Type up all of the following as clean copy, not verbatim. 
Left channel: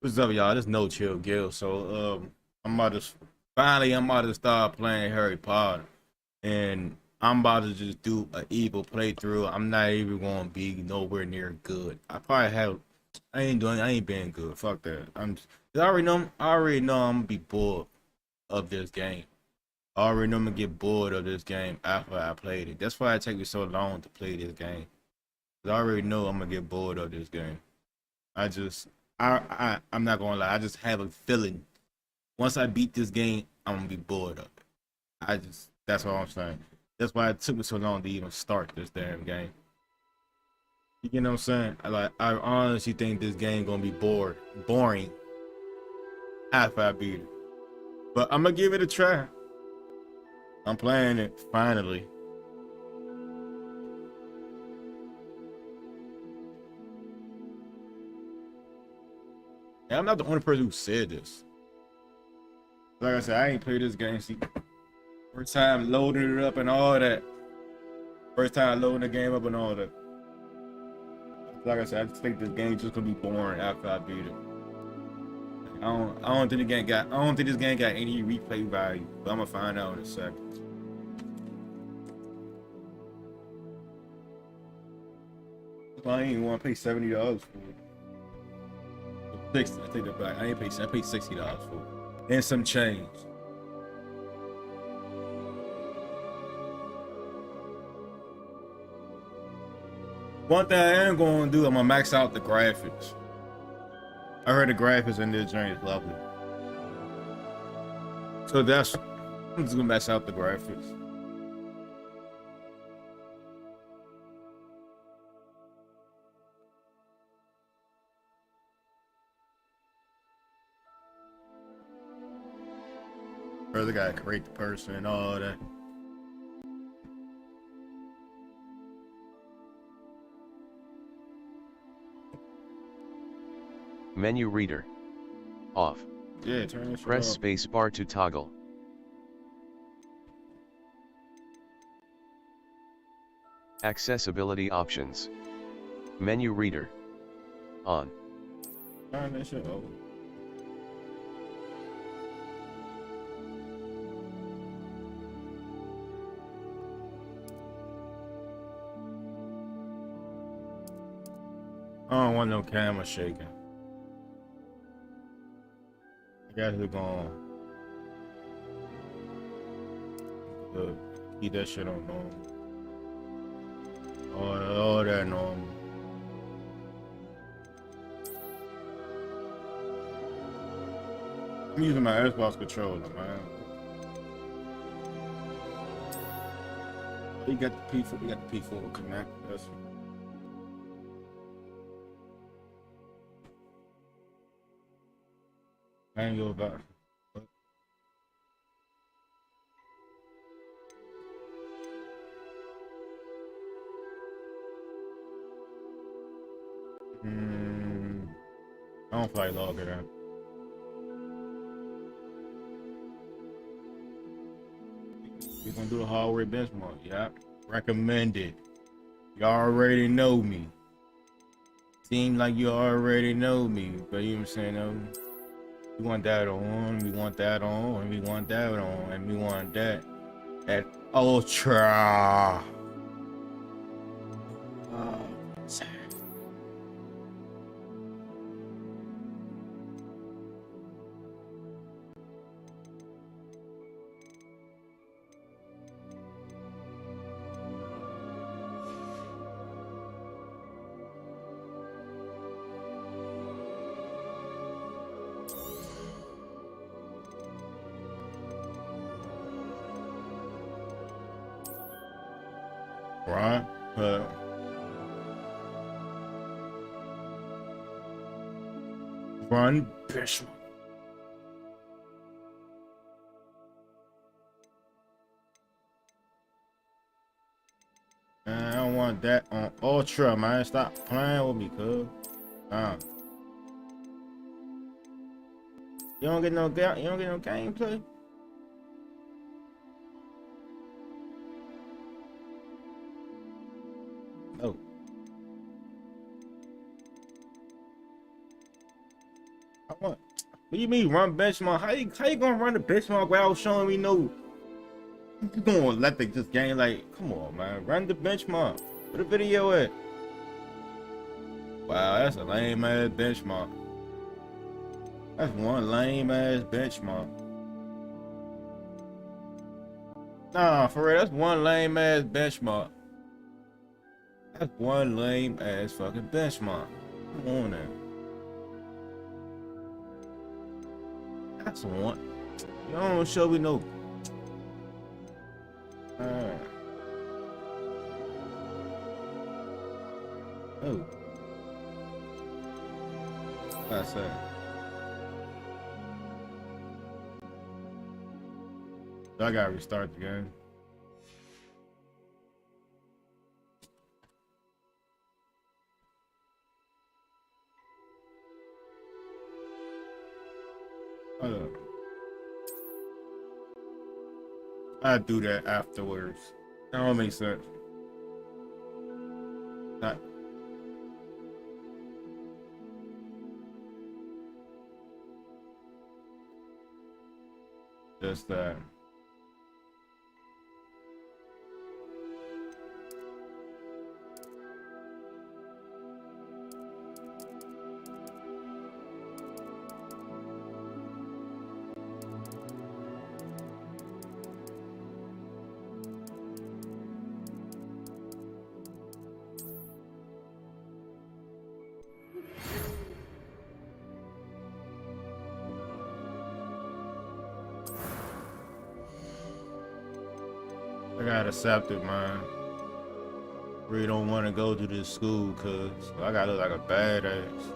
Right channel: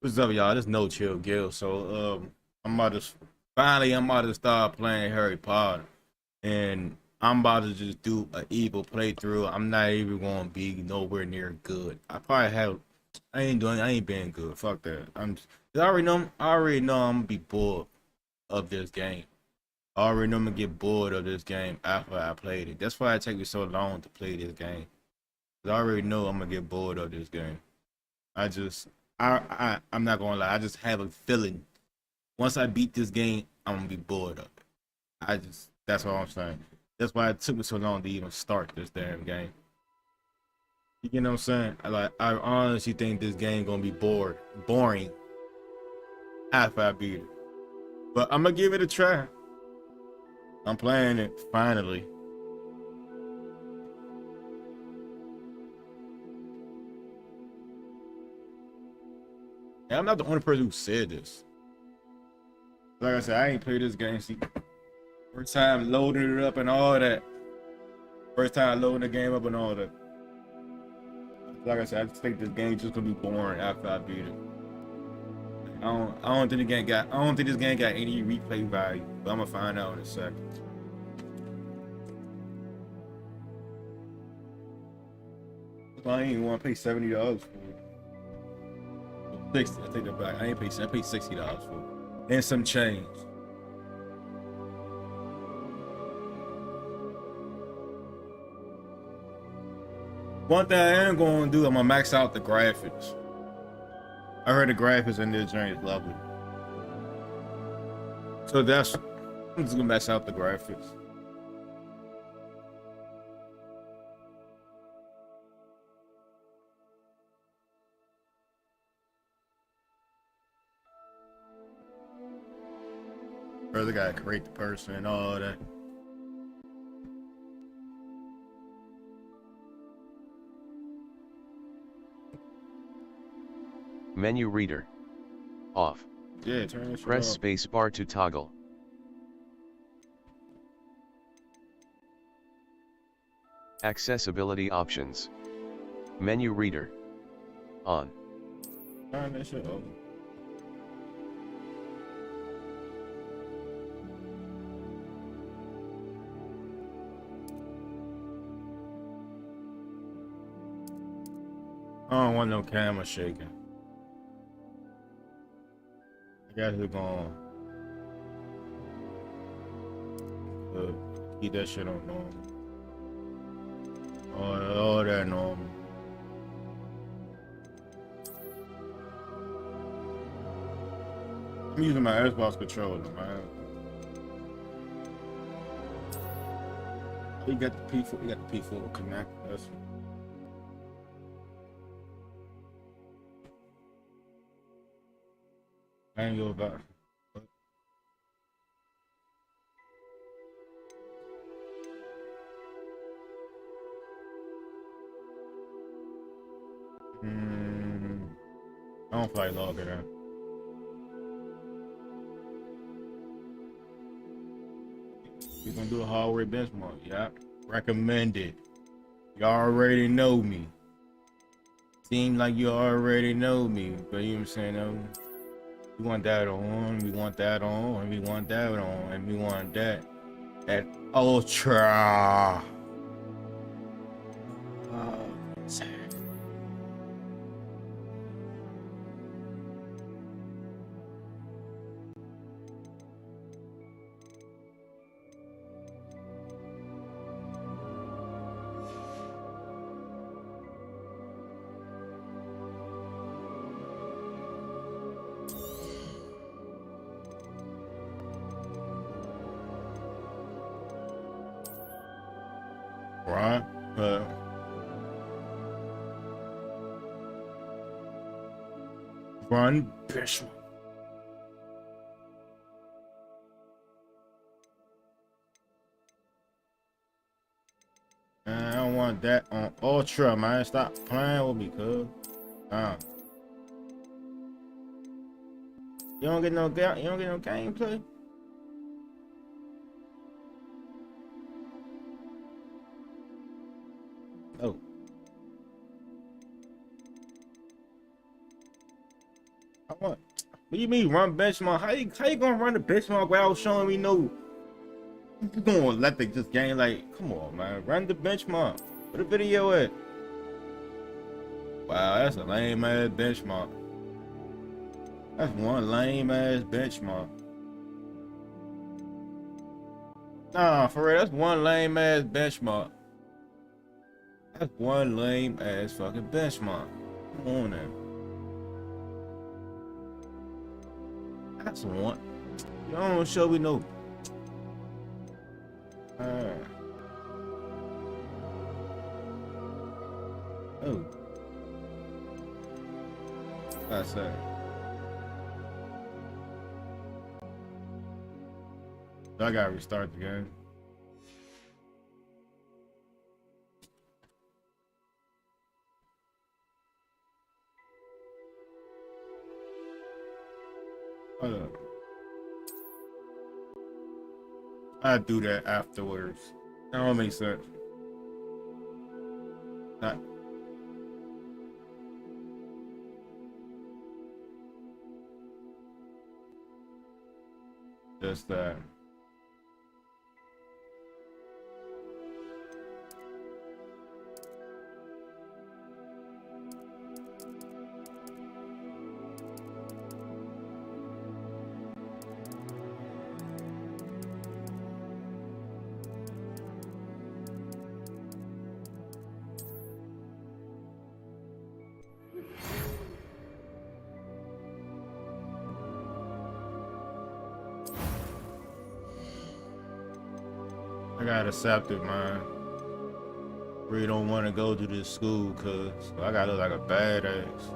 What's up, y'all? This No Chill Gill. I'm about to start playing Harry Potter, and I'm about to just do an evil playthrough. I'm not even gonna be nowhere near good. I ain't being good. Fuck that. I already know I'm gonna be bored of this game. I already know I'm gonna get bored of this game after I played it. That's why it takes me so long to play this game. 'Cause I already know I'm gonna get bored of this game. I just, I'm not gonna lie. I just have a feeling once I beat this game, I'm gonna be bored of it. That's what I'm saying. That's why it took me so long to even start this damn game. You know what I'm saying? I honestly think this game gonna be boring after I beat it. But I'm gonna give it a try. I'm playing it finally. And I'm not the only person who said this. Like I said, I ain't played this game. See, first time loading it up and all that. First time loading the game up and all that. Like I said, I just think this game just gonna be boring after I beat it. I don't think I don't think this game got any replay value, but I'm gonna find out in a second. I ain't even want to pay $70 for it. 60. I take that back. I paid $60 for it and some change. One thing I am going to do, I'm gonna max out the graphics. I heard the graphics in this joint is lovely, so I'm just gonna max out the graphics. First, I gotta create the person and all that. Menu reader. Off. Yeah, turn this shit Press off. spacebar to toggle. Accessibility options. Menu reader. On. Turn this shit off. I don't want no camera shaking. I got it going. Keep that shit on normal. All that normal. I'm using my Xbox controller, man. You got the P4. You got the P4 connect. That's I ain't go back. I don't feel like logging in. We're gonna do a hallway benchmark. Yep. Recommended. You already know me. Seem like you already know me, but you know what I'm saying? We want that on, we want that on, and we want that on, and we want that at ultra. Oh, right? Run, bitch. Man, I don't want that on ultra, man. Stop playing with me, cuz. You don't get no gameplay. No. I want. What do you mean run benchmark? How you gonna run the benchmark without showing me no? You gonna let the just game like? Come on, man. Run the benchmark. Where the video at? Wow, that's a lame ass benchmark. That's one lame ass benchmark. Nah, for real, that's one lame ass benchmark. That's one lame ass fucking benchmark. Come on now. That's one. You don't show me no. Oh, that's it. I gotta restart the game. Hold up. I do that afterwards. That don't make sense. Not just that. I got accepted, man. Really don't want to go to this school cause I gotta look like a badass.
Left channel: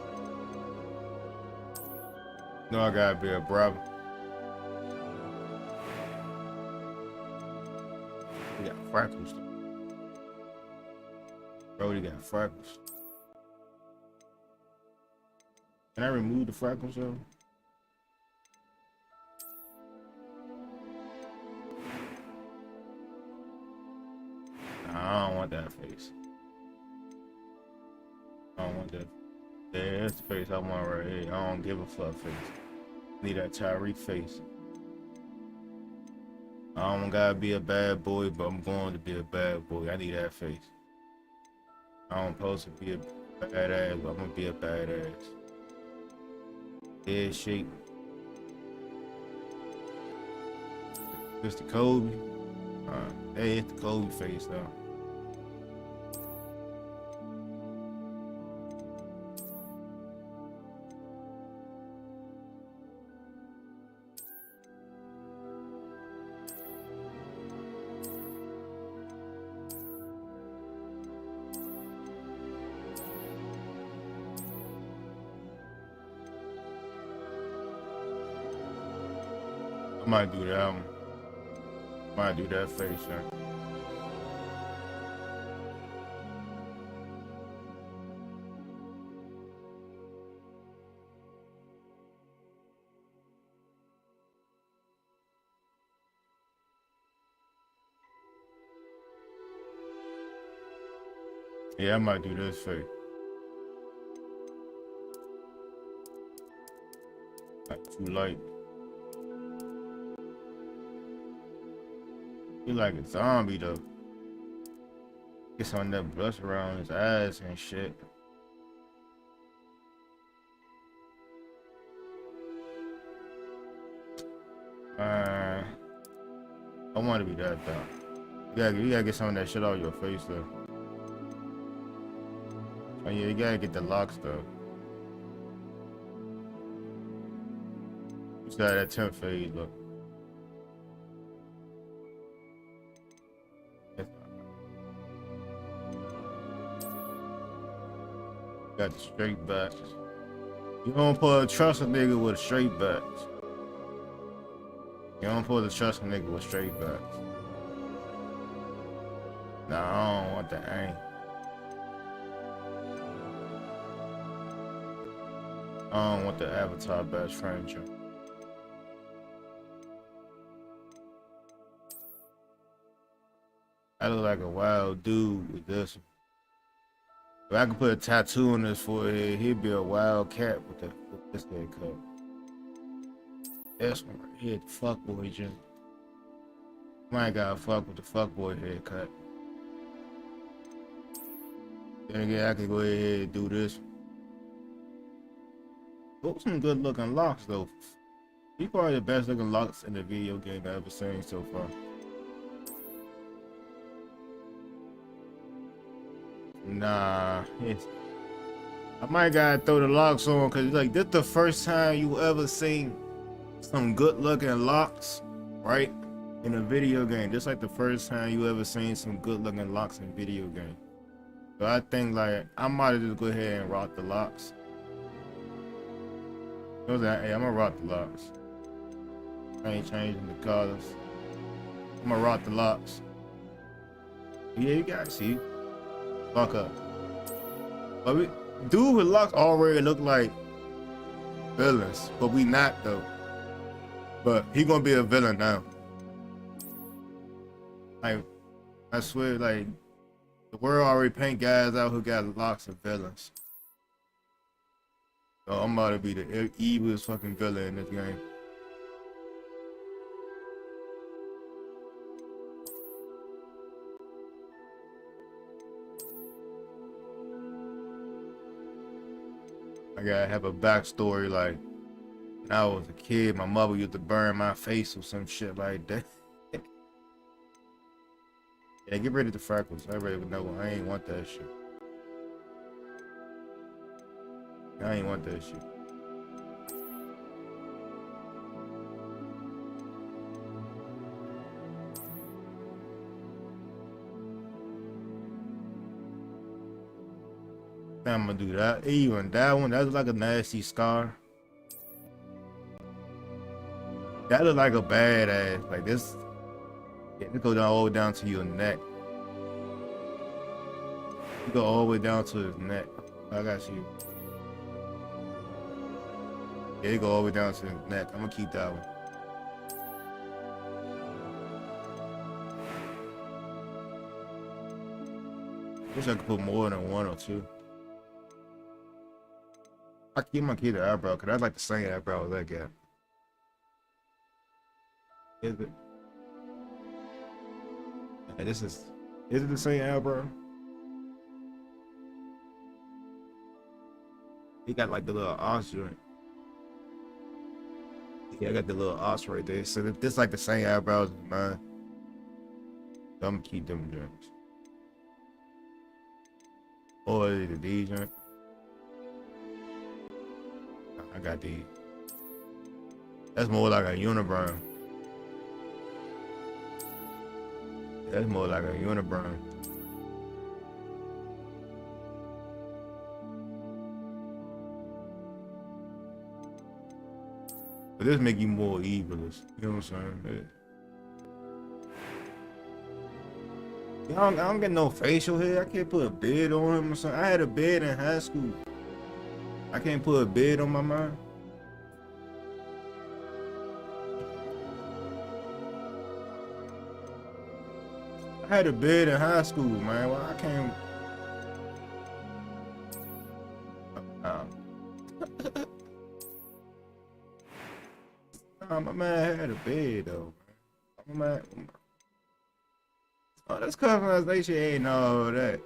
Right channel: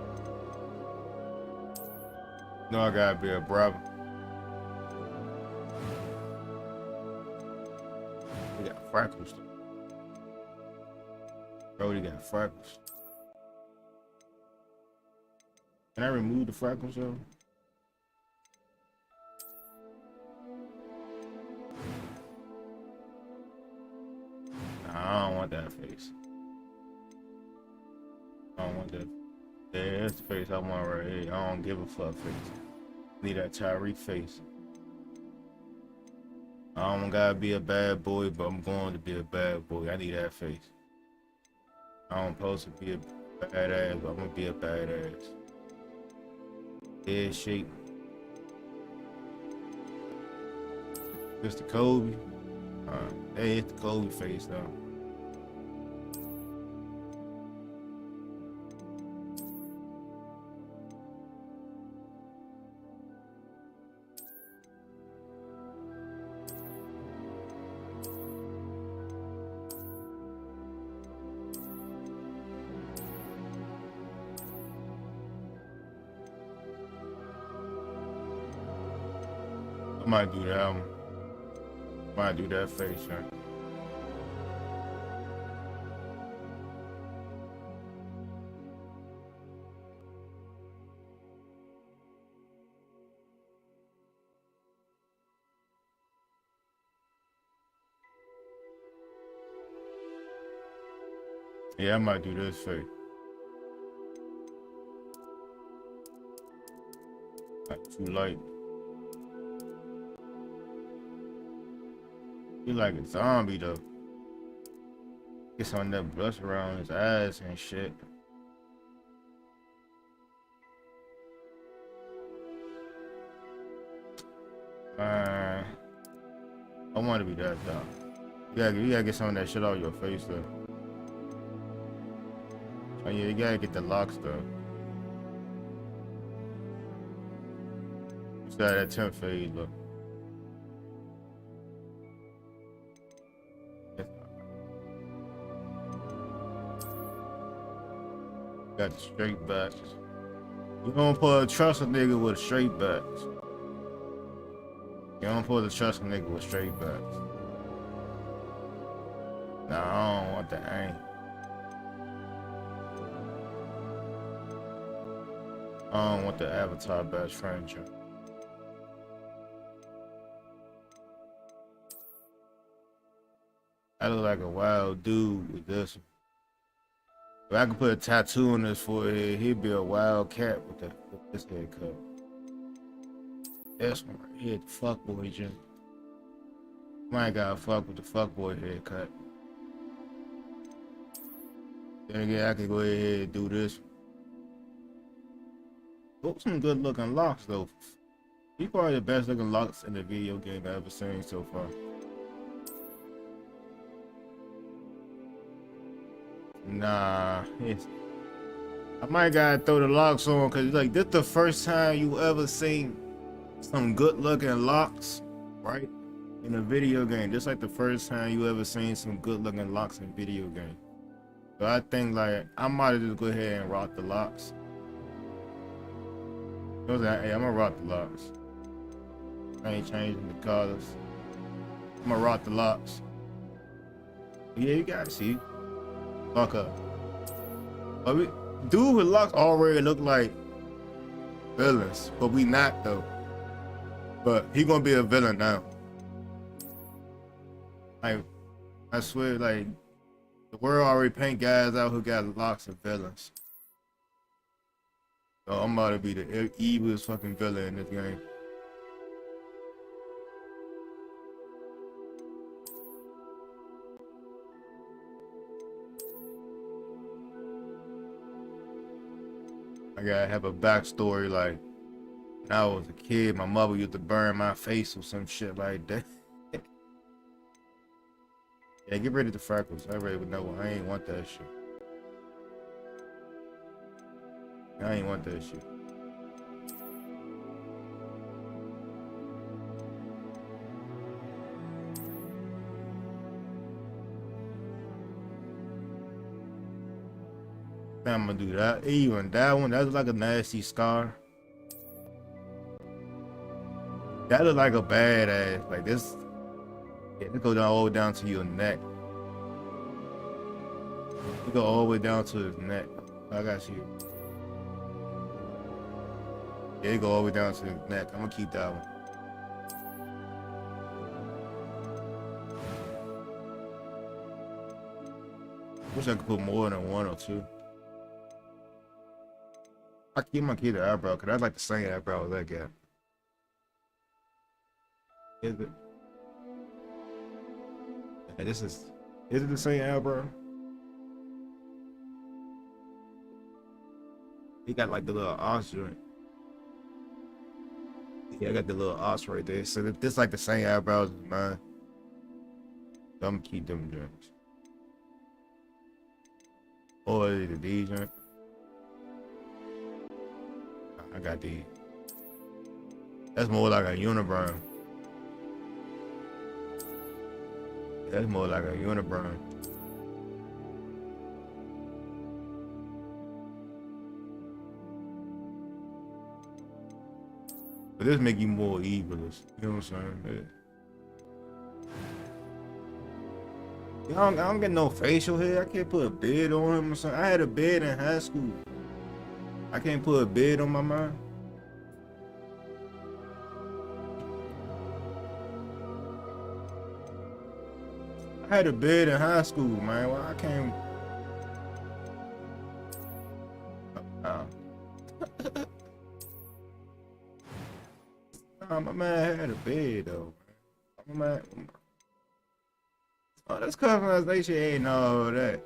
No, I gotta be a brother. We got freckles. Brody got freckles. Can I remove the freckles though? Nah, I don't want that face. I don't want that. Yeah, that's the face I want right here. I don't give a fuck face. Need that Tyreek face. I don't gotta be a bad boy, but I'm going to be a bad boy. I need that face. I don't supposed to be a badass, but I'm gonna be a badass. Head shape. This the Kobe. Hey, it's the Kobe face though. I might do that one. Might do that face, right? Yeah, I might do this face. Like too light. He like a zombie though. Get some of that blush around his eyes and shit. I want to be that though. You gotta get some of that shit out of your face though. Oh yeah, you gotta get the locks though. You still have that 10th fade look. Got the straight backs. You don't put trust a nigga with straight backs. You don't put the trust a nigga with straight backs. Nah, I don't want the aim. I don't want the Avatar best friend joint. I look like a wild dude with this. If I could put a tattoo on his forehead, he'd be a wild cat with this haircut. This one right here, the fuckboy joint. I ain't gotta fuck with the fuckboy haircut. Then again, I could go ahead and do this. Those some good looking locks though. He probably the best looking locks in the video game I've ever seen so far. Nah, I might gotta throw the locks on because like this the first time you ever seen some good looking locks, right? In a video game. This like the first time you ever seen some good looking locks in video game. So I think like I might just go ahead and rock the locks. Hey, I'm gonna rock the locks. I ain't changing the colors. I'm gonna rock the locks. Yeah, you gotta see. Fuck up. But dude with locks already look like villains, but we not though. But he gonna be a villain now. Like, I swear, like, the world already paint guys out who got locks of villains. So I'm about to be the evilest fucking villain in this game. I gotta have a backstory, like, when I was a kid, my mother used to burn my face or some shit like that. Yeah, get rid of the freckles. I already know. I ain't want that shit. I ain't want that shit. I'm gonna do that. Even that one, that's like a nasty scar. That look like a badass. Like this. Yeah, it go down all the way down to your neck. You go all the way down to his neck. I got you. Yeah, it go all the way down to his neck. I'm gonna keep that one. Wish I could put more than one or two. I keep my kid the eyebrow because I like the same eyebrow as that guy. Is it? Yeah, is it the same eyebrow? He got like the little arch joint. Yeah, I got the little arch right there. So this like the same eyebrows as mine. So I'm gonna keep them joints. Or is it these joints? I got these. That's more like a unibrow. That's more like a unibrow. But this make you more evilest. You know what I'm saying? Yeah. I don't get no facial hair. I can't put a beard on him or something. I had a beard in high school. I can't put a beard on my mind. I had a beard in high school, man. Well, I can't. Nah, my man had a beard though. My man. Oh, that's customization ain't all that.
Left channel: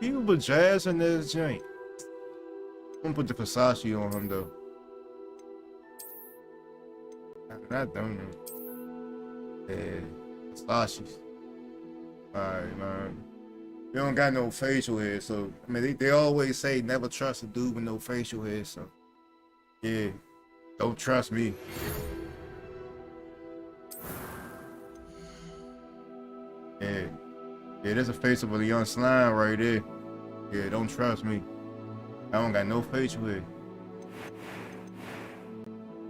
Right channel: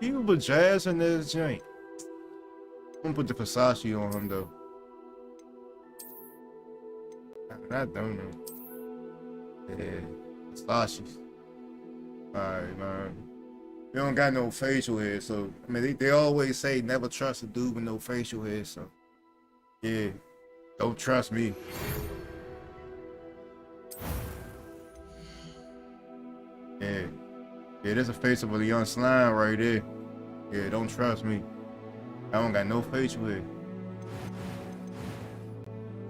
He was jazzing this joint. I'm gonna put the Versace on him though. Not them. Yeah, Versace. Alright, man. We don't got no facial hair, so I mean they always say never trust a dude with no facial hair, so yeah, don't trust me. Yeah, there's a face of a young slime right there. Yeah, don't trust me. I don't got no facial hair.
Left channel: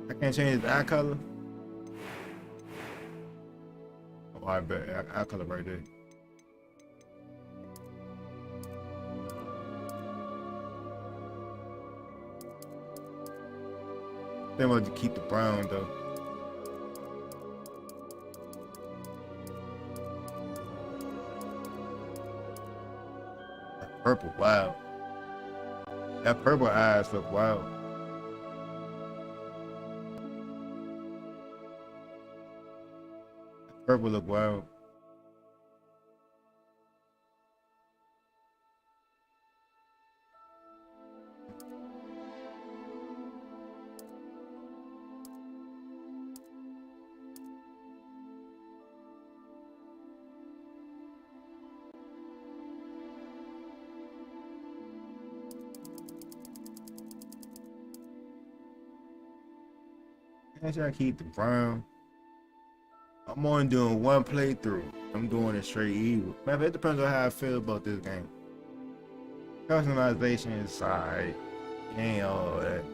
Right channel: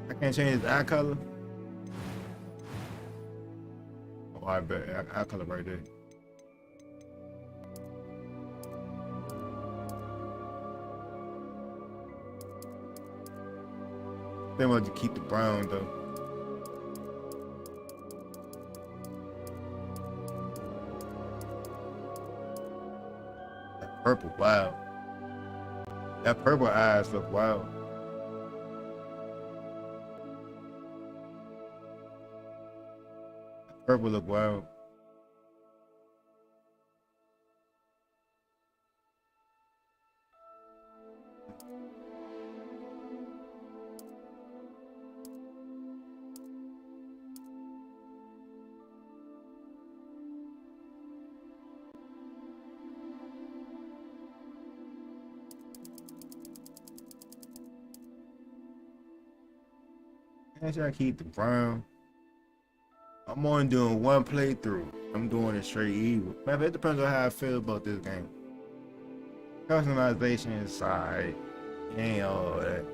I can't change the eye color. Oh, I bet eye color right there. They want to keep the brown though. purple, wow. That purple eyes look wild. Purple look wild. I should keep the brown. I'm only doing one playthrough. I'm doing it straight evil. Man, it depends on how I feel about this game. Customization is alright. It ain't all that.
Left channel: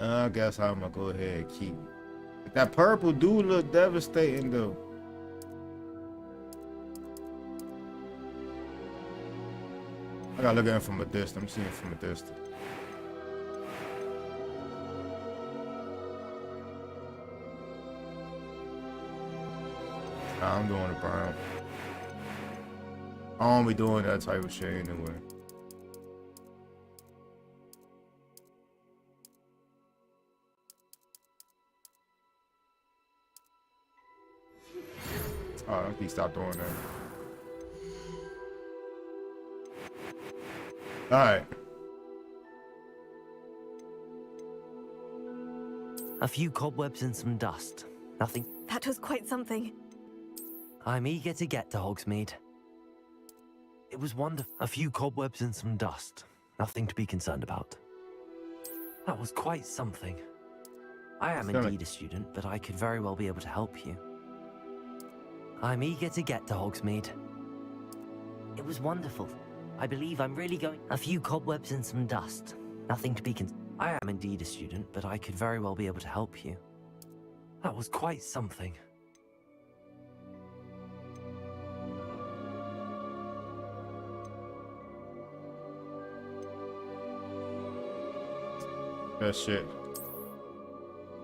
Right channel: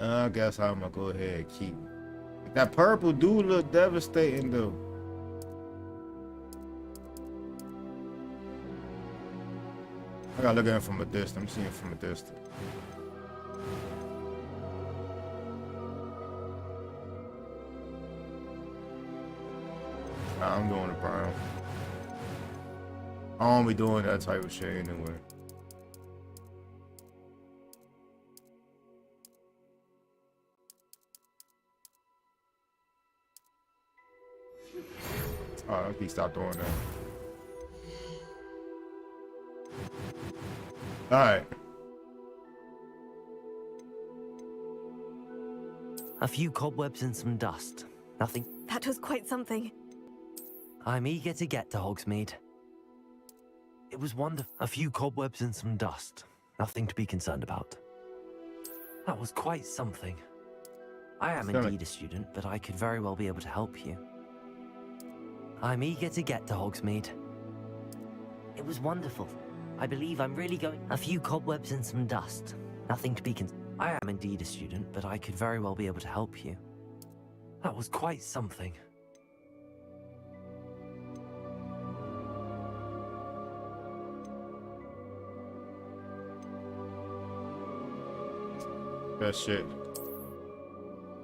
I guess I'm gonna go ahead and keep it. That purple do look devastating though. I gotta look at it from a distance. I'm seeing it from a distance. Nah, I'm doing the brown. I don't be doing that type of shit anyway. Oh, he stopped doing that. Alright. A few cobwebs and some dust. Nothing. That was quite something. I'm eager to get to Hogsmeade. It was wonderful. A few cobwebs and some dust. Nothing to be concerned about. That was quite something. I am indeed a student, but I could very well be able to help you. I'm eager to get to Hogsmeade. It was wonderful. I believe I'm really going. A few cobwebs and some dust. Nothing to be concerned. I am indeed a student, but I could very well be able to help you. That was quite something. That shit.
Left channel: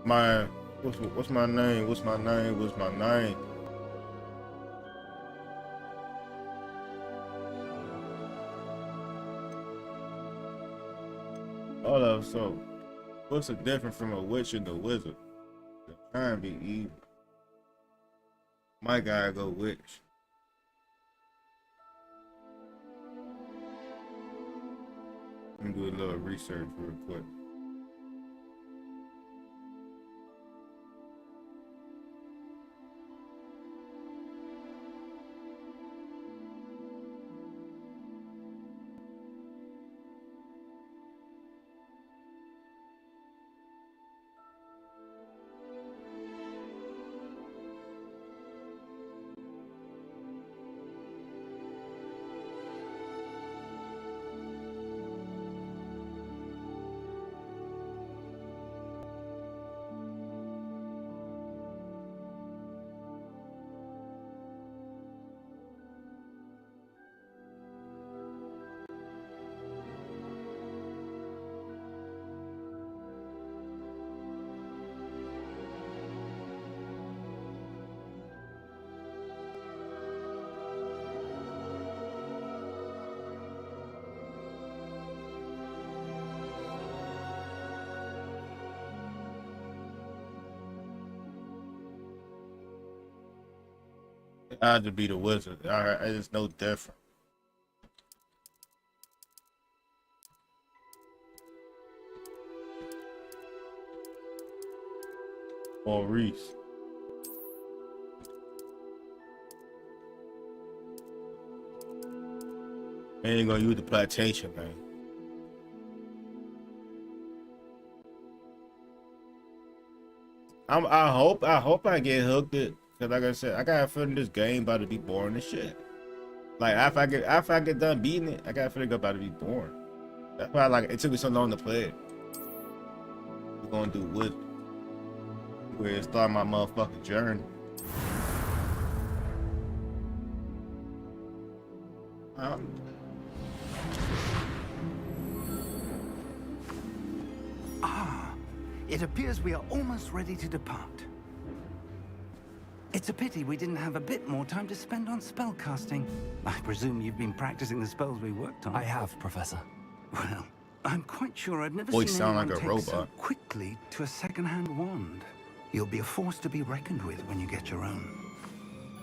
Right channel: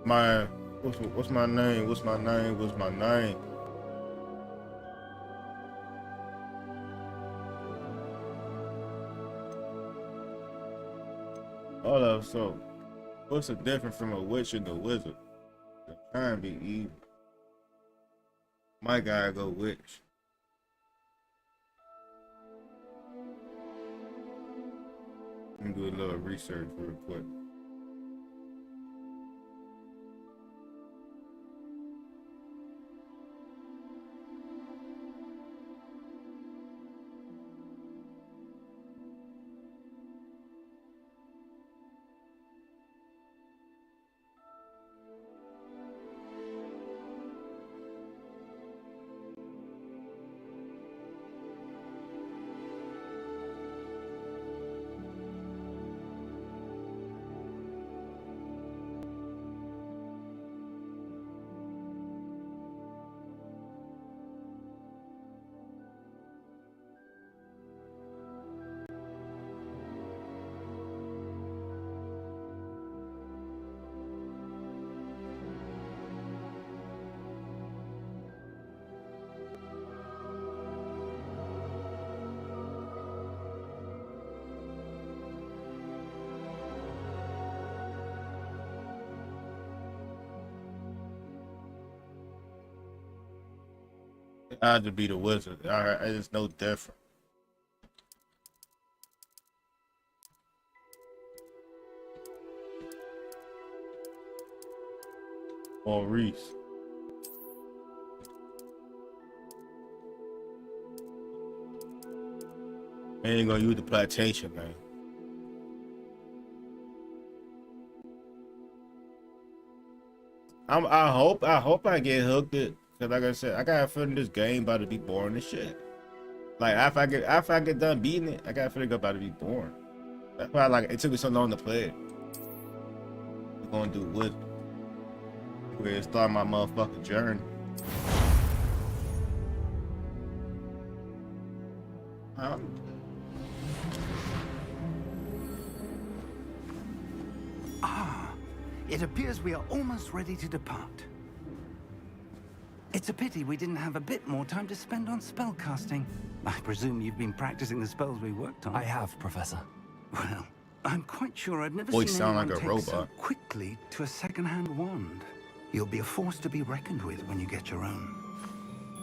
What's my name? What's my name? What's my name? Hold up, so what's the difference from a witch and a wizard? They're trying to be evil. My guy go witch. Let me do a little research real quick. I had to be the wizard. Alright, it's no different. Or Reese. I ain't gonna use the plantation, man. I hope I get hooked it. Cause like I said, I got a feeling this game about to be boring as shit. Like after I get done beating it, I got a feeling it's about to be boring. That's why it took me so long to play it. We're gonna do with where it start my motherfucking journey. It appears we are almost ready to depart. It's a pity we didn't have a bit more time to spend on spellcasting. I presume you've been practicing the spells we worked on. I have, Professor. Well, I'm quite sure I've never Voice seen sound anyone like a take so robot. quickly to a second-hand wand. You'll be a force to be reckoned with when you get your own.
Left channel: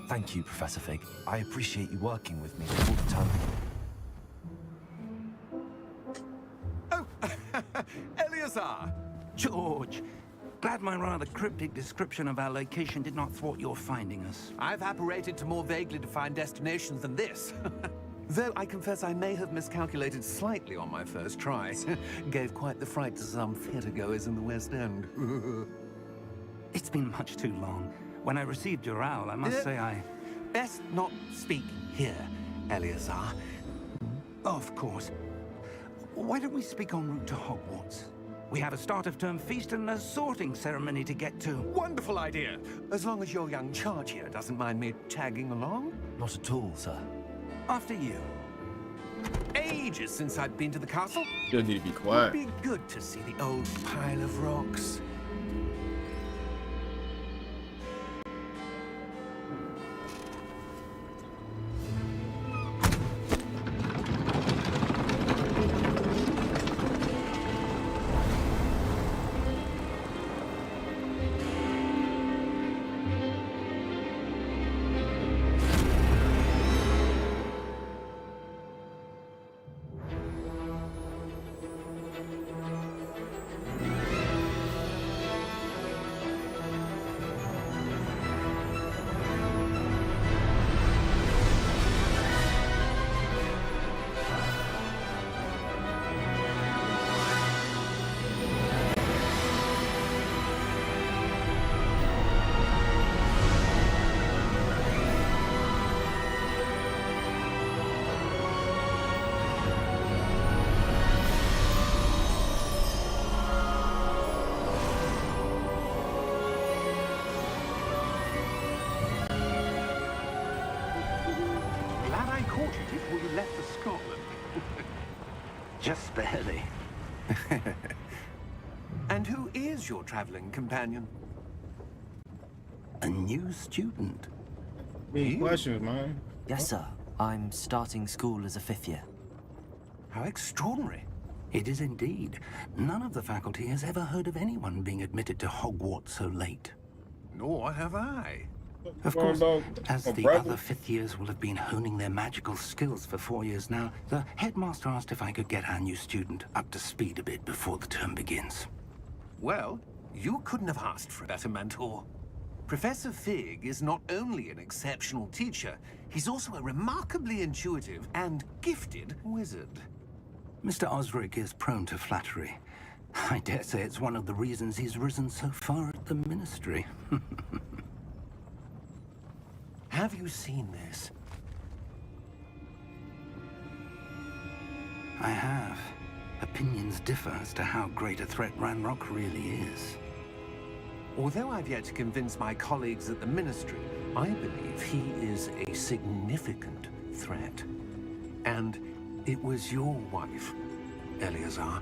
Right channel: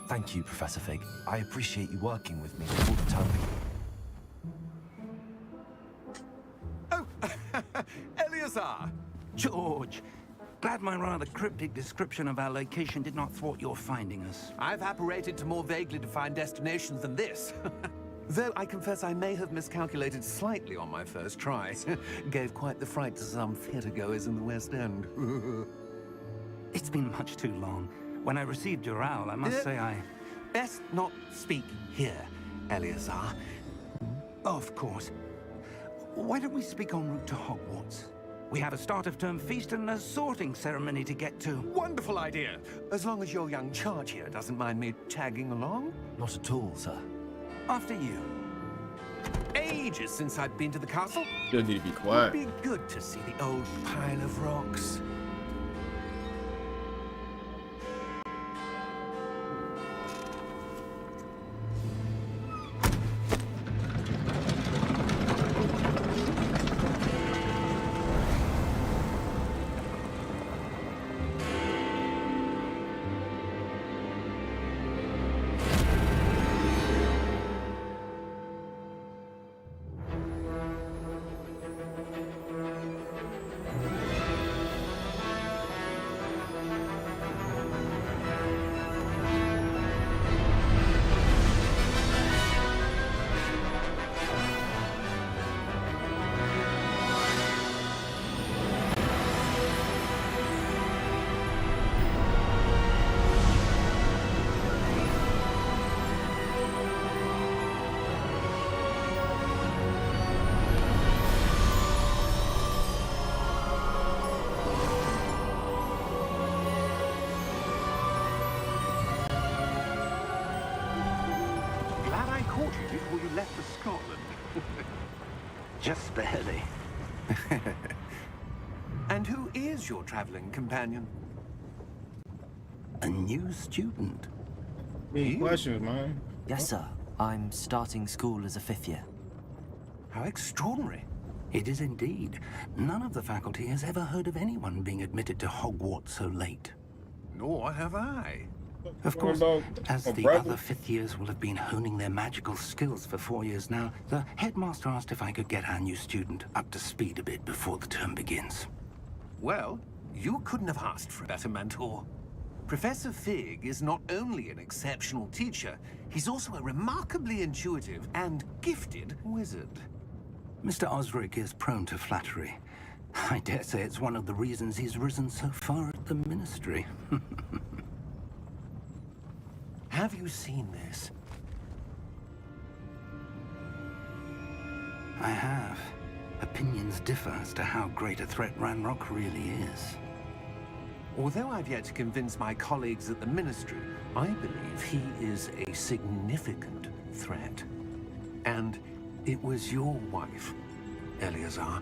Thank you, Professor Fig. I appreciate you working with me before the term begins. Oh, Eleazar! George, glad my rather cryptic description of our location did not thwart your finding us. I've apparated to more vaguely defined destinations than this. Though I confess I may have miscalculated slightly on my first try. Gave quite the fright to some theatre-goers in the West End. It's been much too long. When I received your owl, I must say I... Best not speak here, Eleazar. Of course. Why don't we speak en route to Hogwarts? We have a start-of-term feast and a sorting ceremony to get to. Wonderful idea! As long as your young charge here doesn't mind me tagging along. Not at all, sir. After you. Ages since I've been to the castle. You need to be It'd quiet. be good to see the old pile of rocks. Glad I caught you before you left for Scotland. Just barely. And who is your traveling companion? A new student. Any questions, man? Yes, sir. I'm starting school as a 5th year. How extraordinary. It is indeed. None of the faculty has ever heard of anyone being admitted to Hogwarts so late. Nor have I. Of course, Dog. as Oh, the brother. other 5th years will have been honing their magical skills for 4 years now, the headmaster asked if I could get our new student up to speed a bit before the term begins. Well, you couldn't have asked for a better mentor. Professor Fig is not only an exceptional teacher, he's also a remarkably intuitive and gifted wizard. Mr. Osric is prone to flattery. I dare say it's one of the reasons he's risen so far at the ministry. Have you seen this? I have. Opinions differ as to how great a threat Ranrock really is. Although I've yet to convince my colleagues at the Ministry, I believe he is a significant threat. And it was your wife, Eleazar,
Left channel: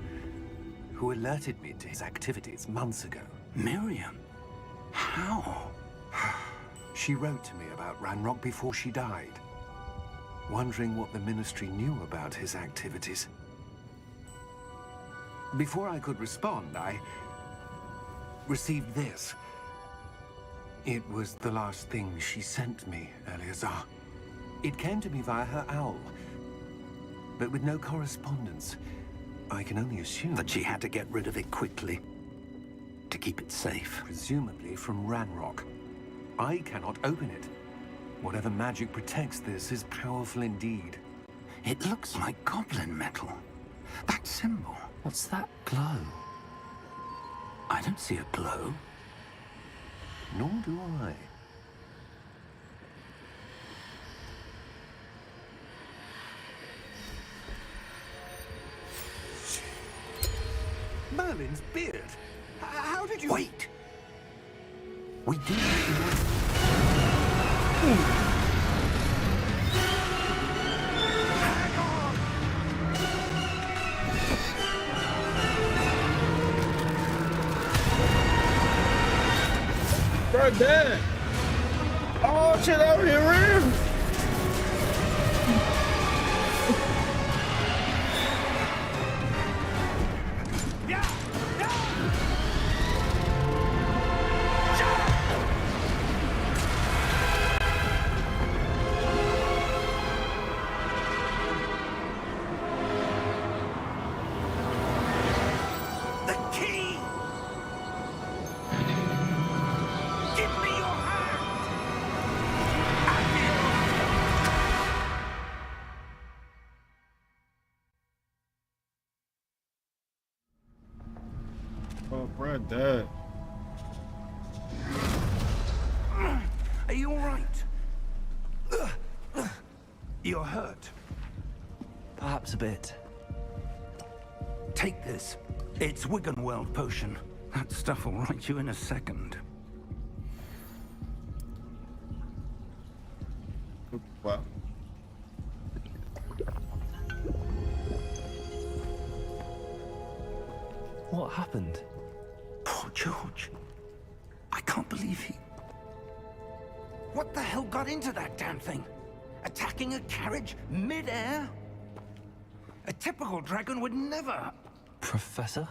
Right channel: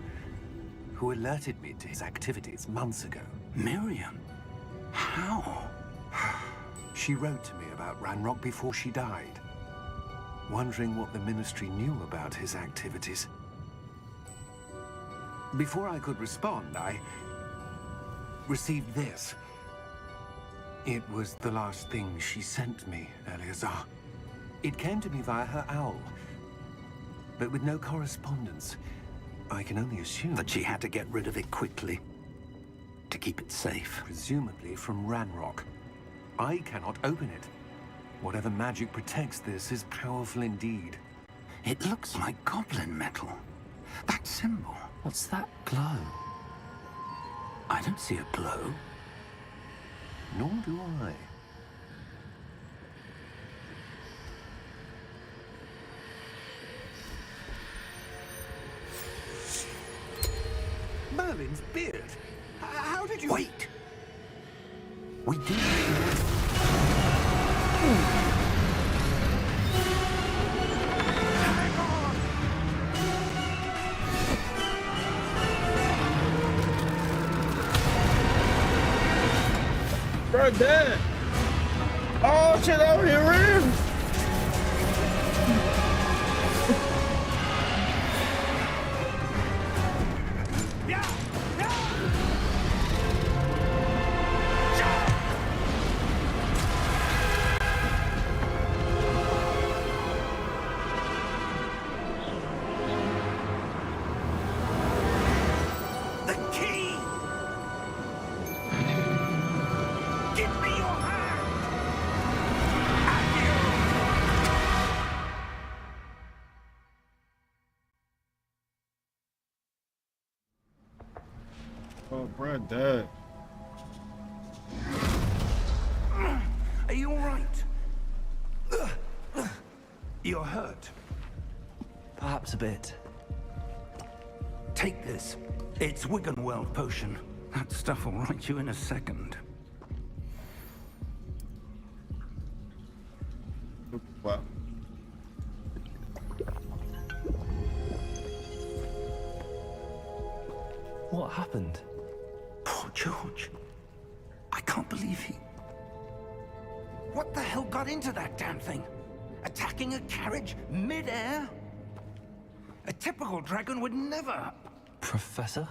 who alerted me to his activities months ago. Miriam? How? She wrote to me about Ranrock before she died, wondering what the Ministry knew about his activities. Before I could respond, I received this. It was the last thing she sent me, Eleazar. It came to me via her owl, but with no correspondence. I can only assume That she had to get rid of it quickly to keep it safe. presumably from Ranrock. I cannot open it. Whatever magic protects this is powerful indeed. It looks like goblin metal. That symbol. What's that glow? I don't see a glow. Nor do I. Merlin's beard. How did you... Wait! We do. Hang on! bro, Dad. Oh shit, over here, Rim. The key! Give me your hand! Accio! Oh, bro, Dad. Are you all right? You're hurt. Perhaps a bit. Take this. It's Wiggenweld potion. That stuff will right you in a second. Wow. What happened? Poor George. I can't believe he... What the hell got into that damn thing? Attacking a carriage mid-air? A typical dragon would never... Professor?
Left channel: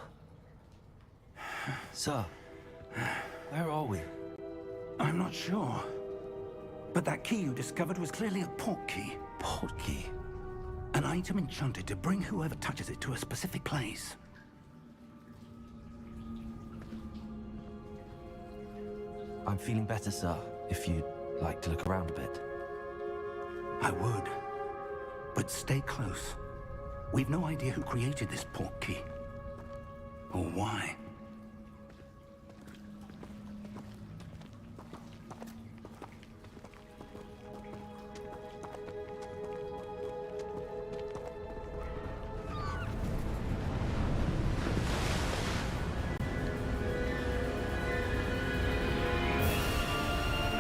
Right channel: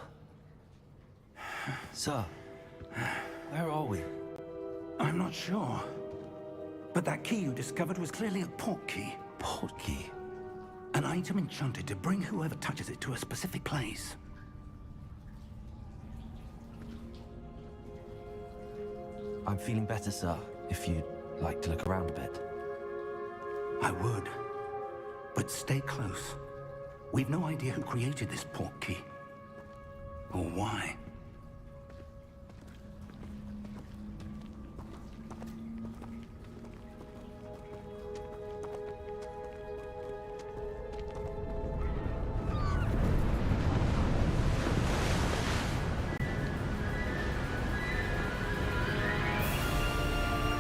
Sir, where are we? I'm not sure. But that key you discovered was clearly a port key. Port key? An item enchanted to bring whoever touches it to a specific place. I'm feeling better, sir, if you'd like to look around a bit. I would. But stay close. We've no idea who created this port key. Or why.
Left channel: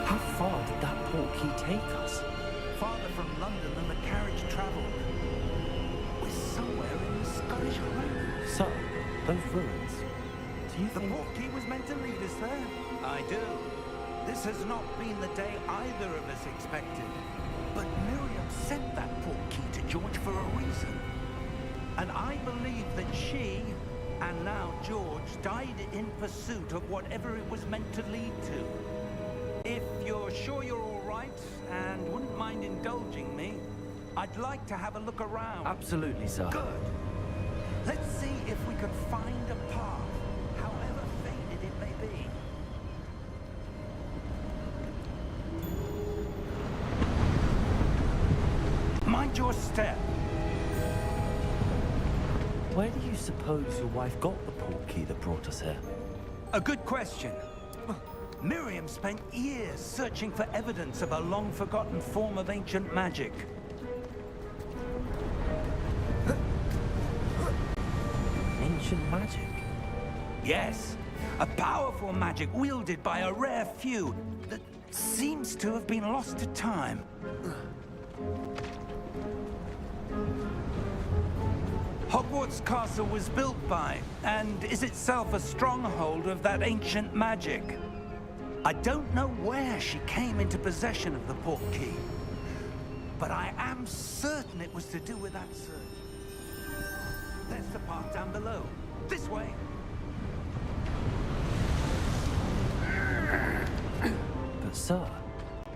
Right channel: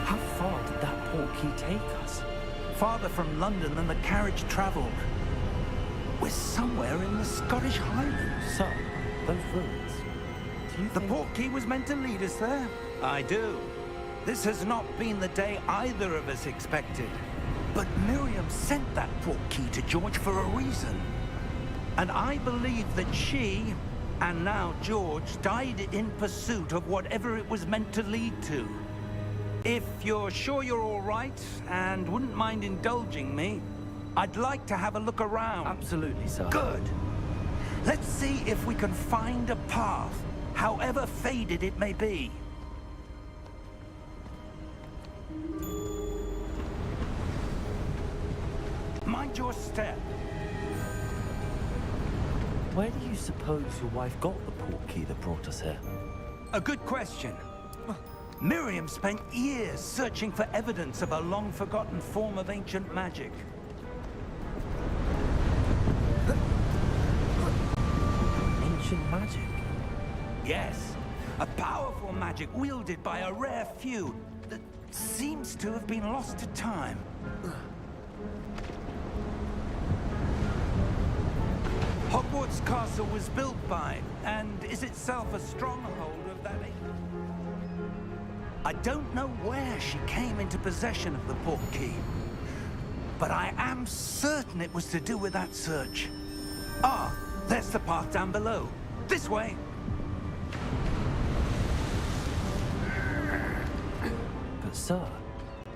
How far did that port key take us? Farther from London than the carriage traveled. We're somewhere in the Scottish Highlands. Sir, those ruins. Do you The think... port key was meant to lead us there? I do. This has not been the day either of us expected. But Miriam sent that port key to George for a reason. And I believe that she, and now George, died in pursuit of whatever it was meant to lead to. If you're sure you're all right, and wouldn't mind indulging me, I'd like to have a look around. Absolutely, sir. Good. Let's see if we can find a path, however faded it may be. Mind your step. Where do you suppose your wife got the port key that brought us here? A good question. Miriam spent years searching for evidence of a long-forgotten form of ancient magic. Ancient magic? Yes, a powerful magic wielded by a rare few that seems to have been lost to time. Hogwarts Castle was built by, and is itself a stronghold of that ancient magic. I don't know where she came into possession of the port key, but I am certain it was to do with that search. Ah, there's the path down below. This way. But sir,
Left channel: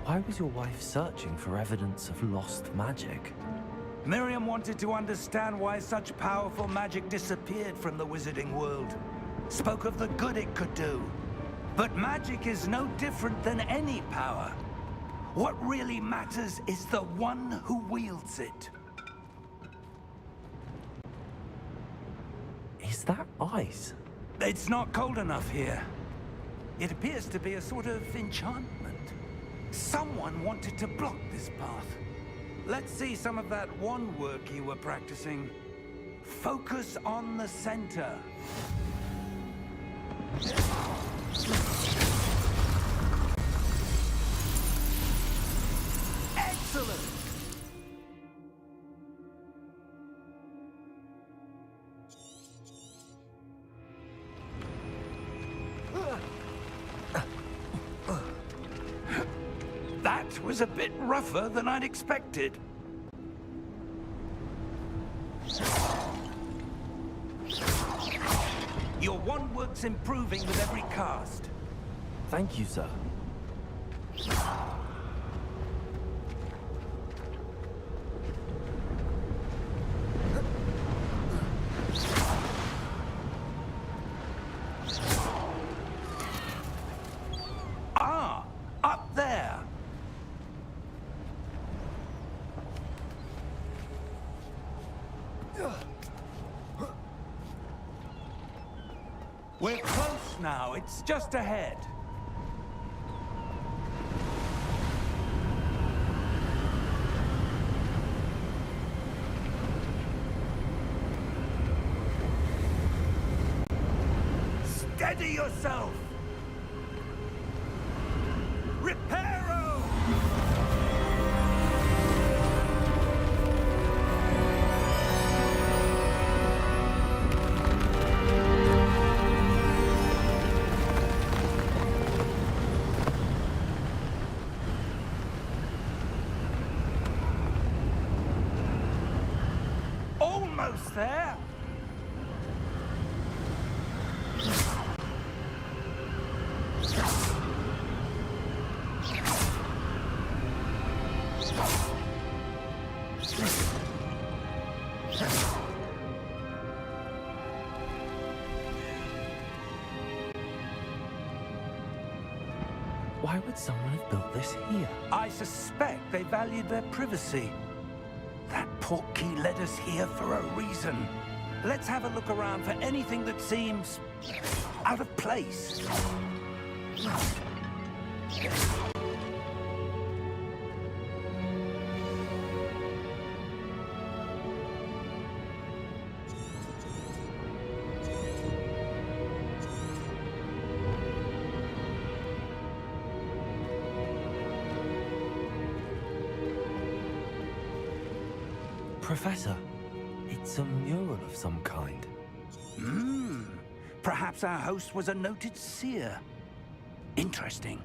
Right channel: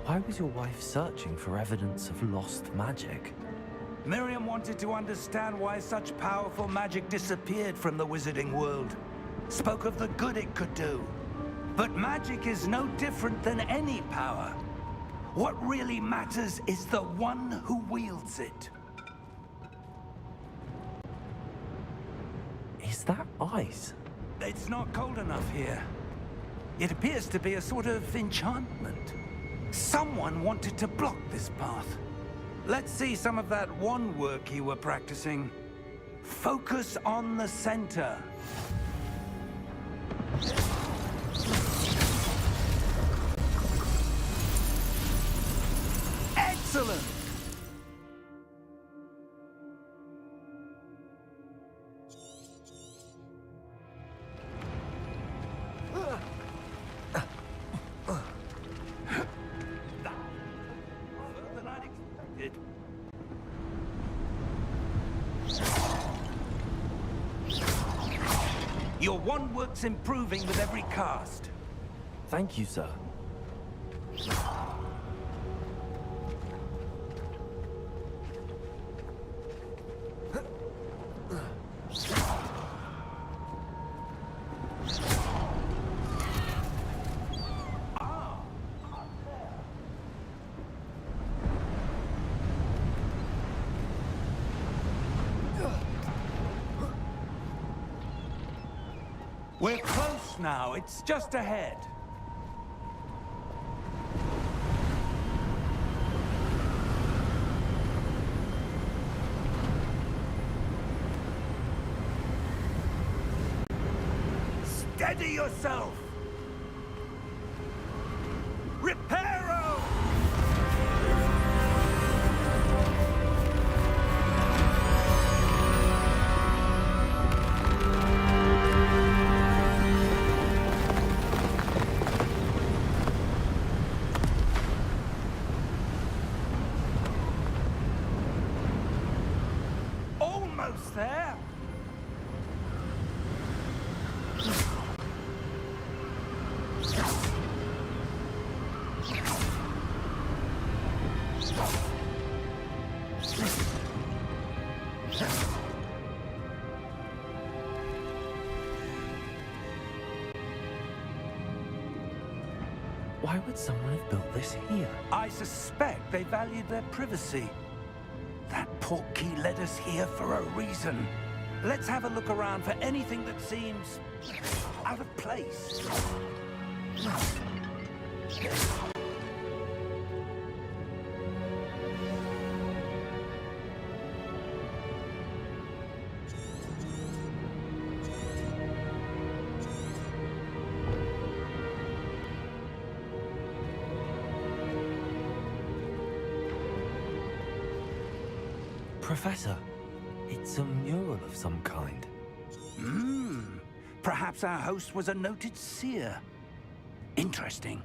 why was your wife searching for evidence of lost magic? Miriam wanted to understand why such powerful magic disappeared from the wizarding world. Spoke of the good it could do. But magic is no different than any power. What really matters is the one who wields it. Is that ice? It's not cold enough here. It appears to be a sort of enchantment. Someone wanted to block this path. Let's see some of that wand work you were practicing. Focus on the center. Excellent! was a bit rougher than I'd expected. Your wand works improving with every cast. Thank you, sir. Ah, up there. We're close now. It's just ahead. Steady yourself! Reparo! Almost there! Why would someone have built this here? I suspect they valued their privacy. That portkey led us here for a reason. Let's have a look around for anything that seems out of place. Professor, it's a mural of some kind. Perhaps our host was a noted seer. Interesting.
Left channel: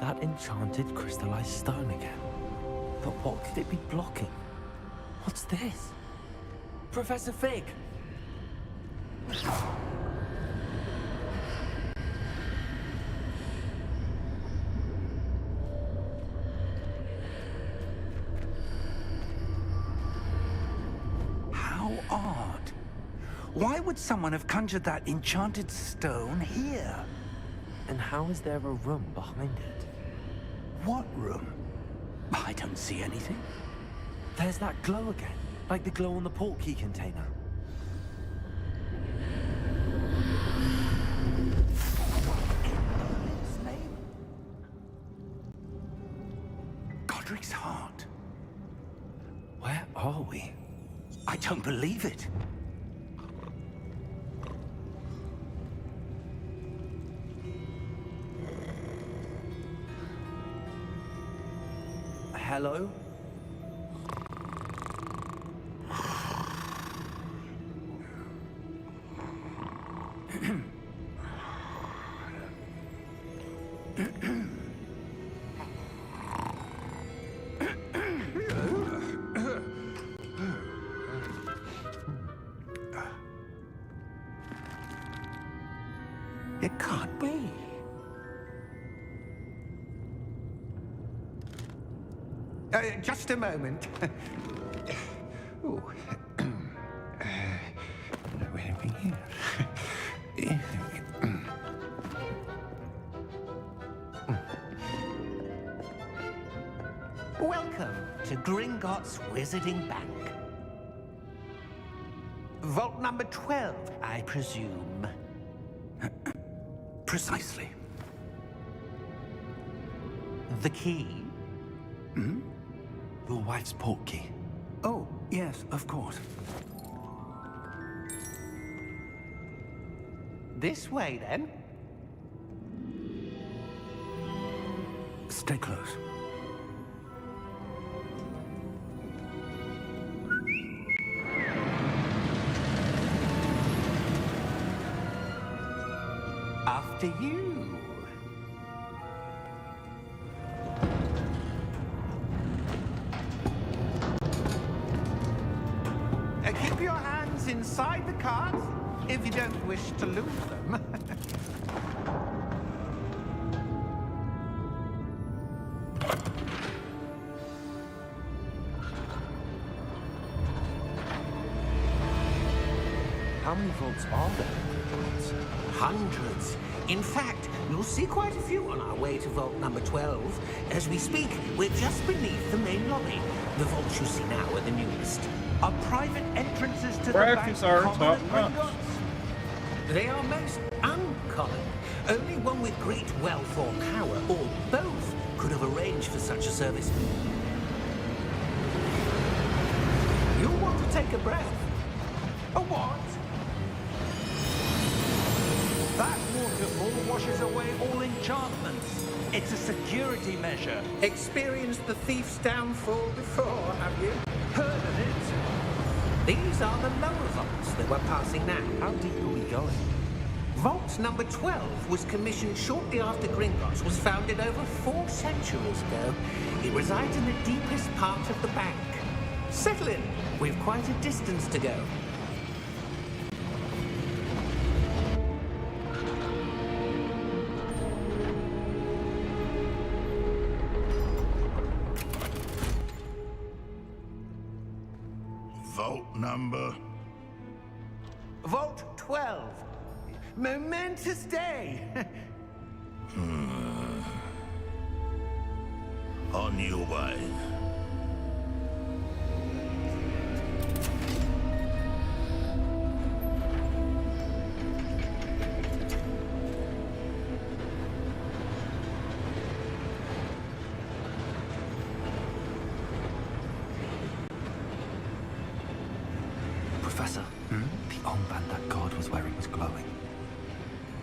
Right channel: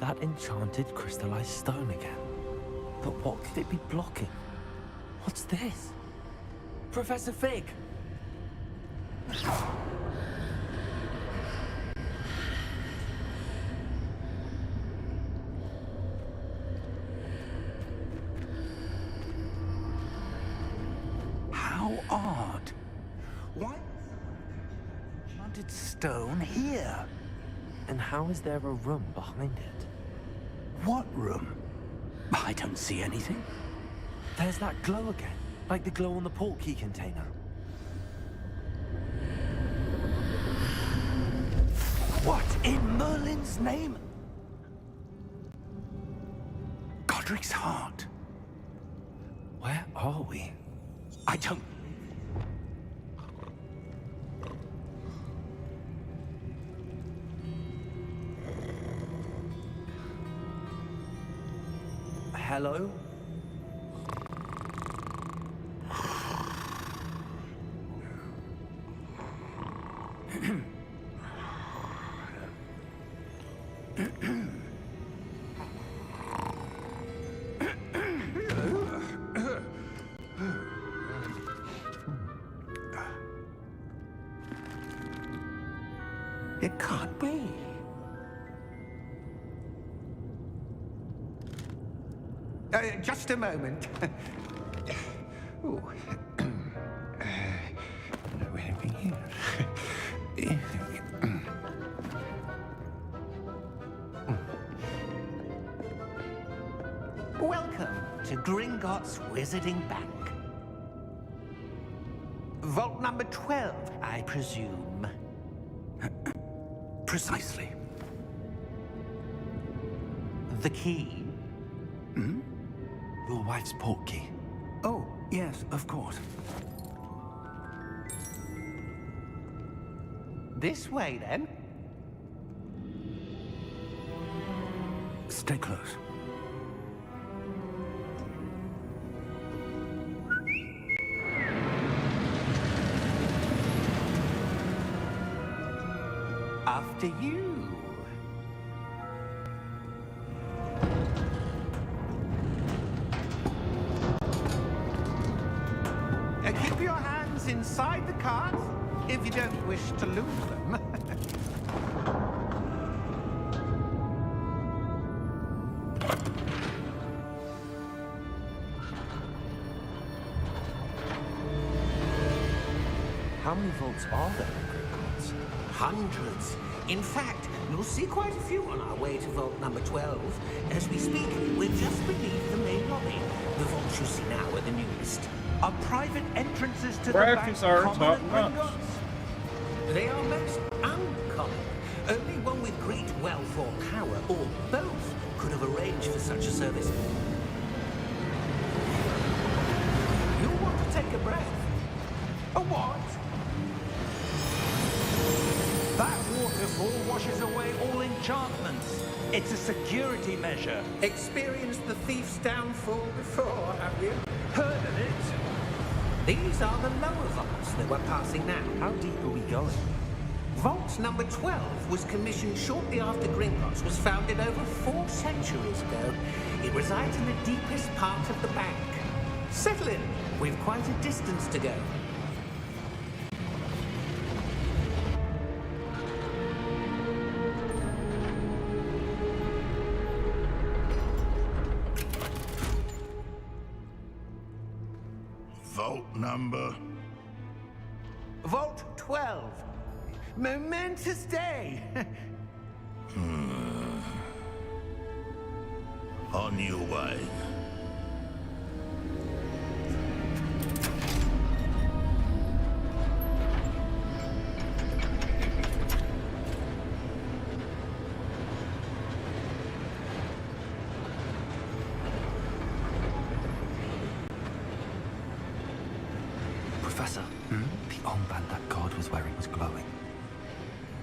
That enchanted crystallized stone again. But what could it be blocking? What's this? Professor Fig! How odd. Why would someone have conjured that enchanted stone here? And how is there a room behind it? What room? I don't see anything. There's that glow again, like the glow on the portkey container. What in Merlin's name? Godric's heart. Where are we? I don't believe it. Hello? It can't be. Just a moment. Oh. No anything here. Welcome to Gringotts Wizarding Bank. Vault number 12, I presume. Precisely. The key? Your wife's portkey. Oh, yes, of course. This way, then. Stay close. After you. Keep your hands inside the cart if you don't wish to lose them. How many vaults are there in Gringotts? Hundreds. In fact, you'll see quite a few on our way to vault number 12. As we speak, we're just beneath the main lobby. The vaults you see now are the newest. Are private entrances to Graphics the are bank top common notch. at Gringotts? They are most uncommon. Only one with great wealth or power, or both, could have arranged for such a service. You'll want to take a breath. A what? That waterfall washes away all enchantments. It's a security measure. Experienced the thief's downfall before, have you? Heard of it? These are the lower vaults that we're passing now. How deep are we going? Vault number 12 was commissioned shortly after Gringotts was founded over 4 centuries ago. It resides in the deepest part of the bank. Settle in. We've quite a distance to go. Vault number. Vault 12. Momentous day. On your way. Professor, the armband that guard was wearing was glowing.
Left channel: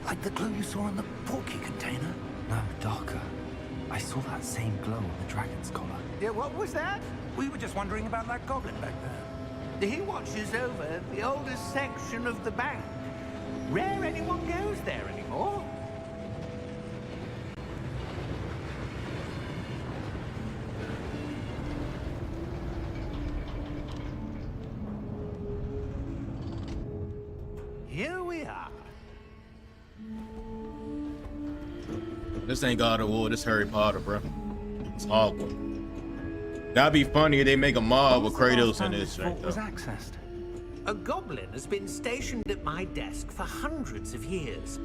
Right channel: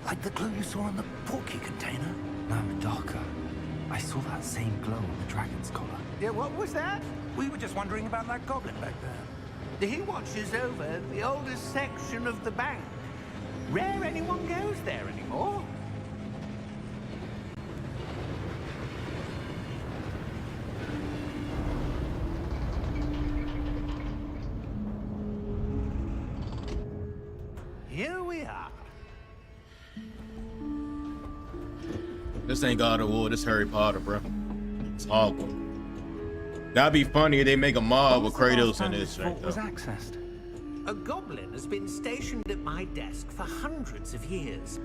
Like the glow you saw on the portkey container? No, darker. I saw that same glow on the dragon's collar. Yeah, what was that? We were just wondering about that goblin back there. He watches over the oldest section of the bank. Rare anyone goes there anymore. Here we are. This ain't God of War, this Harry Potter, bro. It's Hogwarts. That'd be funny if they make a mob with Kratos in this thing, was though. accessed. A goblin has been stationed at my desk for hundreds of years.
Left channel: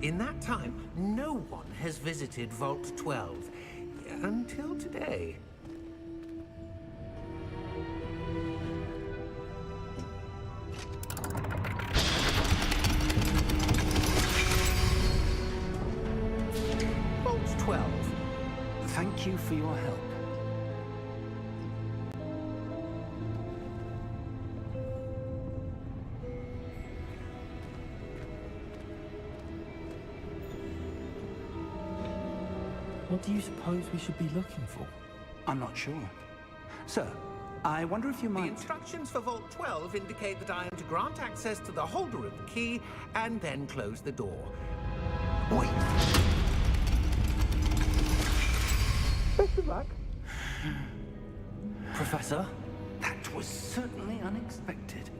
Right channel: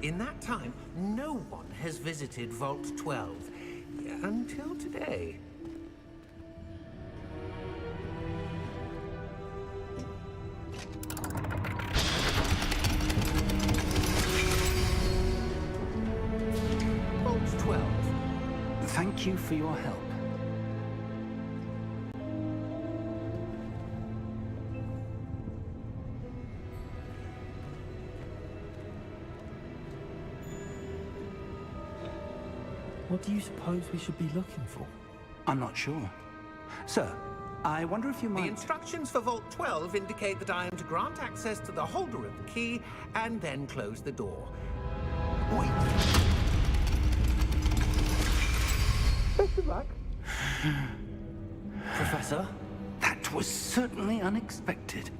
In that time, no one has visited Vault 12 until today. Vault 12. Thank you for your help. What do you suppose we should be looking for? I'm not sure. Sir, I wonder if you The might... instructions for Vault 12 indicate that I am to grant access to the holder of the key and then close the door. Wait! Best of luck. Professor? That was certainly unexpected.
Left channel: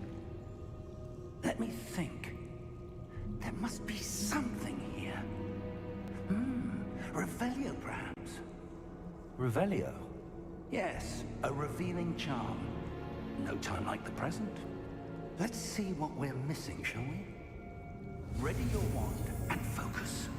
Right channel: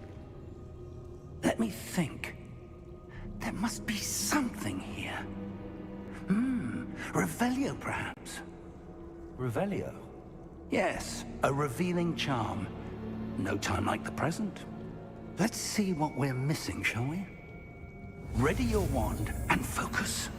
Let me think. There must be something here. Revelio, perhaps? Revelio? Yes, a revealing charm. No time like the present. Let's see what we're missing, shall we? Ready your wand and focus.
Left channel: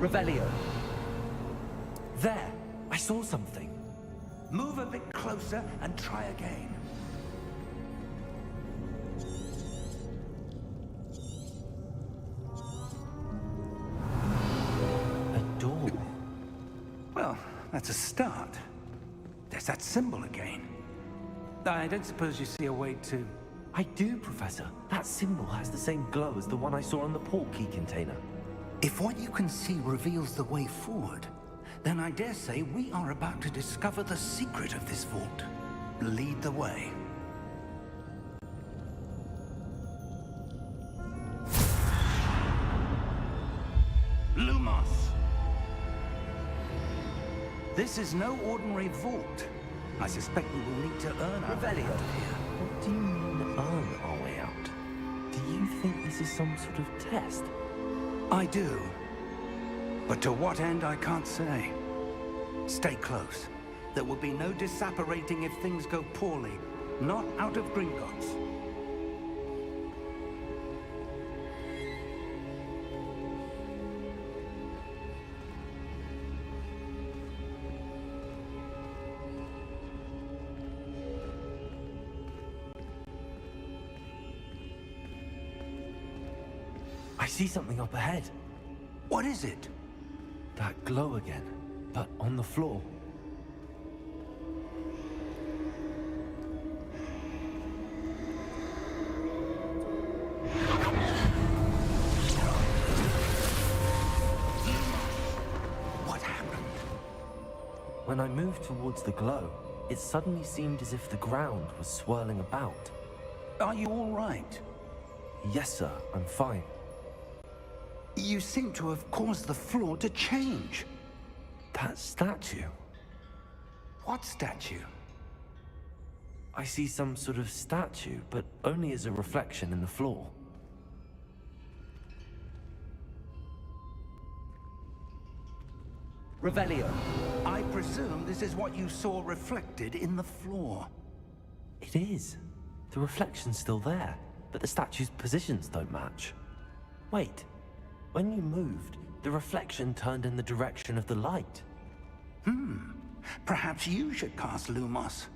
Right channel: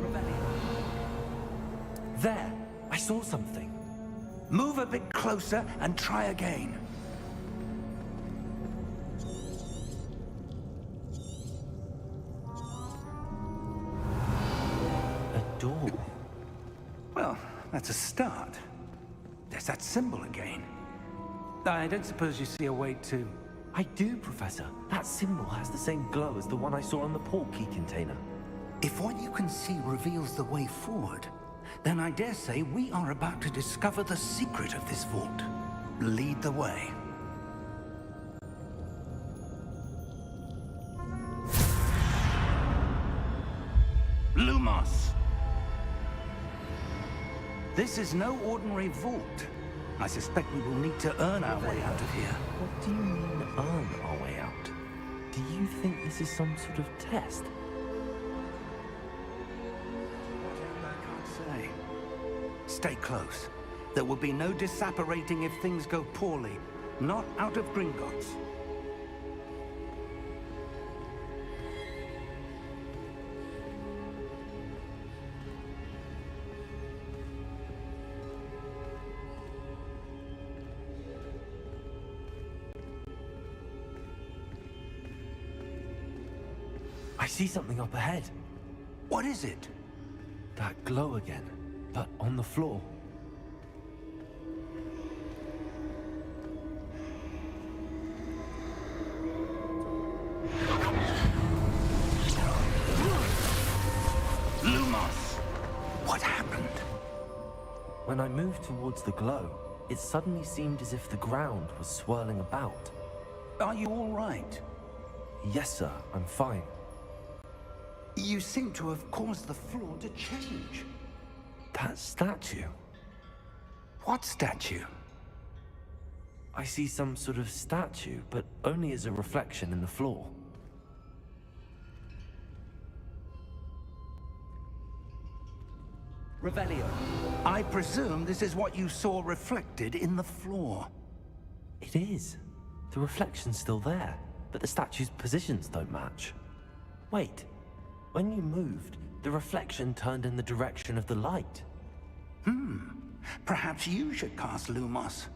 Revelio. There! I saw something. Move a bit closer and try again. A door. Well, that's a start. There's that symbol again. I don't suppose you see a way to... I do, Professor. That symbol has the same glow as the one I saw on the portkey container. If what you can see reveals the way forward, then I dare say we are about to discover the secret of this vault. Lead the way. Lumos! This is no ordinary vault. I suspect we will need to earn our way out of here. What do you mean, earn our way out? Do you think this is some sort of test? I do. But to what end, I can't say. Stay close. There will be no disapparating if things go poorly. Not out of Gringotts. I see something up ahead. What is it? That glow again, but on the floor. Lumos! What happened? When I moved towards the glow, it suddenly seemed as if the ground was swirling about. Are you all right? Yes, sir, I'm fine. You seem to have caused the floor to change. That statue. What statue? I see some sort of statue, but only as a reflection in the floor. Revelio. I presume this is what you saw reflected in the floor. It is. The reflection's still there, but the statue's positions don't match. Wait. When you moved, the reflection turned in the direction of the light. Perhaps you should cast Lumos.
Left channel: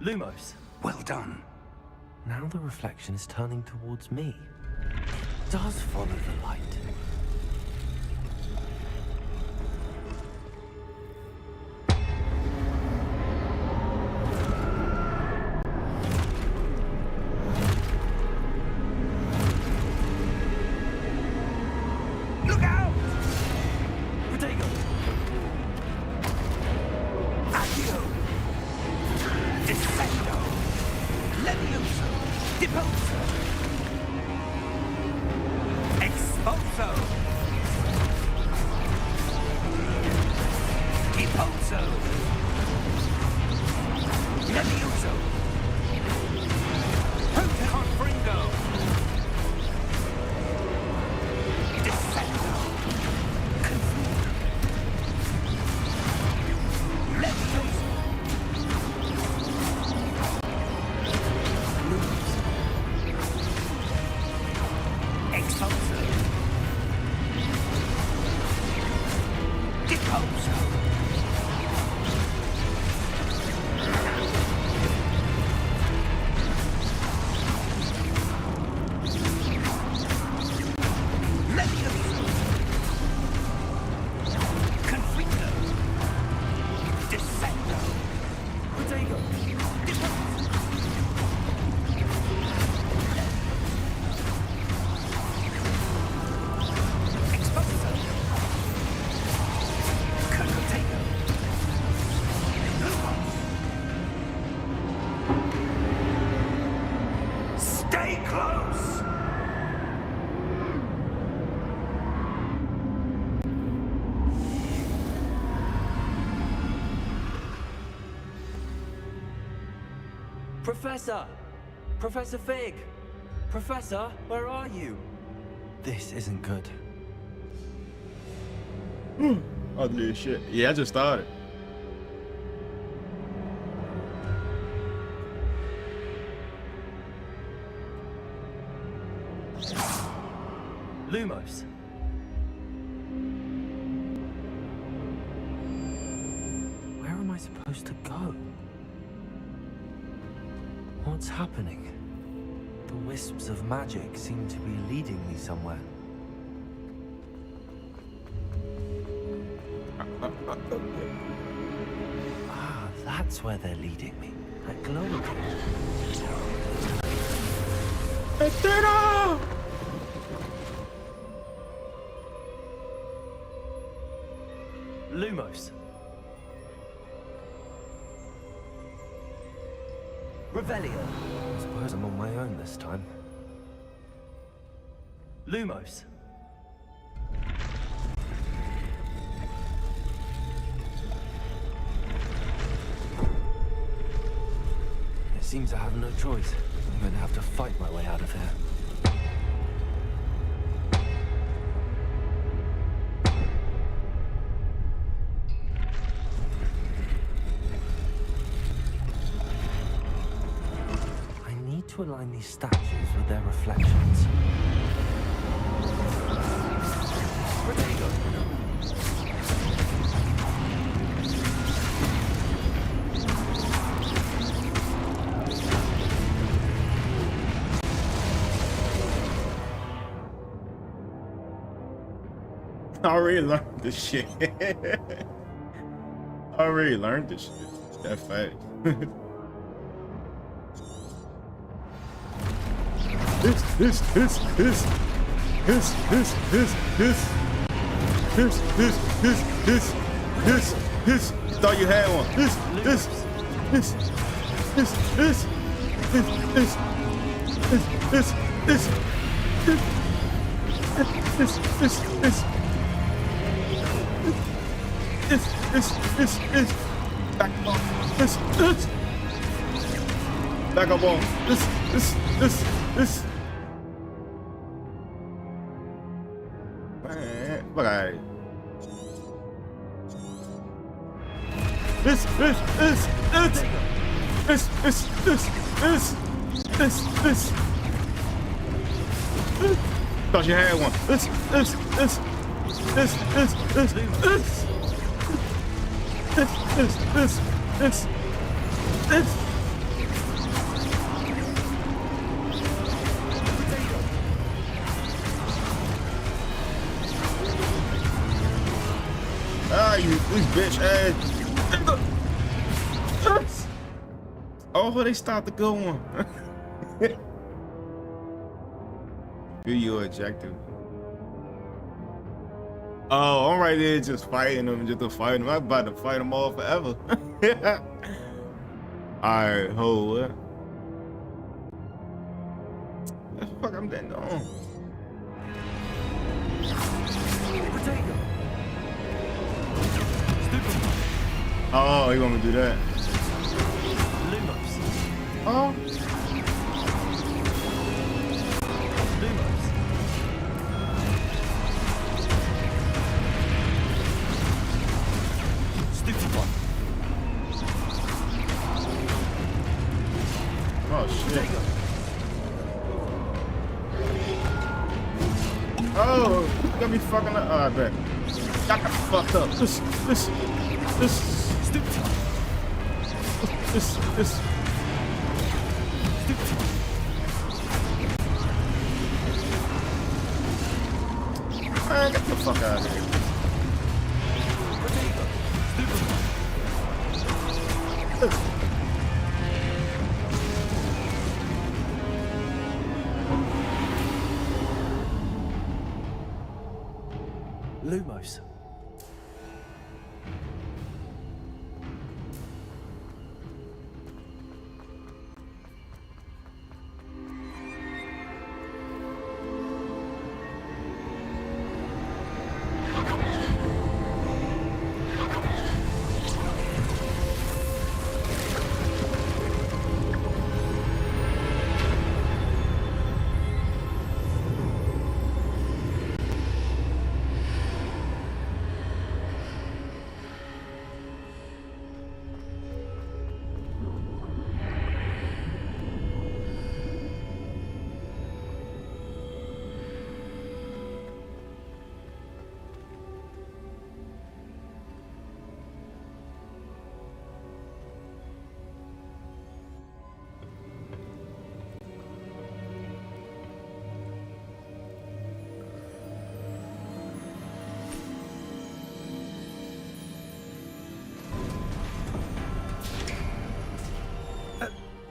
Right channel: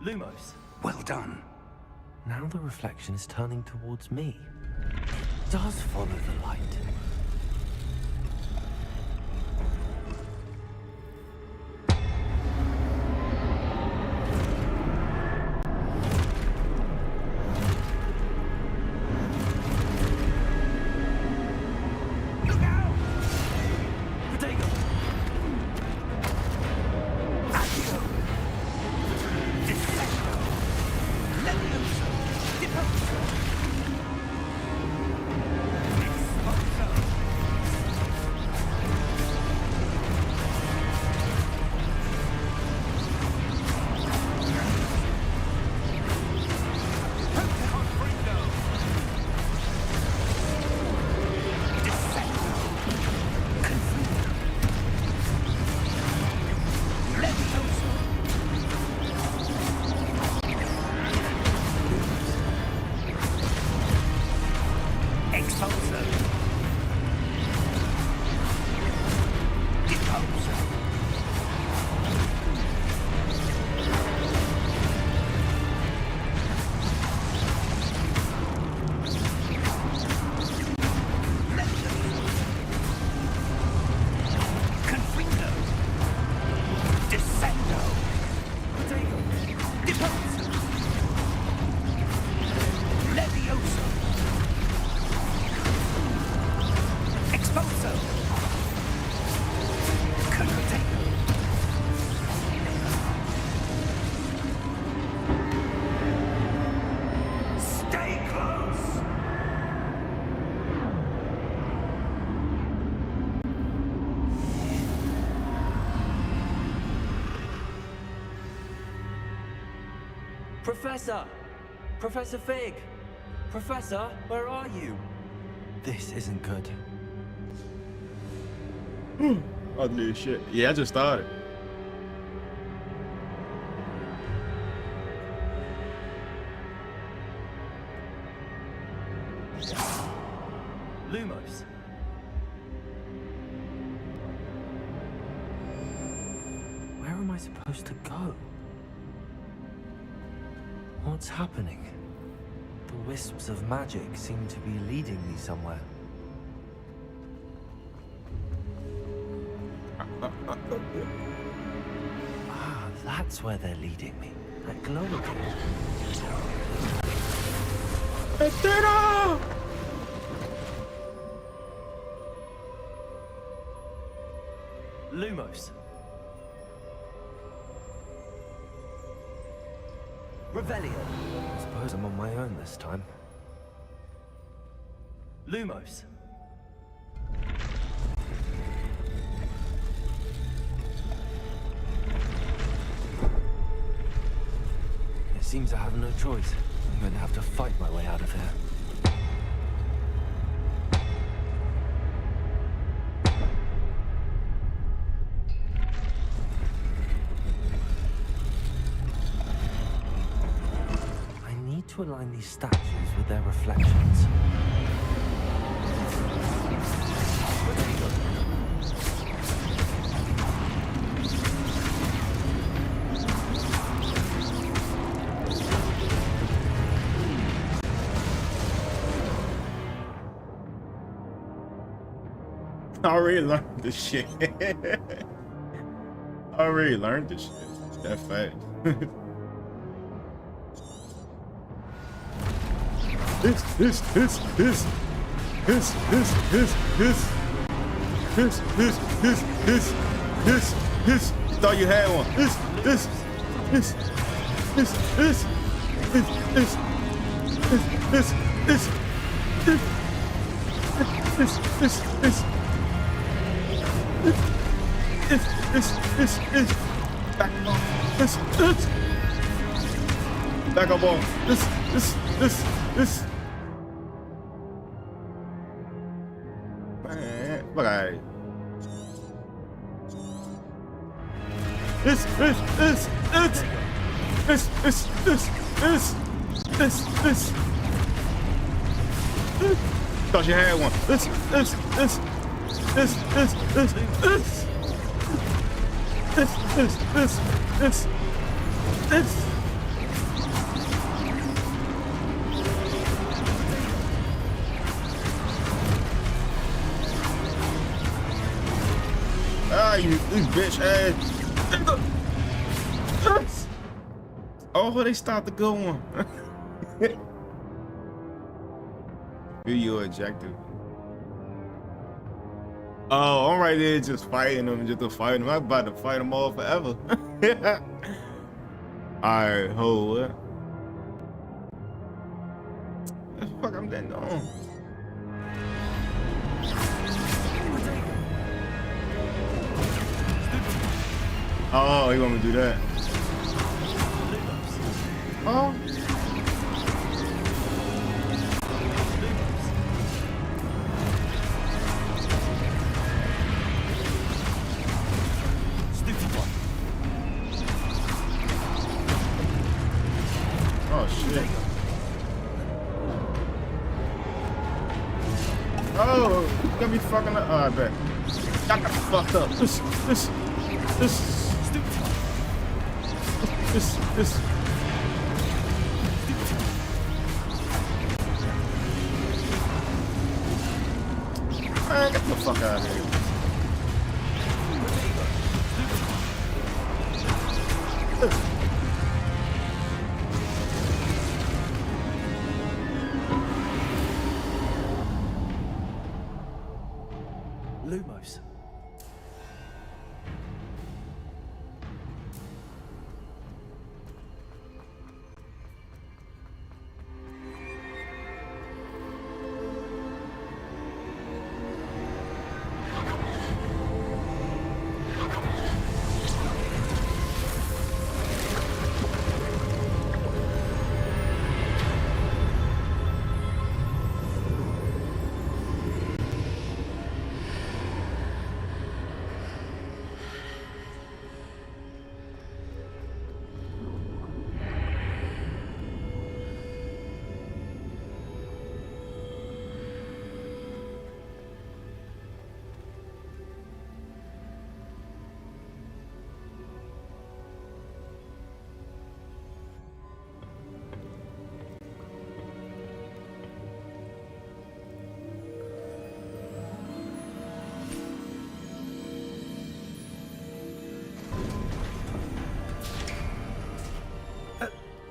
Lumos. Well done. Now the reflection is turning towards me. It does follow the light. Look out! Protego! Accio! Descendo! Levioso! Deposo! Expulso! Deposo! Levioso! Proteon Fringo! Descendo! Confundo! Levioso! Expulso! Deposo! Levioso! Confundo! Descendo! Protego! Deposo! Levioso! Expulso! Contago! Stay close! Professor! Professor Fig! Professor, where are you? This isn't good. Ugly as shit. Yeah, I just started. Lumos. Where am I supposed to go? What's happening? The wisps of magic seem to be leading me somewhere. Ah, that's where they're leading me. That glow again. Lumos. Revelio. I suppose I'm on my own this time. Lumos. It seems I have no choice. I'm going to have to fight my way out of here. To align these statues with their reflections. I already learned this shit. I already learned this shit. It's that fast. This. You thought you had one. This. Back up on. This. Man, look at it. This. Thought you had one. This. Ah, you this bitch ass. Oh, they stopped the good one. Do your objective. Oh, I'm right there just fighting them, just to fight them. I'm about to fight them all forever. Alright, hold up. What the fuck I'm then doing? Oh, you want me to do that? Oh. Oh shit. Oh, you got me fucking up. Oh, I bet. I got fucked up. This. Man, get the fuck out of here. Lumos.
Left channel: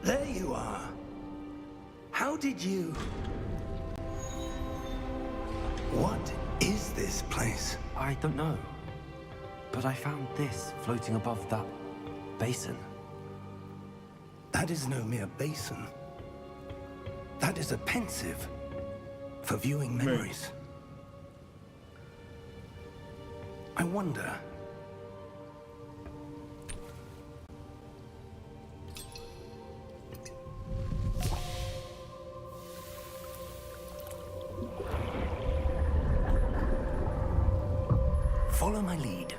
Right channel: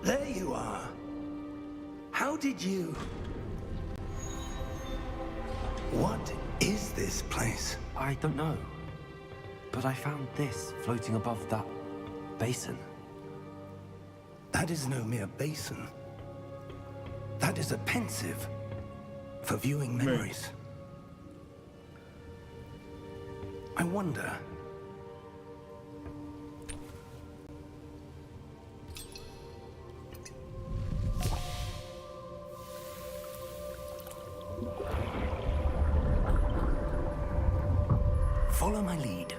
There you are. How did you... What is this place? I don't know. But I found this floating above that basin. That is no mere basin. That is a pensive for viewing memories. I wonder... Follow my lead.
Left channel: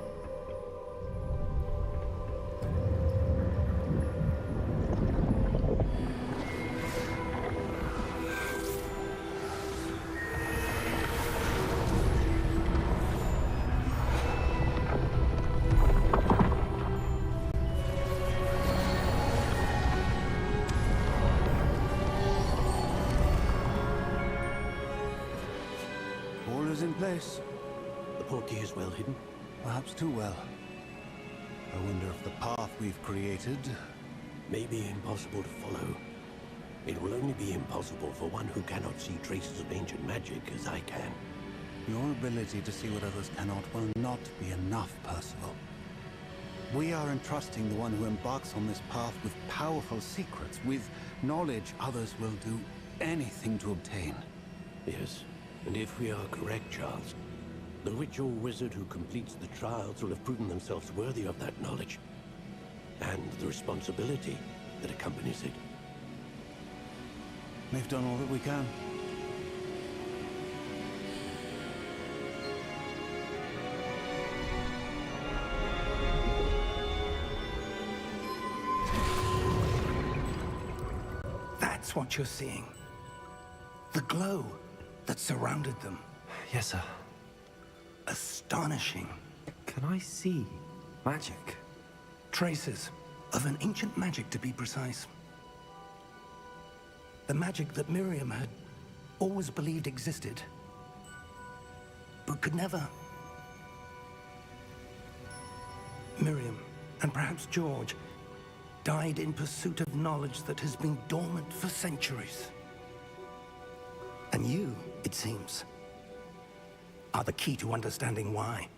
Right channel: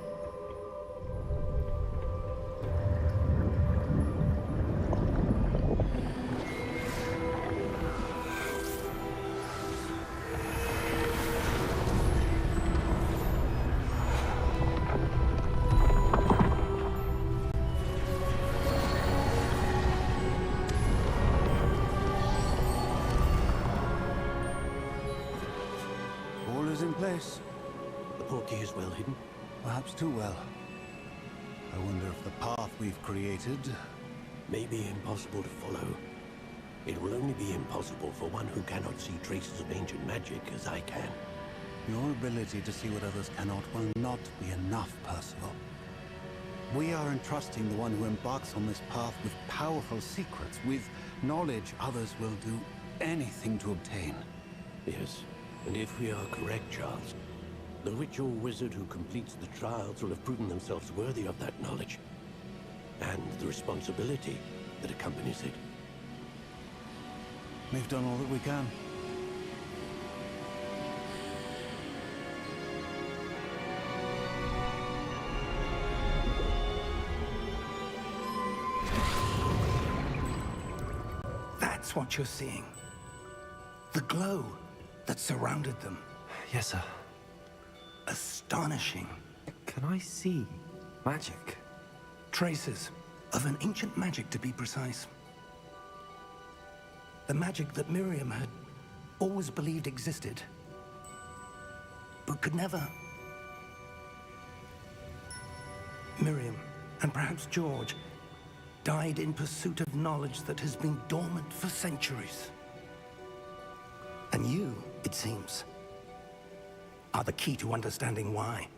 All is in place. The portkey is well hidden. Perhaps too well. I wonder if the path we've created... May be impossible to follow. It will only be impossible for one who cannot see traces of ancient magic as I can. Your ability to see what others cannot will not be enough, Percival. We are entrusting the one who embarks on this path with powerful secrets, with knowledge others will do anything to obtain. Yes, and if we are correct, Charles, the witch or wizard who completes the trials will have proven themselves worthy of that knowledge, and the responsibility that accompanies it. We've done all that we can. That's what you're seeing. The glow that surrounded them. Yes, sir. Astonishing. Can I see magic? Traces of an ancient magic, to be precise. The magic that Miriam had always believed existed, but could never. Miriam, and perhaps George, died in pursuit of knowledge that has been dormant for centuries. And you, it seems, are the key to understanding why.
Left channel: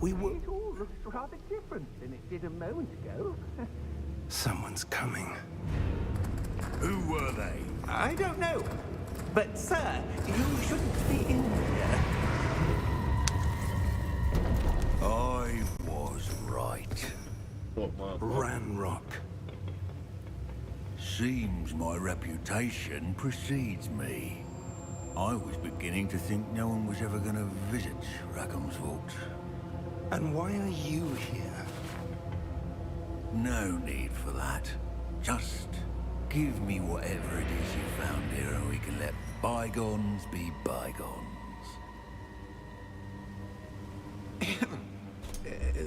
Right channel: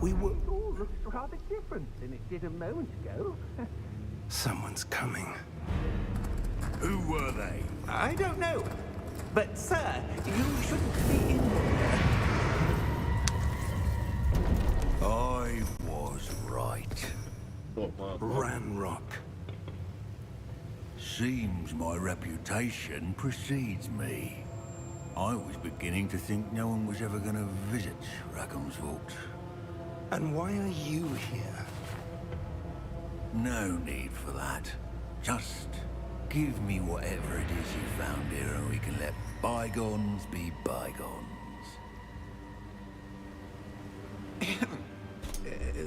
We were... It all looks rather different than it did a moment ago. Someone's coming. Who were they? I don't know. But, sir, you shouldn't be in here. I was right. Ranrock. Seems my reputation precedes me. I was beginning to think no one was ever going to visit Rackham's vault. And why are you here? No need for that. Just give me whatever it is you found here and we can let bygones be bygones.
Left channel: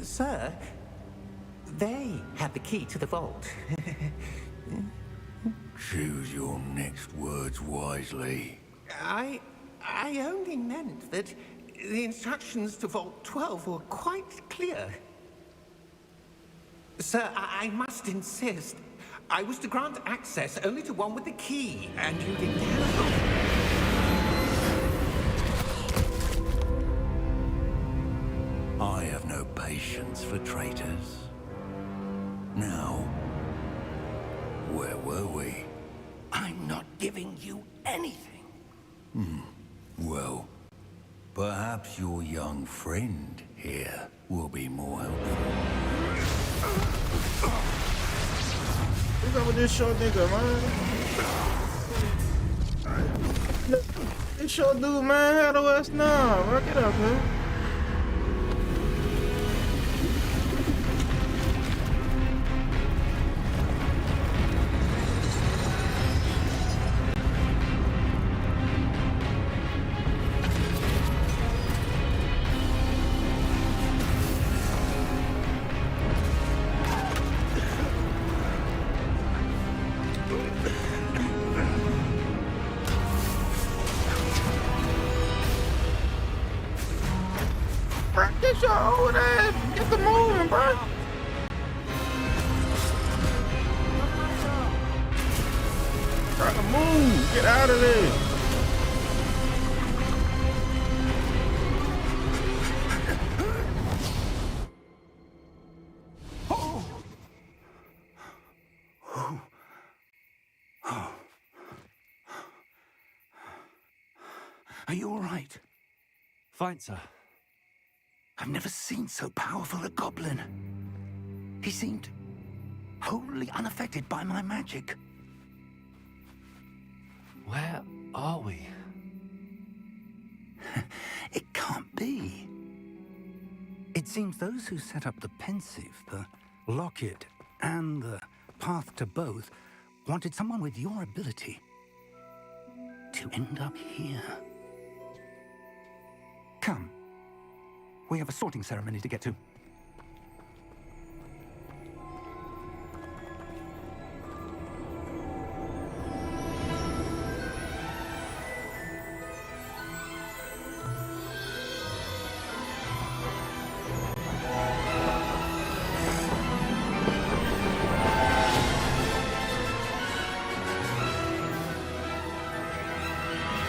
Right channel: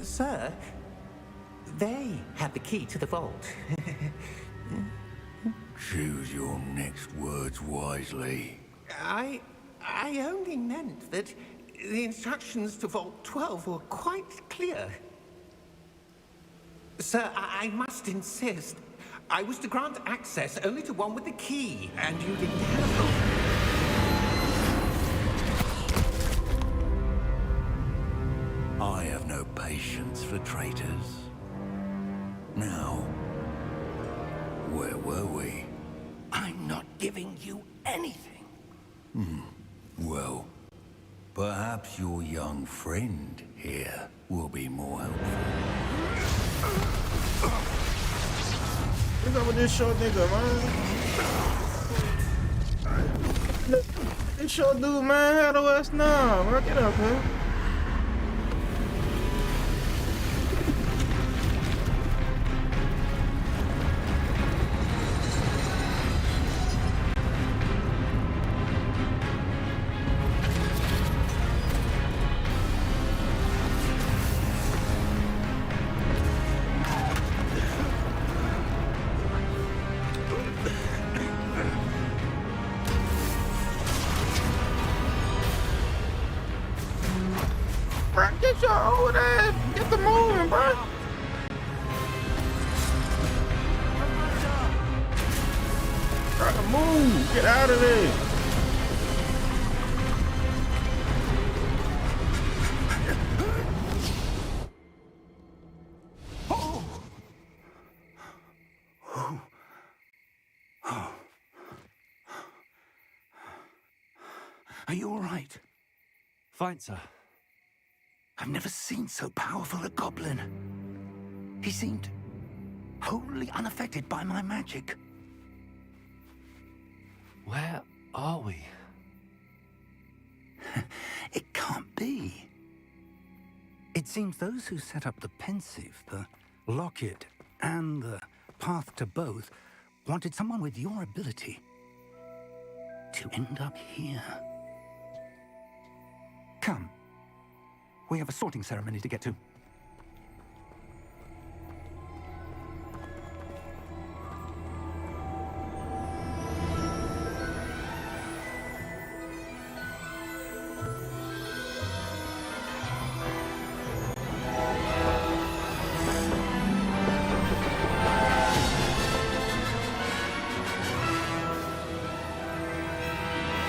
Sir, they have the key to the vault. Choose your next words wisely. I only meant that the instructions to Vault 12 were quite clear. Sir, I must insist. I was to grant access only to one with the key, and you didn't have I have no patience for traitors. Now, where were we? I'm not giving you anything. Well, perhaps your young friend here will be more helpful. What's up with this short nigga, man? This short dude, man, how the West now? Man, get up, man. Get your old ass, get the moving, bro. Move! Get out of there! Are you all right? Fine, sir. I've never seen so powerful a goblin. He seemed wholly unaffected by my magic. Where are we? It can't be. It seems those who set up the pensive, the locket, and the path to both wanted someone with your ability to end up here. Come. We have a sorting ceremony to get to.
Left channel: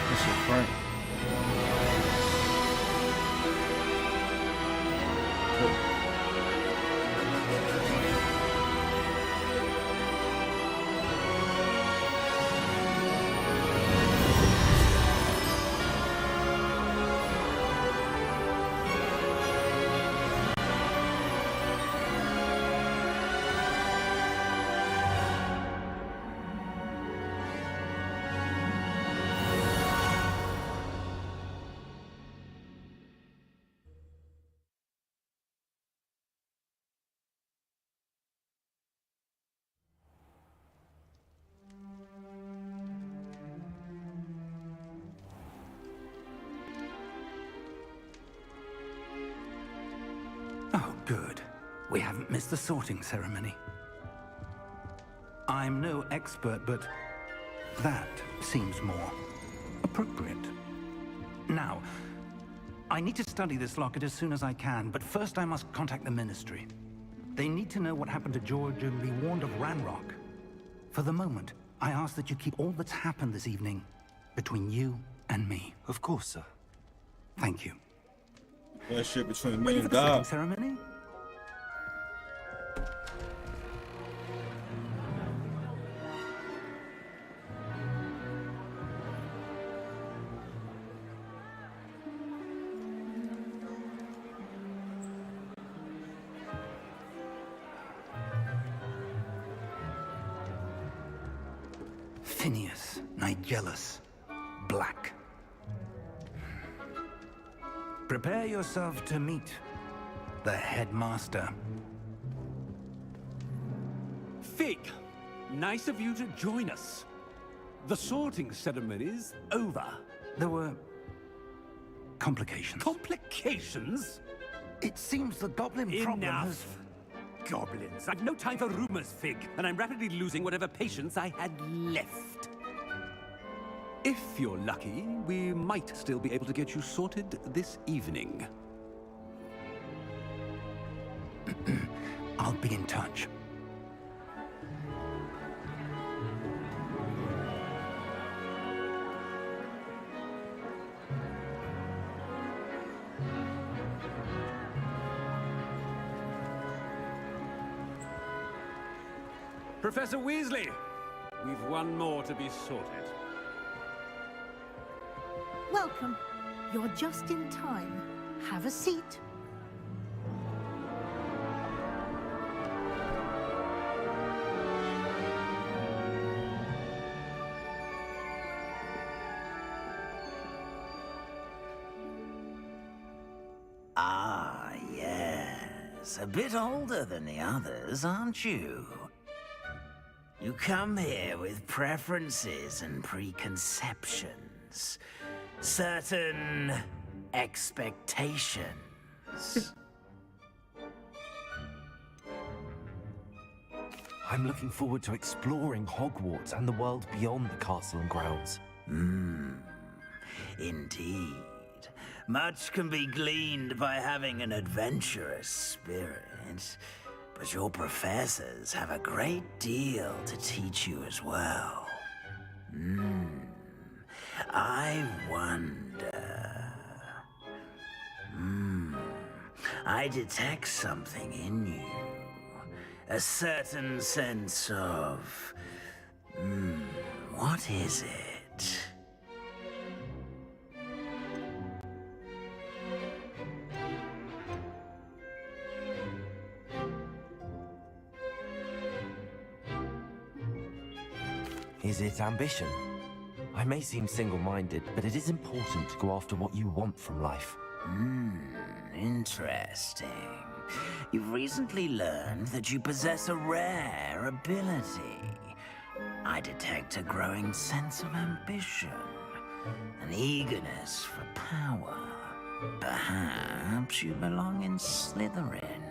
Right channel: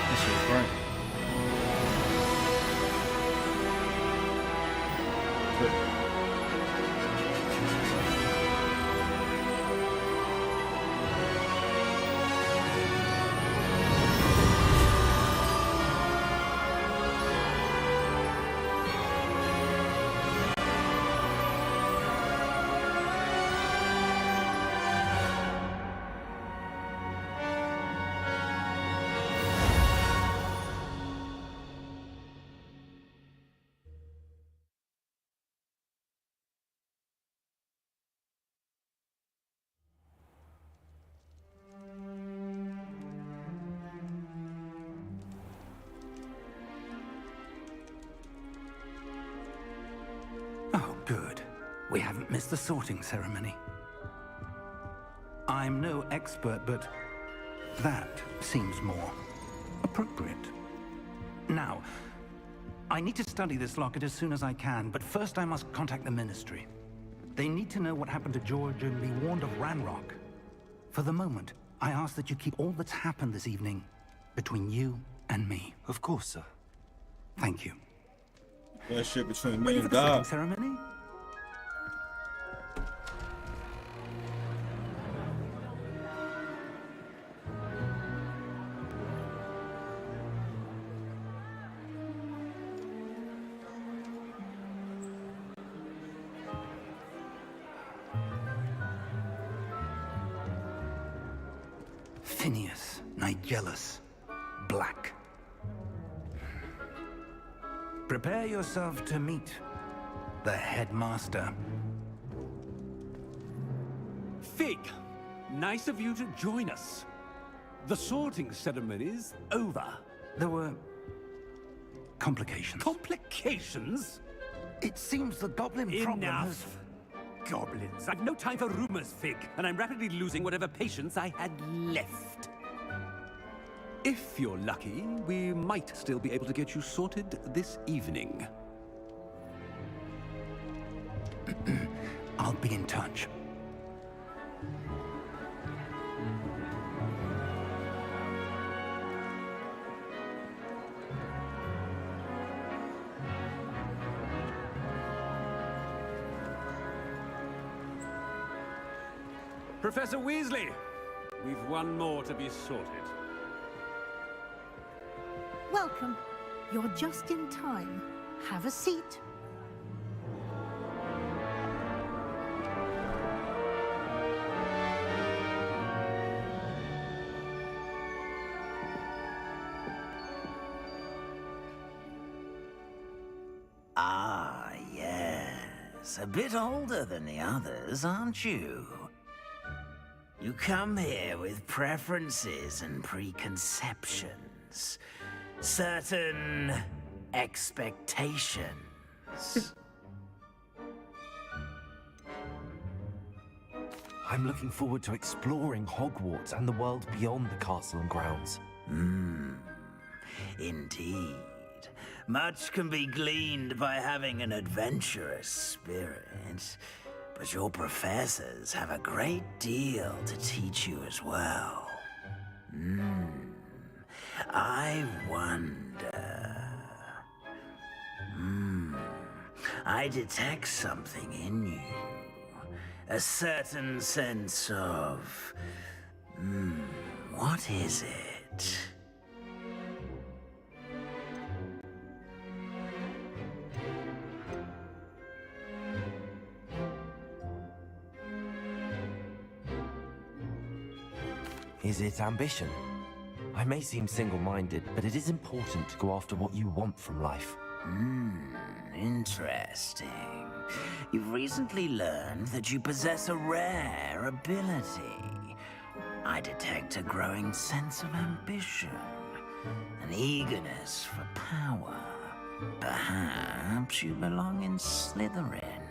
That's your Frank. Oh, good. We haven't missed the sorting ceremony. I'm no expert, but that seems more appropriate. Now, I need to study this locket as soon as I can, but first I must contact the Ministry. They need to know what happened to George and be warned of Ranrock. For the moment, I ask that you keep all that's happened this evening between you and me. Of course, sir. Thank you. That shit between me Ready for and the sorting God. ceremony? Phineas, Nigellus, Black. Prepare yourself to meet the headmaster. Fig, nice of you to join us. The sorting ceremony's over. There were complications. Complications? It seems the goblin problem has... Enough. Goblins. I've no time for rumors, Fig, and I'm rapidly losing whatever patience I had left. If you're lucky, we might still be able to get you sorted this evening. I'll be in touch. Professor Weasley, we've one more to be sorted. Welcome. You're just in time. Have a seat. Ah, yes. A bit older than the others, aren't you? You come here with preferences and preconceptions. Certain expectations. I'm looking forward to exploring Hogwarts and the world beyond the castle and grounds. Indeed. Much can be gleaned by having an adventurous spirit, but your professors have a great deal to teach you as well. I wonder. I detect something in you. A certain sense of... what is it? Is it ambition? I may seem single-minded, but it is important to go after what you want from life. Interesting. You've recently learned that you possess a rare ability. I detect a growing sense of ambition, an eagerness for power. Perhaps you belong in Slytherin.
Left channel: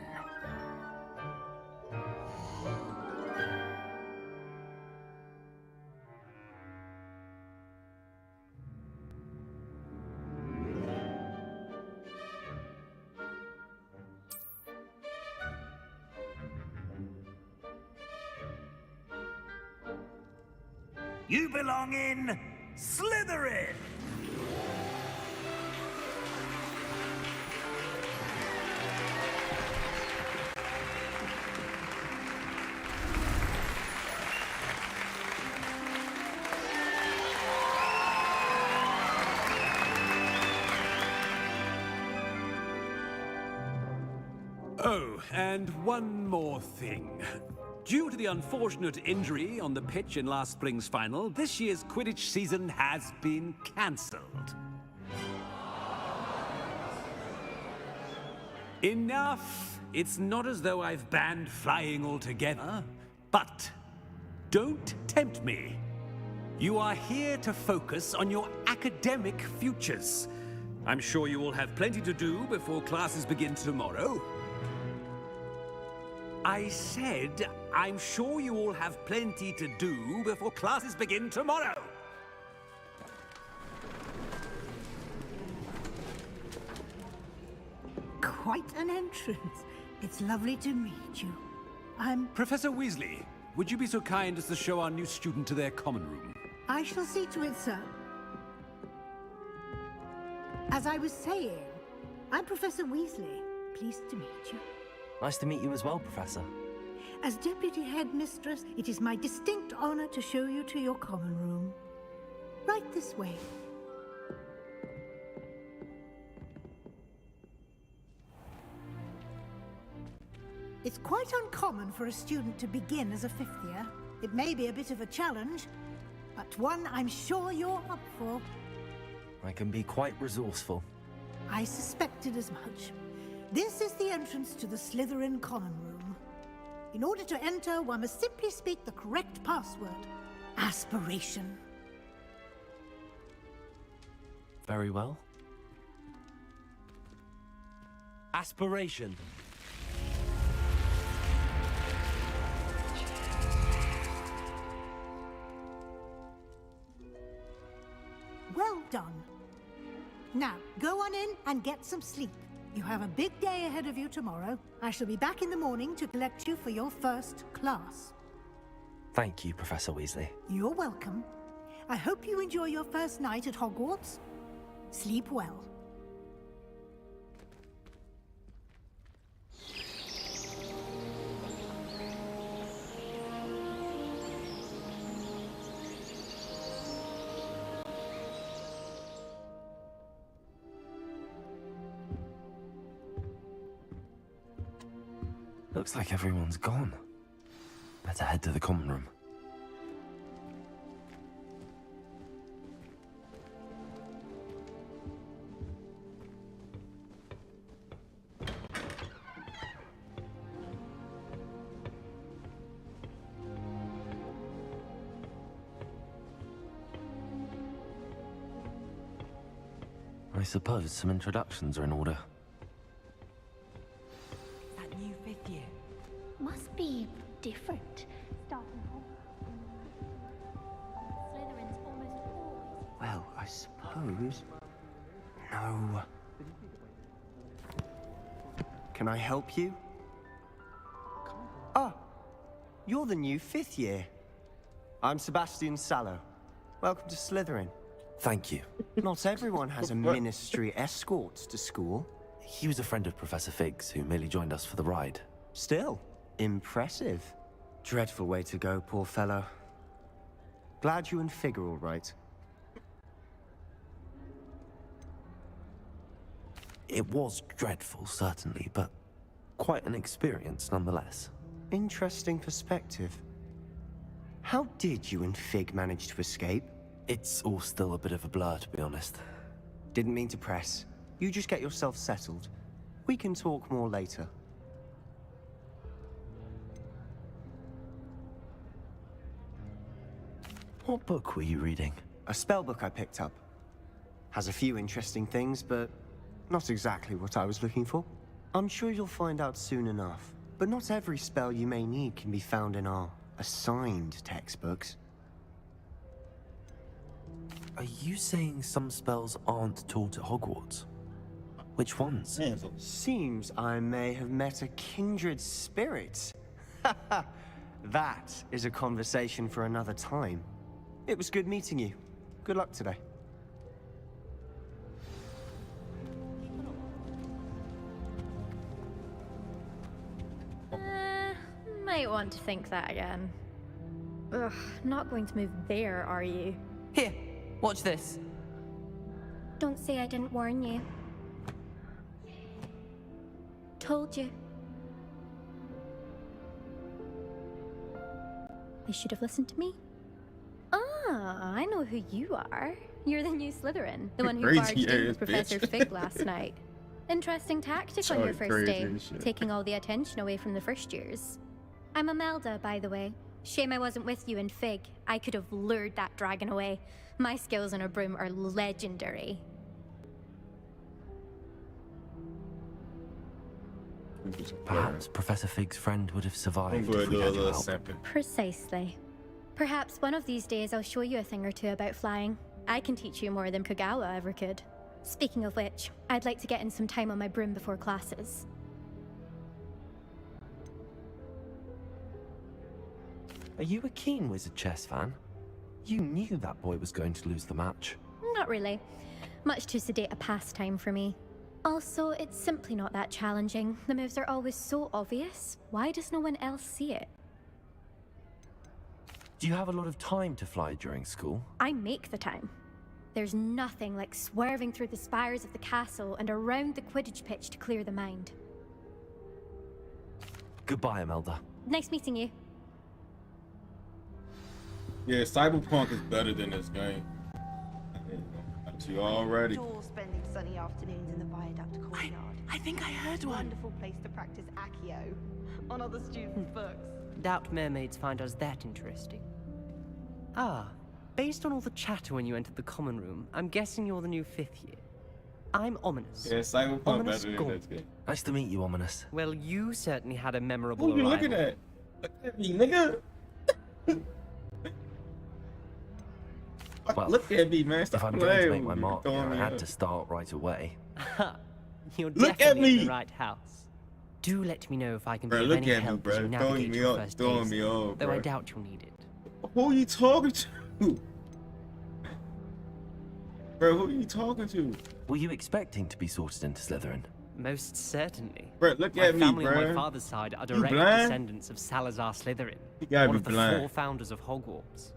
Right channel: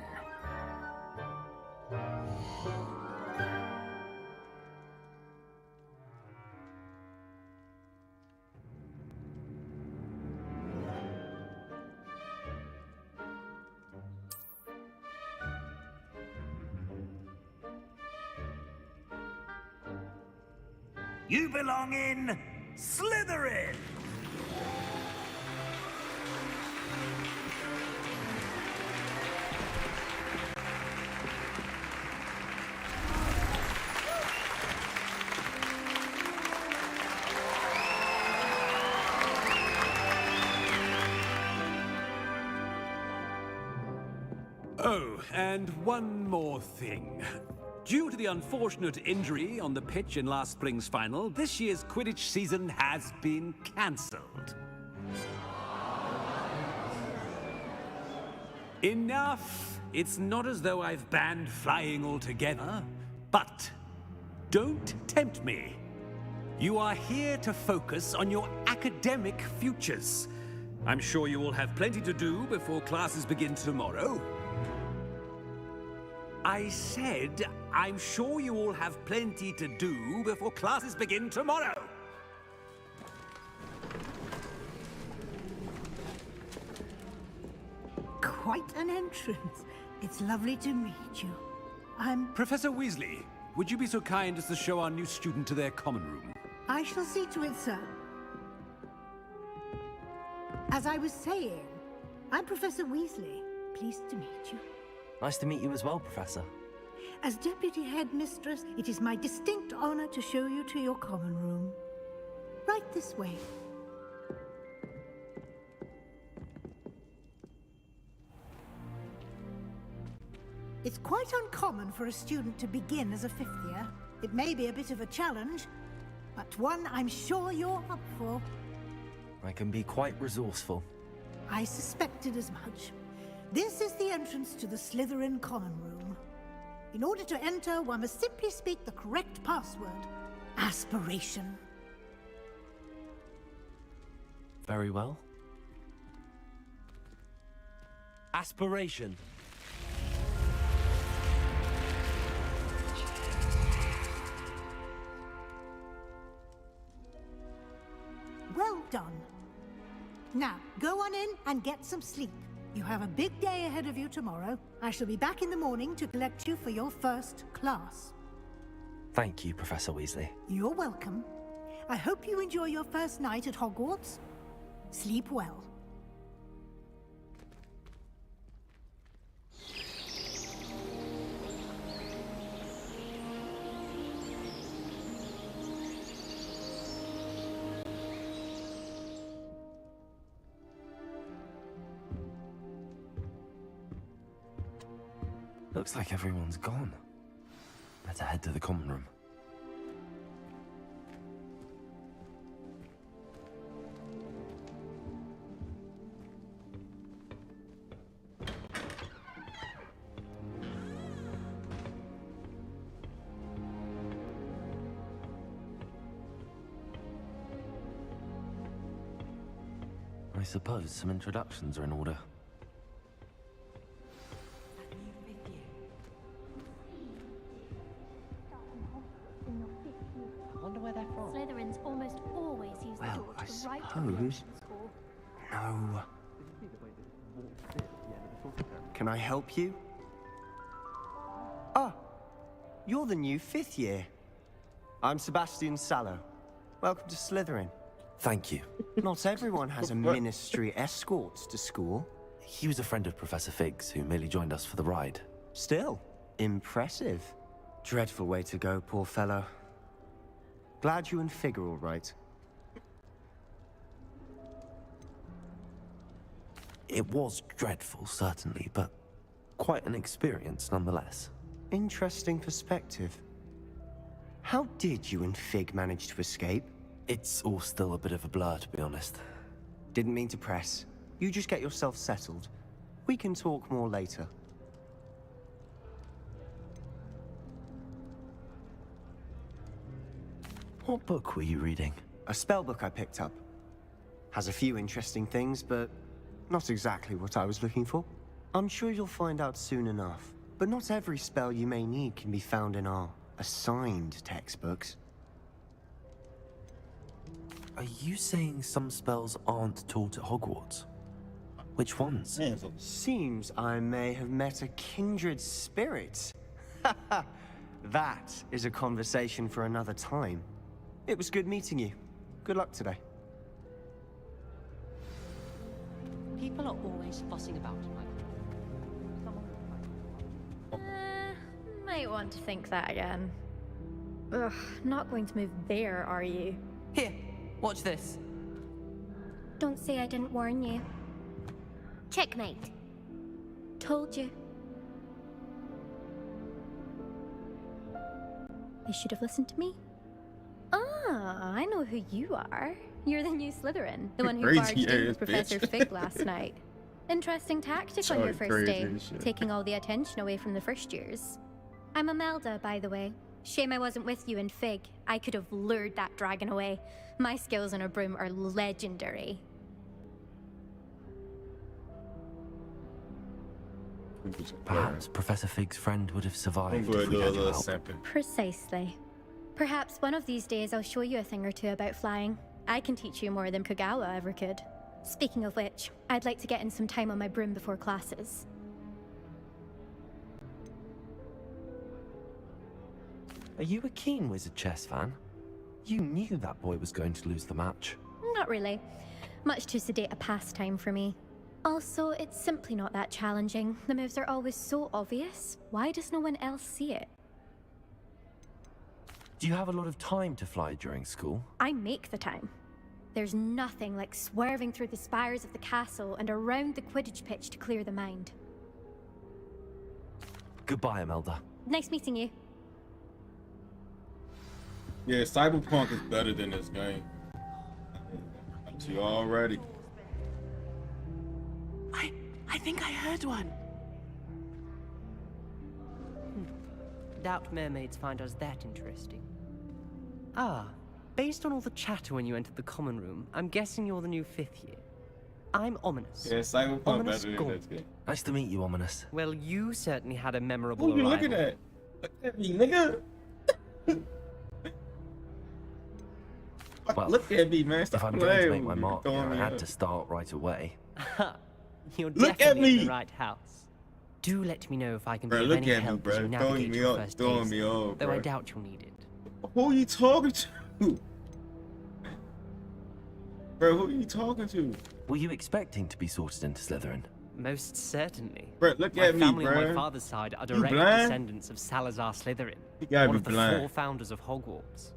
You belong in Slytherin! Oh, and one more thing. Due to the unfortunate injury on the pitch in last spring's final, this year's Quidditch season has been cancelled. Enough! It's not as though I've banned flying altogether, but don't tempt me. You are here to focus on your academic futures. I'm sure you all have plenty to do before classes begin tomorrow. I said, I'm sure you all have plenty to do before classes begin tomorrow. Quite an entrance. It's lovely to meet you. I'm... Professor Weasley, would you be so kind as to show our new student to their common room? I shall see to it, sir. As I was saying, I'm Professor Weasley. Pleased to meet you. Nice to meet you as well, Professor. As Deputy Headmistress, it is my distinct honor to show you to your common room. Right this way. It's quite uncommon for a student to begin as a fifth year. It may be a bit of a challenge, but one I'm sure you're up for. I can be quite resourceful. I suspected as much. This is the entrance to the Slytherin common room. In order to enter, one must simply speak the correct password. Aspiration. Very well. Aspiration. Well done. Now, go on in and get some sleep. You have a big day ahead of you tomorrow. I shall be back in the morning to collect you for your first class. Thank you, Professor Weasley. You're welcome. I hope you enjoy your first night at Hogwarts. Sleep well. Looks like everyone's gone. Better head to the common room. I suppose some introductions are in order. That new fifth year must be different. Starting off in your fifth year. I wonder where they're from. Slytherins almost always use Well, I suppose... No. Can I help you? Ah, you're the new fifth year. I'm Sebastian Sallow. Welcome to Slytherin. Thank you. Not everyone has a ministry escort to school. He was a friend of Professor Fig's who merely joined us for the ride. Still, impressive. Dreadful way to go, poor fellow. Glad you and Fig are all right. It was dreadful, certainly, but quite an experience nonetheless. Interesting perspective. How did you and Fig manage to escape? It's all still a bit of a blur, to be honest. Didn't mean to press. You just get yourself settled. We can talk more later. What book were you reading? A spell book I picked up. Has a few interesting things, but not exactly what I was looking for. I'm sure you'll find out soon enough. But not every spell you may need can be found in our assigned textbooks. Are you saying some spells aren't taught at Hogwarts? Which ones? Seems I may have met a kindred spirit. That is a conversation for another time. It was good meeting you. Good luck today. People are always fussing about. Might want to think that again. Ugh, not going to move there, are you? Here, watch this. Don't say I didn't warn you. Checkmate. Told you. You should have listened to me. Ah, I know who you are. You're the new Slytherin, the one who barged in with Professor Fig last night. Interesting tactic on your first day, taking all the attention away from the first years. I'm Imelda, by the way. Shame I wasn't with you in Fig. I could have lured that dragon away. My skills on a broom are legendary. Perhaps Professor Fig's friend would have survived if we had your help. Precisely. Perhaps one of these days I'll show you a thing or two about flying. I can teach you more than Kogawa ever could. Speaking of which, I'd like to get in some time on my broom before classes. Are you a keen Wizard chess fan? You knew that boy was going to lose the match. Not really. Much too sedate a pastime for me. Also, it's simply not that challenging. The moves are always so obvious. Why does no one else see it? Do you have a lot of time to fly during school? I make the time. There's nothing like swerving through the spires of the castle and around the Quidditch pitch to clear the mind. Goodbye, Imelda. Nice meeting you. Yeah, Cyberpunk is better than this game. To you already. I think I heard one. Doubt mermaids find us that interesting. Ah, based on all the chatter when you entered the common room, I'm guessing you're the new 5th year. I'm Ominous. Yeah, Cyberpunk Ominous better than this game. Nice to meet you, Ominous. Well, you certainly had a memorable Who you arrival. looking at? Look at me, nigga. Well, look at me, man. If I'm going to make my mark, I had to start right away. You're Look at definitely in me. the right house. Do let me know if I can Bro, be of look any at me, help bro. as you Throwing navigate me your off, first throwing days, me off, though bro. I doubt you'll need it. Who are you talking to? Bro, who are you talking to? Were you expecting to be sorted into Slytherin? Most certainly. Bro, look my at me, family on bro. my father's side are You direct blind? descendants of Salazar Slytherin, You gotta one be of the blind. 4 founders of Hogwarts.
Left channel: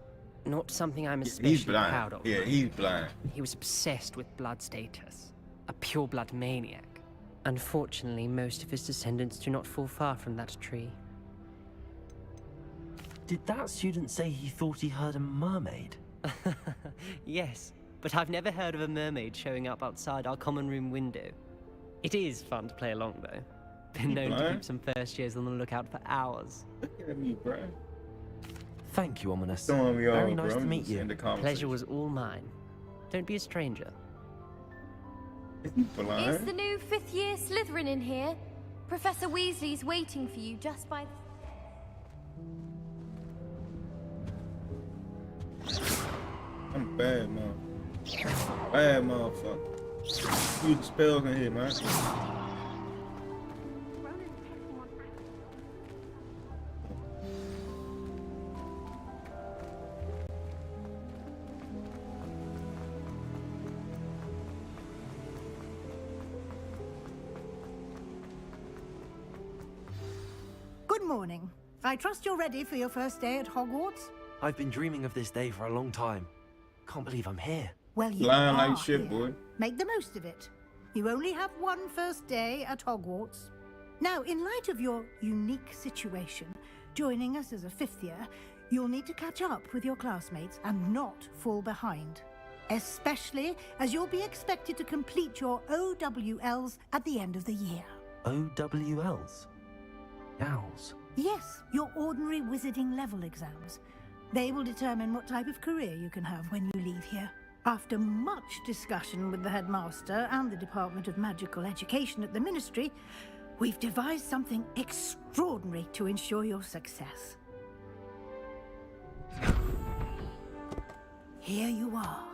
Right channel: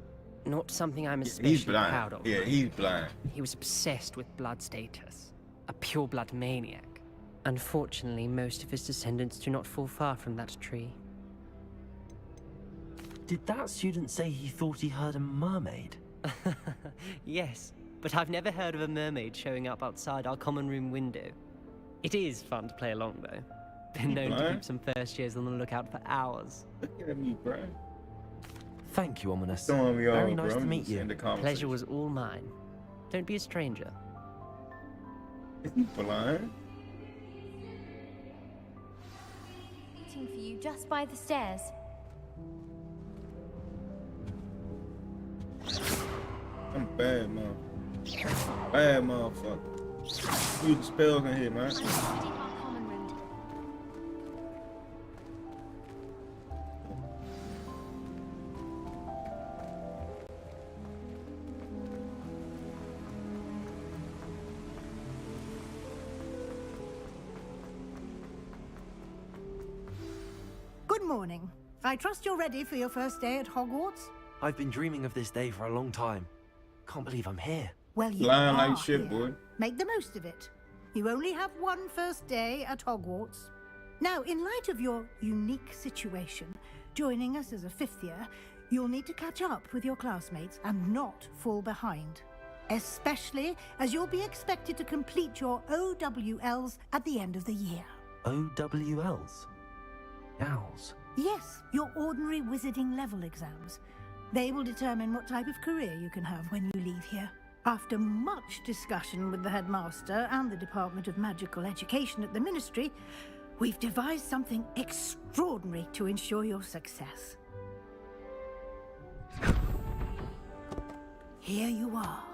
Not something I'm He's especially blind. proud of. Yeah, he's blind. He was obsessed with blood status, a pure-blood maniac. Unfortunately, most of his descendants do not fall far from that tree. Did that student say he thought he heard a mermaid? Yes, but I've never heard of a mermaid showing up outside our common room window. It is fun to play along, though. Been known to keep some first years on the lookout for hours. Look at me, bro. Thank you, Ominous. Throwing me Very off, nice bro. to I'm meet just you. in the conversation. Pleasure was all mine. Don't be a stranger. Is he blind? It's the new 5th year Slytherin in here. Professor Weasley's waiting for you just by the stairs. I'm bad, man. Bad motherfucker. Use the spells in here, man. Good morning. I trust you're ready for your first day at Hogwarts? I've been dreaming of this day for a long time. Can't believe I'm here. Well, you Lying are like shit, here. boy. Make the most of it. You only have one first day at Hogwarts. Now, in light of your unique situation, joining us as a fifth year, you'll need to catch up with your classmates and not fall behind. Especially as you'll be expected to complete your OWLs at the end of the year. OWLs? Owls? Yes, your ordinary wizarding level exams. They will determine what type of career you can have when you leave here. After much discussion with the headmaster and the Department of Magical Education at the Ministry, we've devised something extraordinary to ensure your success. Here you are.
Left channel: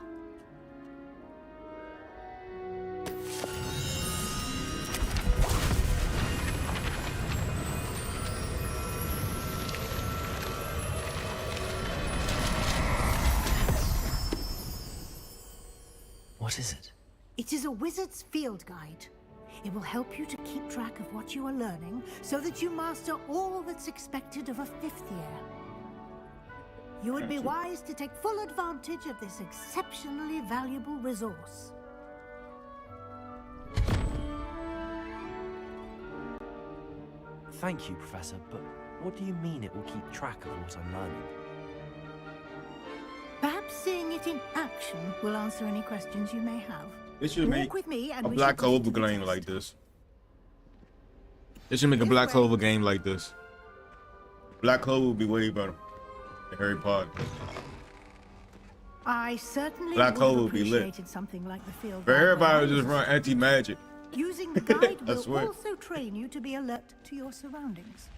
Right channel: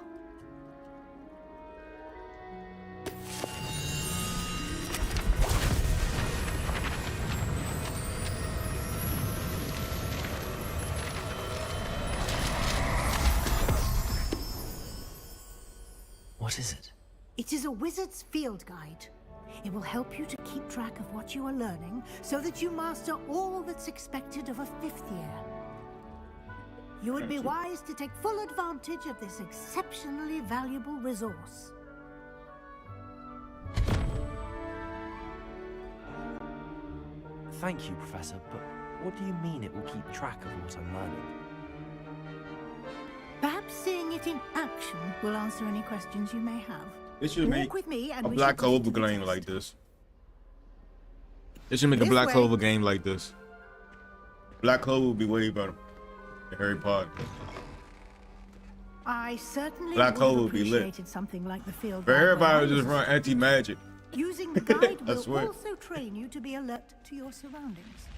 What is it? It is a wizard's field guide. It will help you to keep track of what you are learning so that you master all that's expected of a fifth year. You would be wise to take full advantage of this exceptionally valuable resource. Thank you, Professor, but what do you mean it will keep track of what I'm learning? Perhaps seeing it in action will answer any questions you may have. They should Walk make with me and a we Black shall proceed Clover to the game test. like this. They should make a This Black way. Clover game like this. Black Clover would be way better than Harry Potter. I certainly Black would Clover have would be lit. appreciated something like the field But guide when everybody I would just was a run anti-magic. Using the guide I will swear. also train you to be alert to your surroundings.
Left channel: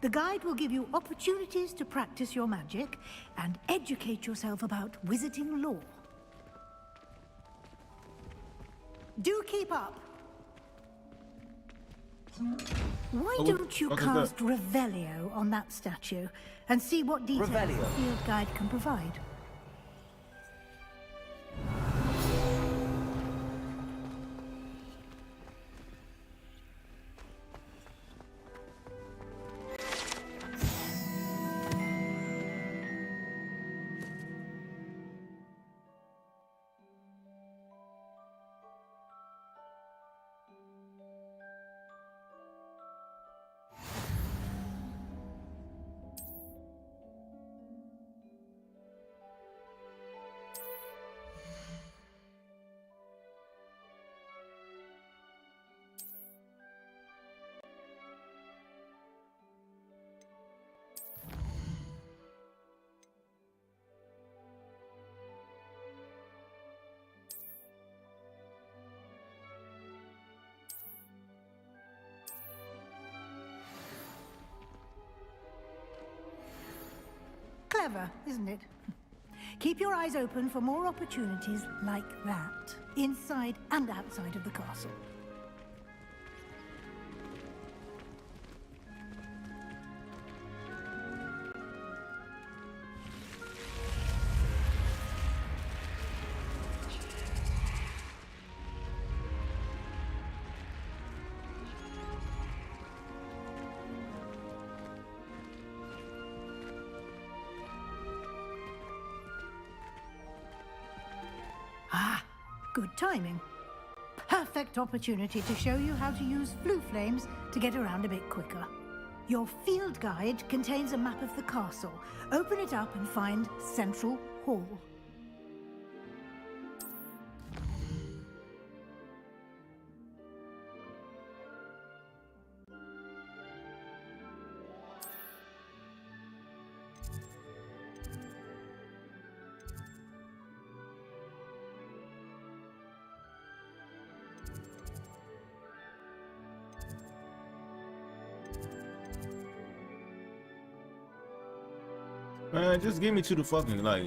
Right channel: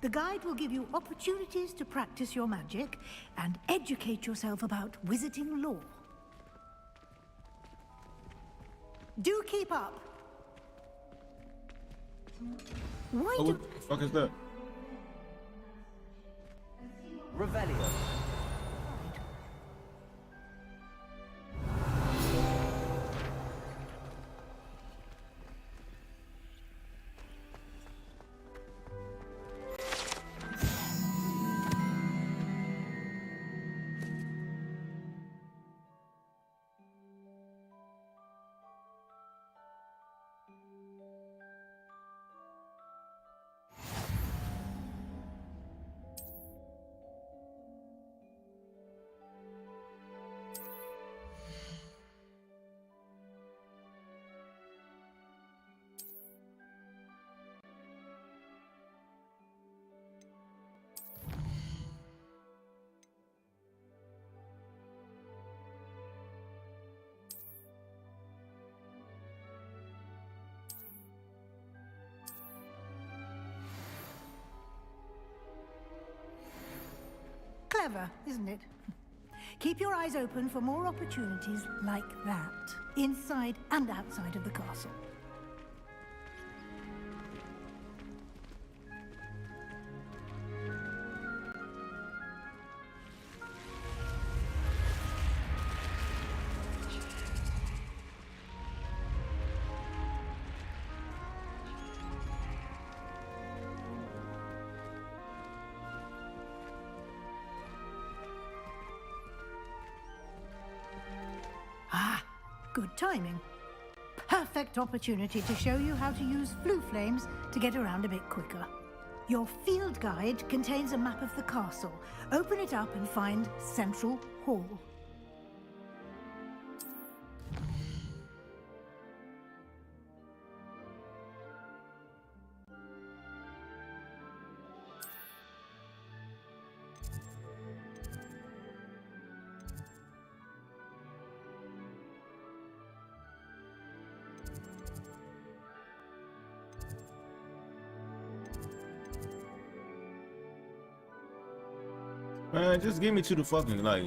The guide will give you opportunities to practice your magic and educate yourself about wizarding lore. Do keep up. Why Oh, what don't you the fuck is cast Revelio on that statue and see what details the Revelio? field guide can provide? Clever, isn't it? Keep your eyes open for more opportunities like that, inside and outside of the castle. Ah, good timing. Perfect opportunity to show you how to use flue flames to get around a bit quicker. Your field guide contains a map of the castle. Open it up and find Central Hall. Man, just give me to the fucking like.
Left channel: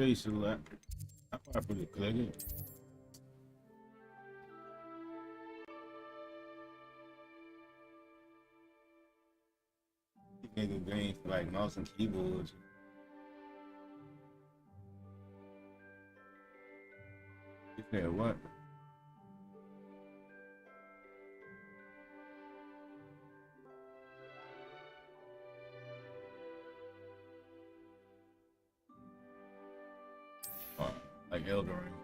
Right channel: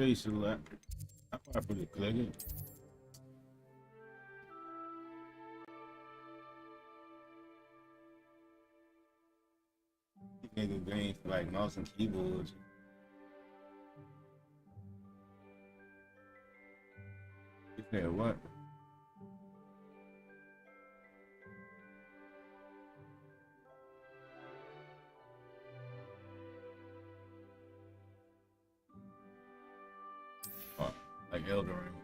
Say select. I probably click it. You can go green for like mouse and keyboards. You said what? Oh, like Elden Ring.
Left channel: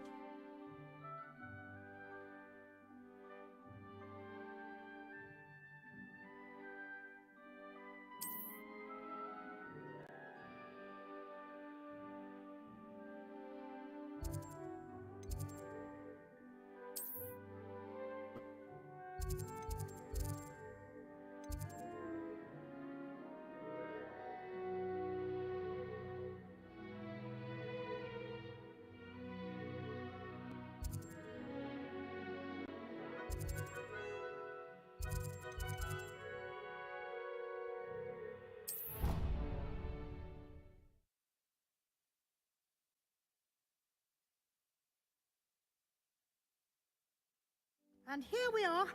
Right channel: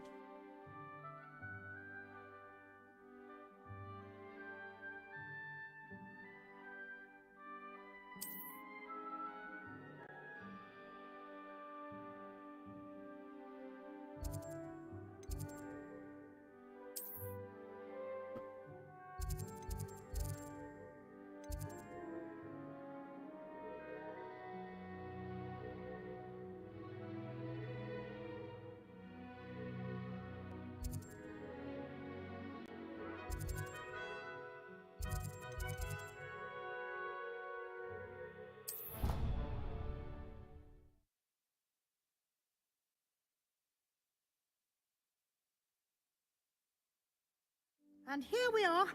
And here we are.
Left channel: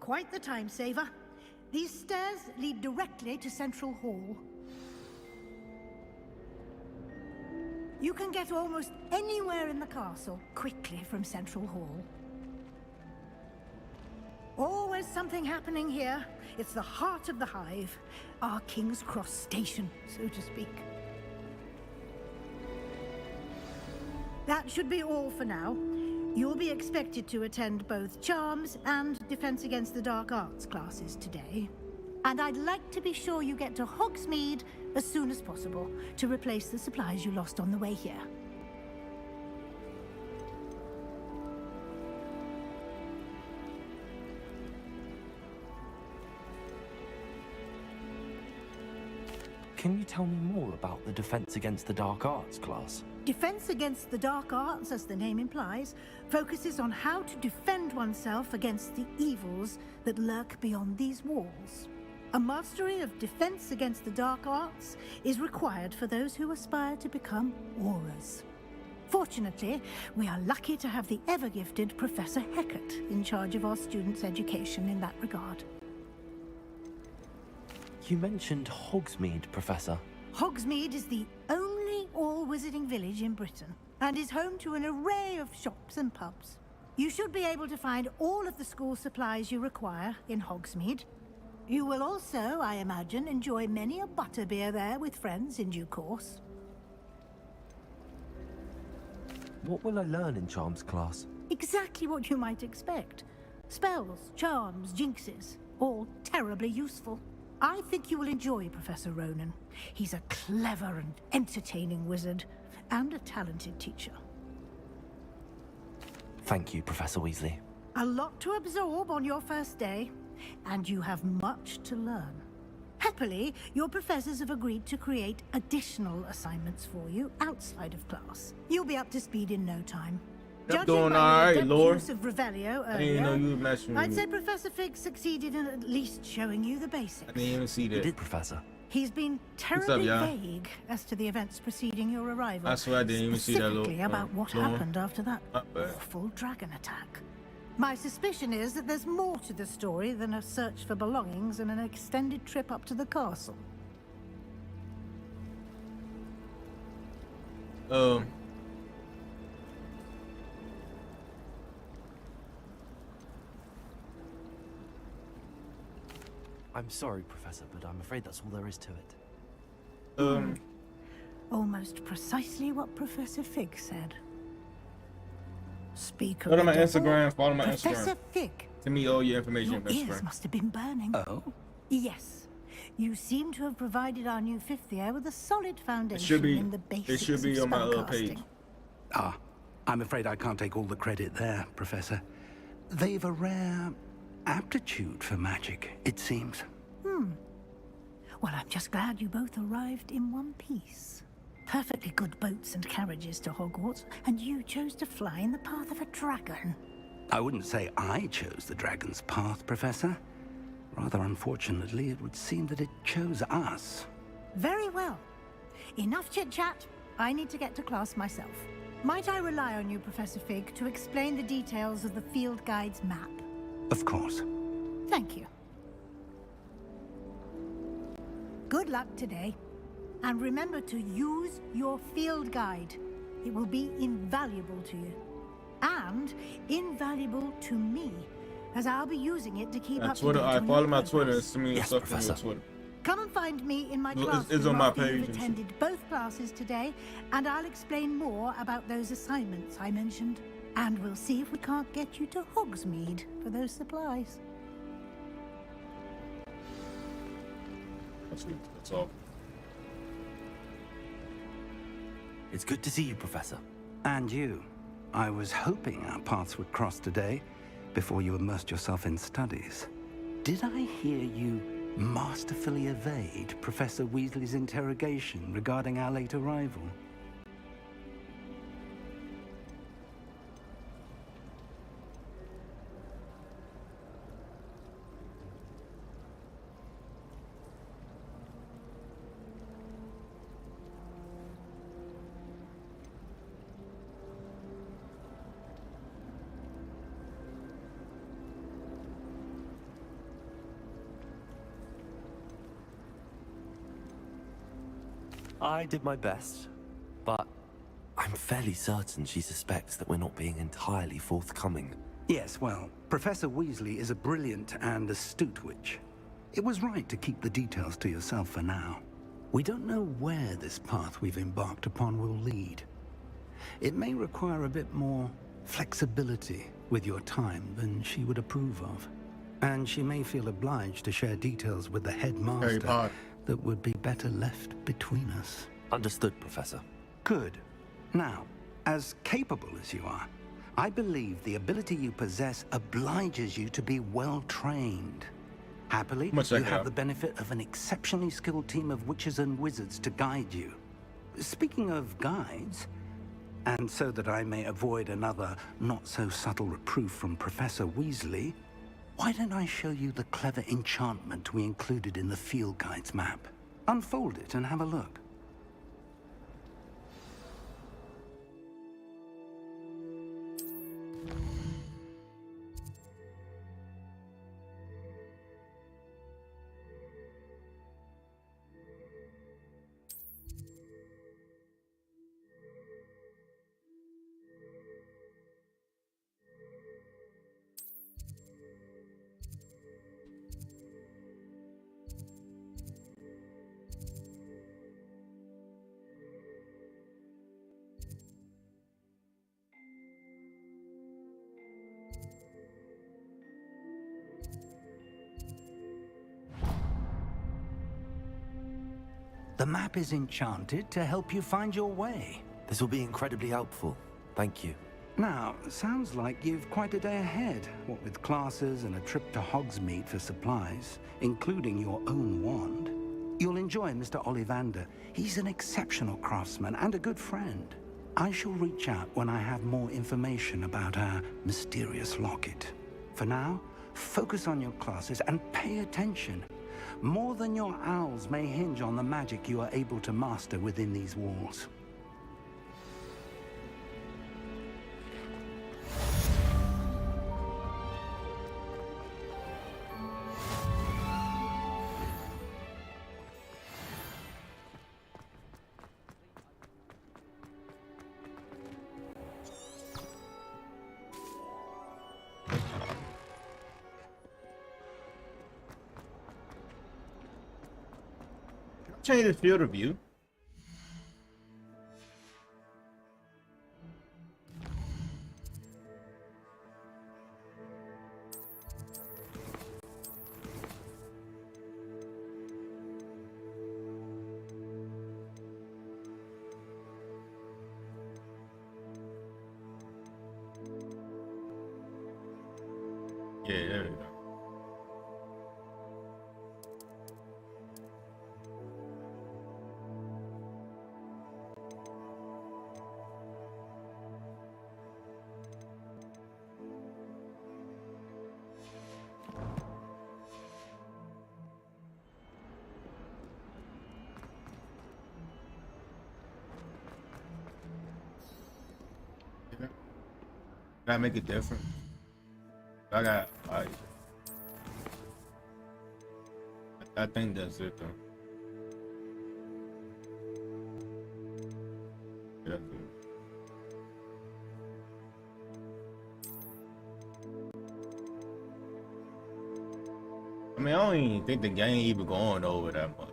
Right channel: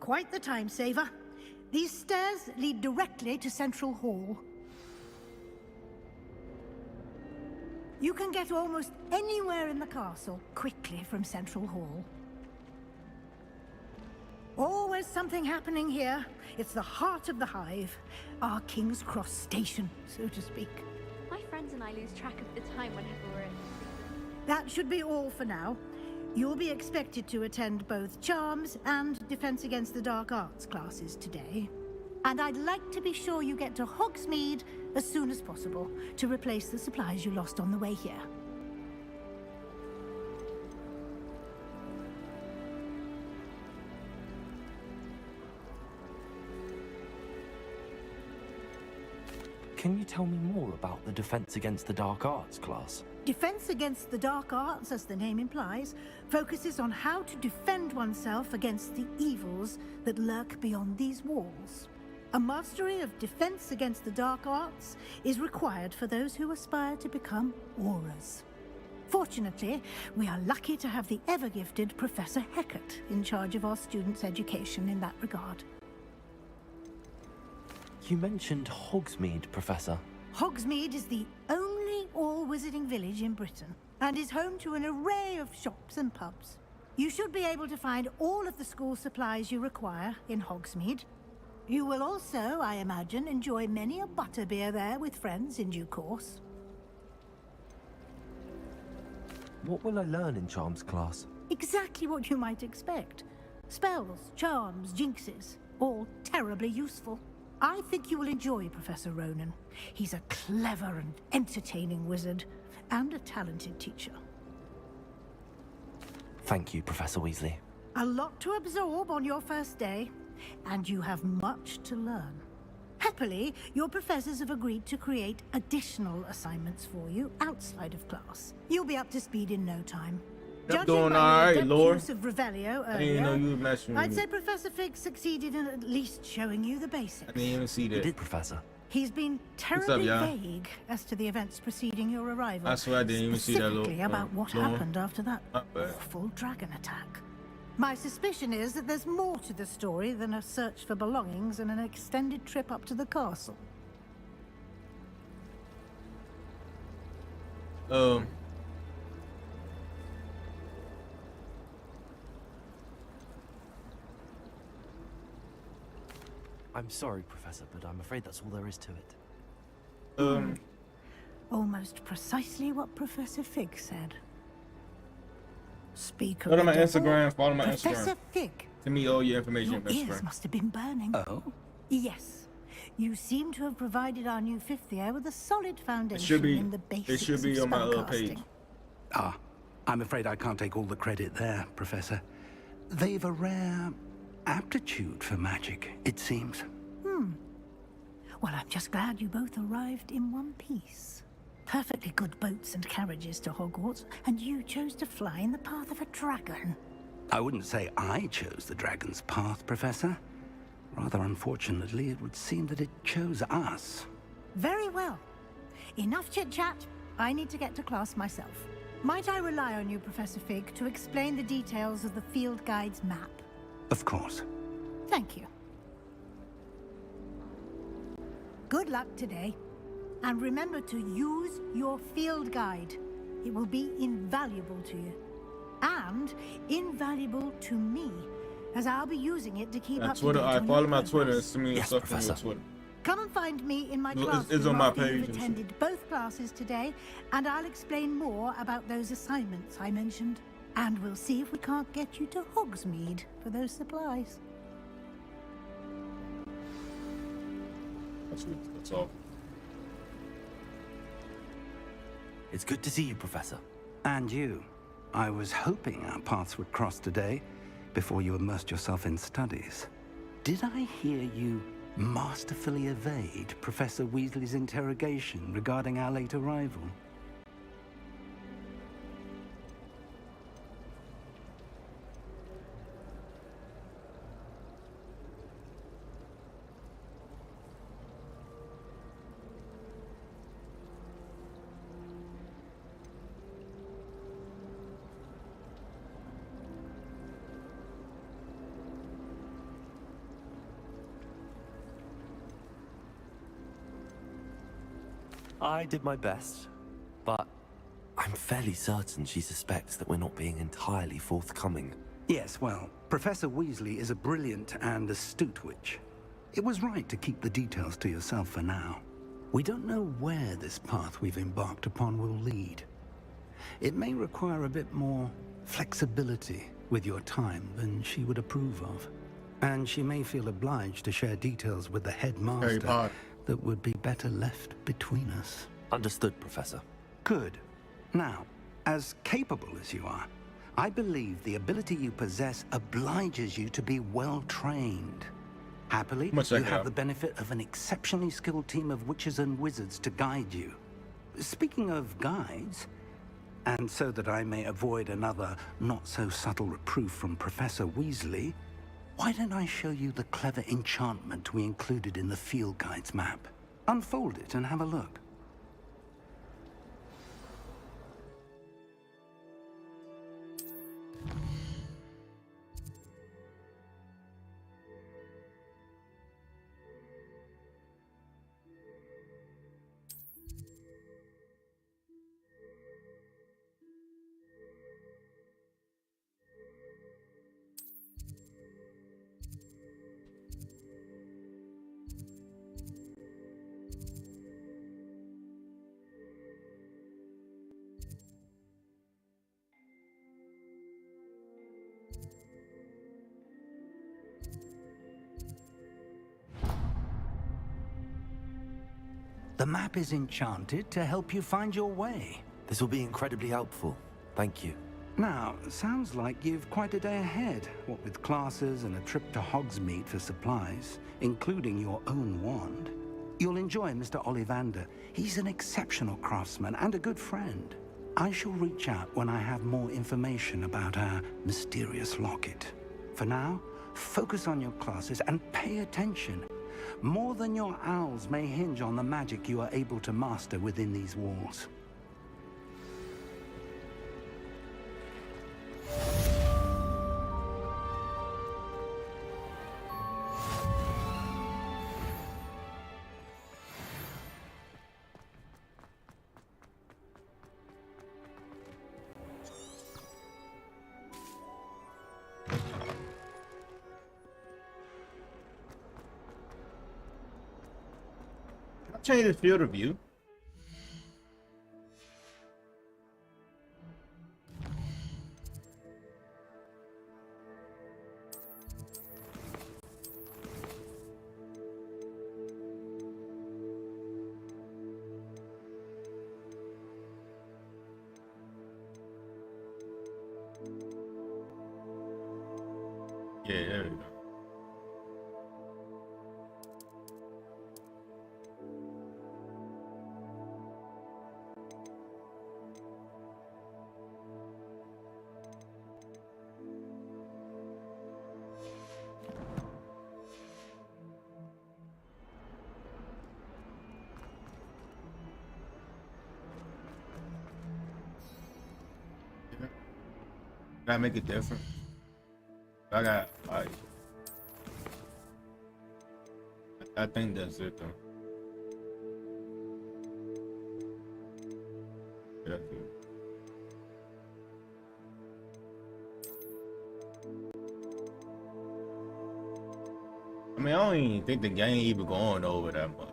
Quite the time saver. These stairs lead directly to Central Hall. You can get almost anywhere in the castle quickly from Central Hall. Always something happening here. It's the heart of the Hive. Our King's Cross station, so to speak. My friends and I lose track of the time whenever we're in. That should be all for now. You'll be expected to attend both Charms and Defense Against the Dark Arts classes today. And I'd like to be sure you get to Hogsmeade as soon as possible to replace the supplies you lost on the way here. Can you tell me more about the Defense Against the Dark Arts class? Defense Against the Dark Arts, as the name implies, focuses on how to defend oneself against the evils that lurk beyond these walls. A mastery of Defense Against the Dark Arts is required for those who aspire to become Aurors. Fortunately, we are lucky to have the ever-gifted Professor Hecat in charge of our students' education in that regard. You mentioned Hogsmeade, Professor. Hogsmeade is the only all-wizarding village in Britain, and is home to an array of shops and pubs. You should be able to find all of the school supplies you require in Hogsmeade. You will also, I imagine, enjoy many a butterbeer there with friends in due course. What will I learn in Charms class? Exactly what you might expect. Spells, charms, jinxes, all terribly useful. I think you will enjoy Professor Ronan. He's a clever and entertaining wizard, and a talented teacher. Thank you, Professor Weasley. A lot to absorb on your first day, and you have much to learn. Happily, your professors have agreed to create additional assignments for you outside of class. You'll be up to speed in no time. I'm doing alright, Lord. Use of Revelio I didn't even know earlier, you were messing with I'd me. say Professor Fig succeeded in at least showing you the basics. I didn't even see that. You did, Professor. He's been What's up, terribly y'all? vague as to the events preceding your arrival. I swear I didn't even see that little, Specifically about what Lord. happened after that Not bad. awful dragon attack. My suspicion is that there's more to the story than a search for belongings and an extended trip up to the castle. I'm sorry, Professor, but I'm afraid that's all there is to it. Almost precisely what Professor Fig said. Speak of Go to the my devil, Instagram, follow my Professor Instagram. Fig. Send me all your information, Your best ears friend. must have been burning. Oh? Yes. You seem to have provided our new fifth year with a solid foundation should be- in the it basics should be of on my other spellcasting. page. Ah, I'm afraid I can't take all the credit there, Professor. They've a rare aptitude for magic, it seems. Well, I'm just glad you both arrived in one piece. Perfectly good boats and carriages to Hogwarts, and you chose to fly in the path of a dragon. I wouldn't say I chose the dragon's path, Professor. Rather unfortunately, it would seem that it chose us. Very well. Enough chit-chat. I need to get to class myself. Might I rely on you, Professor Fig, to explain the details of the field guide's map? Of course. Thank you. Good luck today. And remember to use your field guide. It will be invaluable to you. And invaluable to me, as I'll be using it to keep up to date on follow your my progress. Twitter. Send me Yes, stuff on your Professor. Twitter. Come and find me in my It's classroom on my after page you've and shit. attended both classes today, and I'll explain more about those assignments I mentioned. And we'll see if we can't get you to Hogsmeade for those supplies. That's all. It's good to see you, Professor. And you. I was hoping our paths would cross today, before you immersed yourself in studies. Did I hear you masterfully evade Professor Weasley's interrogation regarding our late arrival? I did my best, but I'm fairly certain she suspects that we're not being entirely forthcoming. Yes, well, Professor Weasley is a brilliant and astute witch. It was right to keep the details to yourself for now. We don't know where this path we've embarked upon will lead. It may require a bit more flexibility with your time than she would approve of. And she may feel obliged to share details with the headmaster that would be better left between us. Understood, Professor. Good. Now, as capable as you are, I believe the ability you possess obliges you to be well-trained. Happily, you have the benefit of an exceptionally skilled team of witches and wizards to guide you. Speaking of guides, and so that I may avoid another not-so-subtle reproof from Professor Weasley, why don't I show you the clever enchantment we included in the field guide's map? Unfold it and have a look. The map is enchanted to help you find your way. This will be incredibly helpful. Thank you. Now, sounds like you've quite a day ahead, what with classes and a trip to Hogsmeade for supplies, including your own wand. You'll enjoy Mr. Ollivander. He's an exceptional craftsman and a good friend. I shall reach out when I have more information about our mysterious locket. For now, focus on your classes and pay attention. More than your owls may hinge on the magic you are able to master within these walls. Change the field of view. Yeah, there we go. Can I make it different? I got. I think that's it though. That's it. I mean, I don't even think the game even going over that much.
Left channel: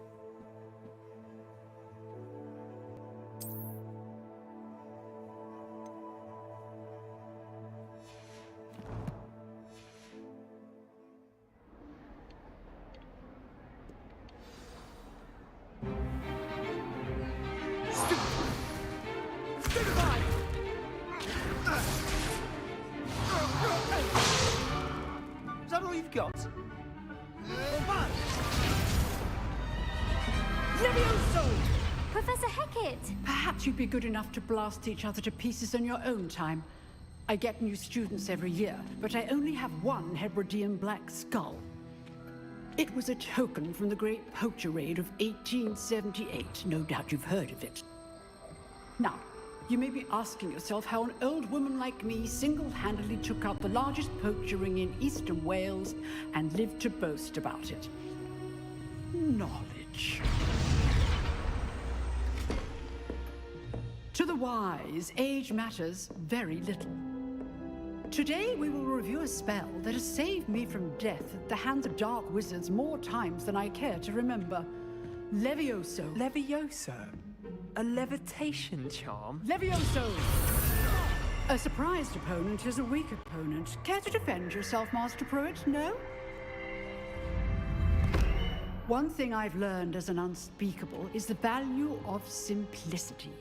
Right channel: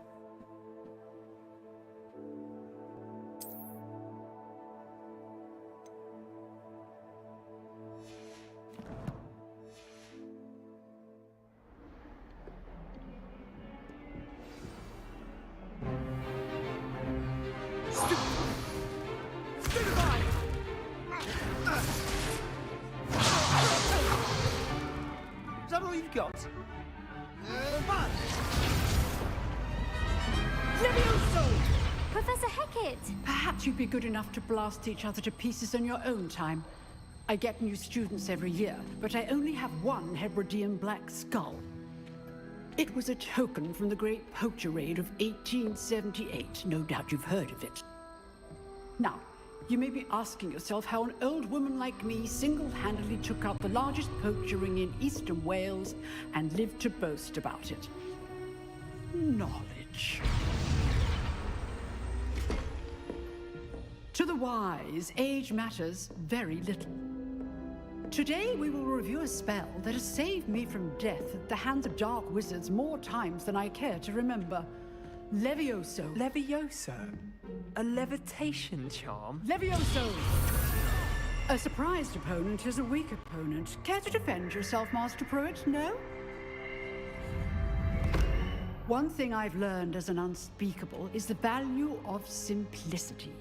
Is that all you've got? Levioso! Professor Hecat! Perhaps you'd be good enough to blast each other to pieces in your own time. I get new students every year, but I only have one Hebridean black skull. It was a token from the Great Poacher Raid of 1878. No doubt you've heard of it. Now, you may be asking yourself how an old woman like me single-handedly took out the largest poacher ring in eastern Wales and lived to boast about it. Knowledge. To the wise, age matters very little. Today we will review a spell that has saved me from death at the hands of dark wizards more times than I care to remember. Levioso. Levioso? A levitation charm? Levioso! A surprised opponent is a weak opponent. Care to defend yourself, Master Pruitt? No? One thing I've learned as an unspeakable is the value of simplicity,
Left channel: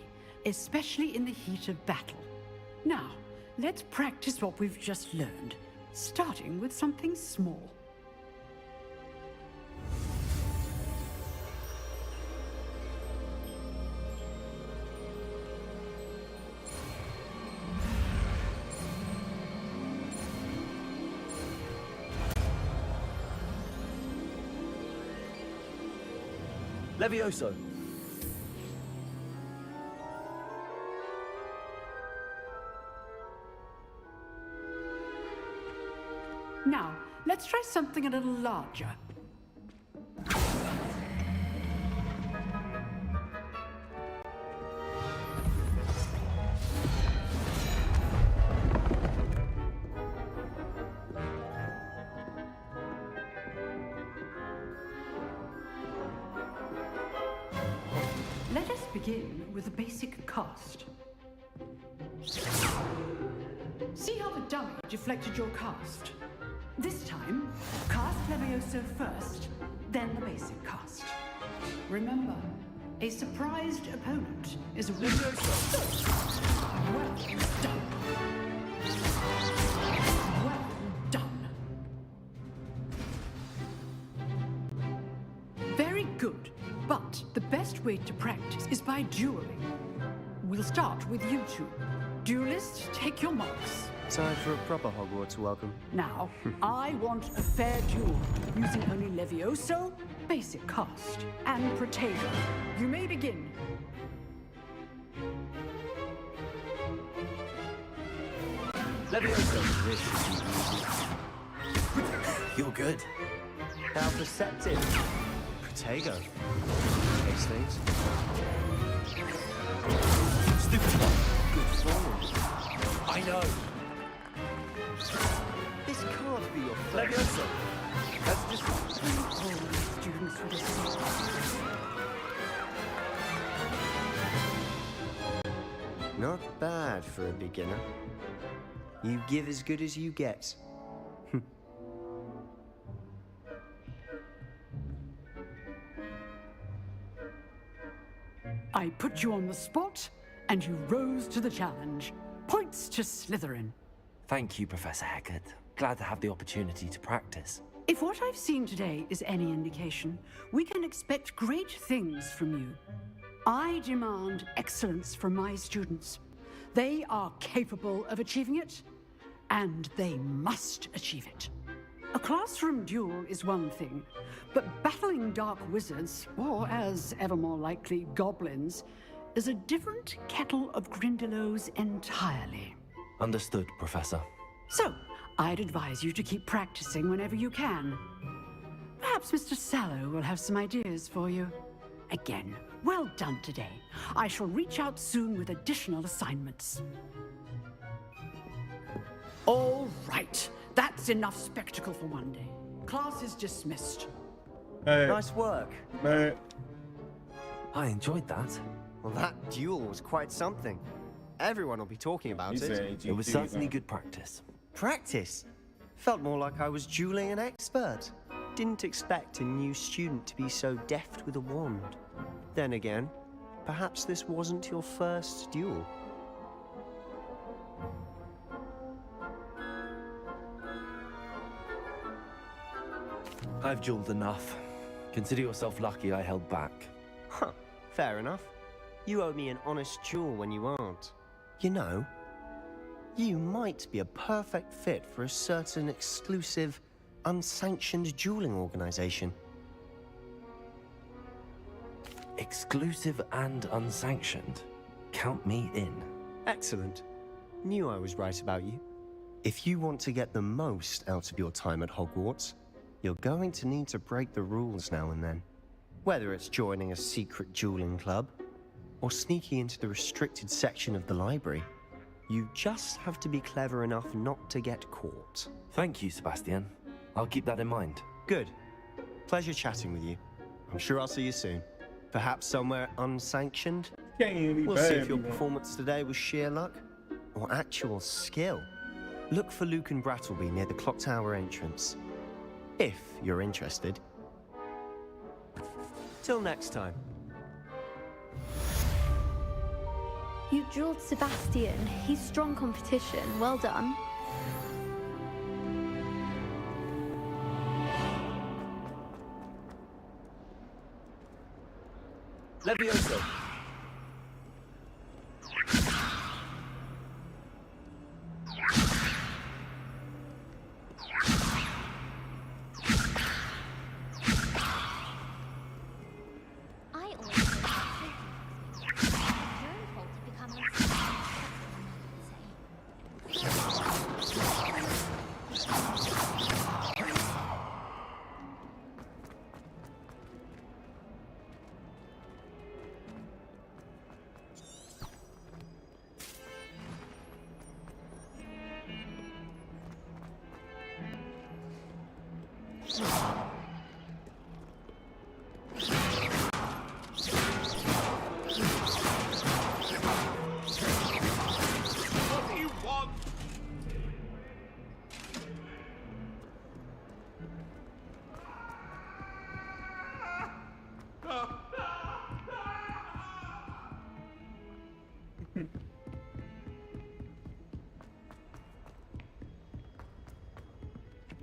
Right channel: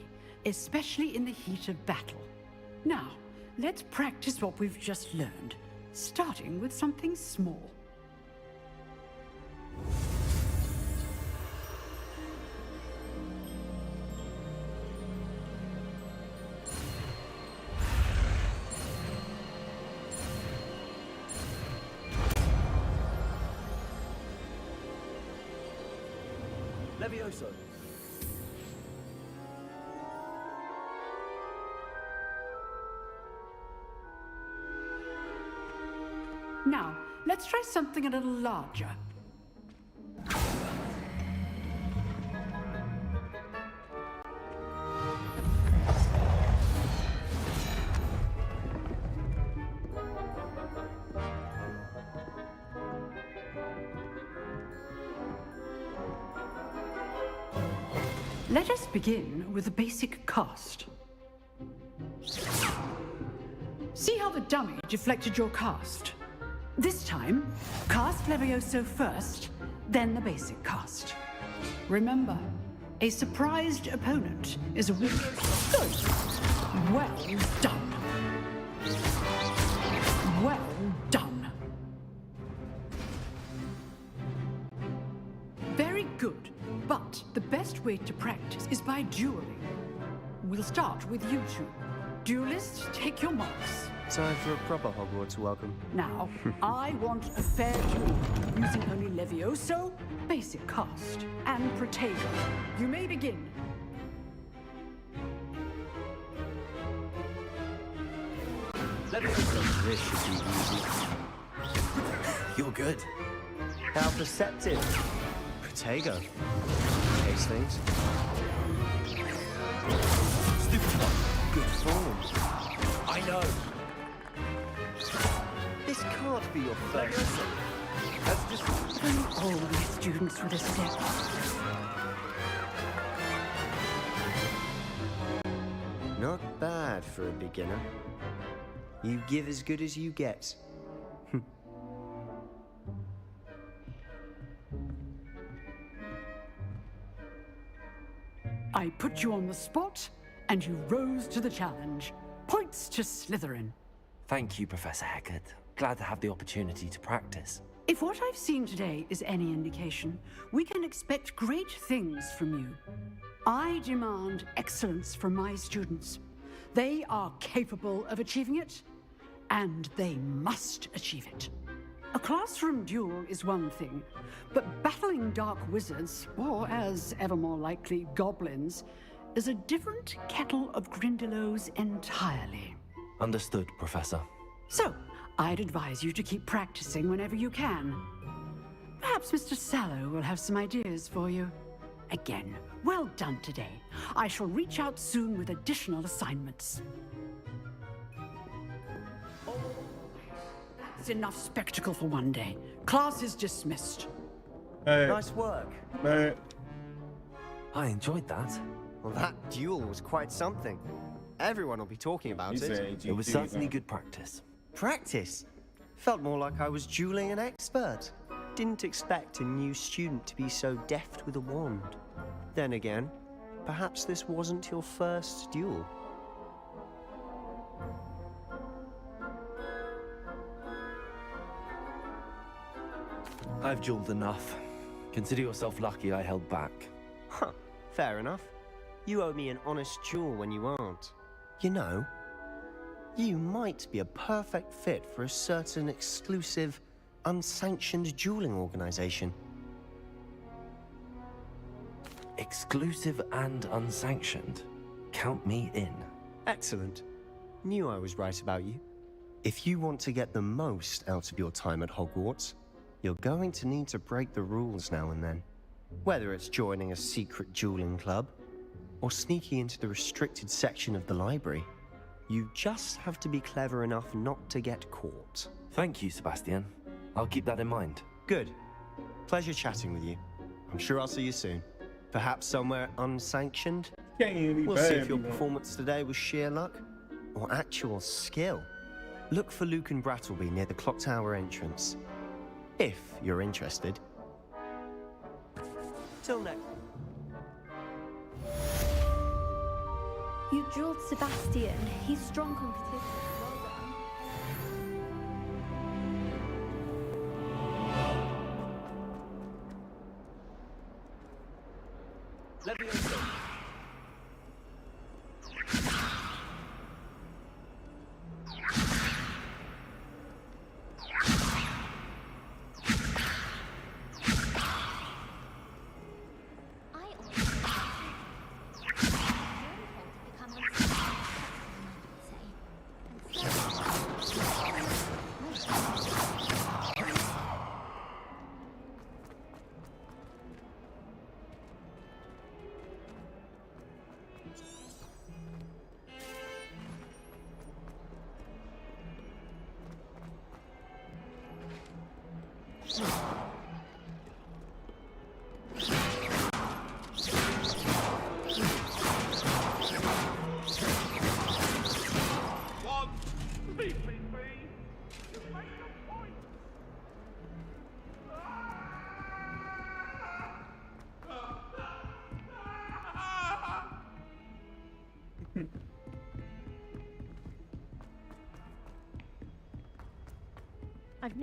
especially in the heat of battle. Now, let's practice what we've just learned, starting with something small. Levioso. Now, let's try something a little larger. Let us begin with a basic cast. See how the dummy deflected your cast? This time, cast Levioso first, then the basic cast. Remember, a surprised opponent is a weak... Good. Well done. Well done. Very good. But the best way to practice is by dueling. We'll start with you two. Duelists, take your marks. Time for a proper Hogwarts welcome. Now, I want a fair duel, using only Levioso, basic cast, and Protego. You may begin. Levioso. This should be easy. You're good. How perceptive. Protego. Case things. Stupid one. Good form. I know. This can't be your first. That's just... All my students with a step. Not bad for a beginner. You give as good as you get. I put you on the spot, and you rose to the challenge. Points to Slytherin. Thank you, Professor Hecat. Glad to have the opportunity to practice. If what I've seen today is any indication, we can expect great things from you. I demand excellence from my students. They are capable of achieving it, and they must achieve it. A classroom duel is one thing, but battling dark wizards, or as ever more likely, goblins, is a different kettle of Grindylows entirely. Understood, Professor. So, I'd advise you to keep practicing whenever you can. Perhaps Mr. Sallow will have some ideas for you. Again, well done today. I shall reach out soon with additional assignments. All right. That's enough spectacle for one day. Class is dismissed. Hey. Nice work. Man. I enjoyed that. Well, that duel was quite something. Everyone will be talking about it. It was certainly good practice. Practice? Felt more like I was dueling an expert. Didn't expect a new student to be so deft with a wand. Then again, perhaps this wasn't your first duel. I've dueled enough. Consider yourself lucky I held back. Huh, fair enough. You owe me an honest duel when you aren't. You know, you might be a perfect fit for a certain exclusive, unsanctioned dueling organization. Exclusive and unsanctioned. Count me in. Excellent. Knew I was right about you. If you want to get the most out of your time at Hogwarts, you're going to need to break the rules now and then. Whether it's joining a secret dueling club, or sneaking into the restricted section of the library, you just have to be clever enough not to get caught. Thank you, Sebastian. I'll keep that in mind. Good. Pleasure chatting with you. I'm sure I'll see you soon. Perhaps somewhere unsanctioned? We'll see if your performance today was sheer luck or actual skill. Look for Luke and Brattleby near the clock tower entrance. If you're interested. Till next time. You dueled Sebastian. He's strong competition. Well done. Levioso.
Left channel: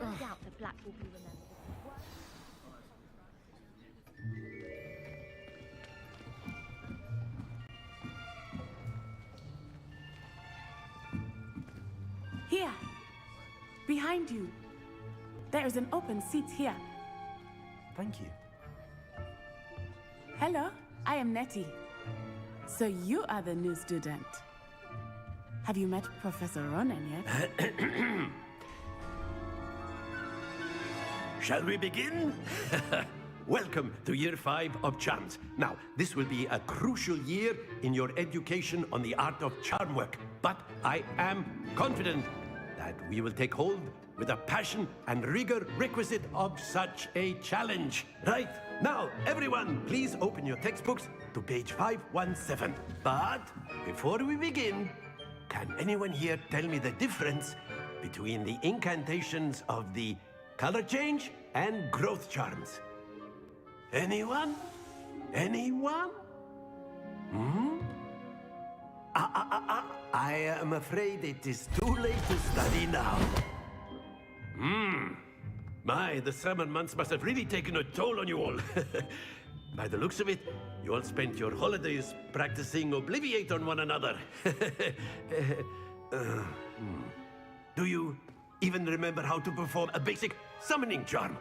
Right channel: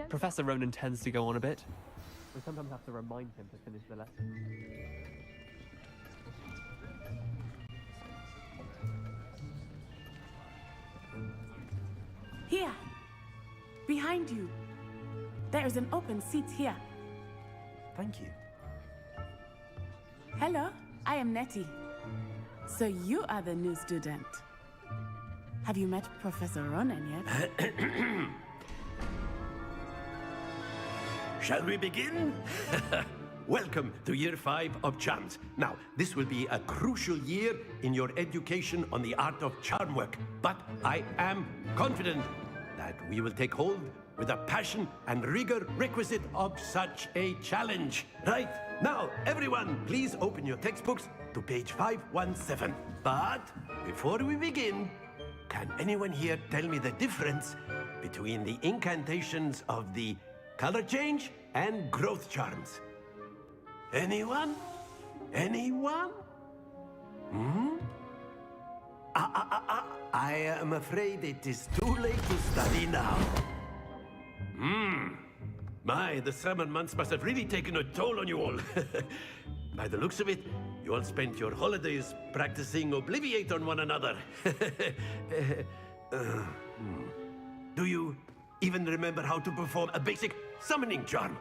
Professor Ronan tends to go on a bit. We sometimes have to remind him to finish the lesson. Here. Behind you. There is an open seat here. Thank you. Hello, I am Nettie. So you are the new student. Have you met Professor Ronan yet? Shall we begin? Welcome to Year 5 of Charms. Now, this will be a crucial year in your education on the art of charm work, but I am confident that we will take hold with the passion and rigor requisite of such a challenge. Right, now, everyone, please open your textbooks to page 517. But before we begin, can anyone here tell me the difference between the incantations of the color change and growth charms? Anyone? Anyone? I am afraid it is too late to study now. My, the summer months must have really taken a toll on you all. By the looks of it, you all spent your holidays practicing Obliviate on one another. Do you even remember how to perform a basic summoning charm?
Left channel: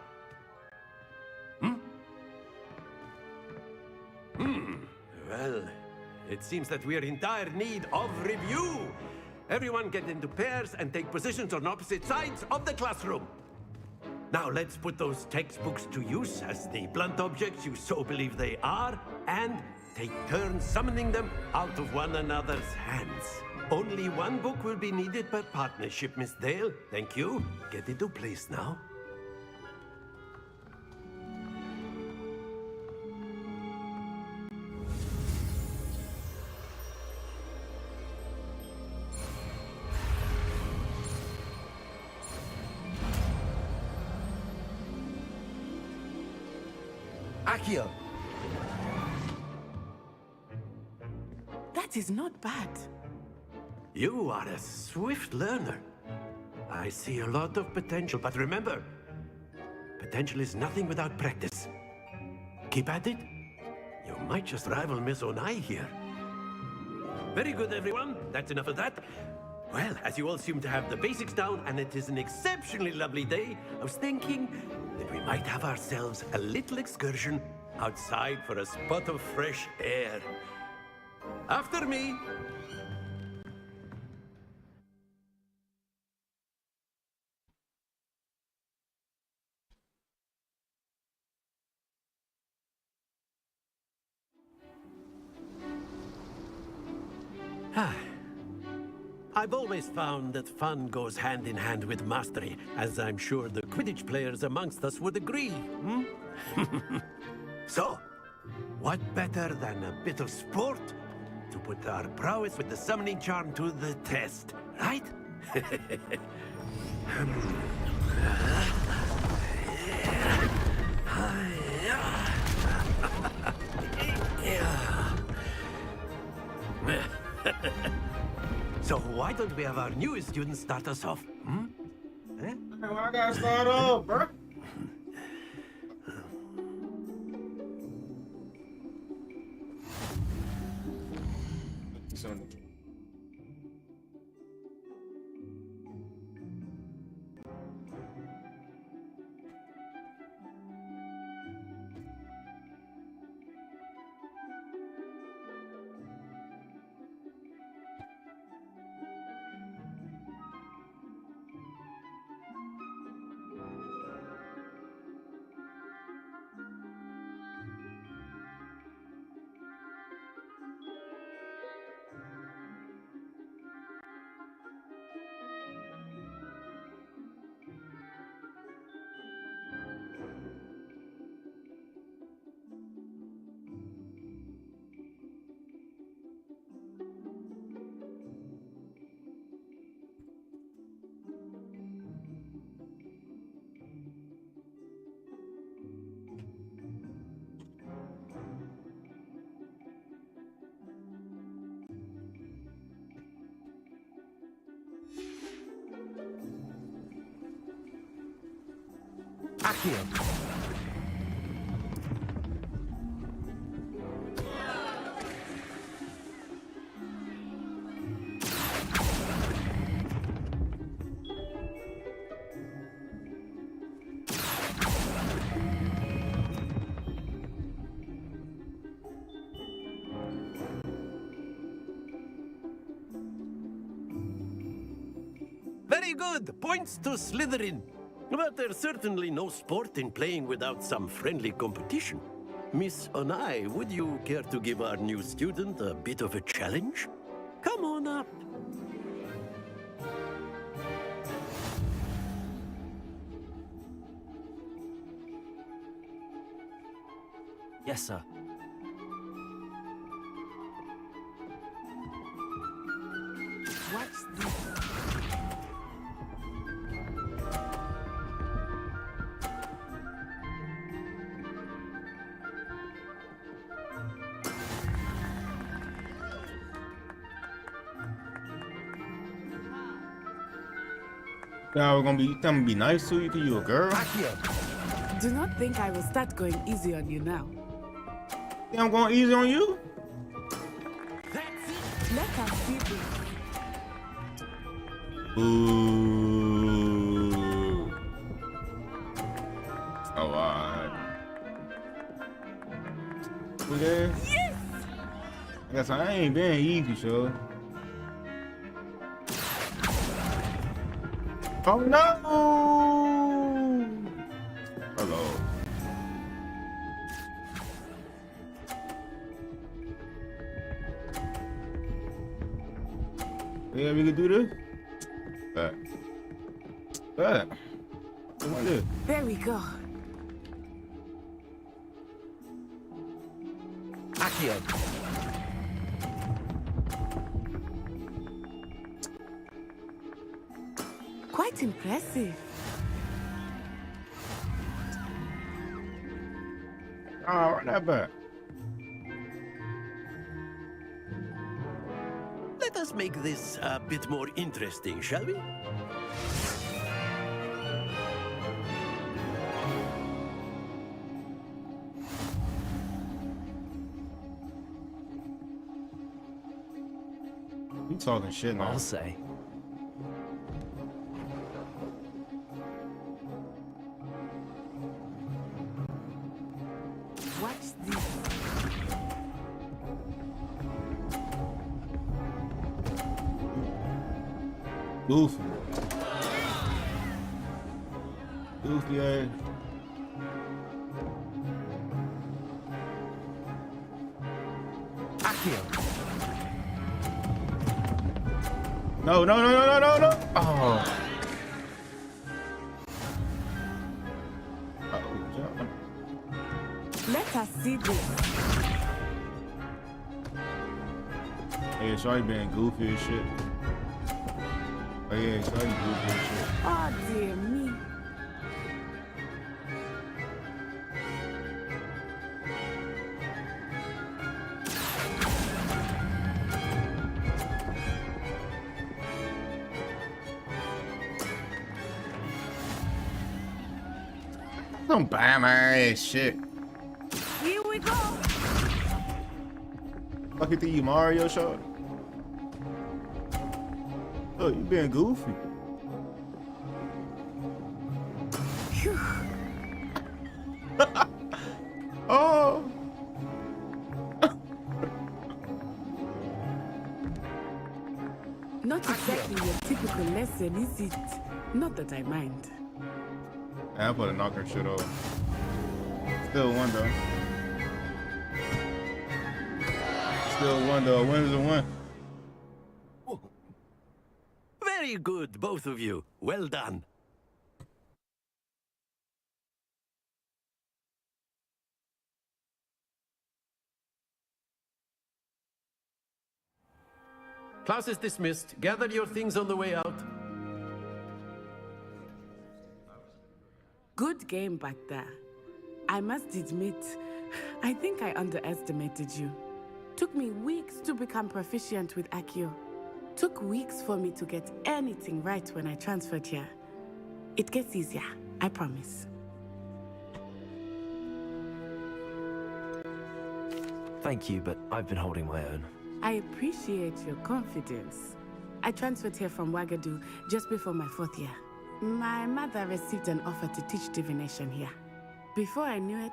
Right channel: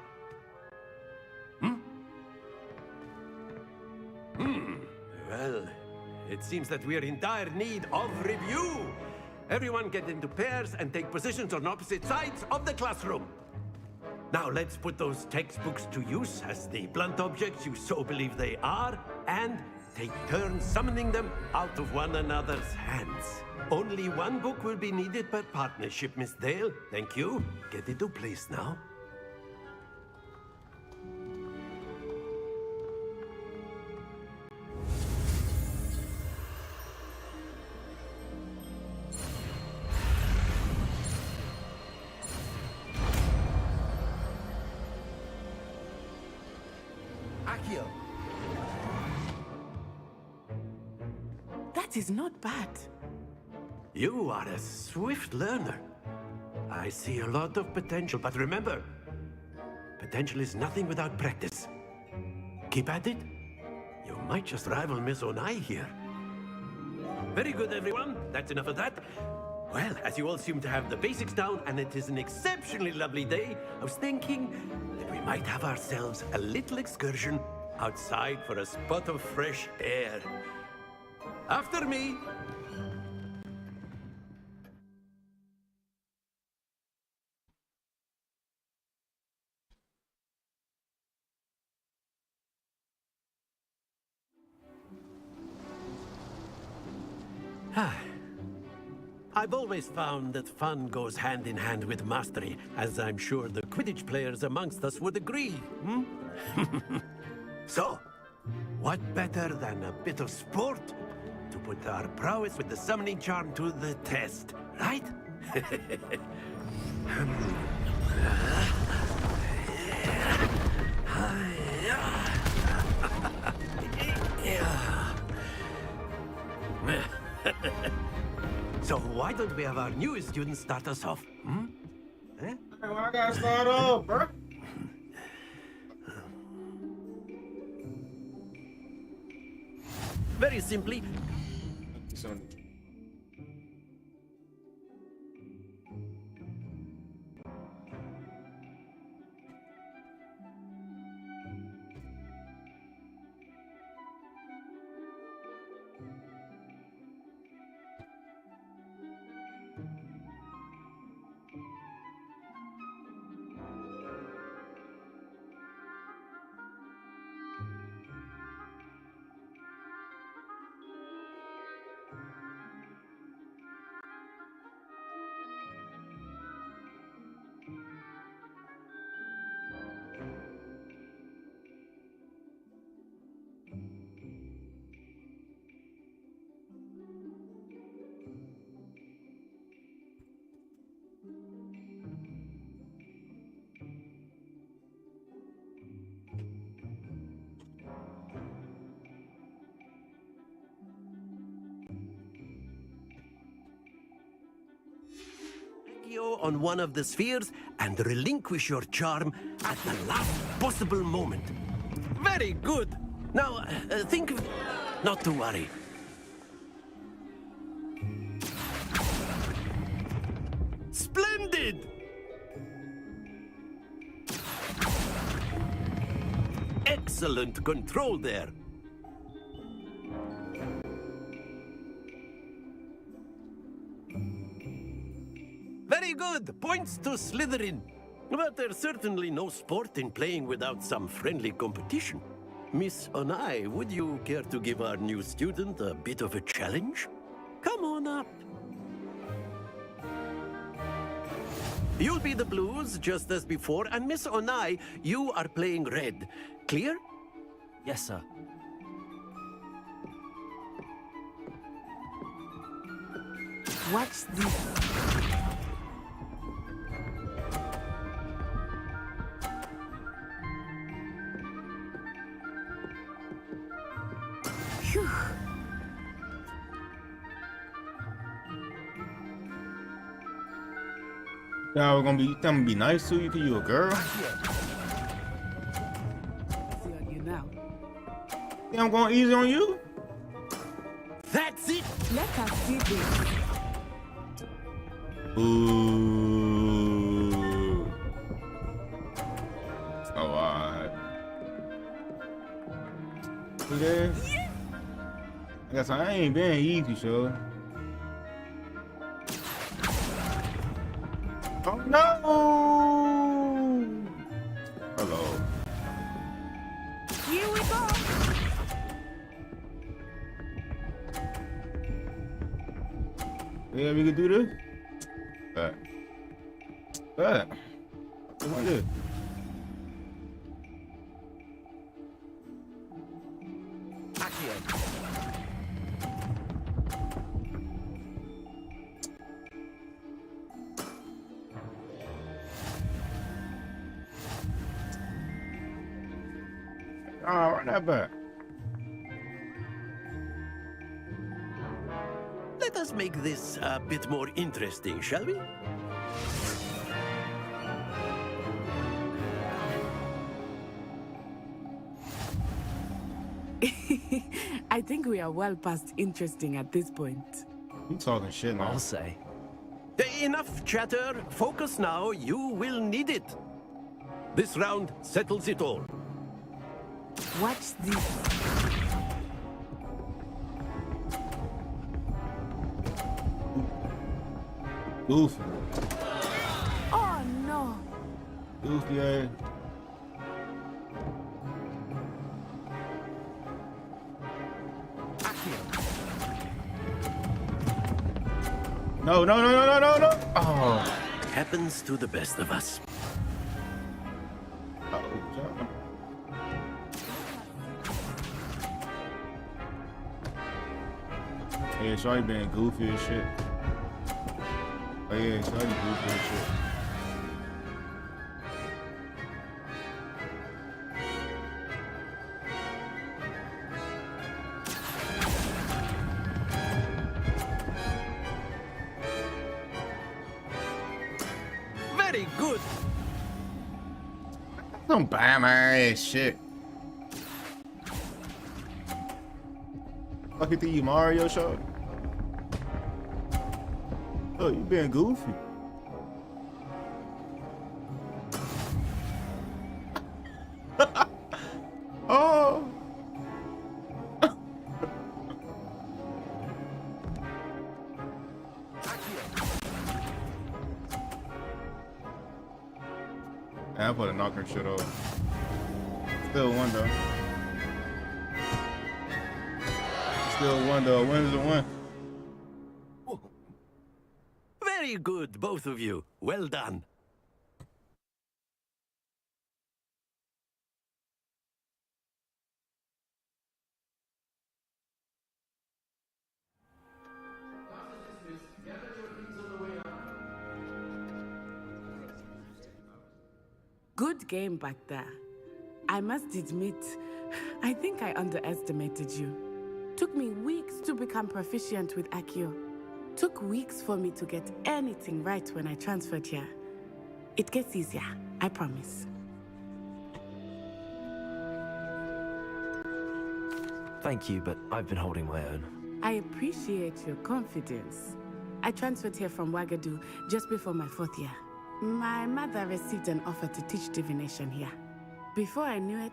Well, it seems that we are in dire need of review. Everyone get into pairs and take positions on opposite sides of the classroom. Now let's put those textbooks to use as the blunt objects you so believe they are, and take turns summoning them out of one another's hands. Only one book will be needed per partnership, Miss Dale. Thank you. Get into place now. Akio. That is not bad. You are a swift learner. I see a lot of potential, but remember, potential is nothing without practice. Keep at it. You might just rival Miss Onai here. Very good, everyone. That's enough of that. Well, as you all seem to have the basics down, and it is an exceptionally lovely day, I was thinking that we might have ourselves a little excursion outside for a spot of fresh air. After me. I've always found that fun goes hand in hand with mastery, as I'm sure the Quidditch players amongst us would agree. So, what better than a bit of sport to put our prowess with the summoning charm to the test, right? So why don't we have our newest student start us off? Eh? Well, I gotta start off, bro. Very simply. On one of the spheres and relinquish your charm at your last possible moment. Very good. Now, think of... Not to worry. Splendid! Excellent control there. Very good! Points to Slytherin. But there's certainly no sport in playing without some friendly competition. Miss Onai, would you care to give our new student a bit of a challenge? Come on up. You'll be the blues, just as before, and Miss Onai, you are playing red. Clear? Yes, sir. Watch this. Y'all gonna be nice to you because you a girl? Do not think I will start going easy on you now. Yeah, I'm going easy on you? That's it! Let us see this. Ooh. Oh, alright. Okay. Yes! I guess I ain't been easy, sure. Oh no! Hello. Here we go. Yeah, we can do this. Back. Back. Come on, this. There we go. Accio. Quite impressive. Oh, run that back. Let us make this a bit more interesting, shall we? I think we are well past interesting at this point. You talking shit now. I'll say. Enough chatter. Focus now. You will need it. This round settles it all. Watch this. Goofy. Oh no. Goofy ass. No, no, no, no, no, no, no. Oh. Happens to the best of us. Uh-oh. Let us see this. Hey, Shorty being goofy as shit. Oh yeah, Shorty goofy as shit. Oh dear me. Very good. Don't buy my ass shit. Here we go. Fuck you think you Mario Shorty? Oh, you being goofy. Oh. Not exactly your typical lesson, is it? Not that I mind. I put a knocker shit off. Still one though. Still one though. Win is a win. Very good, both of you. Well done. Class is dismissed. Gather your things on the way out. Good game back there. I must admit, I think I underestimated you. Took me weeks to become proficient with Accio. Took weeks for me to get anything right when I transferred here. It gets easier, I promise. Thank you, but I've been holding my own. I appreciate your confidence. I transferred here from Wagadu just before my 4th year. My mother received an offer to teach divination here. Before I knew it,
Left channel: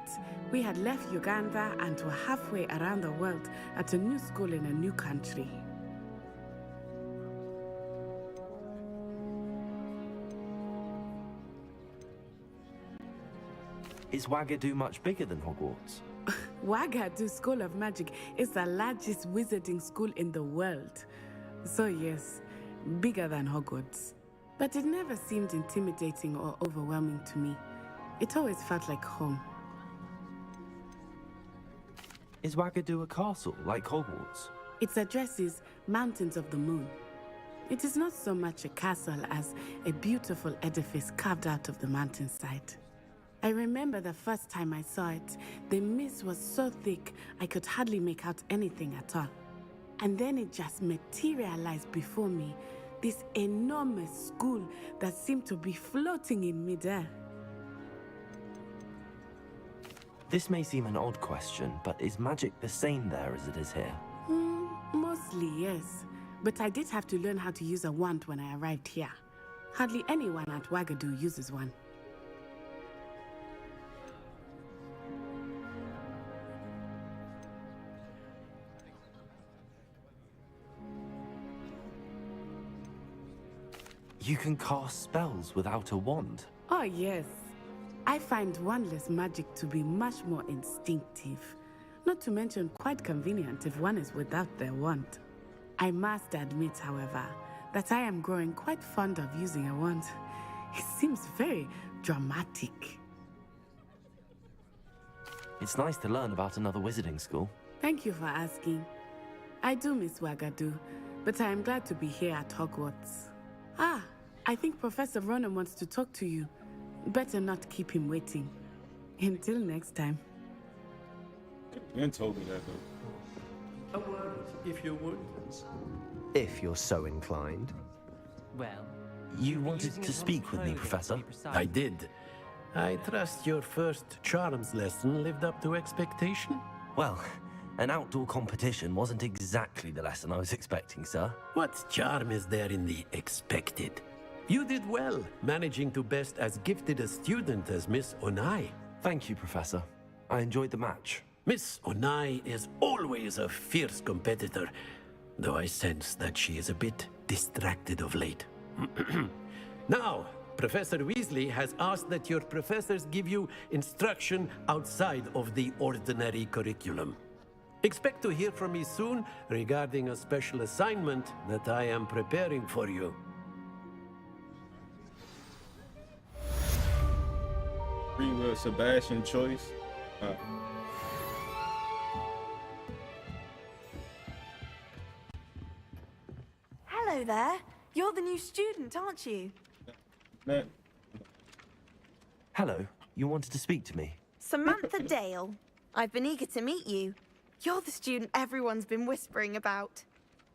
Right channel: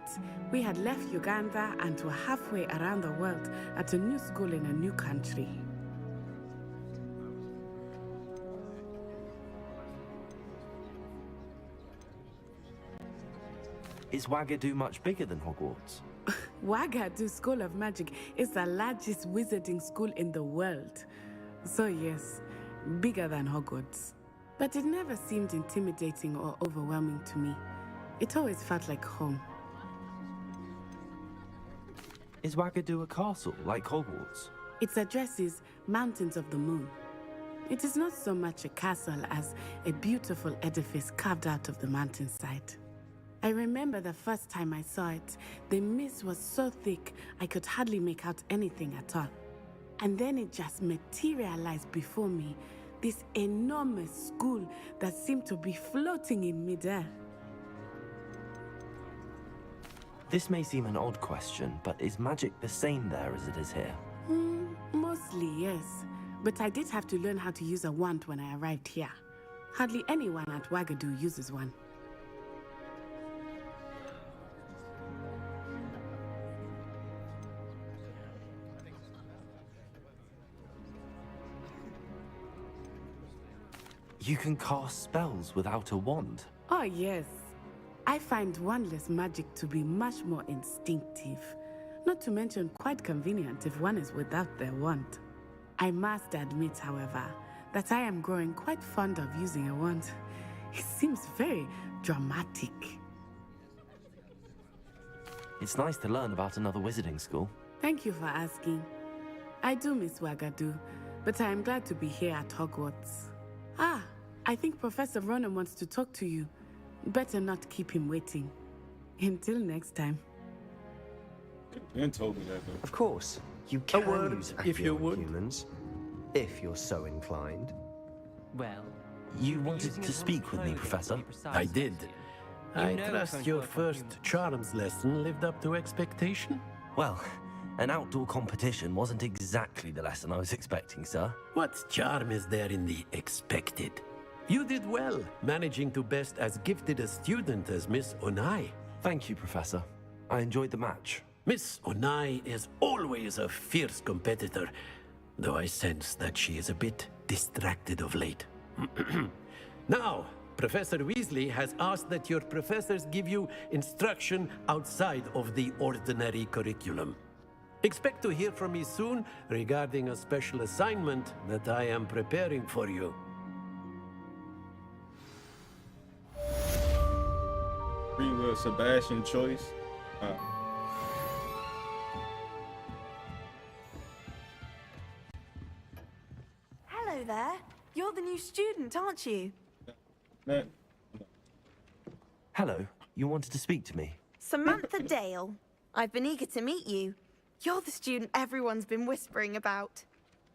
we had left Uganda and were halfway around the world at a new school in a new country. Is Wagadu much bigger than Hogwarts? Wagadu School of Magic is the largest wizarding school in the world. So yes, bigger than Hogwarts. But it never seemed intimidating or overwhelming to me. It always felt like home. Is Wagadu a castle like Hogwarts? Its address is Mountains of the Moon. It is not so much a castle as a beautiful edifice carved out of the mountainside. I remember the first time I saw it, the mist was so thick I could hardly make out anything at all. And then it just materialized before me, this enormous school that seemed to be floating in midair. This may seem an odd question, but is magic the same there as it is here? Mostly, yes. But I did have to learn how to use a wand when I arrived here. Hardly anyone at Wagadu uses one. You can cast spells without a wand? Oh, yes. I find wandless magic to be much more instinctive. Not to mention quite convenient if one is without their wand. I must admit, however, that I am growing quite fond of using a wand. It seems very dramatic. It's nice to learn about another wizarding school. Thank you for asking. I do miss Wagadu, but I am glad to be here at Hogwarts. Ah, I think Professor Ronan wants to talk to you. Better not keep him waiting. Until next time. You told me that, though. Of course. You can use if you would. Humans, if you're so inclined. Well, you wanted to speak with me, Professor? I did. I trust your first charms lesson lived up to expectation? Well, an outdoor competition wasn't exactly the lesson I was expecting, sir. What charm is there in the expected? You did well, managing to best as gifted a student as Miss Onai. Thank you, Professor. I enjoyed the match. Miss Onai is always a fierce competitor, though I sense that she is a bit distracted of late. Now, Professor Weasley has asked that your professors give you instruction outside of the ordinary curriculum. Expect to hear from me soon regarding a special assignment that I am preparing for you. Free will Sebastian choice. Hello there. You're the new student, aren't you? Hello. You wanted to speak to me? Samantha Dale. I've been eager to meet you. You're the student everyone's been whispering about.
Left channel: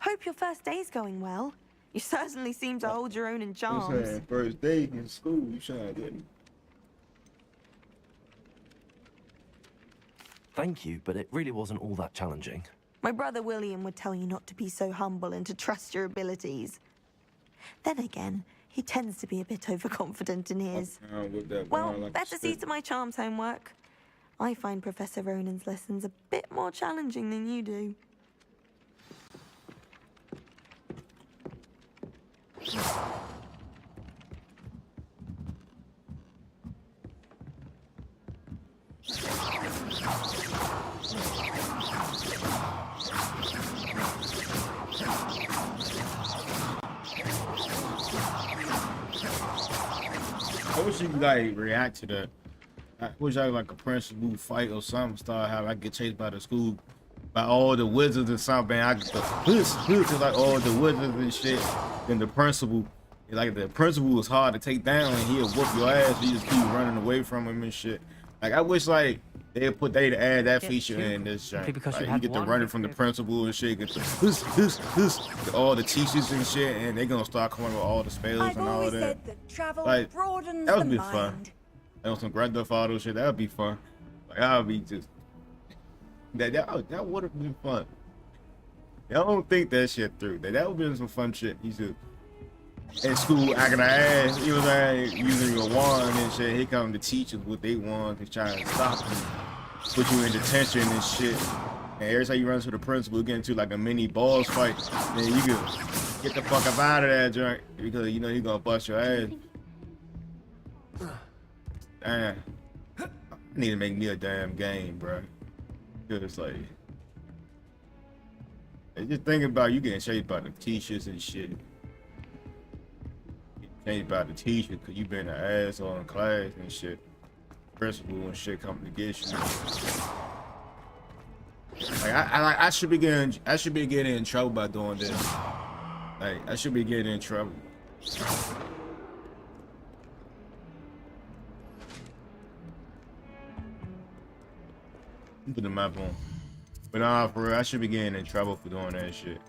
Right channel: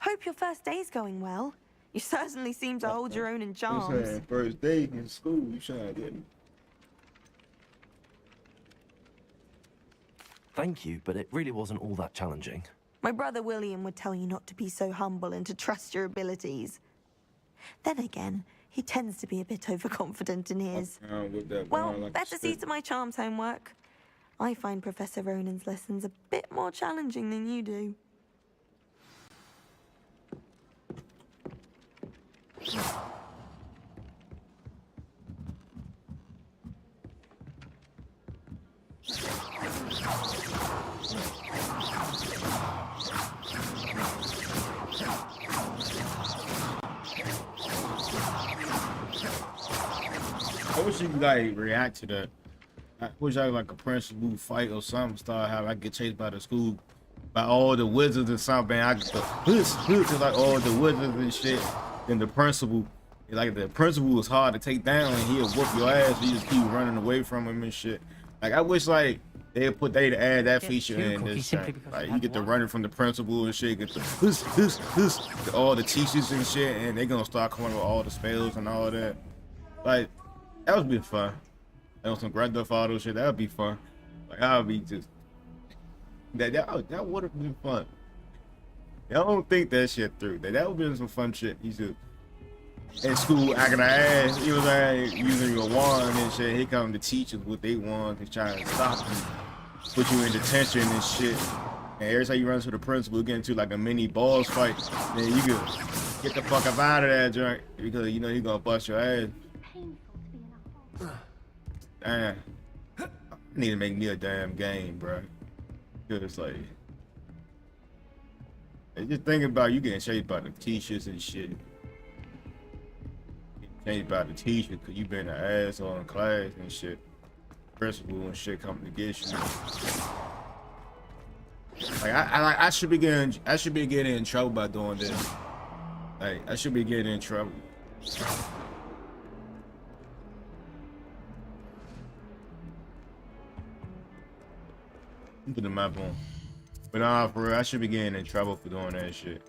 Hope your first day's going well. You certainly seem to hold your own in charms. First day in school, you shine, didn't. Thank you, but it really wasn't all that challenging. My brother William would tell you not to be so humble and to trust your abilities. Then again, he tends to be a bit overconfident in his. Well, better see to my charms homework. I find Professor Ronan's lessons a bit more challenging than you do. I wish you could like react to that. I wish I like a principal fight or something. Start how I get chased by the school, by all the wizards or something. I get to like all the wizards and shit. Then the principal, like the principal was hard to take down, and he'll whoop your ass. You just keep running away from him and shit. Like I wish like they'd add that feature in this shit. Like you get to running from the principal and shit. Get the all the teachers and shit, and they gonna start coming with all the spells and all that. Like that would be fun. That was some Grand Theft Auto shit. That would be fun. Like that would be just that would have been fun. Y'all don't think that shit through. That would be some fun shit. You should in school acting an ass. You was like using your wand and shit. Here come the teachers with their wands and trying to stop you, put you in detention and shit. And every time you run to the principal, get into like a mini boss fight, then you can get the fuck up out of that joint because you know you're gonna bust your ass. Damn. I need to make me a damn game, bro. Cause like, just think about you getting chased by the teachers and shit. Getting chased by the teacher cause you been an asshole in class and shit. Principal and shit coming to get you. Like I should be getting in trouble by doing this. Like I should be getting in trouble. Put the map on. But nah, for real, I should be getting in trouble for doing that shit.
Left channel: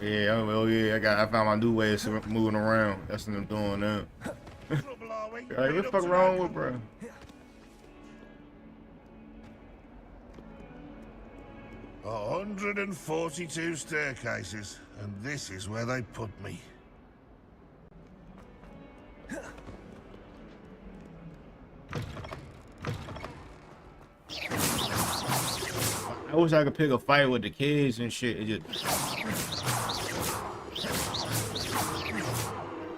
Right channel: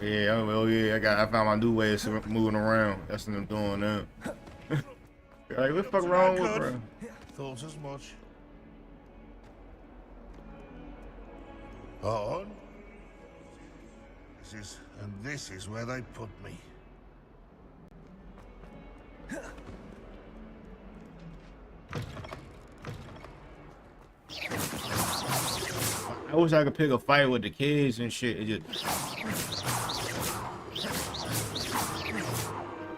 Yeah, oh yeah, I found my new ways of moving around. That's what I'm doing now. Like, what the fuck wrong with bro? Thought as much. 142 staircases, and this is where they put me. I wish I could pick a fight with the kids and shit.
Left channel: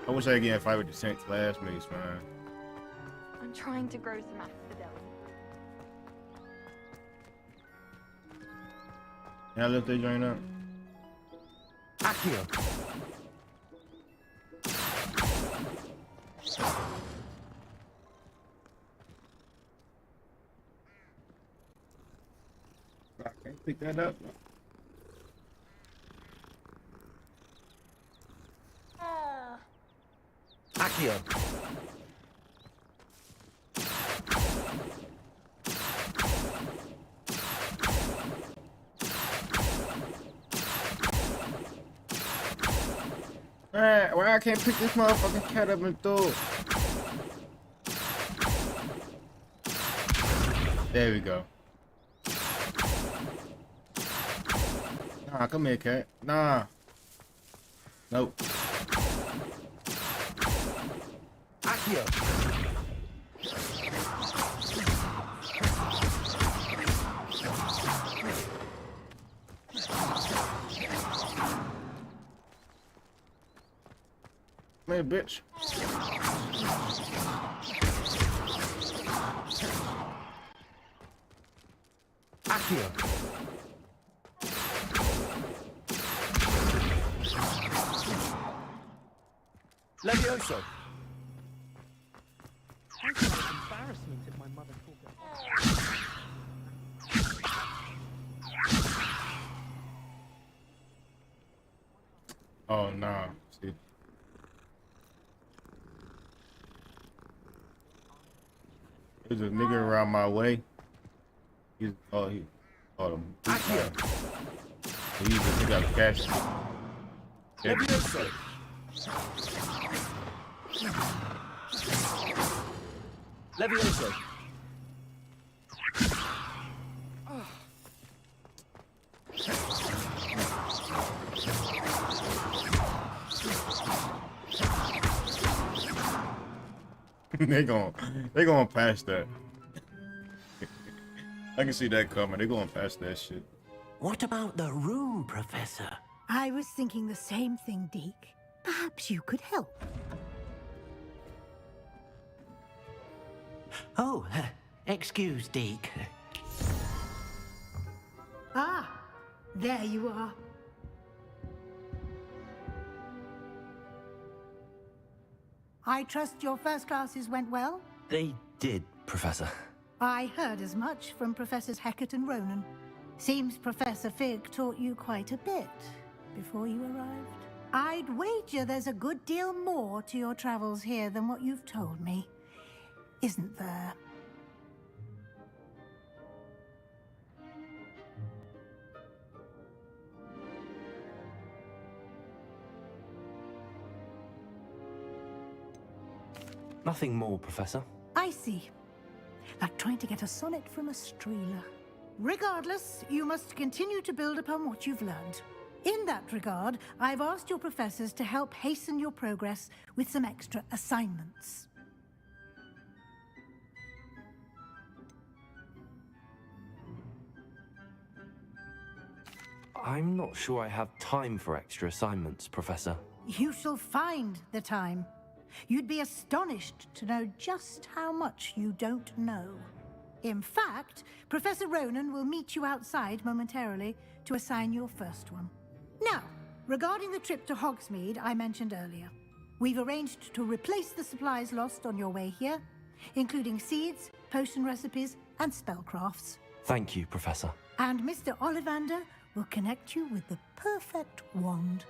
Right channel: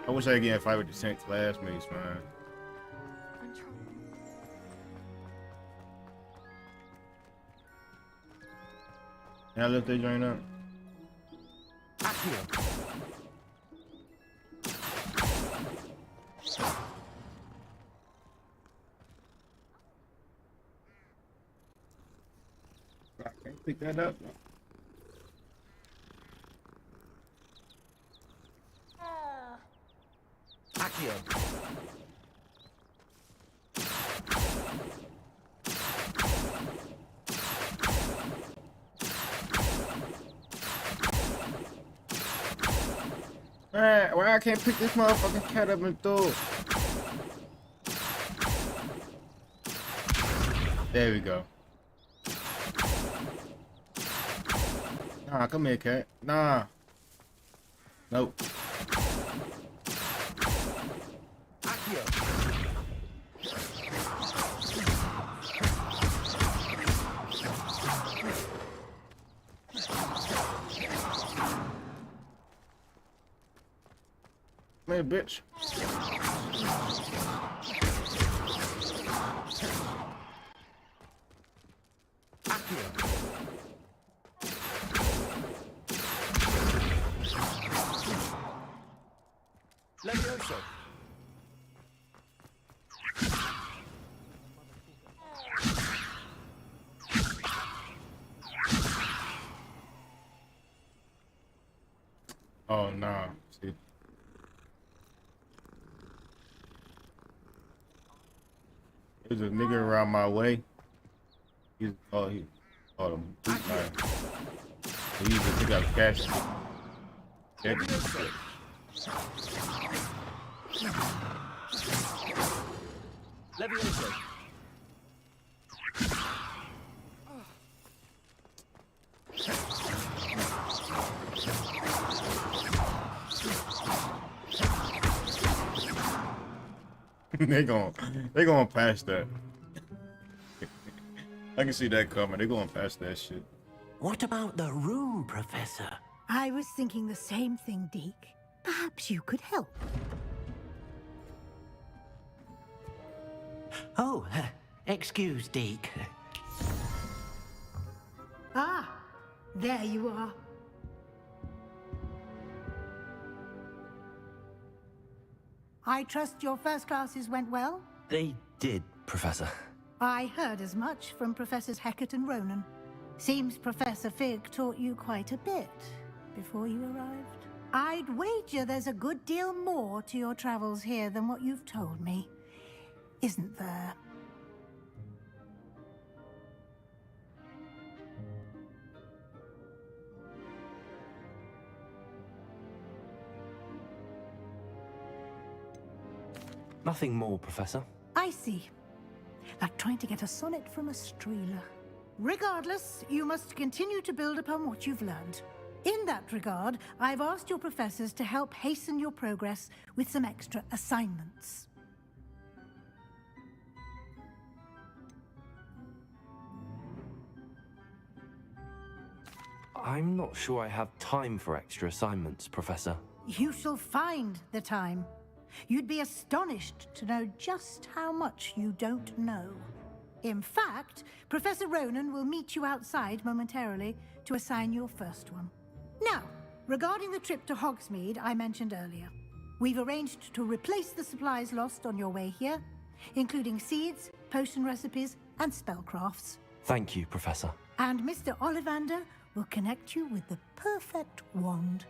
I wish I could get a fight with the Saint classmates, man. I'm trying to grow some. Can I lift that joint up? Accio. I can't pick that up. Accio. Why I can't pick this motherfucking cat up and throw it? There we go. Nah, come here, cat. Nah. Nope. Accio. Come here, bitch. Accio. Levioso. Oh no. See. There's a nigga around my way. He's him. He used to pick up cash. Levioso. they gonna pass that. I can see that coming. They're going past that shit. What about the room, Professor? I was thinking the same thing, Deke. Perhaps you could help. Oh, excuse, Deke. Ah, there you are. I trust your first classes went well? They did, Professor. I heard as much from Professors Hecat and Ronan. Seems Professor Fig taught you quite a bit before you arrived. I'd wager there's a good deal more to your travels here than what you've told me. Isn't there? Nothing more, Professor. I see. Like trying to get a sonnet from a streeler. Regardless, you must continue to build upon what you've learned. In that regard, I've asked your professors to help hasten your progress with some extra assignments. I'm not sure I have time for extra assignments, Professor. You shall find the time. You'd be astonished to know just how much you don't know. In fact, Professor Ronan will meet you outside momentarily to assign your first one. Now, regarding the trip to Hogsmeade I mentioned earlier, we've arranged to replace the supplies lost on your way here, including seeds, potion recipes, and spellcrafts. Thank you, Professor. And Mr. Ollivander will connect you with the perfect wand.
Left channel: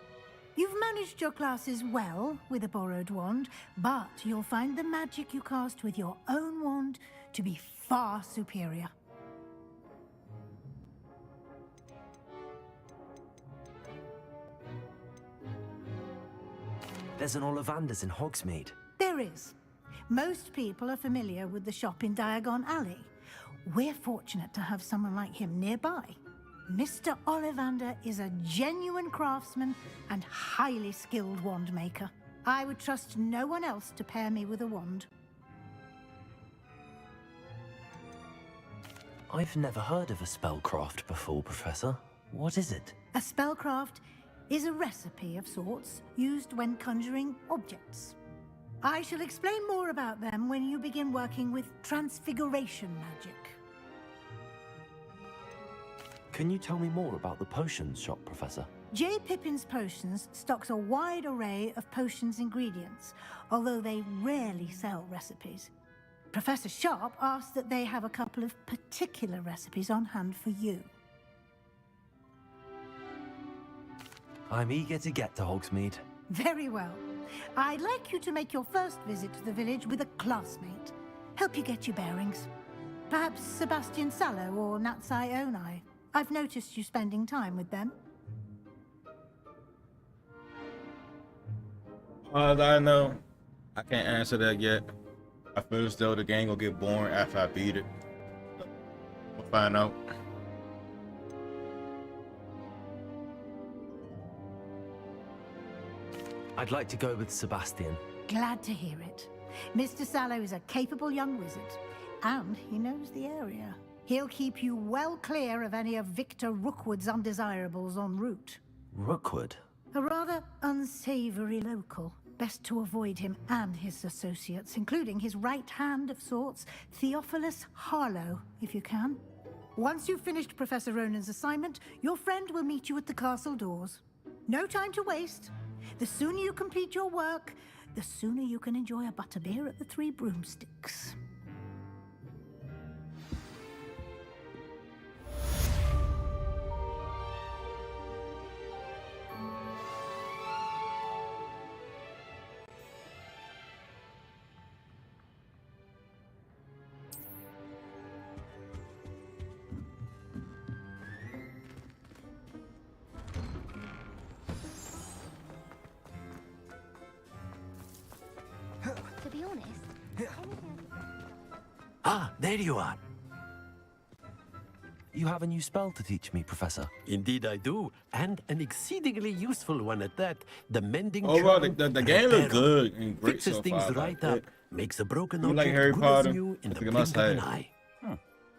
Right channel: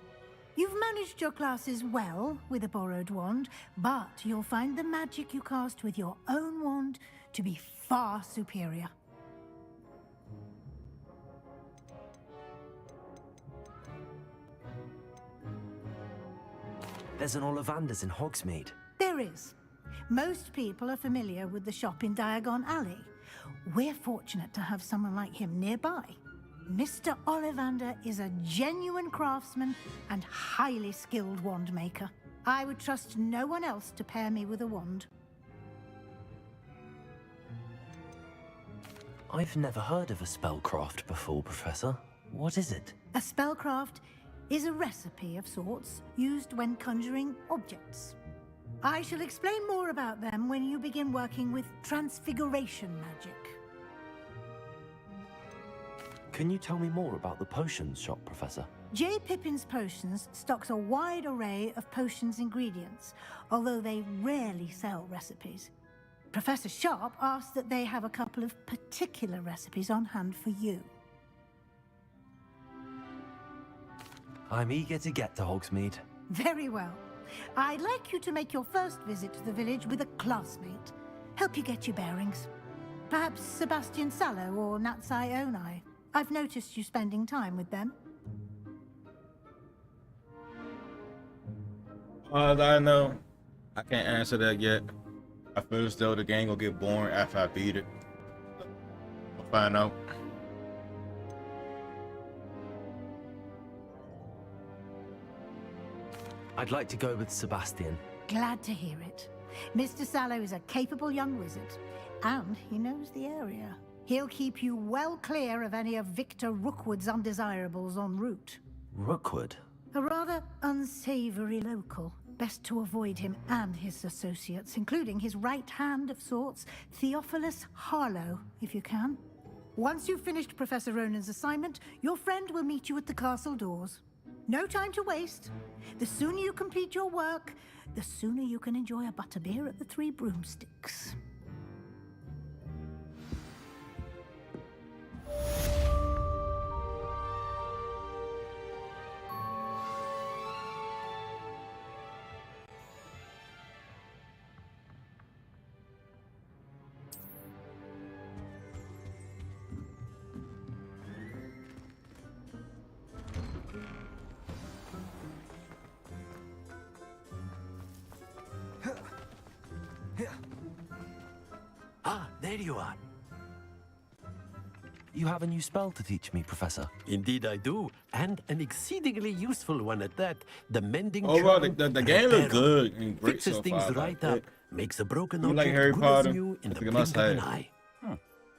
You've managed your classes well with a borrowed wand, but you'll find the magic you cast with your own wand to be far superior. There's an Ollivander's in Hogsmeade. There is. Most people are familiar with the shop in Diagon Alley. We're fortunate to have someone like him nearby. Mr. Ollivander is a genuine craftsman and highly skilled wand maker. I would trust no one else to pair me with a wand. I've never heard of a spellcraft before, Professor. What is it? A spellcraft is a recipe of sorts used when conjuring objects. I shall explain more about them when you begin working with transfiguration magic. Can you tell me more about the potions shop, Professor? J. Pippin's Potions stocks a wide array of potions ingredients, although they rarely sell recipes. Professor Sharp asked that they have a couple of particular recipes on hand for you. I'm eager to get to Hogsmeade. Very well. I'd like you to make your first visit to the village with a classmate. Help you get your bearings. Perhaps Sebastian Sallow or Natsai Onai. I've noticed you spending time with them. I know. I can't answer that yet. I feel as though the game will get boring after I beat it. We'll find out. I'd like to go with Sebastian. Glad to hear it. Mr. Sallow is a capable young wizard, and he knows the area. He'll keep you well clear of any of Victor Rookwood's undesirables en route. Rookwood? A rather unsavory local. Best to avoid him and his associates, including his right hand of sorts, Theophilus Harlow, if you can. Once you've finished Professor Ronan's assignment, your friend will meet you at the castle doors. No time to waste. The sooner you complete your work, the sooner you can enjoy a butterbeer at the Three Broomsticks. Ah, there you are. You have a new spell to teach me, Professor. Indeed I do, and an exceedingly useful one at that. The mending Overall, charm the game looks Reparo. good and great Fixes so things far. right Like up, makes a broken you object like Harry good Potter? as new in It's the like a blink of an must-have. eye.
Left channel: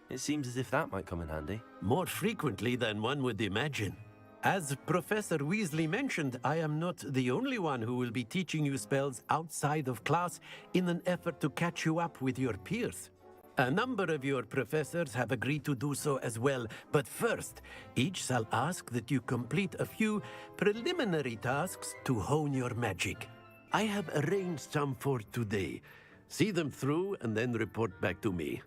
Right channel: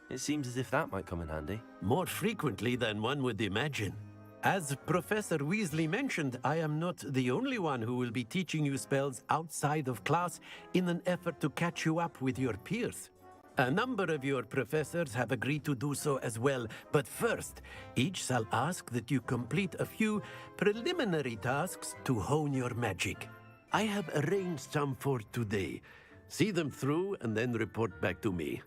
It seems as if that might come in handy. More frequently than one would imagine. As Professor Weasley mentioned, I am not the only one who will be teaching you spells outside of class in an effort to catch you up with your peers. A number of your professors have agreed to do so as well, but first, each shall ask that you complete a few preliminary tasks to hone your magic. I have arranged some for today. See them through and then report back to me.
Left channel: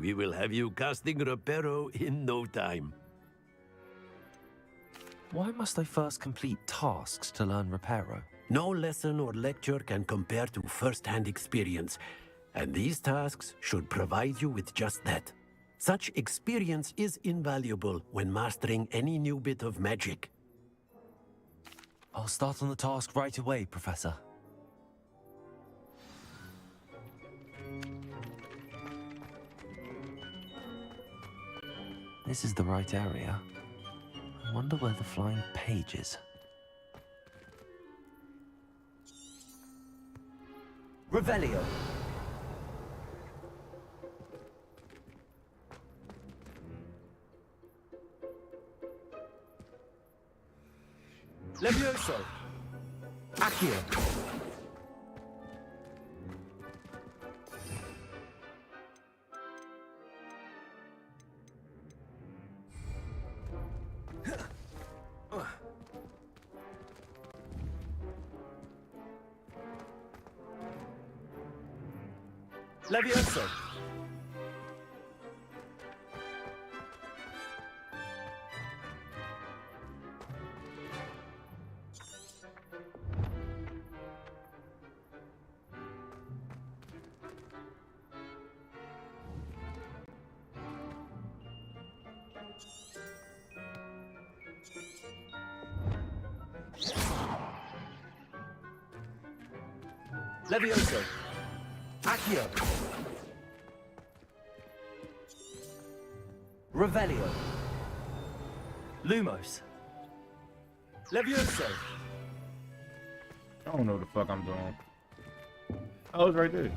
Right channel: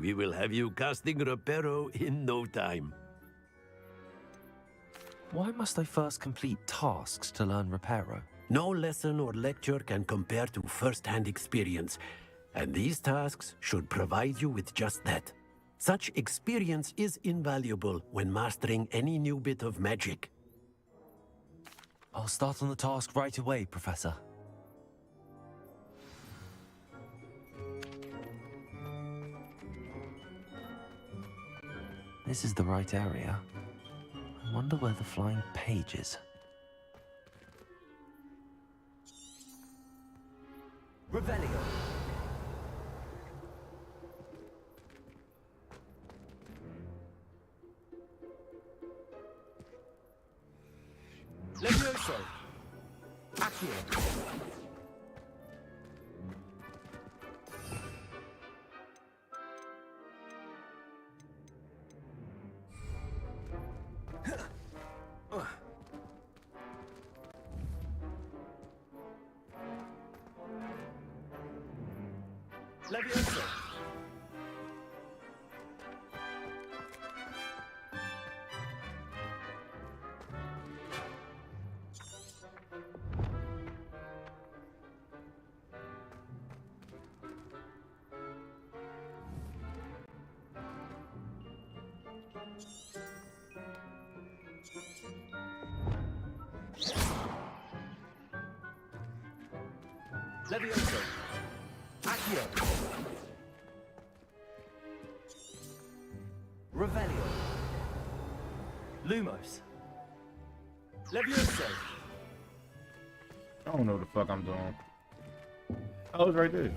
We will have you casting Reparo in no time. Why must I first complete tasks to learn Reparo? No lesson or lecture can compare to first-hand experience, and these tasks should provide you with just that. Such experience is invaluable when mastering any new bit of magic. I'll start on the task right away, Professor. This is the right area. I wonder where the flying page is. Revelio. Levioso. Accio. Levioso. Levioso. Accio. Revelio. Lumos. Levioso. I don't know what the fuck I'm doing. Oh, it's right there.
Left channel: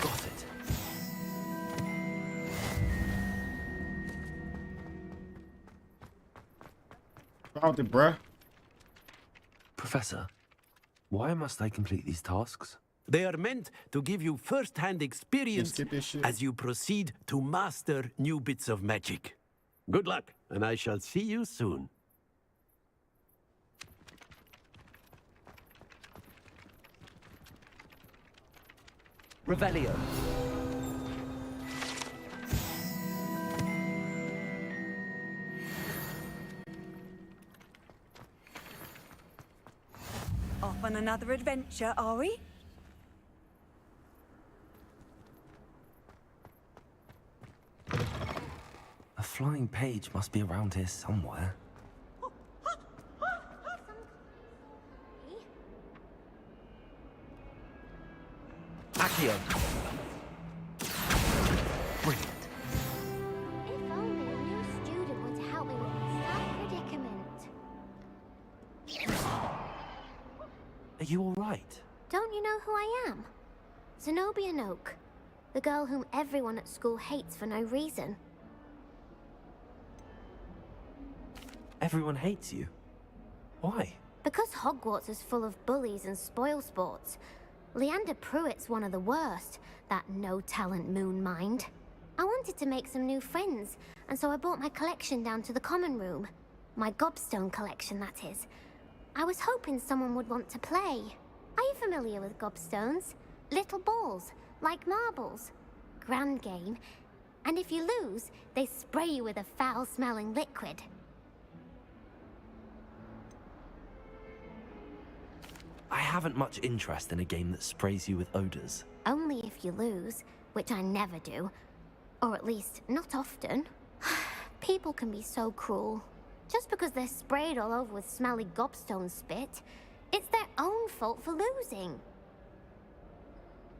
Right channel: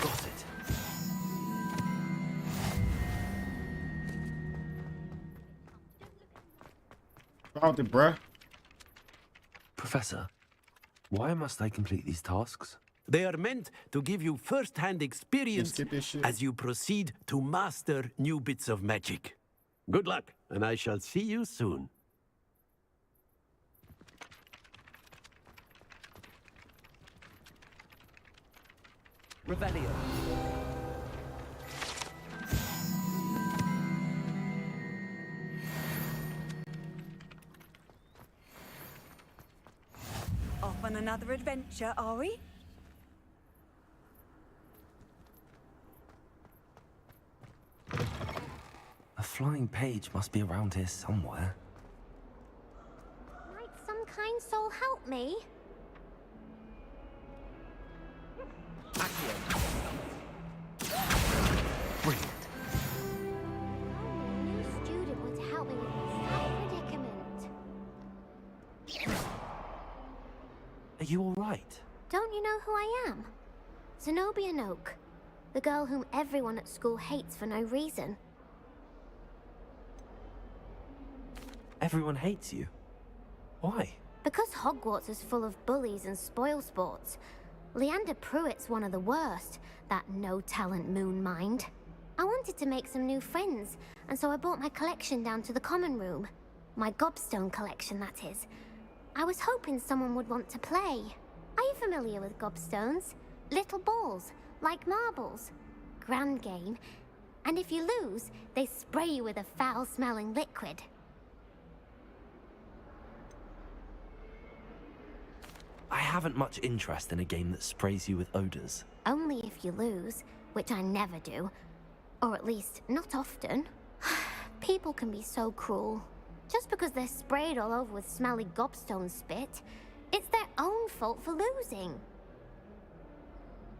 Got it. Found it, bruh. Professor, why must I complete these tasks? They are meant to give you first-hand experience as you proceed to master new bits of magic. Good luck, and I shall see you soon. Revelio. Off on another adventure, are we? A flying page must be around here somewhere. Might some kind soul help me? Accio. Brilliant. If only a new student were to help me with my sad predicament. Are you all right? Don't you know who I am? Zenobia Noak, the girl whom everyone at school hates for no reason. Everyone hates you. Why? Because Hogwarts is full of bullies and spoilsports. Leander Pruitt's one of the worst, that no-talent moon mind. I wanted to make some new friends, and so I brought my collection down to the common room. My gobstone collection, that is. I was hoping someone would want to play. Are you familiar with gobstones? Little balls, like marbles. Grand game. And if you lose, they spray you with a foul-smelling liquid. I haven't much interest in a game that sprays you with odors. Only if you lose, which I never do. Or at least, not often. People can be so cruel. Just because they're sprayed all over with smelly gobstone spit, it's their own fault for losing.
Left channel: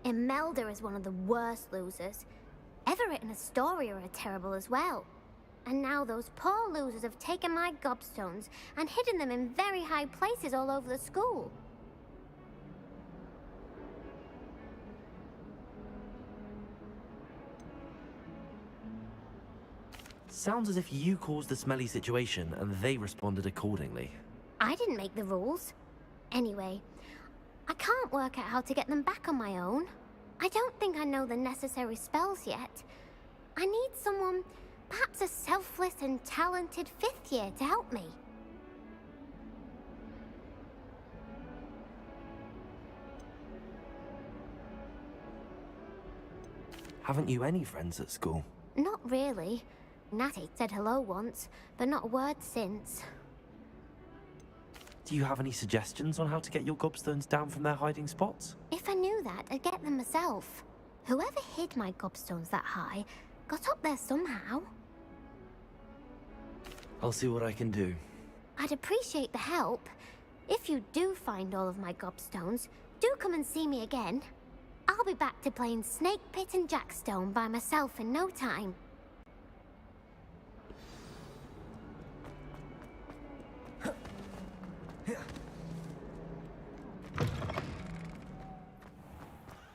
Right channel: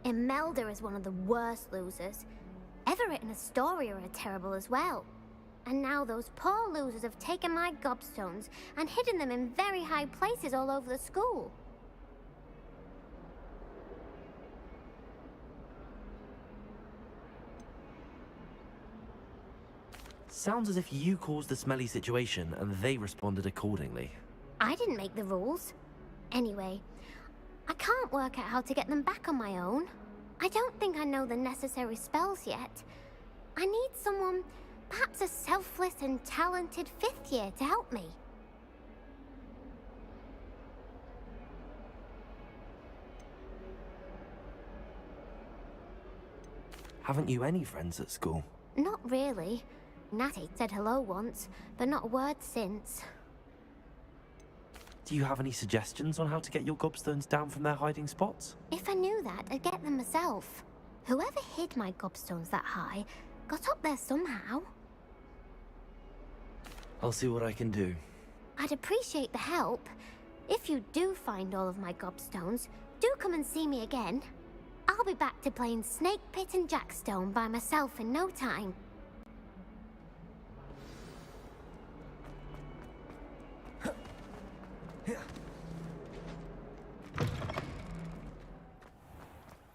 Imelda is one of the worst losers. Everett and Astoria are terrible as well. And now those poor losers have taken my gobstones and hidden them in very high places all over the school. Sounds as if you caused the smelly situation and they responded accordingly. I didn't make the rules. Anyway, I can't work out how to get them back on my own. I don't think I know the necessary spells yet. I need someone, perhaps a selfless and talented fifth year to help me. Haven't you any friends at school? Not really. Natty said hello once, but not a word since. Do you have any suggestions on how to get your gobstones down from their hiding spots? If I knew that, I'd get them myself. Whoever hid my gobstones that high got up there somehow. I'll see what I can do. I'd appreciate the help. If you do find all of my gobstones, do come and see me again. I'll be back to playing Snake Pit and Jackstone by myself in no time.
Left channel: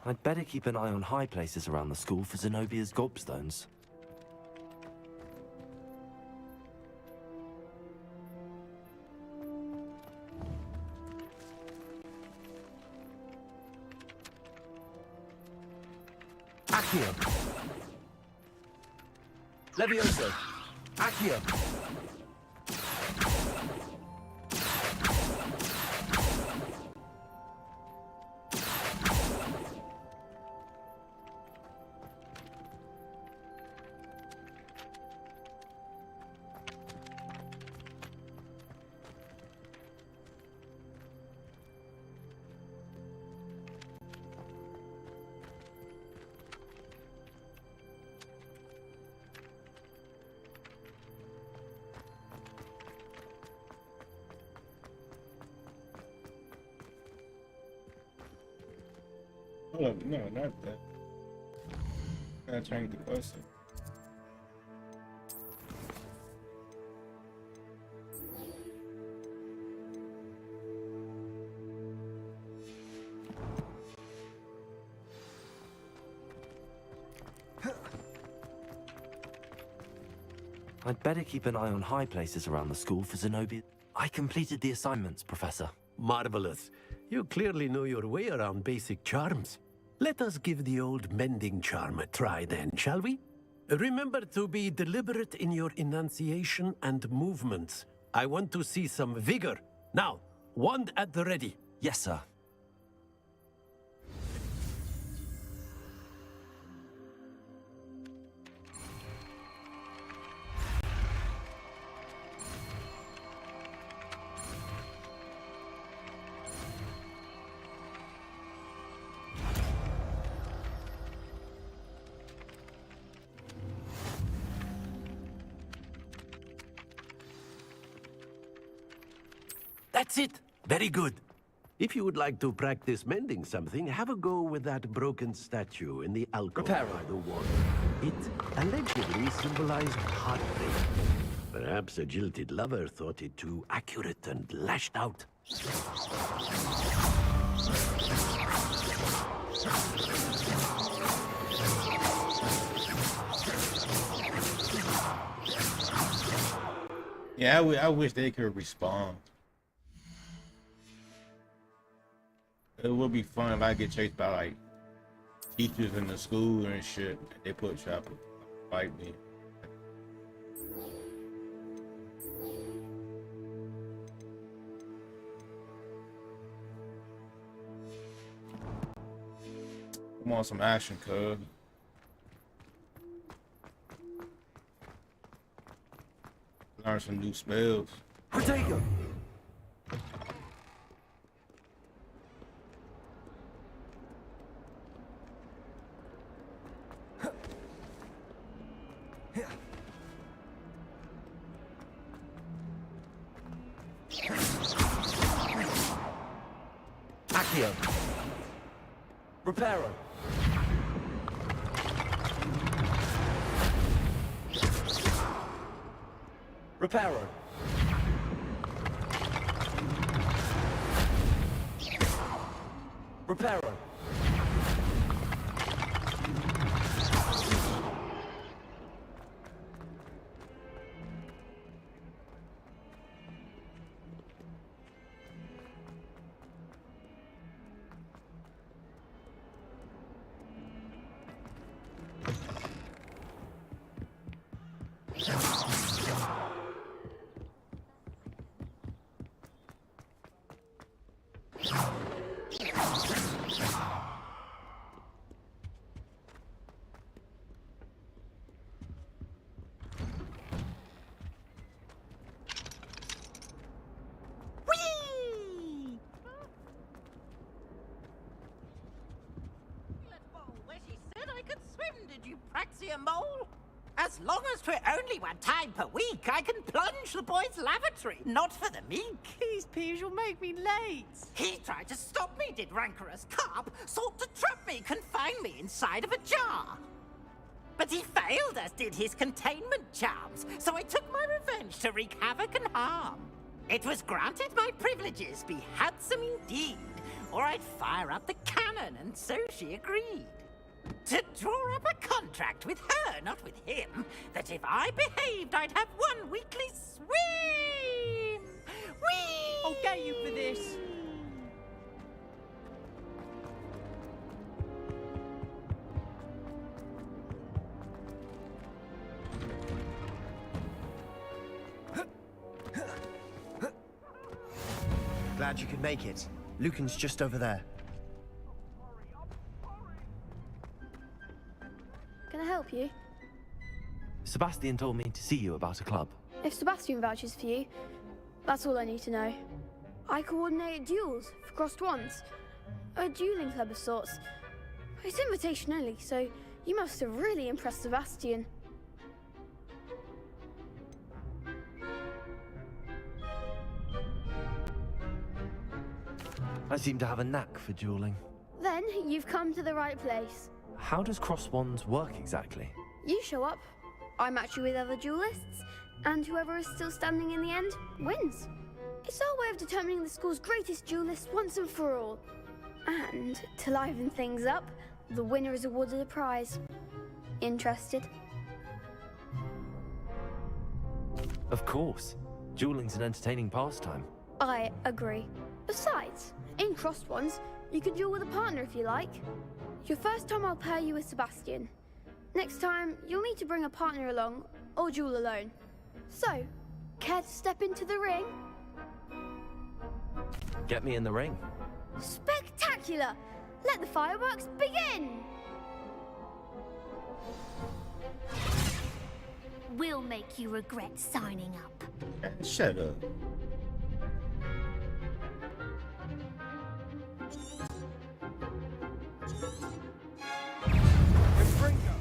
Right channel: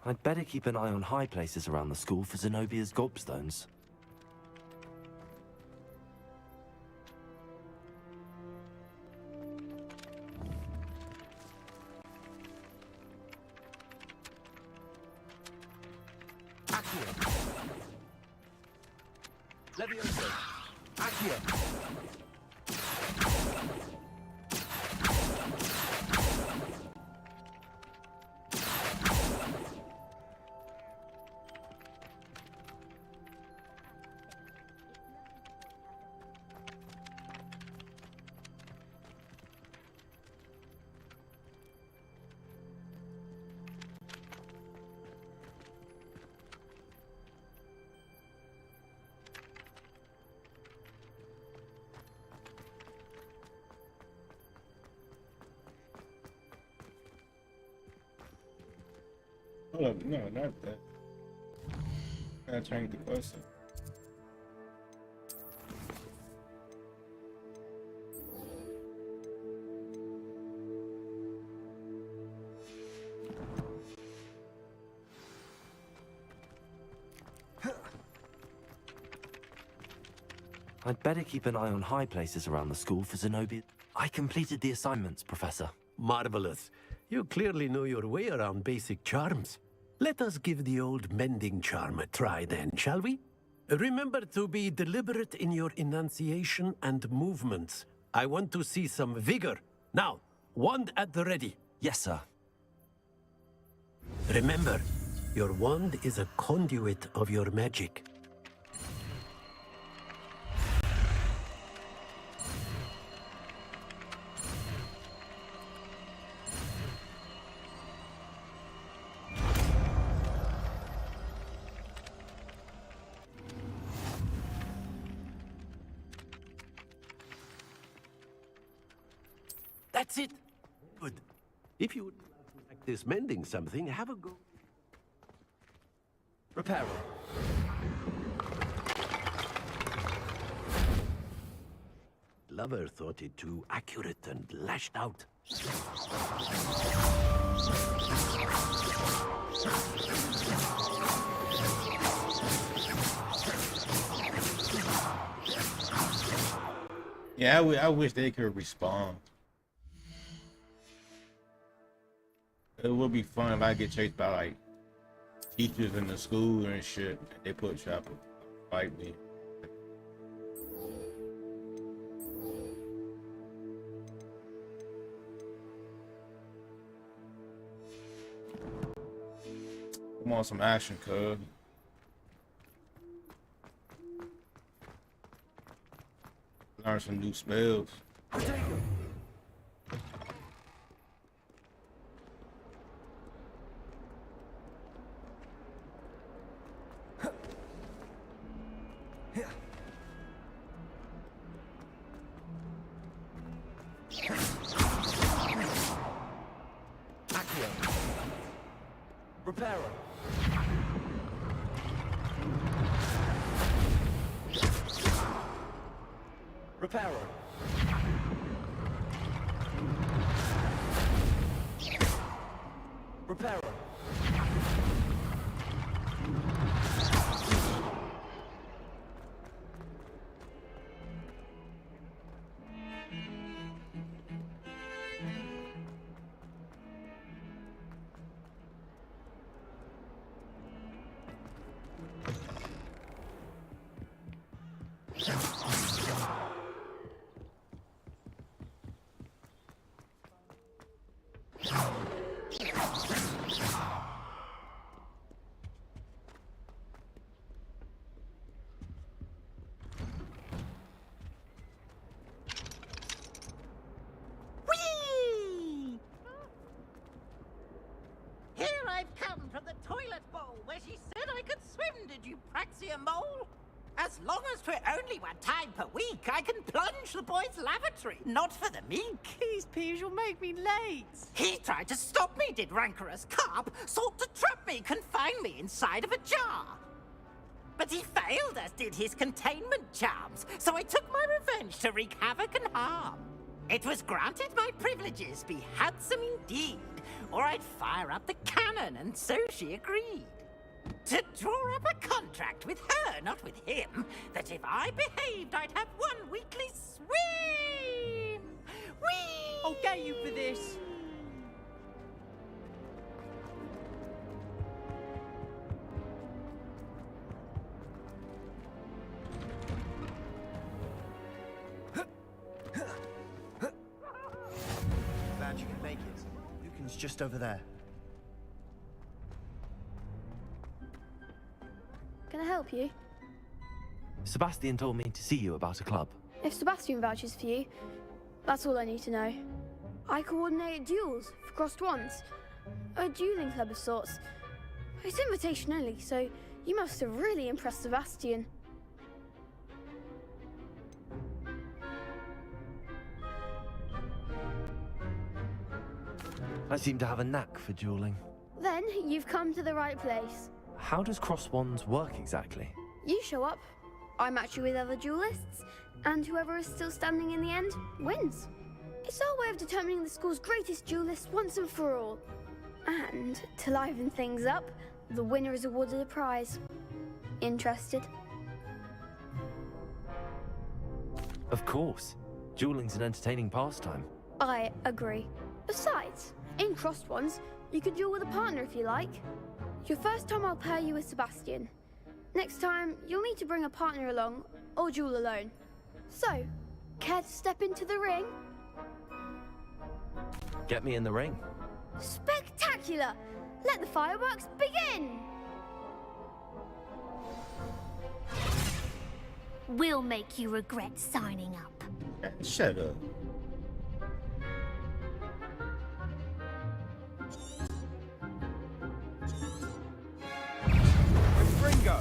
I'd better keep an eye on high places around the school for Zenobia's gobstones. Accio. Levioso. Accio. Hold up, no, not that. I gotta change the question. I'd better keep an eye on high places around the school for Zenobia. I completed the assignments, Professor. Marvelous. You clearly know your way around basic charms. Let us give the old mending charm a try then, shall we? Remember to be deliberate in your enunciation and movements. I want to see some vigor. Now, wand at the ready. Yes, sir. Remember, your wand is a conduit of your magic. That's it. Very good. If you would like to practice mending something, have a go with that broken statue in the alcove. Repair It allegedly symbolized heartbreak. Perhaps a jilted lover thought it too accurate and lashed out. Yeah, I wish they could respond. It would be fun if I get chased by like teachers in the school and shit. They put try to fight me. Come on, some action, cuz. Learn some new spells. Protego! Accio. Reparo. Reparo. Reparo. Here I've come from the toilet bowl where she said I could swim, did you praxia mole? As long as 'twere only one time per week, I can plunge the boy's lavatory, not for the meek. These peas will make me late. He tried to stop me, did rancorous carp, sought to trap me, confine me inside of a jar. But he failed, as did his containment charms, so I took my revenge to wreak havoc and harm. It was granted my privileges be handsome indeed, or I'd fire up the cannon, and so she agreed. To draw up a contract with her, not with him, that if I behaved, I'd have one weekly swim! Whee! I'll get you for this. Glad you could make it. Lucan's just over there. Can I help you? Sebastian told me to see you about a club. If Sebastian vouches for you, that's all I need to know. I coordinate duels for crossed wands. A dueling club of sorts. It's invitation only, so you must have really impressed Sebastian. I seem to have a knack for dueling. Then you've come to the right place. How does cross wands work exactly? You show up, I match you with other duelists, and whoever is still standing in the end wins. It's our way of determining the school's greatest duelist once and for all. And to liven things up, the winner is awarded a prize. Interested? Of course. Dueling's an entertaining pastime. I agree. Besides, in crossed ones, you can duel with a partner if you like. Your first time I'll pair you with Sebastian. Next time, you'll need to bring a partner along, or duel alone. So, care to step into the ring? Get me in the ring. Spectacular! Let the fireworks begin! We'll make you regret signing up. Shut up. Ringo!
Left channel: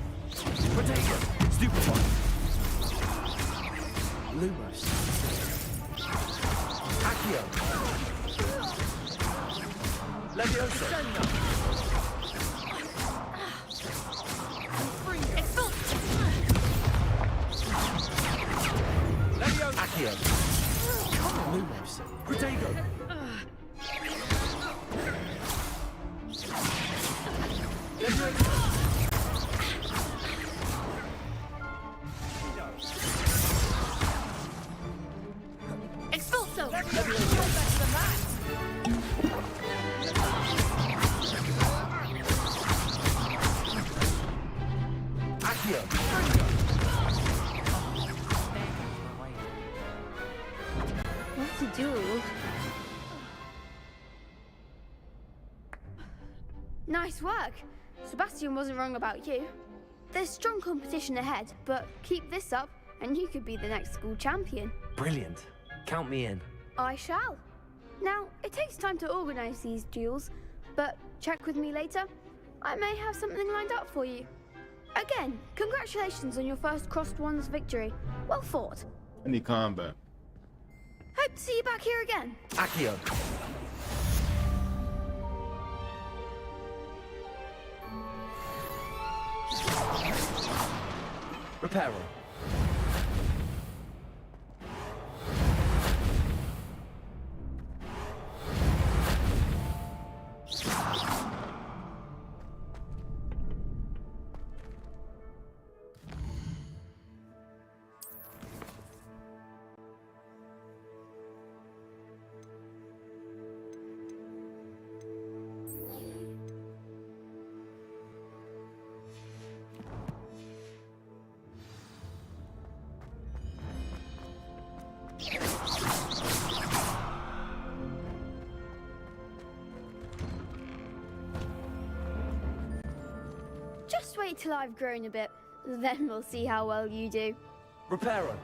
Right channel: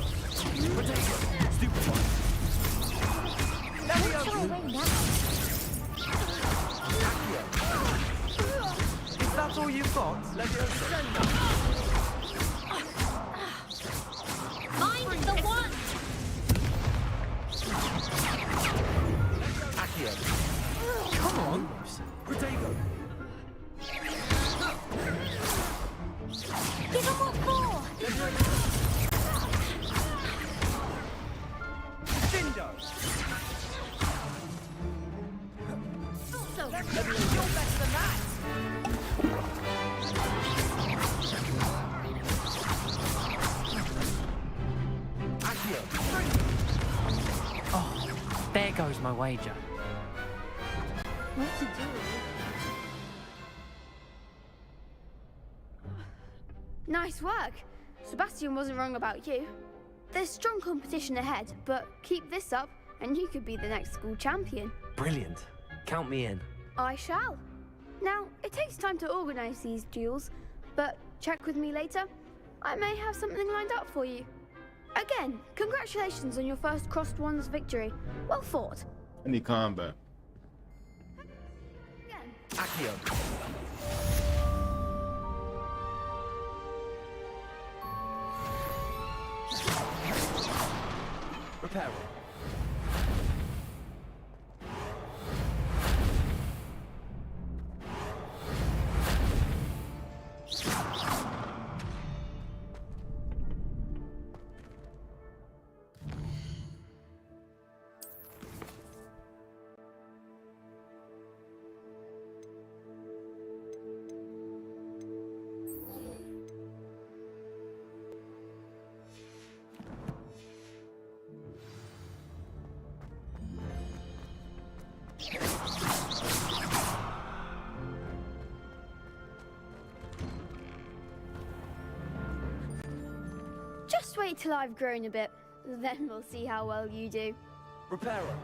Potato! Stupid one! Accio! Is that all you've got? Levioso! Accio! Come on! Lumos! Potato! Expulso! You're better than that! Accio! Oh, there goes my wager. What to do? Nice work. Sebastian wasn't wrong about you. There's strong competition ahead, but keep this up and you could be the next school champion. Brilliant. Count me in. I shall. Now, it takes time to organise these duels, but check with me later. I may have something lined up for you. Again, congratulations on your first crossed wands victory. Well fought. I need combat. Hope to see you back here again. Accio! Reparo. Just wait till I've grown a bit, then we'll see how well you do. Reparo.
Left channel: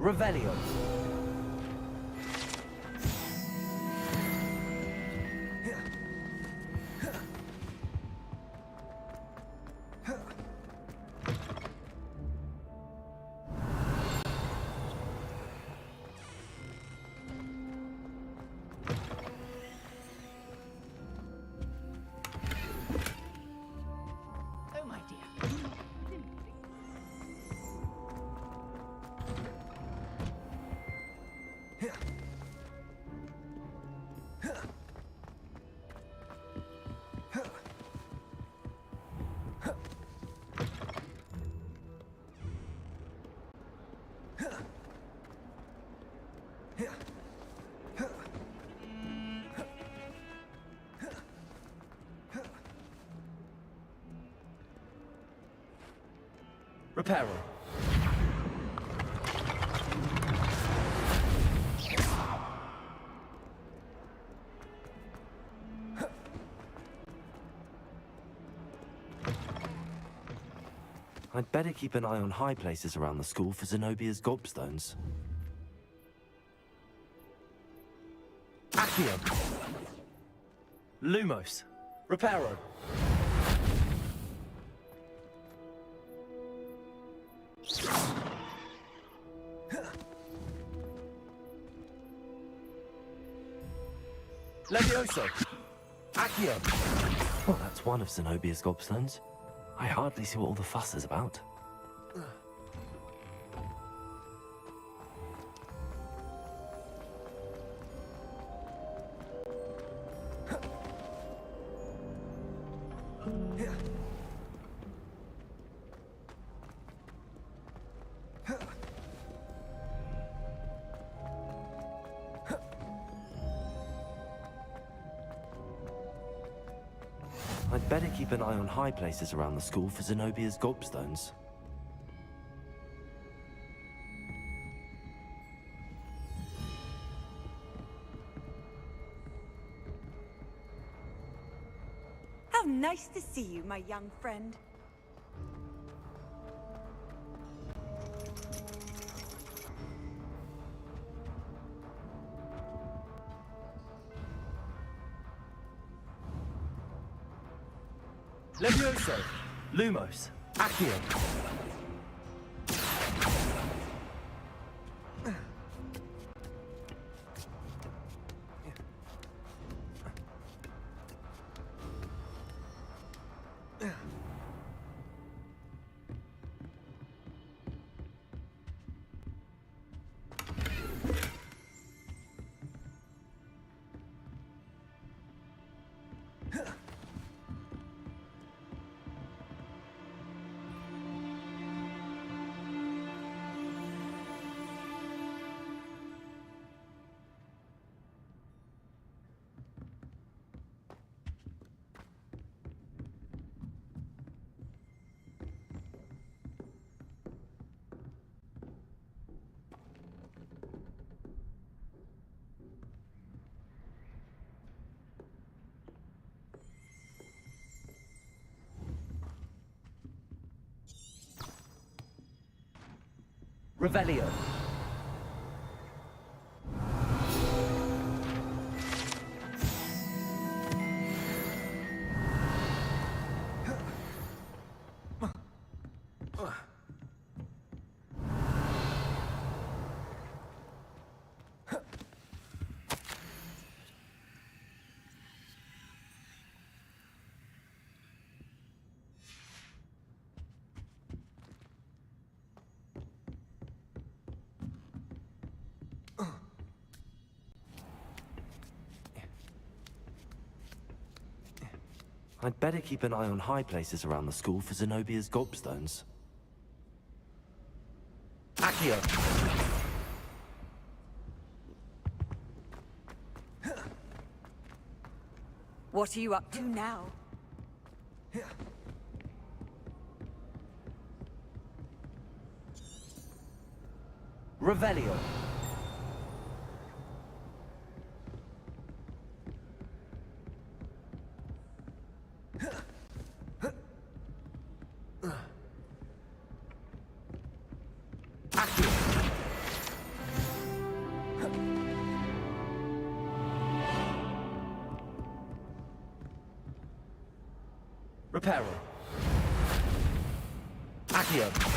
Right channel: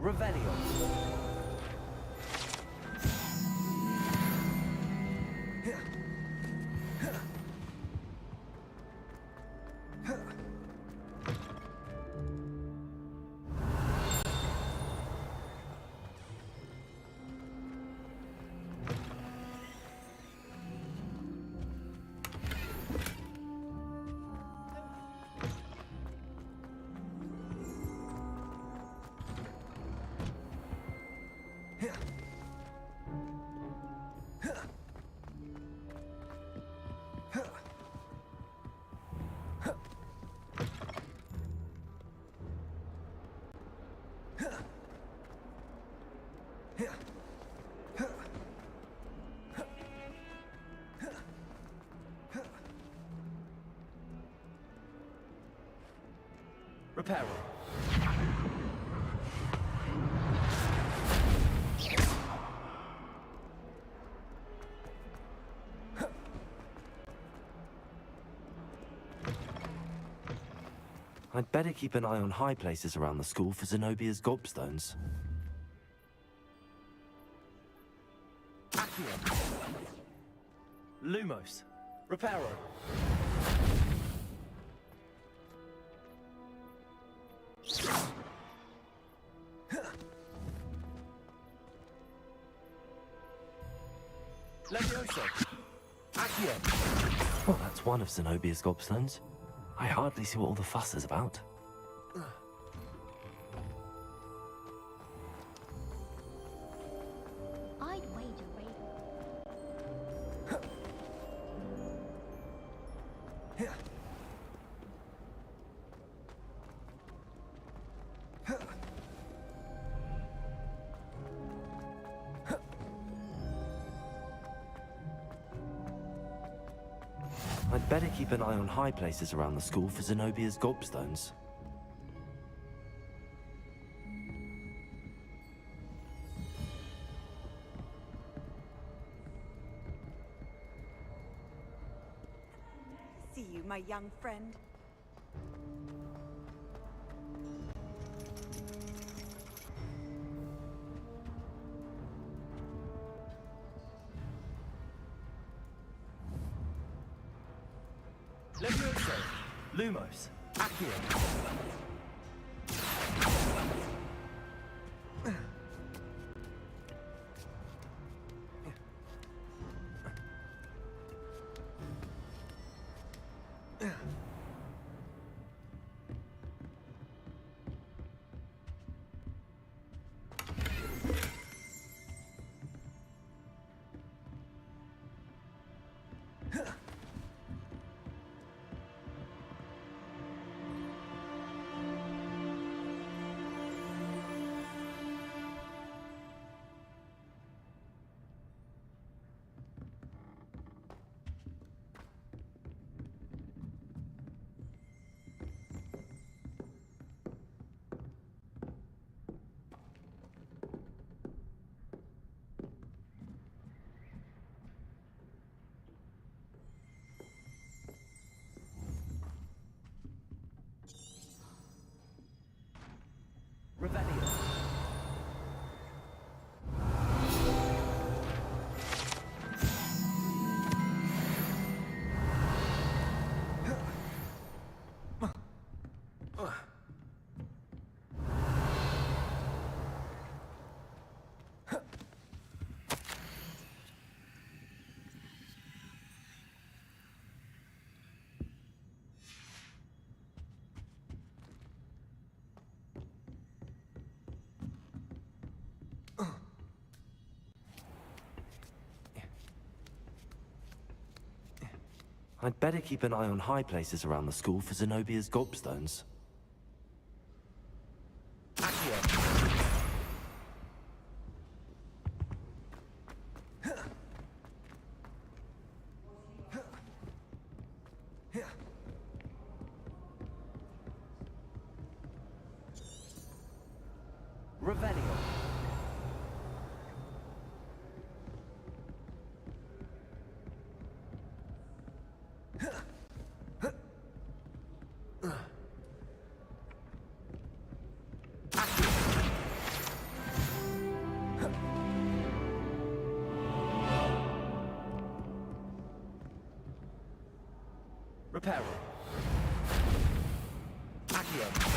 Revelio. Reparo. I'd better keep an eye on high places around the school for Zenobia's gobstones. Accio. Lumos. Reparo. Levioso! Accio! Well, that's one of Zenobia's gobstones. I hardly see what all the fuss is about. I'd better keep an eye on high places around the school for Zenobia's gobstones. How nice to see you, my young friend. Levioso! Lumos. Accio! Revelio. I'd better keep an eye on high places around the school for Zenobia's gobstones. Accio! What are you up to now? Revelio. Reparo. Accio.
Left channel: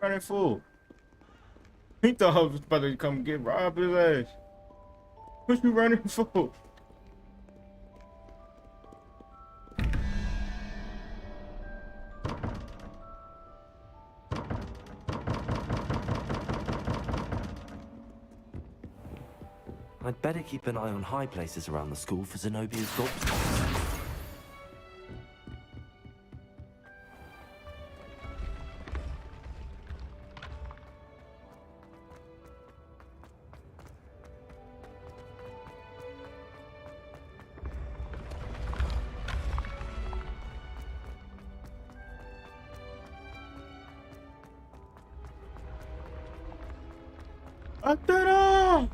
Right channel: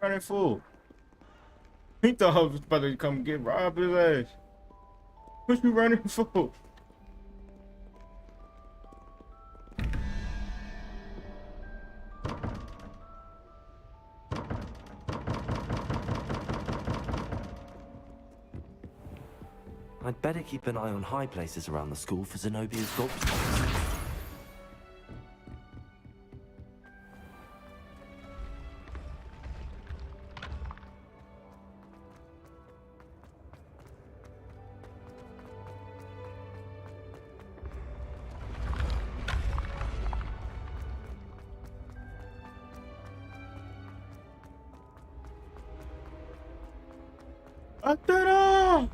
Running fool. He thought I was about to come get robbed his ass. What you running for? I'd better keep an eye on high places around the school for Zenobia's gobstones. ¡Atera!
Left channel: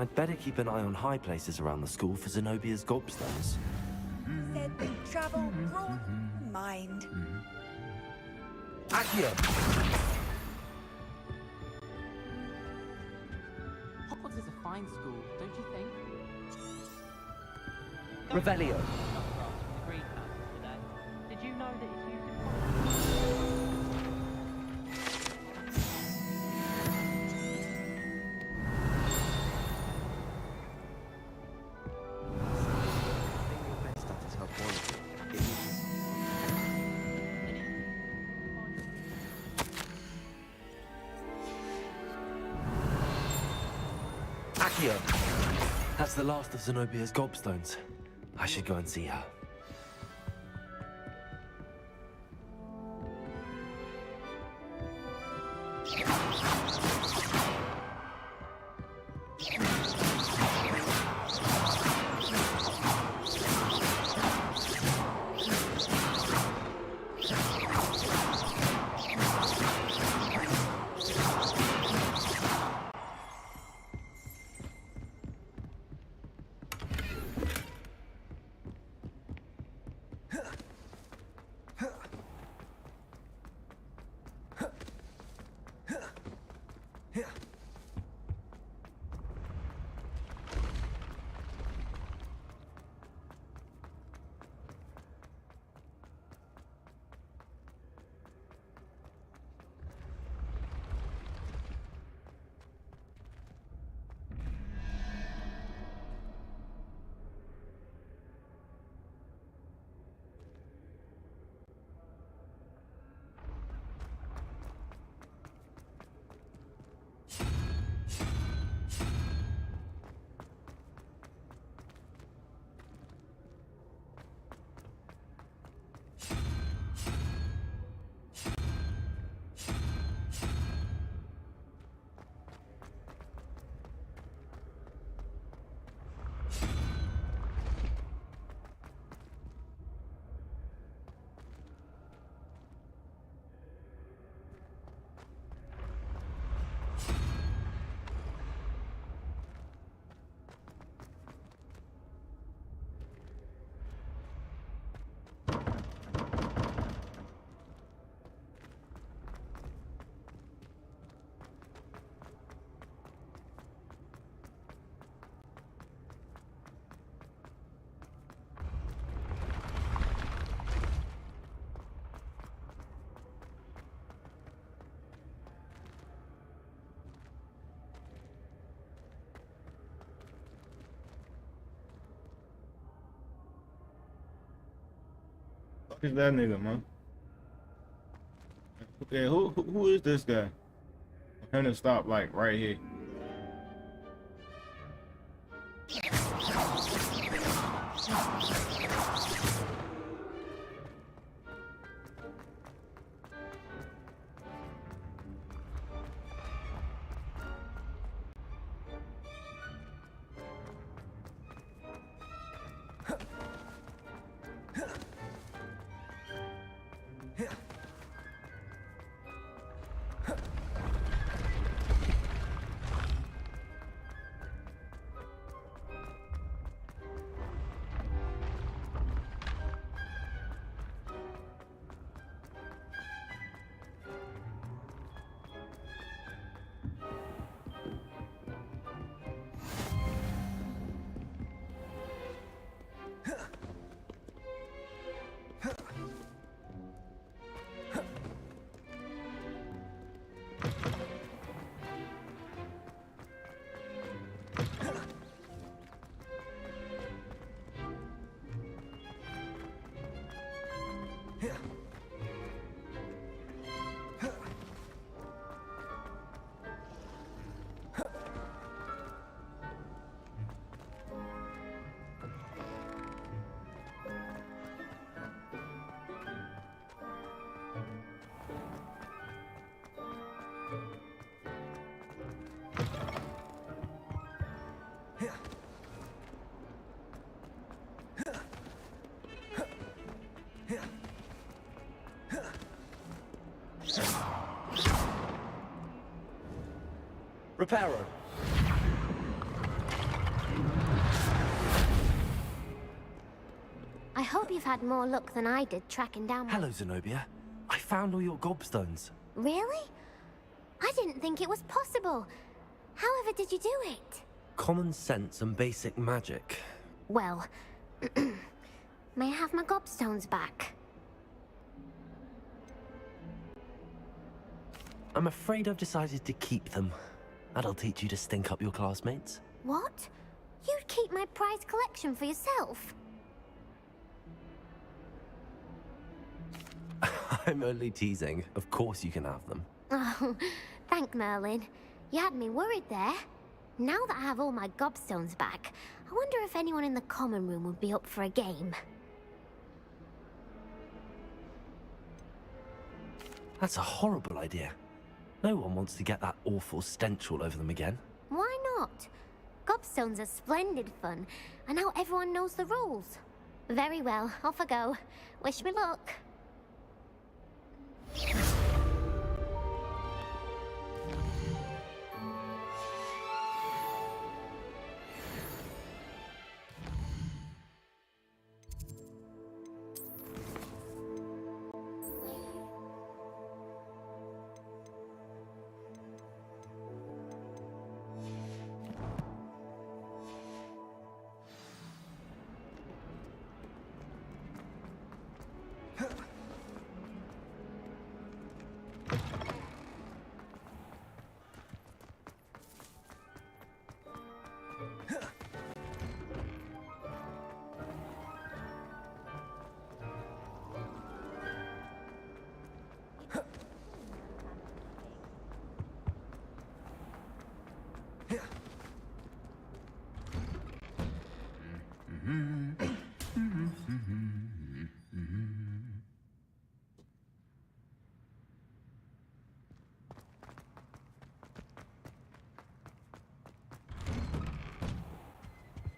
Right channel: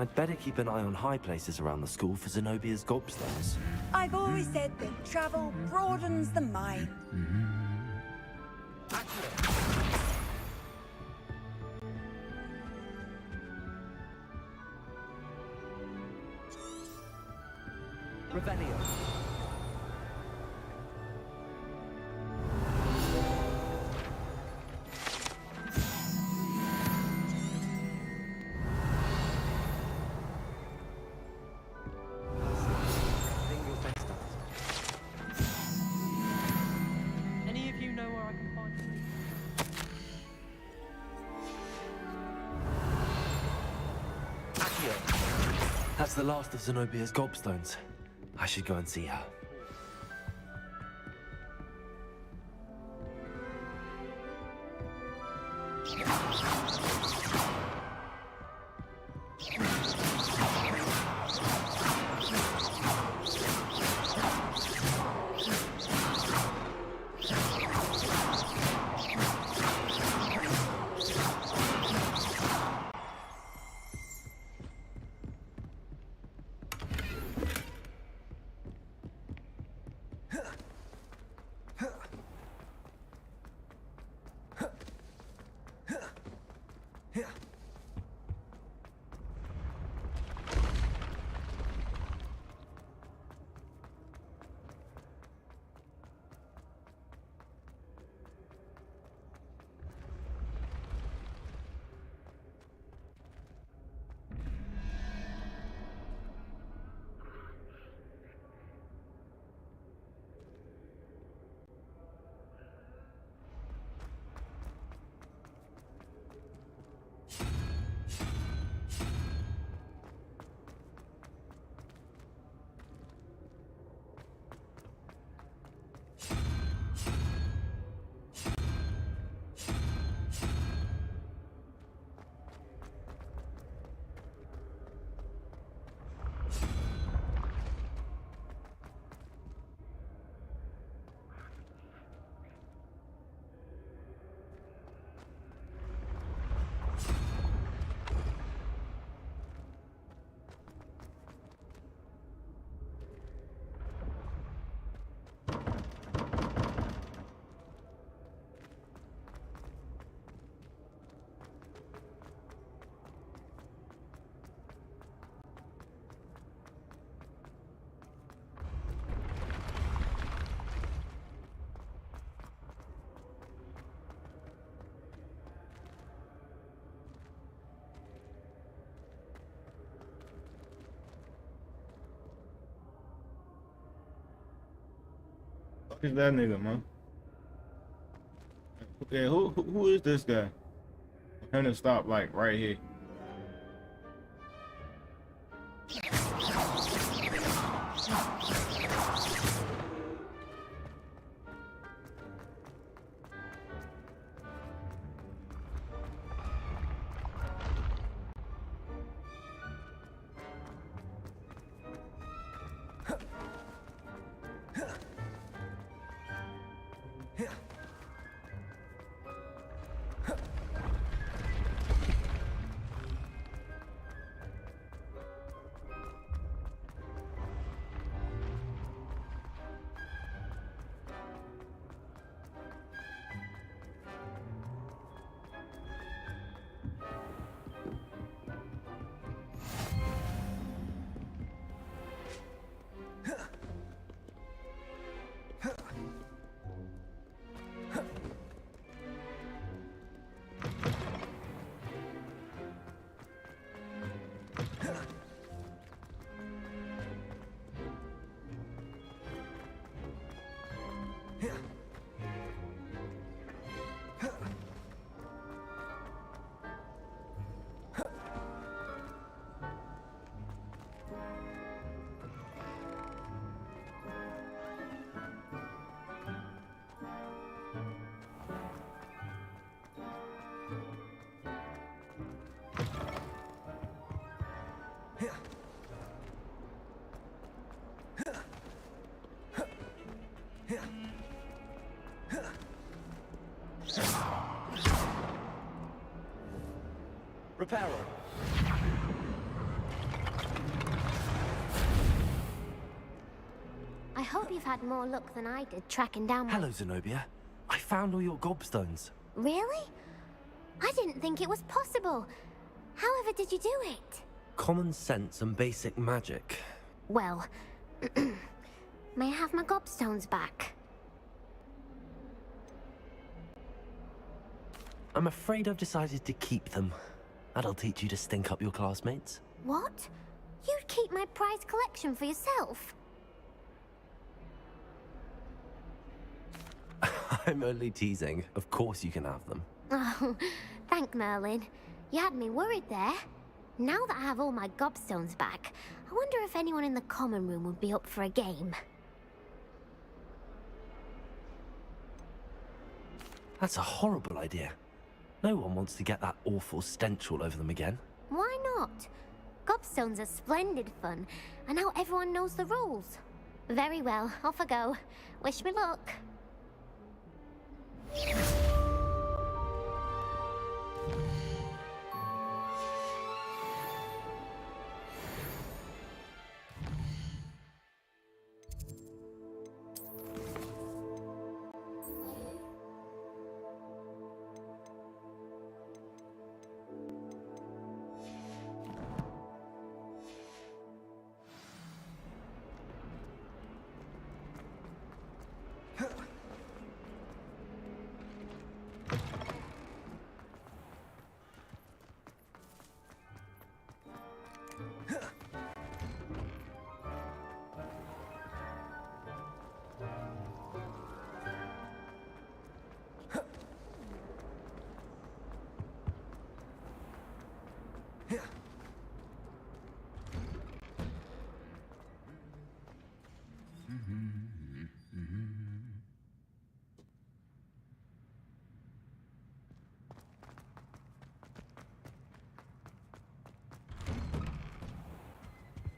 I'd better keep an eye on high places around the school for Zenobia's gobstones. I've always said that travel broadens the mind. Accio! Hogwarts is a fine school, don't you think? Revelio. Did you know that any of you know where I can find you? Accio! That's the last of Zenobia's gobstones. I should go and see her. Who's that nigga, man? Okay, who is this guy? I'm gonna stop like right here. Repairer. I hope you've had more luck than I did tracking down my... Hello, Zenobia. I found all your gobstones. Really? I didn't think it was possible. However did you do it? Common sense and basic magic. Well, may I have my gobstones back? I'm afraid I've decided to keep them. That'll teach you to stink up your classmates. What? You'd keep my prized collection for yourself? I'm only teasing. Of course you can have them. Oh, thank Merlin. You had me worried there. Now that I have all my gobstones back, I wonder if anyone in the common room would be up for a game. That's a horrible idea. No one wants to get that awful stench all over them again. Why not? Gobstones are splendid fun, and now everyone knows the rules. Very well, off I go. Wish me luck.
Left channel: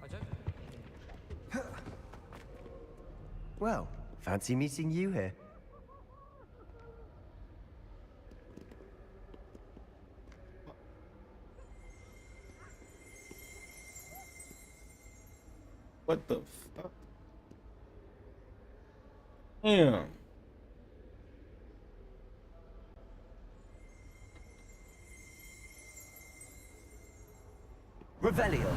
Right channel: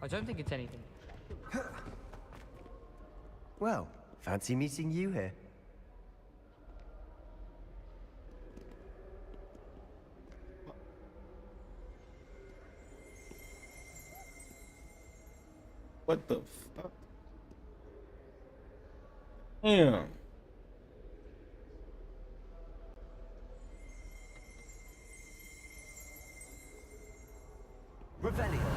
I don't think it's anything. Well, fancy meeting you here. What the fuck? Damn. Revelio.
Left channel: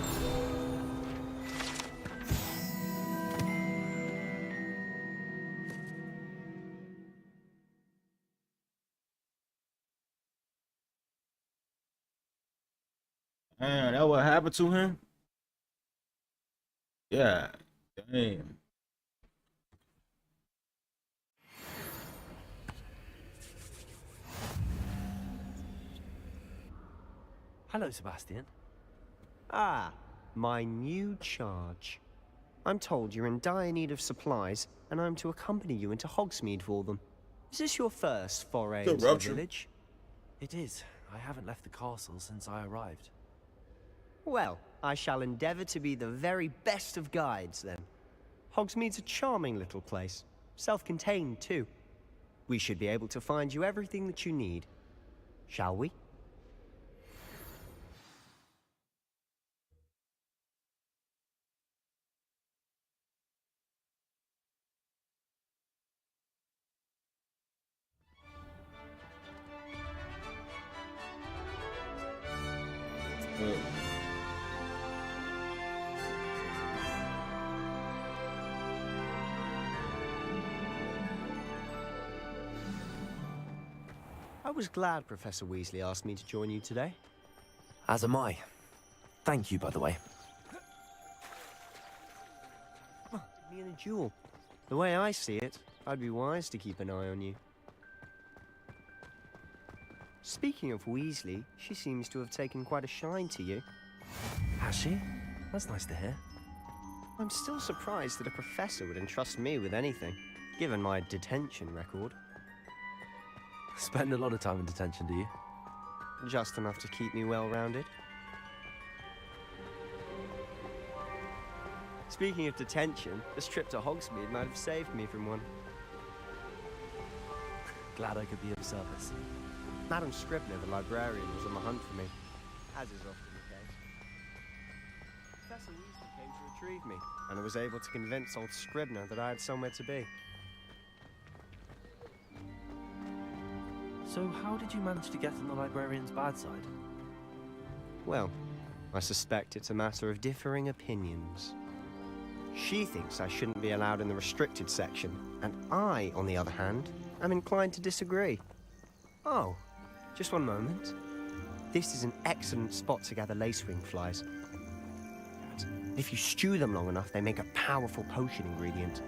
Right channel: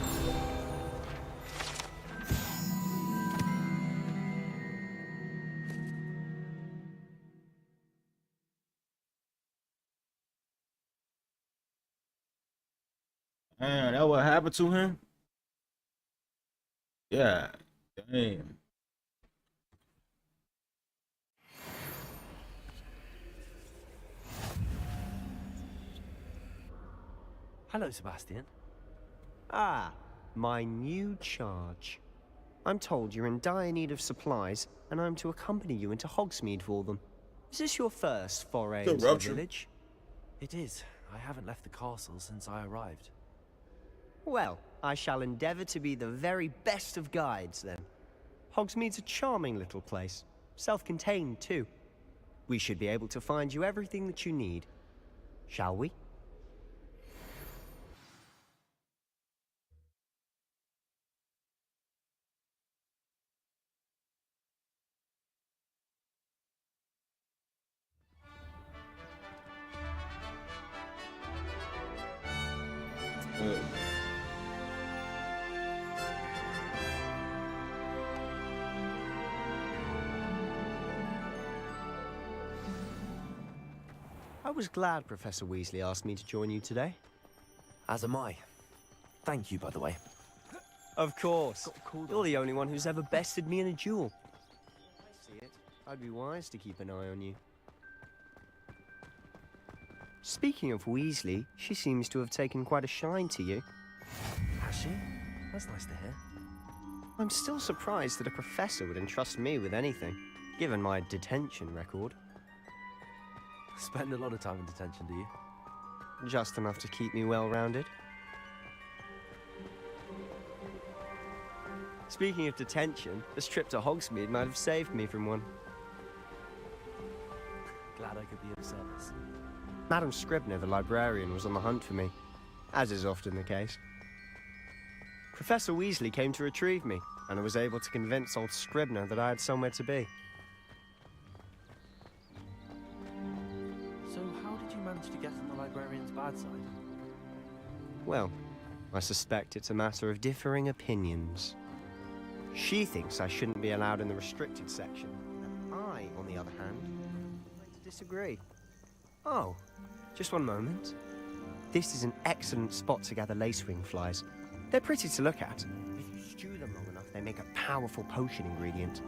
Man, that what happened to him? Yeah. Damn. Hello, Sebastian. Ah, my new charge. I'm told you're in dire need of supplies, and I'm to accompany you into Hogsmeade for them. Is this your first foray into the village? It is. I haven't left the castle since I arrived. Well, I shall endeavor to be the very best of guides, then. Hogsmeade's a charming little place. Self-contained, too. We should be able to find you everything that you need. Shall we? I was glad Professor Weasley asked me to join you today. As am I. Thank you, by the way. Of course. You're the only one who's ever bested me in a duel. The way I see it, I'd be wise to keep an eye on you. Speaking of Weasley, she seems to have taken quite a shine to you. Has she? That's nice to hear. I'm still surprised that a professor would entrust me with anything, given my detention record. Spend a lot of time in detention, do you? Just enough to keep me well-rounded. Speaking of detention, this trip to Hogsmeade might have saved me from one. Glad I could be of service. Madam Scribner, the librarian, was on the hunt for me, as is often the case. Professor Weasley came to retrieve me, and I was able to convince old Scribner that I had somewhere to be. So how did you manage to get on the librarian's bad side? Well, I suspect it's a matter of differing opinions. She thinks I shouldn't be allowed in the restricted section, and I, on the other hand, am inclined to disagree. Oh, just one moment. This is an excellent spot to gather lacewing flies. They're pretty to look at. If you stew them long enough, they make a powerful potion ingredient.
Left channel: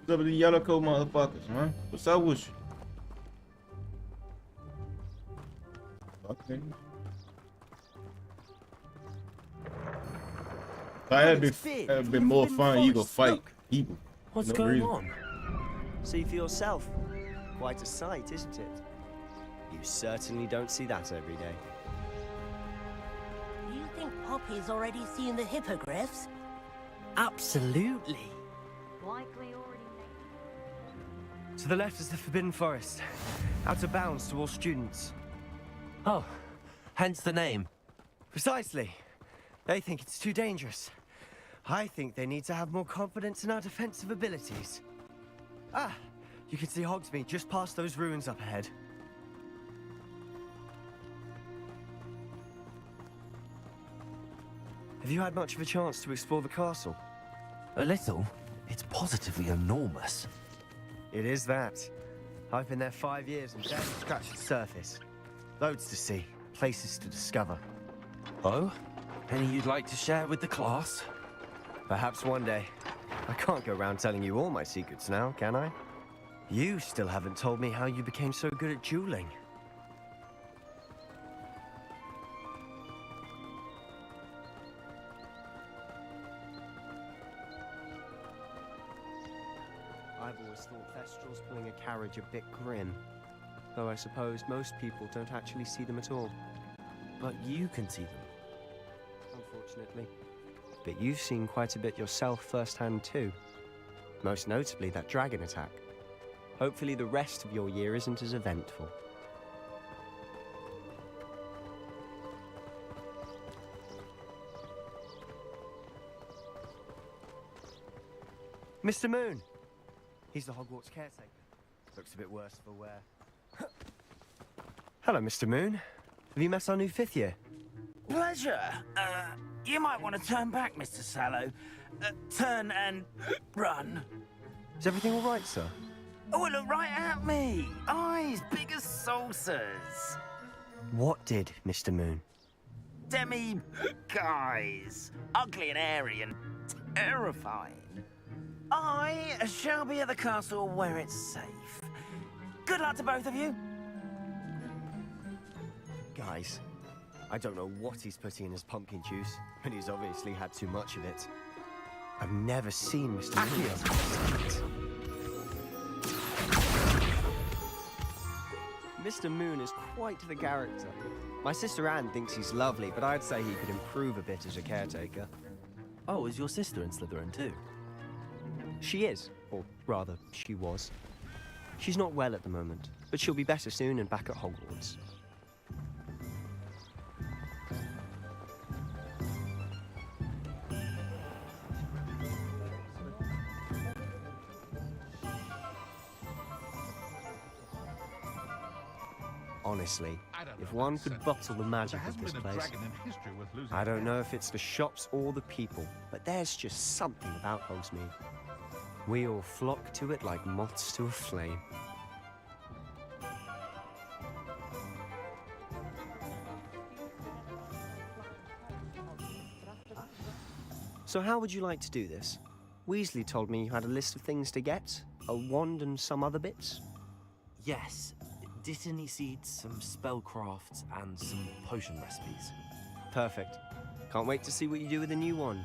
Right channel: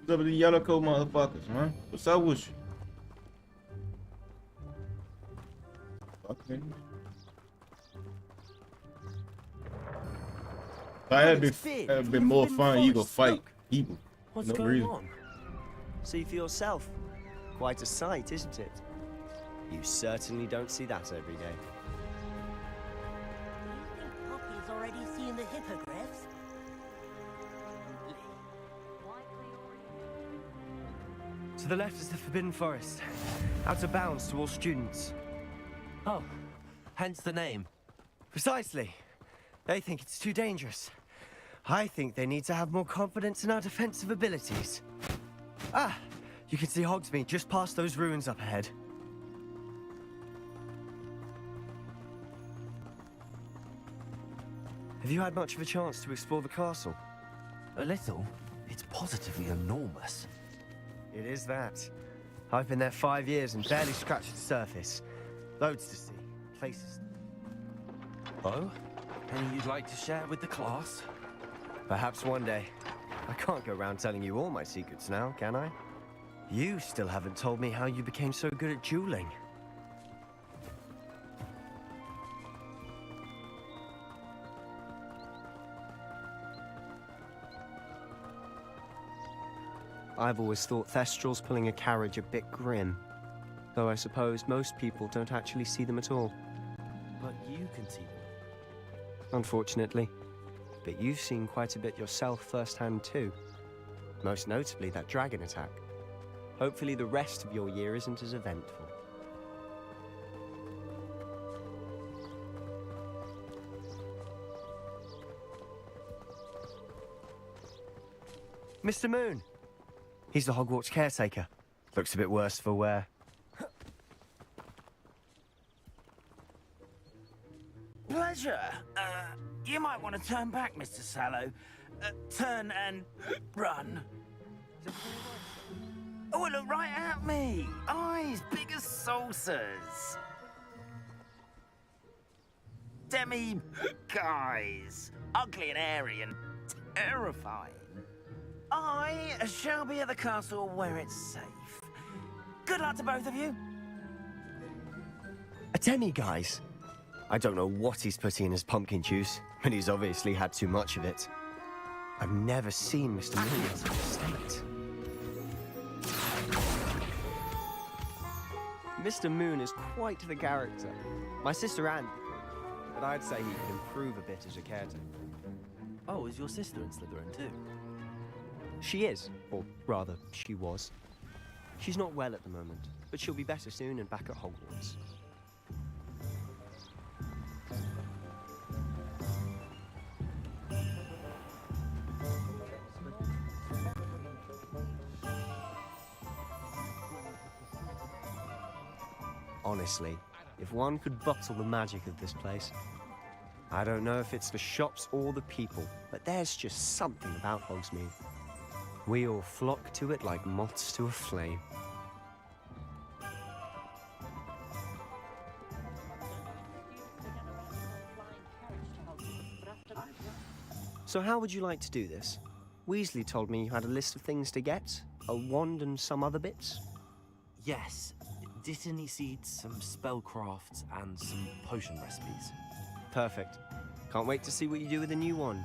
What's up with the yellow coat motherfuckers, man? What's up with you? Okay. That'd be more fun. You go fight people. What's going on? See for yourself. Quite a sight, isn't it? You certainly don't see that every day. Do you think Poppy's already seen the hippogriffs? Absolutely. Likely already. To the left is the Forbidden Forest. Out of bounds to all students. Oh, hence the name. Precisely. They think it's too dangerous. I think they need to have more confidence in our defensive abilities. Ah, you can see Hogsmeade just past those ruins up ahead. Have you had much of a chance to explore the castle? A little. It's positively enormous. It is that. I've been there 5 years and barely scratched the surface. Loads to see, places to discover. Oh? Any you'd like to share with the class? Perhaps one day. I can't go around telling you all my secrets now, can I? You still haven't told me how you became so good at dueling. I've always thought Thestrals pulling a carriage a bit grim. Though I suppose most people don't actually see them at all. But you can see them. Unfortunately. But you've seen quite a bit yourself firsthand too. Most notably that dragon attack. Hopefully the rest of your year isn't as eventful. Mr. Moon! He's the Hogwarts caretaker. Looks a bit worse for wear. Hello, Mr. Moon. Have you met our new 5th year? Pleasure. You might want to turn back, Mr. Sallow. Turn and run. Is everything all right, sir? Oh, look right at me. Eyes big as saucers. What did, Mr. Moon? Guys. Ugly and airy and terrifying. I shall be at the castle where it's safe. Good luck to both of you. A demi-guise? I don't know what he's putting in his pumpkin juice, but he's obviously had too much of it. I've never seen Mr. Moon as a sight. Mr. Moon is quite the character. My sister Anne thinks he's lovely, but I'd say he could improve a bit as a caretaker. Oh, is your sister in Slytherin too? She is, or rather, she was. She's not well at the moment, but she'll be better soon and back at Hogwarts. Honestly, if one could bottle the magic of this place. I don't know if it's the shops or the people, but there's just something about Hogsmeade. We all flock to it like moths to a flame. So how would you like to do this? Weasley told me you had a list of things to get, a wand and some other bits. Yes, Dittany seeds, some spellcrafts, and some potion recipes. Perfect. Can't wait to see what you do with the new wand.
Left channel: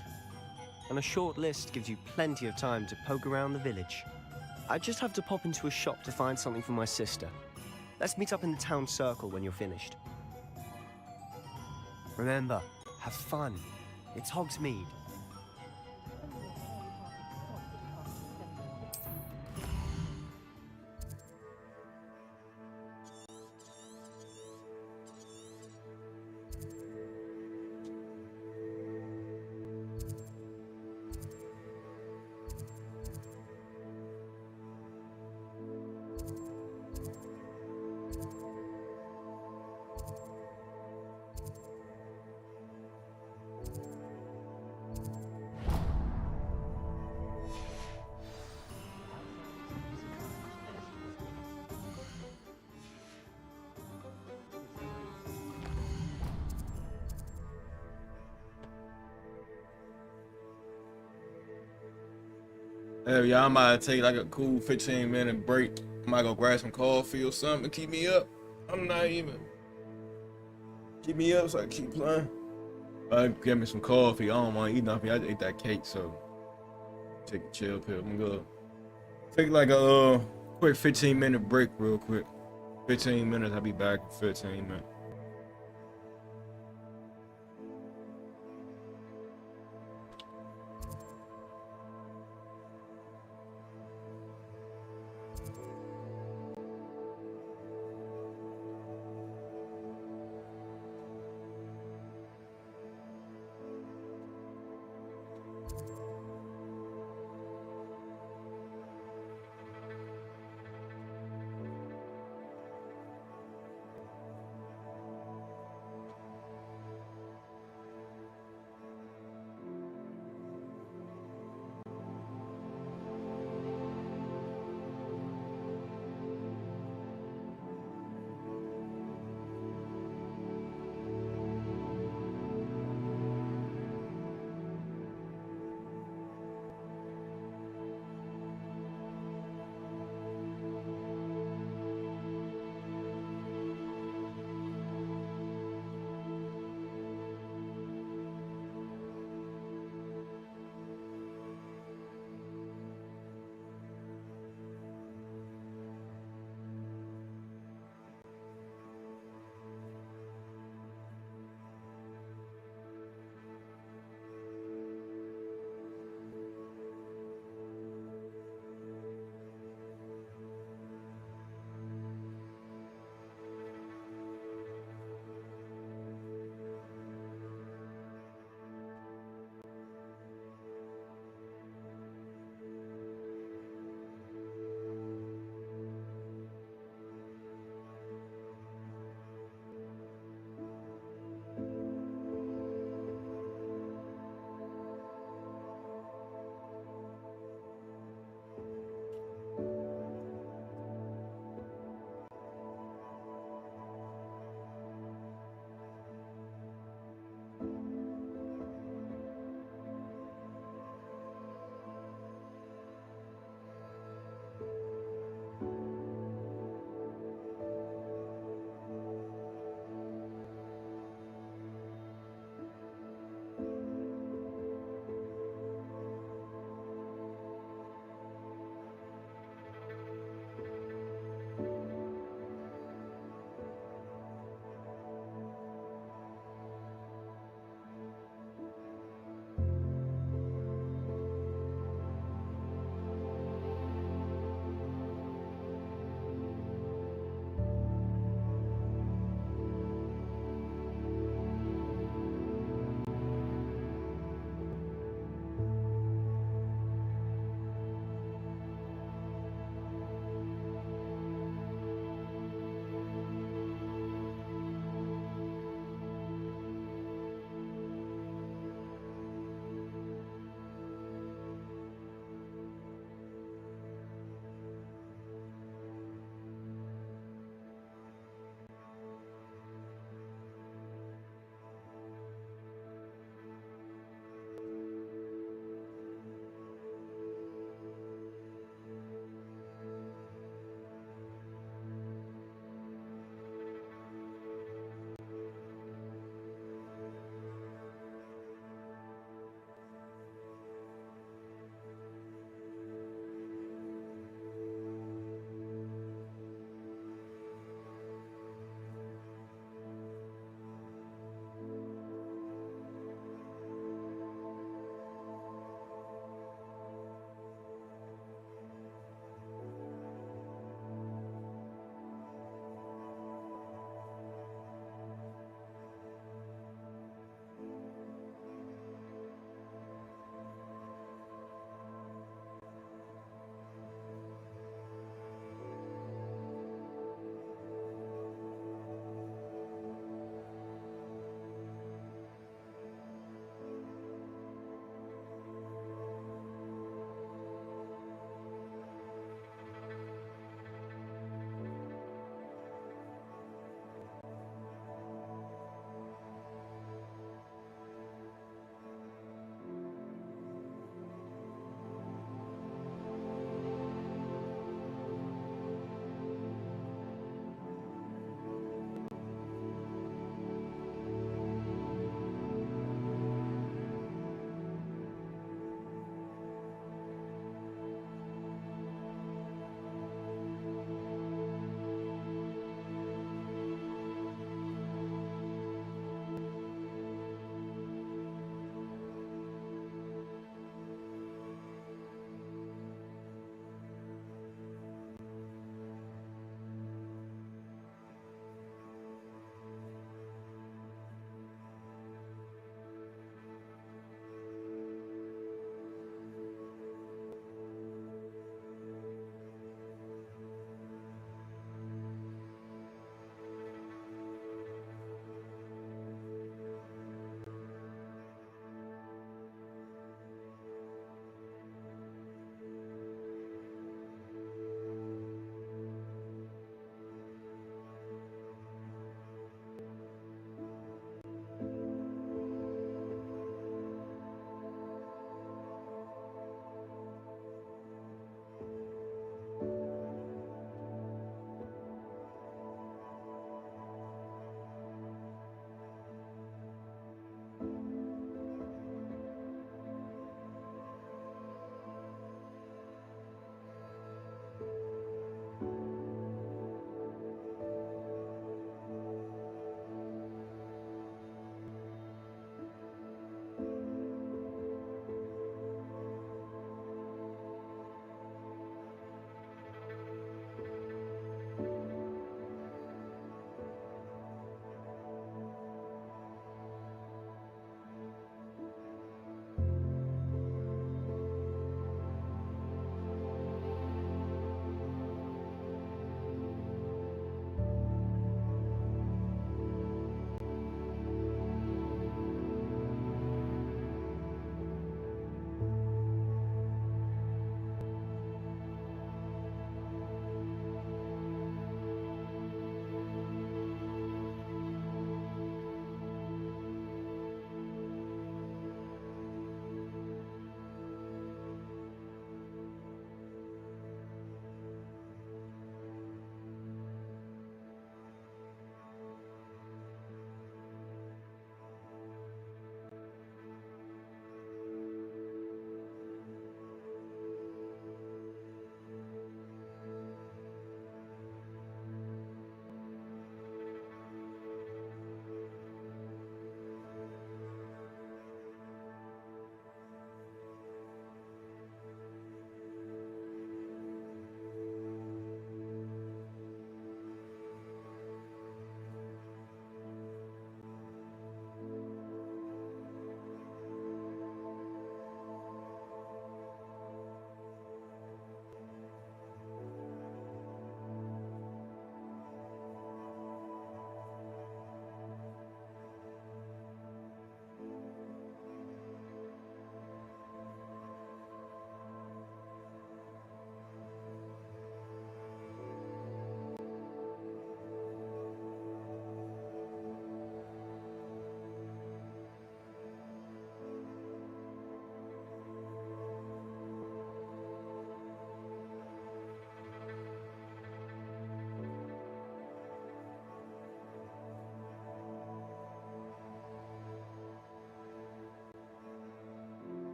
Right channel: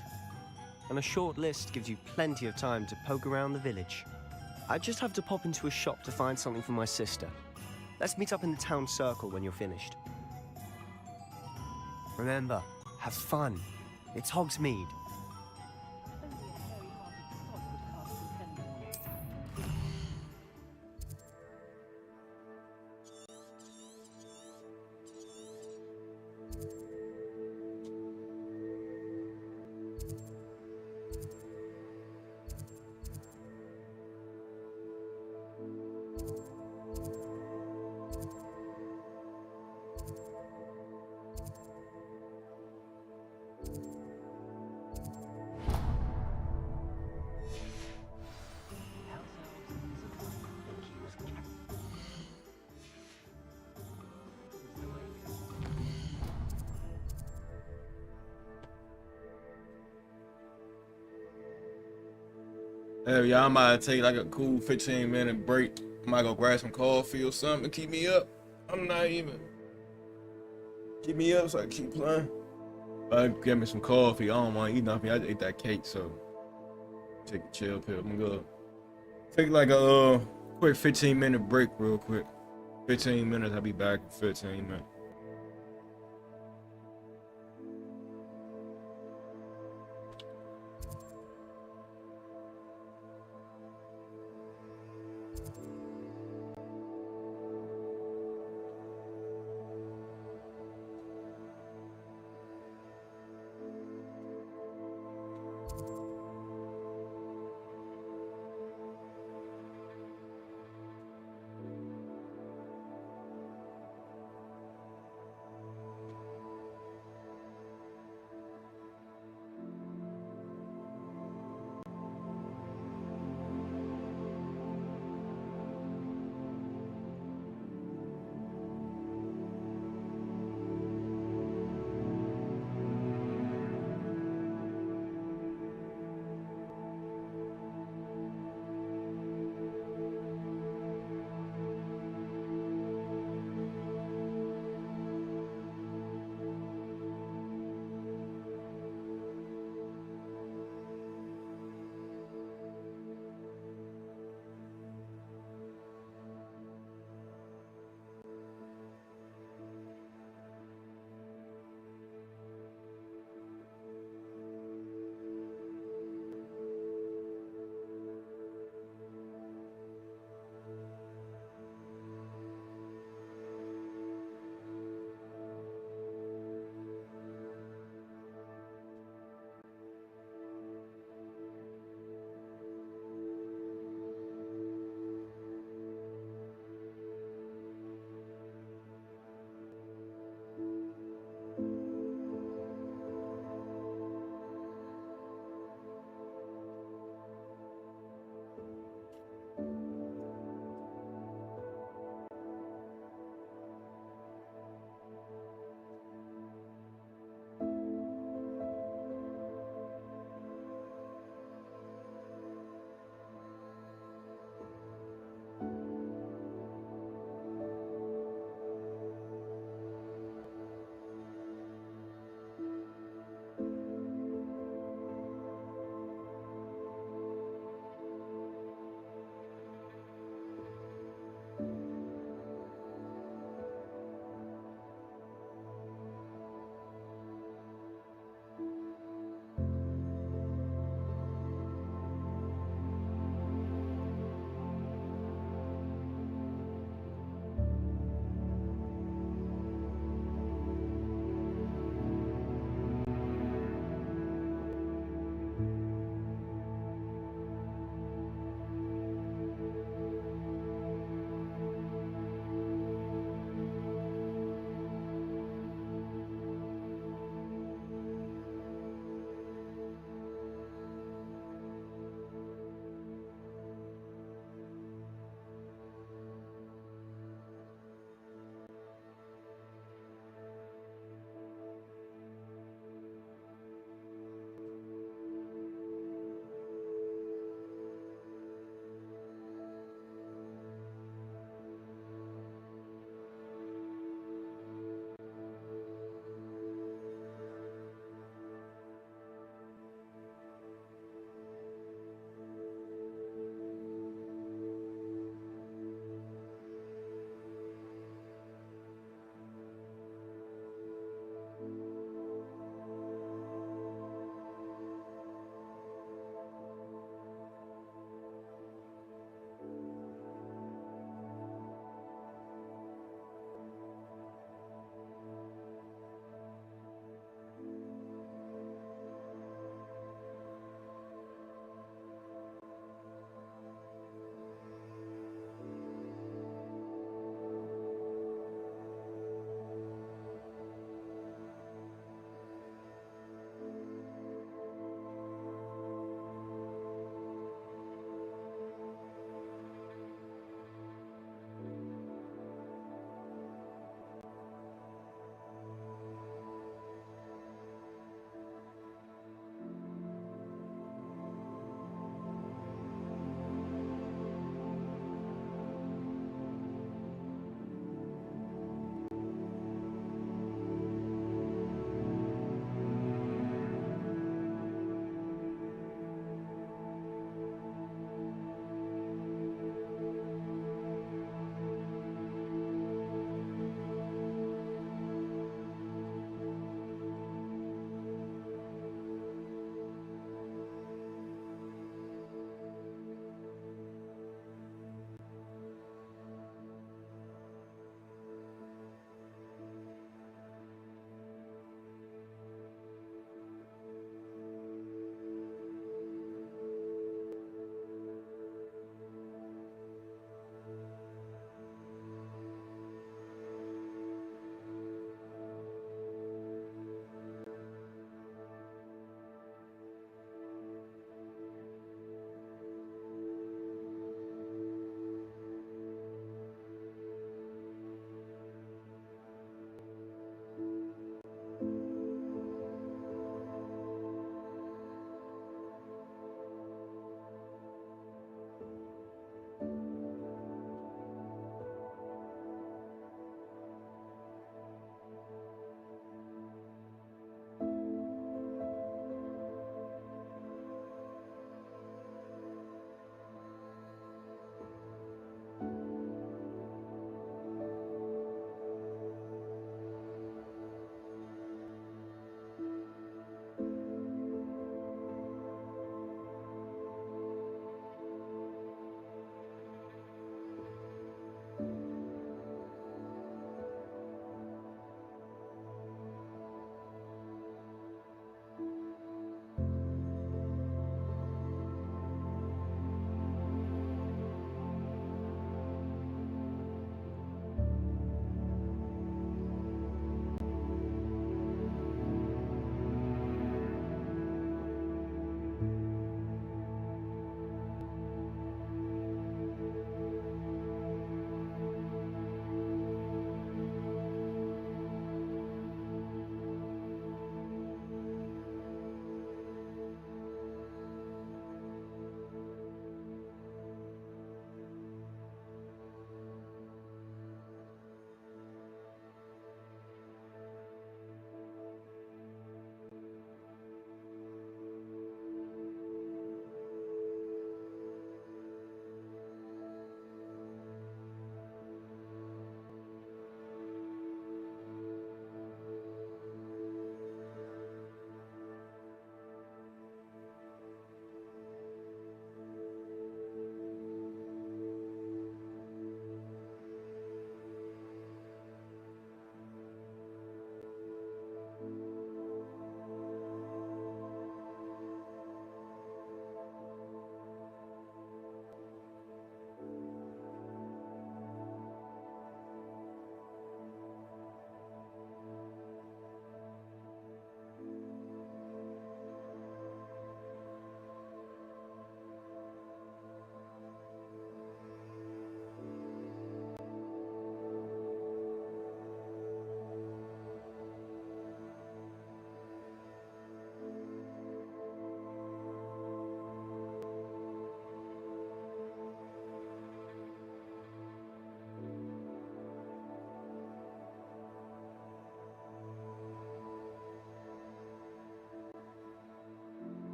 And a short list gives you plenty of time to poke around the village. I just have to pop into a shop to find something for my sister. Let's meet up in the town circle when you're finished. Remember, have fun. It's Hogsmeade. Hey, y'all might take like a cool 15-minute break. I might go grab some coffee or something to keep me up. I'm not even. Keep me up so I can keep playing. Get me some coffee. I don't want to eat nothing. I just ate that cake, so take a chill pill. I'm gonna take like a quick 15-minute break real quick. 15 minutes, I'll be back in 15 minutes.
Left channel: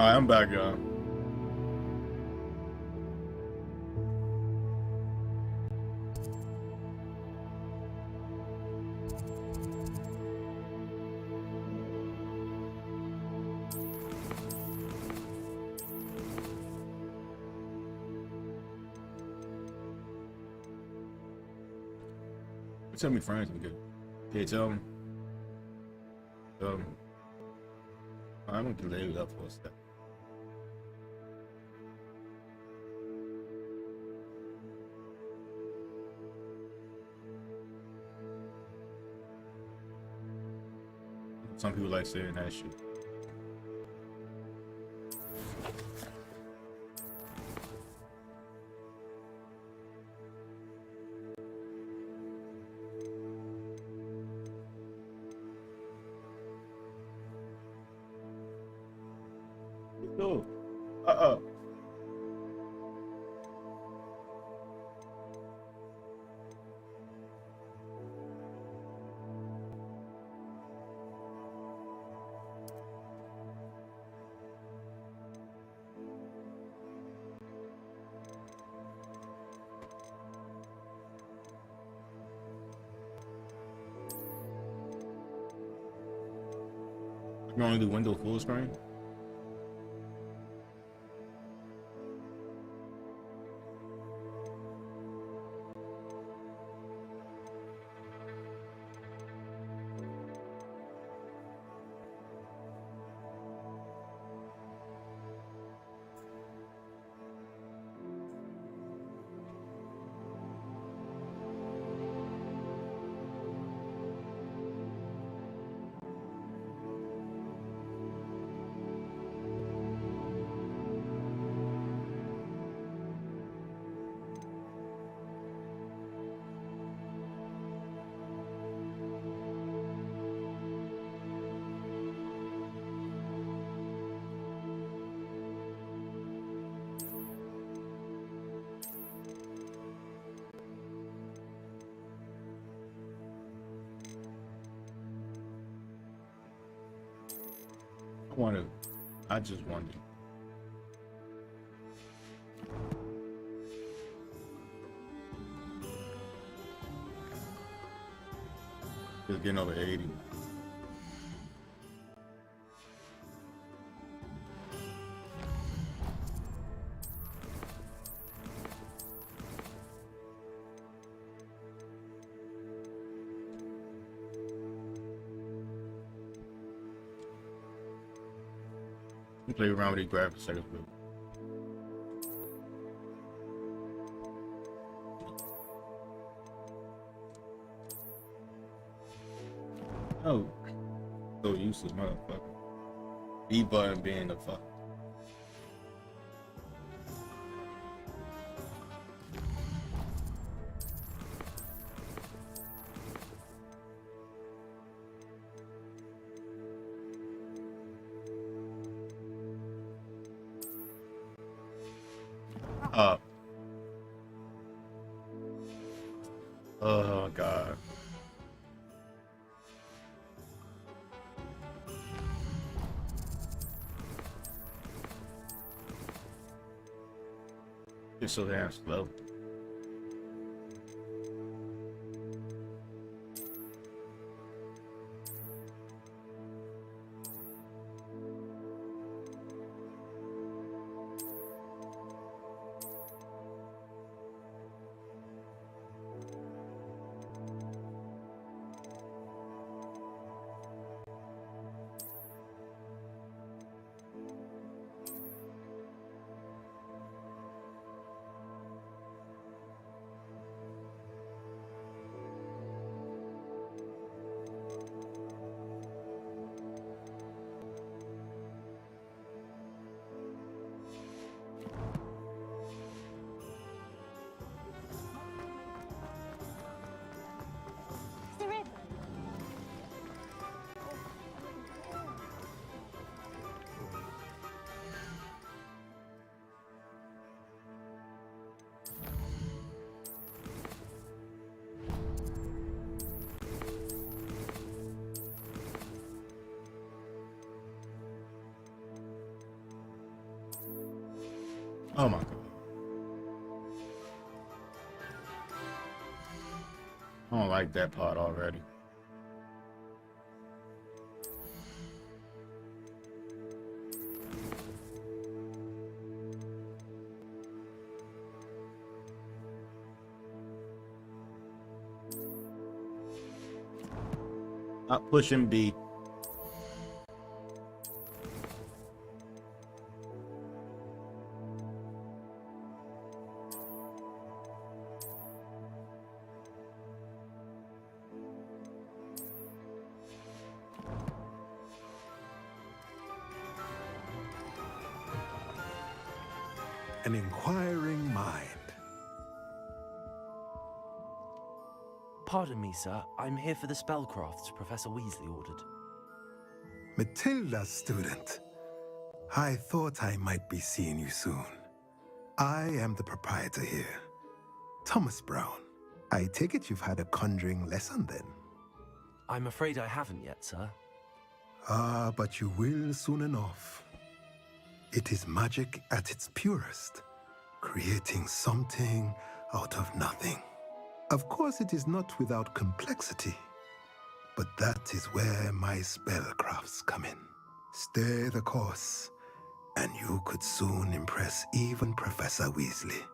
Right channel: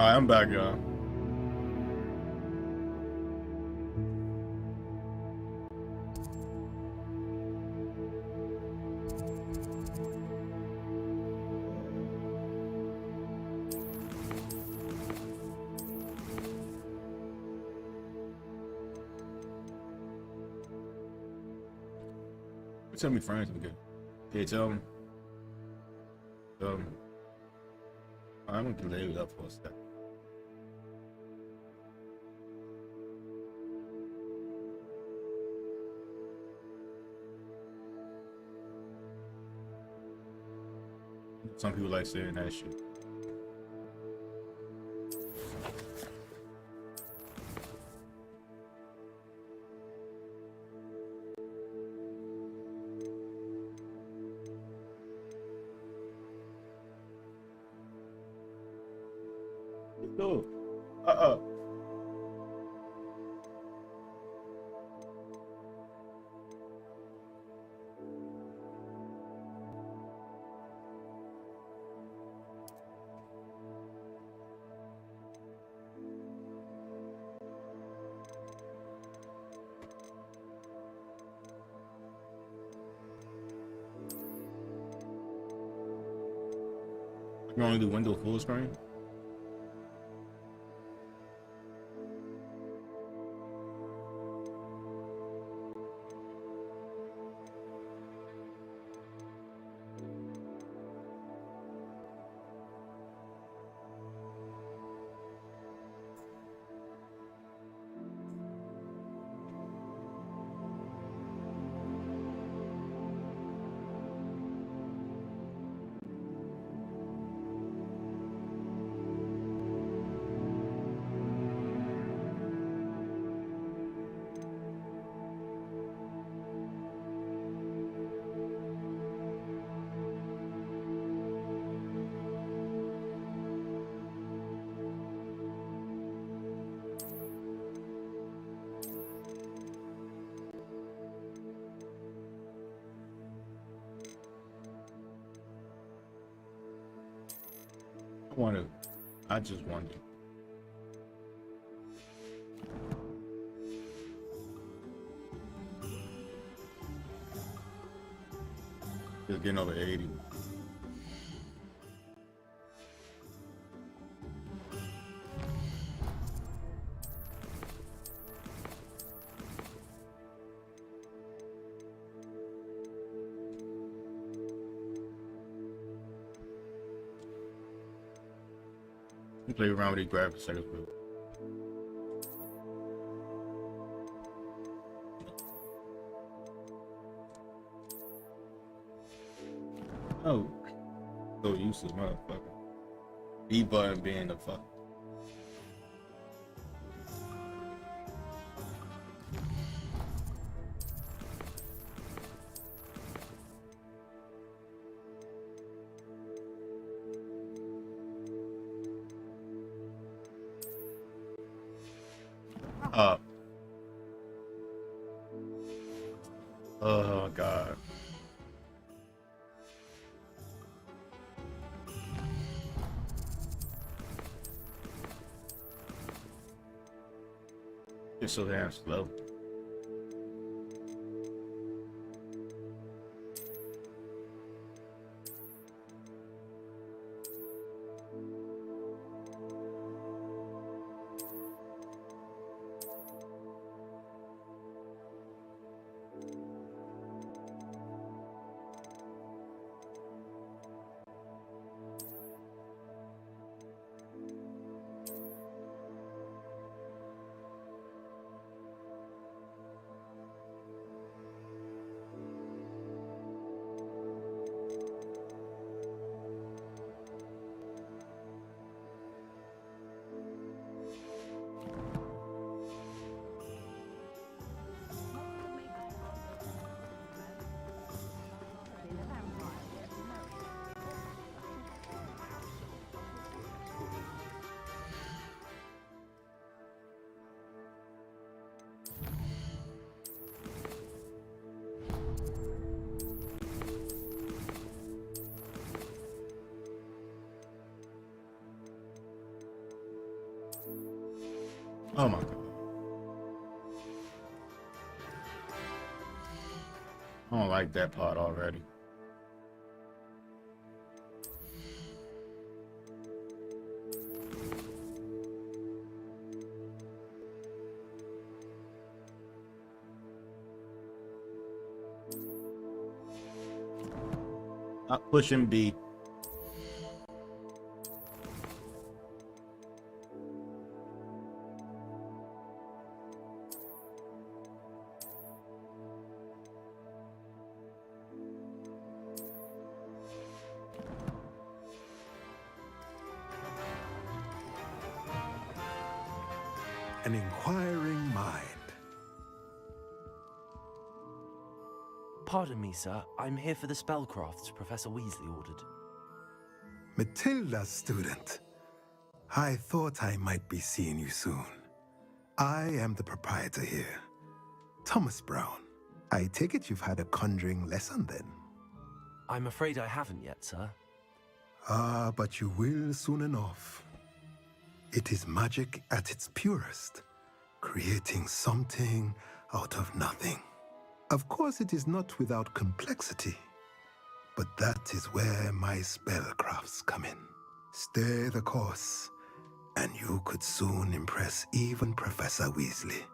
Alright, I'm back, y'all. Tell me friends I'm good. Okay, tell them. I'm gonna delay it up for a second. Some people like saying that shit. No. You can only do window full screen? I just wanted. Just getting over 80. Play around with these graphics settings. Oh, so useless, motherfucker. B button being the fuck. Oh god. It's so damn slow. Oh my god. I don't like that part already. Not pushing B. An inquiring mind. Pardon me, sir. I'm here for the spellcrafts Professor Weasley ordered. Matilda's student. I thought I might be seeing you soon. I am the proprietor here, Thomas Brown. I take it you've had a conjuring lesson then? I'm afraid I haven't yet, sir. Ah, but you will soon enough. It is magic at its purest, creating something out of nothing. Of course, it is not without complexity, but that is where my spellcrafts come in. Stay the course, and you could soon impress even Professor Weasley.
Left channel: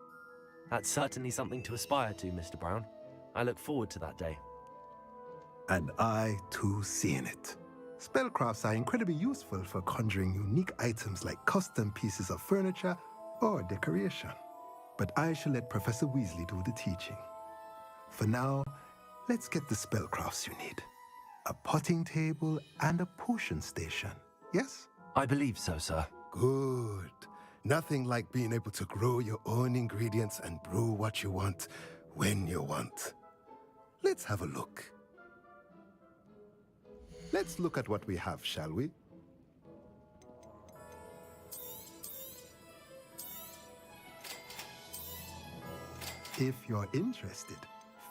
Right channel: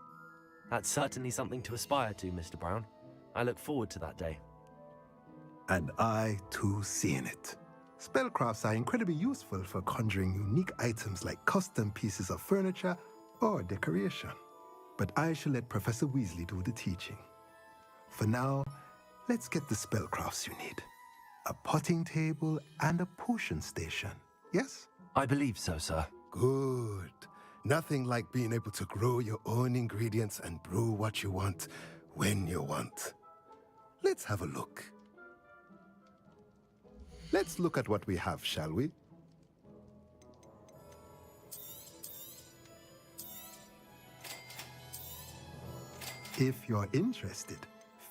That's certainly something to aspire to, Mr. Brown. I look forward to that day. And I, too, seeing it. Spellcrafts are incredibly useful for conjuring unique items like custom pieces of furniture or decoration. But I shall let Professor Weasley do the teaching. For now, let's get the spellcrafts you need. A potting table and a potion station, yes? I believe so, sir. Good. Nothing like being able to grow your own ingredients and brew what you want when you want. Let's have a look. Let's look at what we have, shall we? If you're interested,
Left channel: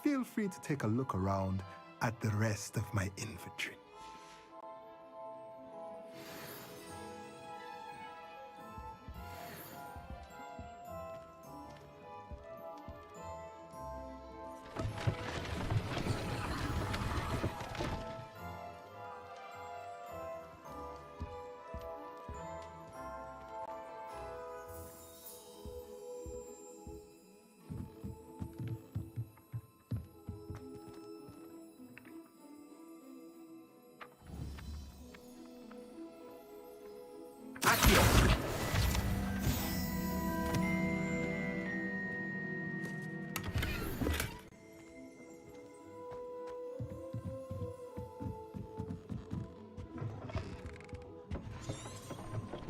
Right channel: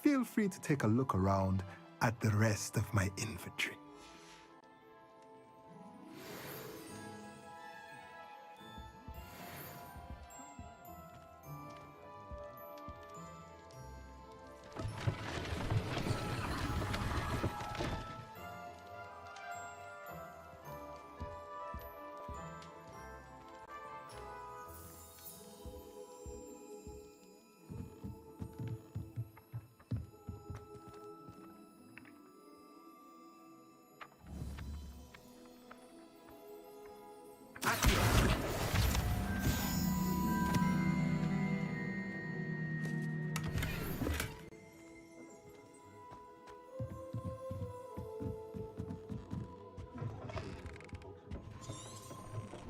feel free to take a look around at the rest of my inventory.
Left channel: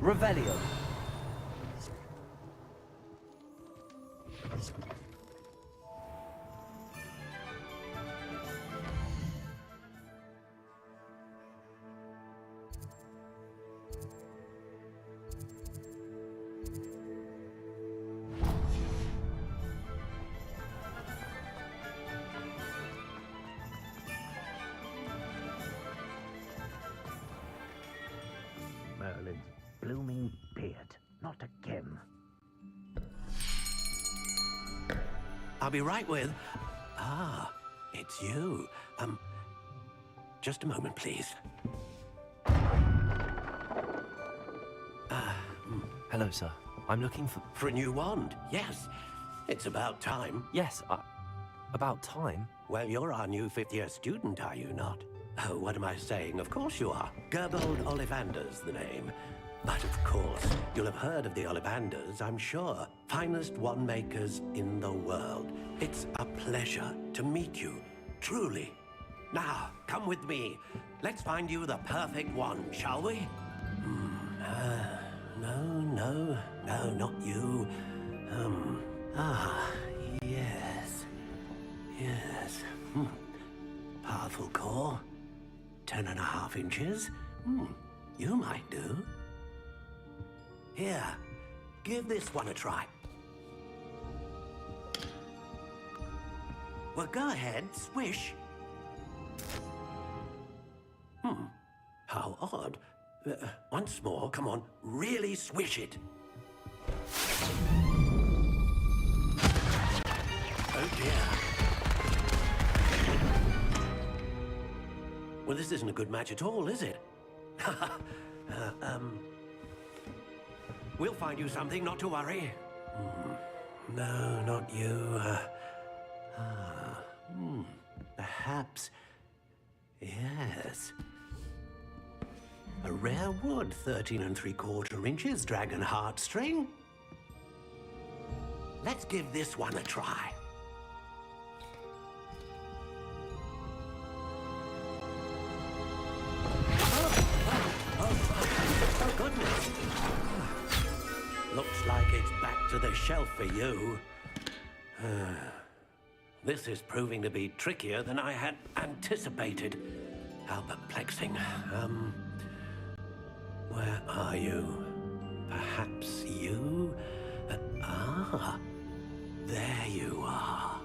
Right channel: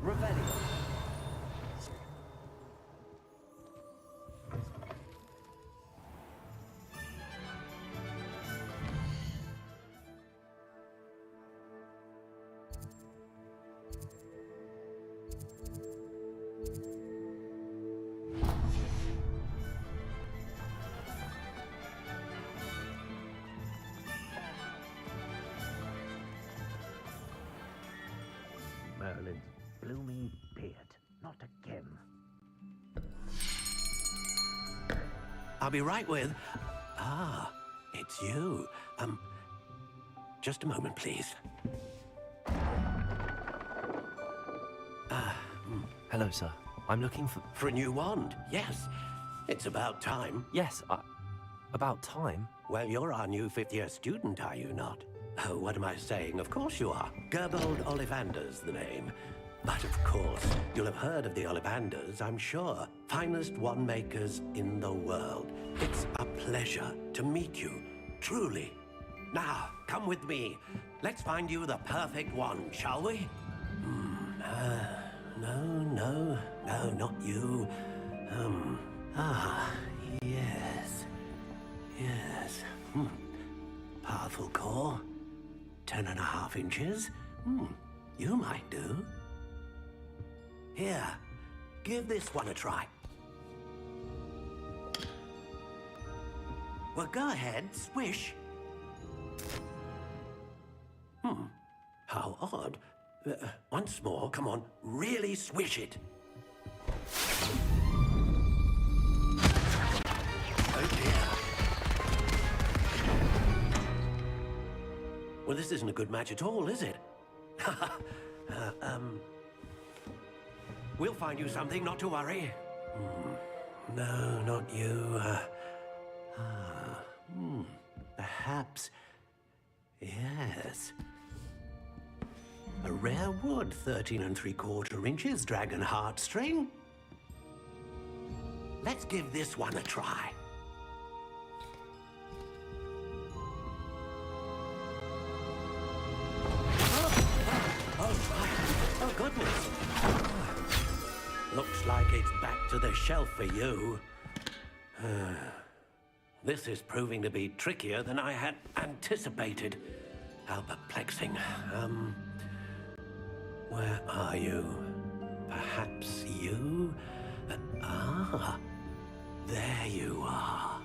Revelio. Merlin's blooming beard, not a Kim. I'll be right with... Ah, it's you. Just a moment, please. Hello, sir. I'm looking for... For a new wand, yes. It's about time. Yes, about time? Well, you're our new fifth-year student, are you not? Oh, what am I saying? Of course you are. Gerbold Ollivander's the name. But of course, you'll have heard of the Ollivanders, I'm sure. Finest wand makers in the world. It's a pleasure to meet you, truly. Now, come with me. Let's find you the perfect wand, shall we? No, not you. Yes. Powerful core. 10.5 inches. You might do. Here, give this one a try. Well, go ahead, swish. How odd. Once more, come on, really swish it. Oh dear. Well, this isn't a good match at all, is it? We'll find you something, not to worry. No, not you. Perhaps. Yes. A rare wood, 13 3/4 inches, dragon heartstring. Let's give this one a try. Oh, goodness. Looks like it's back to the shelf for you. This is proving to be trickier than I had anticipated. How perplexing. Where are you? Perhaps you? There you are.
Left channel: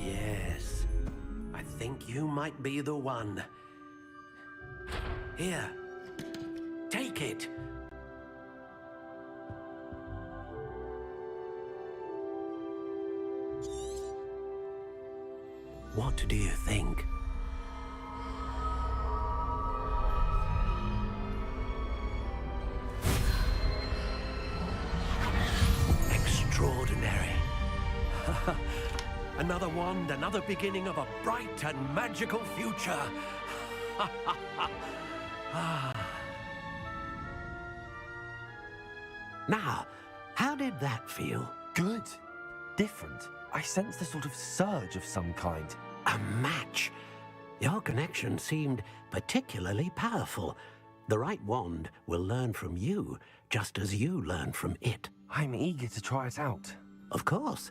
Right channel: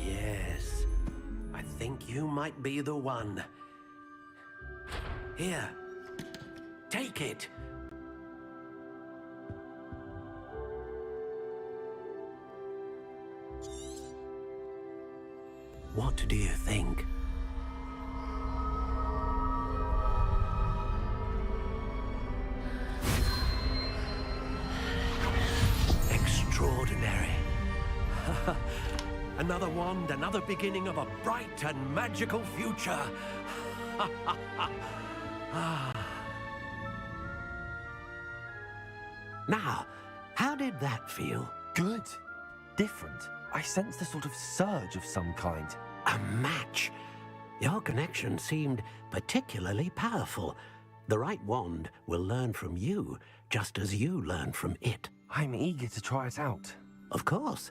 Yes, I think you might be the one. Here, take it. What do you think? Extraordinary. Another wand, another beginning of a bright and magical future. Now, how did that feel? Good. Different. I sensed a sort of surge of some kind. A match. Your connection seemed particularly powerful. The right wand will learn from you, just as you learn from it. I'm eager to try it out. Of course.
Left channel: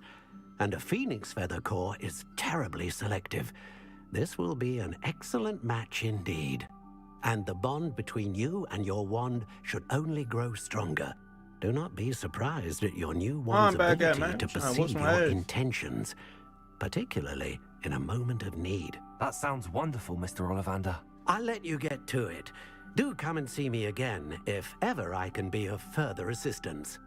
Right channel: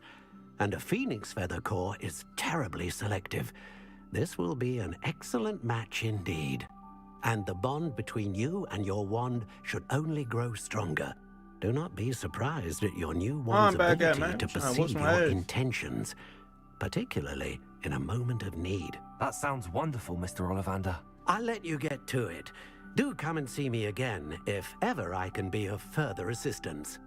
And a phoenix feather core is terribly selective. This will be an excellent match indeed. And the bond between you and your wand should only grow stronger. Do not be surprised at your new wand's ability to perceive your intentions, particularly in a moment of need. That sounds wonderful, Mr. Ollivander. I'll let you get to it. Do come and see me again if ever I can be of further assistance.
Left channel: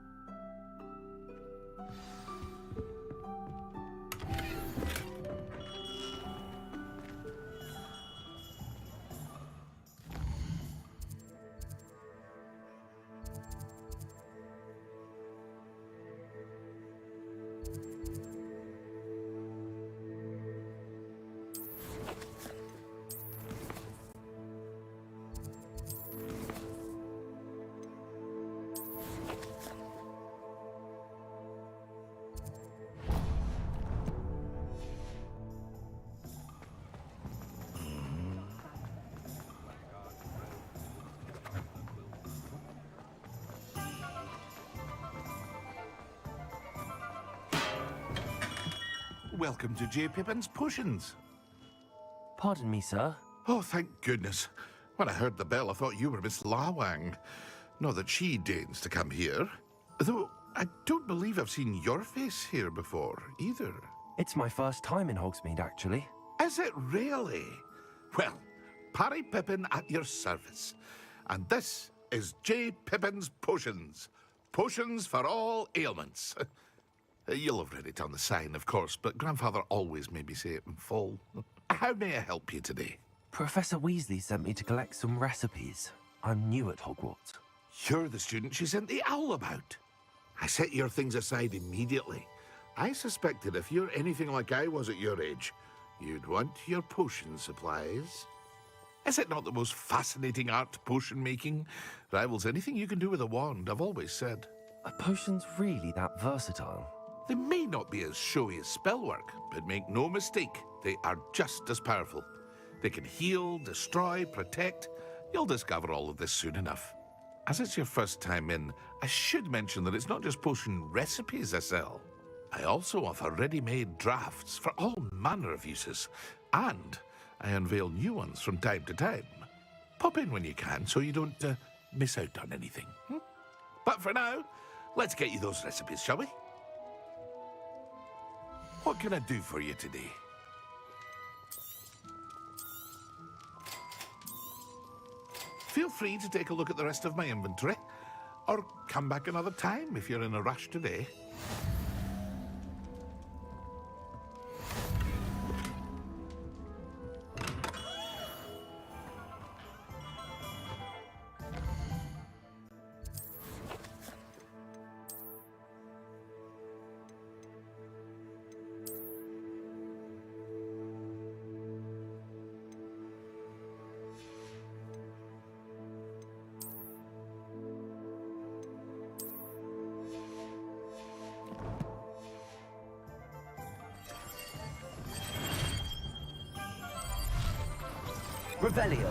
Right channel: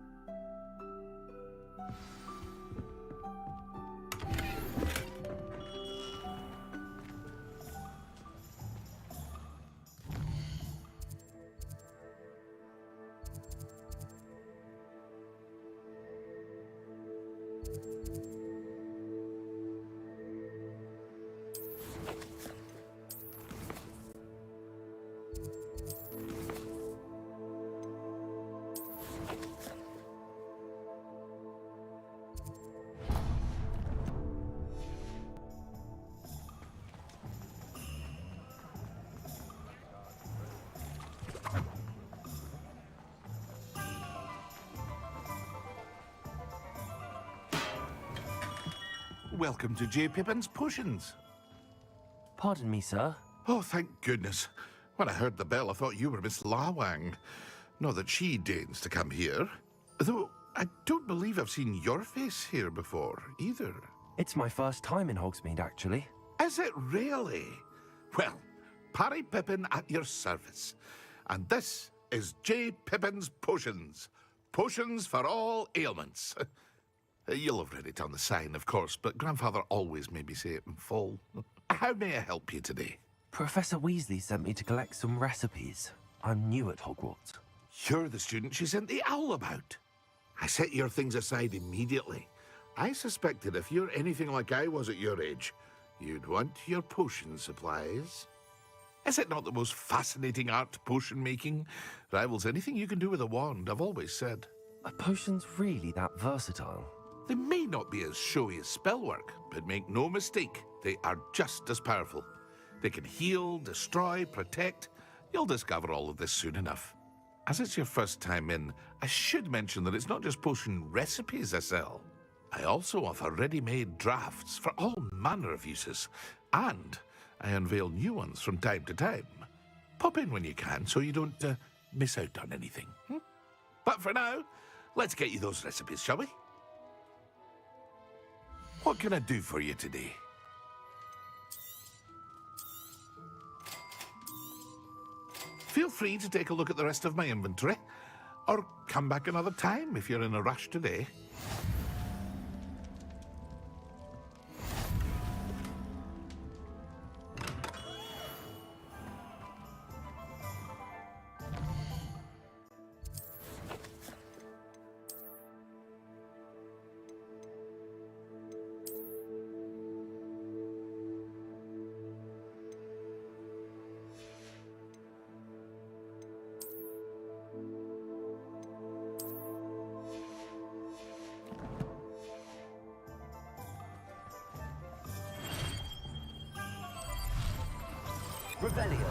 Welcome to J. Pippin's Potions. Pardon me, sir. Oh, thank goodness. When I heard the bell, I thought you were Miss Lawang. Not that she deigns to come here. Though, I don't believe I've seen your face here before, either. It's my first time in Hogsmeade, actually. Is it really? Well, Parry Pippin at your service. And this is J. Pippin's Potions. Potions for all ailments. You'll have read it on the sign, of course, but Grandfather always made me say it in full. How may I help you today? Professor Weasley sent me to collect some recipes. I'm new at Hogwarts. You're the student she sent the owl about. I set your things aside immediately. I suspected if you're anything like I was at your age, you'd want your potion supplies. Is it not the most fascinating art, potion making? Rivals anything you can do with a wand, I've always said. Are potions really that versatile? They may not be as showy as spellwork, but make no mistake, they are just as powerful. They can heal, destroy, protect. You'll discover all of this soon enough. As it's your first time in, I should mention that it's not just potion recipes I sell. I also offer ready-made drafts for all manner of uses, and I unveil new ones from time to time. Pop in when you can so you don't miss out on anything. But for now, let's get you those recipes, shall we? What can I do for you today? Feel free to take a look at the rest of my inventory. Or come back another time if you're in a rush today. Revelio.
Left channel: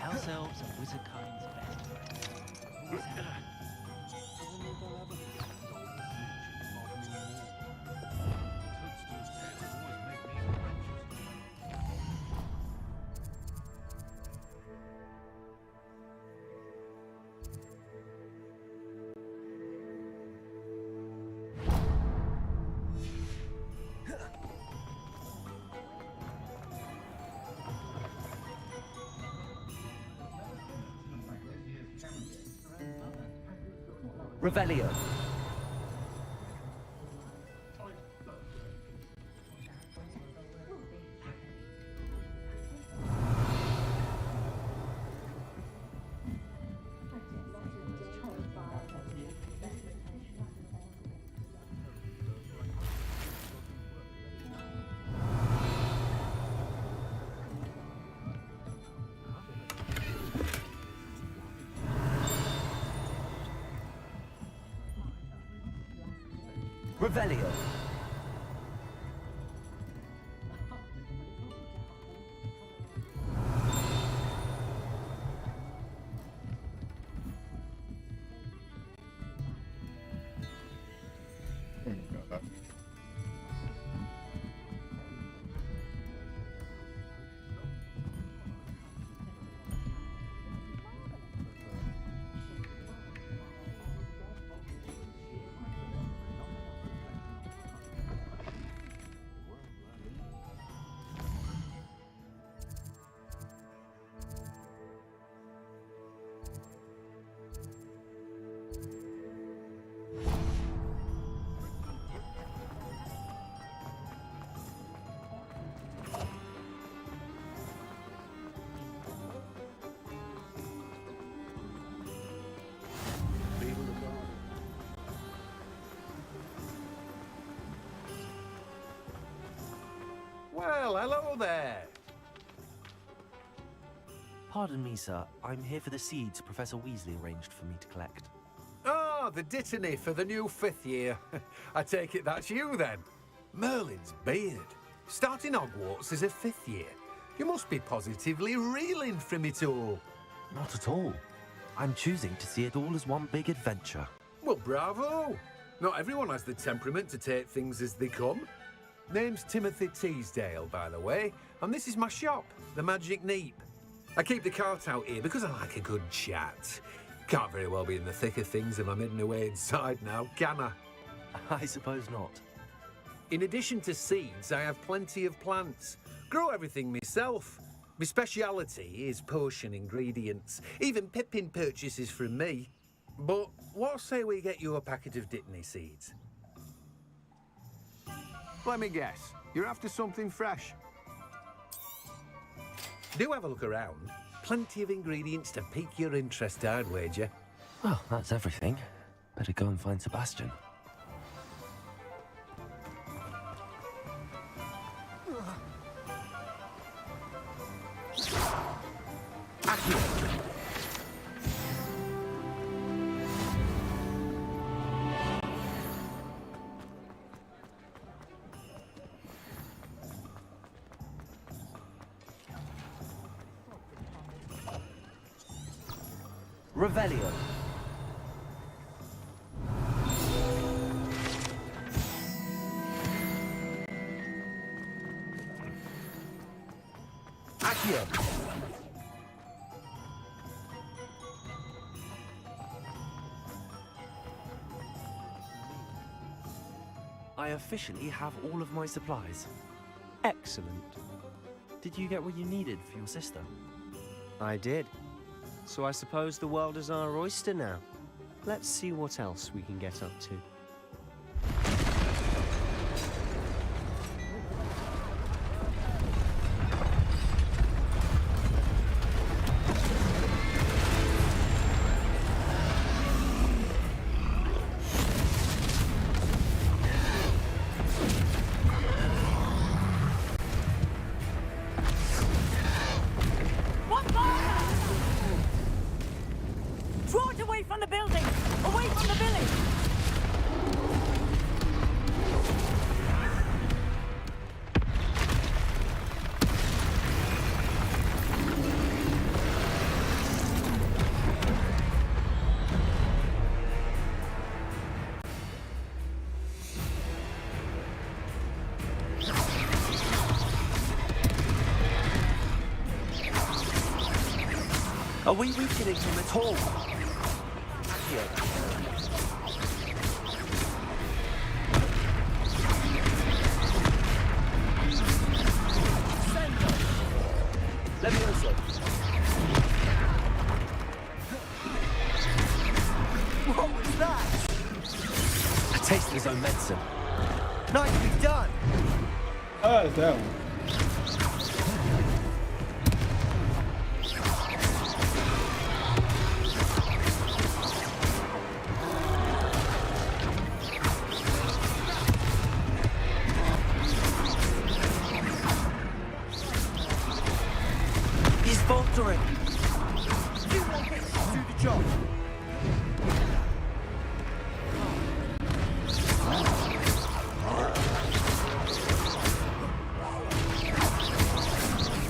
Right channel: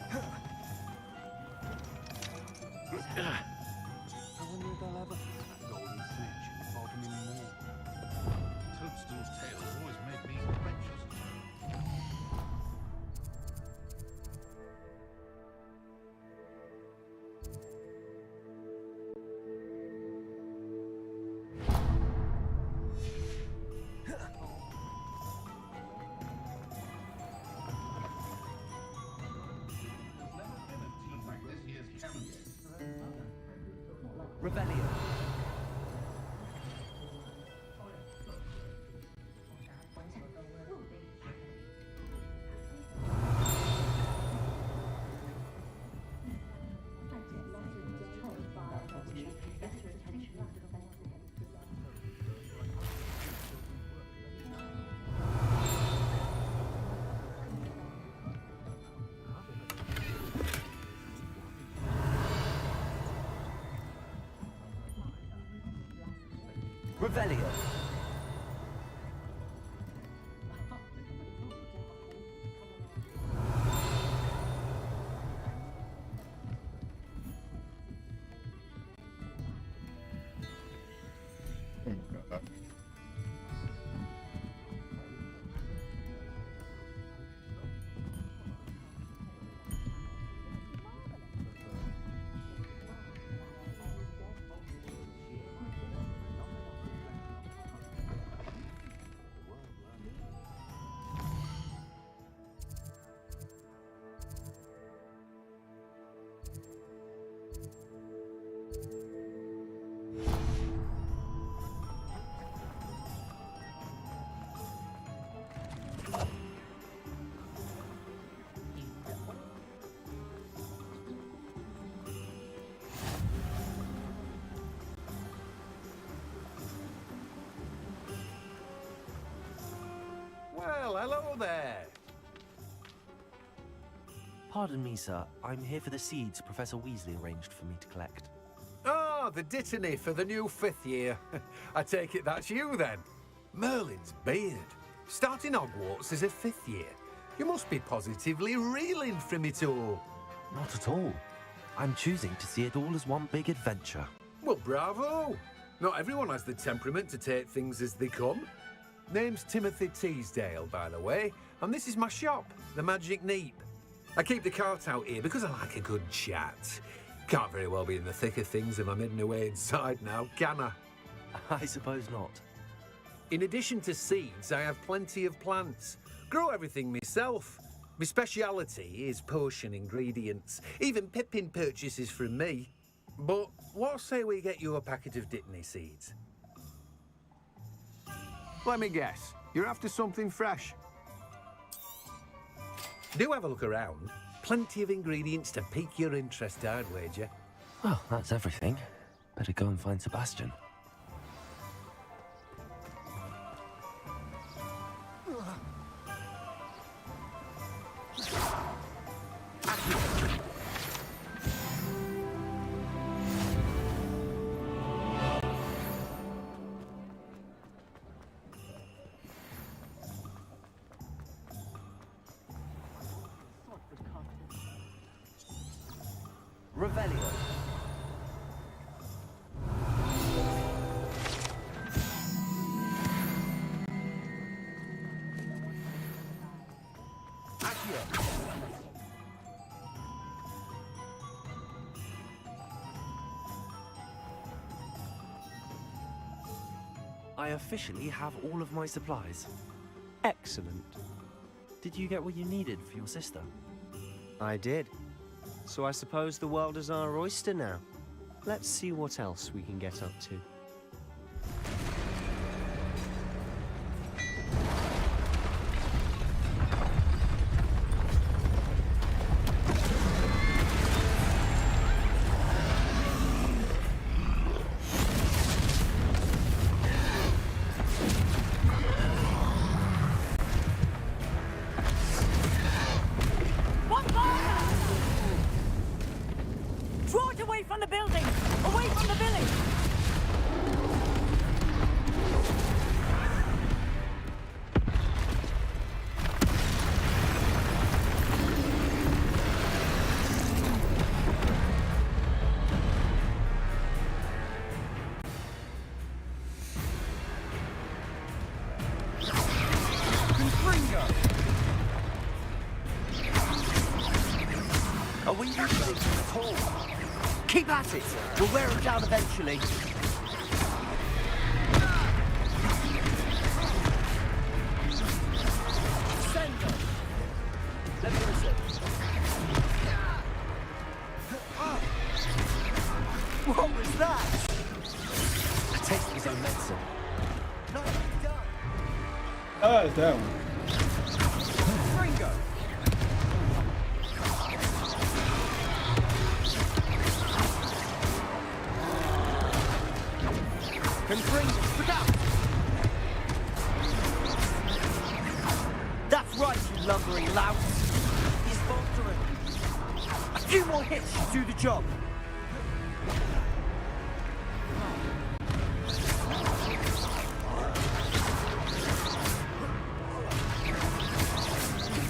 House elves and wizard cards. I wonder if I'll ever golden snitch in Bodmin Moor. Toadstool's tales always make me anxious. Revelio. Revelio. Well, hello there. Pardon me, sir. I'm here for the seeds Professor Weasley arranged for me to collect. Ah, the dittany for the new 5th year. I take it that's you then. Merlin's beard. Starting Hogwarts as a 5th year. You must be positively reeling from it all. Not at all. I'm choosing to see it all as one big adventure. Well, bravo. Not everyone has the temperament to take things as they come. Name's Timothy Teasdale, by the way, and this is my shop, the Magic Neep. I keep the cart out here because I like a good chat. Can't very well be in the thick of things if I'm hidden away inside now, can I? I suppose not. In addition to seeds, I have plenty of plants. Grow everything myself. My speciality is potion ingredients. Even Pippin purchases from me. But what say we get you a packet of Dittany seeds? Let me guess. You're after something fresh. Do have a look around. Plenty of ingredients to pique your interest, I'd wager. Well, that's everything. Better go and find Sebastian. Revelio. Accio. I officially have all of my supplies. Excellent. Did you get what you needed for your sister? I did. So I suppose the world is our oyster now. Let's see what else we can get up to. Draw it away from the building! Away from the village! Are we weakening him at all? Keep at it here. We'll wear him down eventually. Send them. Levioso. What was that? A taste of his own medicine. Nicely done. Oh, it's that one. That's right, lovely lad. He's faltering. A few more hits to do the job.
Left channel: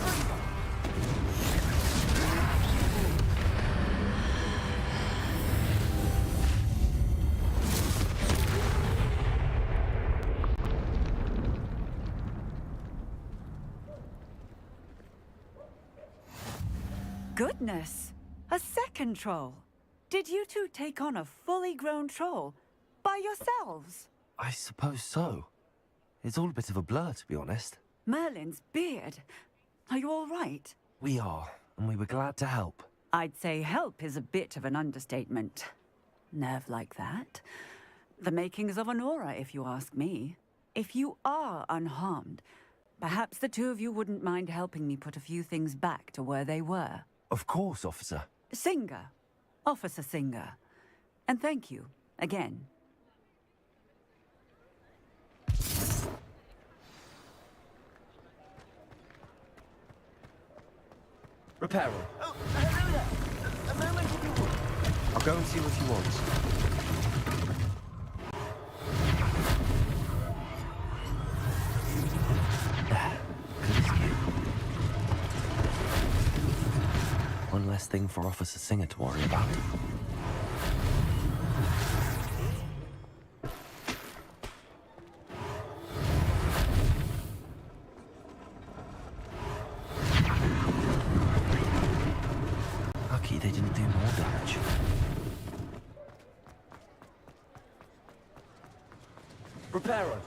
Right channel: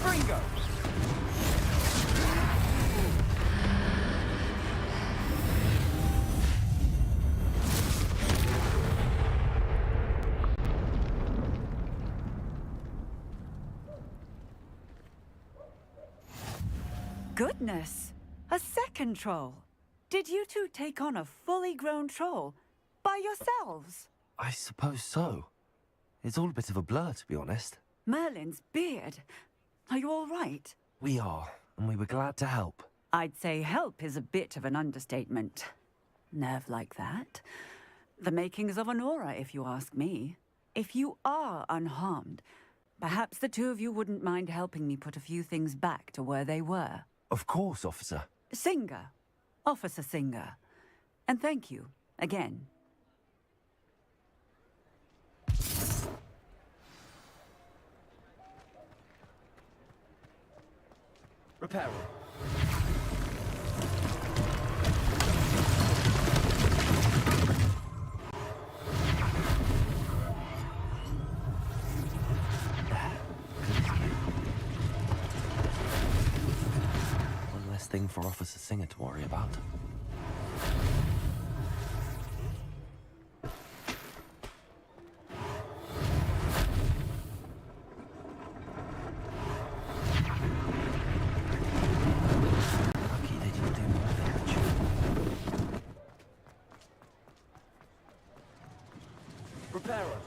Bingo. Goodness! A second troll! Did you two take on a fully grown troll? By yourselves? I suppose so. It's all a bit of a blur, to be honest. Merlin's beard. Are you all right? We are, and we were glad to help. I'd say help is a bit of an understatement. Nerve like that. The makings of an aura, if you ask me. If you are unharmed, perhaps the two of you wouldn't mind helping me put a few things back to where they were. Of course, officer. Singer. Officer Singer. And thank you, again. Reparo. Go and see what you want. One less thing for Officer Singer to worry about. Lucky they didn't do more damage. Reparo.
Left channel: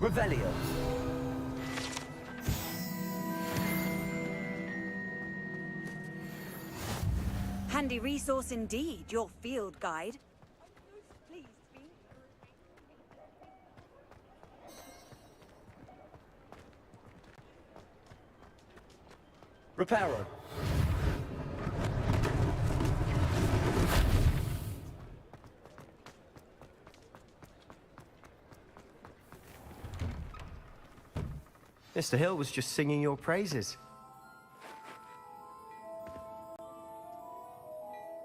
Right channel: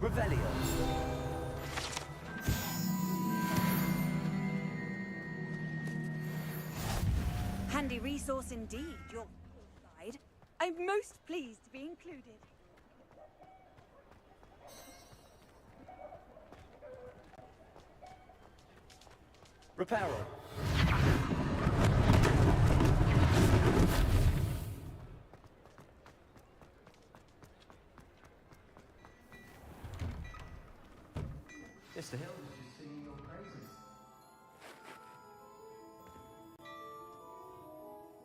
Revelio. Handy resource indeed, your field guide. I'm most pleased to be included. Reparo. Mr. Hill was just singing your praises.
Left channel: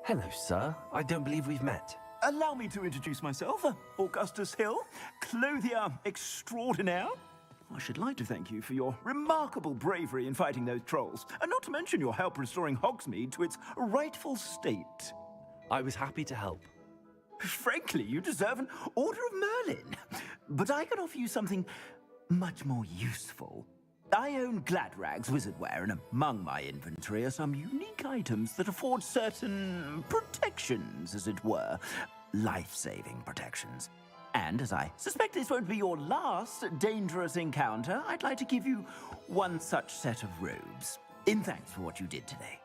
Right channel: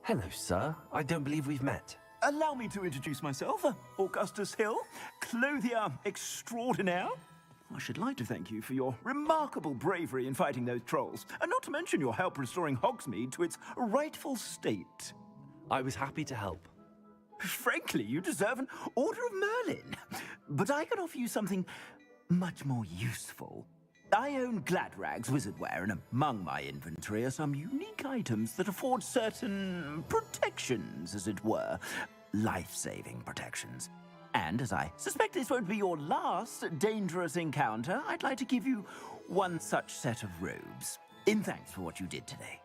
Hello, sir. I don't believe we've met. Allow me to introduce myself, Augustus Hill, clothier extraordinaire. I should like to thank you for your remarkable bravery in fighting those trolls, and not to mention your help restoring Hogsmeade to its rightful state. I was happy to help. Frankly, you deserve an Order of Merlin. But I can offer you something much more useful. I own Gladrag's wizardware, and among my inventory are some unique items that afford certain protections, as it were. Life-saving protections. And as I suspect this won't be your last dangerous encounter, I'd like to give you one such set of robes, in thanks for what you did today.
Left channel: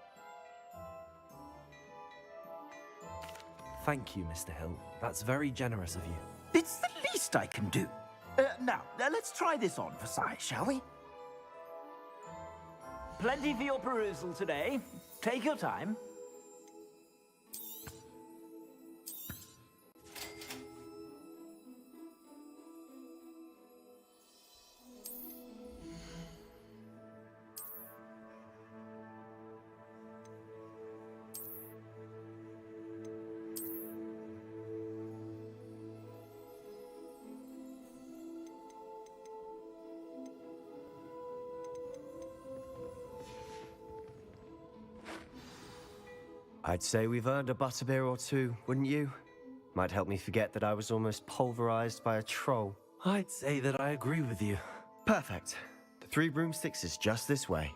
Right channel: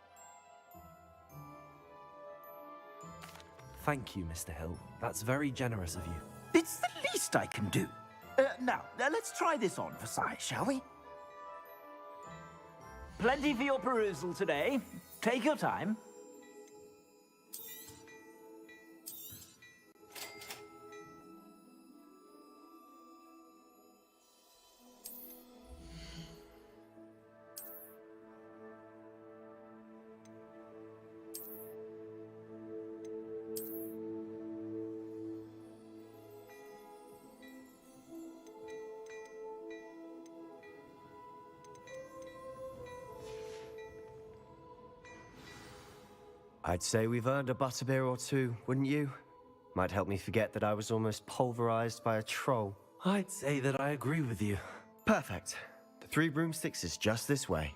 Thank you, Mr. Hill. That's very generous of you. It's the least I can do. Now, let's try this on for size, shall we? Plenty for your perusal today. Take your time. I'd say we've earned a butterbeer or two, wouldn't you? Might help me forget that I was almost pulverized by a troll. I'd say that I agree with you. Perfect. The Three Broomsticks is just this way.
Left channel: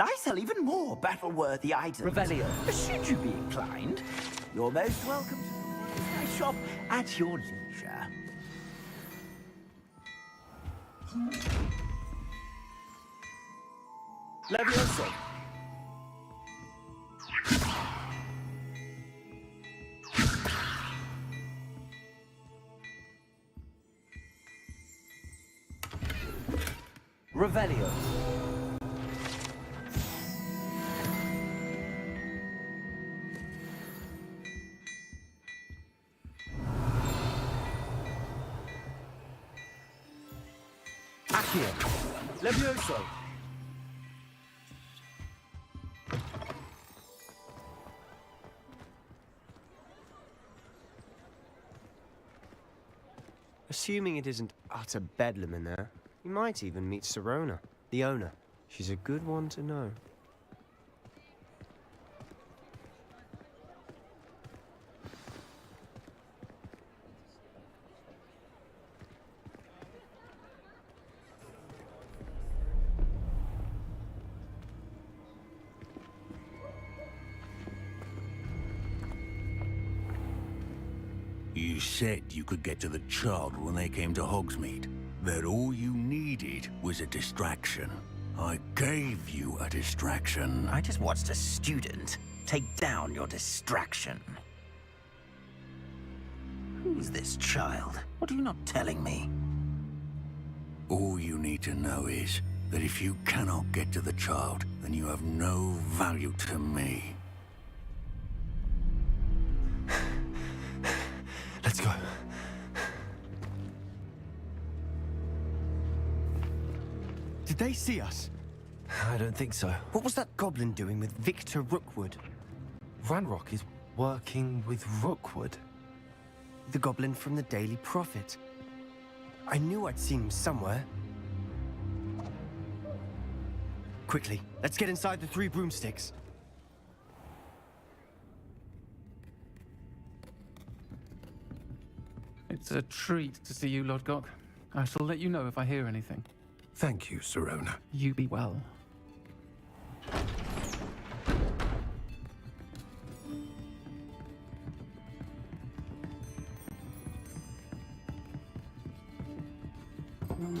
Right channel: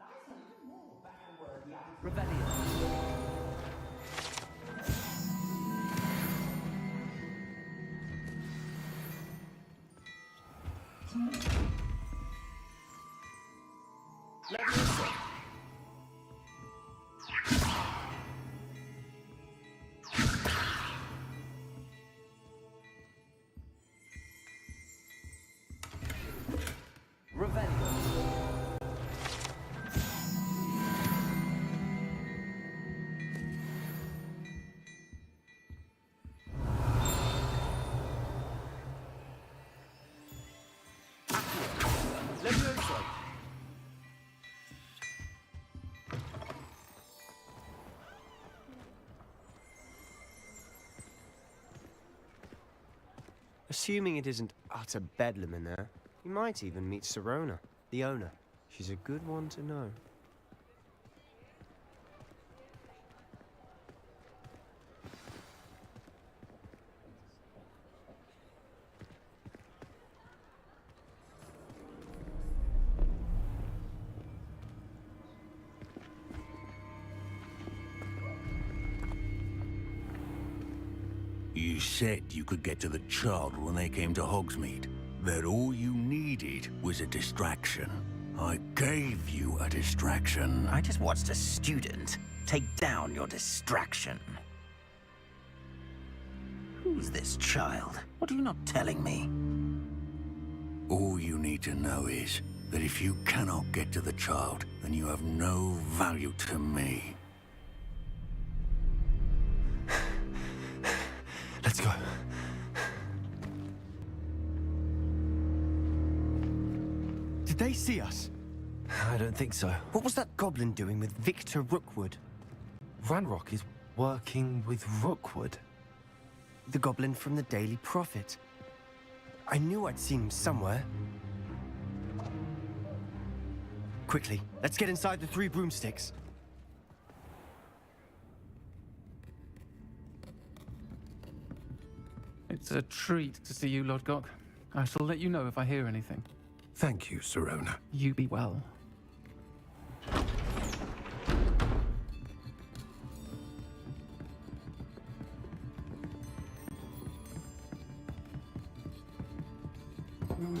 I sell even more battle-worthy items. Revelio. Should you be inclined, you're most welcome to shop at your leisure. Levioso. Revelio. Accio. Levioso. Assuming it isn't utter bedlam in there, you might even meet Sirona, the owner. She's a good one to know. You said you could get to the child when they came to Hogsmeade. That all you needed was a distraction. I gave you a distraction. I just watched a student take down your distraction. Who's this child? What are you not telling me? All you need to know is that if you cannot get to the child, then you have no value to me. Let's go. Did they see us? I don't think so. What was that goblin doing with Victor Rookwood? Ranrock is working with Rookwood. The goblin from the Daily Prophet. I knew I'd seen him somewhere. Quickly, let's get inside the Three Broomsticks. It's a treat to see you, Lodgok. I shall let you know if I hear anything. Thank you, Sirona. You be well.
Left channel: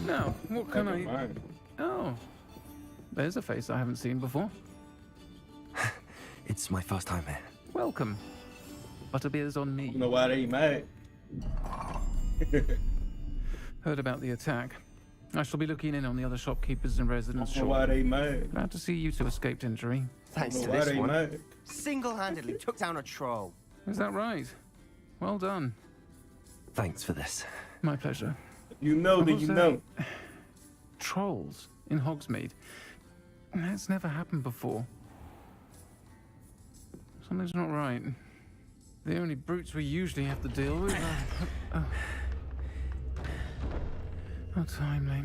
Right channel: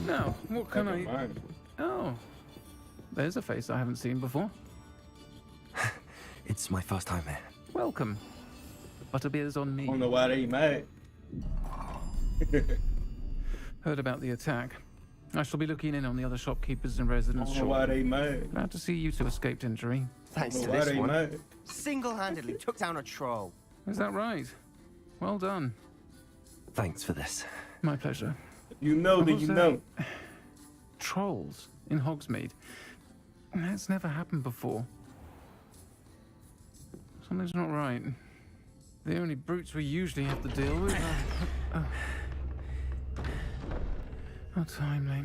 Now, what can I... Oh, there's a face I haven't seen before. It's my first time here. Welcome. Butterbeer's on me. I don't know why they mad. Heard about the attack. I shall be looking in on the other shopkeepers and residents I don't know why shortly. they mad. Glad to see you two escaped injury. Thanks to Why this they one. mad? Single-handedly took down a troll. Is that right? Well done. Thanks for this. My pleasure. You know that Was you there know. trolls in Hogsmeade? That's never happened before. Something's not right. The only brutes we usually have to deal with are... Oh, timely.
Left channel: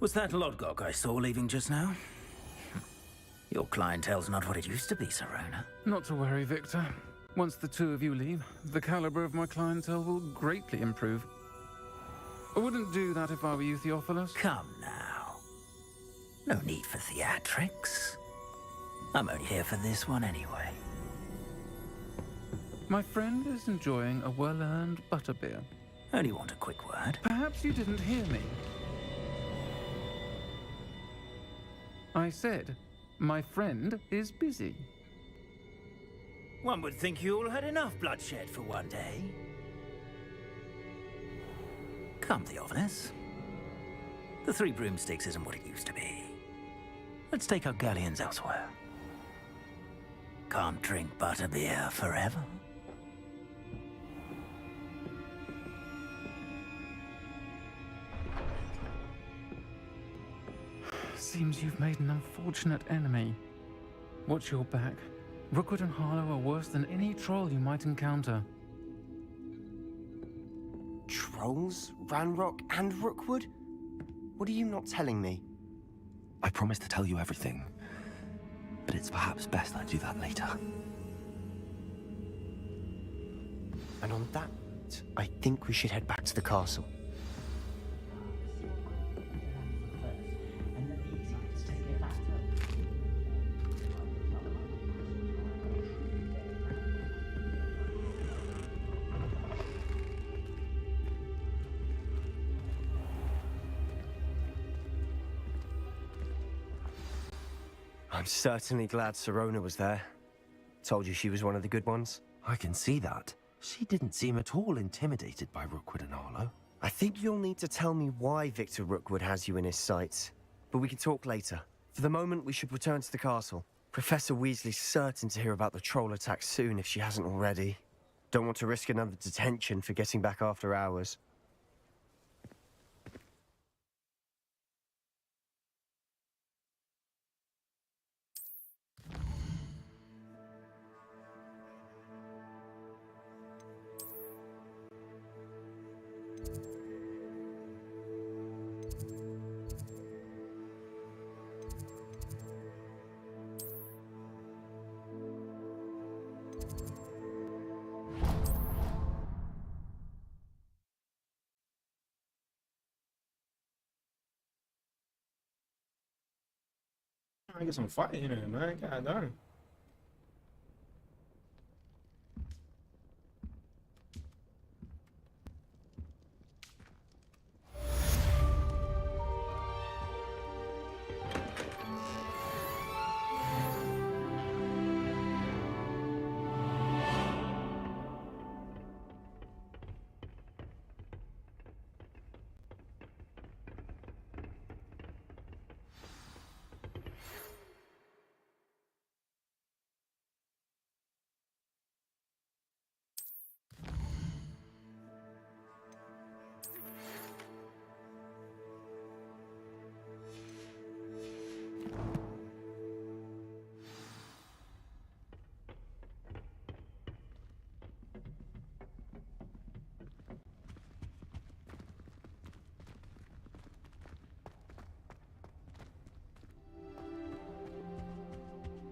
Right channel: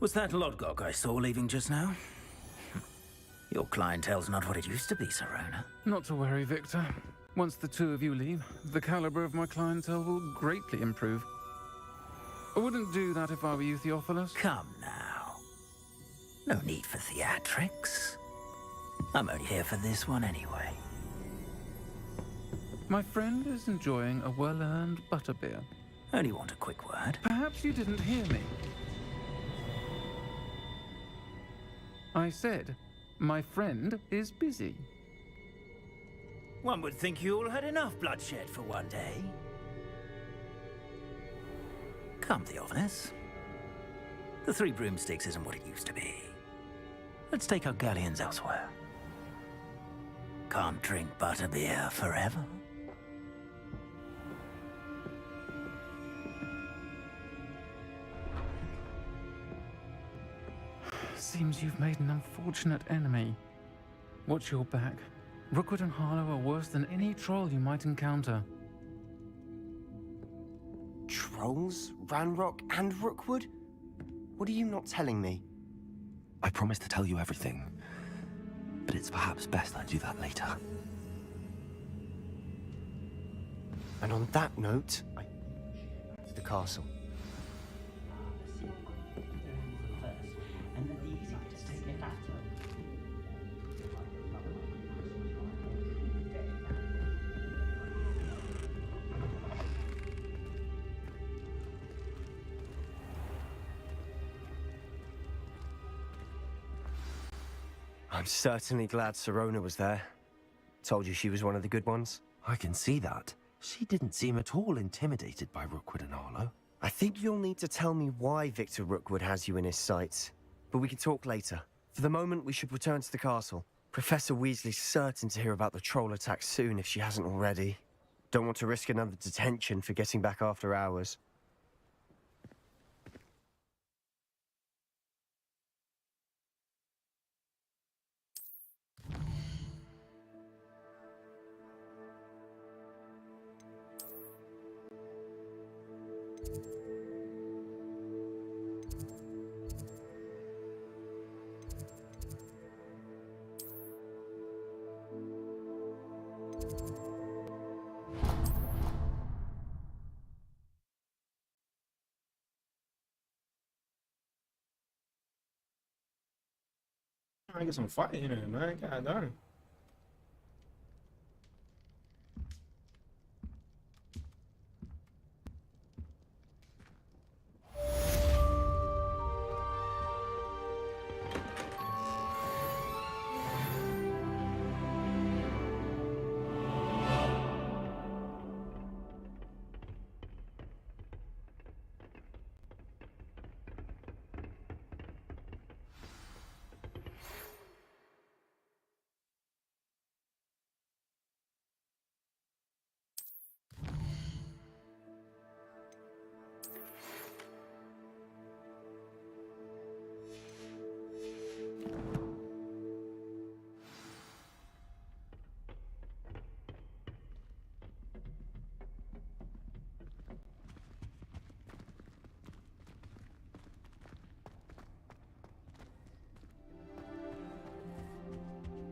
Was that Lodgok I saw leaving just now? Your clientele's not what it used to be, Serona. Not to worry, Victor. Once the two of you leave, the caliber of my clientele will greatly improve. I wouldn't do that if I were you, Theophilus. Come now. No need for theatrics. I'm only here for this one anyway. My friend is enjoying a well-earned butterbeer. Only want a quick word. Perhaps you didn't hear me. I said, my friend is busy. One would think you all had enough bloodshed for one day. Come, Theophilus. The Three Broomsticks isn't what it used to be. Let's take our galleons elsewhere. Can't drink butterbeer forever. Seems you've made an unfortunate enemy. Watch your back. Rookwood and Harlow are worse than any troll you might encounter. Trolls? Ranrock and Rookwood? What are you not telling me? I promise to tell you everything, but it's perhaps best I do that later. And on that note, I think we should head back to the castle. I'm certainly glad Serona was there. Told you she was one of the good ones. I can see that. She didn't seem at all intimidated by Rookwood and Harlow. I think you'll need to tell me why Victor Rookwood has you in his sights. But we can talk later. For the moment, we should return to the castle. Professor Weasley's certain to hear about the troll attack soon if she hasn't already. Don't want to risk another detention for getting back after hours. I get some fighting in there, man. God darn.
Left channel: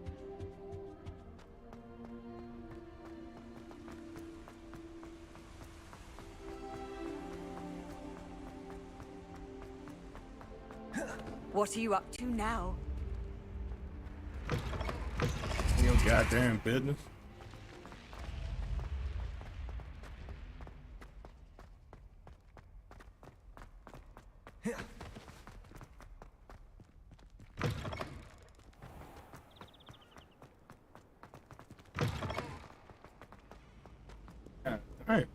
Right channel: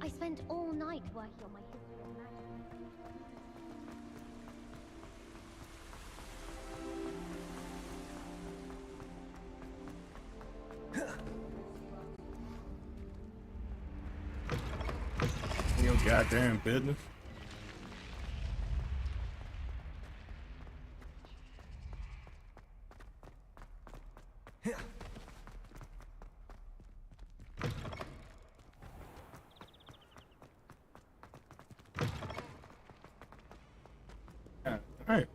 I spent all night working on my... What are you up to now? Your goddamn business. Alright.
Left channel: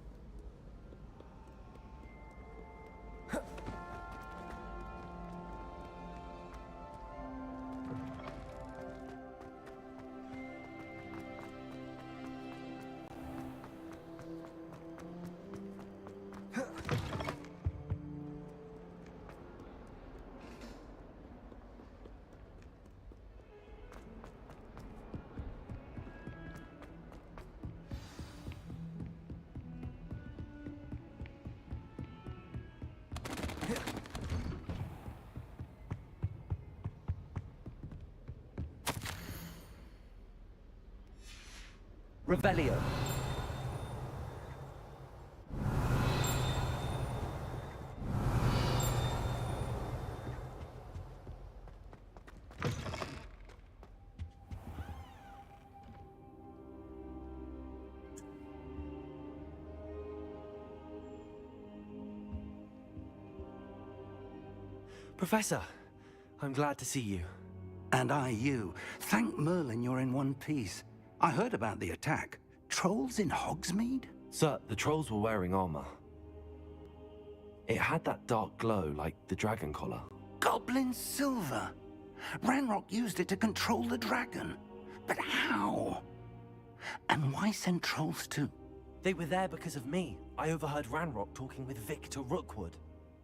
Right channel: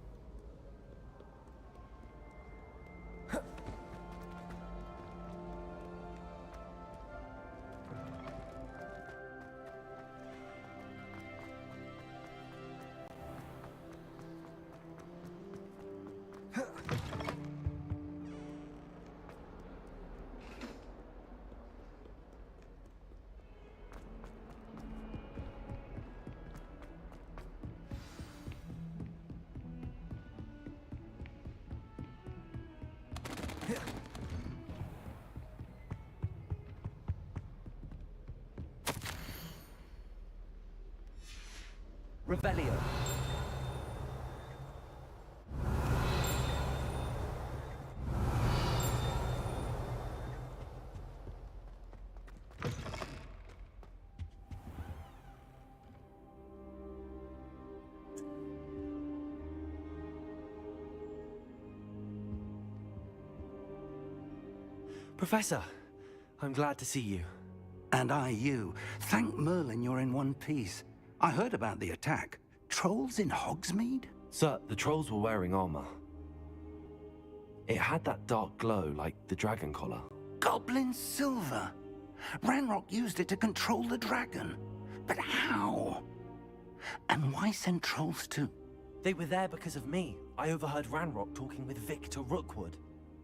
Revelio. Professor, I'm glad to see you. And I you. Thank Merlin you're in one piece. I heard about the attack. Trolls in Hogsmeade? Sir, the trolls were wearing armor. It had that dark glow like the dragon collar. Goblin silver. Ranrock used it to control the dragon. But how? And why send trolls too? They were there because of me. I overheard Ranrock talking with Victor Rookwood.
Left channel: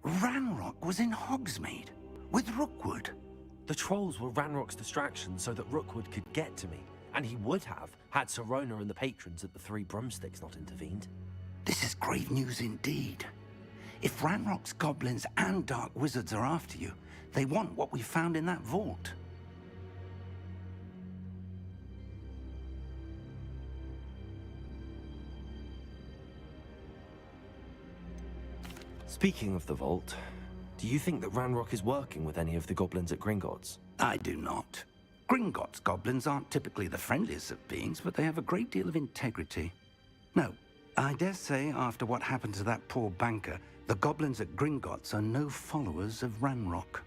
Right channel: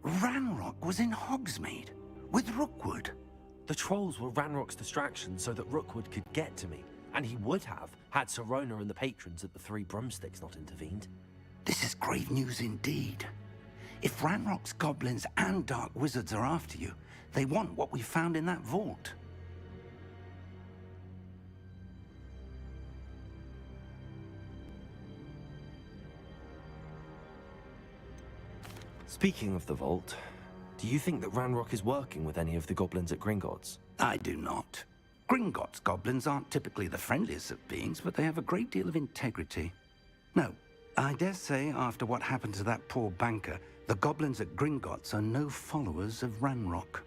Ranrock was in Hogsmeade with Rookwood. The trolls were Ranrock's distraction so that Rookwood could get to me. And he would have, had Sirona and the patrons at the Three Broomsticks not intervened. This is grave news indeed. If Ranrock's goblins and dark wizards are after you, they want what we found in that vault. Speaking of the vault, do you think that Ranrock is working with any of the goblins at Gringotts? I do not. Gringotts goblins aren't typically the friendliest of beings, but they have a great deal of integrity. No, I dare say after what happened to that poor banker, the goblins at Gringotts are no followers of Ranrock.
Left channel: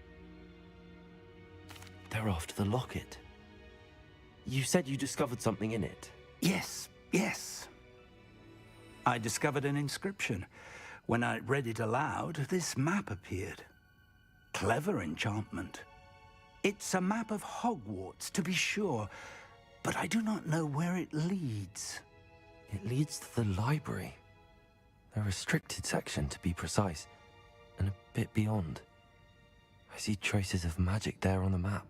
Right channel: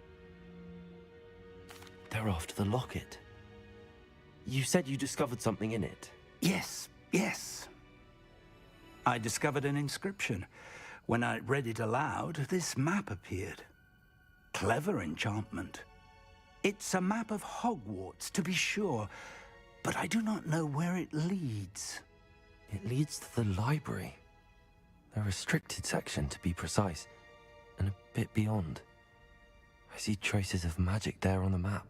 They're after the locket. You said you discovered something in it. Yes, yes. I discovered an inscription. When I read it aloud, this map appeared. Clever enchantment. It's a map of Hogwarts, to be sure, but I do not know where it leads. It leads to the library. A restricted section, to be precise, and a bit beyond. I see traces of magic there on the map.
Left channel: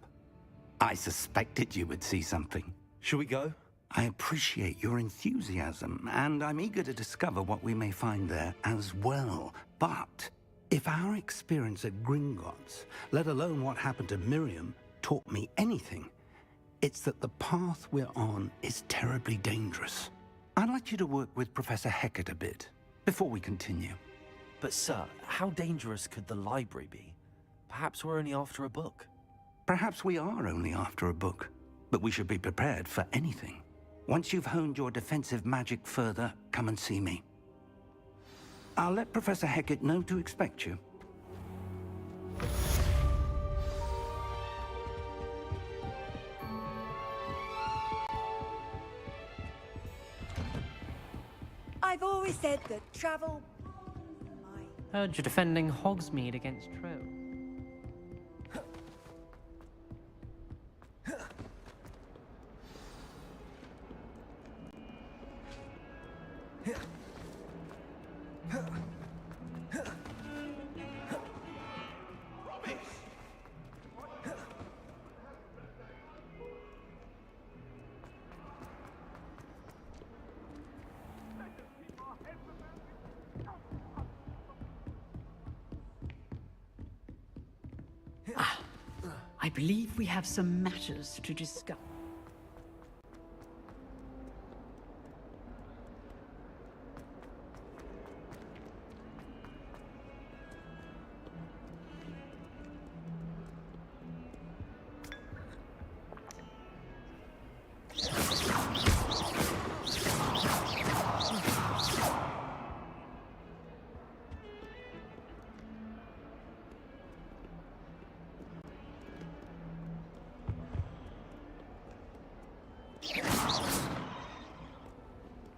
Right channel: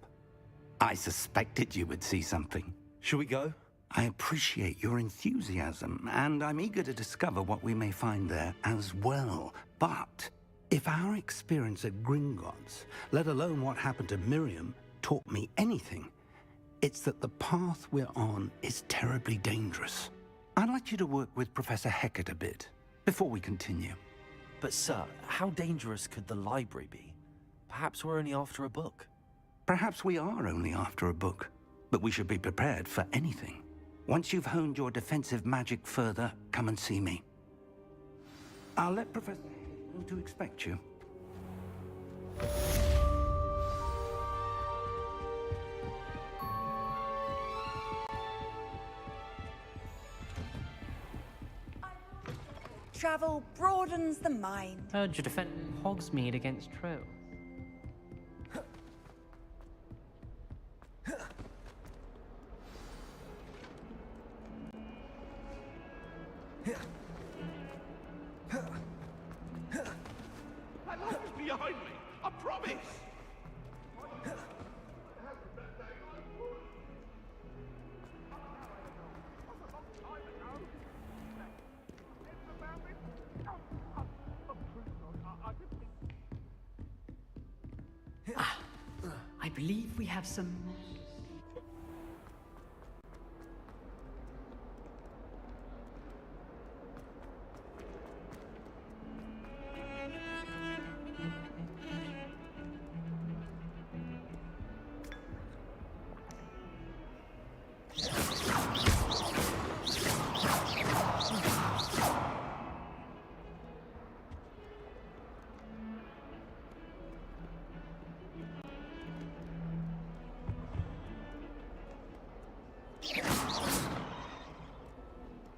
I suspected you would see something. Shall we go? I appreciate your enthusiasm, and I'm eager to discover what we may find there as well. But if our experience at Gringotts, let alone what happened to Miriam, taught me anything, it's that the path we're on is terribly dangerous. I'd like you to work with Professor Hecat a bit before we continue. But sir, how dangerous could the library be? Perhaps we're only after a book. Perhaps we are only after a book, but we should be prepared for anything. Once you've honed your defensive magic further, come and see me. I'll let Professor Hecat know to expect you. I've always said that travel broadens the mind. Heard you're defending Hogsmeade against trolls. I believe we have some matters to discuss.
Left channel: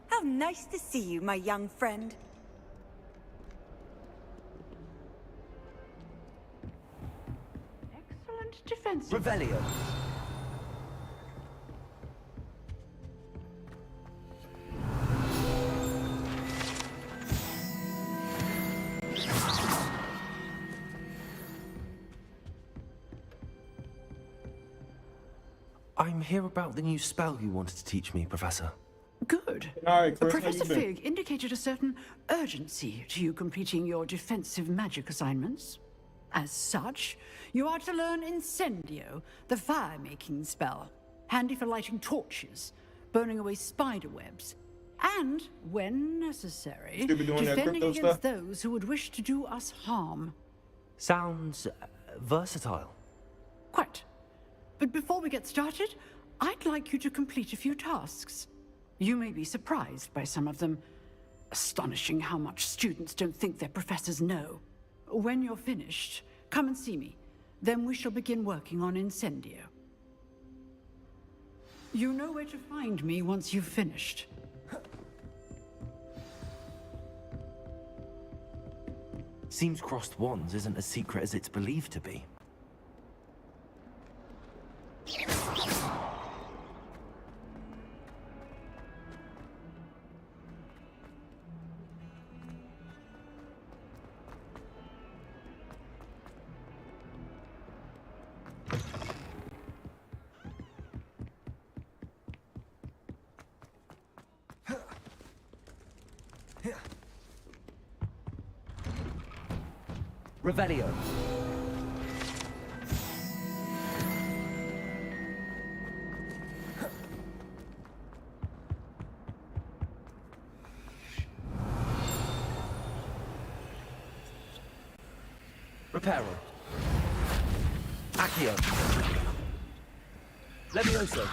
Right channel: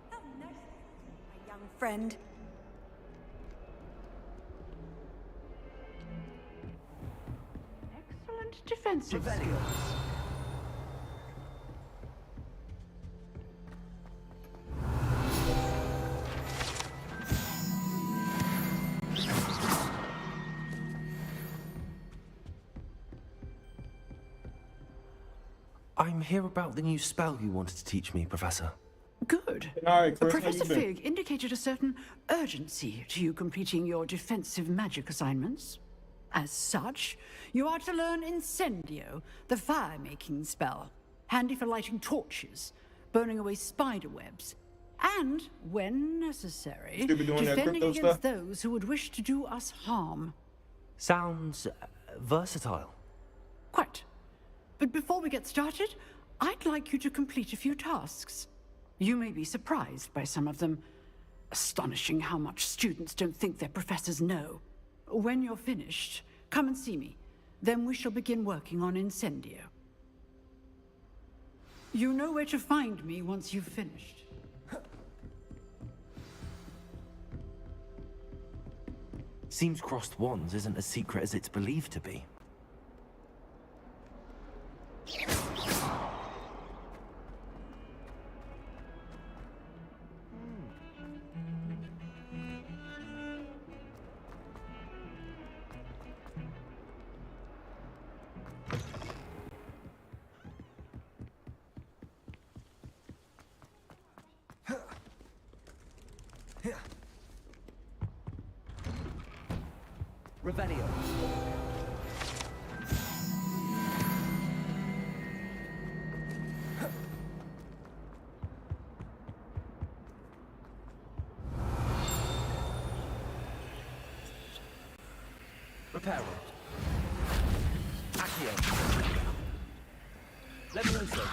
How nice to see you, my young friend. Excellent defensive. Revelio. I'm here about the new spell you wanted to teach me, Professor. Good. All right, Chris, Professor how you been? Fig indicated a certain urgency to you completing your defensive magic assignments. As such, you are to learn Incendio, the fire-making spell, handy for lighting torches, burning away spider webs, and, when necessary, Still be doing that defending crypto against stuff? those who would wish to do us harm. Sounds versatile. Quite. But before we get started, I'd like you to complete a few tasks. You may be surprised by some of them. Astonishing how much students don't think their professors know. When you're finished, come and see me. Then we shall begin working on Incendio. You know where to find me once you've finished. Seems crossed wands isn't as secret as it's believed to be. Revelio. Reparo. Accio. Levioso.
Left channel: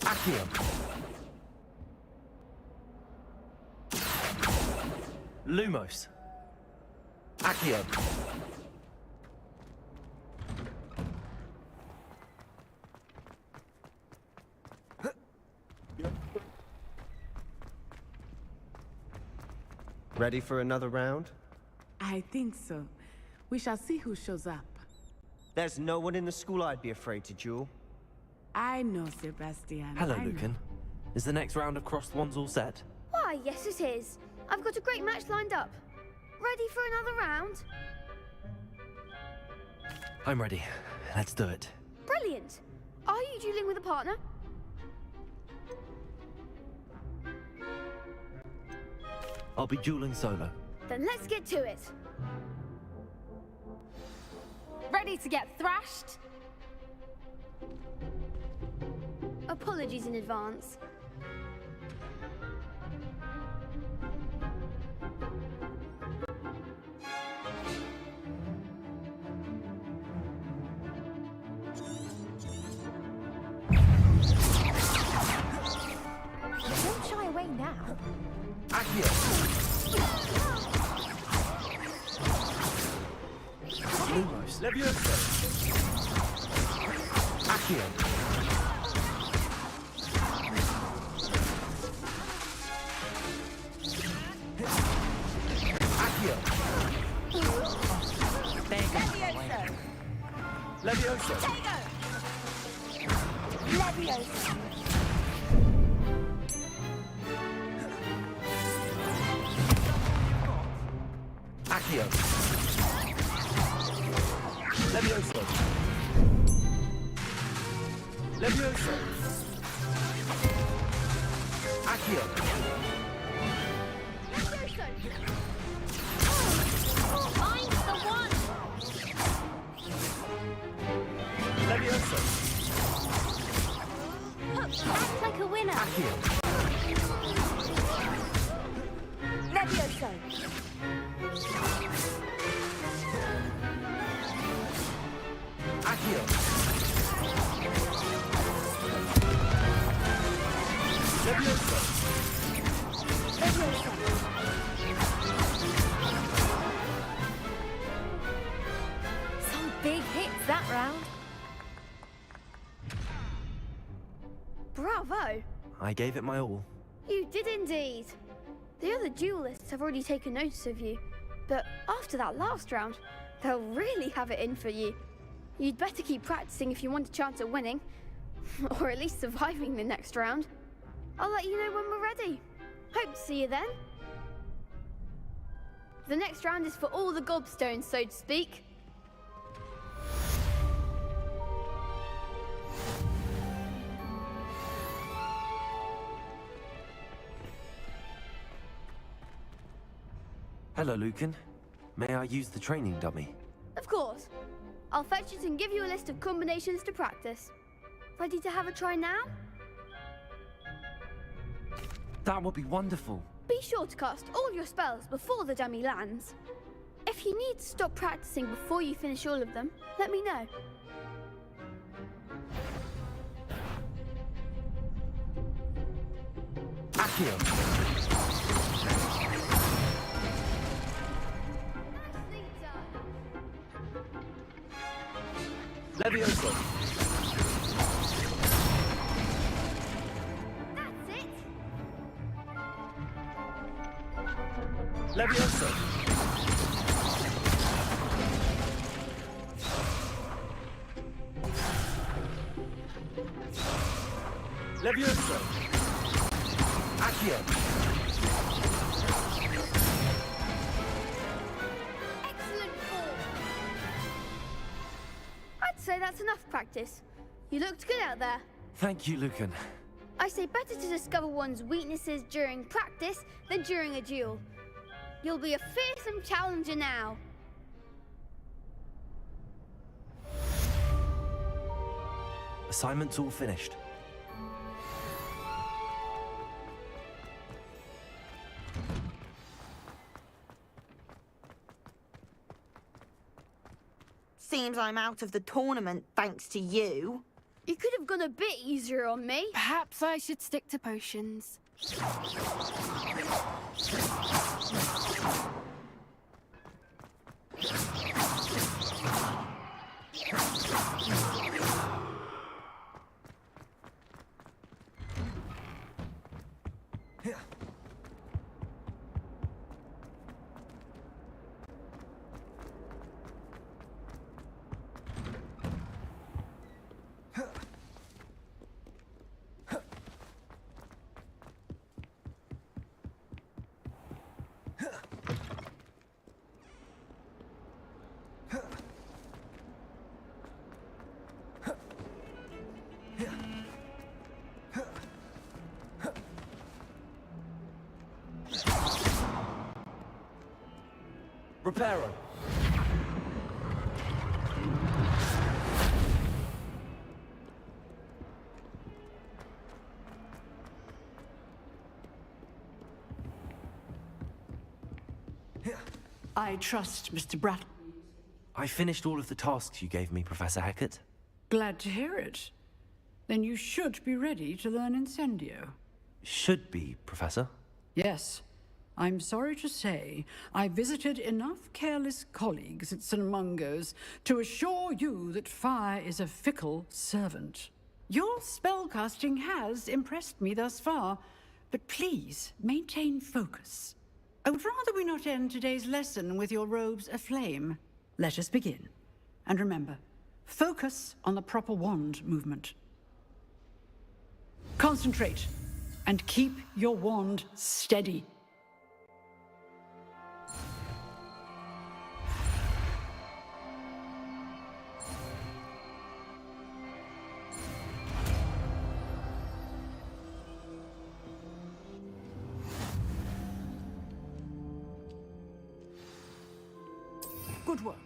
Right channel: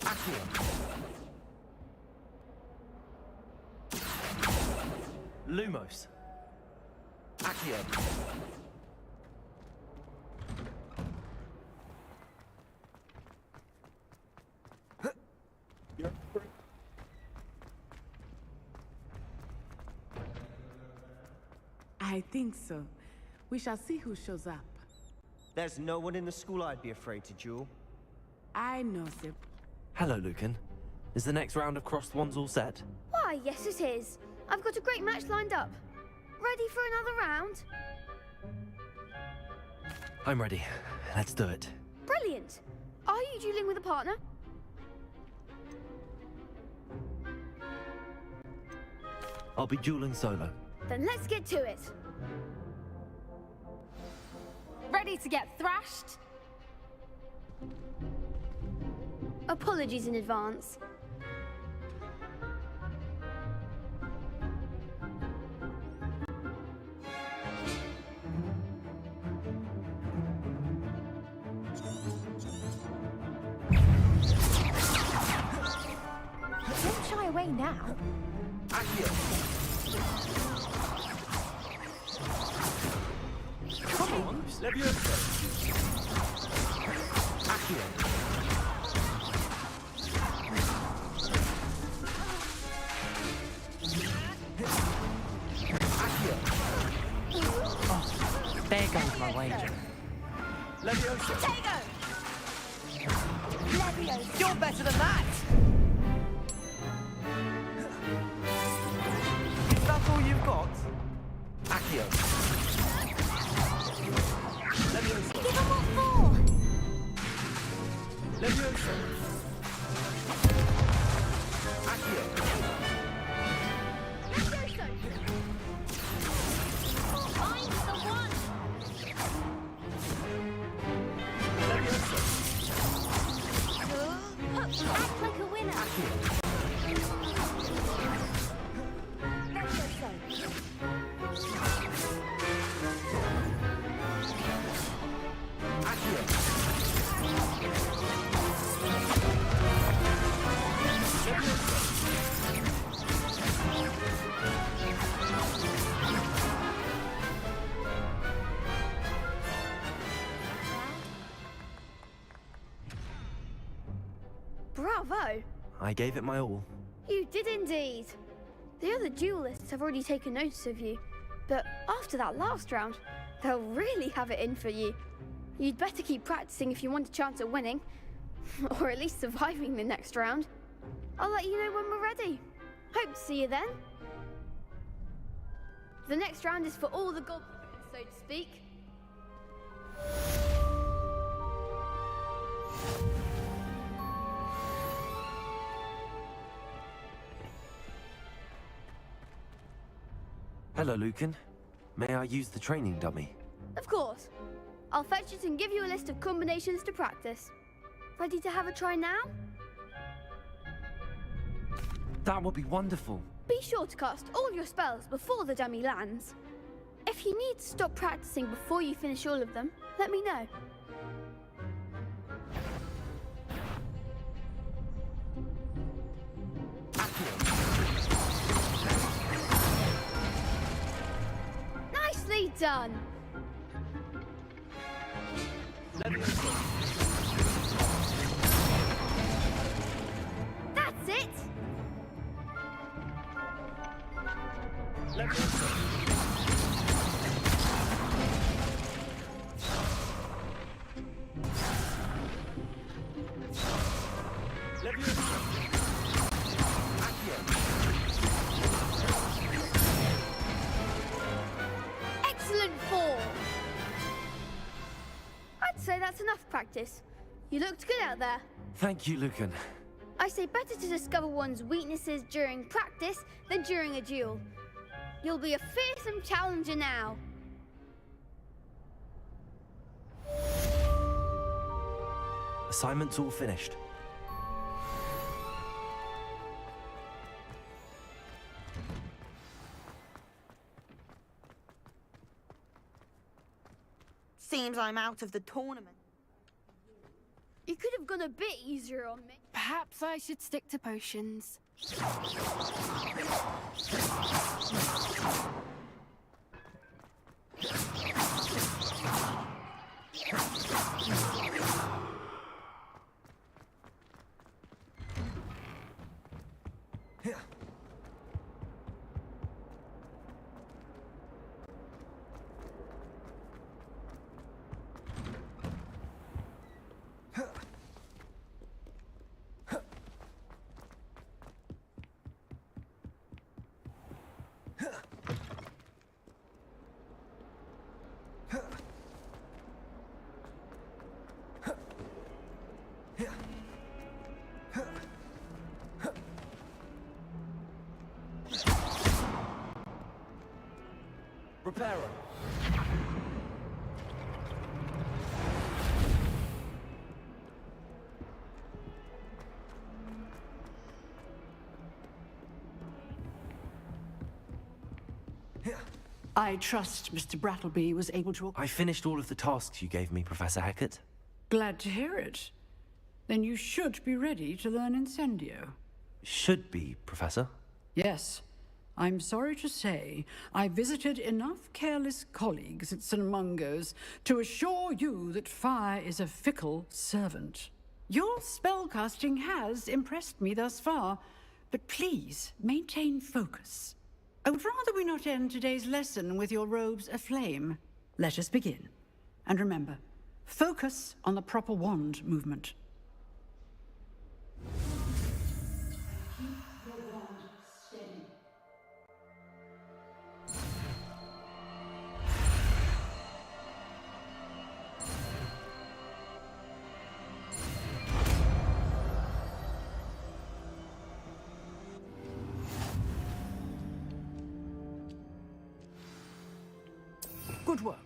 Accio. Lumos. Accio. Ready for another round? I think so. We shall see who shows up. There's no one in the school I'd be afraid to duel. I know, Sebastian. Hello, I know. Lucan. Is the next round of crossed wands all set? Why, yes it is. I've got a great match lined up. Ready for another round? I'm ready. Let's do it. Brilliant. Are you dueling with a partner? I'll be dueling solo. Then let's get to it. Ready to get thrashed? Apologies in advance. Don't shy away now. Accio. Lumos. Levioso. Accio. There goes my wager. Levioso. Levioso, you're better than that. Is that all you've got? Accio. Levioso. Levioso. Accio. I'm the one. Levioso. Act like a winner. Accio. Levioso. Accio. Levioso. Some big hits that round. Bravo! I gave it my all. You did indeed. The other duelists have already taken notice of you, but after that last round, they'll really have it in for you. You'd better keep practicing if you want a chance at winning, or at least surviving the next round. I'll let you know when we're ready. Hope to see you then. The next round is for all the gobstones, so to speak. Hello, Lucan. May I use the training dummy? Of course. I'll fetch it and give you a list of combinations to practice. Ready to have a try now? That would be wonderful. Be sure to cast all your spells before the dummy lands. If you need to stop practicing before you finish all of them, let me know. Nicely done. Levioso. That's it. Levioso. Levioso. Accio. Excellent fall. I'd say that's enough practice. You looked good out there. Thank you, Lucan. I say better to discover one's weaknesses during practice than during a duel. You'll be a fearsome challenger now. Assignment's all finished. Seems I'm out of the tournament thanks to you. You could have gone a bit easier on me. Perhaps I should stick to potions. Reparo. I trust Mr. Brattleby was able to... I finished all of the tasks you gave me, Professor Hackett. Glad to hear it. Then you should be ready to learn Incendio. Should be, Professor. Yes. I'm sorry to say, I visited enough careless colleagues at St. Mungo's to assure you that fire is a fickle servant. Your spellcasting has impressed me thus far, but please maintain focus. I would rather we not end today's lesson with your robes aflame. Let us begin. And remember, focus on the proper wand movement. Concentrate, and keep your wand steady. Good work.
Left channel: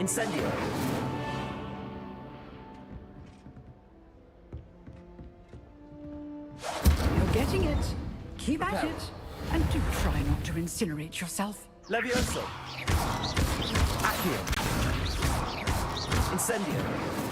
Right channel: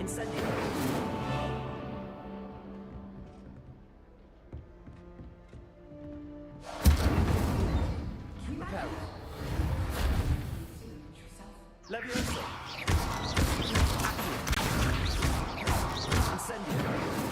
Incendio! You're getting it. Keep at it. And do try not to incinerate yourself. Levioso! Accio! Incendio!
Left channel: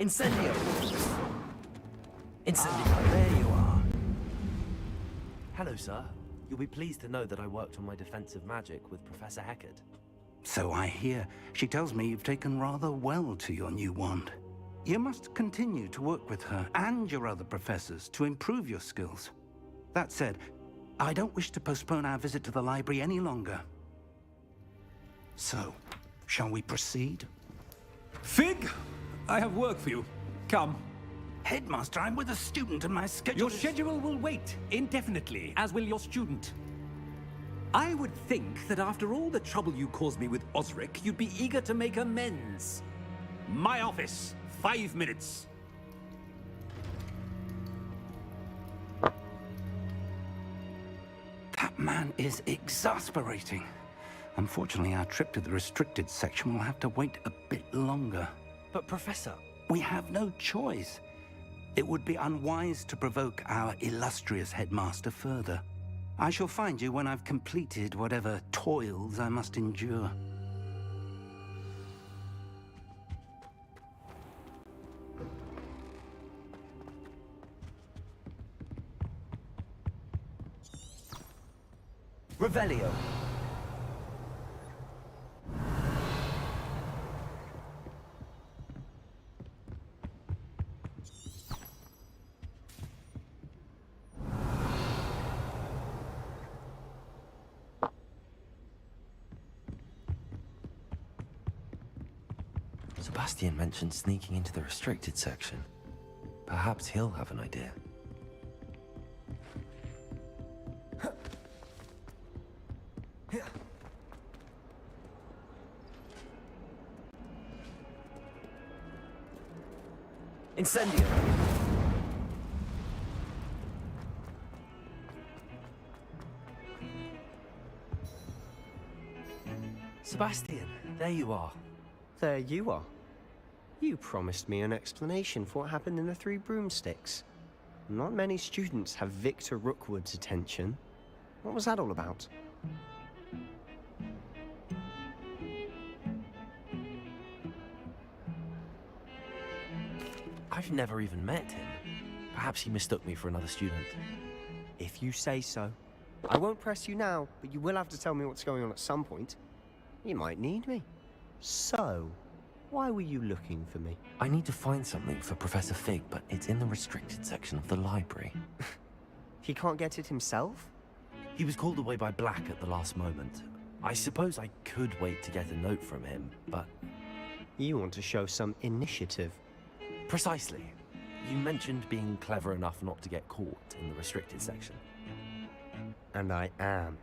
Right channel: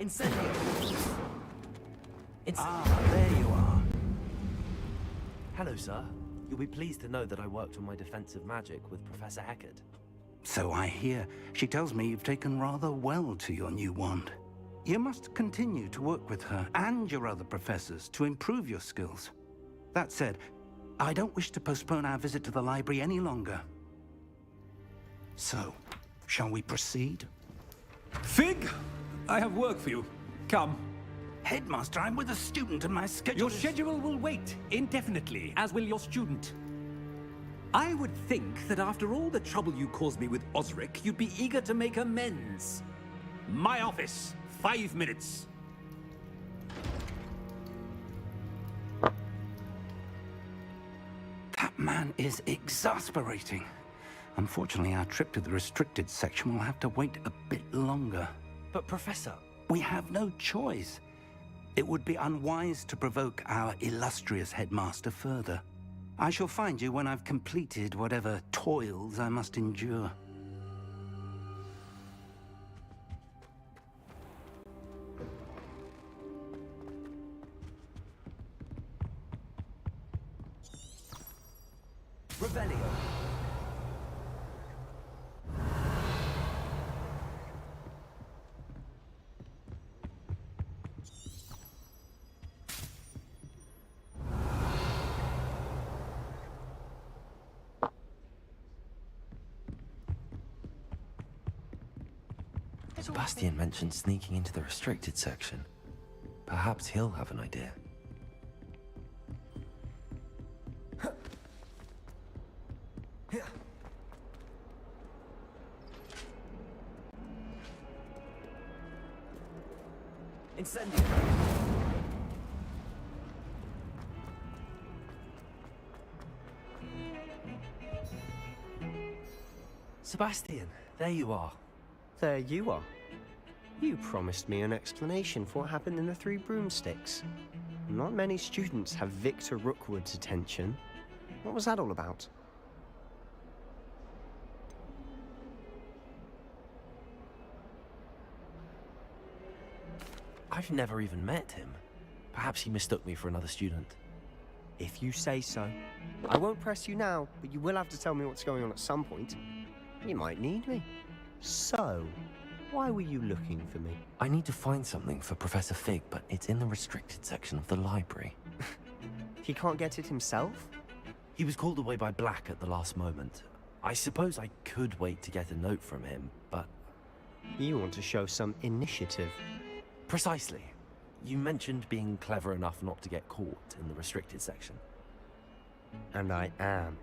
Incendio! Incendio! There you are. Hello, sir. You'll be pleased to know that I worked on my defensive magic with Professor Eckert. So I hear. She tells me you've taken rather well to your new wand. You must continue to work with her and your other professors to improve your skills. That said, I don't wish to postpone our visit to the library any longer. So, shall we proceed? Fig! I have work for you. Come. Headmaster, I'm with a student and my schedule Your schedule will wait indefinitely, as will your student. I would think that after all the trouble you caused me with Osric, you'd be eager to make amends. My office. 5 minutes. That man is exasperating. Unfortunately, our trip to the restricted section will have to wait a bit longer. But, Professor... We have no choice. It would be unwise to provoke our illustrious headmaster further. I shall find you when I've completed whatever toils I must endure. Revelio! Sebastian mentioned sneaking into the restricted section. Perhaps he'll have an idea. Incendio! Sebastian, there you are. There you are. You promised me an explanation for what happened in the Three Broomsticks. Not many students have Victor Rookwood's attention. What was that all about? I've never even met him. Perhaps he mistook me for another student. If you say so. I won't press you now, but you will have to tell me what's going on at some point. You might need me. So, why were you looking for me? I need to find something for Professor Fig, but it's in the restricted section of the library. He can't get it himself? He was called away by Black at the last moment. I suppose I could wait to get a note from him, but... You want to show some initiative. Precisely. You mentioned being clever enough not to get caught in the restricted section. And I am.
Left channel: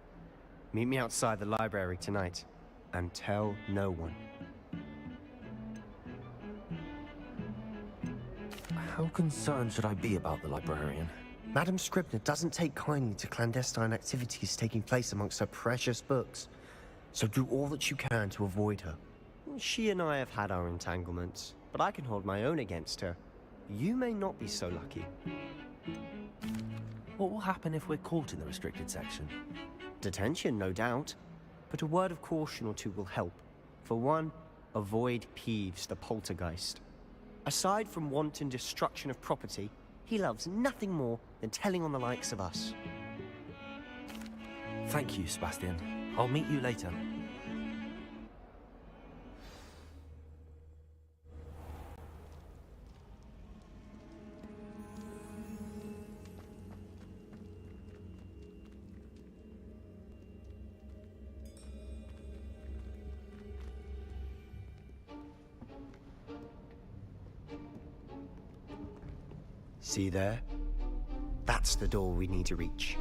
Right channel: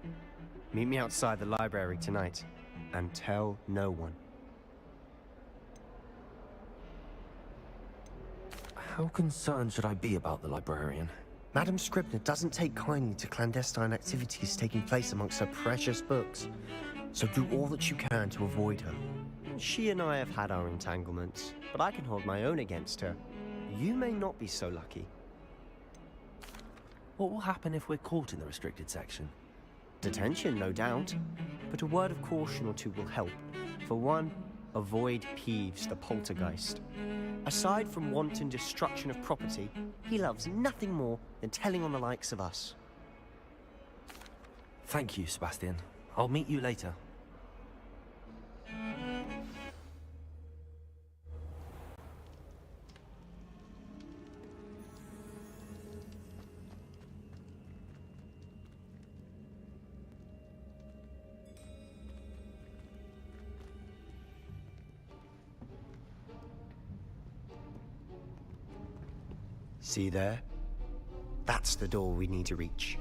Meet me outside the library tonight, and tell no one. How concerned should I be about the librarian? Madam Scribner doesn't take kindly to clandestine activities taking place amongst her precious books. So do all that you can to avoid her. She and I have had our entanglements, but I can hold my own against her. You may not be so lucky. What will happen if we're caught in the restricted section? Detention, no doubt. But a word of caution or two will help. For one, avoid Peeves, the poltergeist. Aside from wanton destruction of property, he loves nothing more than telling on the likes of us. Thank you, Sebastian. I'll meet you later. See there? That's the door we need to reach.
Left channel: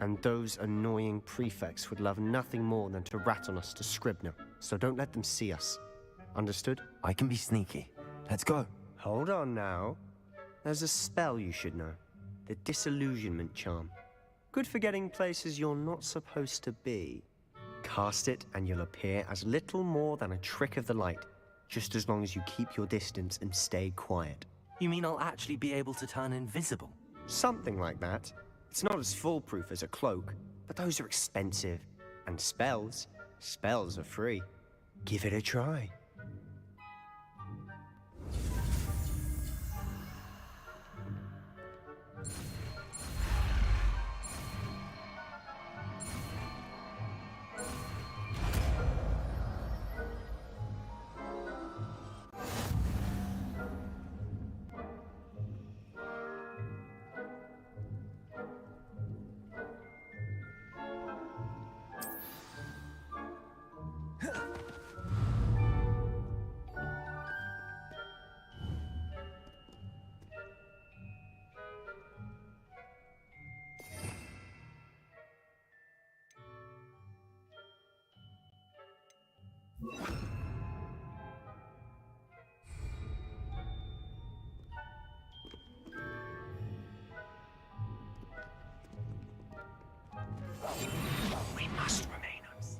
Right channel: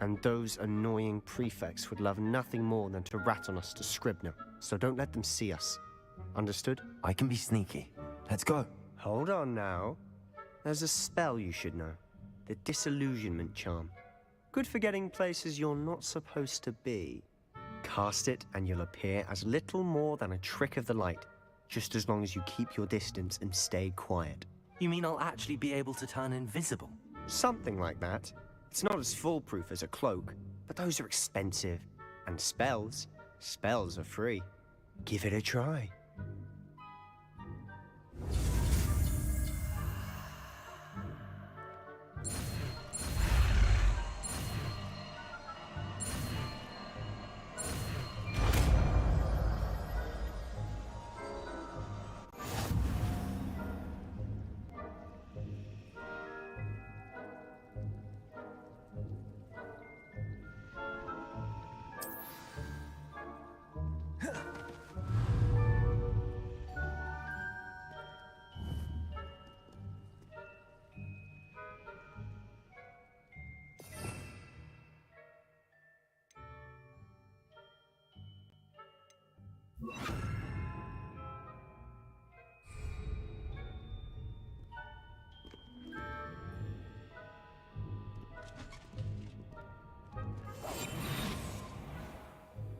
And those annoying prefects would love nothing more than to rat on us to Scribner, so don't let them see us. Understood? I can be sneaky. Let's go. Hold on now. There's a spell you should know. The Disillusionment Charm. Good for getting places you're not supposed to be. Cast it and you'll appear as little more than a trick of the light, just as long as you keep your distance and stay quiet. You mean I'll actually be able to turn invisible? Something like that. It's not as foolproof as a cloak, but those are expensive. And spells are free. Give it a try. We must remain us.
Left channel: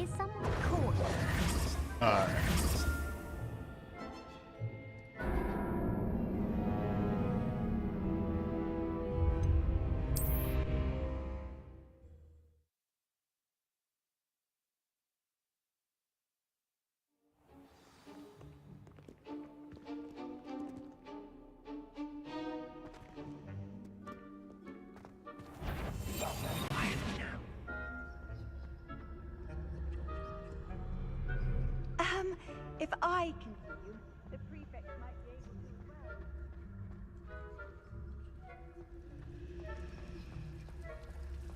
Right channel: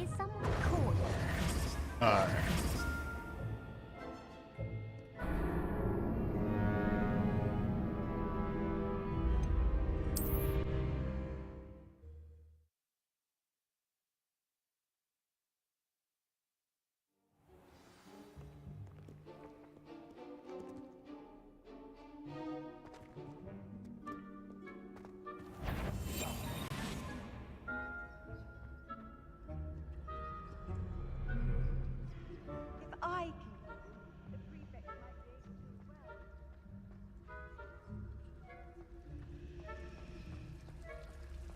Is someone caught? Alright. If I can hear you, the prefect might be able to as well.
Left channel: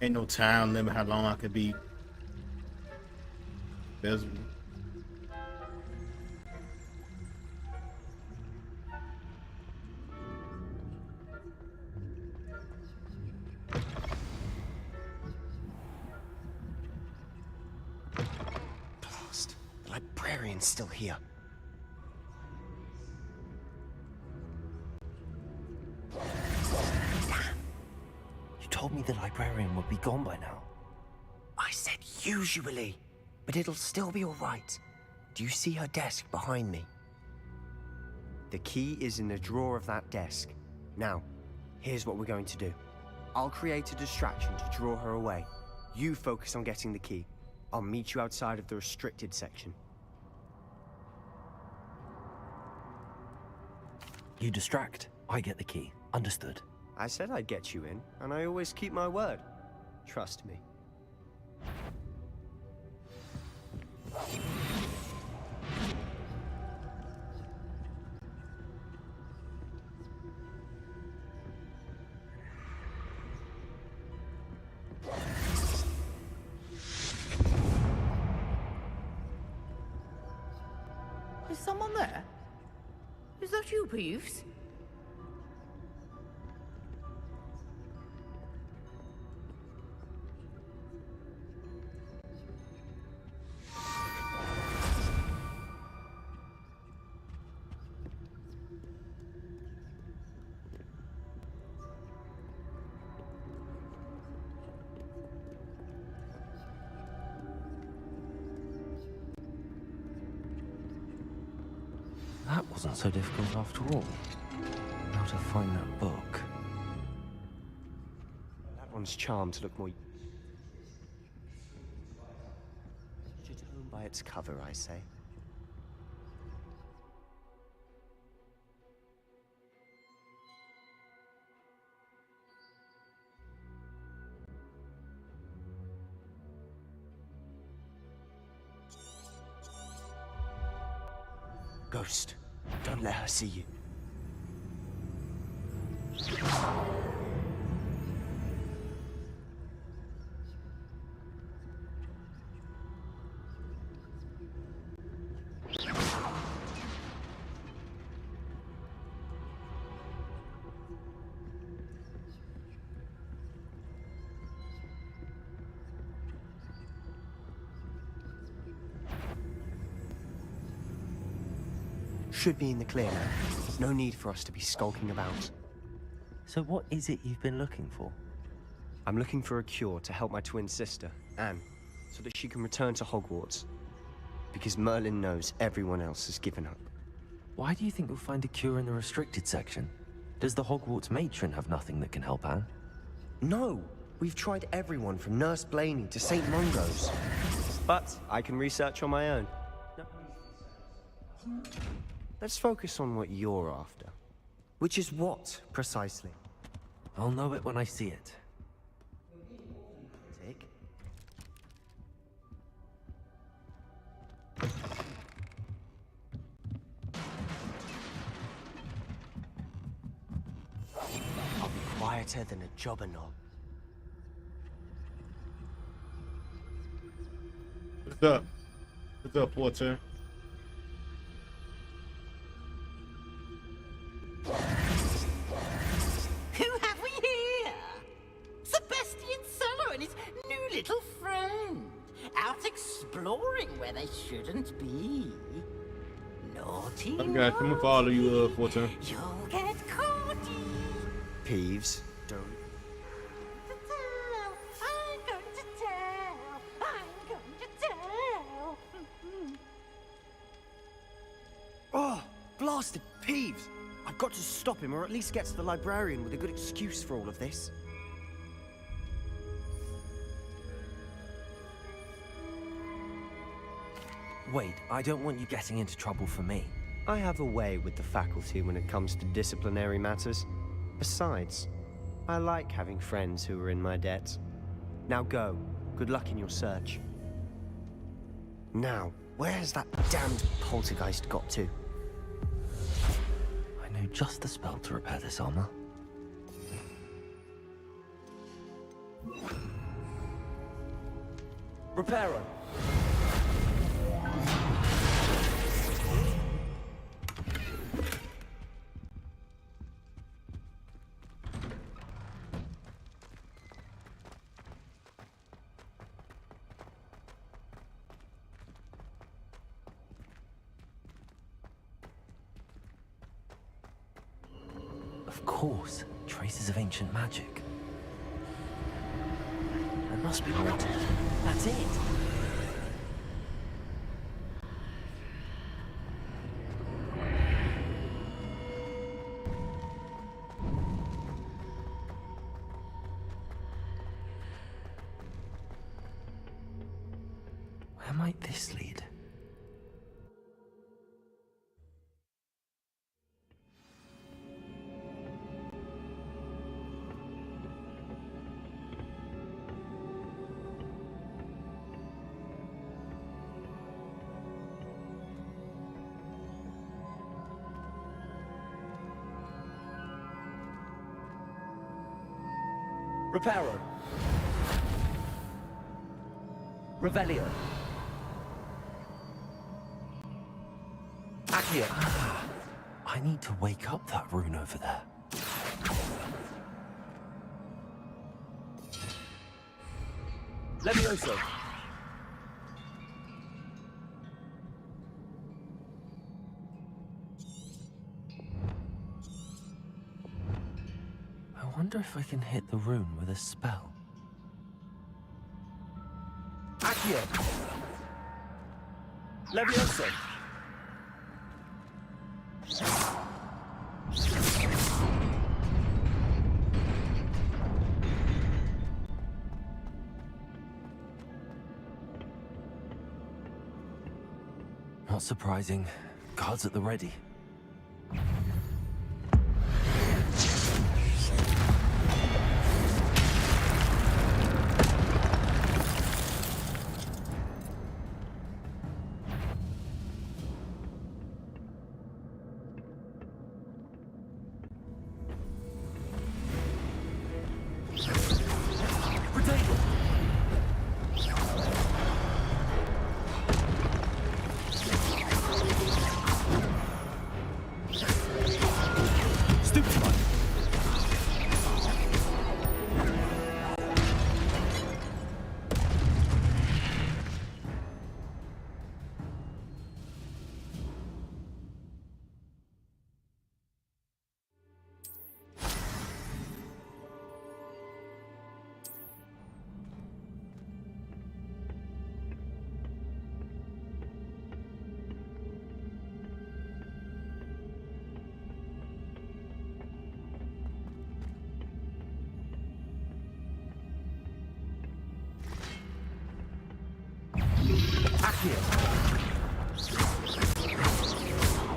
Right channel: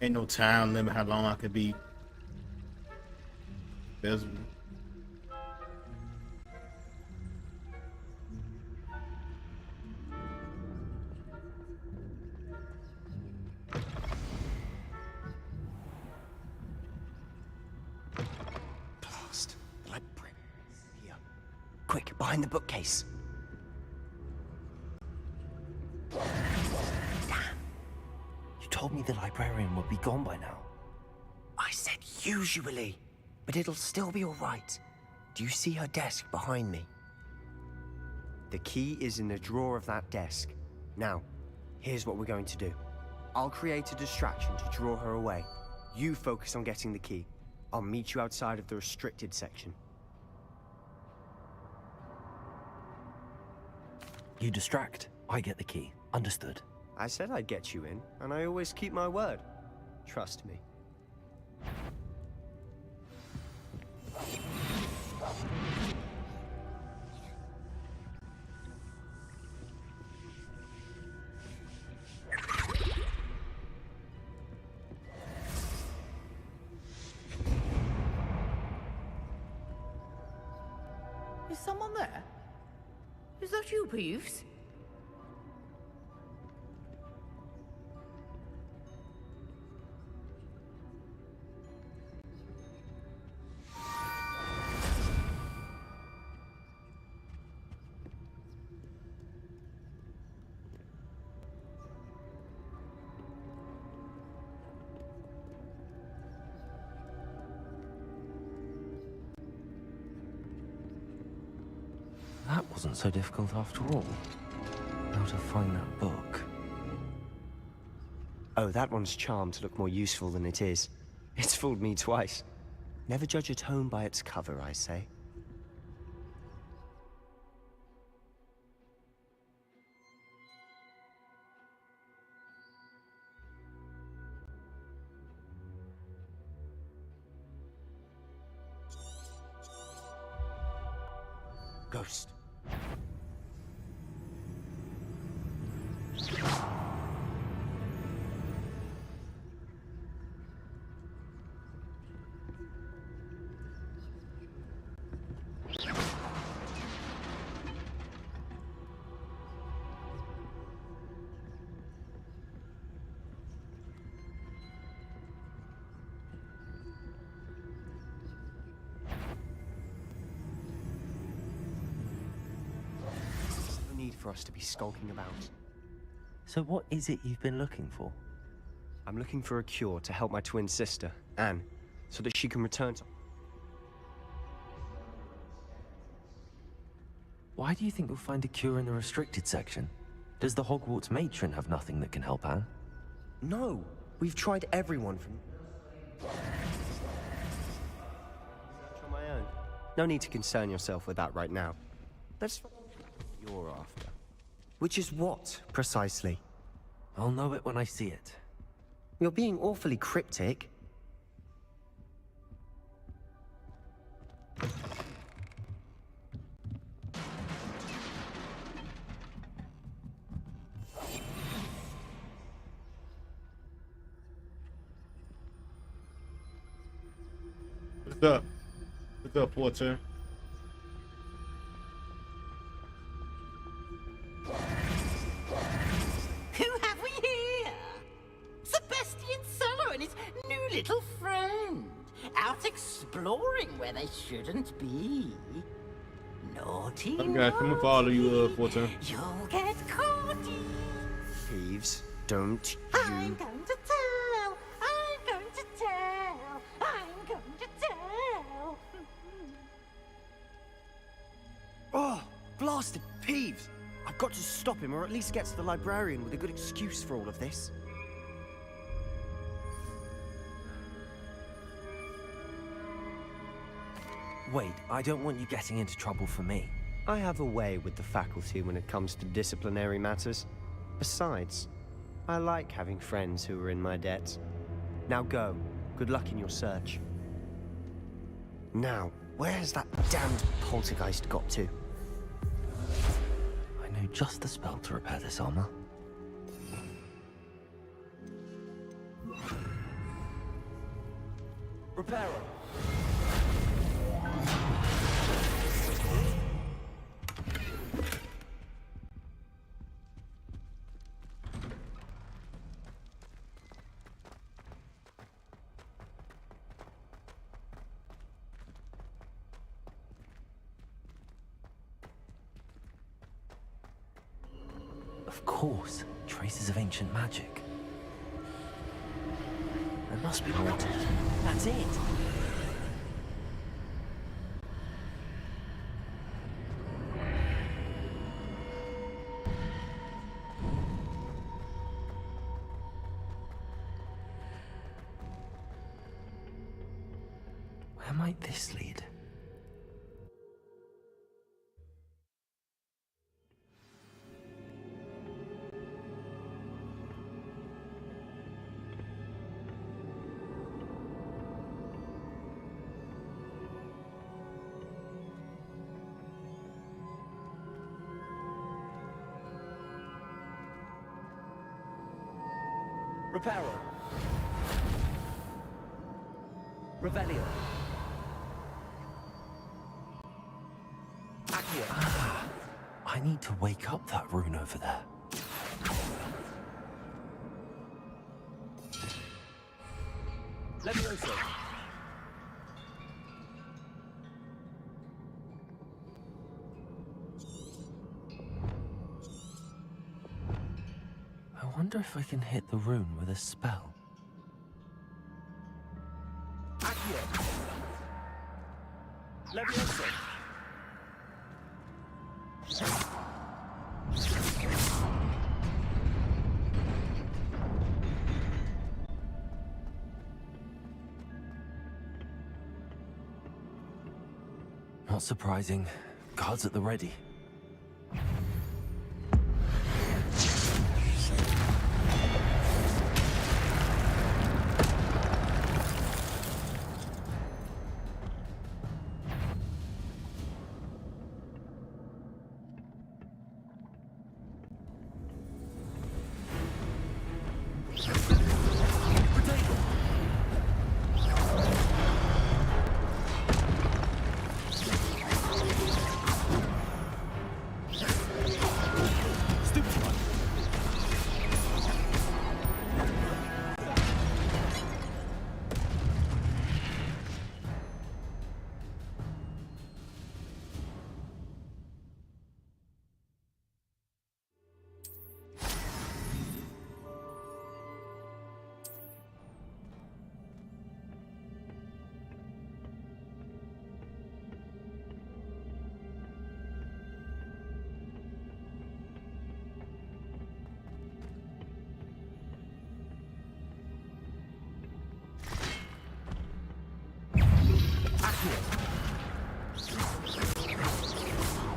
Ain't no time limit how long I could be visible. Blast. The librarian's still here. Quick, behind the bookcase. You told me the librarian would be gone by now. I said usually, but it'll still be all right. Do you see her desk behind me? The key is in the drawer of that desk. Now, here's what we're going to do. I'll create a distraction to draw her away. You focus on getting the key. I'll meet you outside of the restricted section. You distract, I get the key. Understood. I said I'd get you in, and I always keep my word. Trust me. Is someone there? Is that you, Peeves? That wasn't so difficult after all. How to find that book. Oh, that one's charmed to look more useful than it is. It's fooled me twice. Never judge a tome by its cover, I say. Ghost, don't let her see you. Should be in the clear. There's no need for us to be skulking about. So what is it you've been looking for? I'm looking for a cure to help my twin sister, Anne, so that she can return to Hogwarts. Because Merlin knows everyone else has given up. Why do you think you'll find a cure in the restricted section? Does the Hogwarts matron have nothing that can help Anne? No! We've tried everyone from Nurse Blaney to St. Mungo's. But I can research on my own. No need to concern yourself with that right now. Let's focus on what you're after. Which is what, precisely? I'll know it when I see it. You're being awfully cryptic. Quieter than a jobberknoll. What's up? What's up, Porter? Who have we here? Sebastian Cello and his new little friend. Out exploring where they shouldn't be. Naughty, I'm gonna follow you, Porter. You'll get caught. Peeves, don't you... I'm going to tell. I'm going to tell. I'm going to tell. Oh, blasted Peeves! I've got to stop him, or at least get to the librarian with a good excuse for all of this. Wait, I don't want you getting into trouble for me. I have a way with the faculty when it comes to disciplinary matters. Besides, I like having friends who are in my debt. Now go. Good luck in your search. Now, where's that damned poltergeist got to? I know just the spell to repair this armor. Repairer. Of course, traces of ancient magic. There must be more to it. That's it! Where might this lead? Reparo. Revelio. Accio. I need to wake up that rune over there. Levioso. I wonder if I can hit the rune with a spell. Accio. Levioso. Not surprising. Guards at the ready.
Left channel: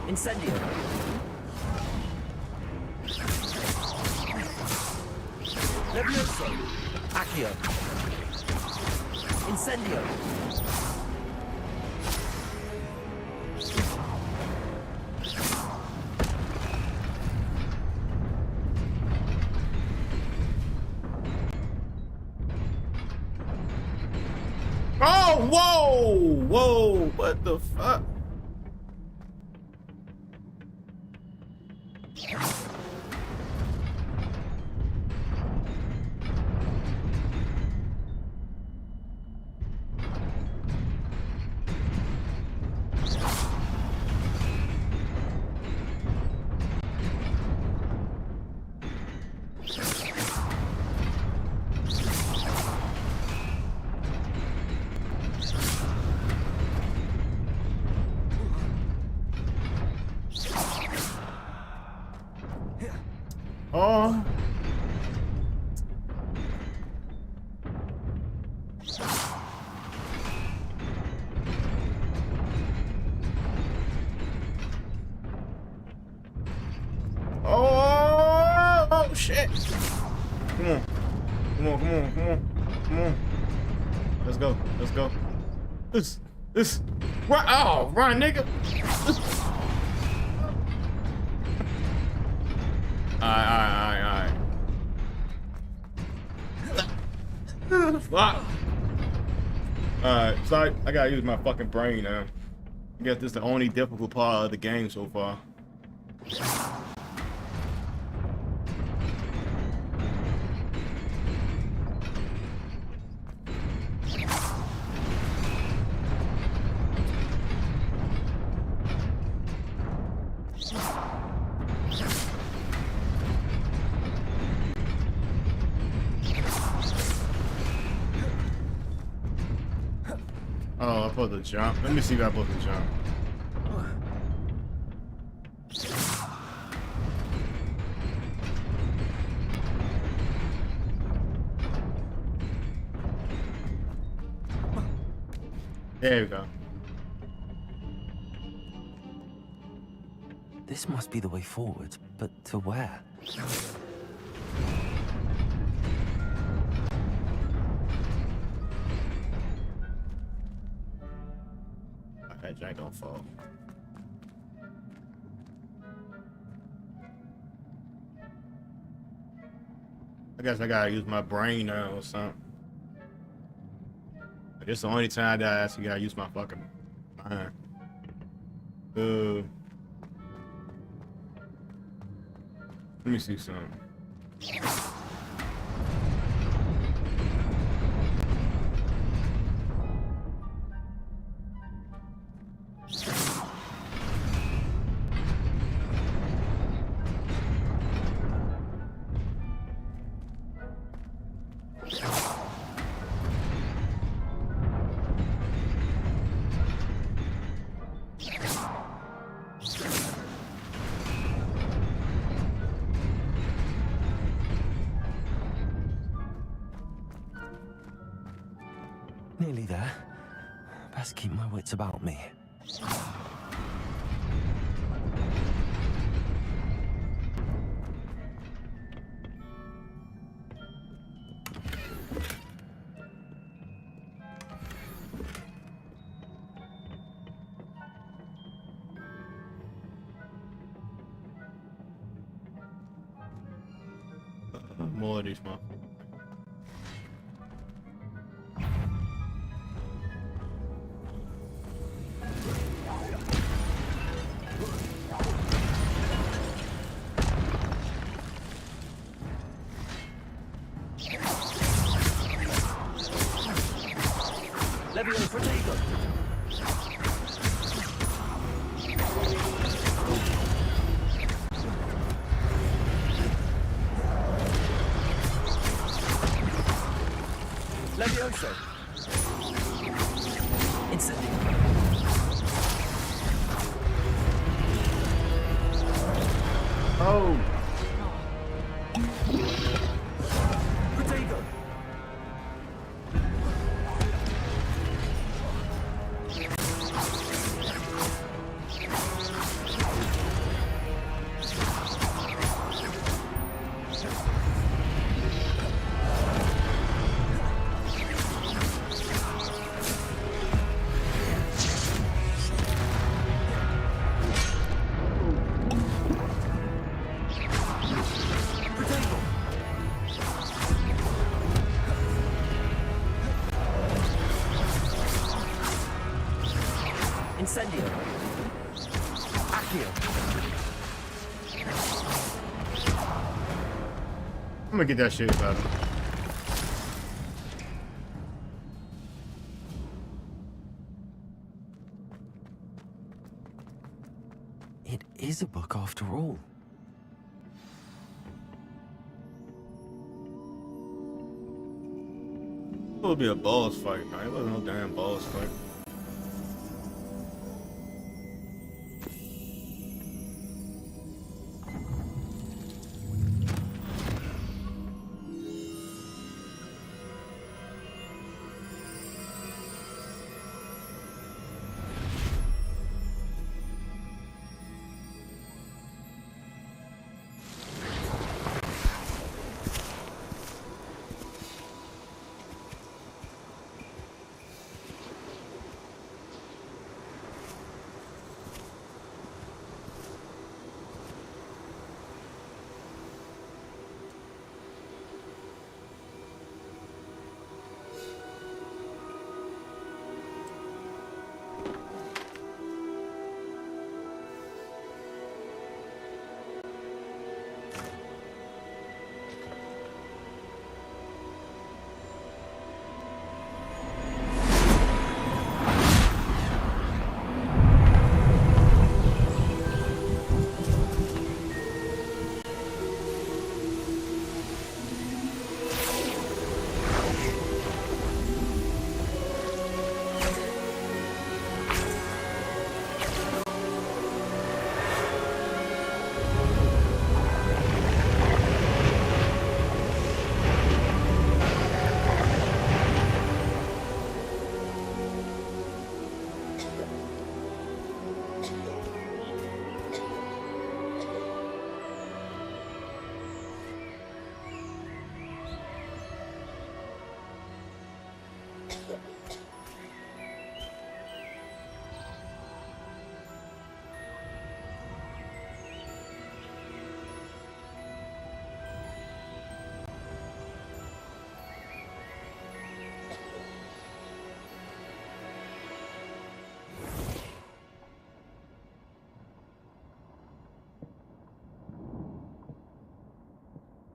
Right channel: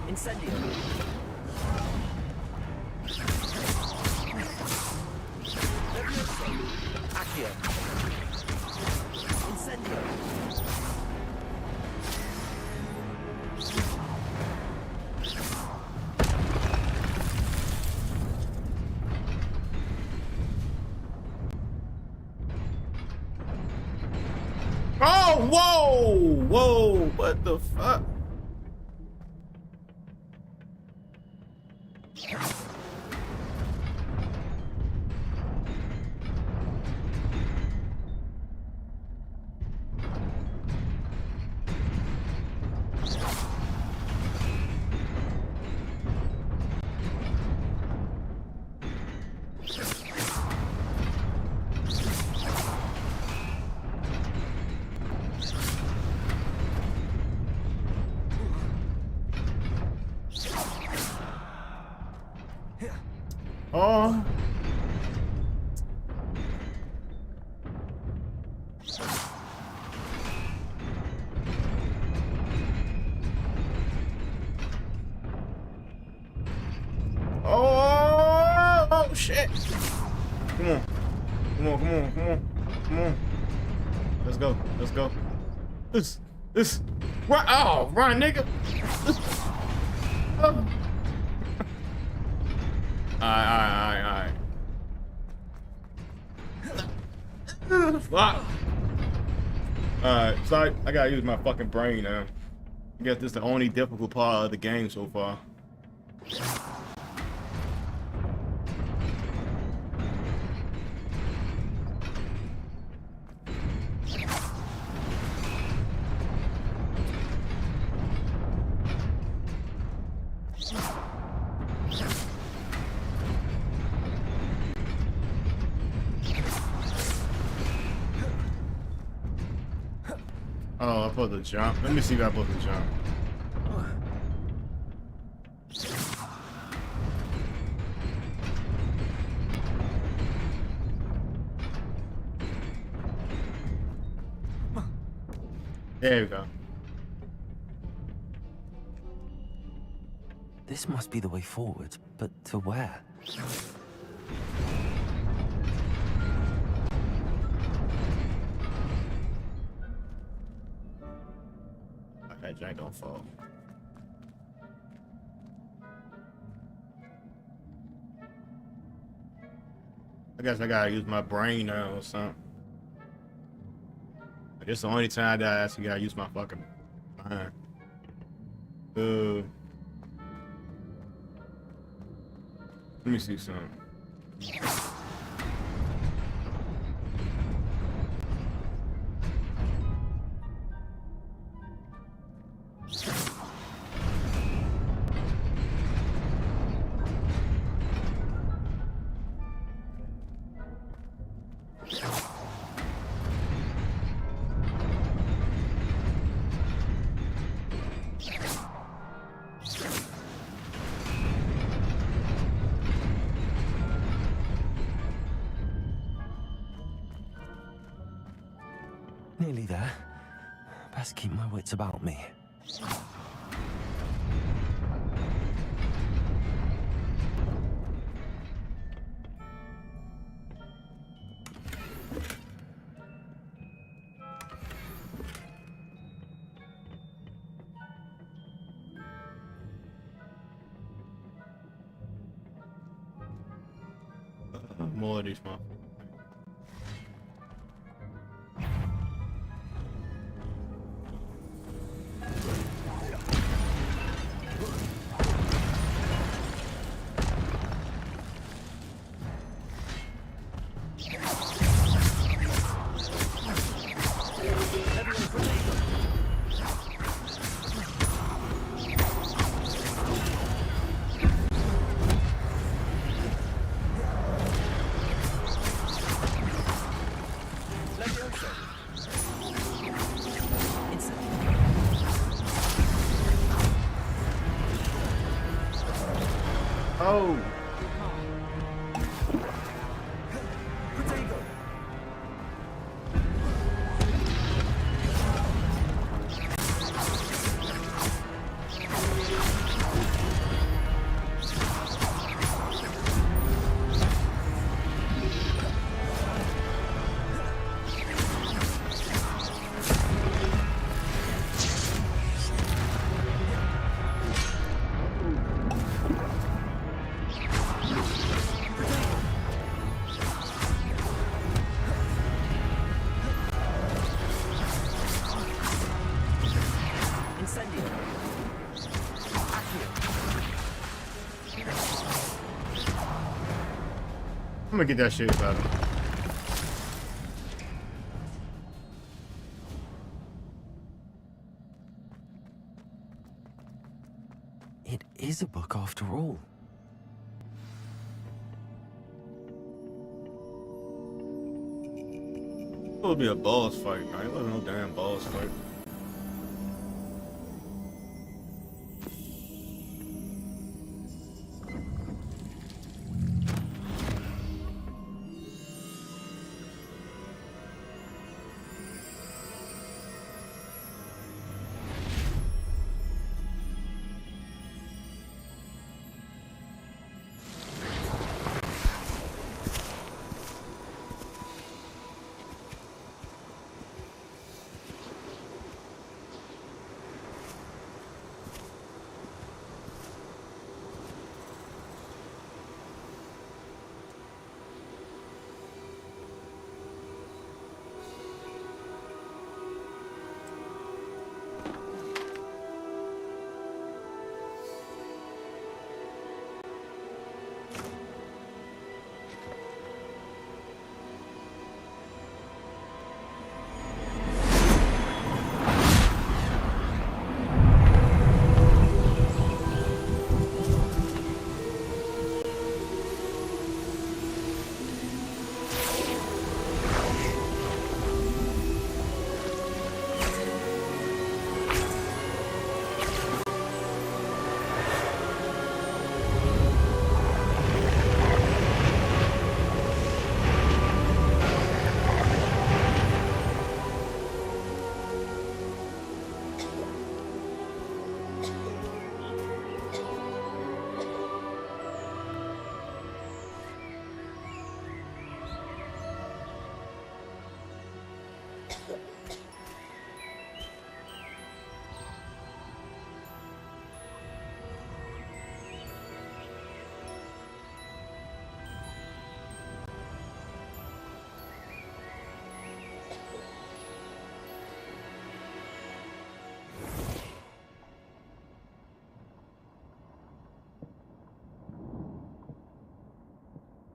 Incendio. Levioso. Accio. Incendio. Oh, whoa! Whoa, what the fuck? Oh. Oh, shit. Come on. Come on, come on, come on. Come on. Let's go. Let's go. This. What? Oh, run, nigga. Alright. Fuck. Alright, sorry, I gotta use my fucking brain now. I guess this is the only difficult part of the game so far. Oh, I'm supposed to jump. Let me see if I'm supposed to jump. There we go. This must be the way forward, but to where? That jank don't fall. I guess I gotta use my brain now or something. This is the only time that I actually gotta use my fucking mind. Let me see something. Nearly there. Best keep my wits about me. More of these, man. Oh! Incendio. Accio. I'm gonna get that shit about him. It is a book after all. It would be a boss fight, man. It wasn't no damn boss fight.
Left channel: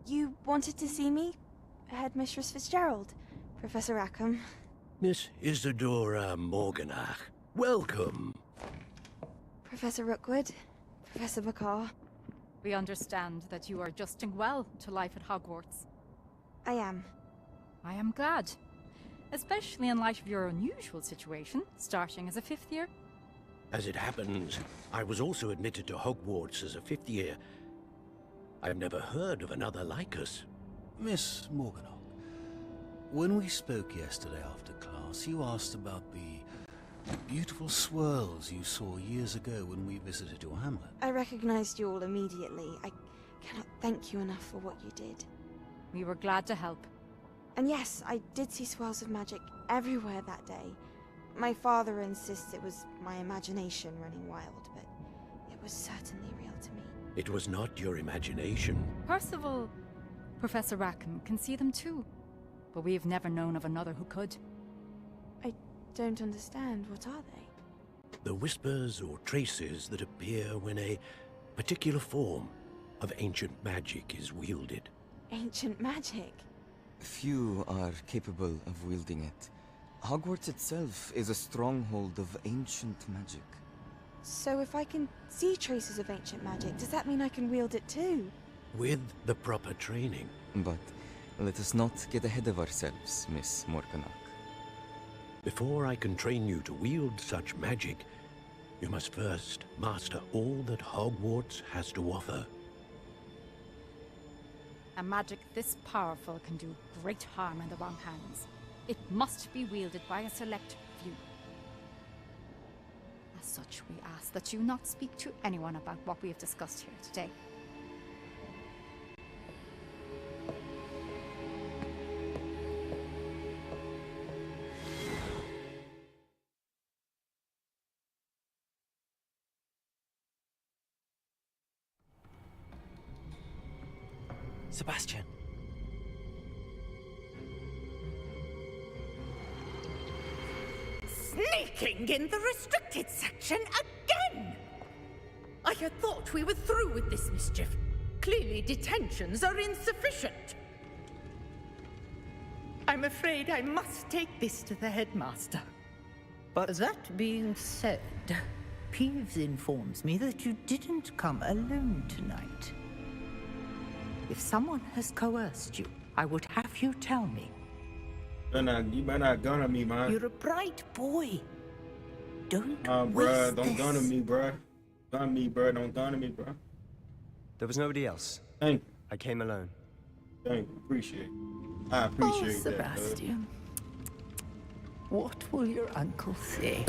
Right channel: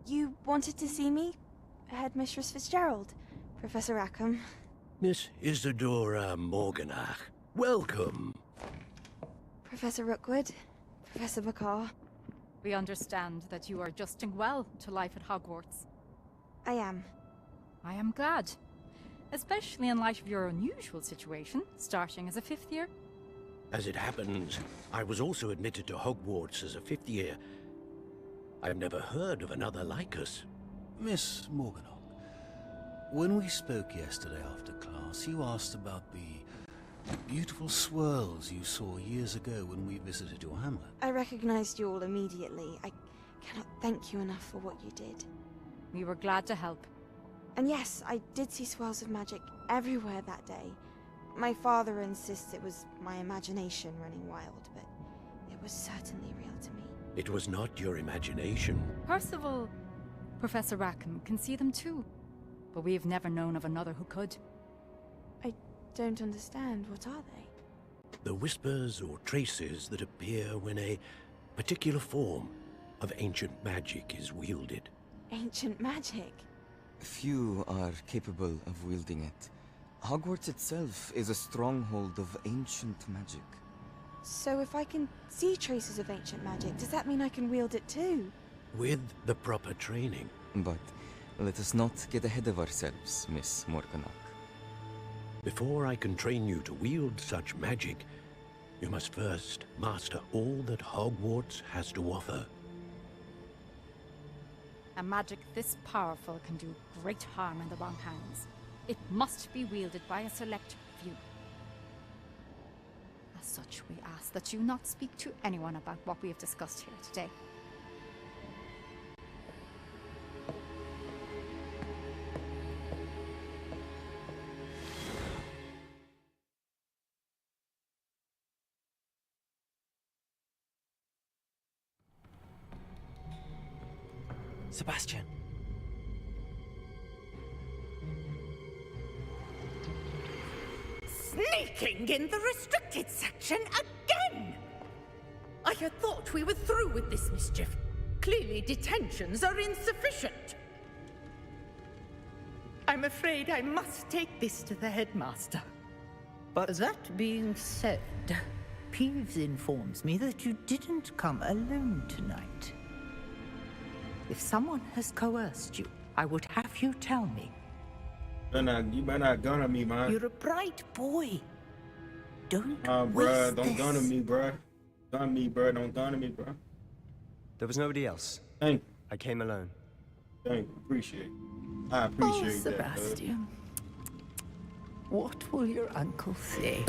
You wanted to see me? Headmistress Fitzgerald, Professor Rackham. Miss Isadora Morganach, welcome. Professor Rookwood, Professor McCaw. We understand that you are adjusting well to life at Hogwarts. I am. I am glad. Especially in light of your unusual situation, starting as a 5th year. As it happens, I was also admitted to Hogwarts as a 5th year. I've never heard of another like us. Miss Morganach, when we spoke yesterday after class, you asked about the beautiful swirls you saw years ago when we visited your hamlet. I recognized you all immediately. I cannot thank you enough for what you did. We were glad to help. And yes, I did see swirls of magic everywhere that day. My father insists it was my imagination running wild, but it was certainly real to me. It was not your imagination. Percival, Professor Rackham can see them too. But we've never known of another who could. I don't understand. What are they? The whispers or traces that appear when a particular form of ancient magic is wielded. Ancient magic? Few are capable of wielding it. Hogwarts itself is a stronghold of ancient magic. So if I can see traces of ancient magic, does that mean I can wield it too? With the proper training. But let us not get ahead of ourselves, Miss Morganach. Before I can train you to wield such magic, you must first master all that Hogwarts has to offer. A magic this powerful can do great harm in the wrong hands. It must be wielded by a select few. As such, we ask that you not speak to anyone about what we have discussed here today. Sebastian. Sneaking in the restricted section again! I had thought we were through with this mischief. Clearly detentions are insufficient. I'm afraid I must take this to the headmaster. But that being said, Peeves informs me that you didn't come alone tonight. If someone has coerced you, I would have you tell me. You better not gun on me, man. You're a bright boy. Don't bruh, waste don't this. gun on me, bruh. Gun me, bruh. Don't gun on me, bruh. There was nobody else. Thank you. I came alone. Thank you. Appreciate it. I appreciate that. Sebastian. What will your uncle say?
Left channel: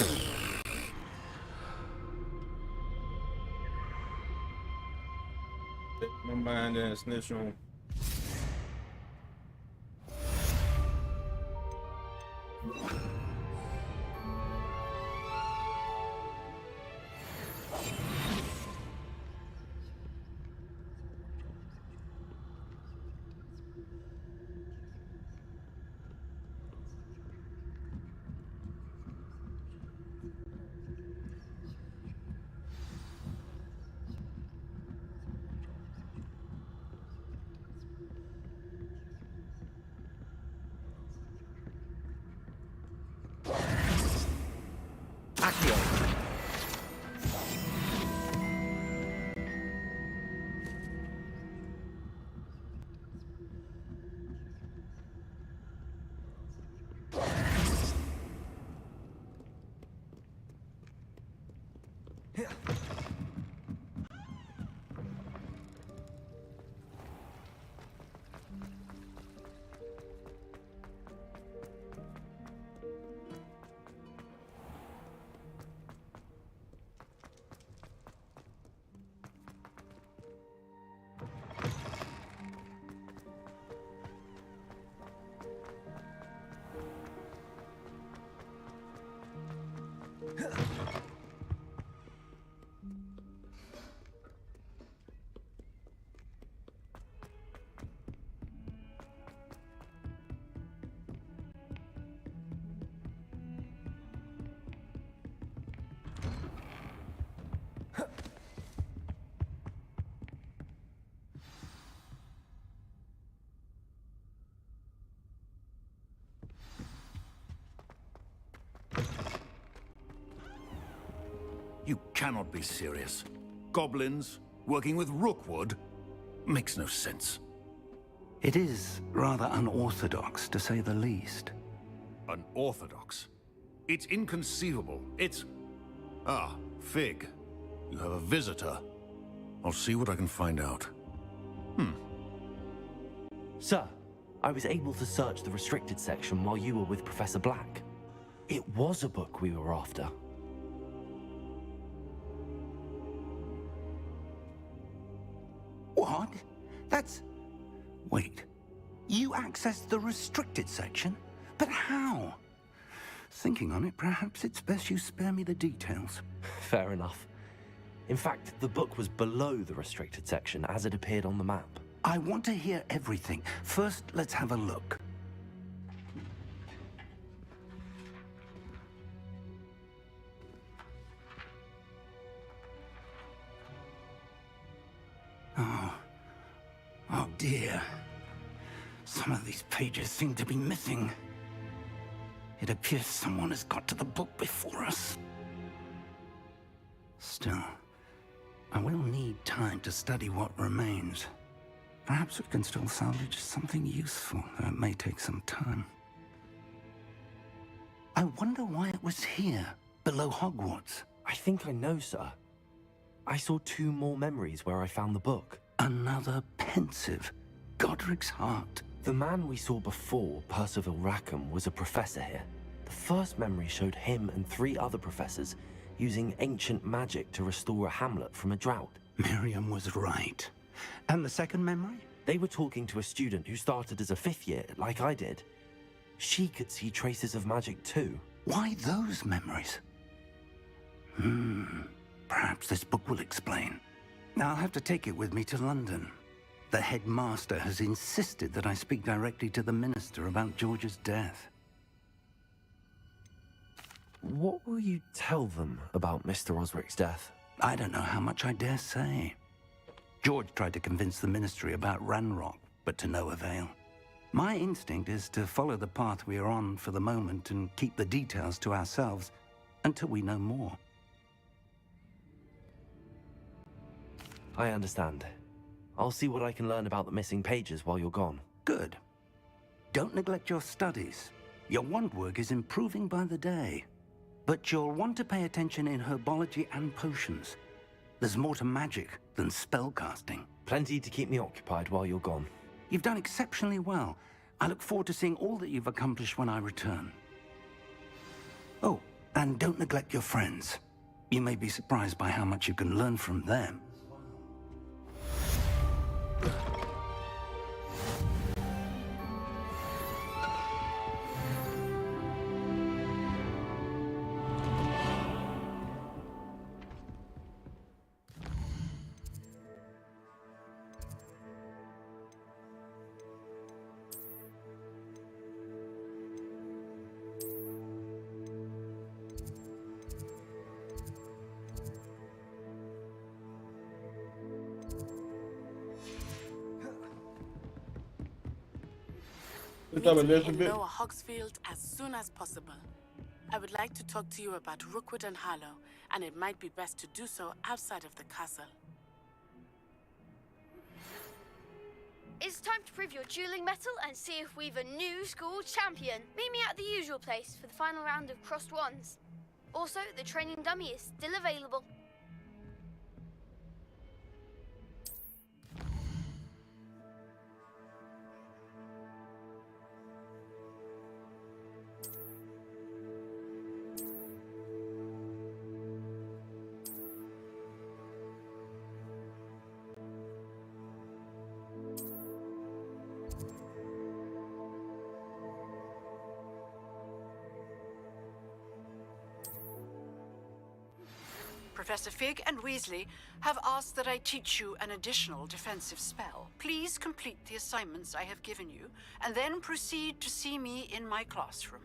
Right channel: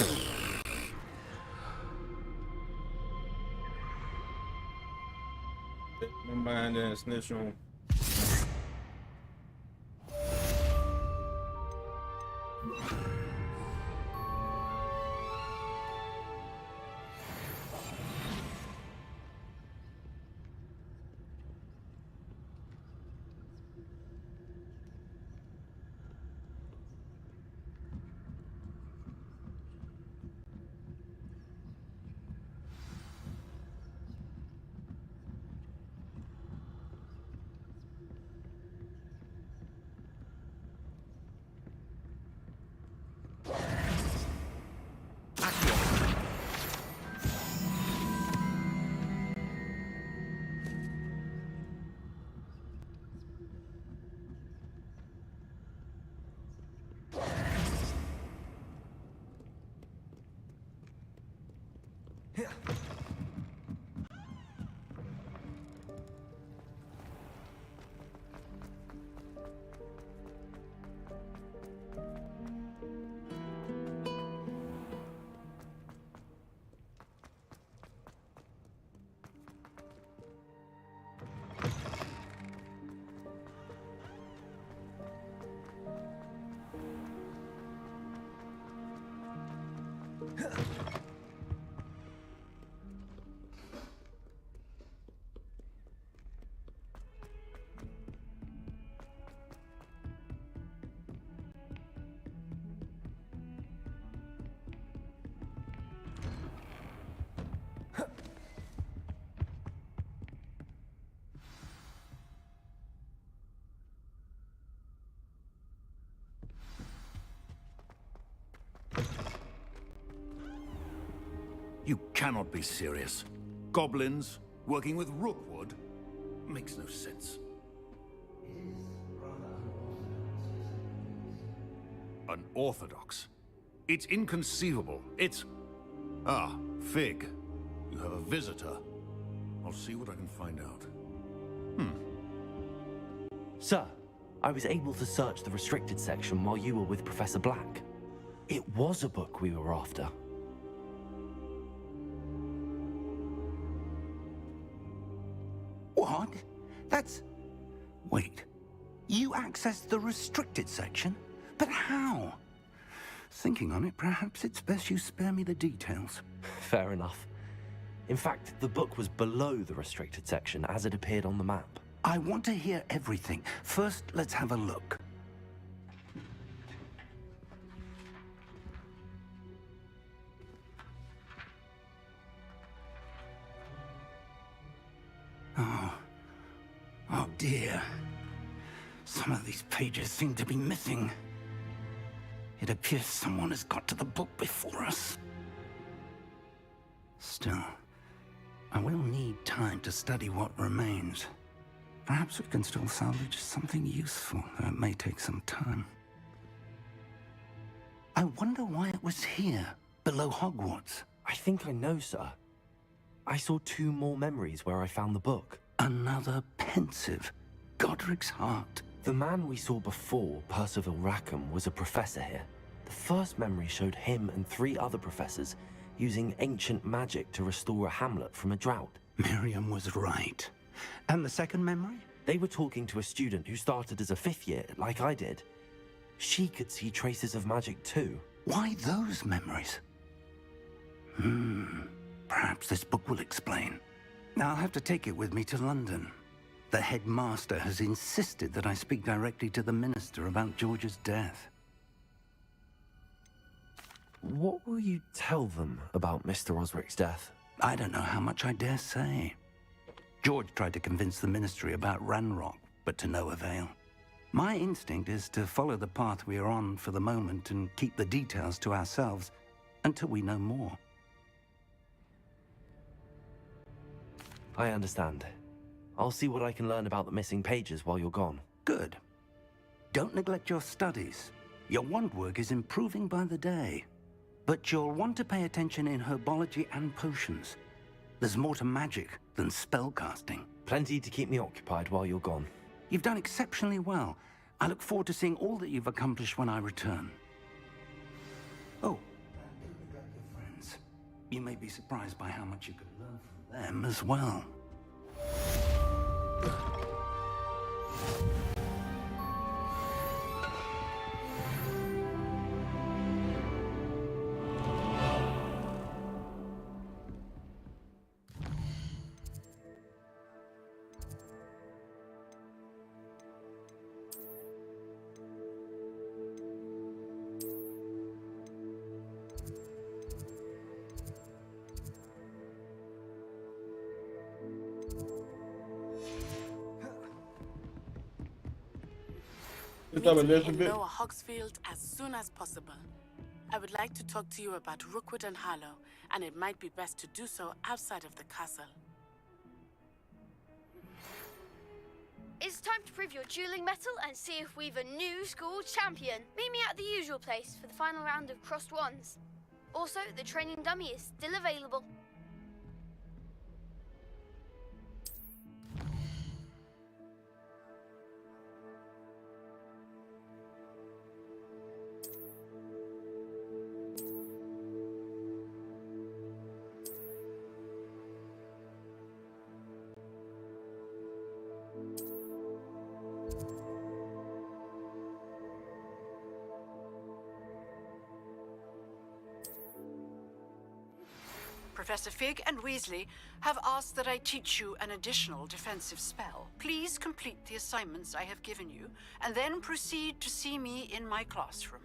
My mind and snitch on. You cannot be serious. Goblins working with Rookwood makes no sense. It is rather unorthodox, to say the least. Unorthodox? It's inconceivable. It's... Ah, Fig. You have a visitor. I'll see what I can find out. Sir, I was able to search the restricted section while you were with Professor Black. It was a book we were after. What? That's... Wait. You accessed the restricted section? But how? Thinking on it, perhaps it's best you spare me the details. Fair enough. In fact, the book was below the restricted section as it appeared on the map. I want to hear everything. First, let's have a look. Oh dear. Some of these pages seem to be missing. It appears someone has got to the book before us. Still, I will need time to study what remains. Perhaps we can still salvage something useful, though it may take some time. I wonder why it was here, below Hogwarts. I think I know, sir. I saw 2 more memories where I found the book. Another pensive. Godric's heart. The man we saw before, Percival Rackham, was a professor here. The first memory showed him and 3 other professors using ancient magic to restore a hamlet from a drought. Miriam was right. And the second memory? They were talking to a student who started as a 5th year, like I did. She could see traces of magic too. Why those memories? Perhaps this book will explain. Now I'll have to take it with me to London. The headmaster has insisted that I speak directly to the minister about George's death. What will you tell them about Mr. Osric's death? I don't know how much I dare say. George tried to convince the ministry about Ranrock, but to no avail. My instinct is to follow the path we are on for the moment and keep the details to ourselves until we know more. I understand. I'll see what I can learn about the missing pages while you're gone. Good. Don't neglect your studies. Your wand work is improving by the day. But you'll want to pay attention in herbology and potions. There's more to magic than spellcasting. Plenty to keep me occupied while you're gone. You've done exceptionally well. I look forward to seeing all that you've accomplished when I return. Oh, and don't neglect your friends. You may be surprised by how much you can learn from them as well. What's up, Need to head Elizabeth? lower Hogsfield as soon as possible. I would like to talk to you about Rookwood and Harlow, and it might be best to do so outside of the castle. It's time to prove your dueling mettle and see if we've a new school champion. Meet me at the usual place for the final round of crossed wands. Also, the training dummy is still available. Professor Fig and Weasley have asked that I teach you an additional defensive spell. Please complete the assignments I have given you, and then proceed to see me in my classroom.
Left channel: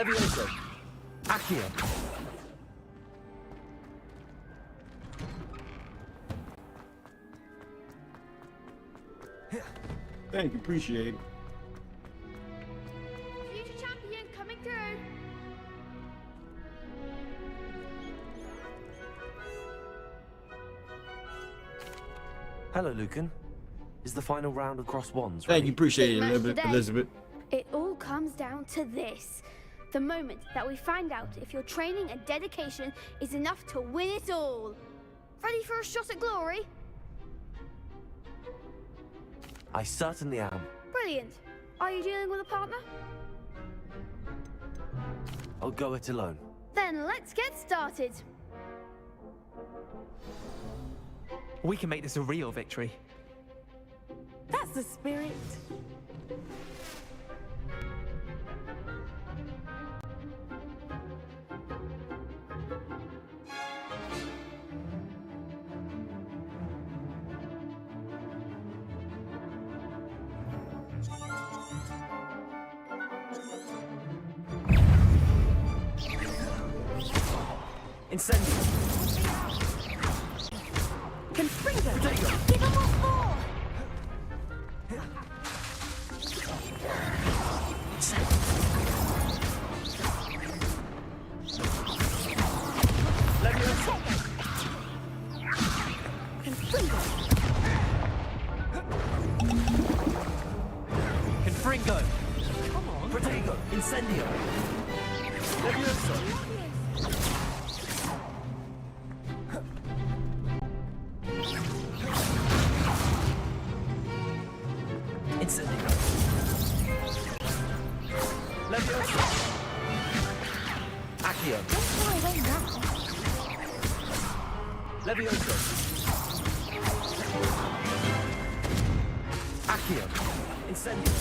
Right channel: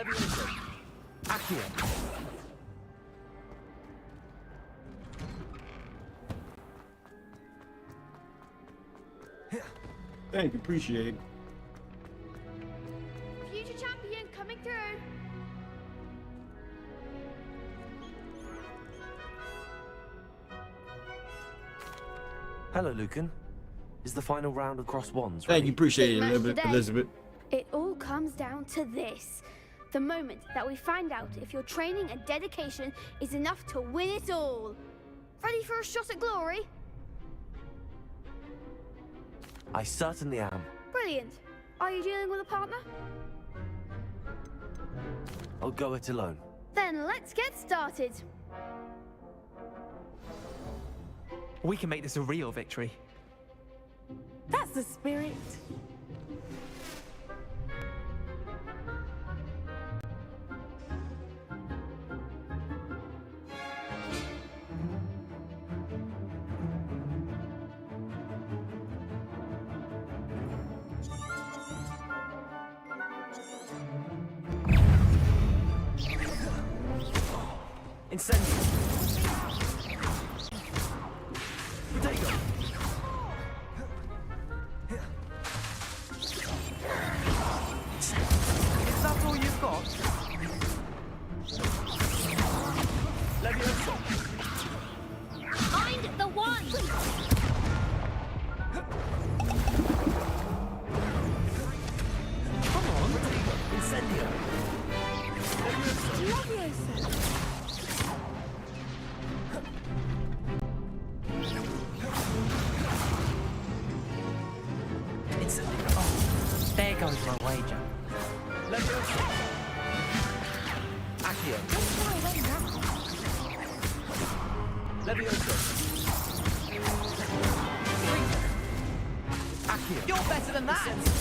Levioso. Accio. Thank you, appreciate it. Future champion coming through. Hello, Lucan. Is the final round of Cross Wands Thank ready? you, appreciate it, Big match today. Elizabeth. It all comes down to this. The moment that we find out if your training and dedication is enough to win it all. Ready for a shot at glory? I certainly am. Brilliant. Are you dealing with a partner? I'll go it alone. Then let's get started. We can make this a real victory. That's the spirit. Incendio. Potato. That's all you've got? Levioso. Find the one. Confringo. Come on. Potato. Incendio. Levioso. Incendio. There goes my wager. Levioso. Accio. Levioso. Accio. You're better than that. Incendio.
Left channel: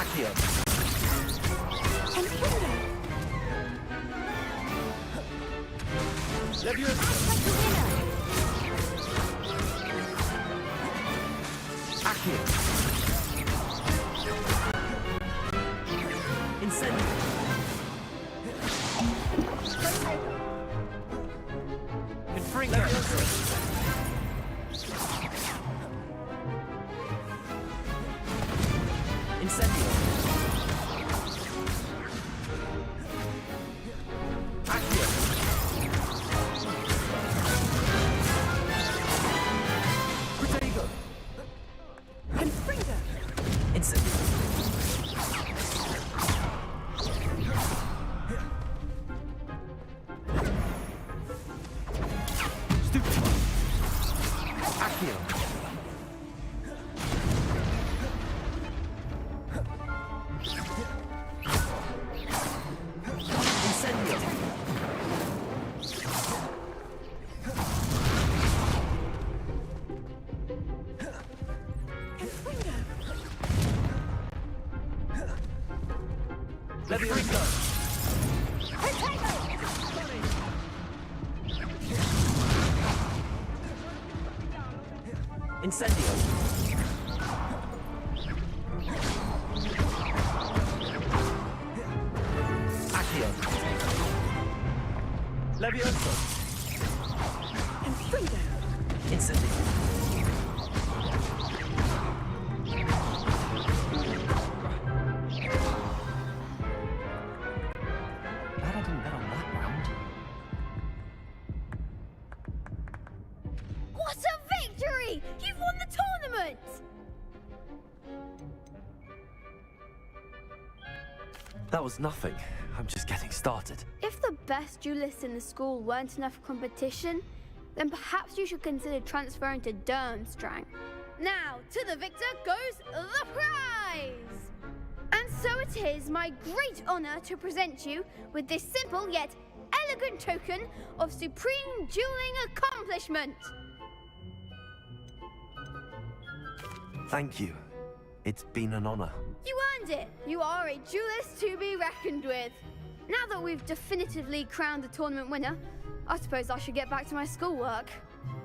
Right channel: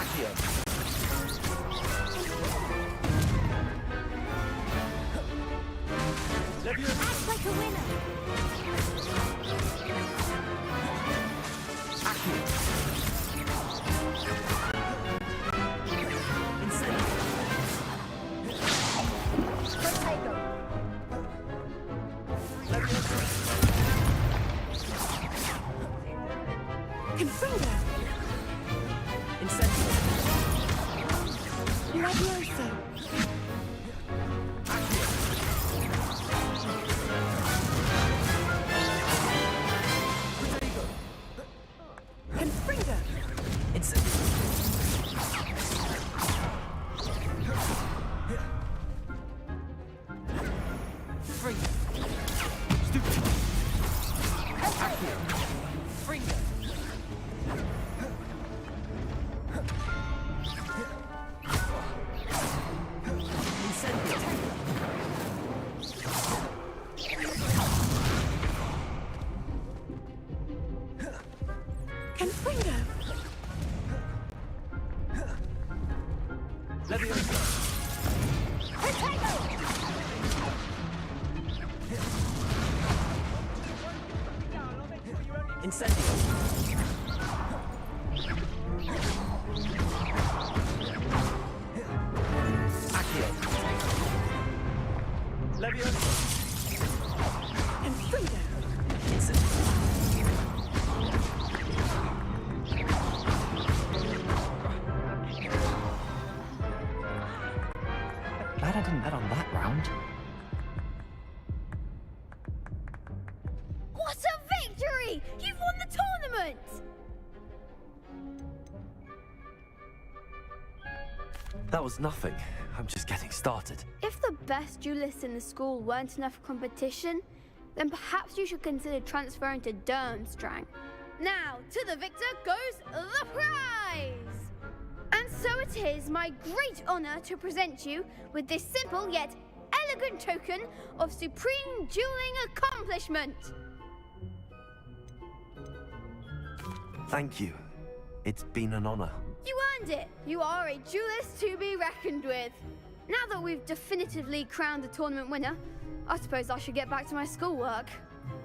Accio. Levioso. Act like a winner. Accio. Incendio. Potato. Levioso. Incendio. Accio. Potato. Incendio. Stupid. Accio. Incendio. Levioso. Incendio. Accio. Levioso. Incendio. Glad I didn't bet on that round. What a victory! You've won the tournament! That was nothing. I'm just getting started. If the best duelists in the school weren't enough competition, then perhaps you should consider transferring to Durmstrang. Now, to the victor goes the prize! And so it is my great honor to present you with this simple yet elegant token of supreme dueling accomplishment. Thank you. It's been an honor. You earned it. You are a duelist to be reckoned with. Now that we've definitively crowned the tournament winner, I suppose I should get back to my schoolwork.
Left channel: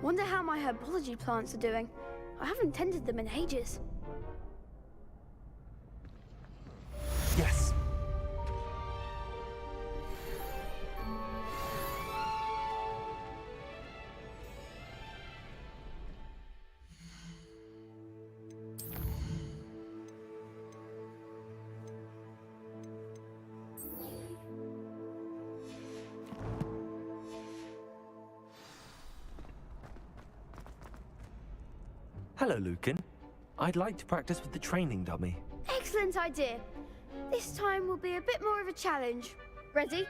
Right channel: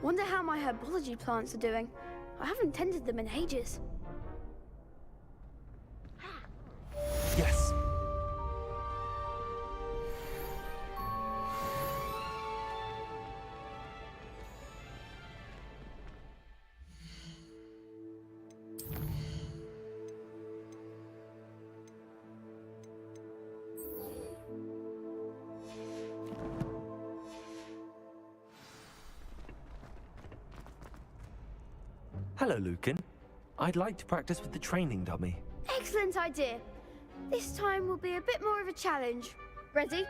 Wonder how my herbology plants are doing. I haven't tended them in ages. Hello, Lucan. I'd like to practice with the training dummy. Excellent idea. This time will be a bit more of a challenge. Ready?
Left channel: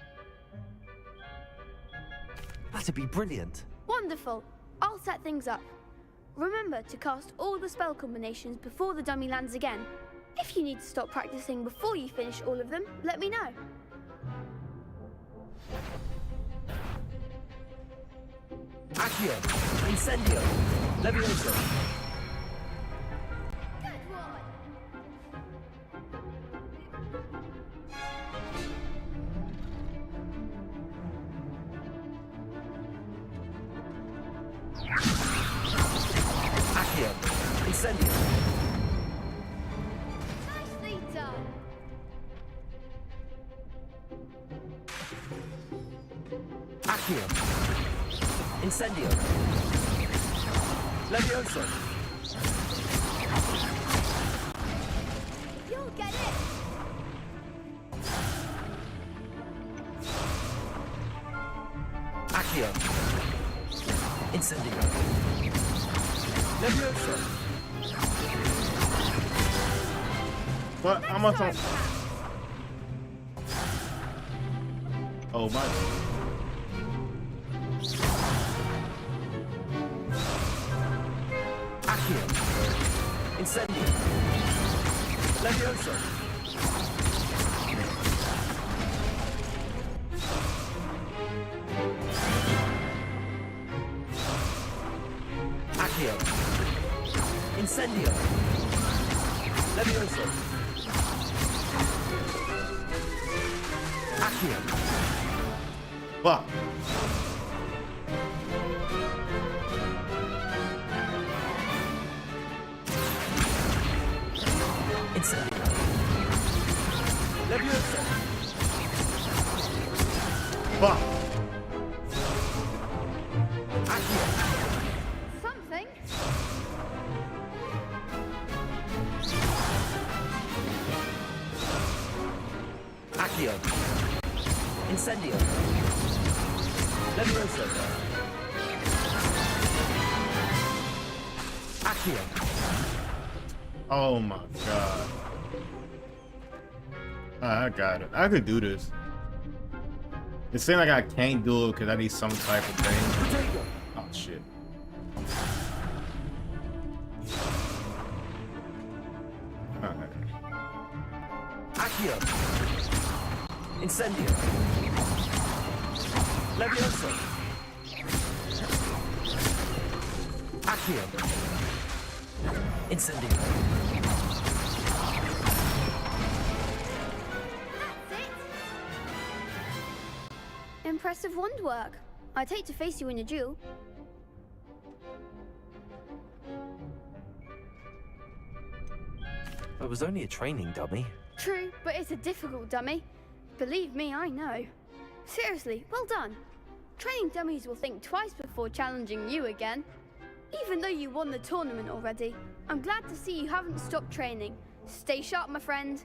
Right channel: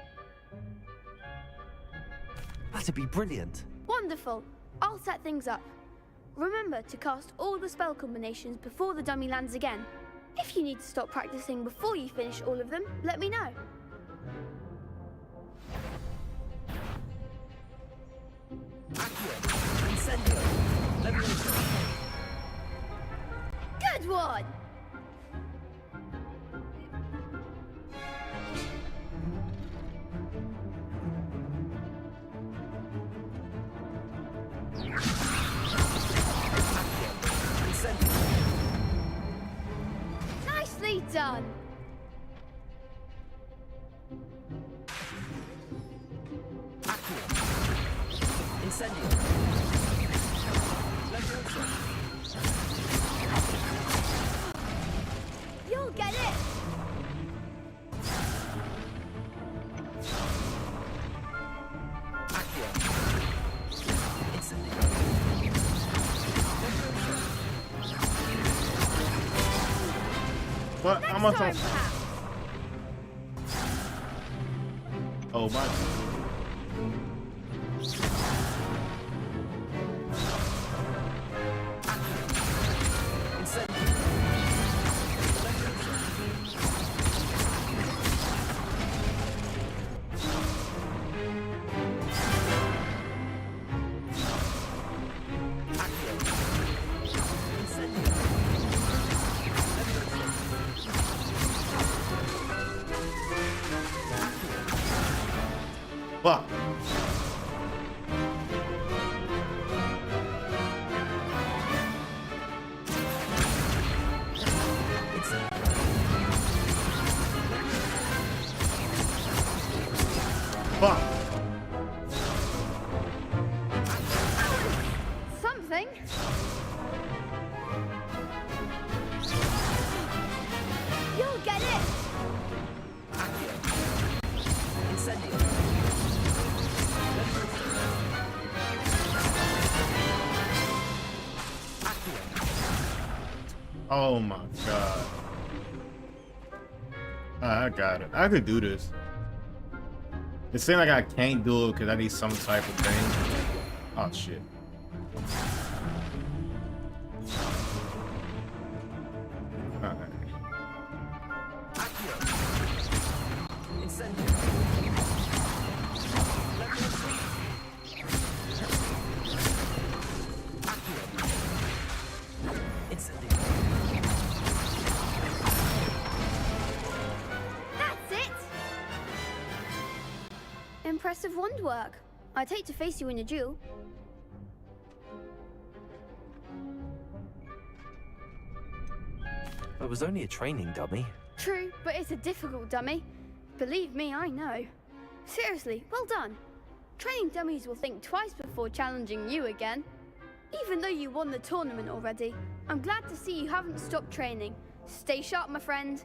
That'd be brilliant. Wonderful. I'll set things up. Remember to cast all the spell combinations before the dummy lands again. If you need to stop practicing before you finish all of them, let me know. Accio! Incendio! Levioso! Good one! Accio! Incendio! Nicely done! Accio! Incendio! Levioso! You'll get it! Accio! Incendio! Levioso! What? How much on? Oh my. Accio! Incendio! Levioso! Accio! Incendio! Levioso! Accio! Fuck. Incendio! Levioso! Fuck. Something? You'll get it! Accio! Incendio! Levioso! Accio! Oh my god. I got it. I could do this. It seems like I can't do it because I need some type of thing. Oh shit. Alright. Accio! Incendio! Levioso! Accio! Incendio! That's it! Impressive wand work. I'd hate to face you in a duel. It was only a training dummy. True, but it's a difficult dummy. Believe me, I know. Seriously, well done. Training dummies will think twice before challenging you again. Even though you won the tournament already, I'm glad to see you haven't stopped training. Stay sharp, my friend.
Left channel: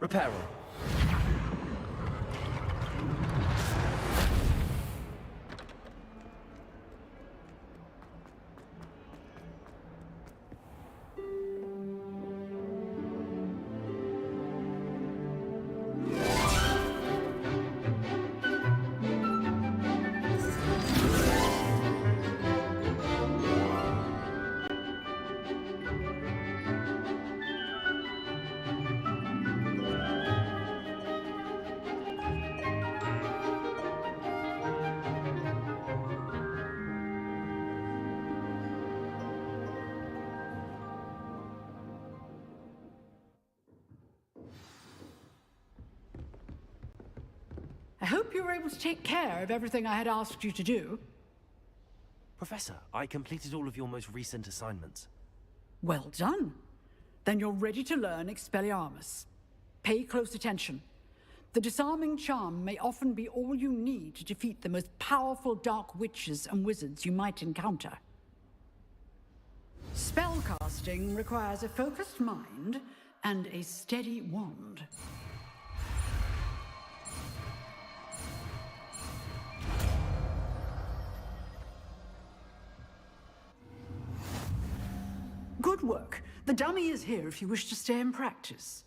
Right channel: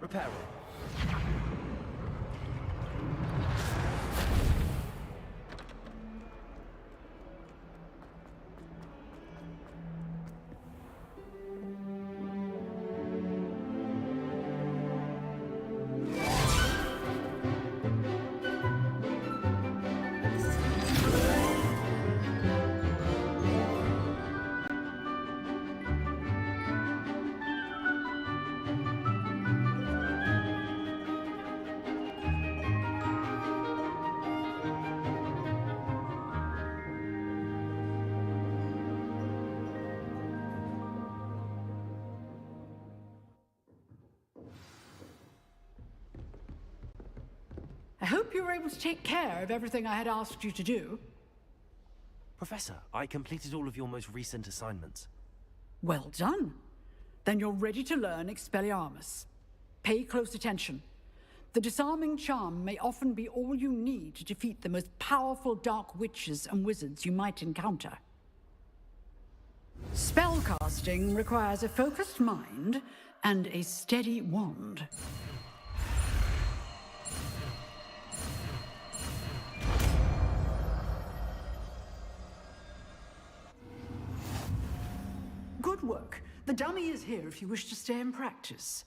Reparo. hope you were able to take care of everything I had asked you to do. Professor, I completed all of your most recent assignments. Well done. Then you're ready to learn Expelliarmus. Pay close attention. The disarming charm may often be all you need to defeat the most powerful dark witches and wizards you might encounter. Spellcasting requires a focused mind and a steady wand. Good work. The dummy is here if you wish to stay and practice.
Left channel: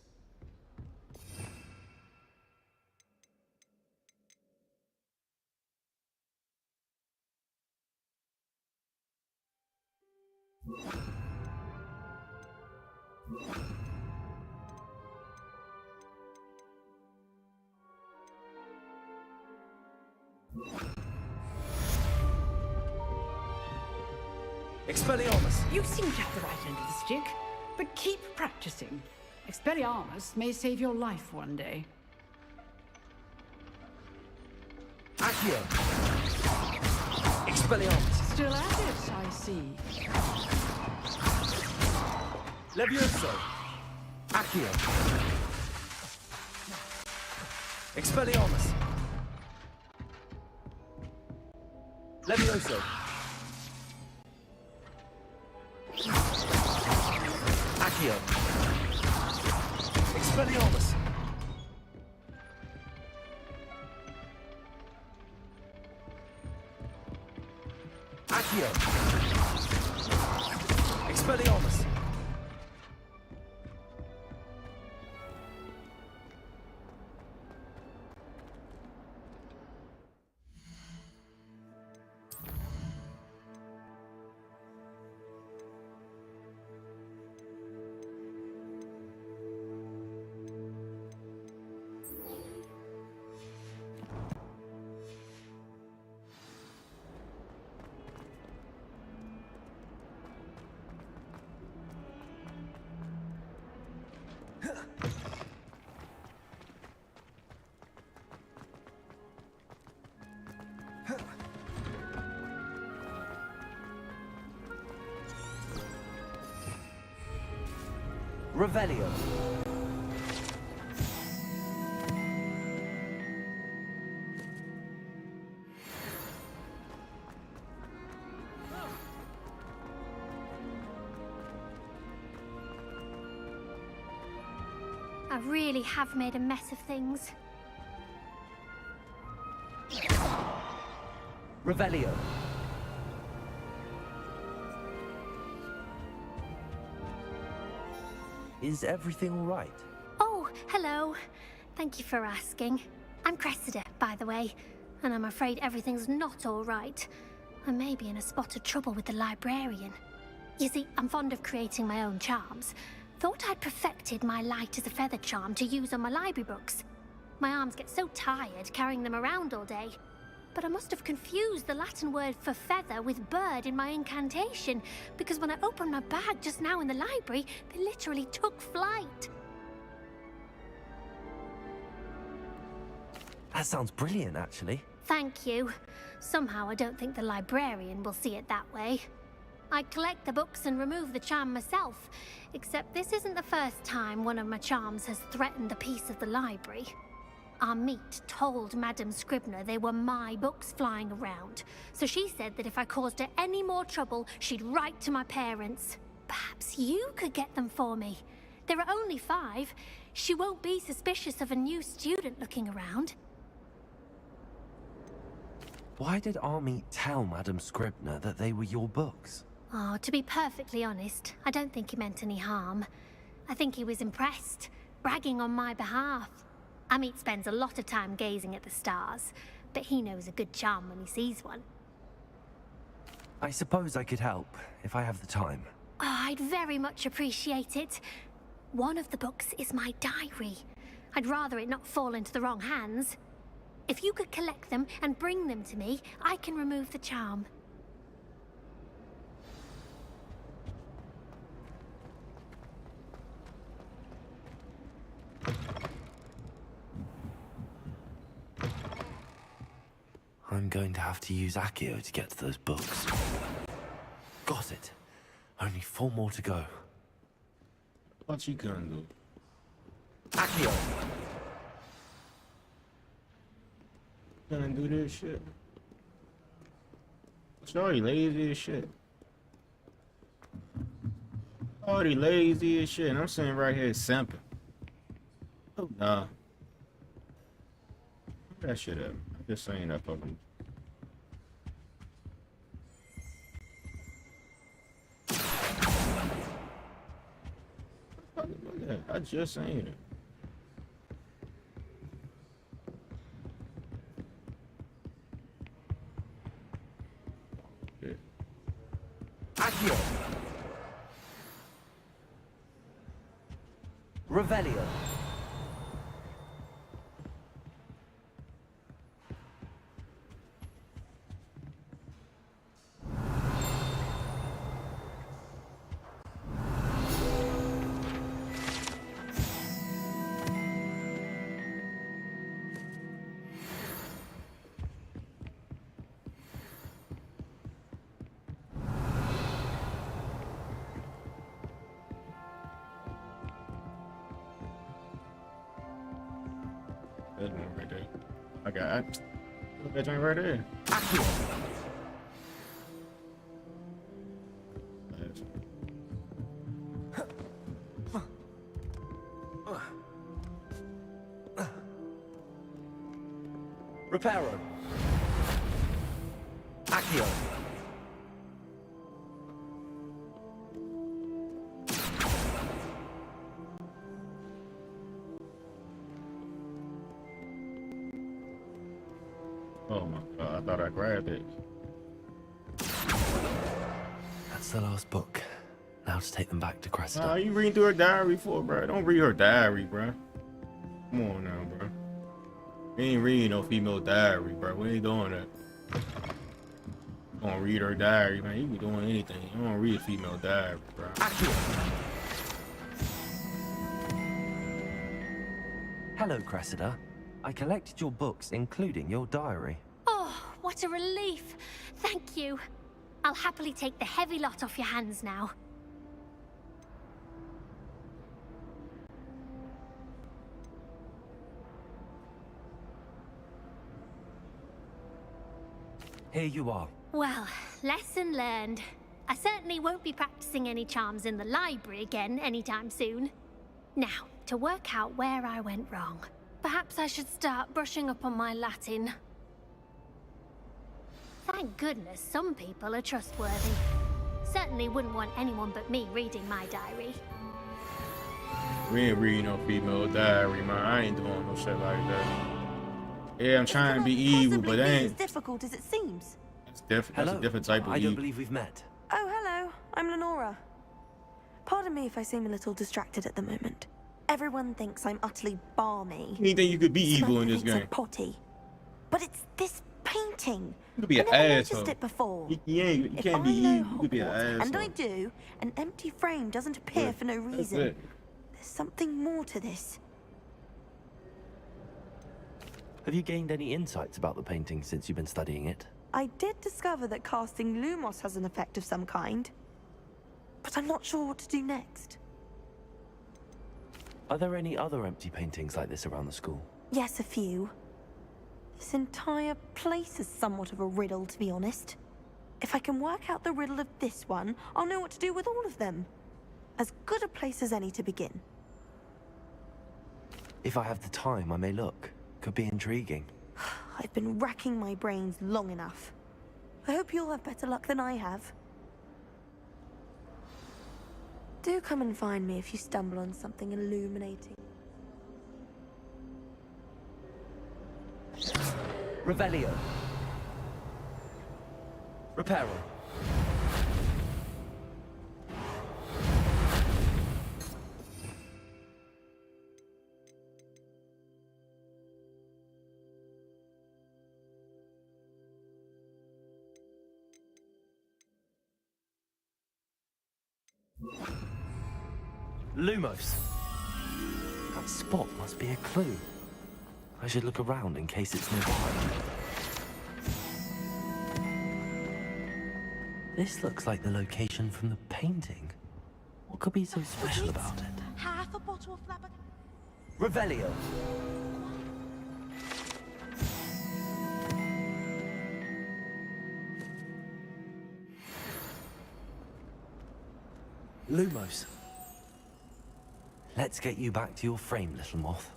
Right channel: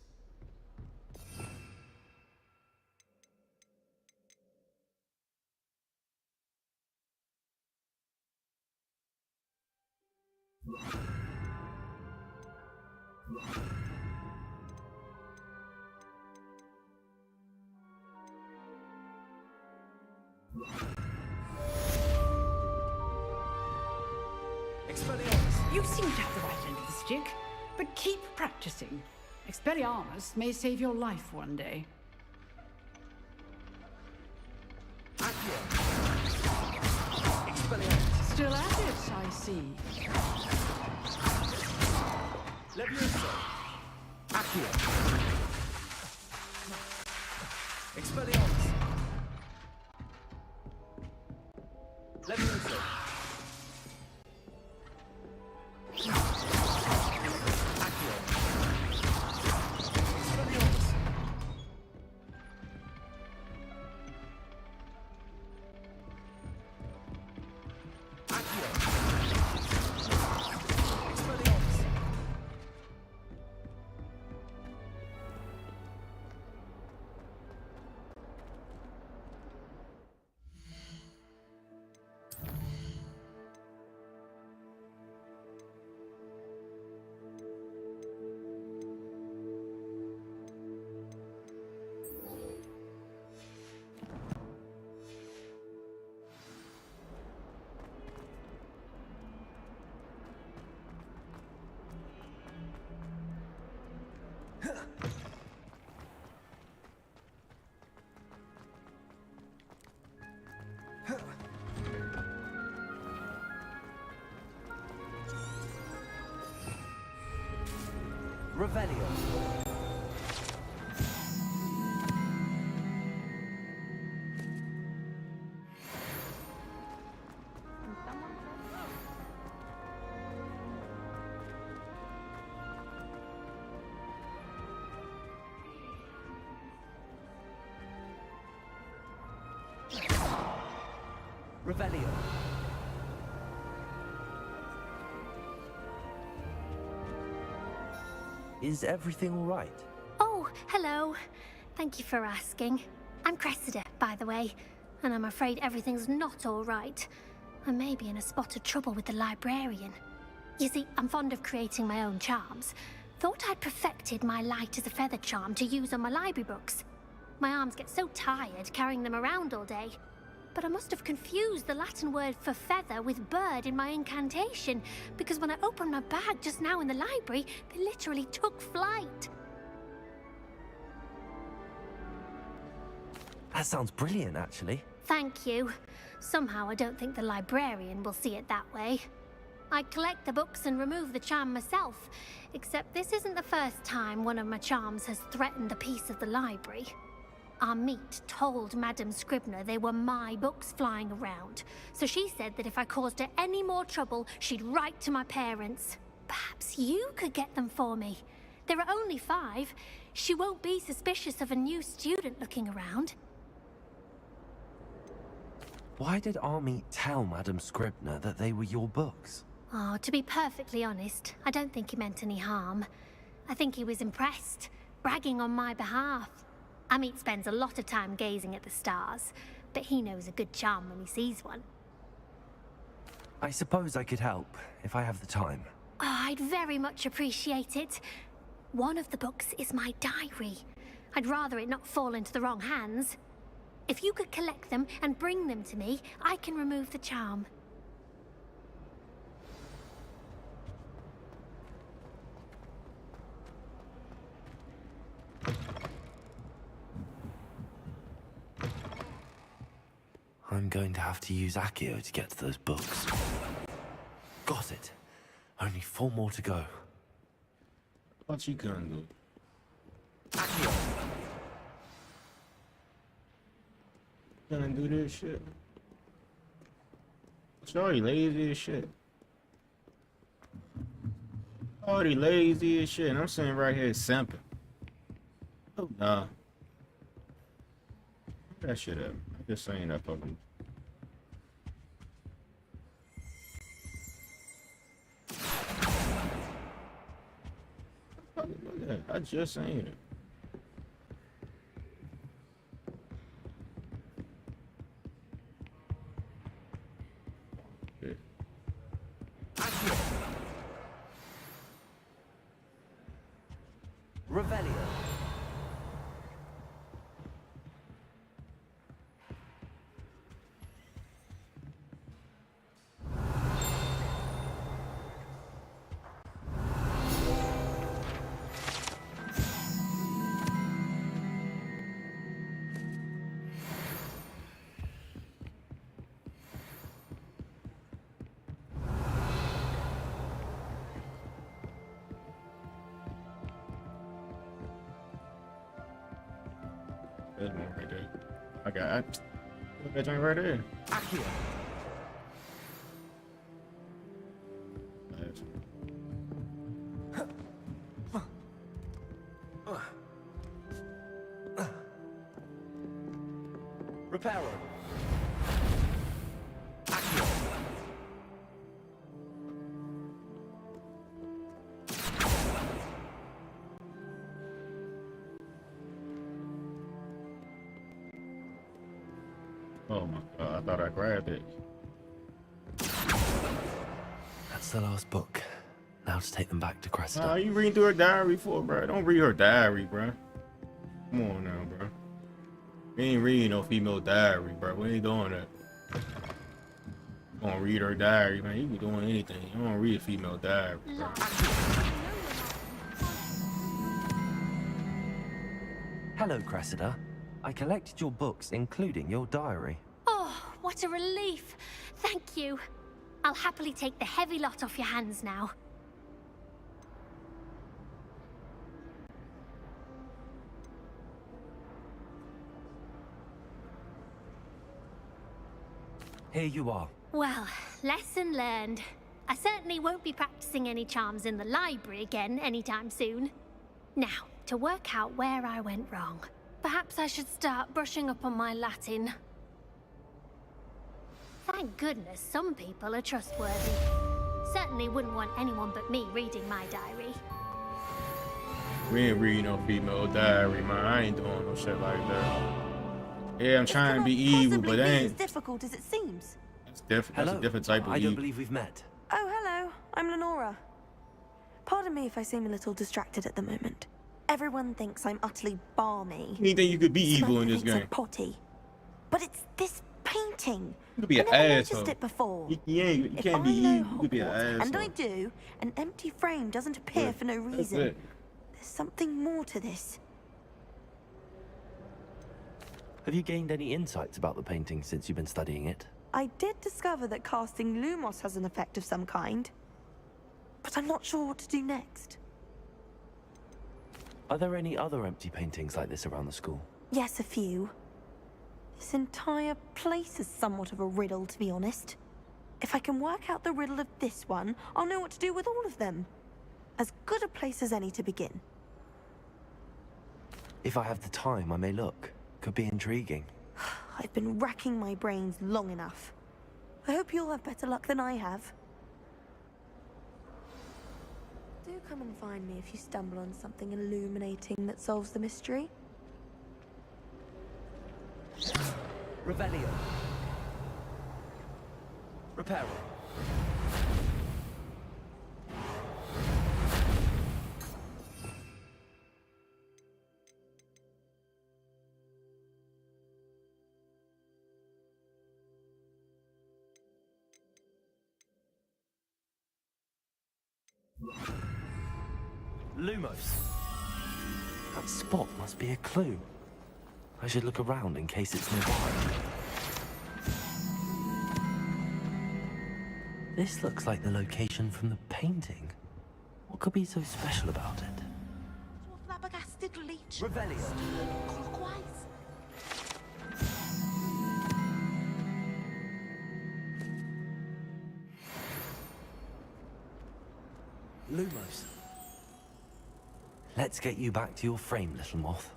Expelliarmus! You seem to have the right end of the stick, but keep practicing. Expelliarmus may save your life one day. Accio! Expelliarmus! Still at it, I see. Levioso! Accio! Expelliarmus! Levioso! Accio! Expelliarmus! Accio! Expelliarmus! Revelio. I really have made a mess of things. Revelio. Is everything all right? Oh, hello. Thank you for asking. I'm Cressida, by the way, and I'm afraid everything's not all right. I may be in a spot of trouble with the librarian. You see, I'm fond of creating my own charms. Thought I'd perfected my light as a feather charm to use on my library books. My arms get so tired carrying them around all day. But I must have confused the Latin word for feather with bird in my incantation, because when I opened my bag just now in the library, they literally took flight. That sounds brilliant, actually. Thank you. Somehow I don't think the librarian will see it that way. I collect the books and remove the charm myself, except this isn't the first time one of my charms has threatened the peace of the library. Amit told Madame Scribner they were my books flying around, so she said that if I caused her any more trouble, she'd write to my parents. Perhaps you could get them for me. There are only 5. She won't be suspicious of a new student looking around. Why did Amit tell Madame Scribner that they were your books? Oh, to be perfectly honest, I don't think he meant any harm. I think he was impressed, bragging on my behalf. Amit spends a lot of time gazing at the stars, but he knows a good charm when he sees one. I suppose I could help, if I have the time. Oh, I'd very much appreciate it. One of the books is my diary. I'd rather it not fall into the wrong hands. If you could collect them and bring them to me, I can remove the charm. I'm going to have to use Accio to get to those books. Got it. Only 4 more to go. What you gonna do? Accio! Gonna do this shit. Sorry, lazy as shit. Already lazy as shit, and I'm sitting right here simping. Oh nah. Put that shit up. I'm just saying that fucking. Look at that. I just saying it. Accio! Revelio. There's one right there. I got that joint right there. Accio. Reparo. Accio. Oh my god, I thought I grabbed it. That's the last book. Now to take them back to Cresta. Nah, you reading through her diary for, bro? Don't read her diary, bro. Come on now, bro. We ain't reading no female diary, bro. We ain't doing that. Gonna read her diary, man. You be doing anything. You don't read a female diary, bro. Hello, Cressida. I collected your books, including your diary. Oh, what a relief. Thank you. I'll happily take the heavy lot off your hands now. Here you are. Well, lesson learned. I certainly won't be practicing any charms in the library again anytime soon. Now, to work out where I went wrong. Perhaps I should start brushing up on my Latin. Thank goodness some people are trustworthy. Certainly wouldn't want anyone but me reading my diary. We ain't reading no female diary, man. I ain't doing no shit like that. Yeah, I'm trying to be evil, but that ain't. As difficult as it seems. It's different. That's a different type of I evil. don't believe we've met. Oh, hello. I'm Lenora. Pardon me if I seem a little distracted at the moment. Everyone thinks I'm utterly balmy. You think you could be evil in this Samantha thinks game? I'm potty. But it's this painting. You could be an I never asshole. noticed it before. You If can't I be know evil. You could be an Hogwarts, and I asshole. do, an empty frame doesn't appear for no That's reason. it. There's something more to this. Have you gained any insights about the painting since you've been studying it? I did discover that casting Lumos has an effect of some kind. But I'm not sure what to do next. Are there any other empty paintings like this around the school? Yes, a few. This entire place is somewhat of a riddle, to be honest. If I can work out the riddle of this one, I'll know what to do with all of them. As good a place as any to begin. If I have the time, I may look. Could be intriguing. I've been racking my brains long enough. I hope you'll have better luck than I have. Do come and find me if you stumble on something illuminating that solves the mystery. Revelio. Reparo. Lumos. That spot must be a clue. I should look around in case it's nearby. This looks like the location from the painting. What could be so special about it? Half a bottle of flabbergasted leech. Revelio. Lumos. Let's get you back to your frame, little moth.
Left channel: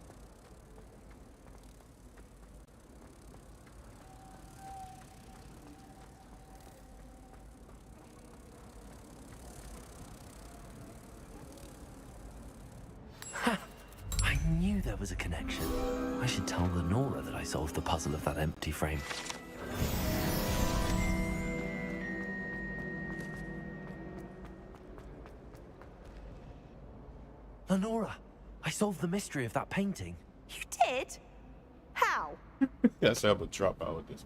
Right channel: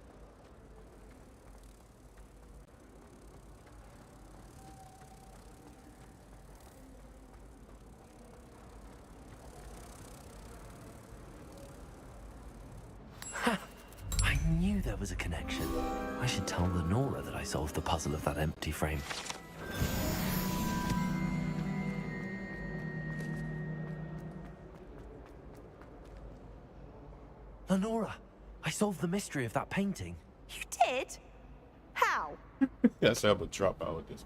I knew there was a connection. I should tell Lenora that I solved the puzzle of that empty frame. Lenora, I solved the mystery of that painting. You did? How? Yes, I would drop out with this.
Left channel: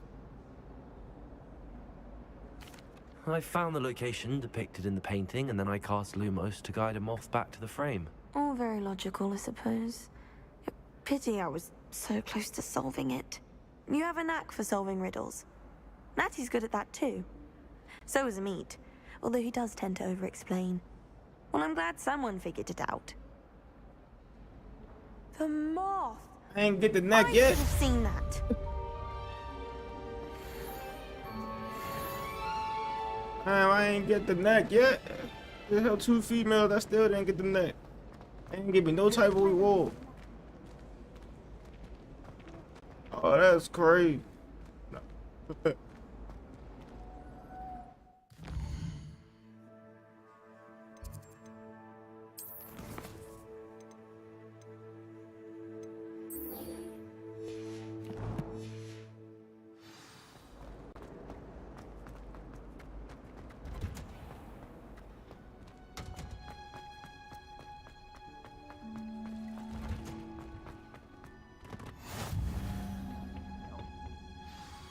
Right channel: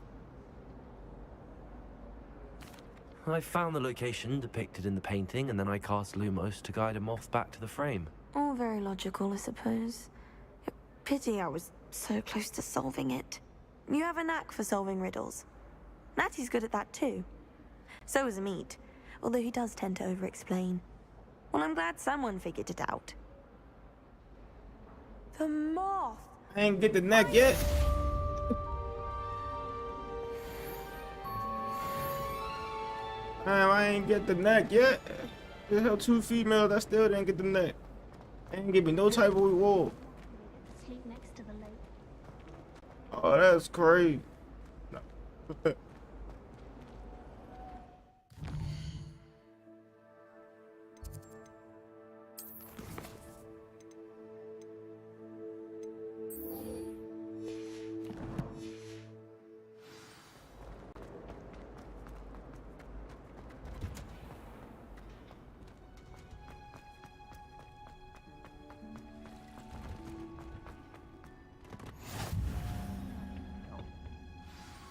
I found the location depicted in the painting, and then I cast Lumos to guide a moth back to the frame. All very logical, I suppose. Pity I was so close to solving it. You have a knack for solving riddles. Natty's good at that too. So is Amit, although he does tend to over-explain. Well, I'm glad someone figured it out. The moth! I ain't get the neck yet. I should have seen that. Damn, I ain't get the neck yet. The hell, 2 females, I still didn't get the neck. Ain't give me no type of reward. Oh, that's crazy. No.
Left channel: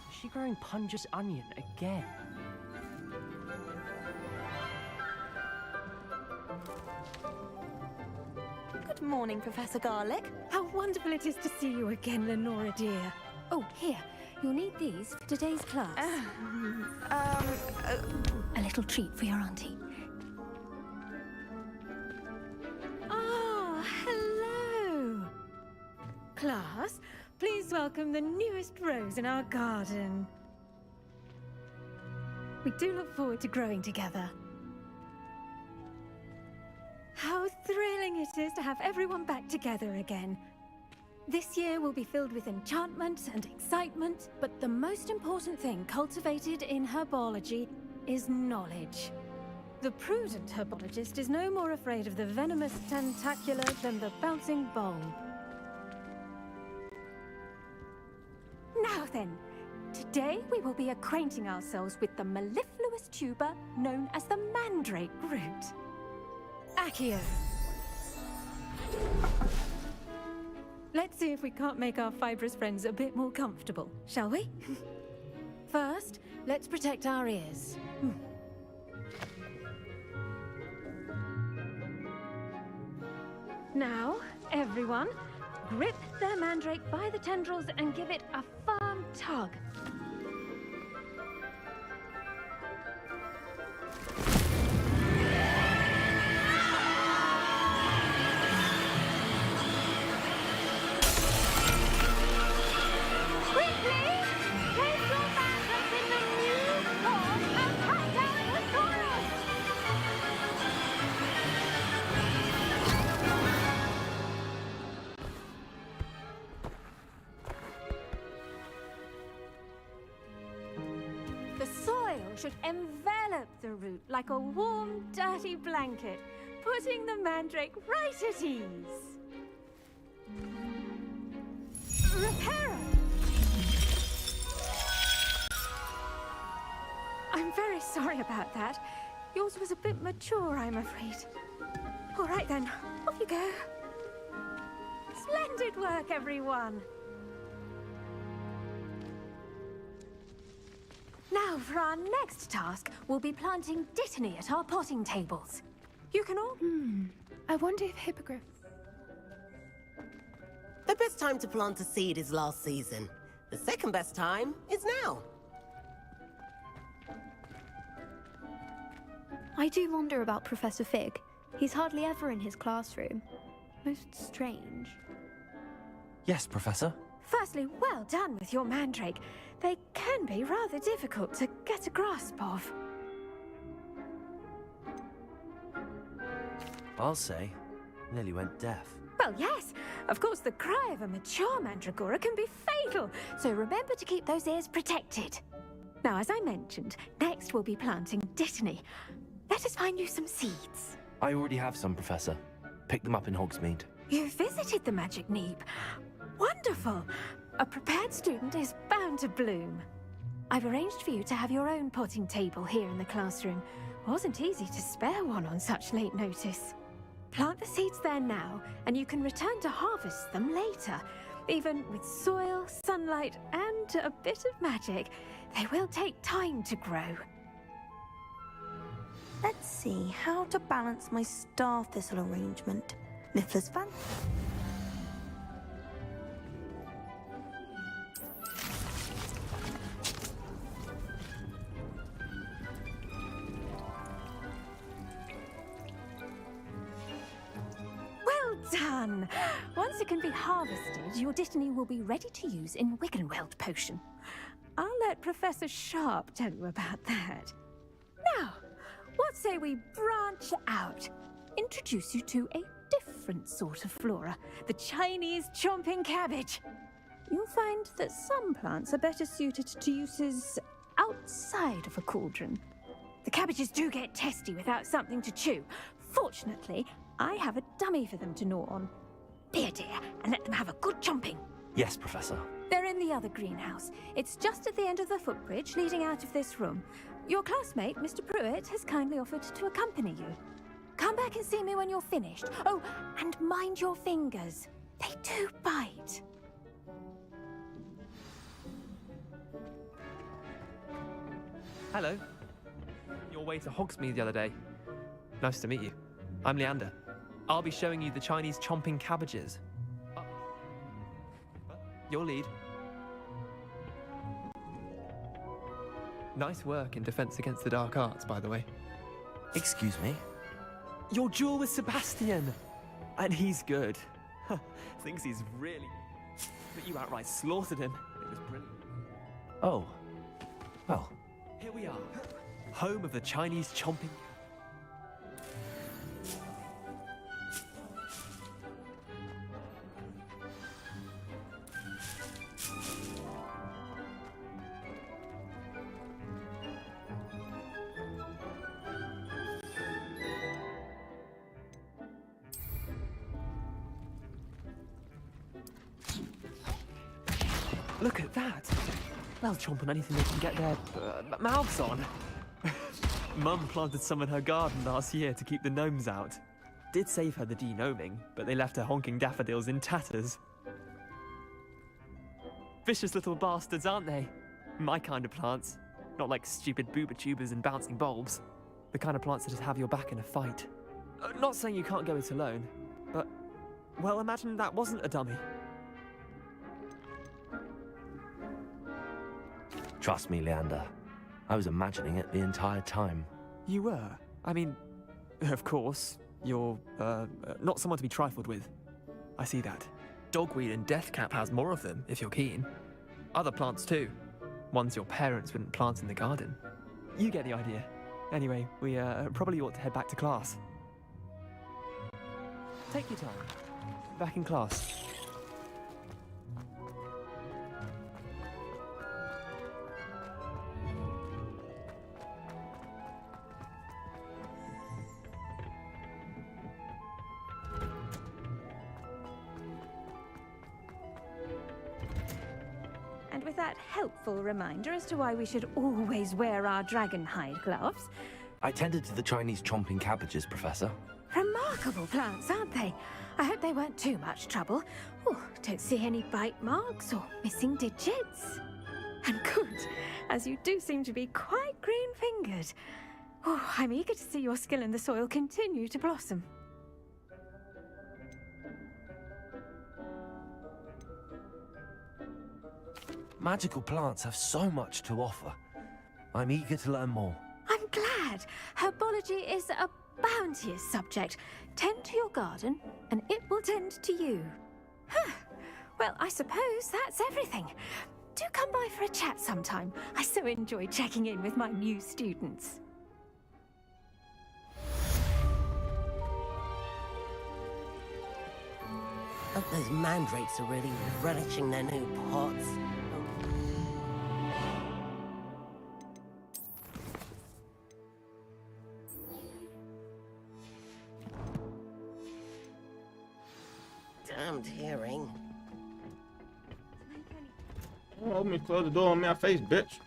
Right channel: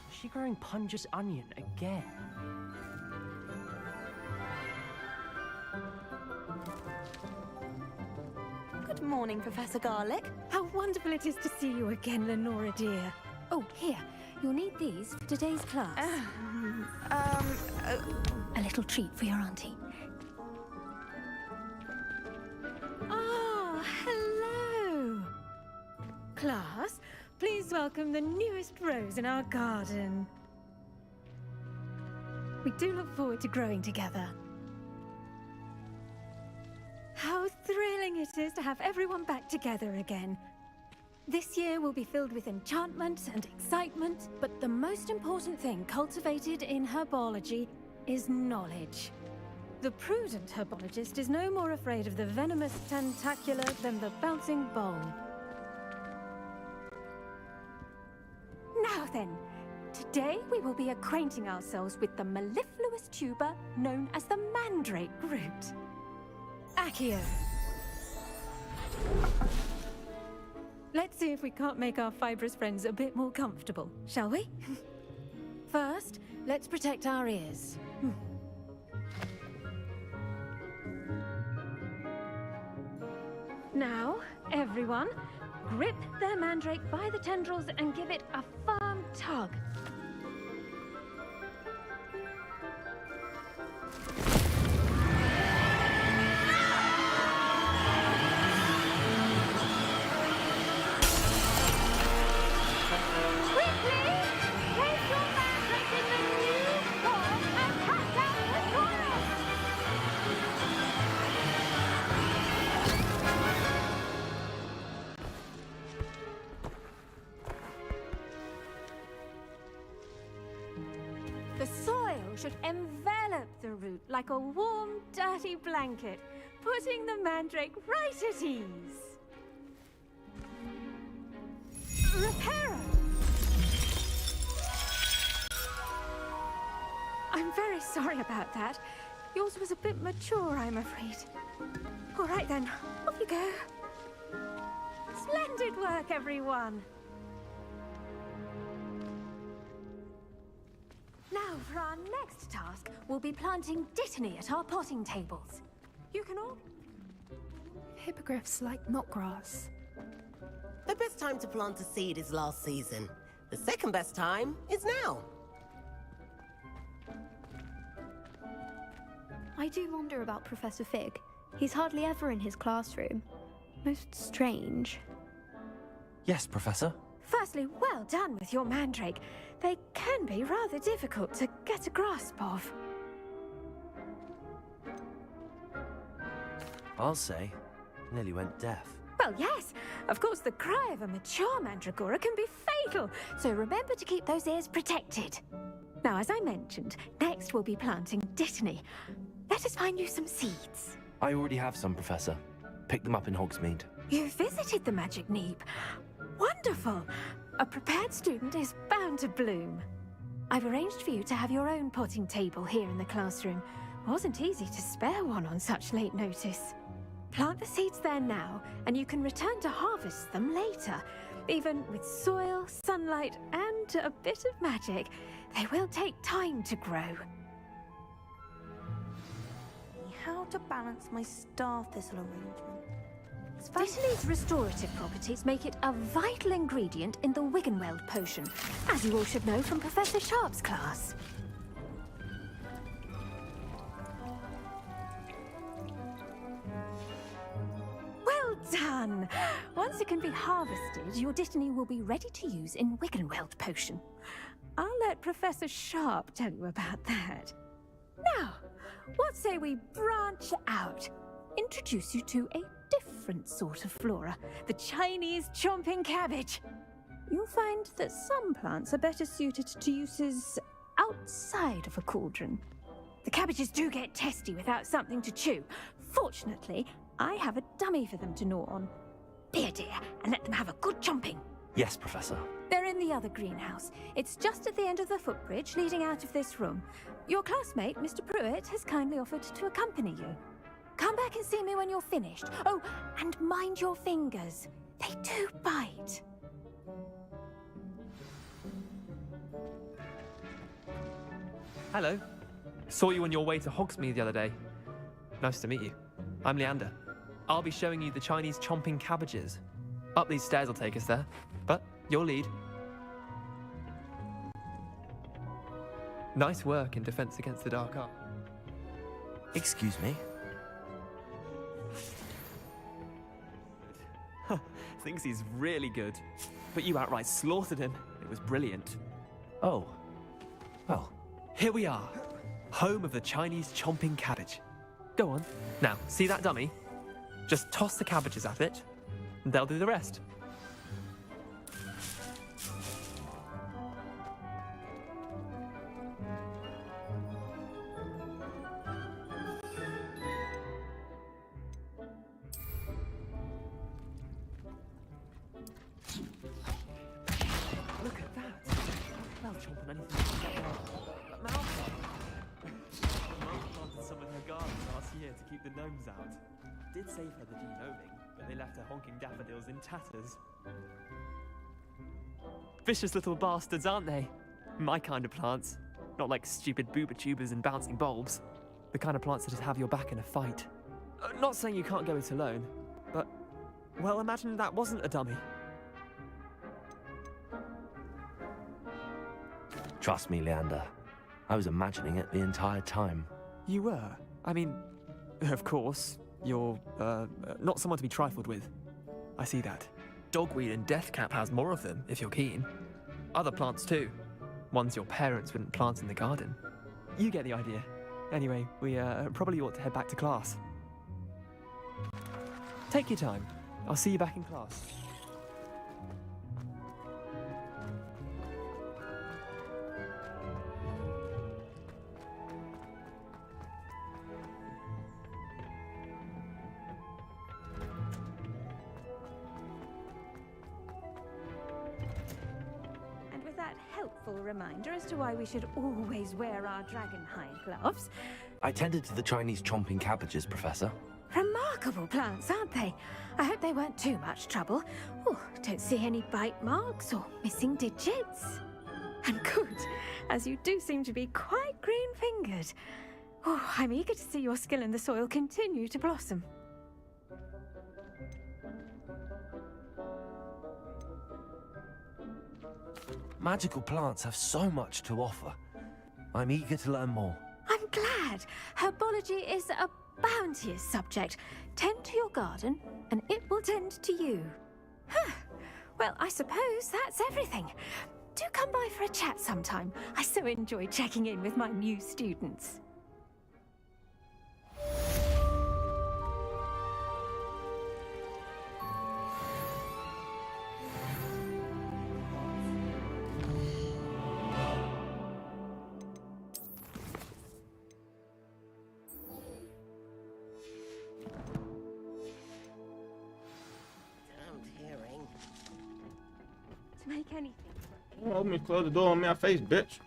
Is she growing Punja's onion again? Good morning, Professor Garlic. How wonderful it is to see you again, Lenora dear. Oh, here. You'll need these for today's class. A little treat for your auntie. Ah, hello. Class, please welcome the newest rose in our garden. We do look forward to growing together. How thrilling it is to have everyone back together again. This year will be filled with enchantment and excitement, but the most important thing cultivated in herbology is knowledge. The prudent herbologist is no more afraid of the venomous tentacular than the bouncing bulb. Now then, today we will be acquainting ourselves with the mellifluous tuber known as the mandrake root. Accio. Let's see if we can't make our fibrous friends a bit more comfortable, shall we? First, let's protect our ears. Now, everyone, grip their mandrake by the tendrils and give it a firm tug. Quickly! Place your mandrake in the new form and cut down the soil! The soil should envelop the root like a warm, dirty blanket, putting the mandrake right at ease. Reparo! I'm very sorry about that. Yours was a bit mature, I'm afraid. All right then, off you go. Splendid work, everyone. Now, for our next task, we'll be planting dittany at our potting tables. You can all... I wonder if hippogriffs like knotgrass. The best time to plant a seed is last season. The second best time is now. I do wonder about Professor Fig. He's hardly ever in his classroom. Most strange. Yes, Professor. Firstly, well done with your mandrake. They can be rather difficult to get a grasp of. I'll say, nearly went deaf. Well, yes. Of course, the cry of a mature mandragora can be fatal, so remember to keep those ears protected. Now, as I mentioned, next we'll be planting Dittany. Let us find you some seeds. I already have some, Professor. Picked them up in Hogsmeade. You visited the Magic Neep. Wonderful! A prepared student is bound to bloom. I've arranged for you to have your own potting table here in the classroom. Wasn't easy to spare one on such late notice. Plant the seeds there now, and you can return to harvest them later. Even with soil, sunlight, and a bit of magic, they will take time to grow. Let's see how to balance my star thistle arrangement. Niffler's Dittany's restorative properties make it a vital ingredient in the Wiggenweld potion, as you all should know from Professor Sharp's class. Well done! Once it can be harvested, your Dittany will be ready to use in Wiggenweld potion. I'll let Professor Sharp tell you about that. Now, what say we branch out? Introduce you to a different sort of flora, the Chinese chomping cabbage. You'll find that some plants are better suited to uses outside of a cauldron. The cabbages do get testy without something to chew. Fortunately, I have a dummy for them to gnaw on. Be a dear and let them have a good chomping. Yes, Professor. They're in the other greenhouse. It's just at the end of the footbridge leading out of this room. Your classmate, Mr. Pruitt, has kindly offered to accompany you. Come back and see me when you're finished. Oh, and mind your fingers. They do bite. Hello. Saw you on your way to Hogsmeade the other day. Nice to meet you. I'm Leander. I'll be showing you the Chinese chomping cabbages. Up these stairs will take us there, but your lead. Nice work in Defense Against the Dark Arts, by the way. Excuse me? Your duel with Sebastian! And he's good. Thinks he's really good. But you outright slaughtered him. It was brilliant. Oh. Well. Here we are. Home of the Chinese chomping cabbage. Go on. Now, see that dummy? Just toss the cabbages at it, and they'll do the rest. Look at that! They'll chomp on anything they can get their mouths on. Mum planted some in her garden last year to keep the gnomes out. Did save her the de-gnoming, but they left her honking daffodils in tatters. Vicious little bastards, aren't they? My kind of plants. Not like stupid booba tubers and bouncing bulbs. The kind of plants that just have your back in a fight. Not saying you can't go it alone, but... well, imagine that wasn't a dummy. Trust me, Leander. I was imagining it the entire time. You were? I mean, of course, you're, not someone to be trifled with. I see that. Dogweed and deathcap has more of them, if you're keen. Other plants too. Ones your parents wouldn't plant in the garden. You get the idea. Anyway, we, probably ought to head back to class. Take your time. I'll see you back in class. And with that helpful reminder as to why we should always wear our dragon hide gloves. I tended to the Chinese chomping cabbages, Professor. Remarkable plants, aren't they? I hope they weren't too much trouble. Oh, don't see any bite marks or missing digits. And good, as you do seem to be quite green-fingered. Oh, I'm eager to see your skill in the soil continue to blossom. Magical plants have so much to offer. I'm eager to learn more. I'm glad. glad. Herbology is a bounteous subject. Tend to your garden, and it will tend to you. Huh. Well, I suppose that's everything. Do come by for a chat sometime. I so enjoy checking in with my new students. Hope those mandrakes are really relishing their new pots. Damned hearing. To make anything. Oh, let me close the door on my face, bitch.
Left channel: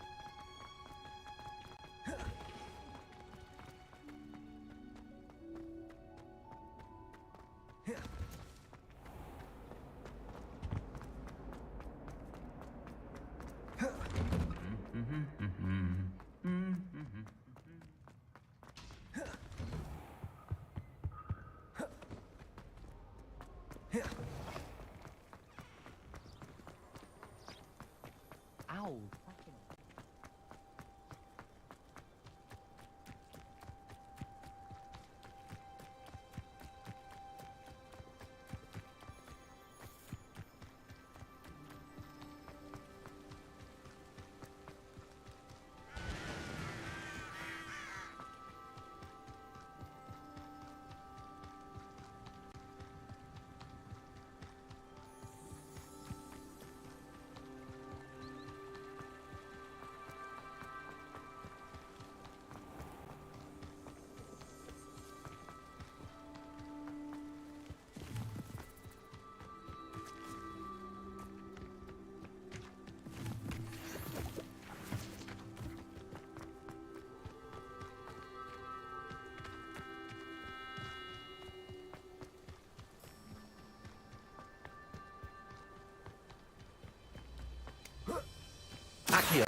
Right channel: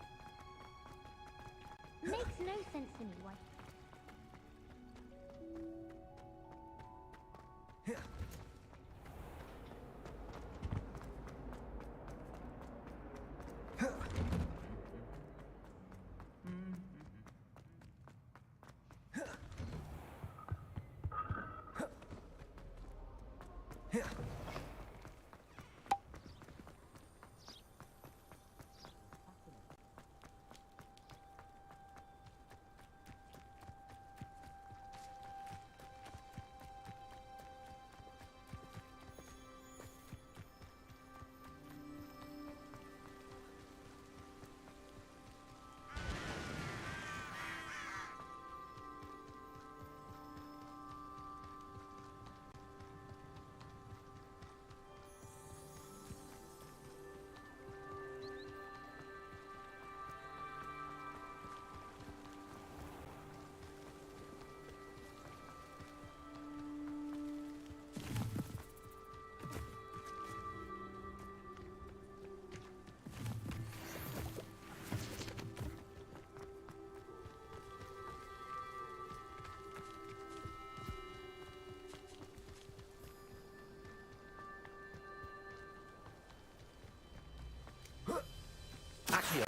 Accio.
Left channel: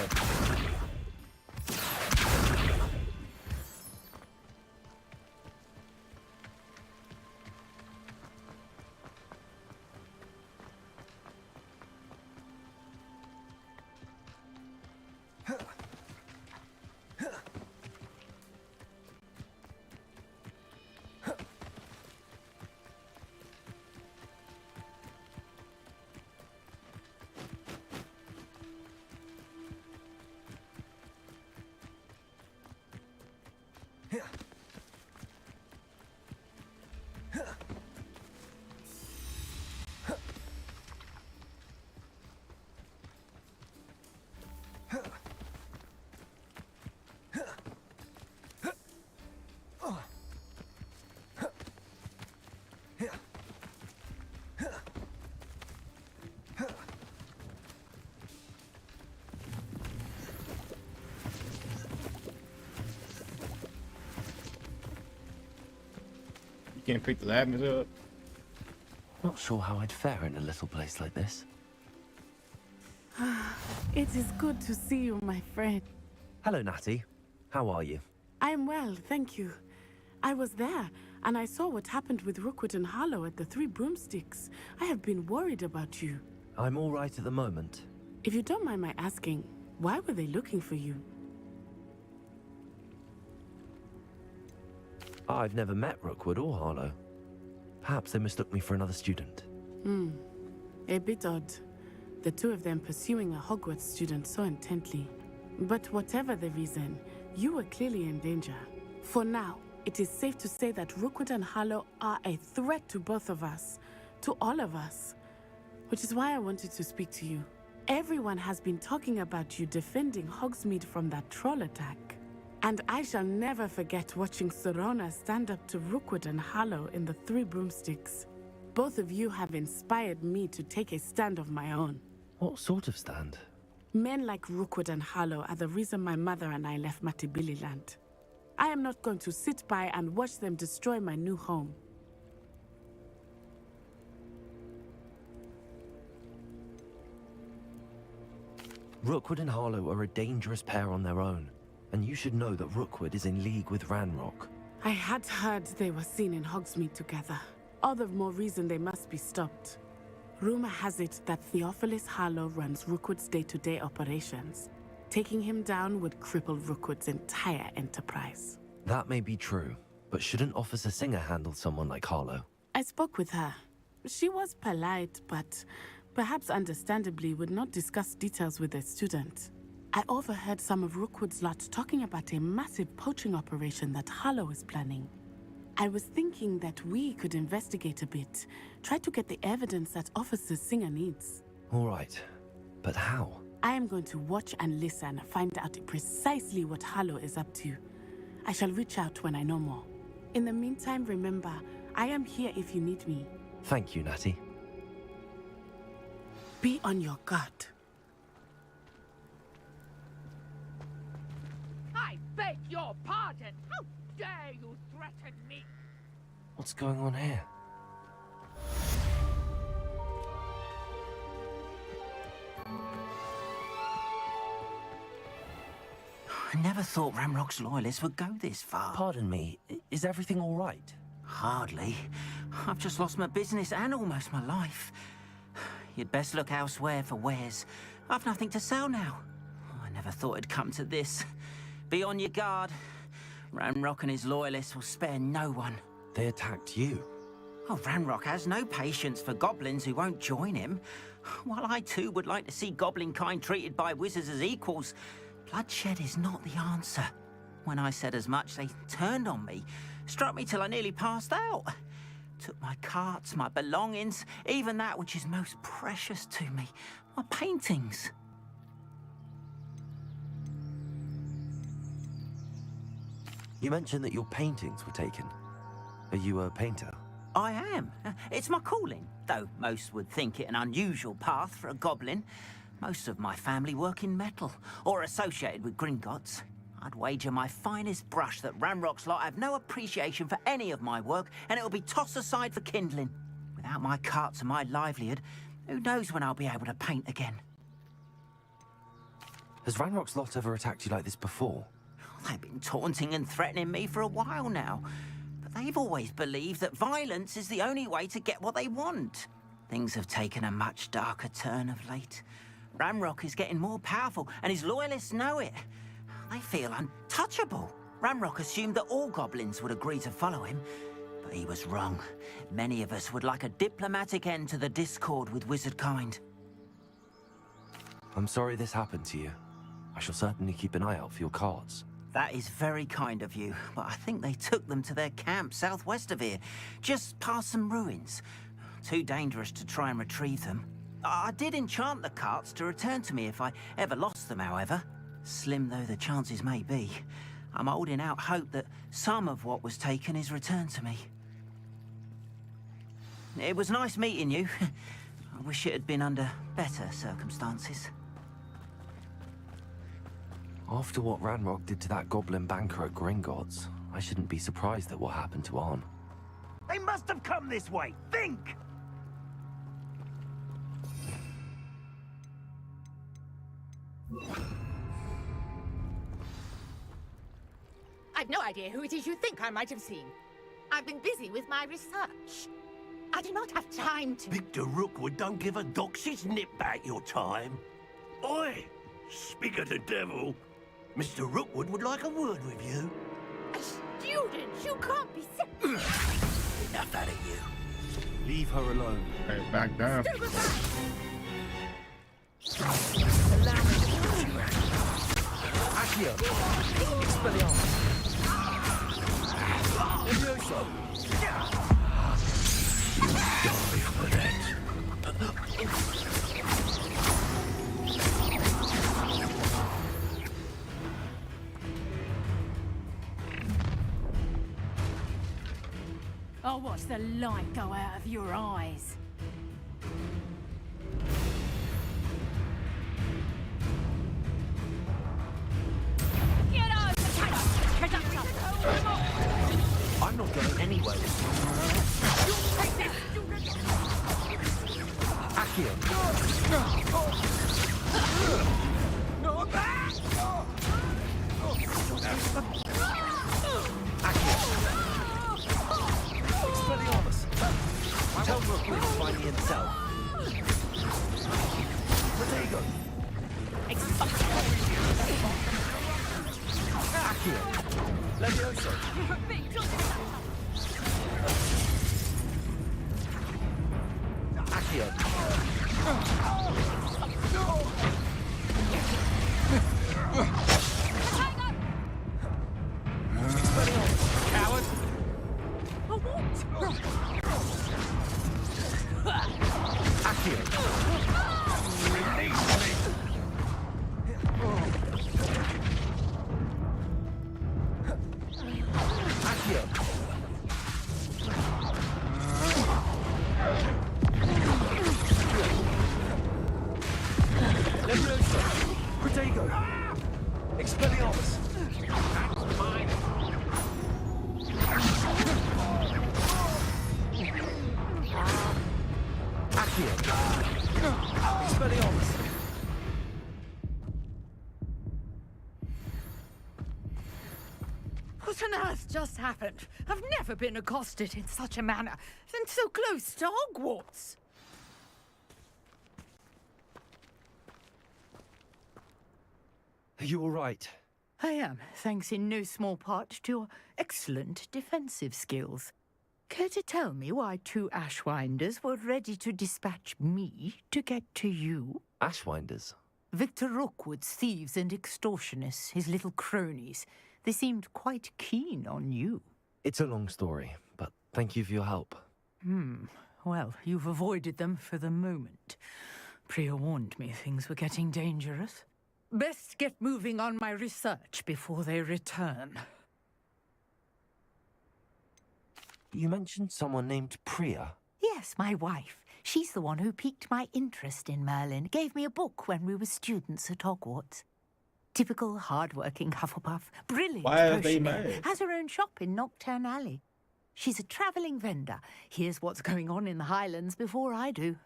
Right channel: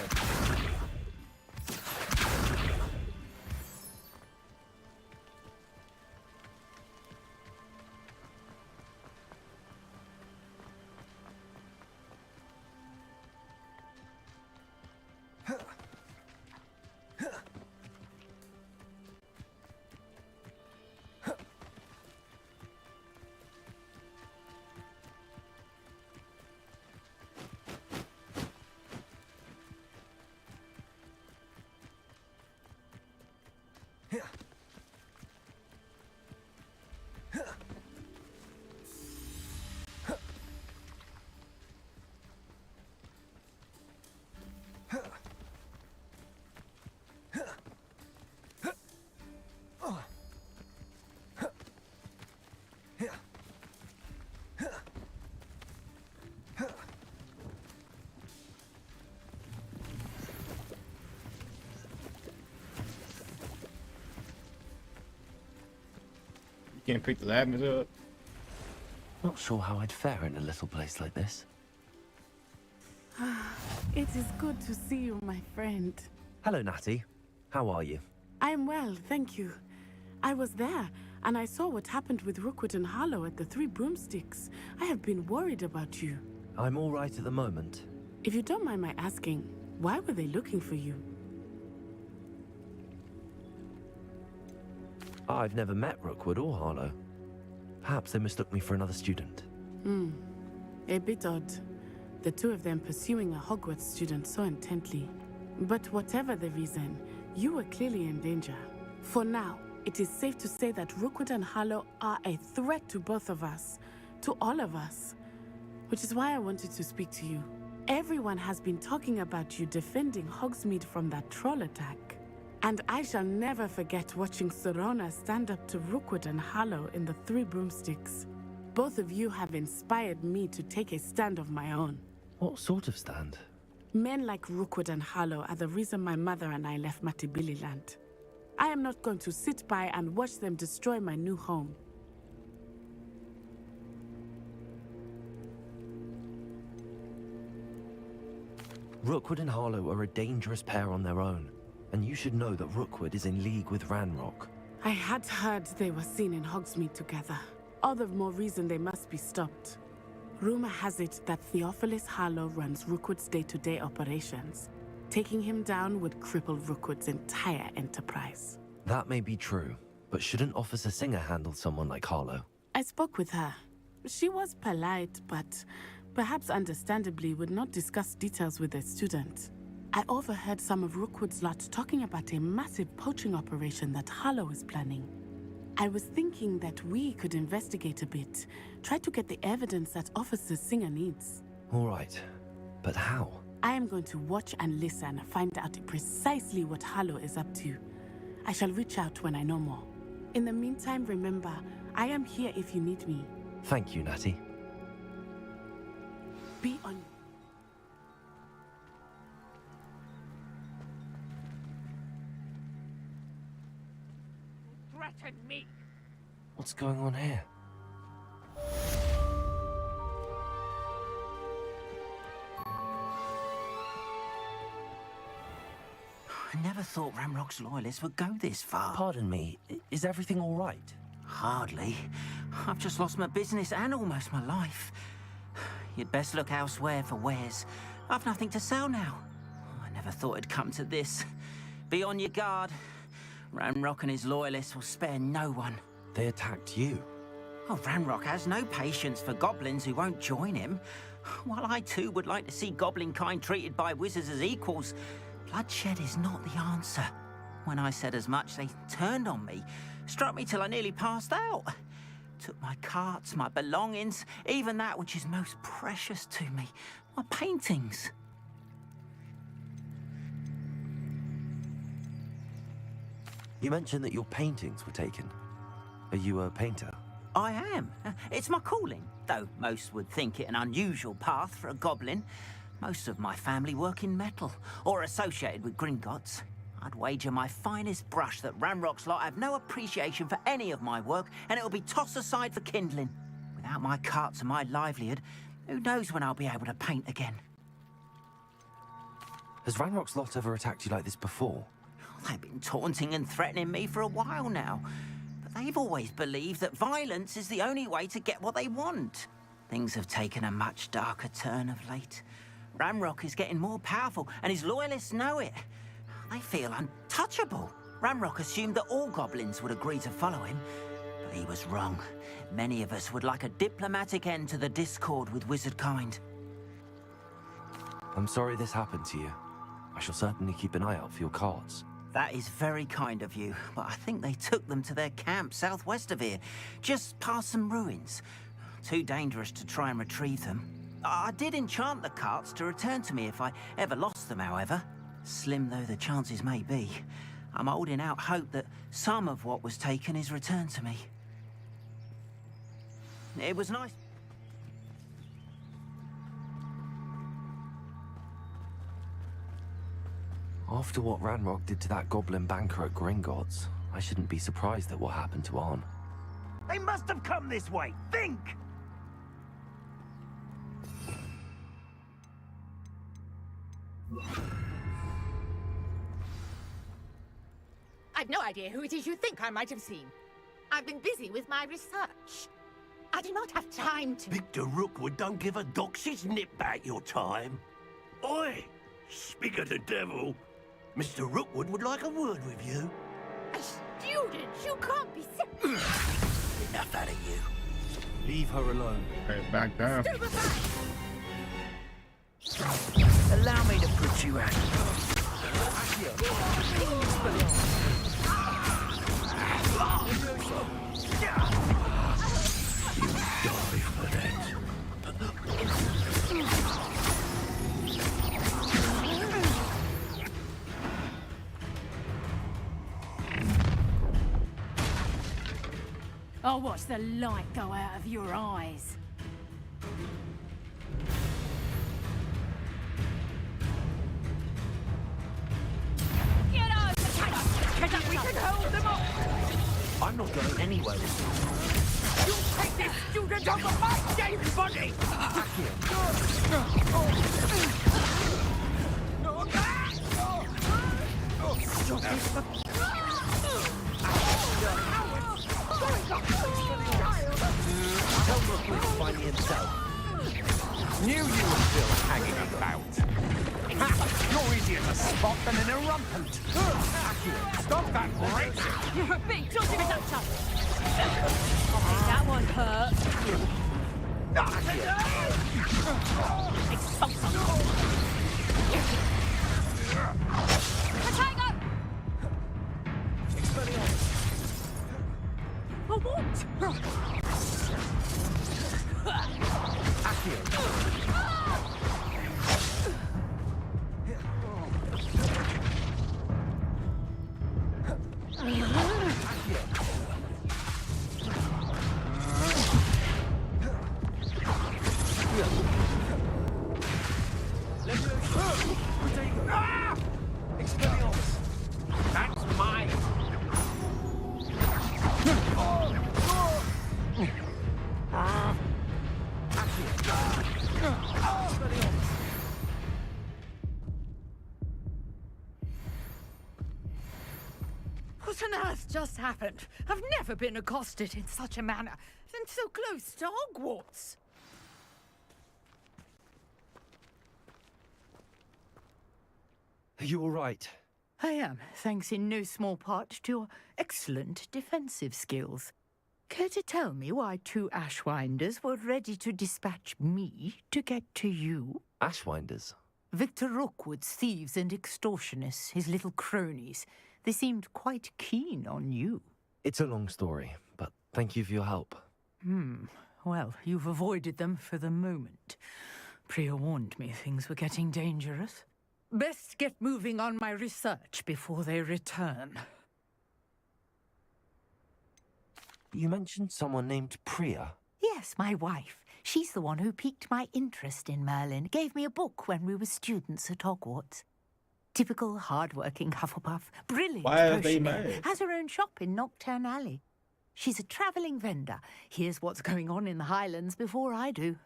You can't pick the lavenders up. Not sure how I'd fare in a little place like this. It is good to see you, my friend. Hello, Natty. How are you? I'm well, thank you. I was there, and I saw what happened with Rookwood and Harlow at the Three Broomsticks. I have been worried about you. I'm all right at the moment. If you don't mind my asking, why were they looking for you? I've never met Rookwood or Harlow. Perhaps they mistook me for another student. A bit odd. The two of them pursuing a Hogwarts student so intently. But whatever the reason, you were clearly in danger. For now, it is safe to say that Rookwood and Harlow are a threat to both of us. To all of us. Which is why I wanted to speak to you. Everyone has been talking about you defending Hogsmeade from that troll attack. And I shall never forget watching Sorona stand up to Rookwood and Harlow in the Three Broomsticks. Both of you have inspired me to take a stand of my own. What sort of stand? Men like Rookwood and Harlow are the reason my mother and I left Matibili land. I am not going to sit by and watch them destroy my new home. Rookwood and Harlow are a dangerous pair on their own, and you should know that Rookwood is in league with Ranrock. I had heard they were seen in Hogsmeade together. All the more reason they must be stopped. Rumor has it that Theophilus Harlow runs Rookwood's day-to-day operations. Taking him down would cripple Rookwood's entire enterprise. That may be true, but shouldn't Officer Singer handle someone like Harlow? I spoke with her. She was polite, but perhaps understandably would not discuss details with a student. I overheard some of Rookwood's lot talking about a massive poaching operation that Harlow is planning. I was thinking that we could investigate a bit, try to get the evidence that Officer Singer needs. All right, but how? I am going to watch and listen, find out precisely what Harlow is up to. I shall reach out when I know more. In the meantime, remember, I am here if you need me. Thank you, Natty. Be on your guard. I beg your pardon. How dare you threaten me? What's going on here? I never thought Ramrock's loyalists would go this far. Pardon me, is everything all right? Hardly. I've just lost my business and almost my life. You'd best look elsewhere for wares. I've nothing to sell now. I never thought it'd come to this. Be on your guard. Ramrock and his loyalists will spare no one. They attacked you? Oh, Ramrock has no patience for goblins who won't join him. While I too would like to see goblin kind treated by wizards as equals, bloodshed is not the answer. When I said as much, they turned on me, struck me till I nearly passed out. Took my carts, my belongings, even that which is most precious to me, my paintings. You mentioned that your paintings were taken. Are you a painter? I am. It's my calling, though most would think it an unusual path for a goblin. Most of my family work in metal, or associated with Gringotts. I'd wager my finest brush that Ramrock's lot have no appreciation for any of my work, and it'll be tossed aside for kindling. Without my carts and my livelihood, who knows when I'll be able to paint again? Has Ramrock's lot ever attacked you like this before? They've been taunting and threatening me for a while now, but they've always believed that violence is the only way to get what they want. Things have taken a much darker turn of late. Ramrock is getting more powerful, and his loyalists know it. They feel untouchable. Ramrock assumed that all goblins would agree to follow him, but he was wrong. Many of us would like a diplomatic end to the discord with wizard kind. I'm sorry this happened to you. I shall certainly keep an eye out for your carts. That is very kind of you, but I think they took them to their camp southwest of here, just past some ruins. Too dangerous to try and retrieve them. I did enchant the carts to return to me if I ever lost them, however. Slim though the chances may be, I'm holding out hope that some of what was taken is returned to me. It was nice meeting you. I wish it had been under better circumstances. After what Ranrock did to that goblin banker at Gringotts, I shouldn't be surprised at what happened to Arn. They must have come this way. Think! I've no idea who it is you think I might have seen. I've been busy with my research. I do not have time to... Victor Rookwood don't give a doxy's nip back your time. Oi! Speak of the devil. Mr. Rookwood would like a word with you. A student? You can't be... Enough out of you. Leave her alone. Hey, back down. Allow me to put you out. Accio. Expelliarmus. Levioso. You die for that. I'll watch the light go out of your eyes. Get out! Get up! We can hold them up! I'm not going anywhere this time. You take this student on the hot, everybody! Accio. Tell Rookwood to find me himself. It's much more easier to spot them in a rampant. Accio. Stop that, Levioso. Big, don't give me that shot. That one hurt. Tiger! Expelliarmus, coward! A what? Protego! Expelliarmus! That's mine! Expelliarmus! What on earth just happened? I've never been accosted in such a manner, and so close to Hogwarts. Are you all right? I am, thanks in no small part to your excellent defensive skills. Care to tell me why 2 Ashwinders were ready to dispatch me to get to you? Ashwinders? Victor Rookwood's thieves and extortionists, his little cronies. They seemed quite keen on you. It's a long story, but thank you for your help. Well, you've avoided them for the moment. Priya warned me things were getting dangerous. Best get moving on my research before they return. You mentioned someone named Priya. Yes, my wife. She's the one who piqued my interest in Merlin, gave me a book when we were students at Hogwarts. Typical hard-working Hufflepuff, brilliant Why are they potioneer, married? has her own shop in Knockturn Alley. She's a travelling vendor. Hears what's going on in the Highlands before I do.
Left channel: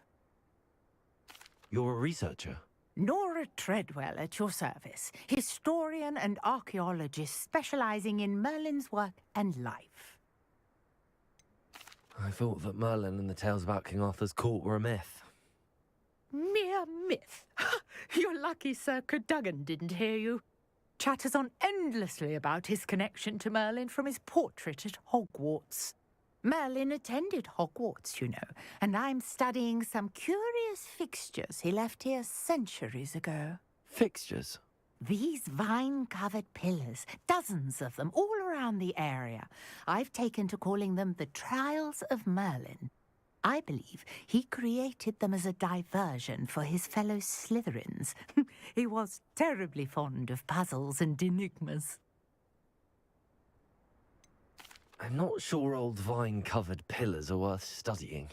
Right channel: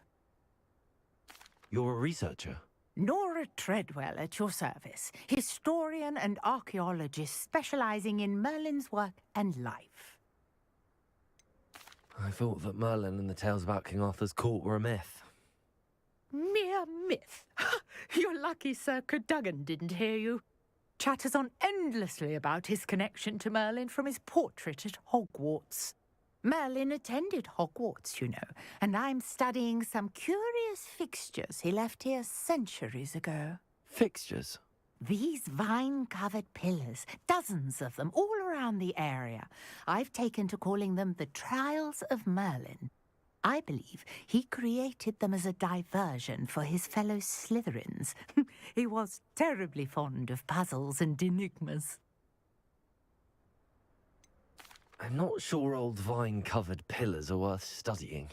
You're a researcher? Nora Treadwell at your service, historian and archaeologist specialising in Merlin's work and life. I thought that Merlin and the tales about King Arthur's court were a myth. Mere myth. You're lucky Sir Cadogan didn't hear you. Chatters on endlessly about his connection to Merlin from his portrait at Hogwarts. Merlin attended Hogwarts, you know, and I'm studying some curious fixtures he left here centuries ago. Fixtures? These vine-covered pillars, dozens of them, all around the area. I've taken to calling them the Trials of Merlin. I believe he created them as a diversion for his fellow Slytherins. He was terribly fond of puzzles and enigmas. I'm not sure old vine-covered pillars are worth studying.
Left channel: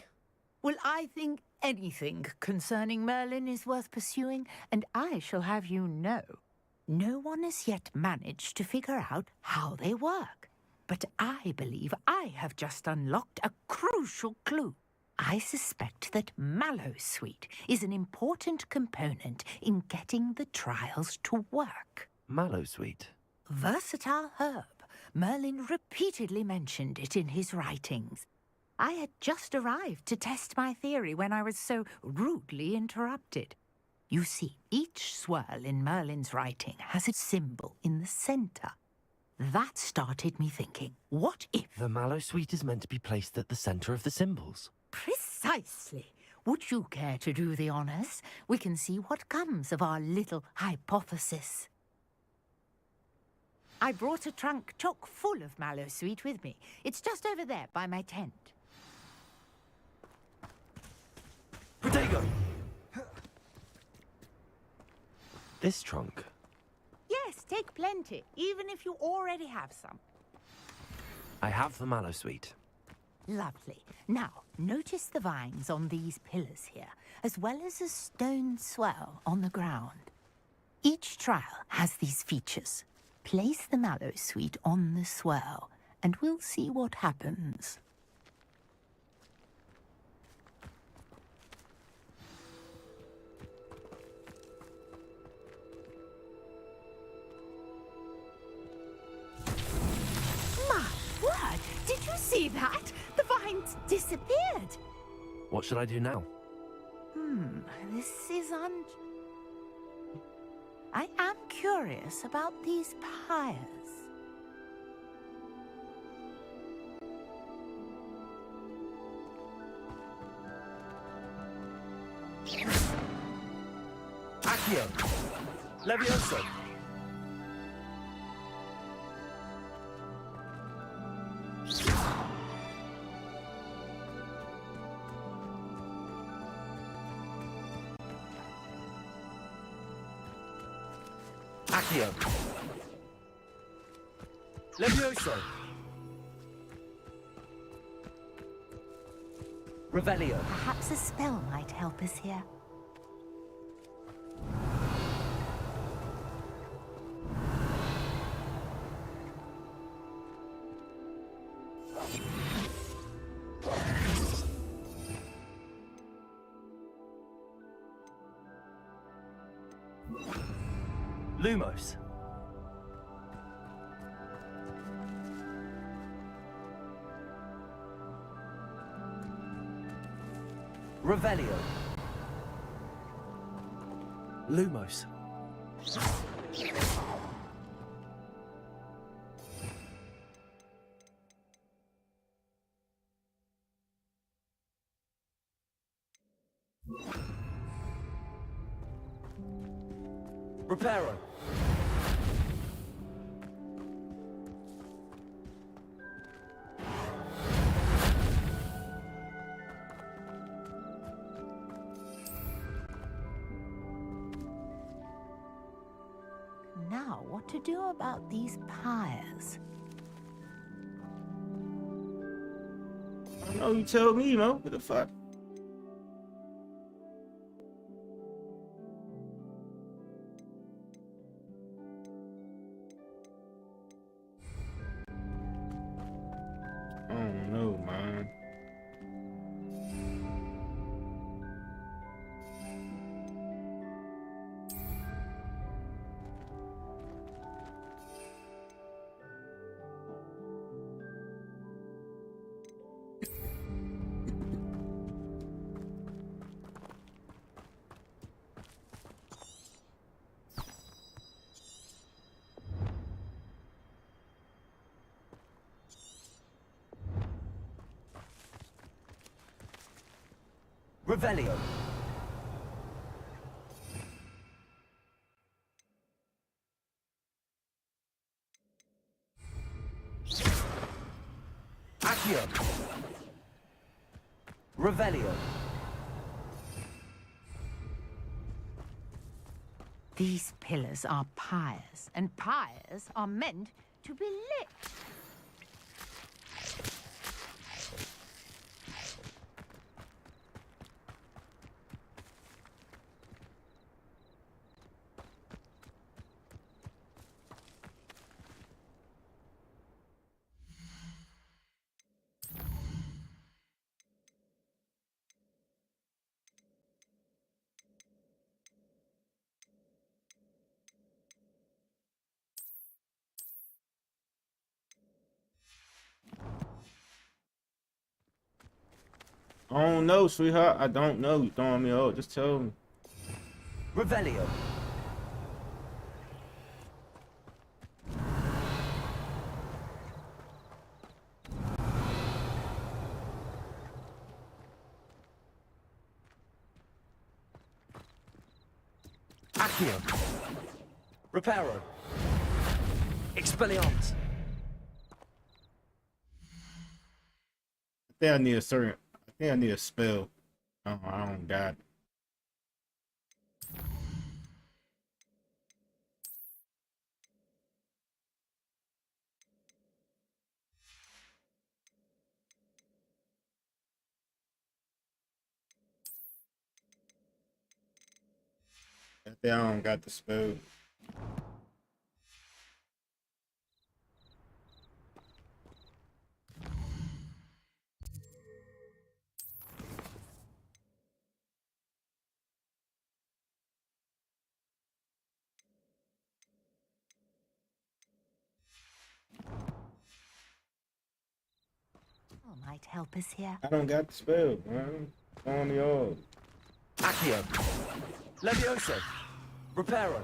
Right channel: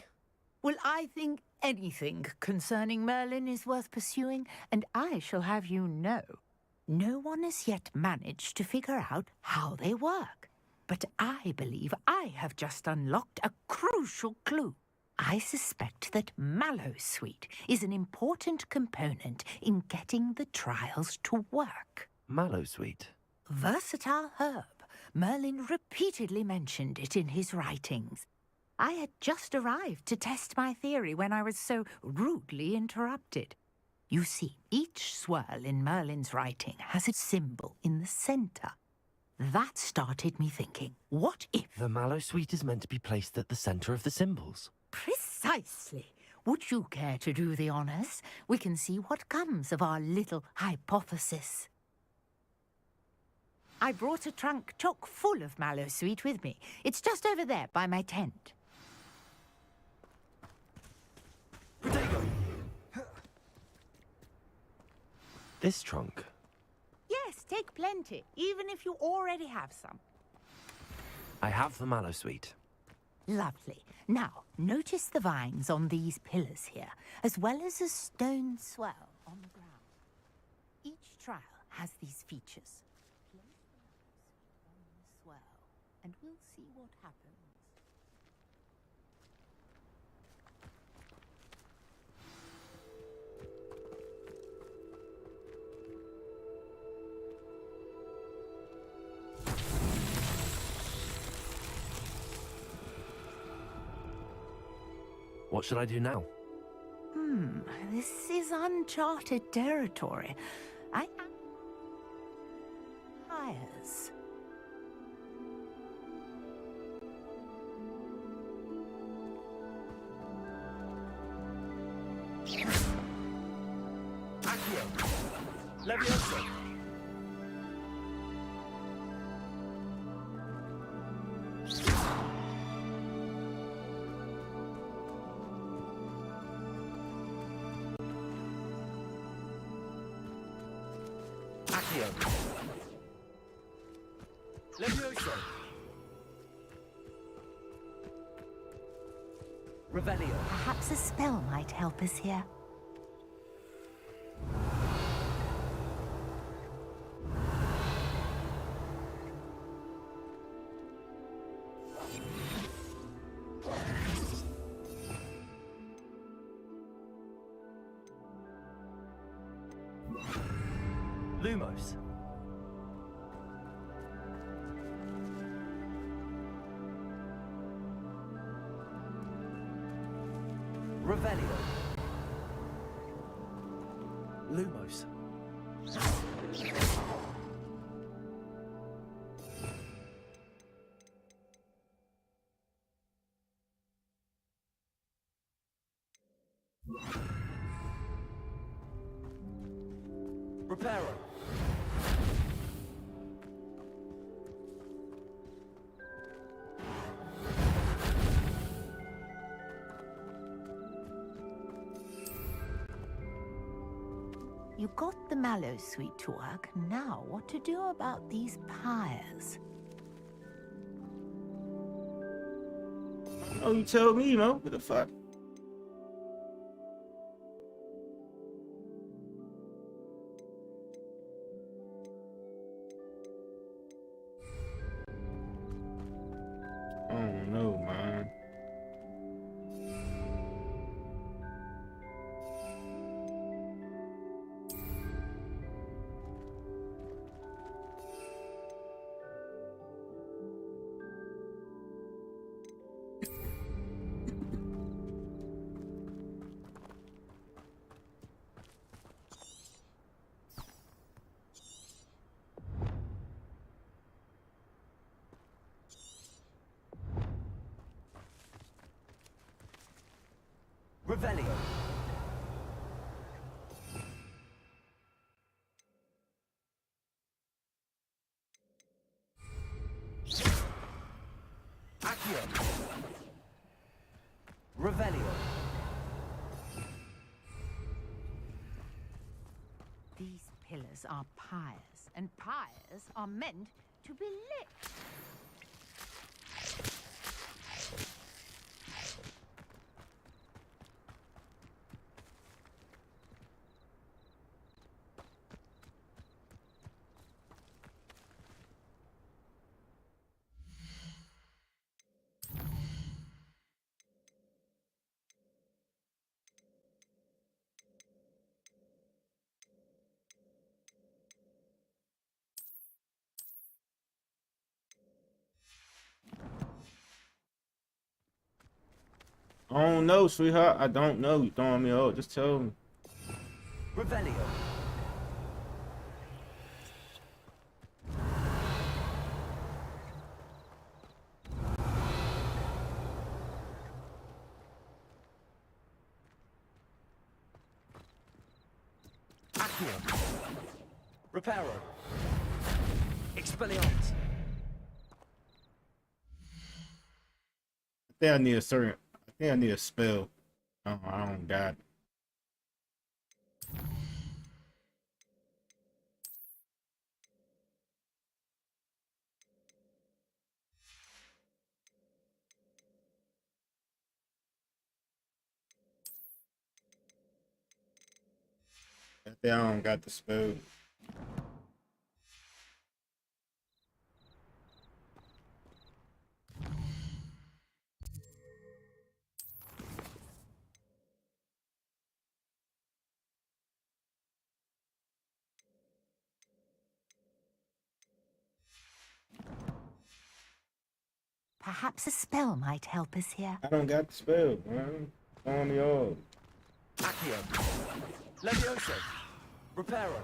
Well, I think anything concerning Merlin is worth pursuing, and I shall have you know, no one has yet managed to figure out how they work. But I believe I have just unlocked a crucial clue. I suspect that Mallowsweet is an important component in getting the trials to work. Mallowsweet? Versatile herb. Merlin repeatedly mentioned it in his writings. I had just arrived to test my theory when I was so rudely interrupted. You see, each swirl in Merlin's writing has a symbol in the centre. That started me thinking, what if... The Mallowsweet is meant to be placed at the centre of the symbols. Precisely. Would you care to do the honours? We can see what comes of our little hypothesis. I brought a trunk chock full of Mallowsweet with me. It's just over there by my tent. Protego! This trunk? Yes, take plenty, even if you already have some. I have the Mallowsweet. Lovely. Now, notice the vines on these pillars here, as well as a stone swell on the ground. Each trial has these features. Place the Mallowsweet on the swirl, and we'll see what happens. My word! Did you see that? The vines disappeared. What should I do now? This is uncharted territory. I am curious about these pyres. Accio. Levioso. Accio. Levioso. Revelio. Perhaps a spell might help us here. Lumos. Revelio. Lumos. Reparo. You got the mallow sweet to work. Now, what to do about these pyres? Oh, you tell me, Mo. What the fuck? I don't know, man. Revelio. Accio. Revelio. These pillars are pyres, and pyres are meant to be lit. I don't know, sweetheart. I don't know. You throwing me out. Just tell me. Revelio. Accio. Reparo. Expelliarmus. I think I need a certain. I think I need a spell. I don't got it. I think I don't got the spell. Perhaps a spell might help us here. I don't got the spell, man. Throwing me off. Accio. Levioso. Reparo.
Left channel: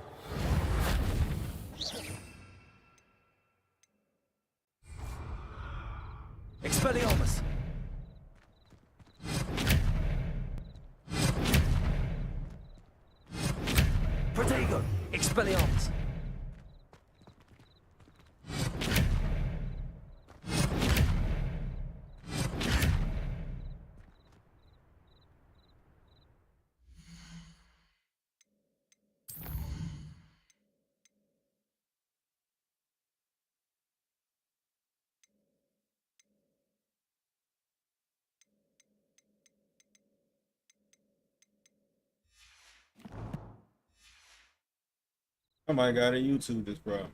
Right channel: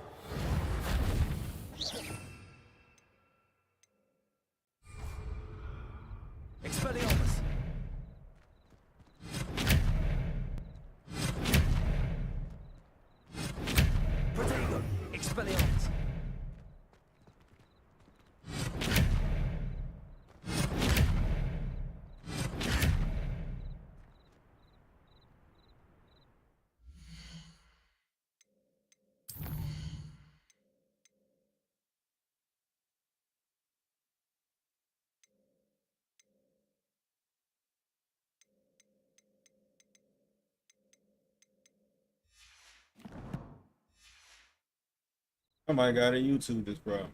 Expelliarmus. Expelliarmus! Somebody got to YouTube this, bro.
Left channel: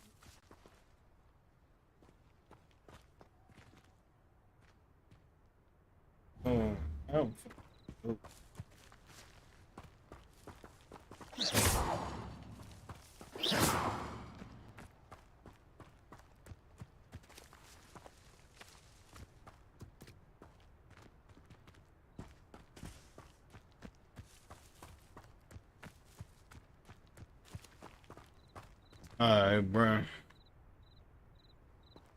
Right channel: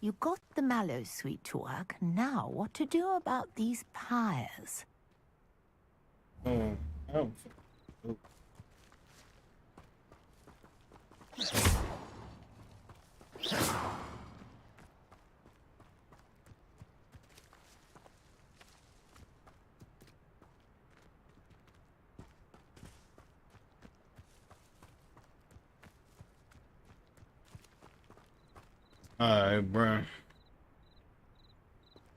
You got the mallow sweet to work. Now, what to do about these pyres? Oh. Alright, bro.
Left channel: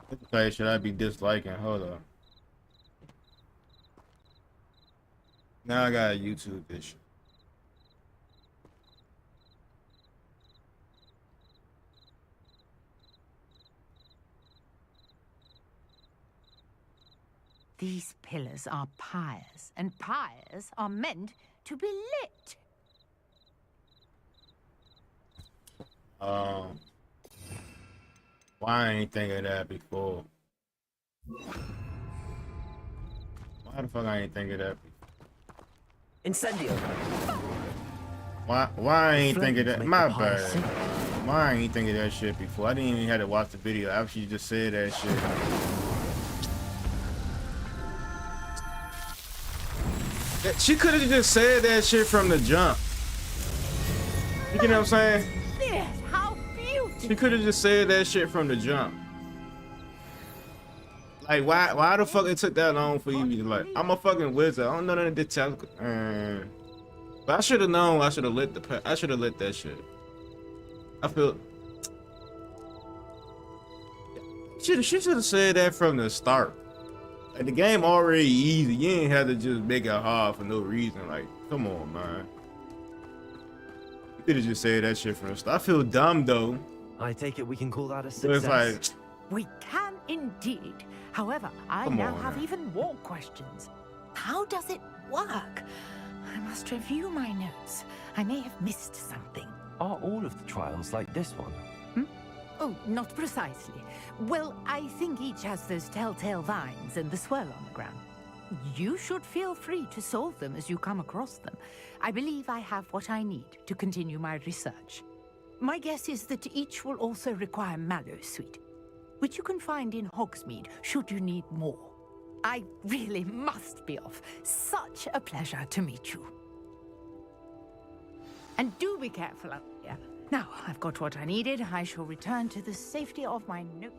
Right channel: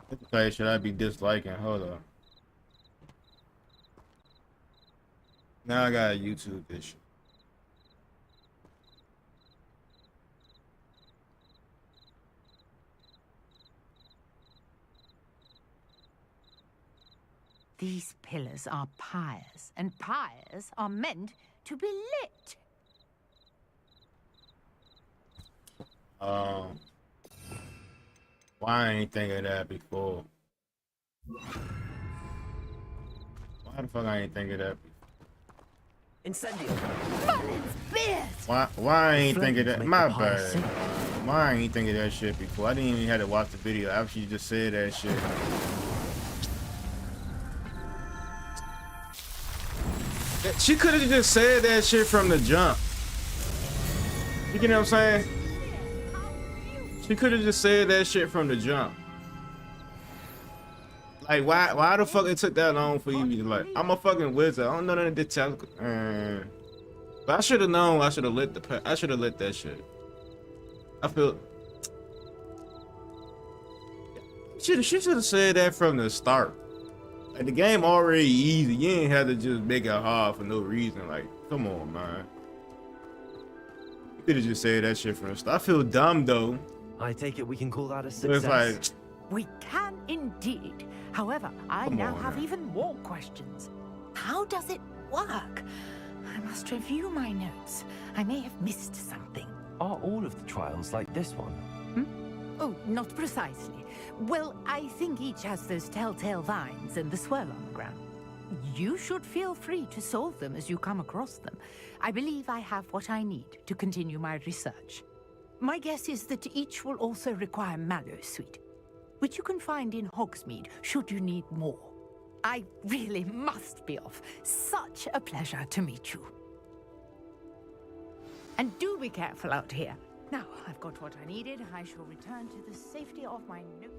What the play should I be disliking? Hold up. Now I gotta YouTube this shit. These pillars are pyres, and pyres are meant to be lit. Why I ain't think of that before? Why the fuck I ain't think of that before? Incendio! Why I ain't think of that? My bad. Why I ain't think of that shit before? I didn't even have to watch the video after you just said that shit. She could have just said that shit from the jump. You get what I'm saying? She could have just said that shit from the jump. Like, why the fuck it took that long for you to, like, I'm a fucking wizard. I don't know none of the technical. But I should have known. I should have lit that shit. I feel. She should have said that from the start. Like, the game already easy. You ain't have to just make it hard for no reason. Like, come on, man. You could have just said that shit from the start. I feel dumb though. I take it we can call that a But success. it's like, We can indeed. However, I Come now on, have now. even more questions. How does it work? I must review my notes. I may have missed something. Are all of the trials like this one? Oh, not precisely. Well, I think each has those telltale vines and the swirl on the ground. You should feel free to solve them as you come across them. I believe I have what I need to continue my research. My guess is that each will also require mallow sweet, which you can find in Hogsmeade should you need more. I really must be off. Such a pleasure to meet you. And do be careful out here. Now, I've got what I needed. I shall return to the safety of my note.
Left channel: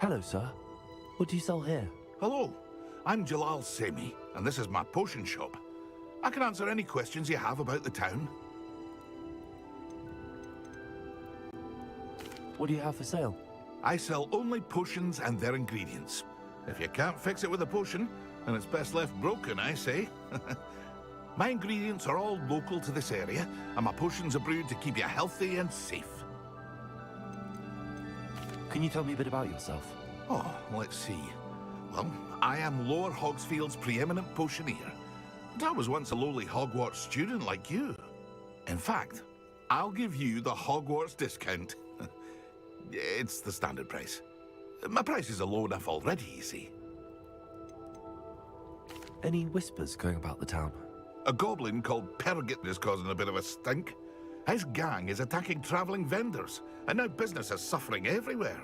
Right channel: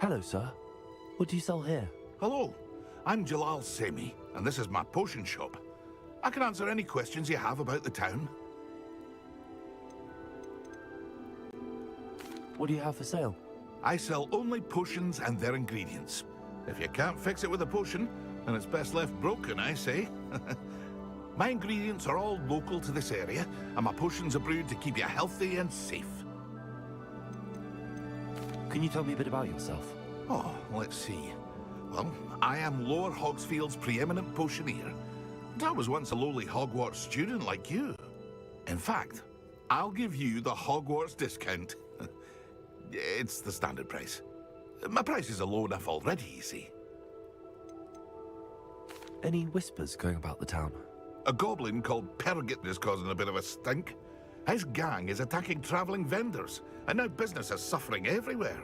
Hello, sir. What do you sell here? Hello, I'm Jalal Semi, and this is my potion shop. I can answer any questions you have about the town. What do you have for sale? I sell only potions and their ingredients. If you can't fix it with a potion, then it's best left broken, I say. My ingredients are all local to this area, and my potions are brewed to keep you healthy and safe. Can you tell me a bit about yourself? Oh, let's see. Well, I am Lower Hogsfield's preeminent potioneer. And I was once a lowly Hogwarts student like you. In fact, I'll give you the Hogwarts discount. It's the standard price. My prices are low enough already, you see. Any whispers going about the town? A goblin called Pergit is causing a bit of a stink. His gang is attacking traveling vendors, and now business is suffering everywhere.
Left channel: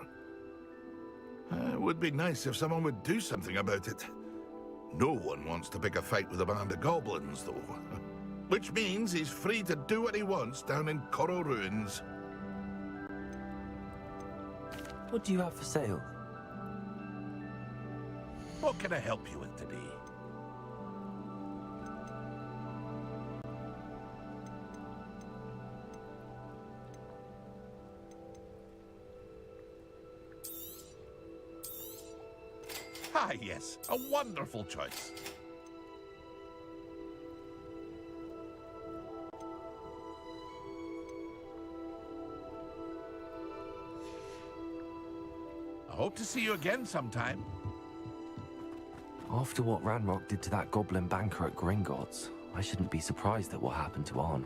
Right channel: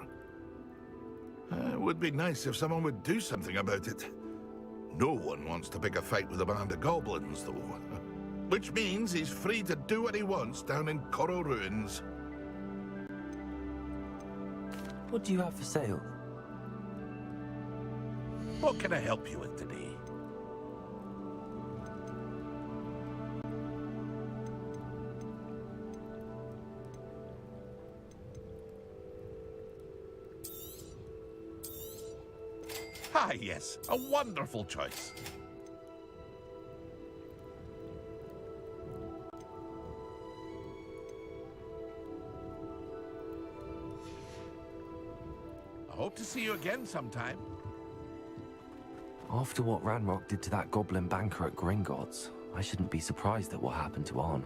It would be nice if someone would do something about it. No one wants to pick a fight with a band of goblins, though. Which means he's free to do what he wants down in Coral Ruins. What do you have for sale? What can I help you with today? Ah, yes, a wonderful choice. I hope to see you again sometime. After what Ranrock did to that goblin banker at Gringotts, I shouldn't be surprised at what happened to Arn.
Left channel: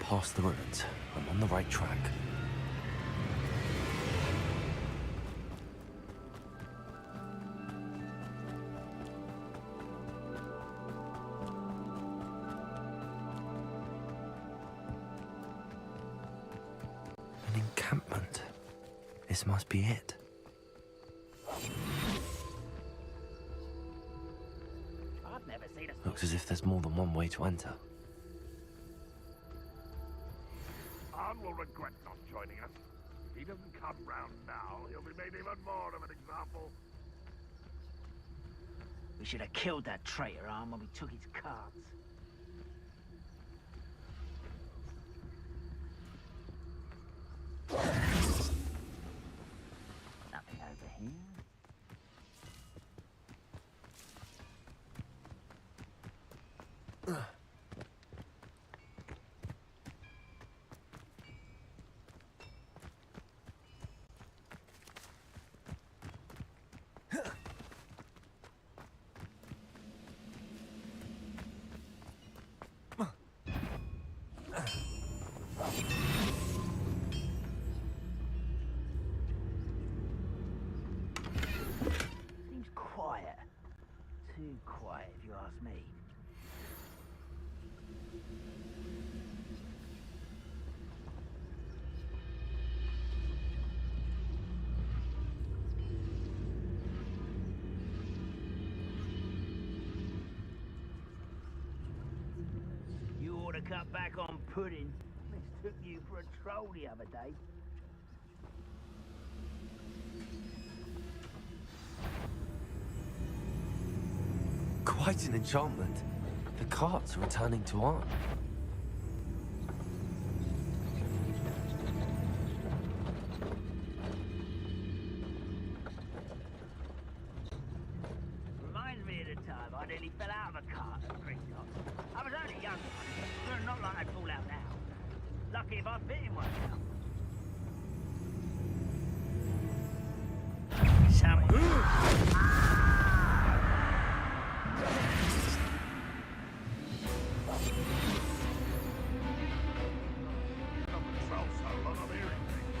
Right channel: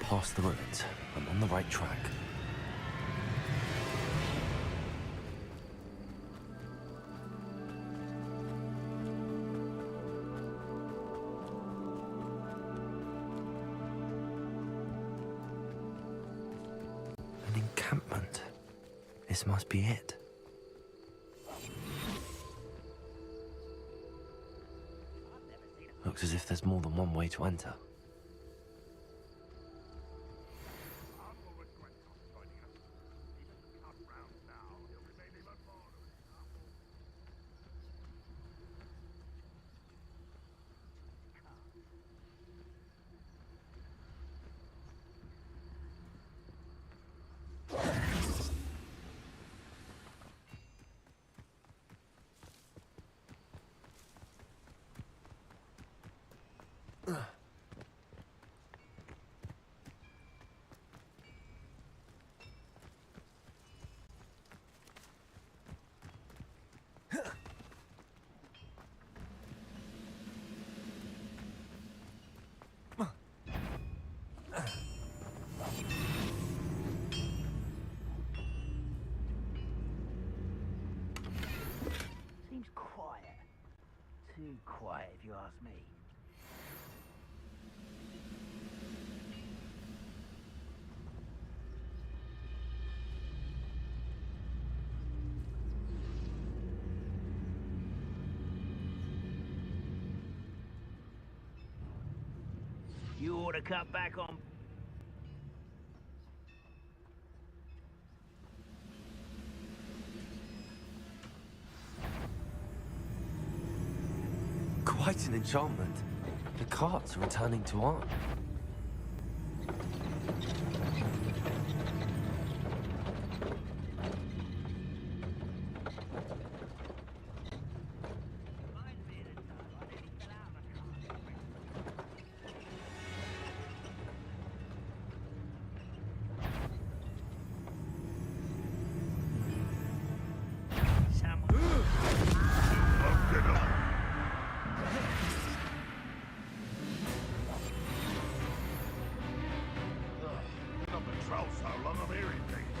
Past the ruins. I'm on the right track. An encampment. This must be it. Looks as if there's more than one way to enter. Will regret not joining us. If he doesn't come round now, he'll be made even more of an example. We should have killed that traitor, Arm, when we took his cards. Nothing over here. Seems quiet. Too quiet, if you ask me. You ought to cut back on pudding. Took you for a troll the other day. Quite an enchantment. The carts are returning to Arn. Reminds me of the time I nearly fell out of a cart at Christmas. I was only young, but not like I'd fall out now. Lucky if I bit in one. Not been troll so long, I'm hearing things.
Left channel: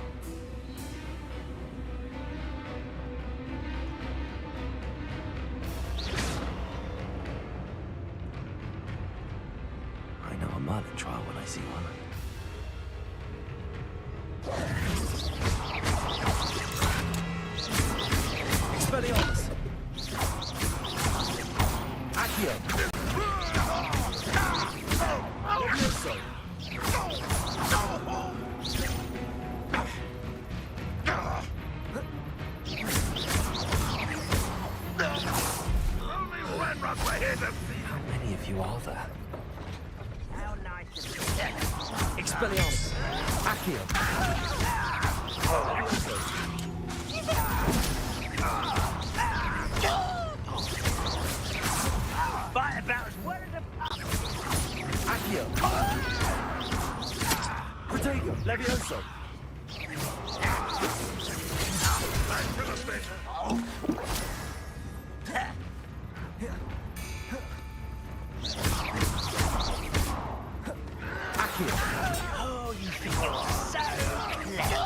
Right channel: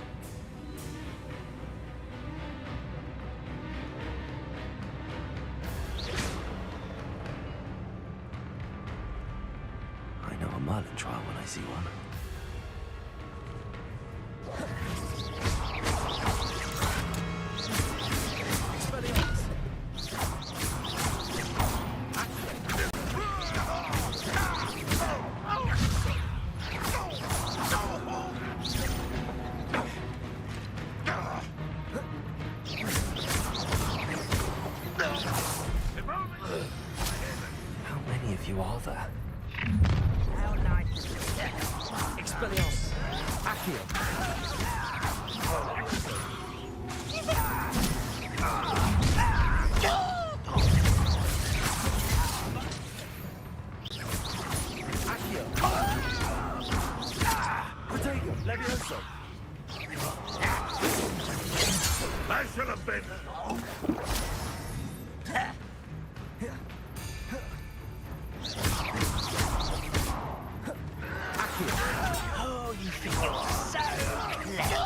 I know a Merlin trial when I see one. you are there. Expelliarmus! Accio! Accio! Protego! Levioso! I should have been. Oh, you think you're so clever.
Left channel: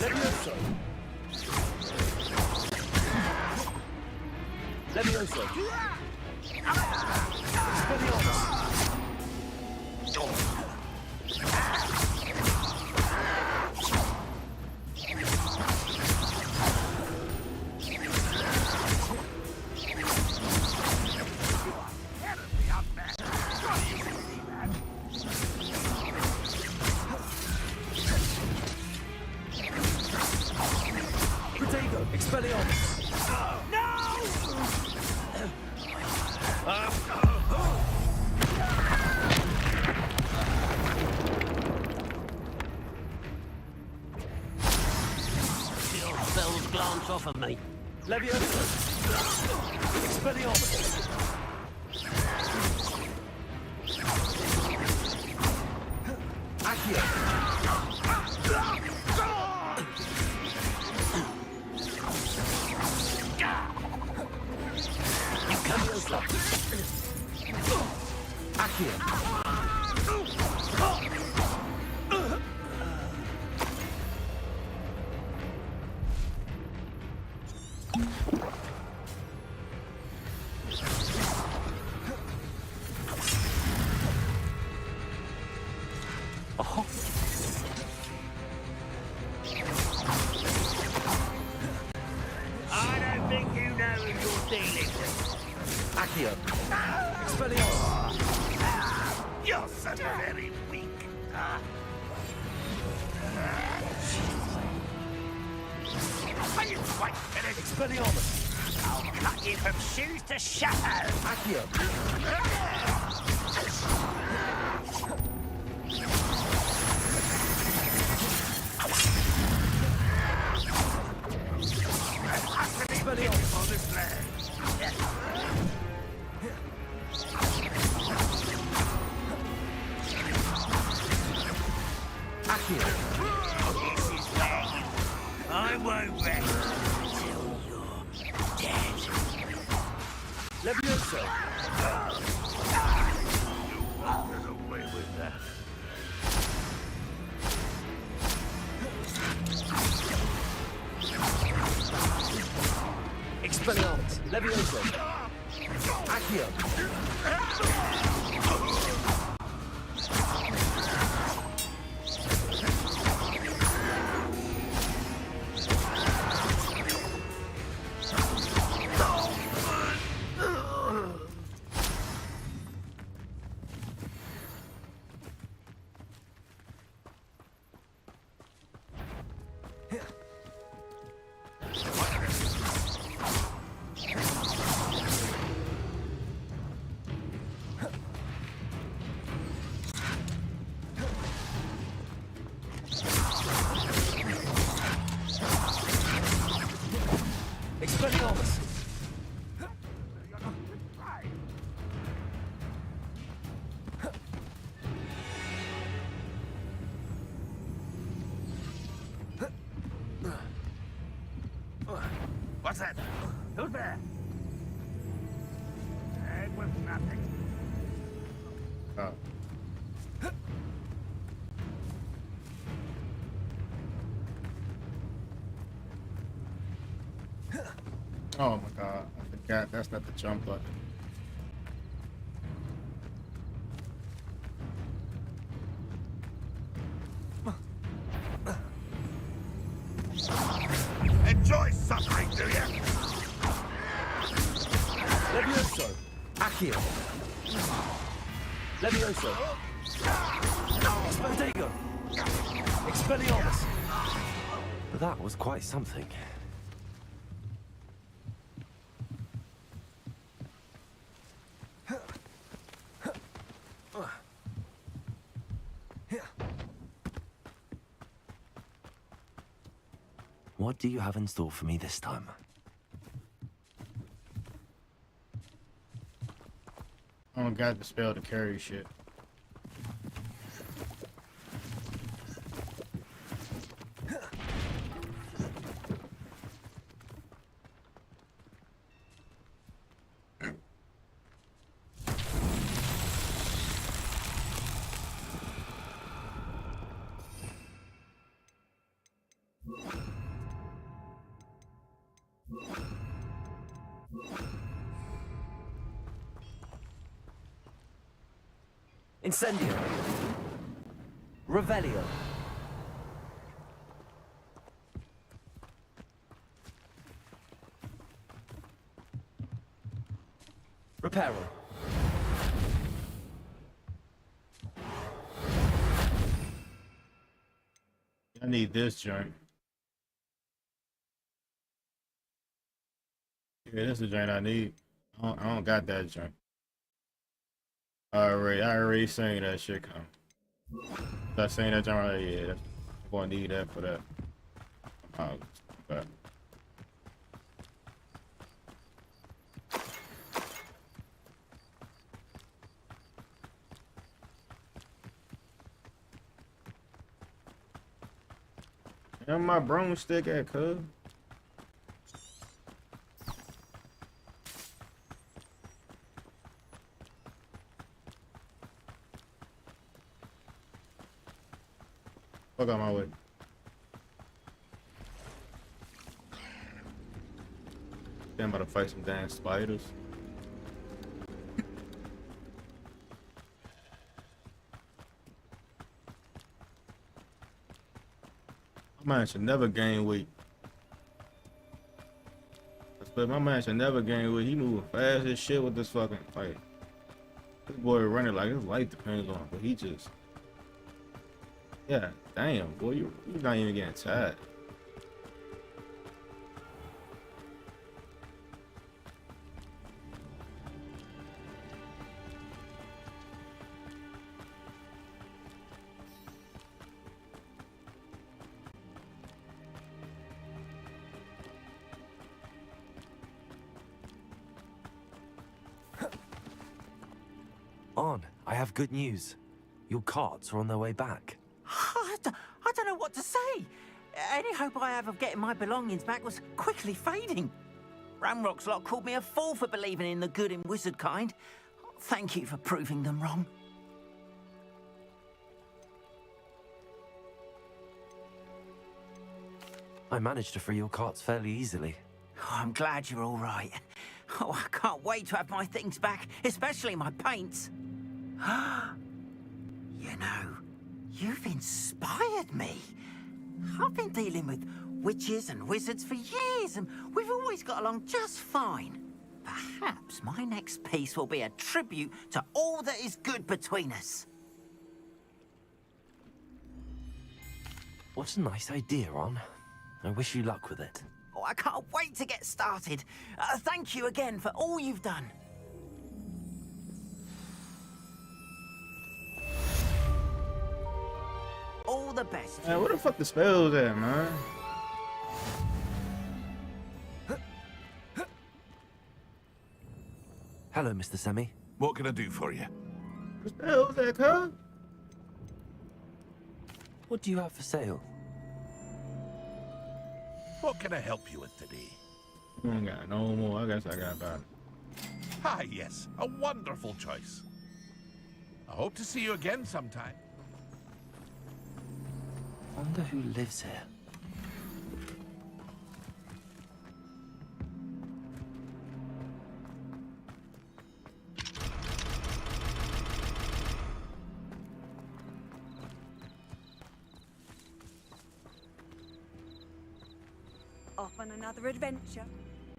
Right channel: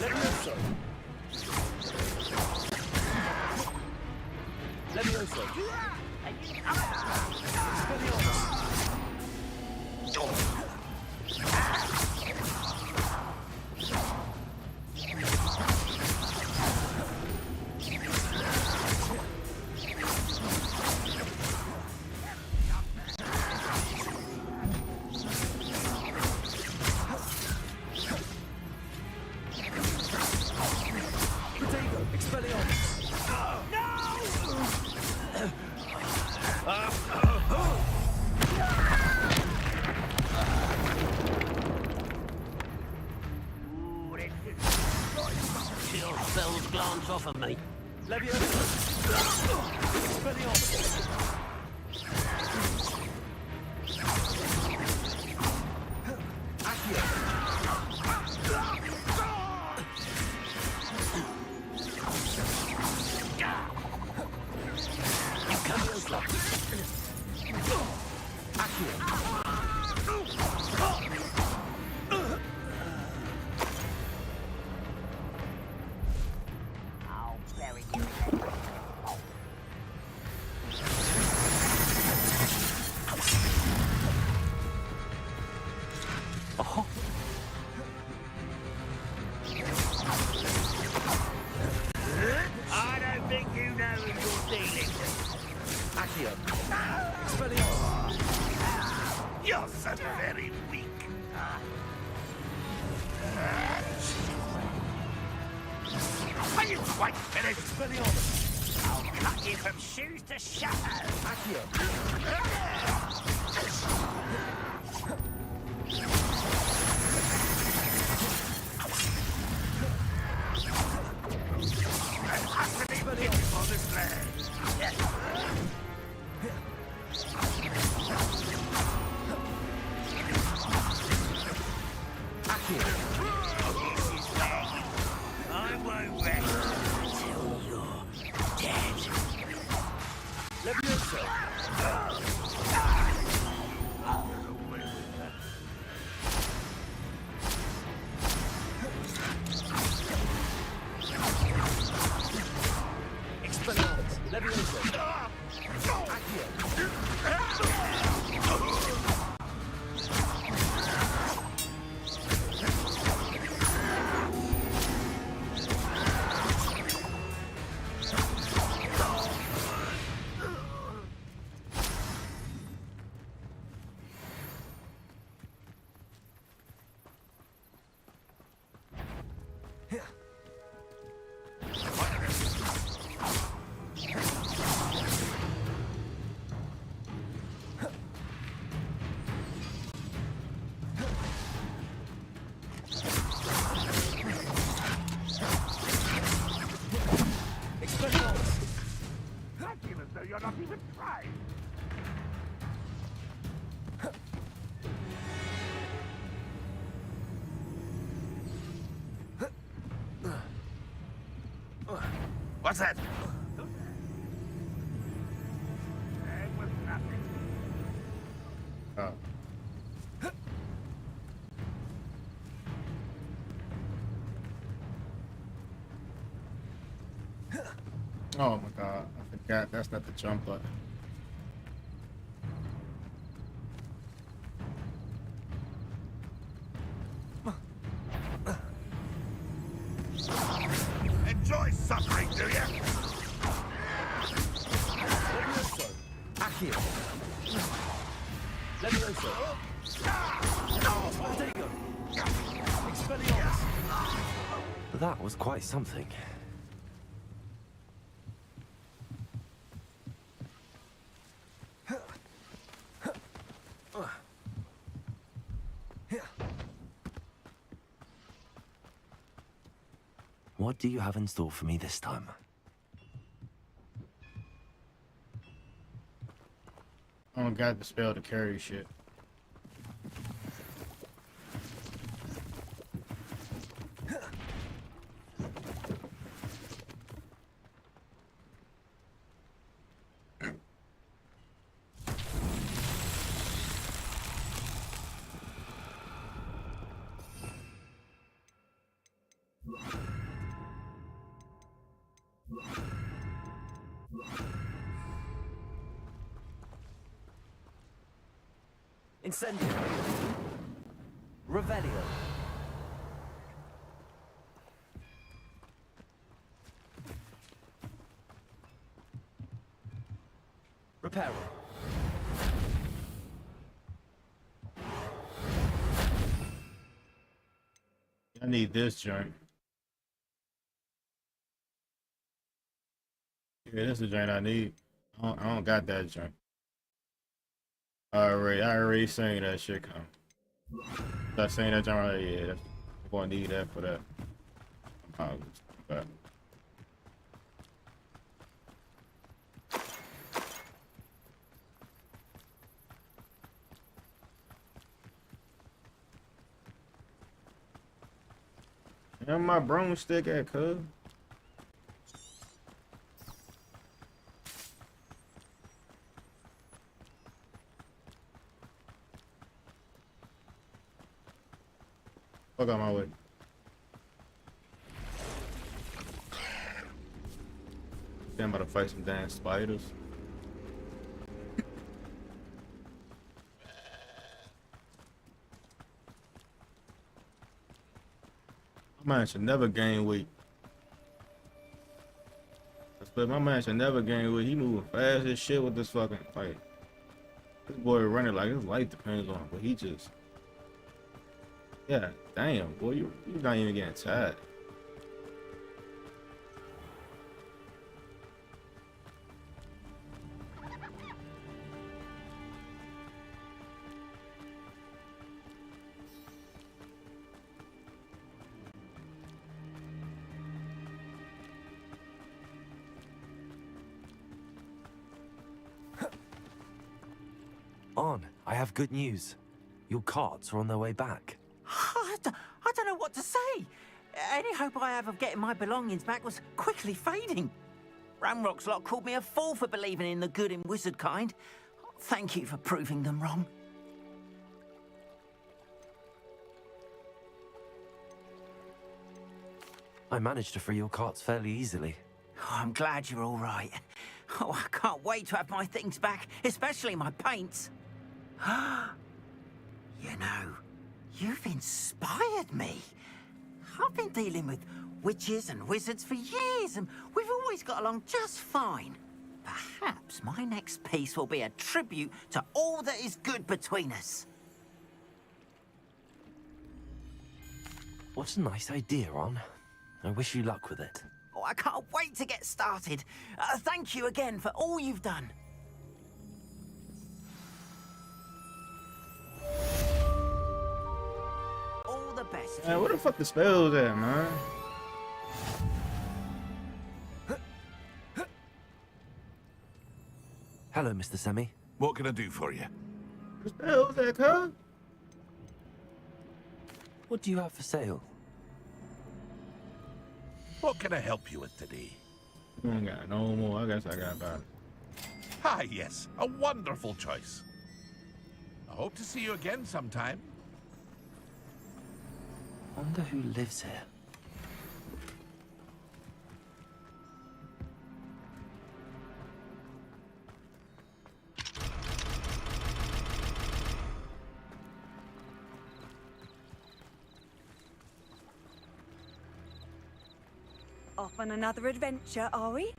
Levioso! Levioso! Expelliarmus! Protego! Expelliarmus! Your spells glance off of me. Levioso! Expelliarmus! Accio! Levioso! Accio! Oh, I don't think you know who you're dealing with. Accio! Expelliarmus! You're so very weak. Are you quite finished? Expelliarmus! I'll cut you from shoes to shadow. Accio! Expelliarmus! On this land. Accio! I won't rest until you're dead. Levioso! Get away with that. Expelliarmus! Levioso! Accio! Expelliarmus! Acting as though you're not even trying. What's that? Who's there? It was nothing. Oh. Oh my god, I forgot that's not the jump button. Enjoy suffering, do you? Levioso! Accio! Levioso! Protego! Expelliarmus! that was quite something. What do you have in store for me this time? I don't got the spell to carry shit. Incendio. Revelio. Reparo. I need this joint. Yeah, that's the joint I need. I don't got that joint. I already saying that shit come. Start saying that joint right, yeah, I'm gonna need that for that. But and my broomstick at, cuz. Fuck out my way. Damn, about to fight some damn spiders. My man should never gain weight. But my man should never gain weight. He moving fast as shit with this fucking fight. This boy running like his life depends on him, but he just... Yeah, damn, boy, you're not even getting tired. On, I have good news. Your carts are on their way back. I don't know what to say. Any hope I have of getting my belongings back was quickly fading. Ramrock's lot called me a fool for believing in the good in wizard kind. Thank you for proving them wrong. I managed to free your carts fairly easily. Oh, I'm glad you're all right. Oh, I can't wait to have my things back, especially my paints. You know, you've inspired me. I've been dealing with witches and wizards for years, and we've always got along just fine. Perhaps my next piece will be a tribute to all that is good between us. What a nice idea, Ron. I wish you luck with it. Oh, I can't wait to get started. Thank you again for all you've done. All the best. Man, where the fuck the spells at, man? Hello, Mr. Semi. What can I do for you? The spells at, cuz? What do you have for sale? What can I help you with today? I ain't got no more. I guess I got about it. Ah, yes, a wonderful choice. I hope to see you again sometime. Wonder who lives here. Off on another adventure, are we?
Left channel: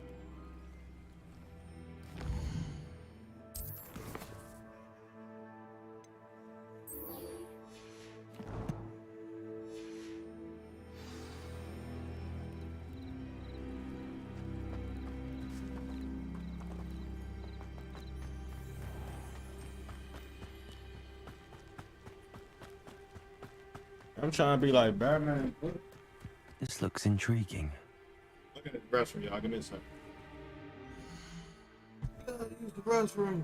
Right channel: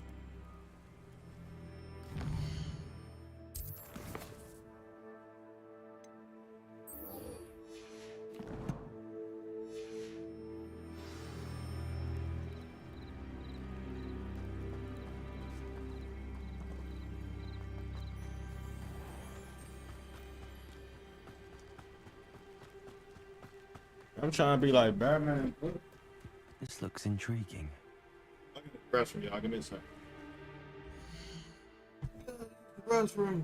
I'm trying to be like Batman. This looks intriguing. Look at the restroom, y'all. Give me a second. Use the restroom.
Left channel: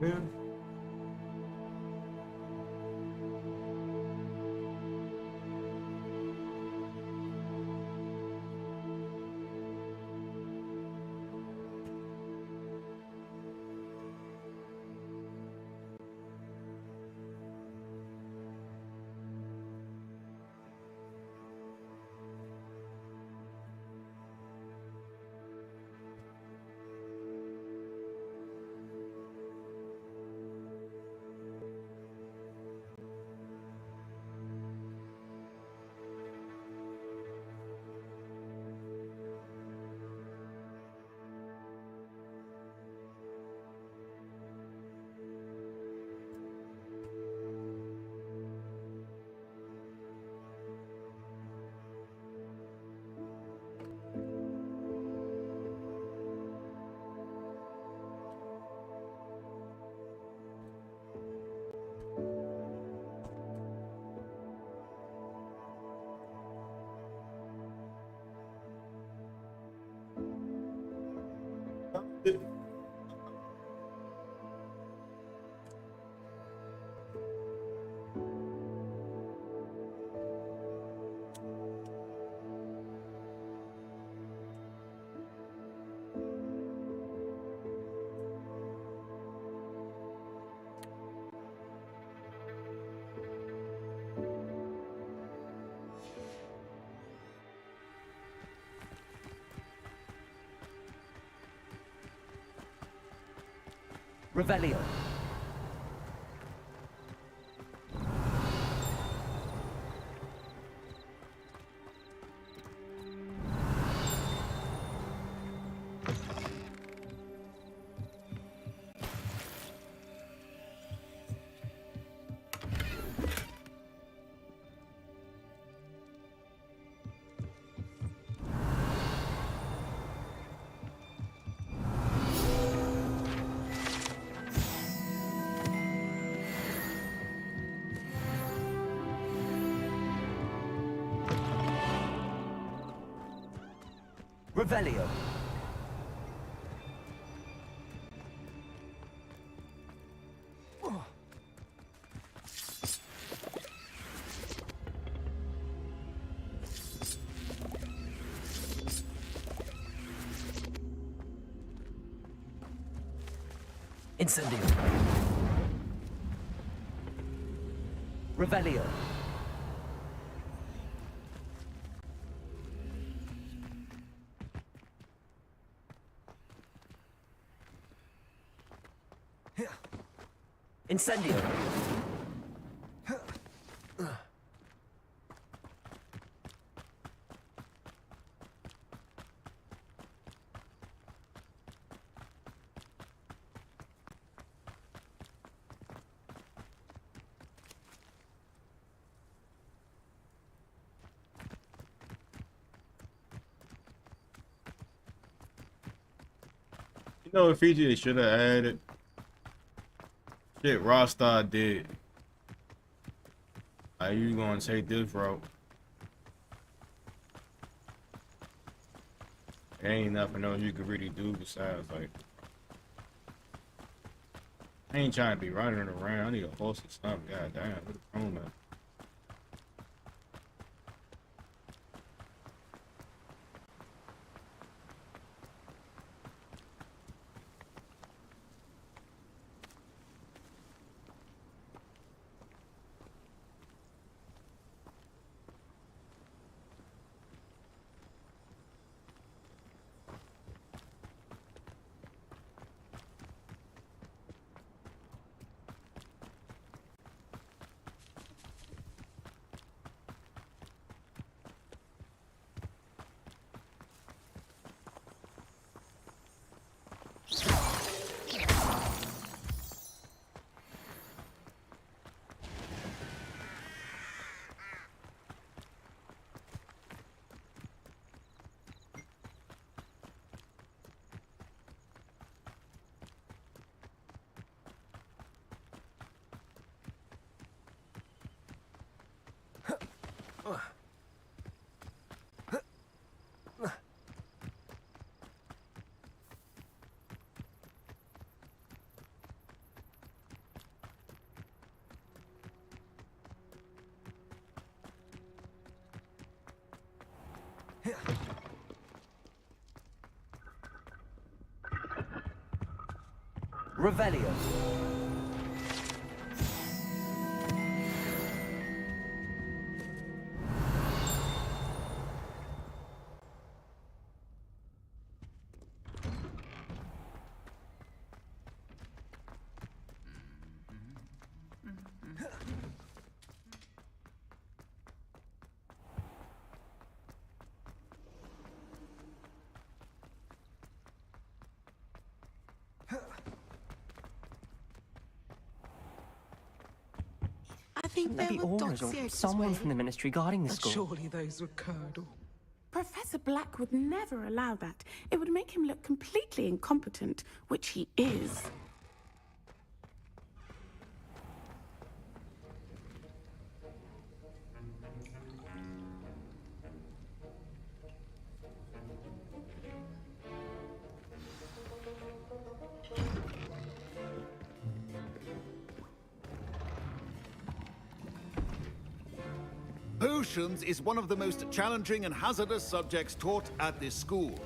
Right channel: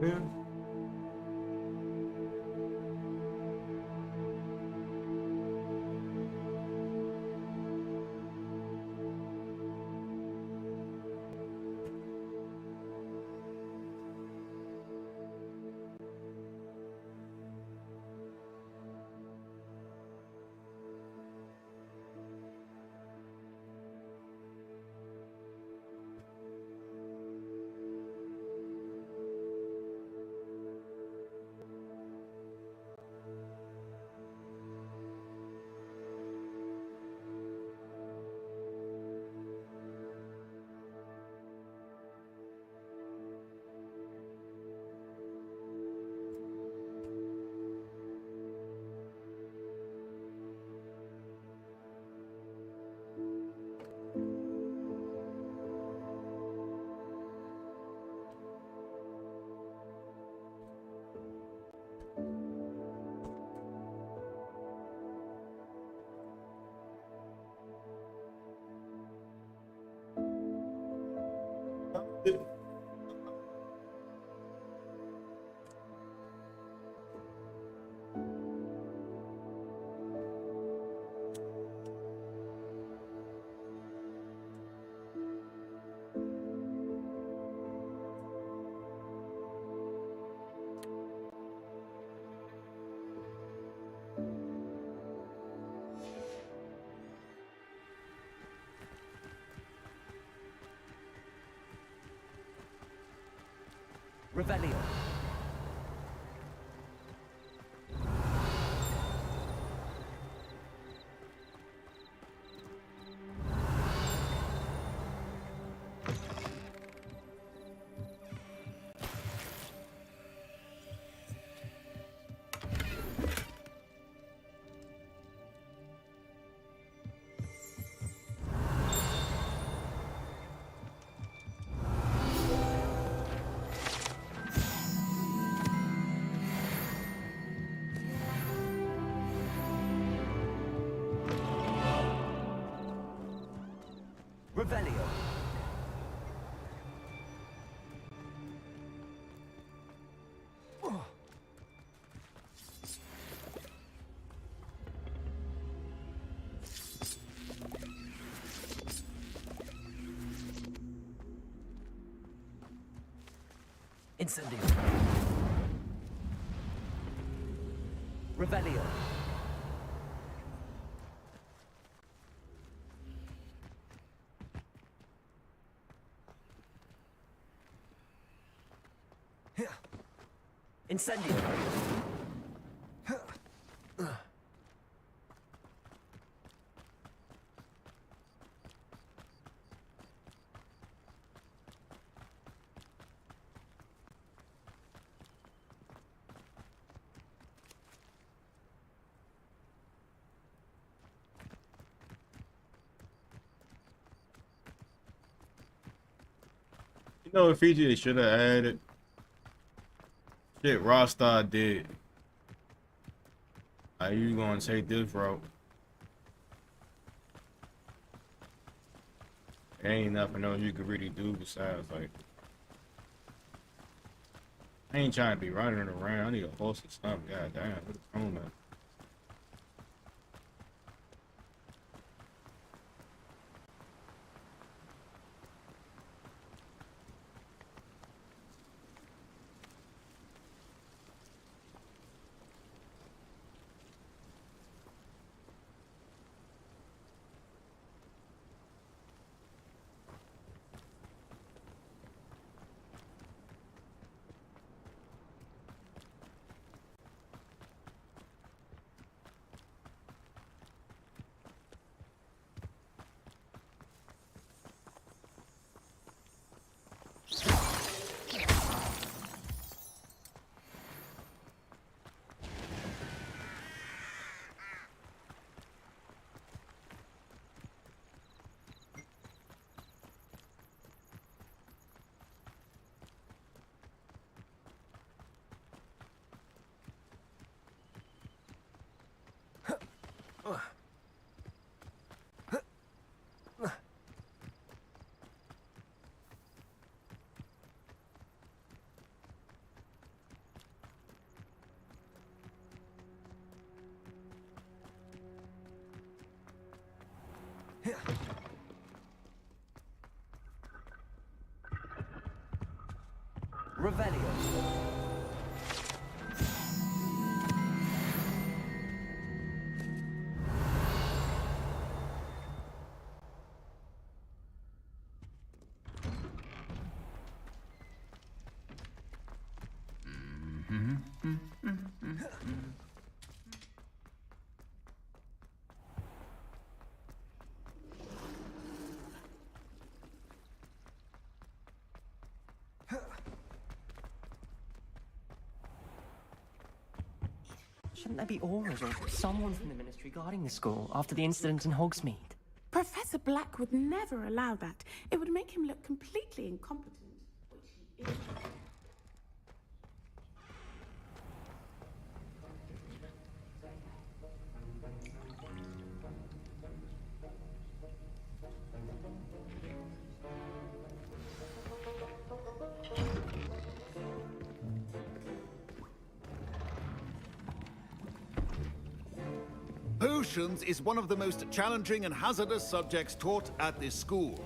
Yeah. Revelio. Revelio. Incendio. Revelio. Incendio. You know what feature they should have added? Shit, Rostar did. Are you gonna take this route? There ain't nothing else you could really do besides like. I ain't trying to be running around. I need a horse or something. God damn, what's wrong, man? Revelio. Shouldn't there be Aura's or someone from the Ministry guarding the school after the incident in Hogsmeade? Professor Black would never allow that. It would make him look completely incompetent, which he is. Potions is one of the most challenging and hazardous subjects taught at this school.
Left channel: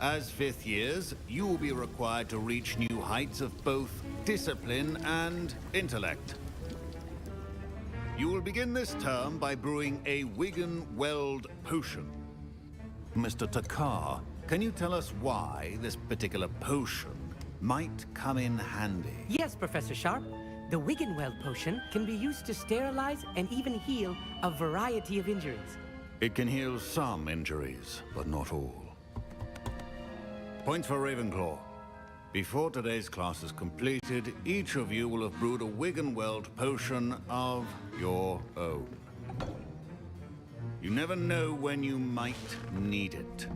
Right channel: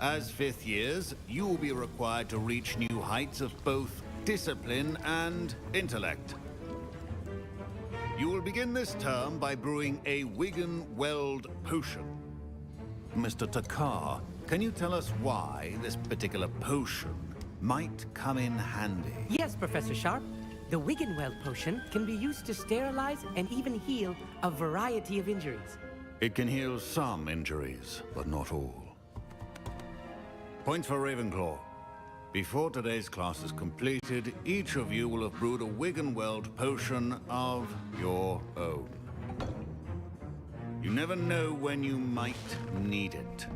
As fifth years, you will be required to reach new heights of both discipline and intellect. You will begin this term by brewing a Wigan-Weld potion. Mr. Takar, can you tell us why this particular potion might come in handy? Yes, Professor Sharp. The Wiggenweld potion can be used to sterilize and even heal a variety of injuries. It can heal some injuries, but not all. Points for Ravenclaw. Before today's class is completed, each of you will have brewed a Wiggenweld potion of your own. You never know when you might need it.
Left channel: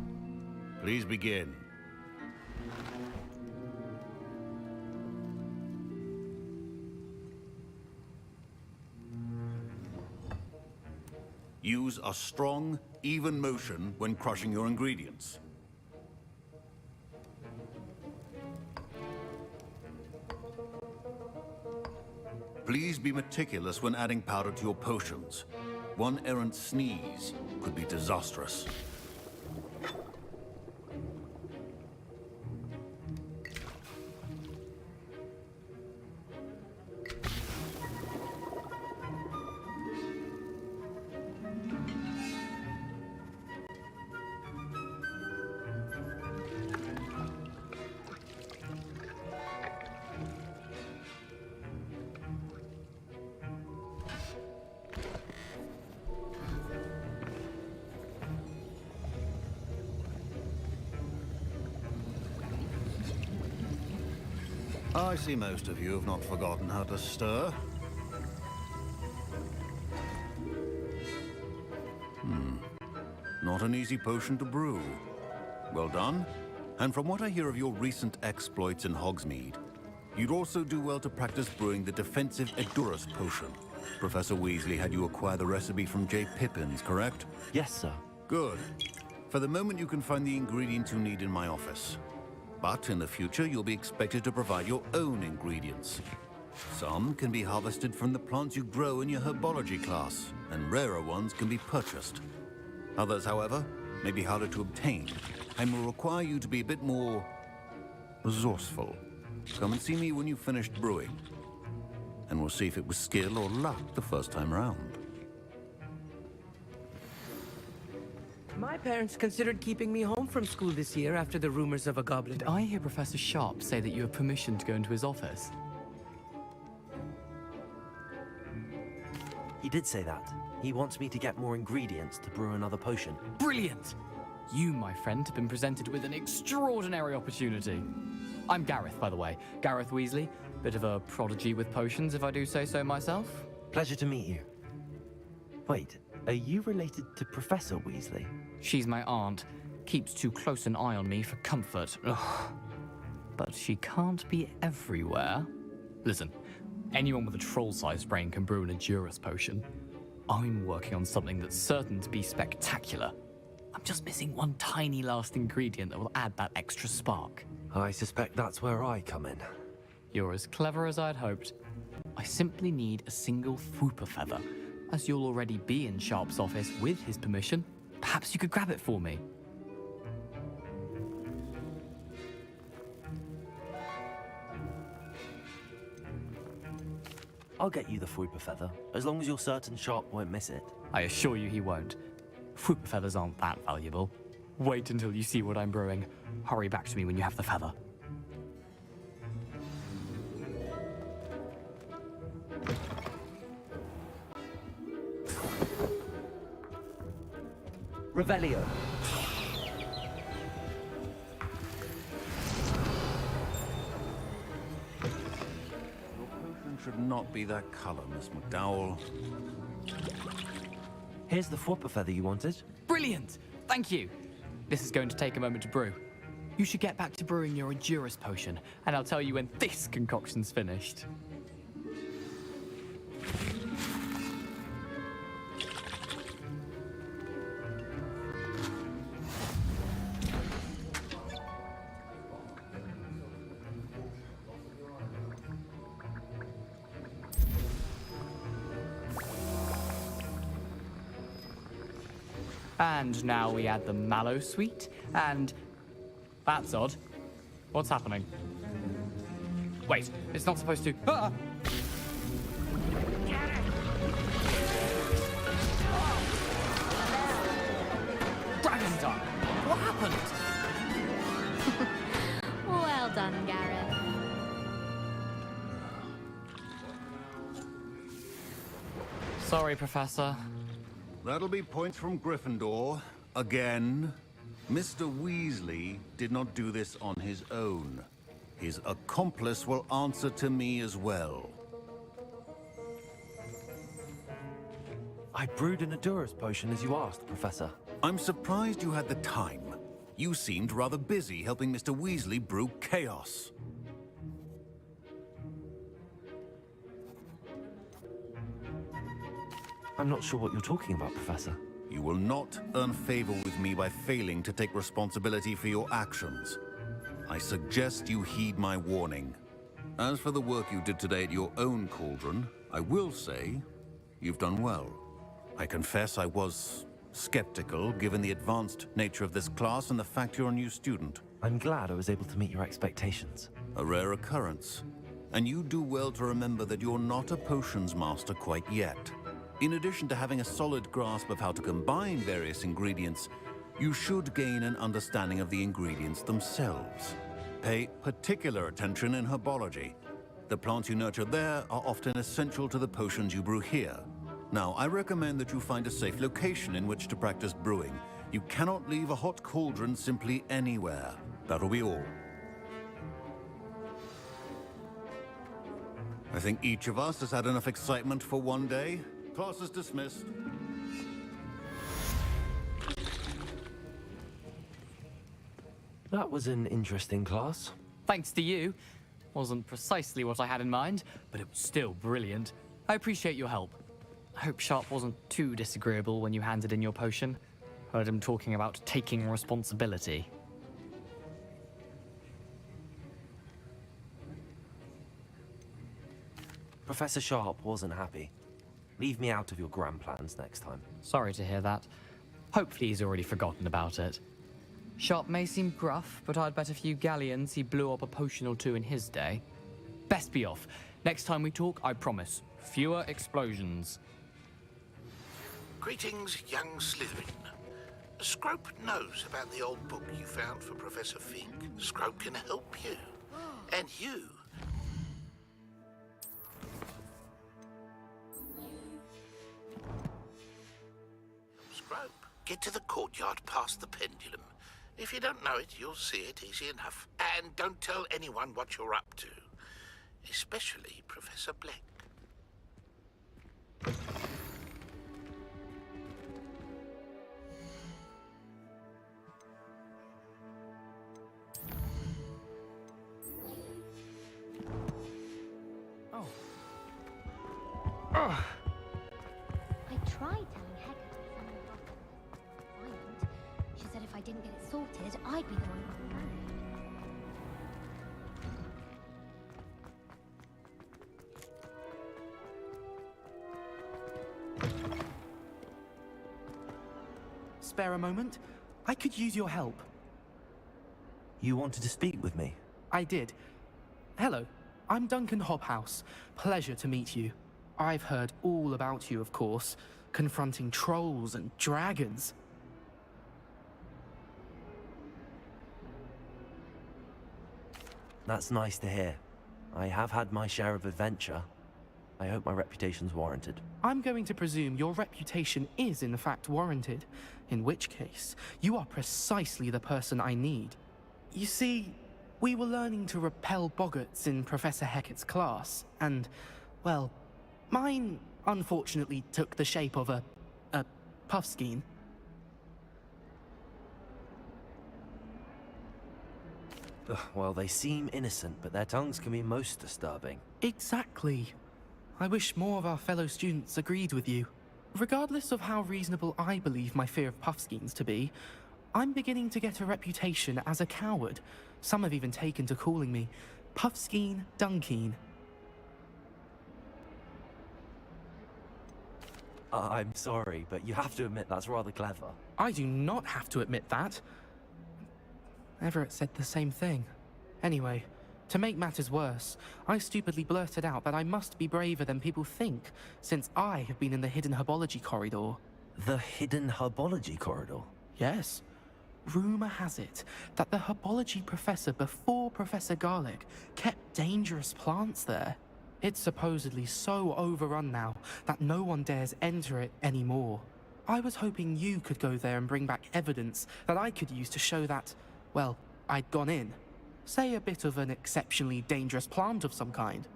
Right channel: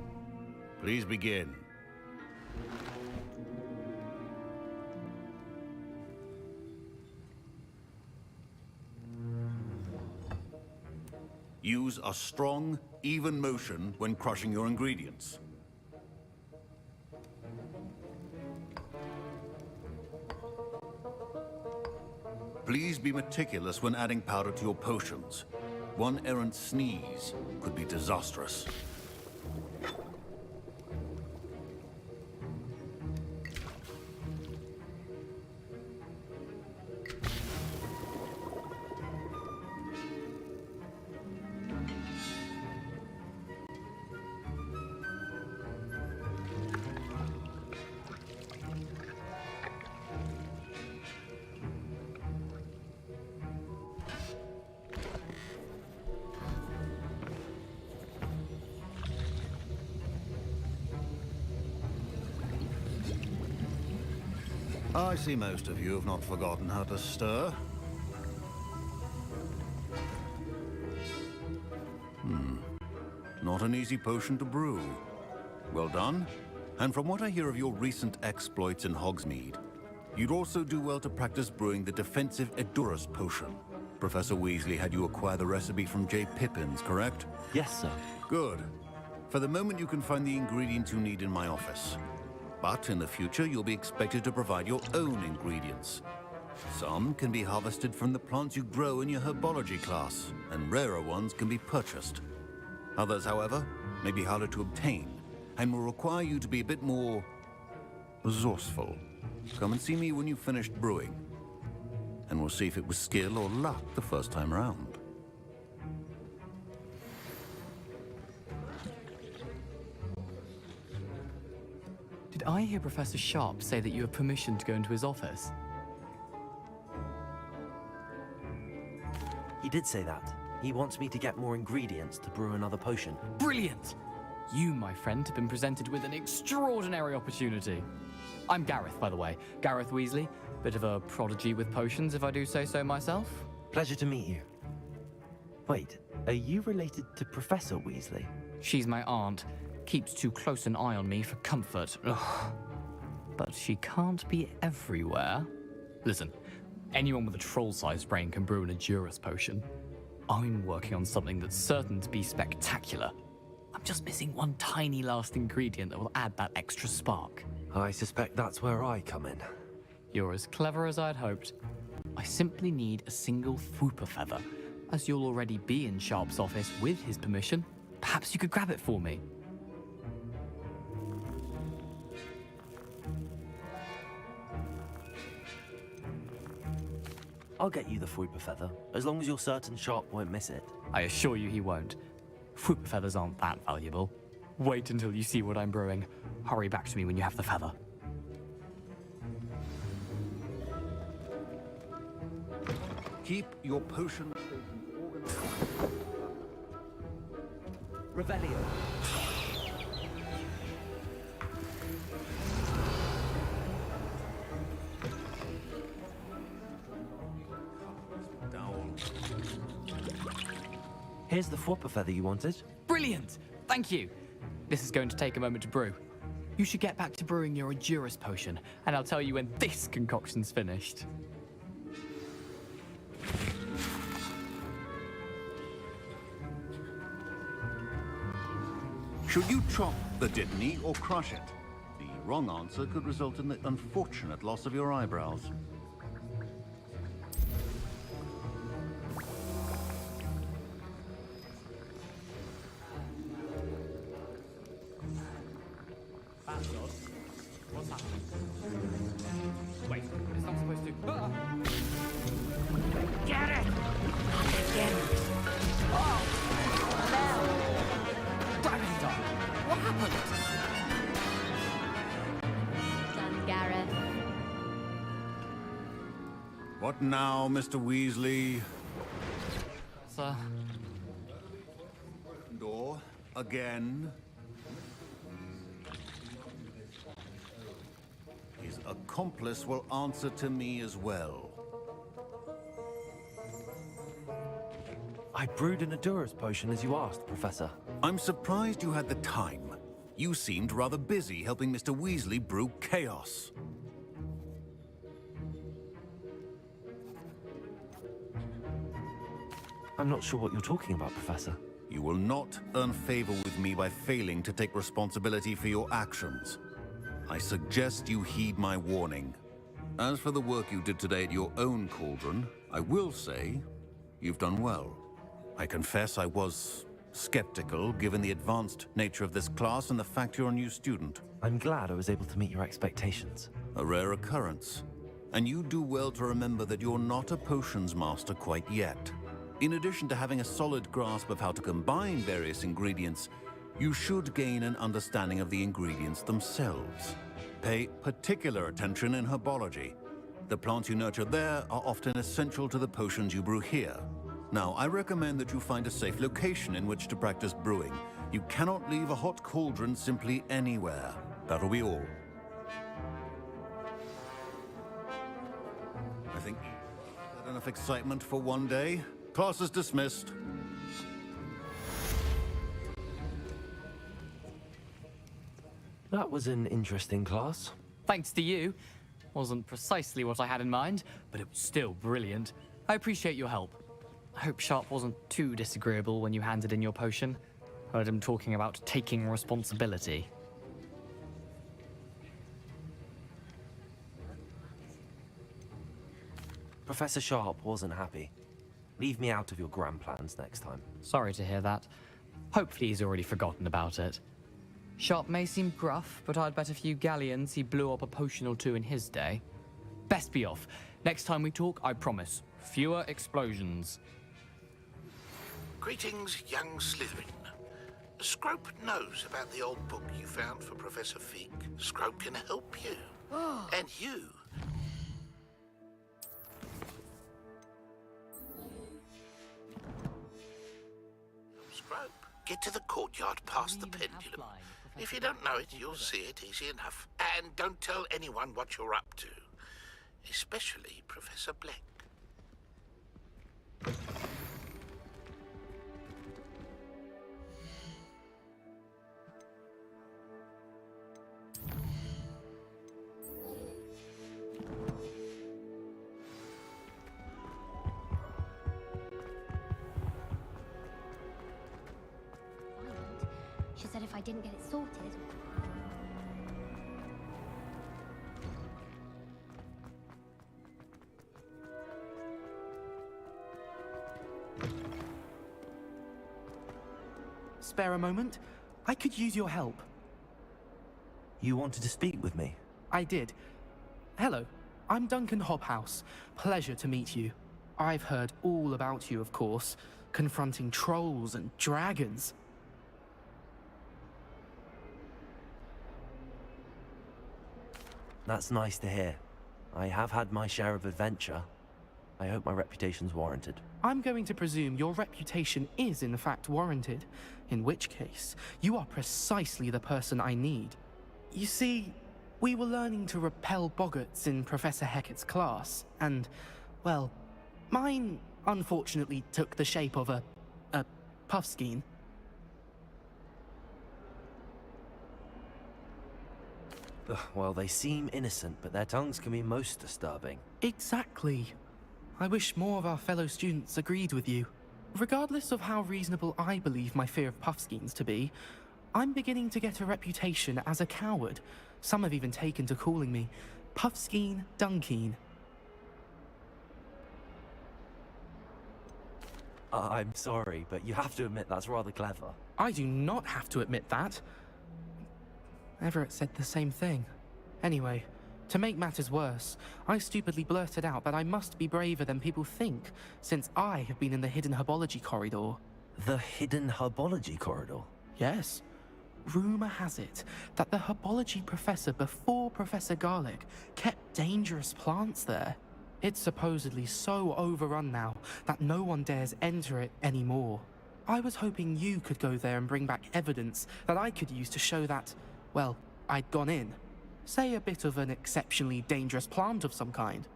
Please begin. Use a strong, even motion when crushing your ingredients. Please be meticulous when adding powder to your potions. One errant sneeze could be disastrous. I see most of you have not forgotten how to stir. Not an easy potion to brew. Well done. And from what I hear of your recent exploits in Hogsmeade, you'd also do well to practice brewing the defensive Edurus potion. Professor Weasley had you acquire the recipe from J. Pippin's, correct? Yes, sir. Good. For the moment, you can find the ingredients you need in my office. But in the future, you'll be expected to provide your own ingredients. Some can be harvested from the plants you grow in your herbology class, and rarer ones can be purchased. Others, however, may be harder to obtain, and will require you to be a bit more resourceful. Come and see me when you've finished brewing, and we'll see if it was skill or luck the first time around. My parents considered keeping me home from school this year after the rumors of a goblin. Did I hear Professor Sharp say that you have permission to go into his office? He did say that. He wants me to get more ingredients to brew another potion. Brilliant! You, my friend, have been presented with an extraordinary opportunity. I'm Gareth, by the way. Gareth Weasley. Bit of a prodigy with potions, if I do say so myself. Pleasure to meet you. Wait, are you related to Professor Weasley? She's my aunt. Keeps too close an eye on me for comfort. Ugh. But she can't be everywhere. Listen, anyone with a troll-sized brain can brew an Edurus potion. I'm working on something that's certain to be spectacular. I'm just missing one tiny last ingredient that will add that extra spark. I suspect that's where I come in. You're as clever as I'd hoped. I simply need a single Fwooper feather. As you'll already be in Sharp's office with his permission, perhaps you could grab it for me. I'll get you the Fwooper feather, as long as you're certain Sharp won't miss it. I assure you he won't. Fwooper feathers aren't that valuable. Wait until you see what I'm brewing. Hurry back to me when you have the feather. Keep your potion. Revelio. Should not be that color, Miss McDowell. Here's the Fwooper feather you wanted. Brilliant! Thank you! This is going to take a moment to brew. You should get back to brewing your Edurus potion, and I'll tell you when this concoction's finished. Should you chop the dipney or crush it? The wrong answer could result in the unfortunate loss of your eyebrows. And now we add the mallow sweet, and... That's odd. What's happening? Wait, it's not supposed to... Ah! Get it! Oh! Dragon time! What happened? Well done, Gareth. What now, Mr. Weasley? Sorry, Professor. That'll be points from Gryffindor. Again. Mr. Weasley did not do this on his own. His accomplice will answer to me as well. I brewed an Edurus potion as you asked, Professor. I'm surprised you had the time. You seemed rather busy helping Mr. Weasley brew chaos. I'm not sure what you're talking about, Professor. You will not earn favor with me by failing to take responsibility for your actions. I suggest you heed my warning. As for the work you did today at your own cauldron, I will say you've done well. I confess I was skeptical, given the advanced nature of this class and the fact you're a new student. I'm glad I was able to meet your expectations. A rare occurrence. And you do well to remember that you're not a potions master quite yet. In addition to having a solid grasp of how to combine various ingredients, you should gain an understanding of the ingredients themselves. Pay particular attention in herbology. The plants you nurture there are often essential to the potions you brew here. Now, I recommend that you find a safe location in which to practice brewing. You cannot leave a hot cauldron simply anywhere. That'll be all. I think each of us has had enough excitement for one day. Class is dismissed. That was an interesting class. Thanks to you. Wasn't precisely what I had in mind, but it was still brilliant. I appreciate your help. I hope Sharp wasn't too disagreeable when you handed in your potion. Heard him talking about taking responsibility. Professor Sharp wasn't happy. Leave me out of your grand plans next time. Sorry to hear that. Hopefully he's already forgotten about it. Sharp may seem gruff, but I'd bet a few galleons he blew up a potion or two in his day. Best be off. Next time we talk, I promise, fewer explosions. Greetings, young Slytherin. Scrope knows about the old book you found for Professor Fink. Scrope can help you. And you. Scrope, get to the courtyard past the pendulum. If you don't know it, you'll see it easy enough. And don't tell anyone what you're up to. Especially Professor Black. She said if I didn't get it sorted, I'd be the one. Spare a moment? I could use your help. You wanted to speak with me? I did. Hello, I'm Duncan Hobhouse. Pleasure to meet you. I've heard all about you, of course, confronting trolls and dragons. That's nice to hear. I have had my share of adventure. I hope my reputation's warranted. I'm going to presume your reputation is in fact warranted, in which case, you are precisely the person I need. You see, we were learning to repel boggarts in Professor Hecat's class, and, well, mine unfortunately took the shape of a puffskein. Well, they seem innocent, but their tongues can be most disturbing. Exactly. I wish more of our fellow students agreed with you. Regardless of how reasonable I believe my fear of puffskeins to be, I'm beginning to get a reputation as a coward. Some have even taken to calling me Puffskein Dunkeen. I'm sorry, but you have to admit that's rather clever. I do not have to admit that. Everett said the same thing. Anyway, to make matters worse, I stupidly blurted out that I must be braver than people think, since I have been in the hidden herbology corridor. The hidden herbology corridor? Yes. Rumor has it that the herbology professor before Professor Garlic kept dangerous plants there. It's supposedly so overrun now that no one dares enter it anymore. I was hoping you could go there and bring back evidence that I could use to show that, well, I'd gone in. Say a bit of an exceptionally dangerous plant of some kind.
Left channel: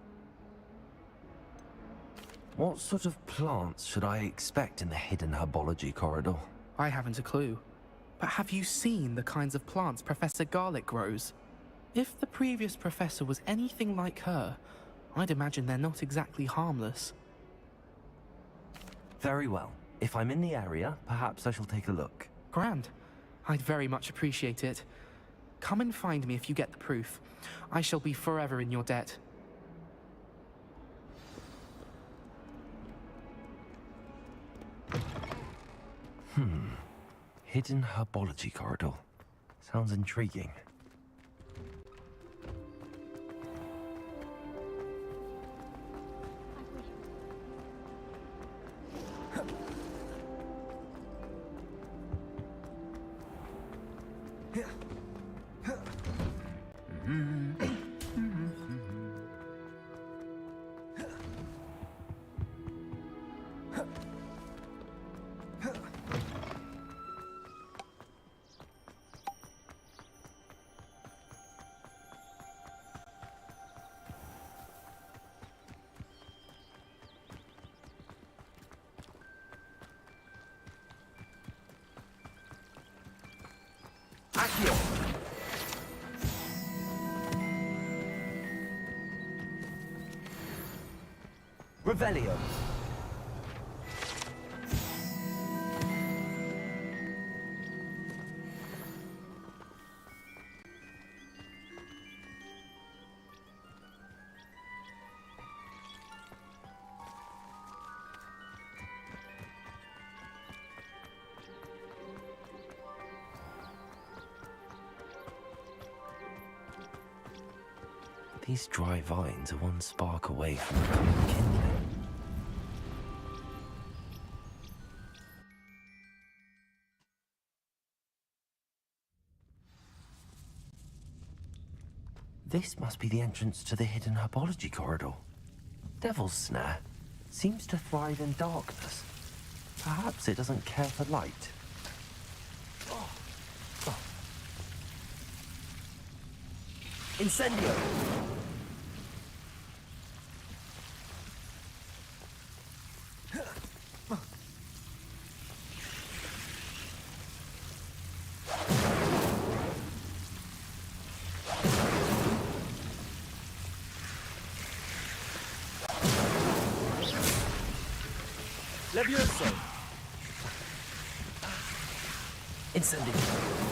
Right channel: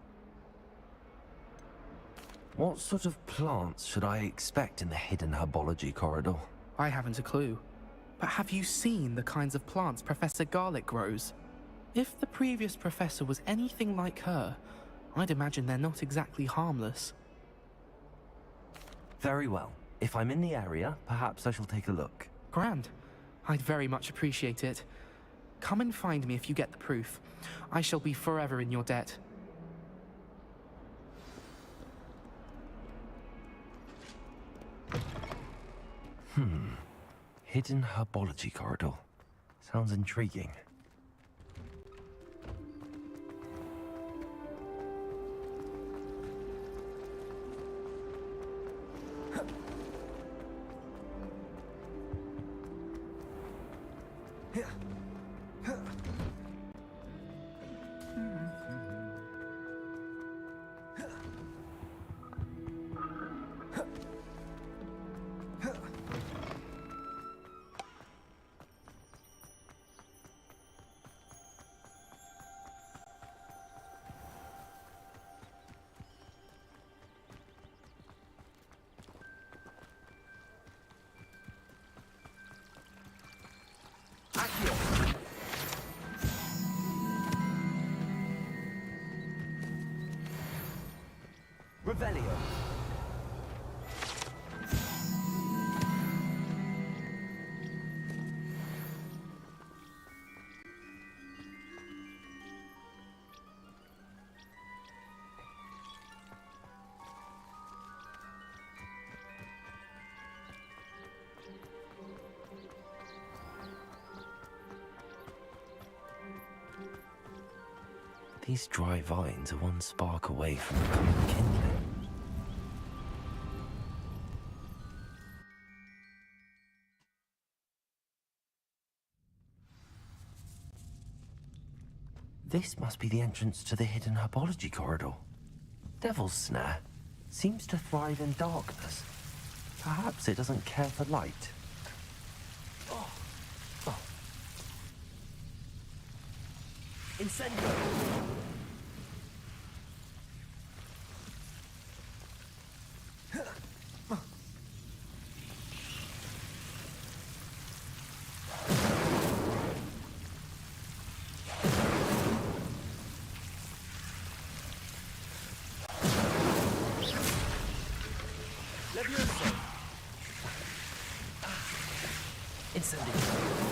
What sort of plants should I expect in the hidden herbology corridor? I haven't a clue. But have you seen the kinds of plants Professor Garlic grows? If the previous professor was anything like her, I'd imagine they're not exactly harmless. Very well. If I'm in the area, perhaps I shall take a look. Grand. I'd very much appreciate it. Come and find me if you get the proof. I shall be forever in your debt. Hidden herbology corridor. Sounds intriguing. Revelio. These dry vines are one spark away from becoming kindling. This must be the entrance to the hidden herbology corridor. Devil's Snare seems to thrive in darkness. Perhaps it doesn't care for light. Incendio! Levioso! Incendio!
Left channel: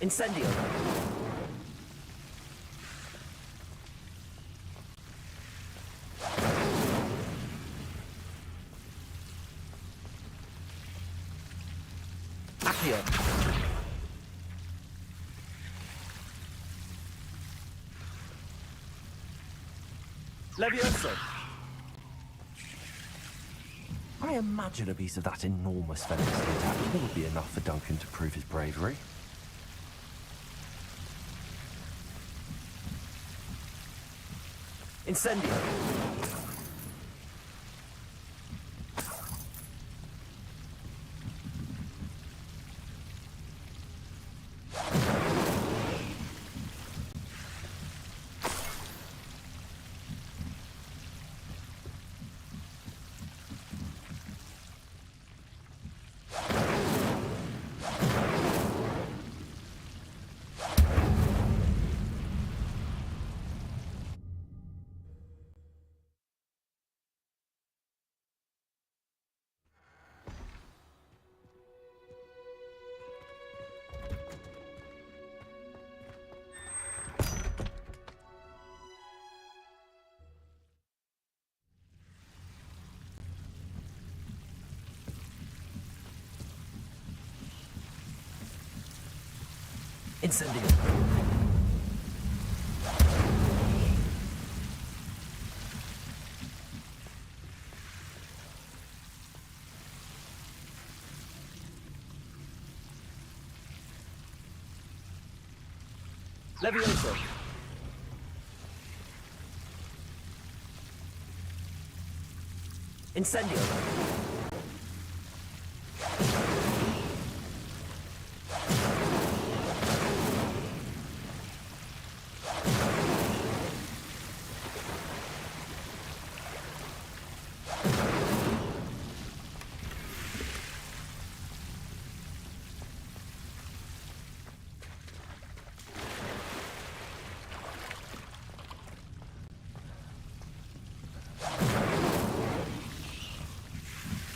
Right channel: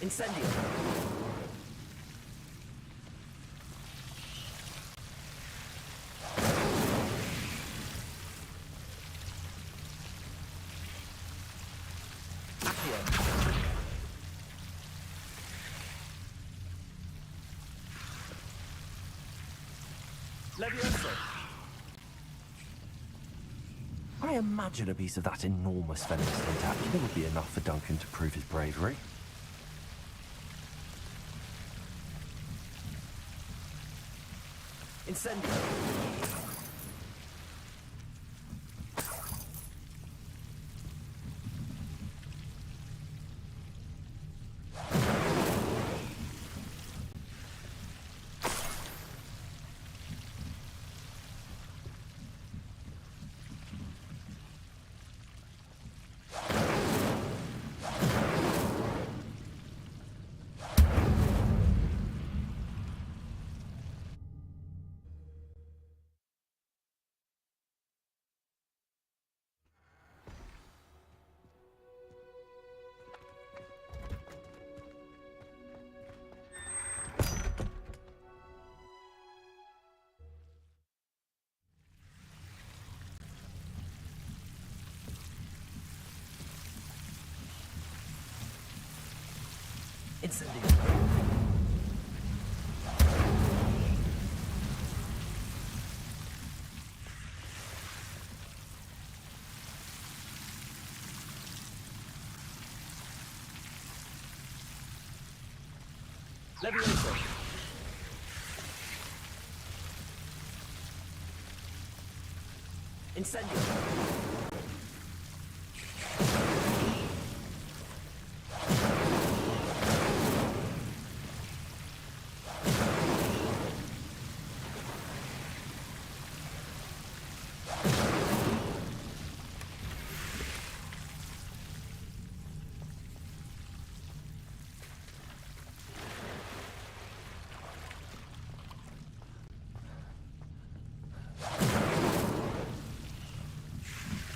Incendio! Accio! Levioso! I imagine a piece of that enormous venomous tentacle would be enough for Duncan to prove his bravery. Incendio! Incendio! Levioso! Incendio!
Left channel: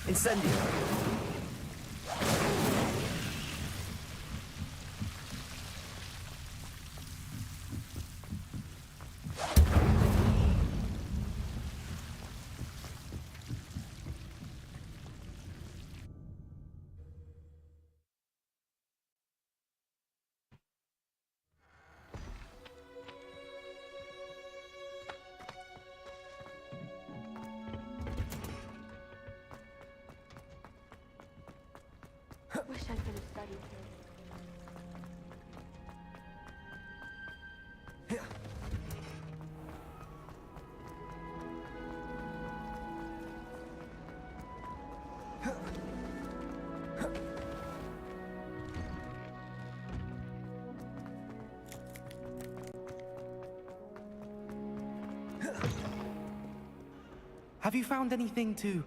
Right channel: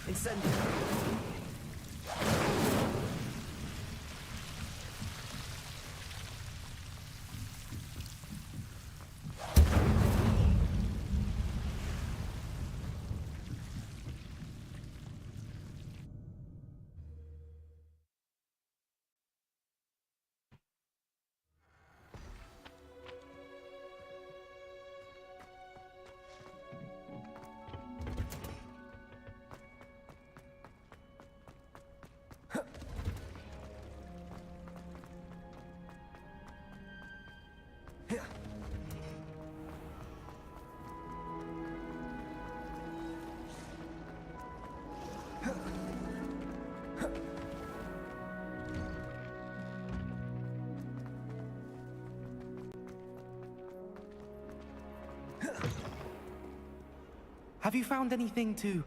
Incendio! Have you found anything to,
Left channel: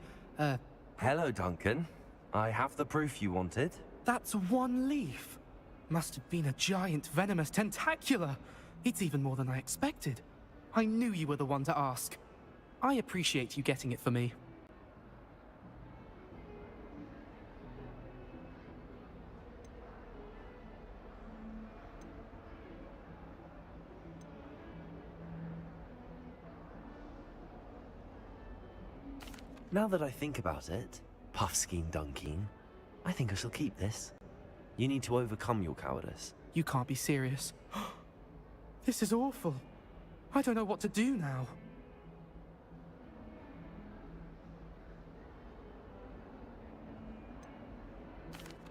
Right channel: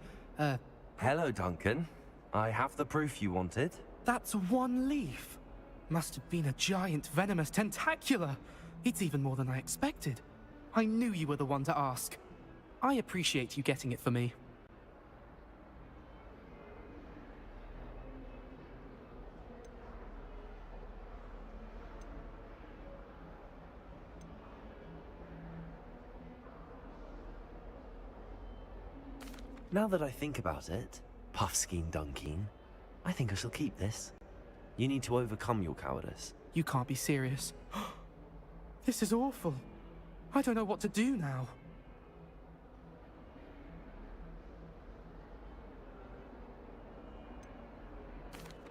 Hello, Duncan. I have the proof you wanted. That's one leaf. Must have been a giant venomous tentacula. It's even more than I expected. I knew you were the one to ask. I appreciate you getting it for me. Now that I think about it, Puffskein Dunkeen, I think I shall keep this. You need to overcome your cowardice. You can't be serious. This is awful. I don't know what to do now.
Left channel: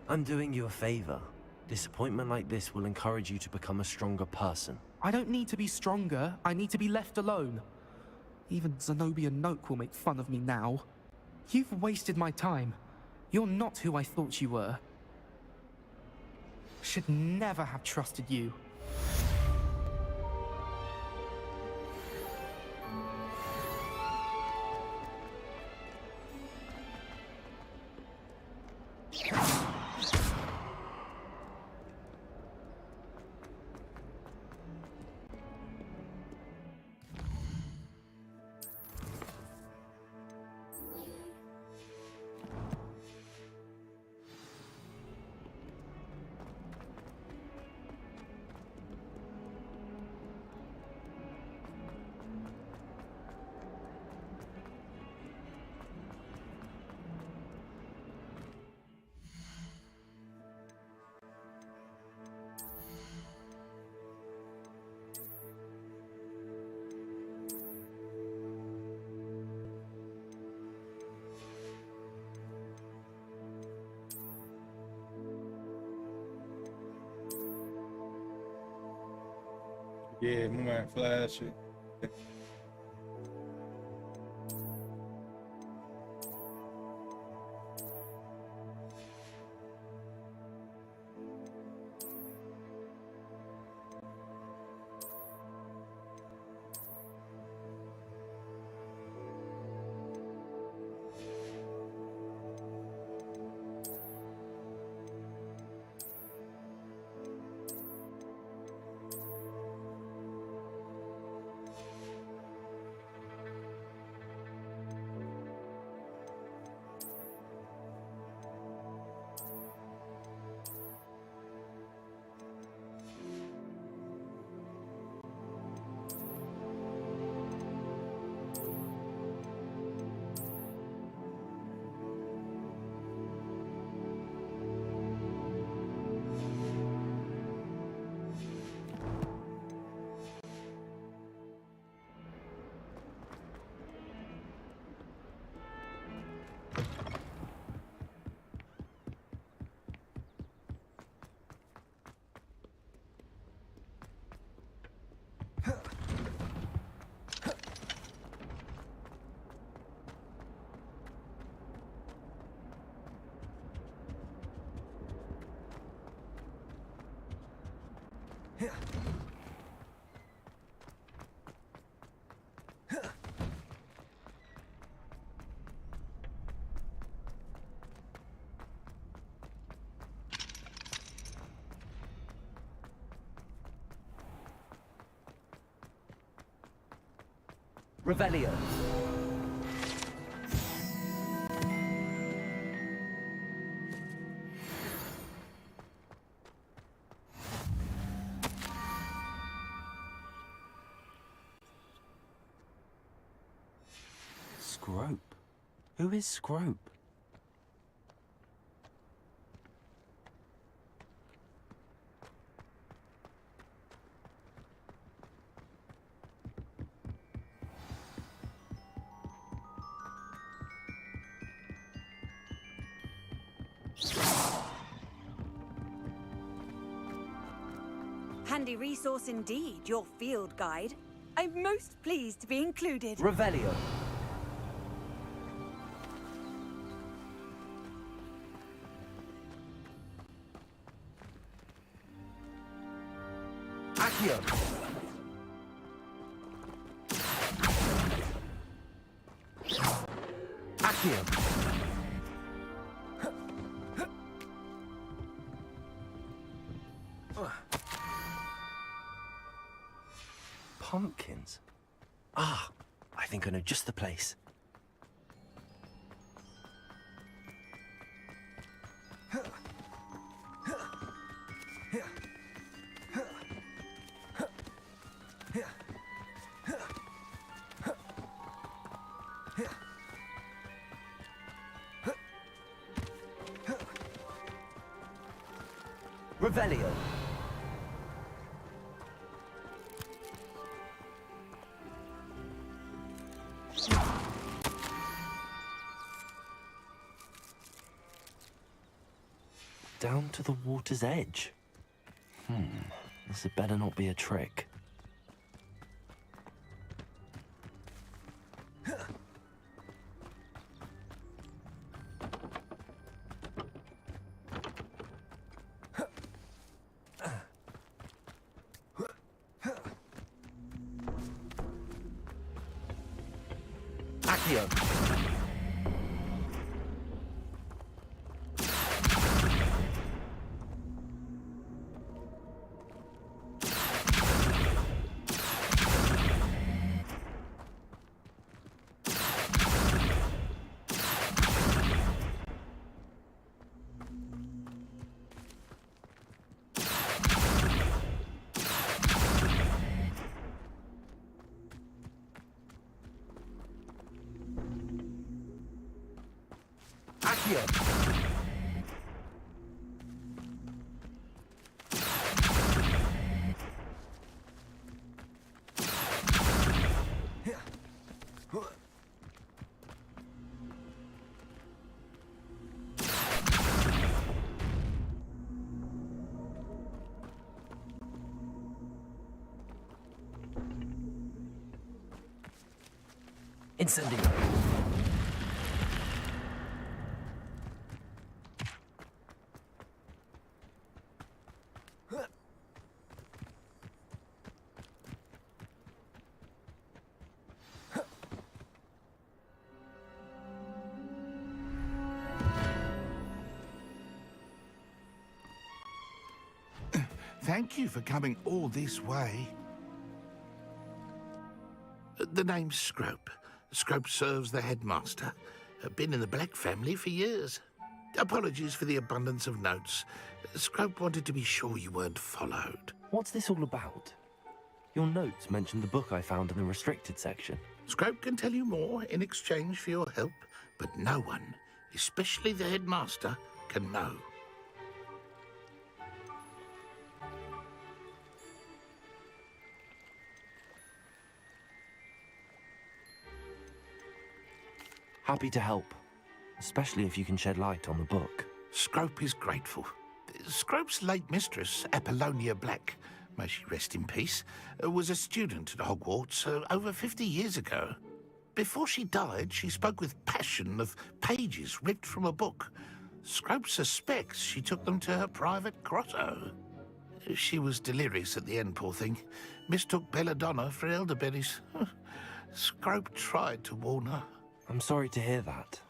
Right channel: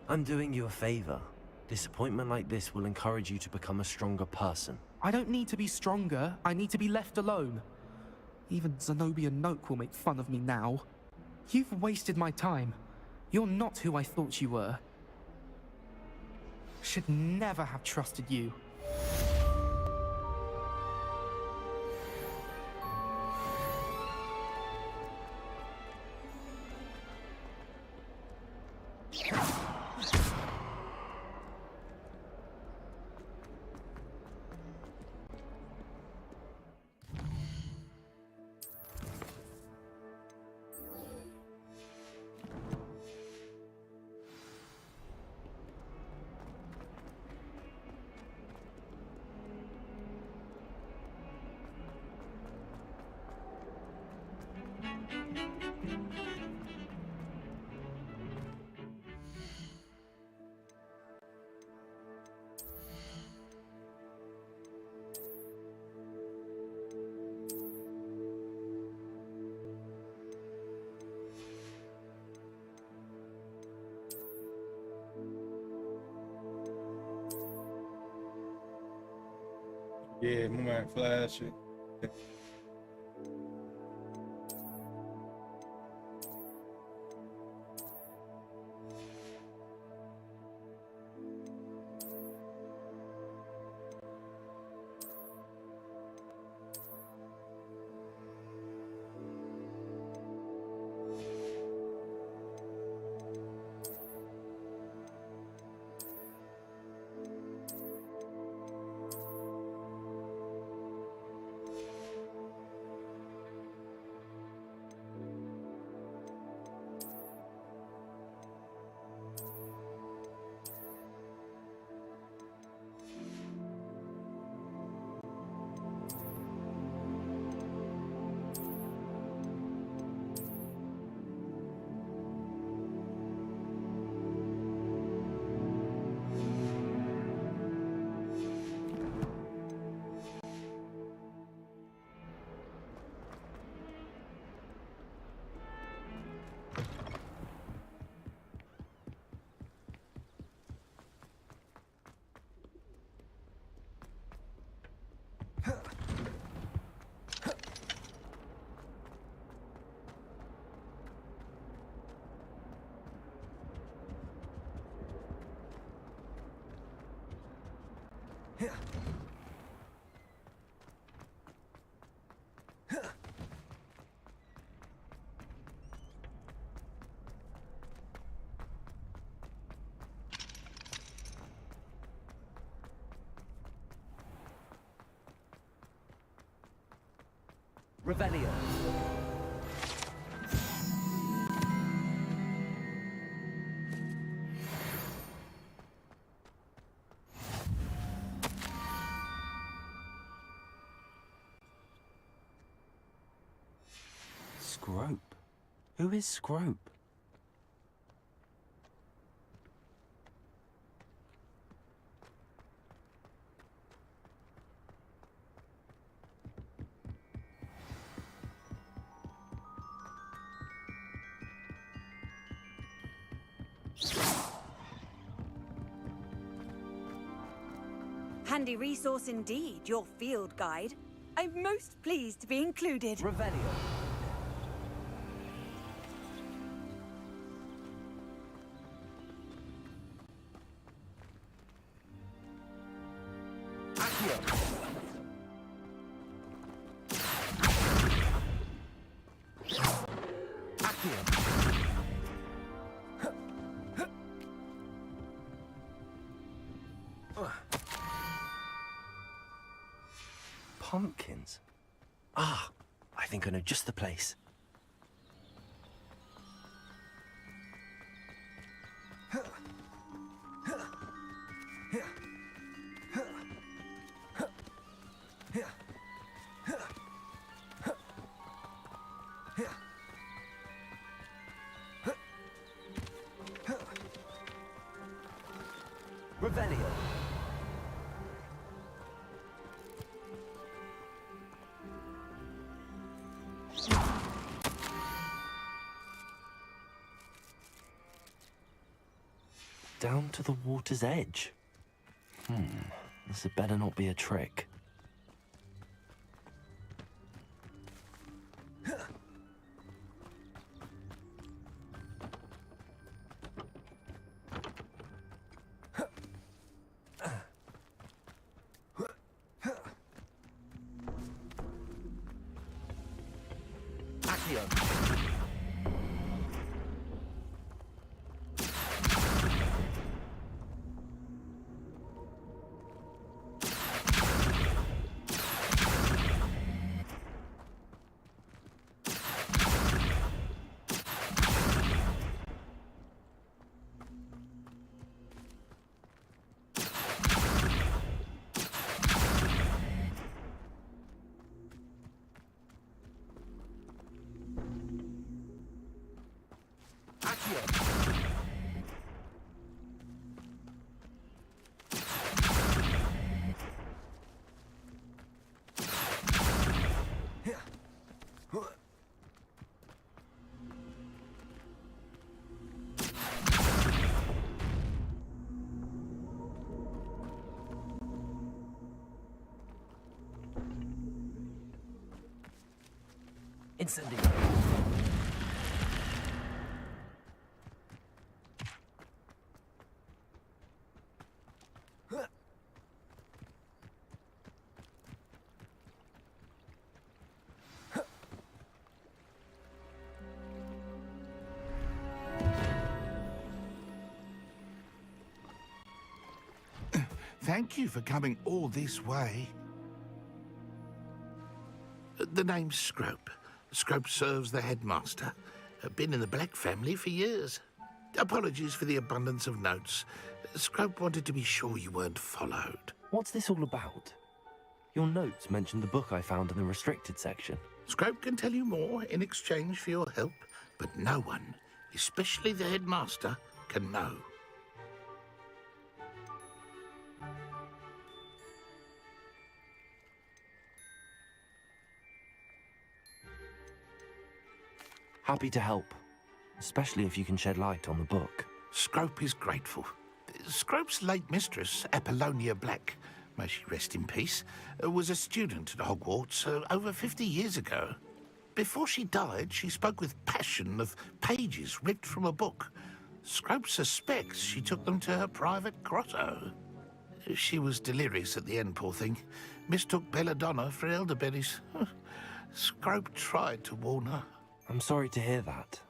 I'm doing you a favor. Disappointment like this will encourage you to become a stronger person. I don't need to be stronger. I need to be left alone. Even Zenobia Noak will make fun of me now. You've wasted my time. You're not who I thought you were. Should never have trusted you. Yeah, my man Flash. Revelio. Scrope? Who is Scrope? Handy resource indeed, your field guide. I'm most pleased to be included. Revelio. Accio. Accio. Pumpkins? Ah, I think I know just the place. Revelio. Down to the water's edge. This had better not be a trick. Accio. Incendio. Thank you for coming all this way. The name's Scrope. Scrope serves the headmaster. Been in the Black family for years. Apologies for the abundance of notes. Scrope wanted to be sure you weren't followed. What's this all about? Your notes mentioned the book I found in the restricted section. Scrope can tell you more in exchange for your help, but no one, especially the headmaster, can know. Happy to help, especially if you can shed light on the book. Scrope is grateful. Scrope's late mistress, Apollonia Black, may she rest in peace, was a student at Hogwarts over 50 years ago. Before she died, she spoke with passion of pages ripped from a book. Scrope suspects she took them to her private grotto. She was delirious at the end, poor thing. Mistook belladonna for elderberries. Scrope tried to warn her. I'm sorry to hear that.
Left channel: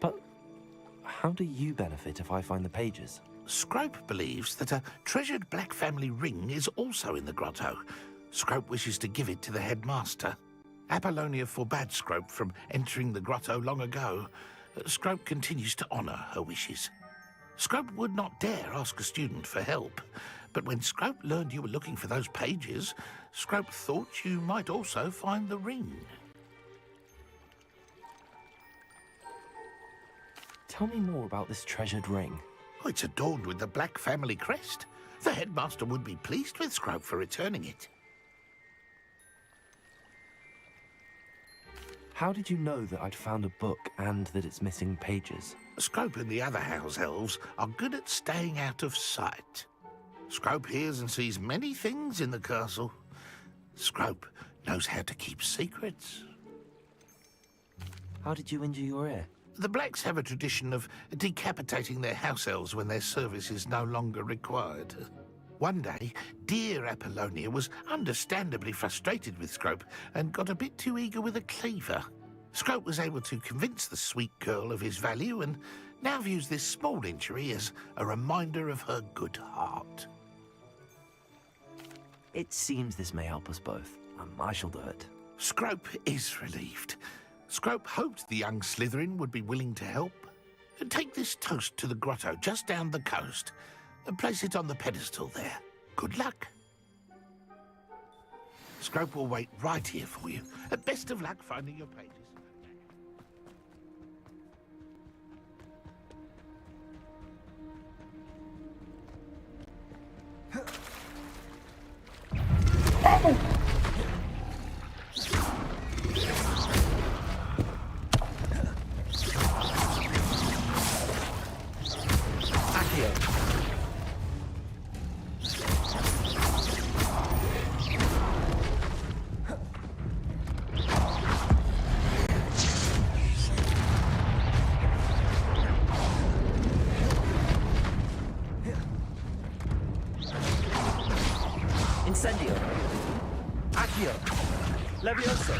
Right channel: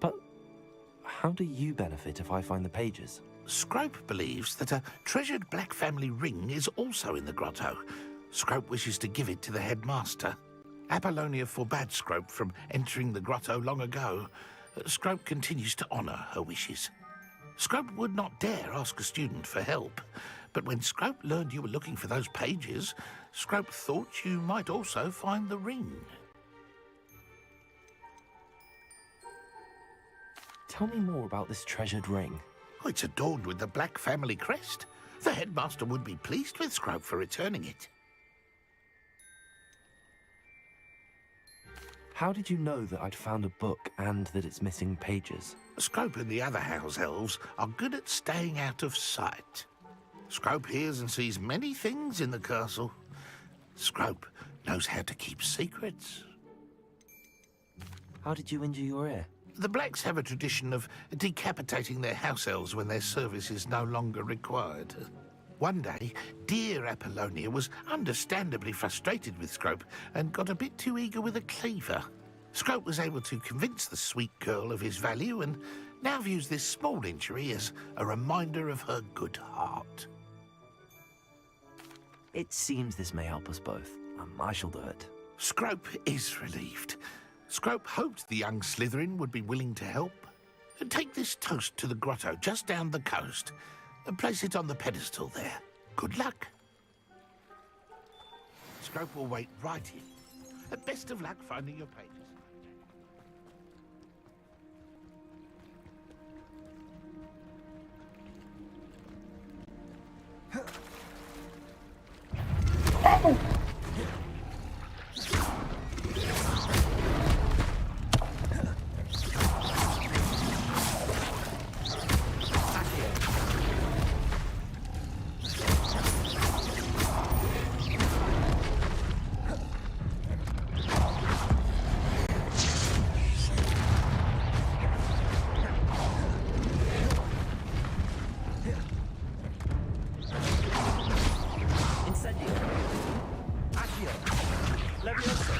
But how do you benefit if I find the pages? Scrope believes that a treasured Black family ring is also in the grotto. Scrope wishes to give it to the headmaster. Apollonia forbade Scrope from entering the grotto long ago. Scrope continues to honour her wishes. Scrope would not dare ask a student for help, but when Scrope learned you were looking for those pages, Scrope thought you might also find the ring. Tell me more about this treasured ring. Oh, it's adorned with the Black family crest. The headmaster would be pleased with Scrope for returning it. How did you know that I'd found a book and that it's missing pages? Scrope and the other house elves are good at staying out of sight. Scrope hears and sees many things in the castle. Scrope knows how to keep secrets. How did you injure your ear? The Blacks have a tradition of decapitating their house elves when their service is no longer required. One day, dear Apollonia was understandably frustrated with Scrope and got a bit too eager with a cleaver. Scrope was able to convince the sweet girl of his value and now views this small injury as a reminder of her good heart. It seems this may help us both. I shall do it. Scrope is relieved. Scrope hoped the young Slytherin would be willing to help. Take this toast to the grotto just down the coast and place it on the pedestal there. Good luck. Scrope will wait right here for you. Best of luck finding your pages. Incendio. Accio. Levioso.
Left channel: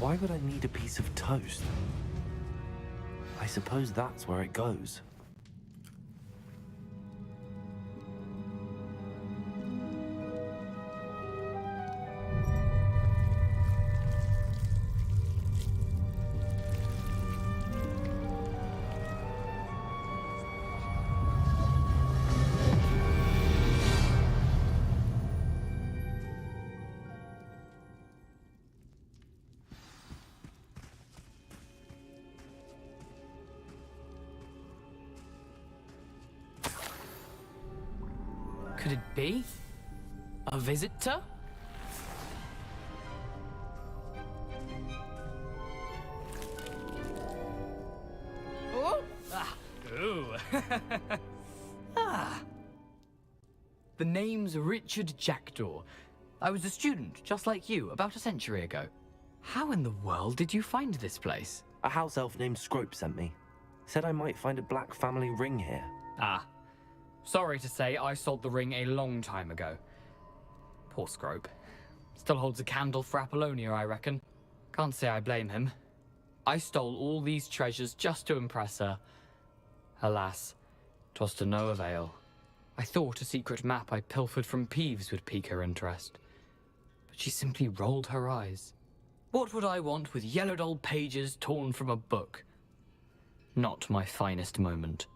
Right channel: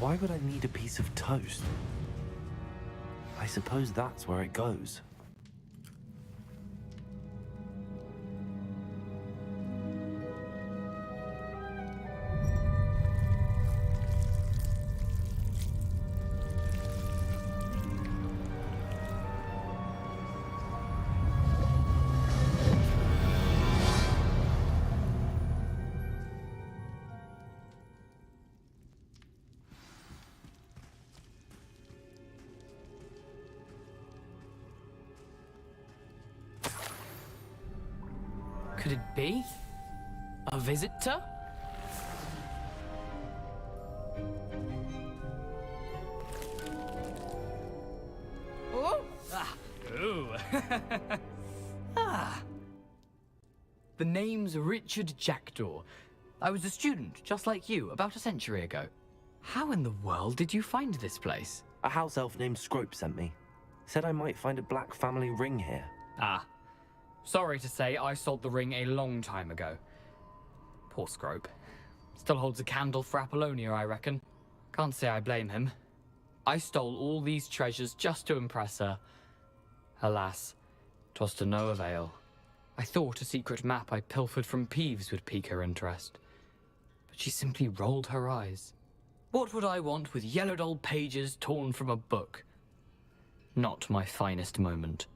Why would I need a piece of toast? I suppose that's where it goes. Could it be? A visitor? Oh! Ah! Ooh! Ah! The name's Richard Jackdaw. I was a student, just like you, about a century ago. How in the world did you find this place? A house elf named Scrope sent me. Said I might find a black family ring here. Ah. Sorry to say, I sold the ring a long time ago. Poor Scrope. Still holds a candle for Apollonia, I reckon. Can't say I blame him. I stole all these treasures just to impress her. Alas, 'twas to no avail. I thought a secret map I pilfered from Peeves would pique her interest. But she simply rolled her eyes. What would I want with yellowed old pages torn from a book? Not my finest moment.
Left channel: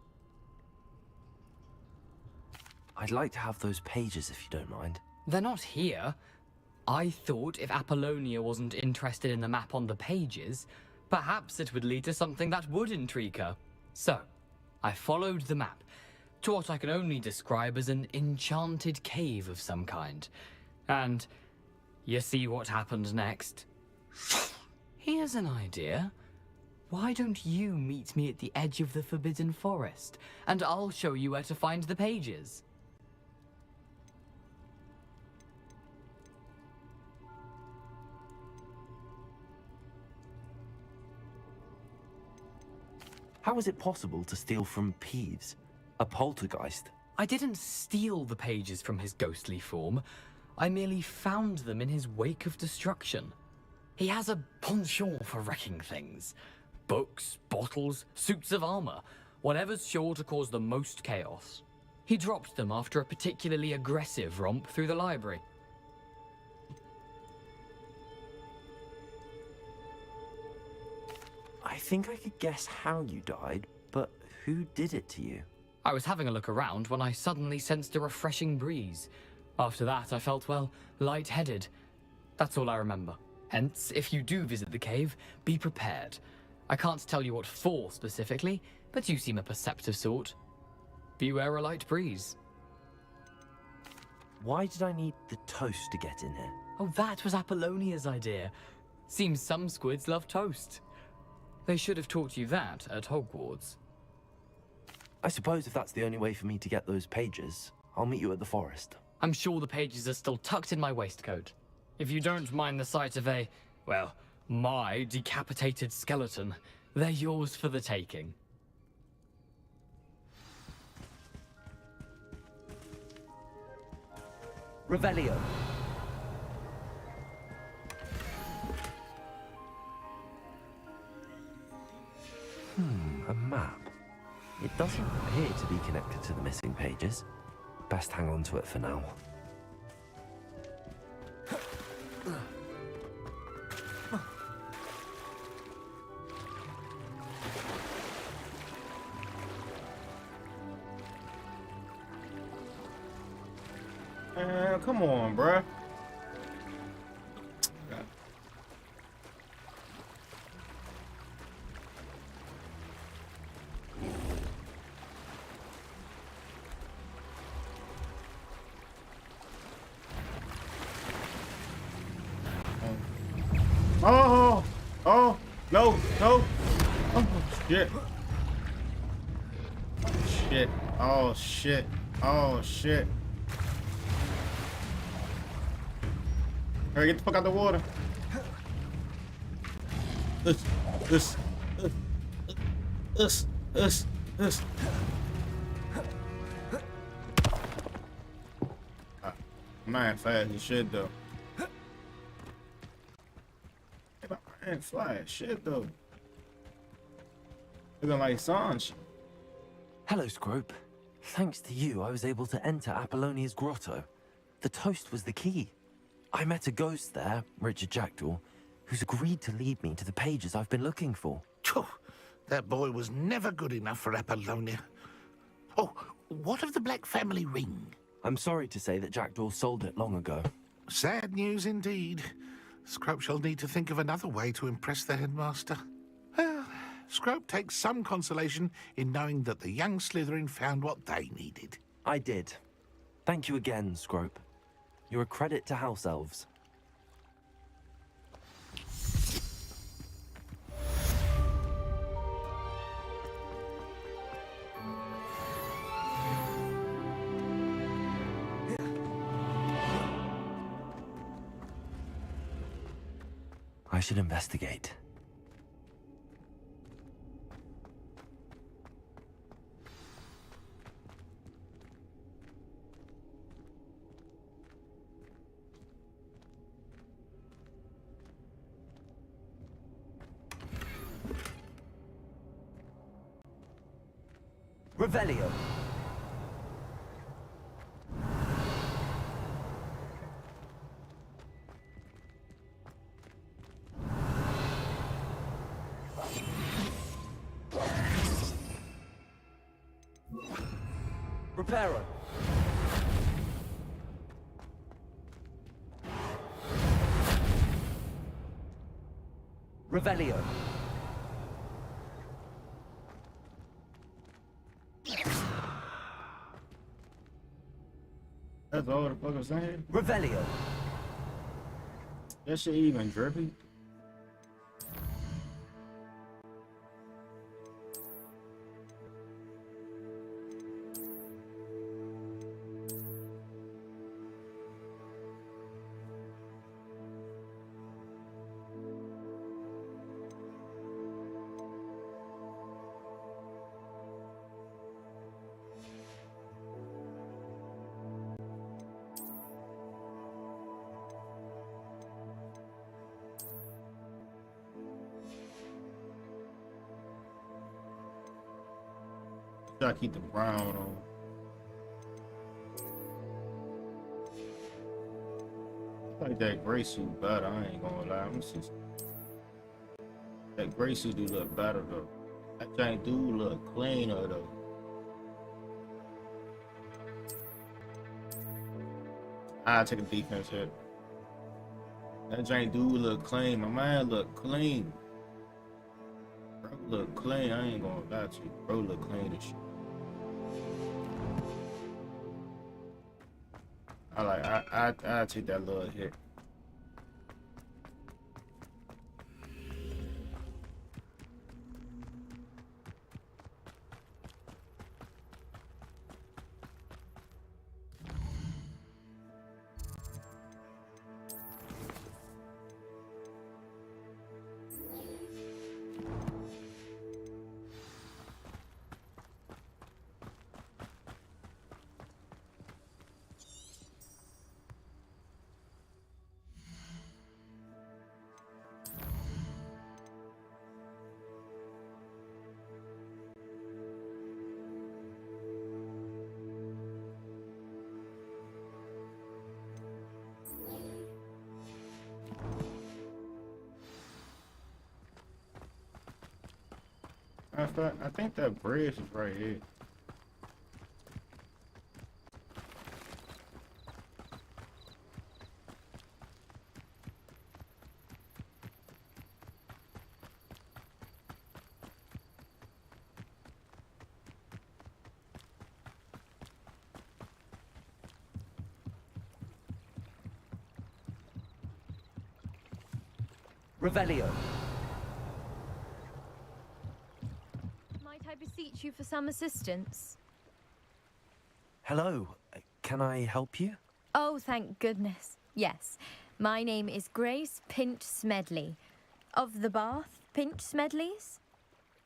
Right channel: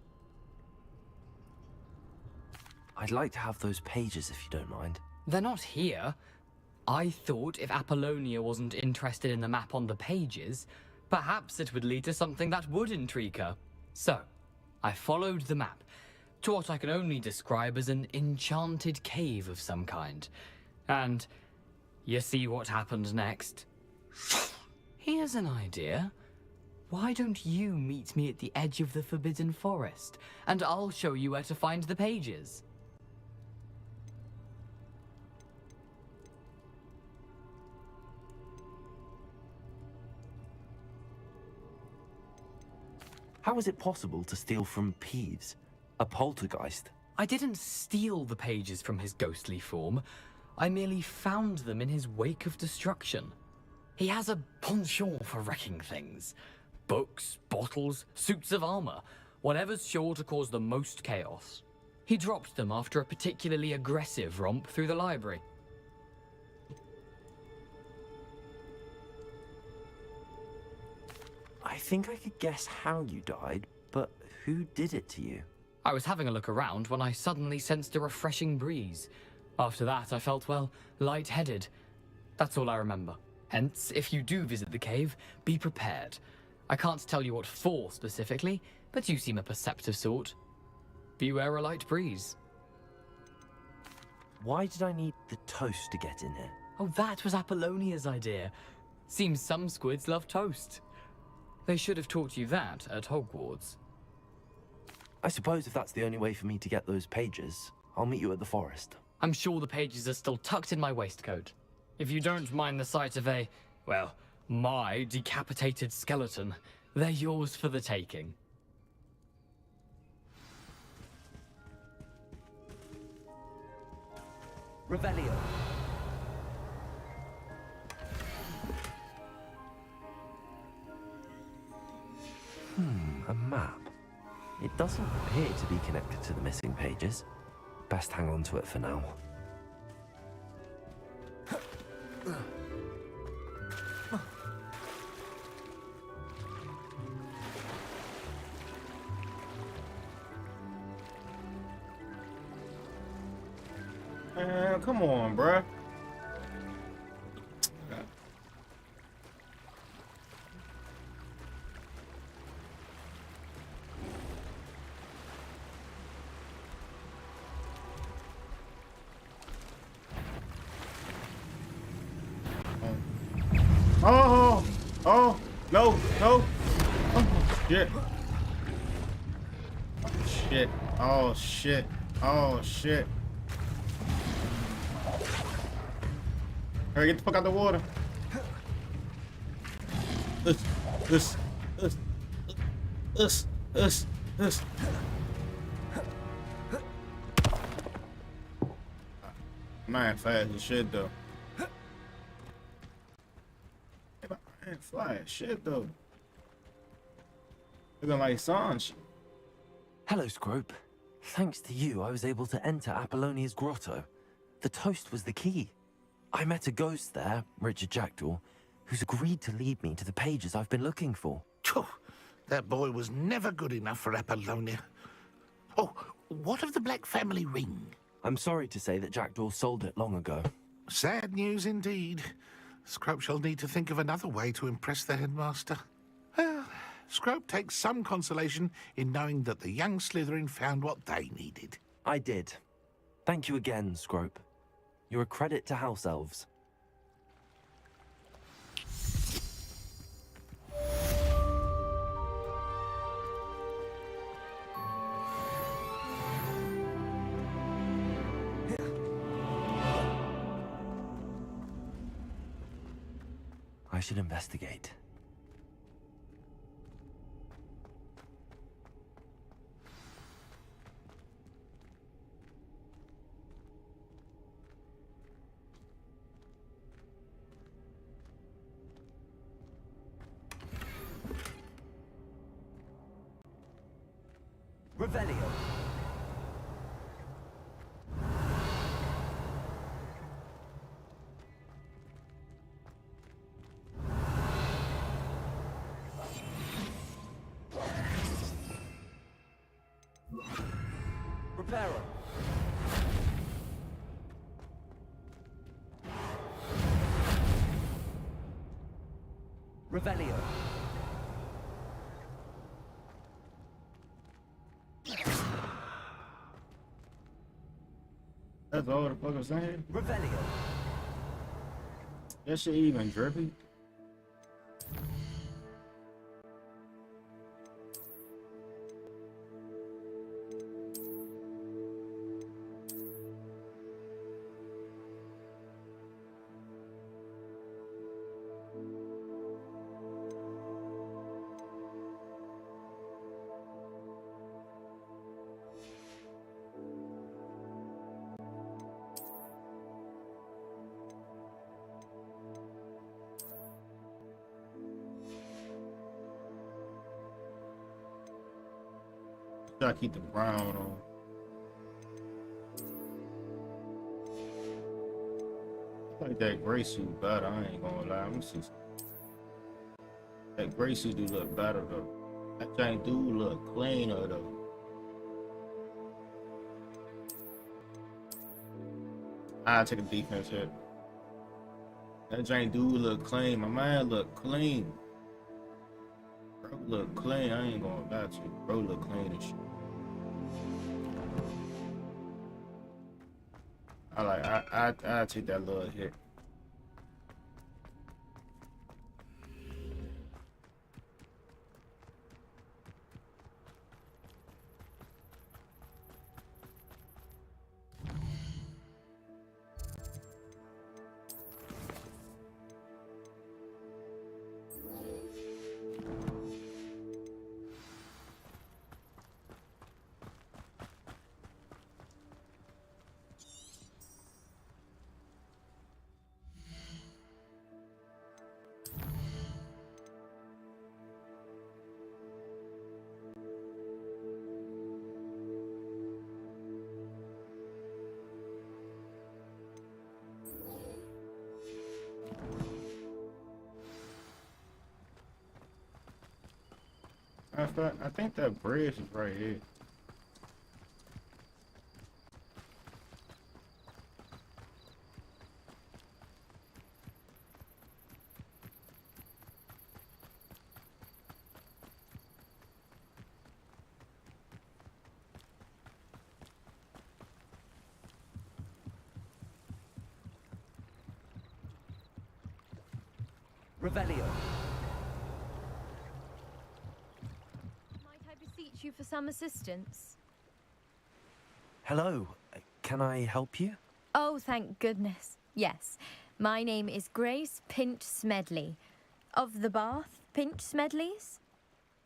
I'd like to have those pages if you don't mind. They're not here. I thought if Apollonia wasn't interested in the map on the pages, perhaps it would lead to something that would intrigue her. So, I followed the map to what I can only describe as an enchanted cave of some kind. And you see what happened next? Here's an idea. Why don't you meet me at the edge of the Forbidden Forest, and I'll show you where to find the pages. How is it possible to steal from Peeves? A poltergeist? I didn't steal the pages from his ghostly form. I merely found them in his wake of destruction. He has a penchant for wrecking things. Books, bottles, suits of armor, whatever's sure to cause the most chaos. He dropped them after a particularly aggressive romp through the library. I think I could guess how you died, but who did it to you? I was having a look around when I suddenly sensed a refreshing breeze. After that, I felt, well, lightheaded. That's all I remember. Hence, if you do visit the cave, be prepared. I can't tell you what for specifically, but you seem a perceptive sort. Beware a light breeze. Why did I need the toast to get in here? Oh, that was Apollonia's idea. Seems some squids love toast. They should have taught you that at Hogwarts. I suppose if that's the only way for me to get those pages, I'll meet you at the forest. I'm sure the pages are still tucked in my waistcoat. If you don't mind the sight of a, well, my decapitated skeleton, they're yours for the taking. Revelio. A map. It doesn't appear to be connected to the missing pages. Best hang on to it for now. Come on, bruh. Oh, no, no. Oh, shit. Shit. Oh, shit. Oh, shit. Hurry, get the fuck out the water. This. I'm not fast as shit, though. I ain't fly as shit, though. Looking like Sanj. Hello, Scrope. Thanks to you, I was able to enter Apollonia's grotto. The toast was the key. I met a ghost there, Richard Jackdaw, who's agreed to lead me to the pages I've been looking for. Phew, that boy was never good enough for Apollonia. Oh, what of the Black family ring? I'm sorry to say that Jackdaw sold it long ago. Sad news indeed. Scrope shall need to think of another way to impress the headmaster. Well, Scrope takes some consolation in knowing that the young Slytherin found what they needed. I did. Thank you again, Scrope. You're a credit to House Elves. I should investigate. Revelio. Reparo. Revelio. That's all the fuck I'm saying. Revelio. That shit even drippy. I keep the brown on. like that gray suit better. I ain't gonna lie. Let me see. That gray suit do look better though. That thing do look cleaner though. I take a defense hit. That thing do look clean. My man look clean. Bro look clean. I ain't gonna lie to you. Bro look clean as shit. I take that little hit. I think that bridge is right here. Revelio. Might I beseech you for some assistance? Hello, can I help you? Oh, thank goodness. Yes. My name is Grace Pinch Smedley, of the Bath Pinch Smedleys.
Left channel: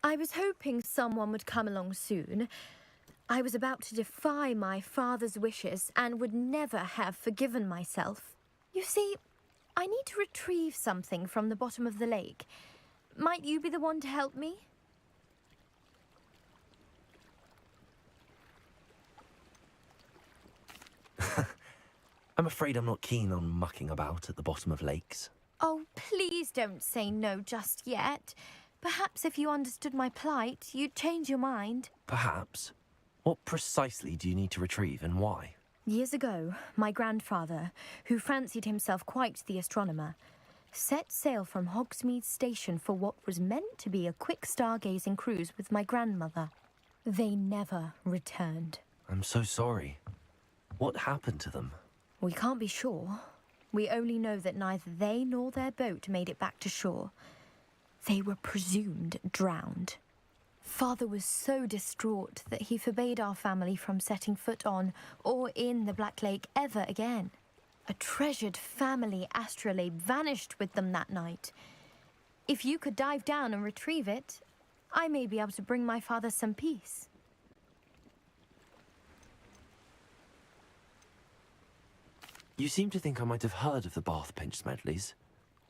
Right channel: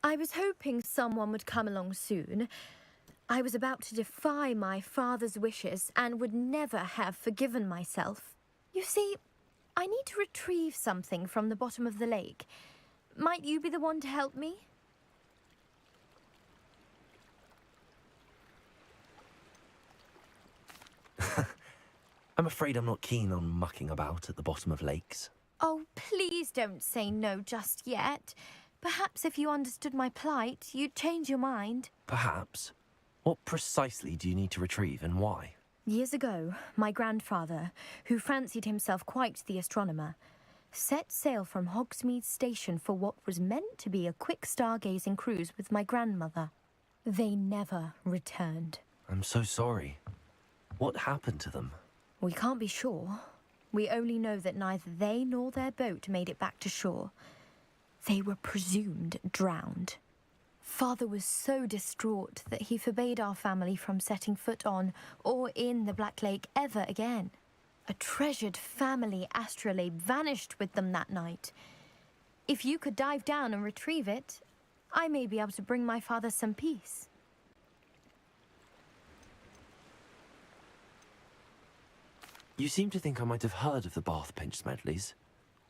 I was hoping someone would come along soon. I was about to defy my father's wishes and would never have forgiven myself. You see, I need to retrieve something from the bottom of the lake. Might you be the one to help me? I'm afraid I'm not keen on mucking about at the bottom of lakes. Oh, please don't say no just yet. Perhaps if you understood my plight, you'd change your mind. Perhaps. What precisely do you need to retrieve and why? Years ago, my grandfather, who fancied himself quite the astronomer, set sail from Hogsmeade Station for what was meant to be a quick stargazing cruise with my grandmother. They never returned. I'm so sorry. What happened to them? We can't be sure. We only know that neither they nor their boat made it back to shore. They were presumed drowned. Father was so distraught that he forbade our family from setting foot on or in the Black Lake ever again. A treasured family astrolabe vanished with them that night. If you could dive down and retrieve it, I may be able to bring my father some peace. You seem to think I might have heard of the Bath Pinch Smedleys.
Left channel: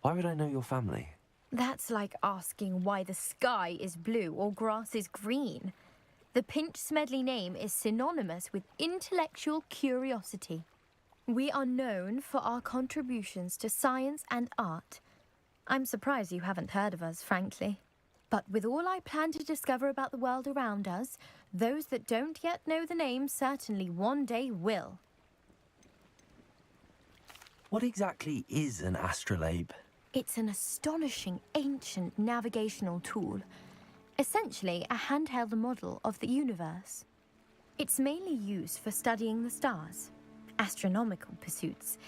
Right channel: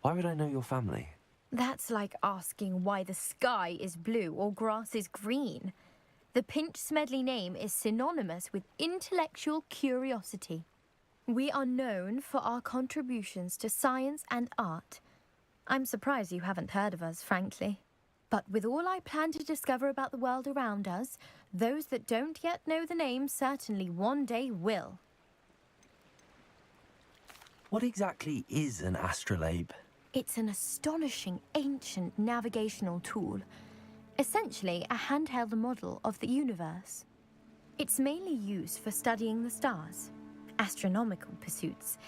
Why would I know your family? That's like asking why the sky is blue or grass is green. The Pinch Smedley name is synonymous with intellectual curiosity. We are known for our contributions to science and art. I'm surprised you haven't heard of us, frankly. But with all I plan to discover about the world around us, those that don't yet know the name certainly one day will. What exactly is an astrolabe? It's an astonishing ancient navigational tool, essentially a handheld model of the universe. It's mainly used for studying the stars, astronomical pursuits,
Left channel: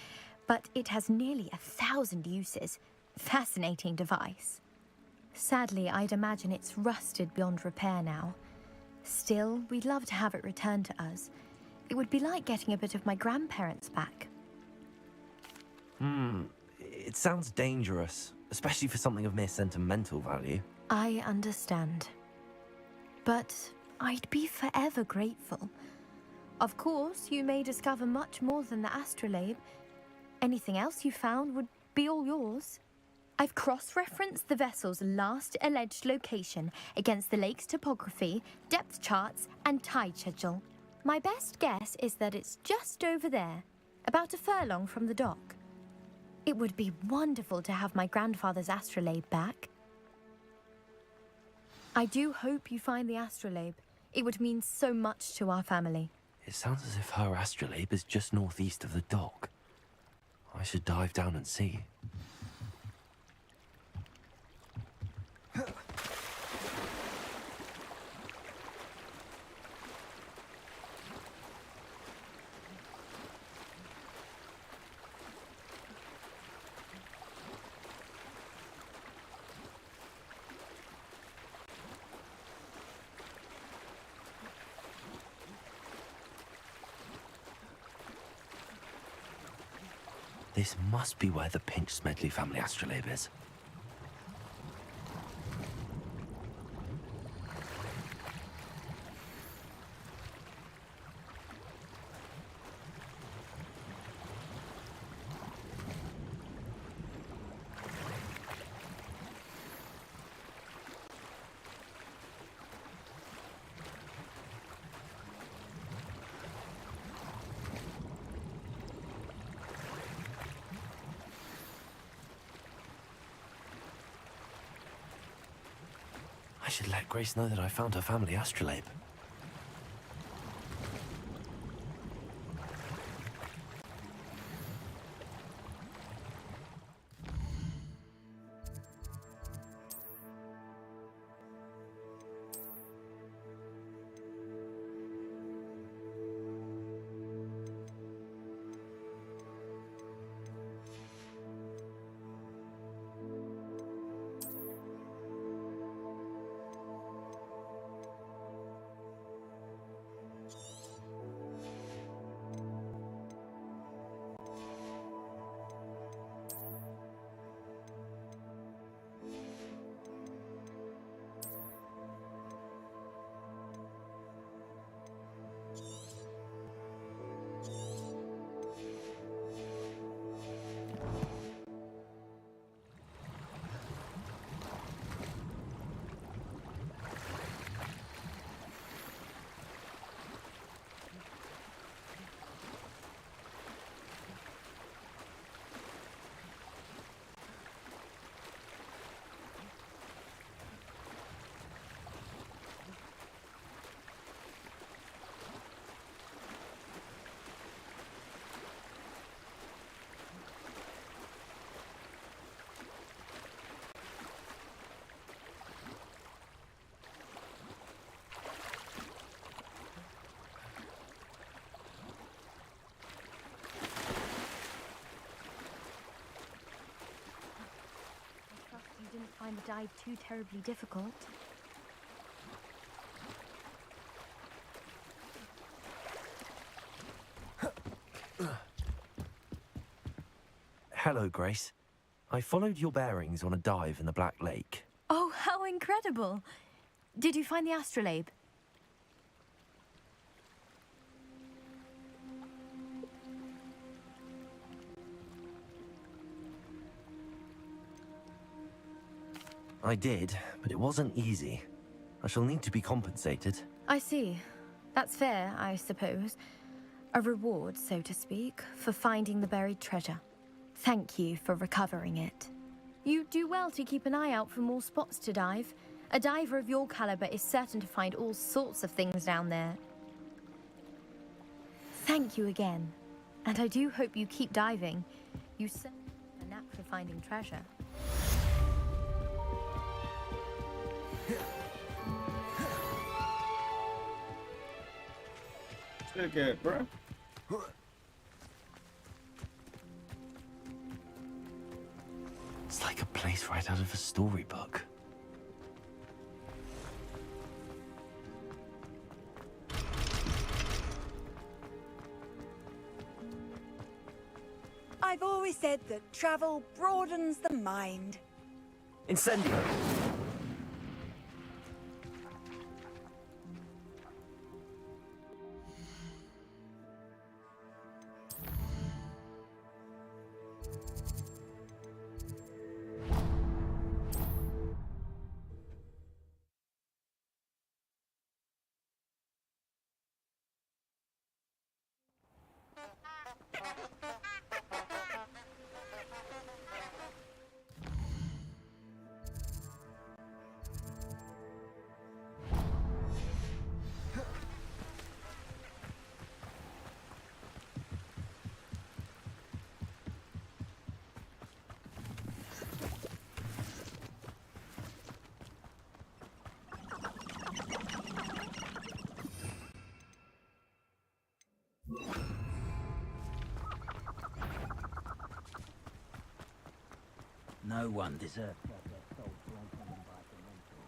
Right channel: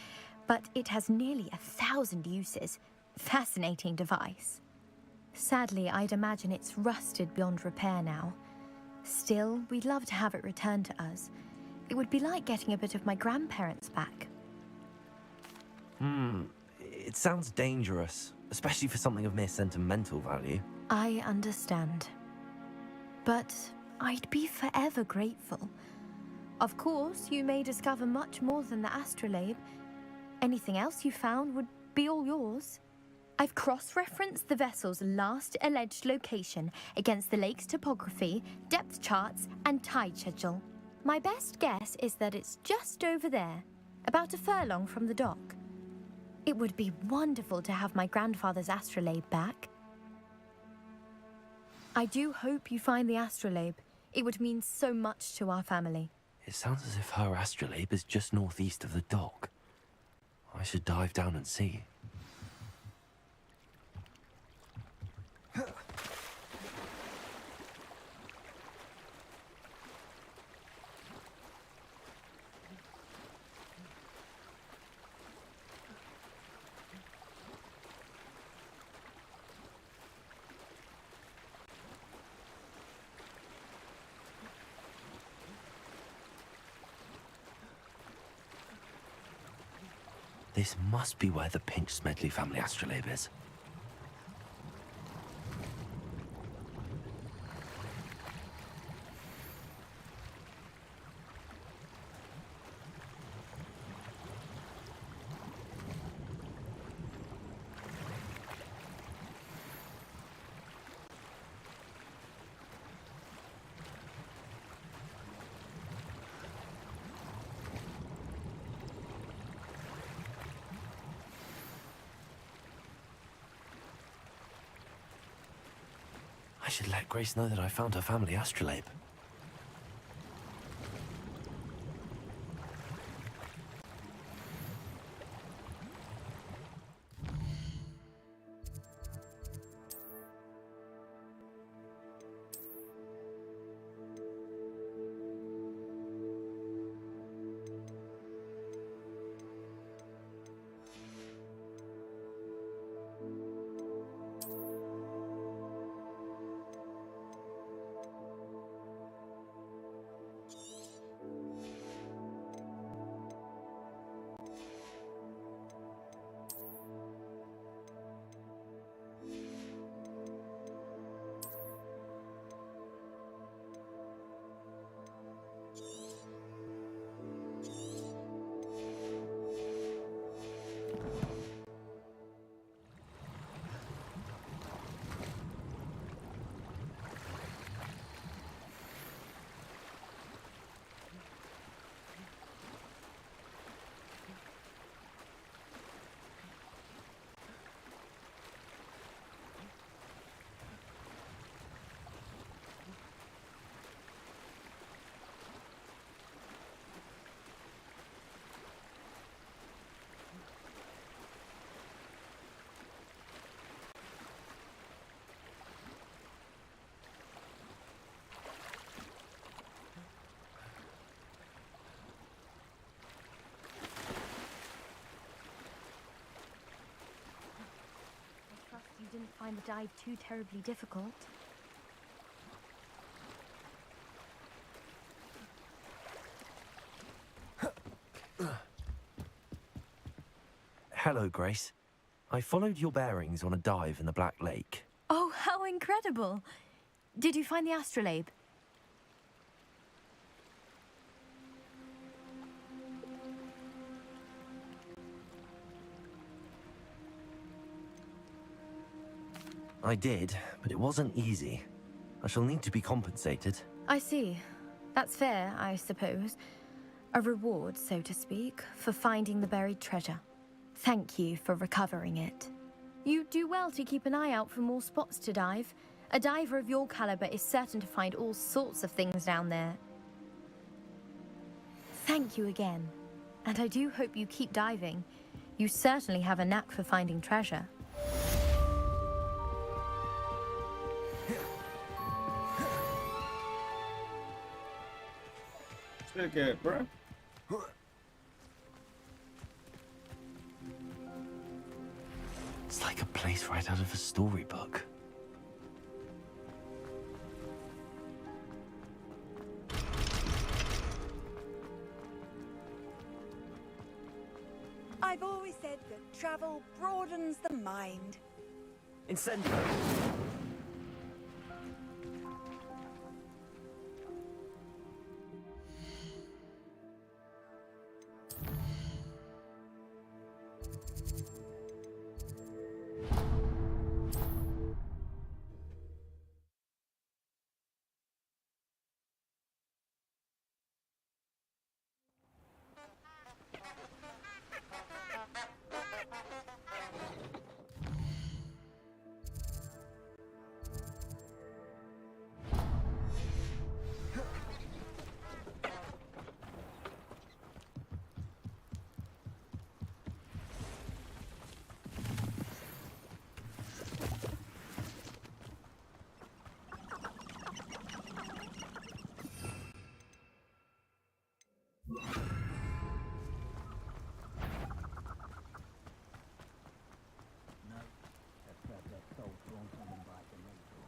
but it has nearly 1,000 uses. Fascinating device. Sadly, I'd imagine it's rusted beyond repair now. Still, we'd love to have it returned to us. It would be like getting a bit of my grandparents back. It sounds dangerous, especially for something of mere sentimental value. I understand. But I'd be forever grateful. Of course, you may discover much more than the astrolabe. Anything else you found would be all yours. I've cross-referenced the vessel's last alleged location against the lake's topography, depth charts, and tide schedule. My best guess is that it's just over there, about a furlong from the dock. It would be wonderful to have my grandfather's astrolabe back. I do hope you find the astrolabe. It would mean so much to our family. It sounds as if her astrolabe is just northeast of the dock. I should dive down and see. This must be where the Pinch Smedley family astrolabe is. I should let Grace know that I found her family astrolabe. You didn't find the dive too terribly difficult. Hello, Grace. I followed your bearings on a dive in the Black Lake. Oh, how incredible! Did you find the astrolabe? I did, but it wasn't easy. I shall need to be compensated. I see. That's fair, I suppose. A reward, so to speak, for finding the buried treasure. Thank you for recovering it. You do well to keep an eye out for more spots to dive. A diver of your caliber is certain to find all sorts of things down there. Thank you again. And I do hope you keep diving. You certainly have a knack for finding treasure. Look at it, bro. It's like a place right out of a storybook. I've always said that travel broadens the mind. Incendio. No one deserves to have their soul drawn from them by the mentor.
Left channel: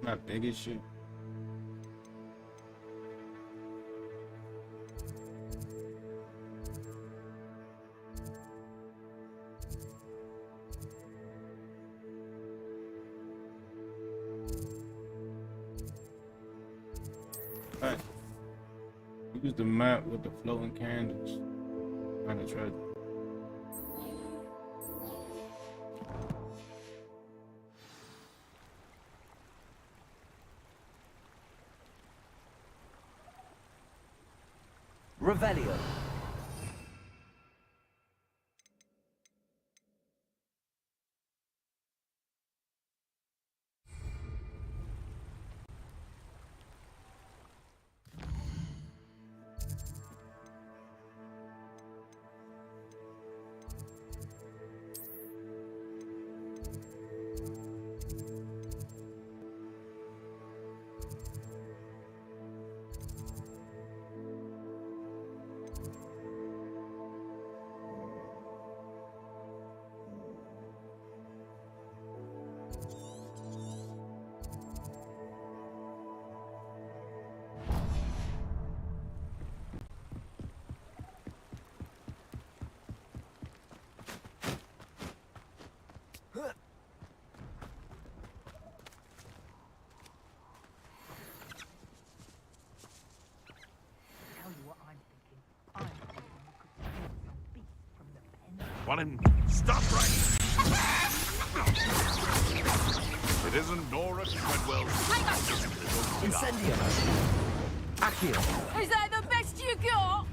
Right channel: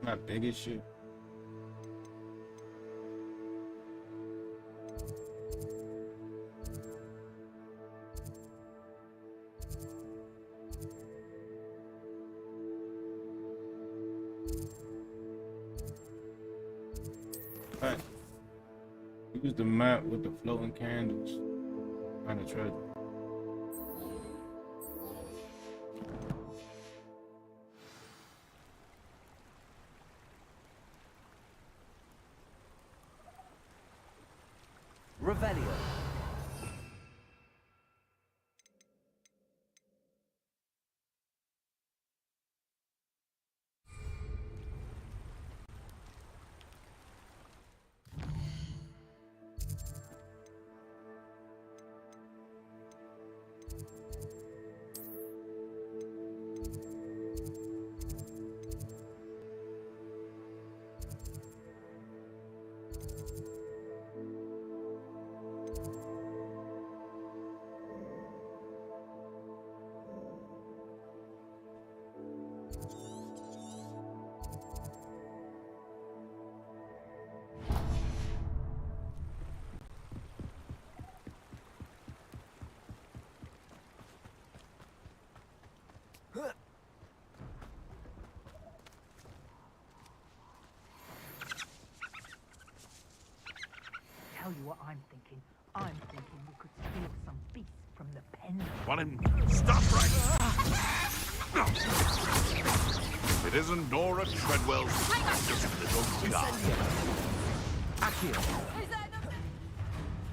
My biggest shit. Alright. Use the map with the floating candles. Find the treasure. Revelio. Tell you what I'm thinking. I'm thinking we could steal some beef from the pen. Want him? Stop right! It isn't Nora Treadwell's little cigar. Accio. Is that the best you got?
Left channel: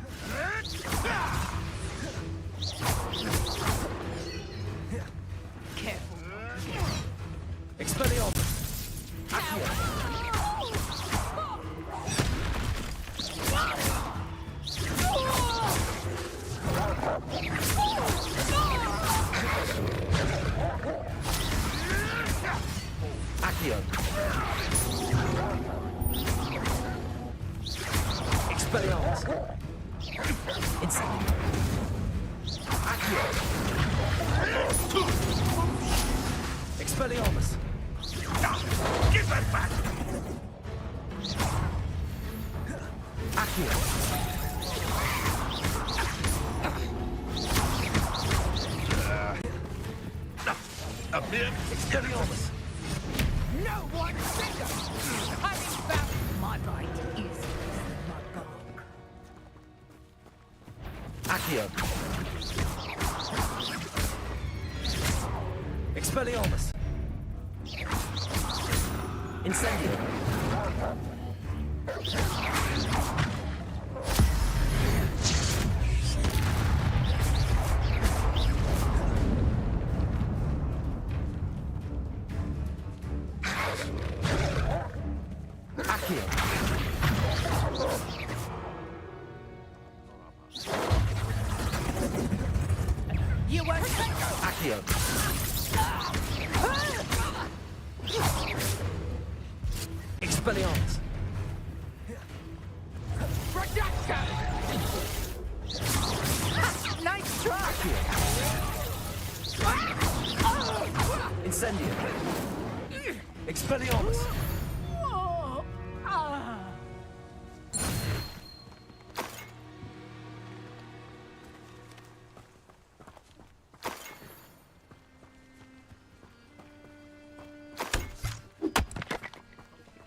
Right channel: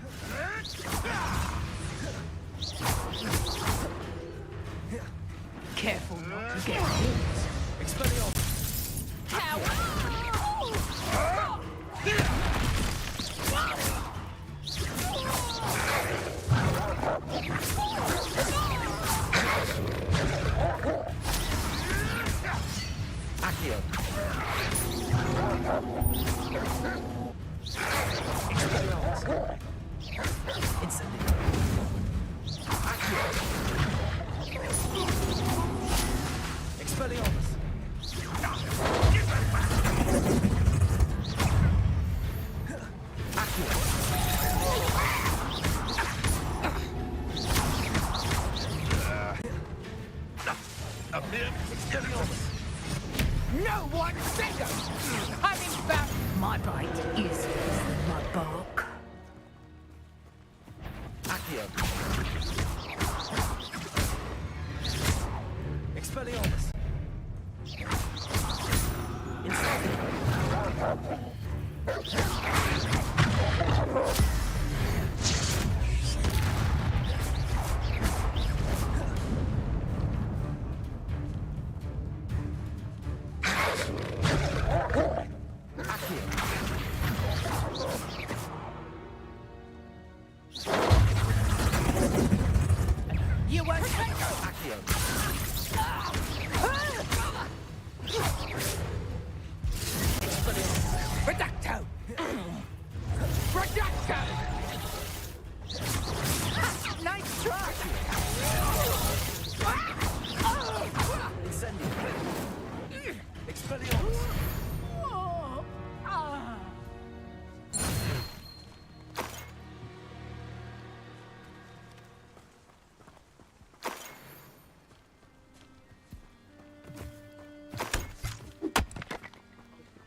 Careful not to get hit. Expelliarmus. Accio. Expelliarmus. Incendio. Accio. Expelliarmus. Give that back! Accio. Expelliarmus. No one finger! And in fact, my bite is my bark. Accio. Expelliarmus! Incendio! Accio! You won't Accio! Expelliarmus! Reducto! Reducto! Nice try! Incendio! Expelliarmus!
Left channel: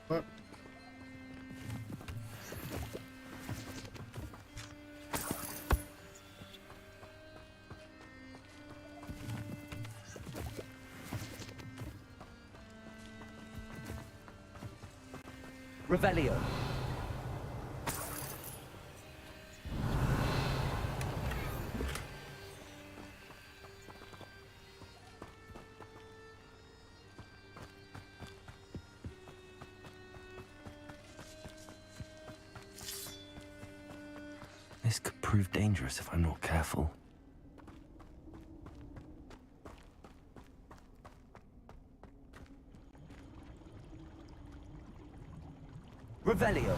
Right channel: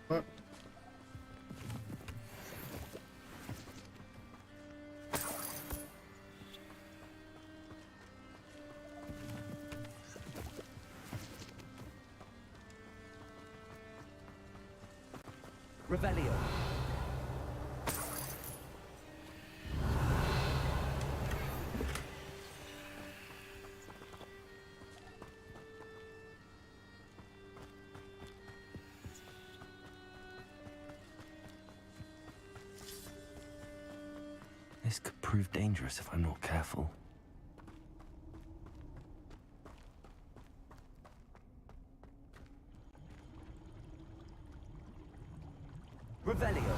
What? Revelio! This could prove dangerous if I'm not careful. Revelio!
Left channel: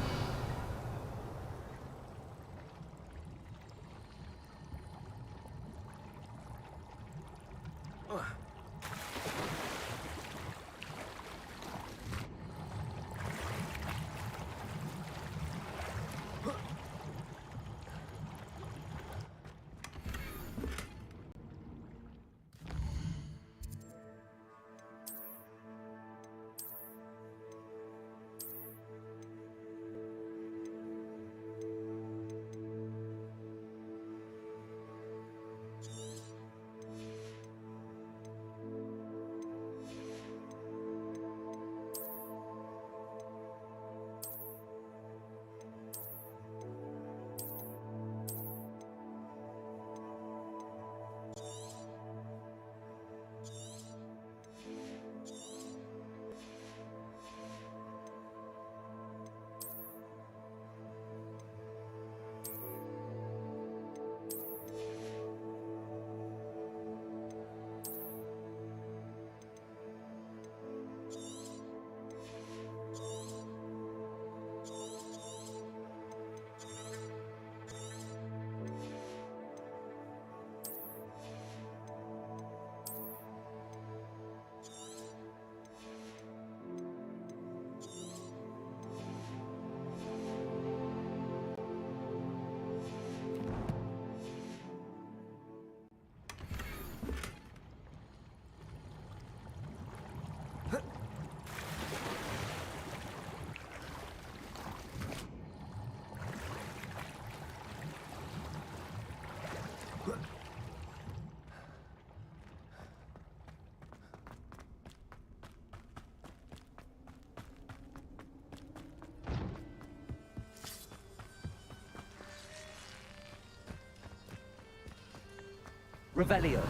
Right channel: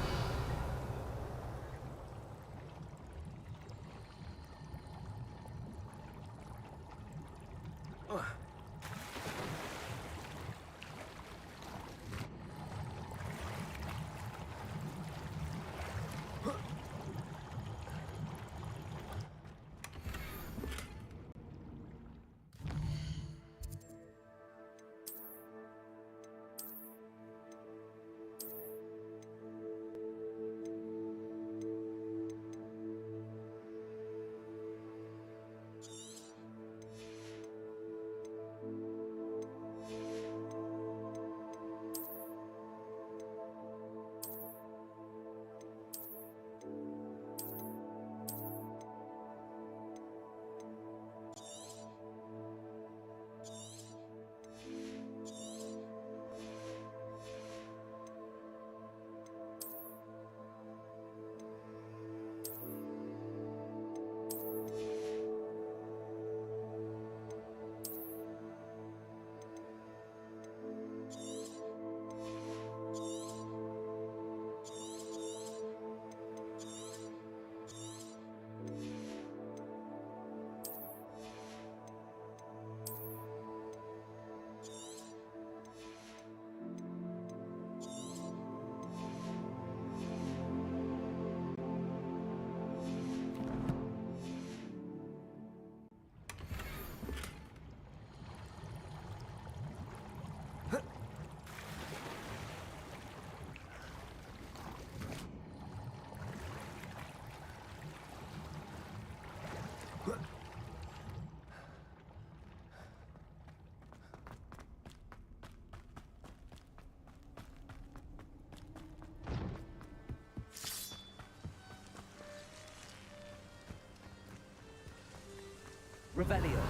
Revelio.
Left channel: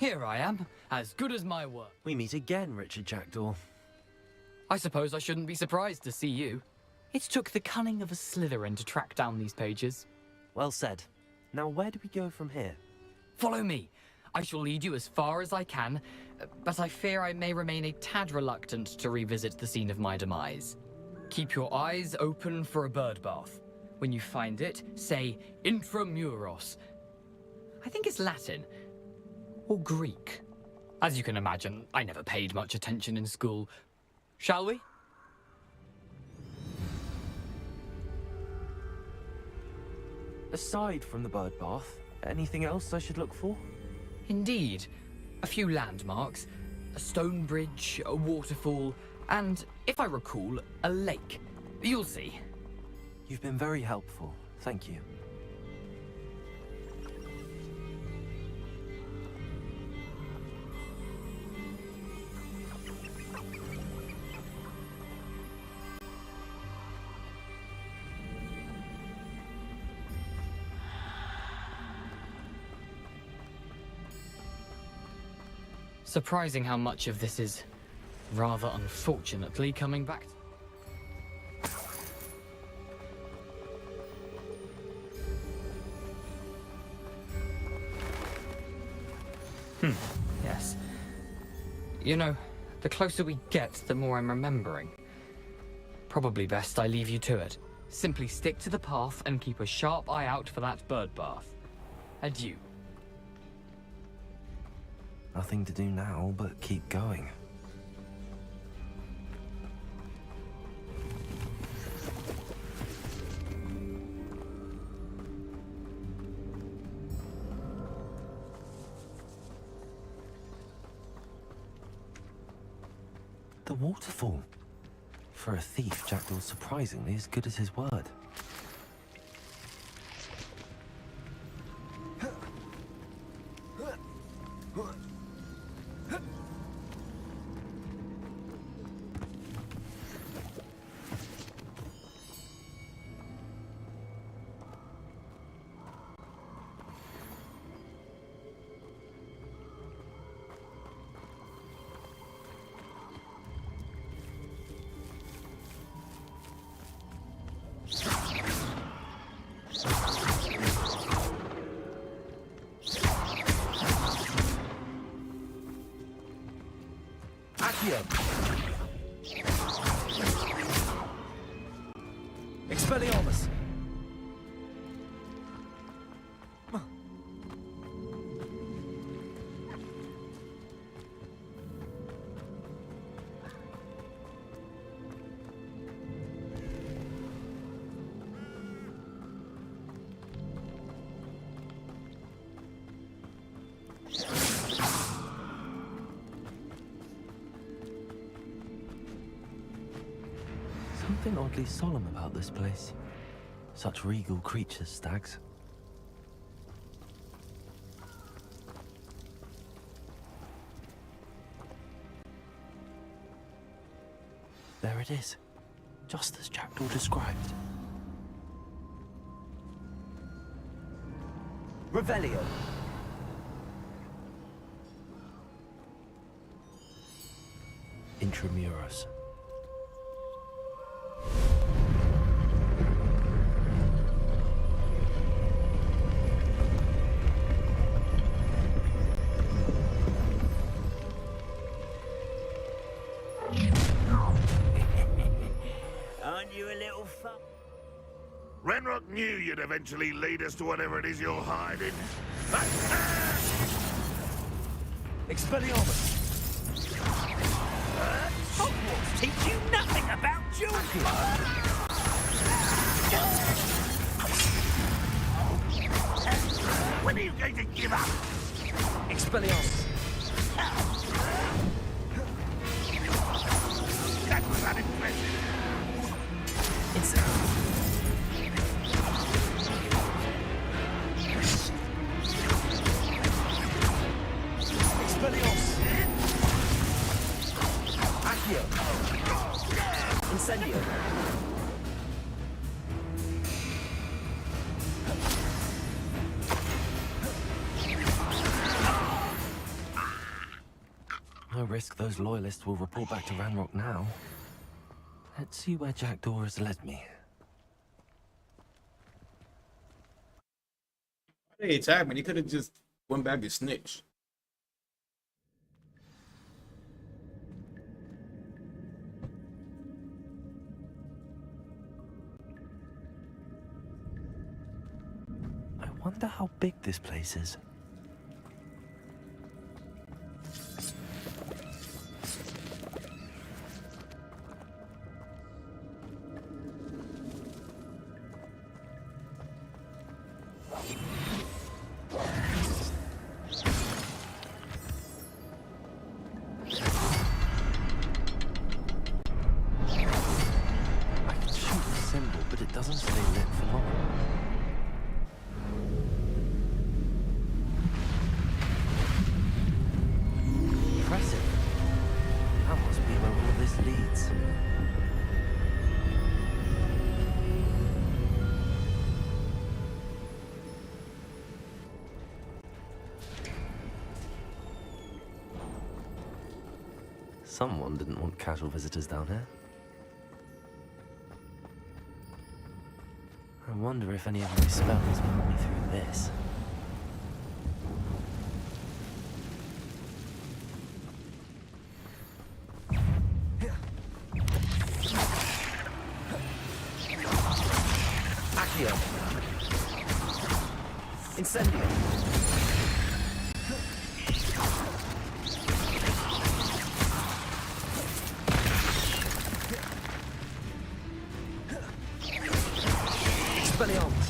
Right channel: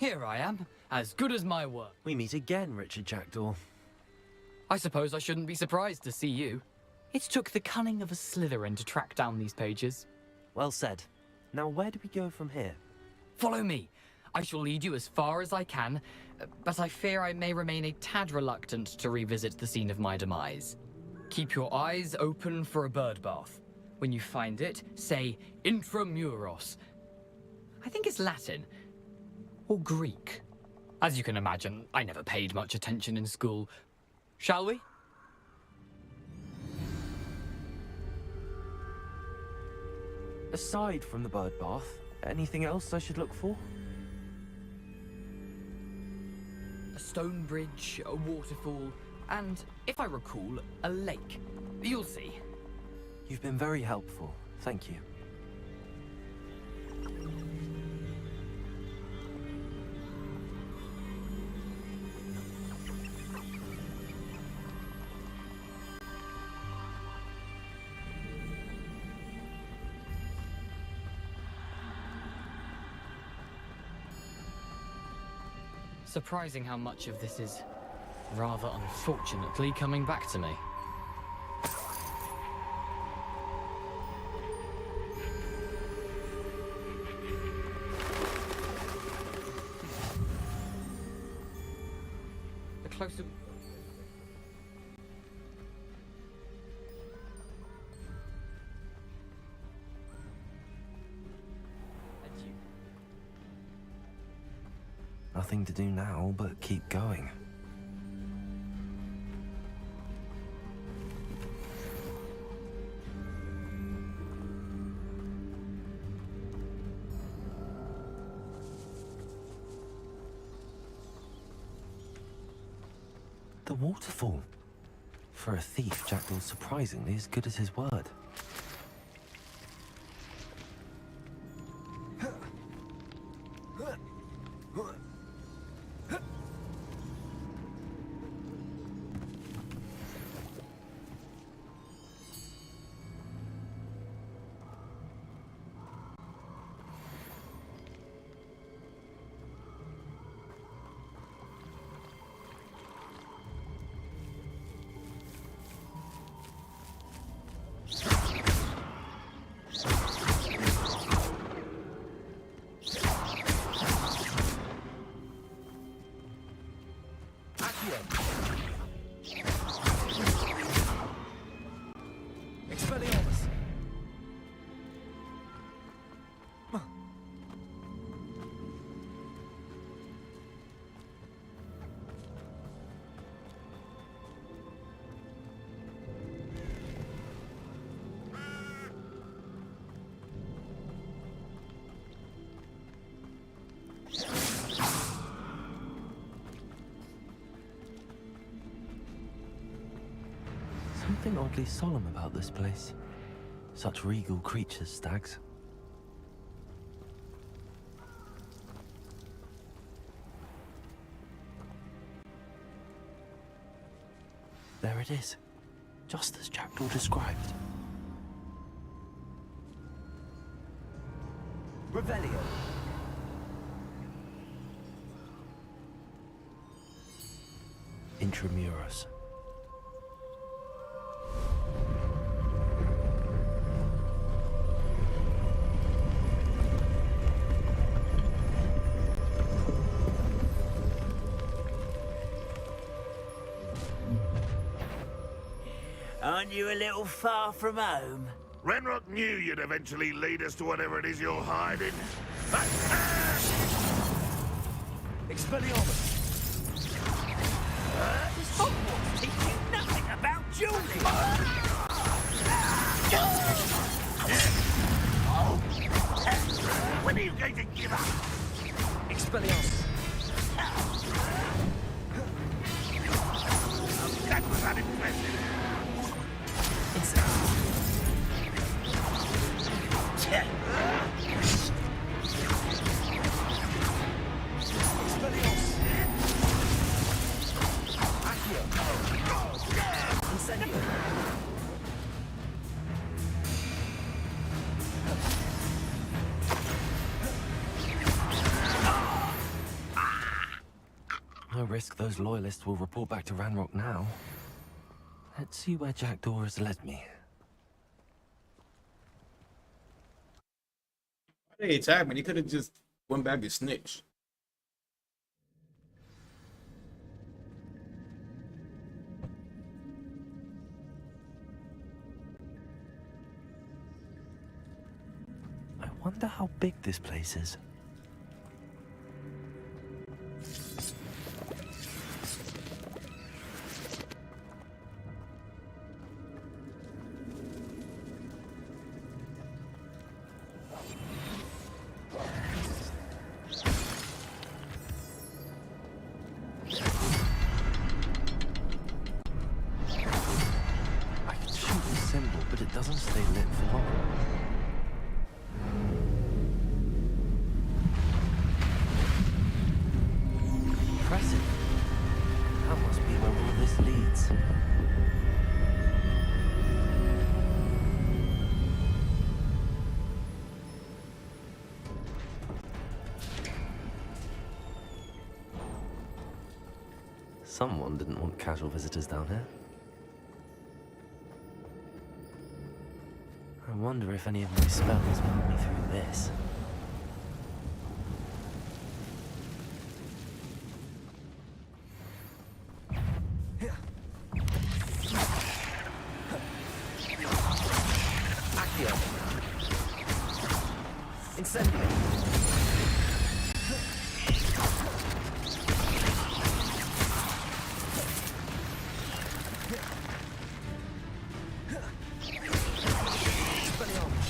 Here I am, as good as my word. We meet again, Richard Jackdaw. I suppose I shouldn't be surprised to see you. It took the cunning of a Slytherin to track down these pages. Well said. Now where do we go from here? Follow me. I shall lead you as far as I can, but I fear I may remain a tad reluctant to revisit the scene of my demise. Keep your eyes open for a bird bath. When you find it, say intramuros. I think it's Latin. Or Greek. As you can imagine, I never paid much attention in school. Shall we? Aside from the bird bath, anything else I should look for? Indeed. A few landmarks. A stone bridge, a waterfall, and, if I recall, a lake. You'll see. You've been very helpful. Thank you. Surprising how much of this is, rather unfortunately, coming back to me. Yes. You know, the closer we get, the more I'm remembering. Probably best I leave you to it. Simply stick to the path and keep a sharp eye out for that bird bath. Adieu. Nothing to do now but keep going. The waterfall. For a thief, Jackdaw's surprisingly as good as his word. Expelliarmus! Something oddly solemn about this place. Such regal creatures, stags. There it is, just as Jackdaw described. Revelio. Intramuros. Aren't you a little far from home? Renrock knew you'd eventually lead us to whatever it is you're hiding. Expelliarmus! Does Hogwarts teach you nothing about dueling? When are you going to give up? Expelliarmus! That was unimpressive. It's... Expelliarmus! Accio! Incendio! No risk those loyalists will report back to Ranrock now. Let's see where Jackdaw has led me. They attacked me. He could have just went back and snitched. Wonder how big this place is. I can shoot the symbol, but it doesn't stay lit for long. Impressive. That must be where all of this leads. Someone didn't want casual visitors down here. I wonder if any of my spells will help me through this. Accio. Incendio. Expelliarmus.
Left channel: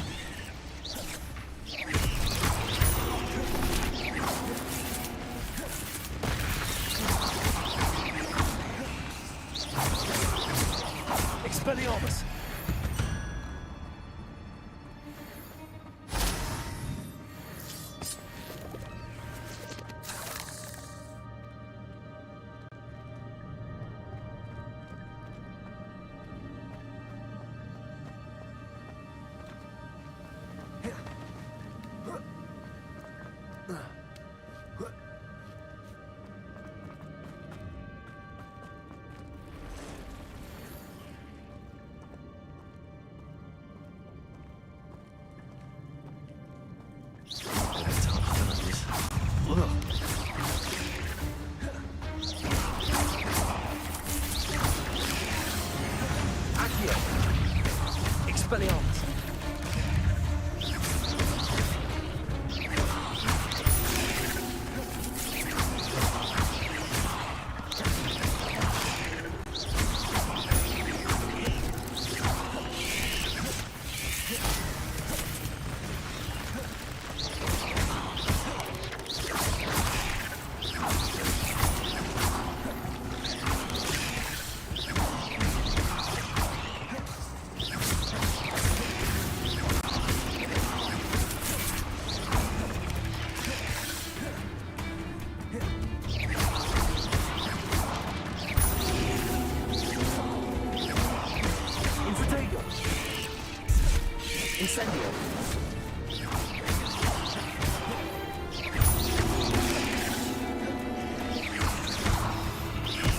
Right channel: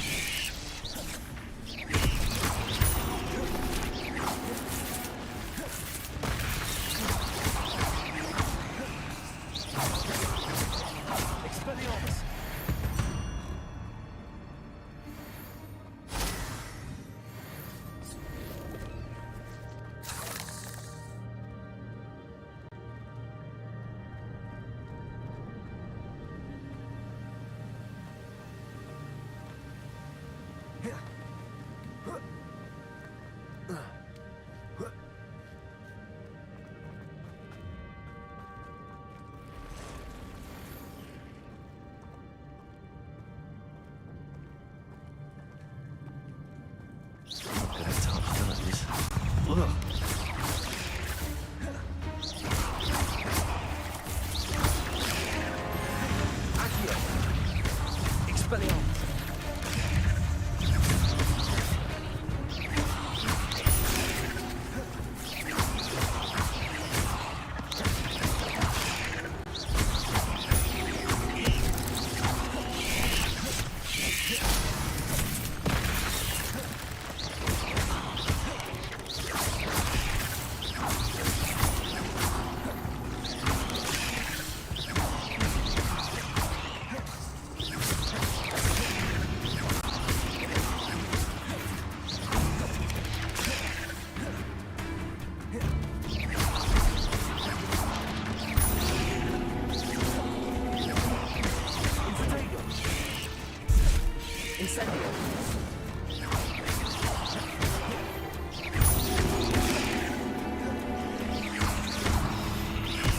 Expelliarmus. Accio. Expelliarmus. Infiltrator. Incendio.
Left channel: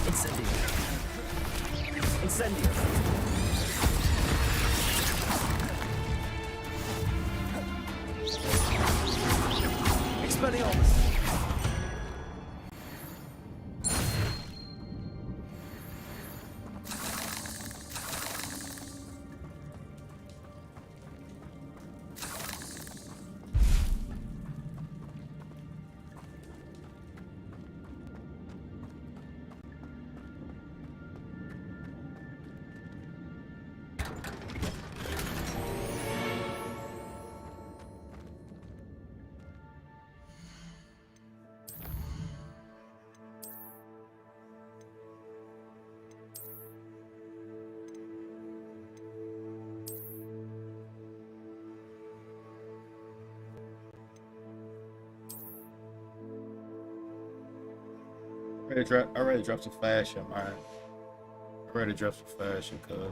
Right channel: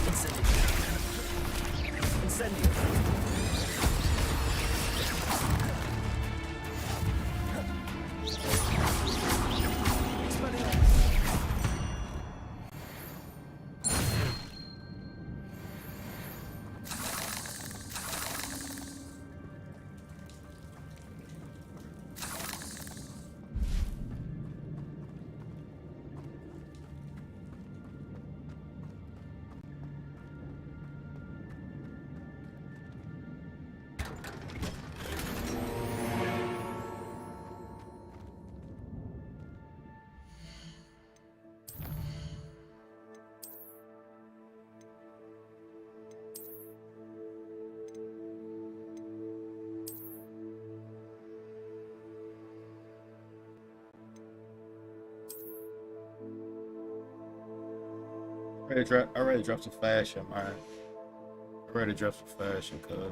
Incendio. Incendio. Expelliarmus. I already dropped some fashion, man. I already dropped some fashion, cuz.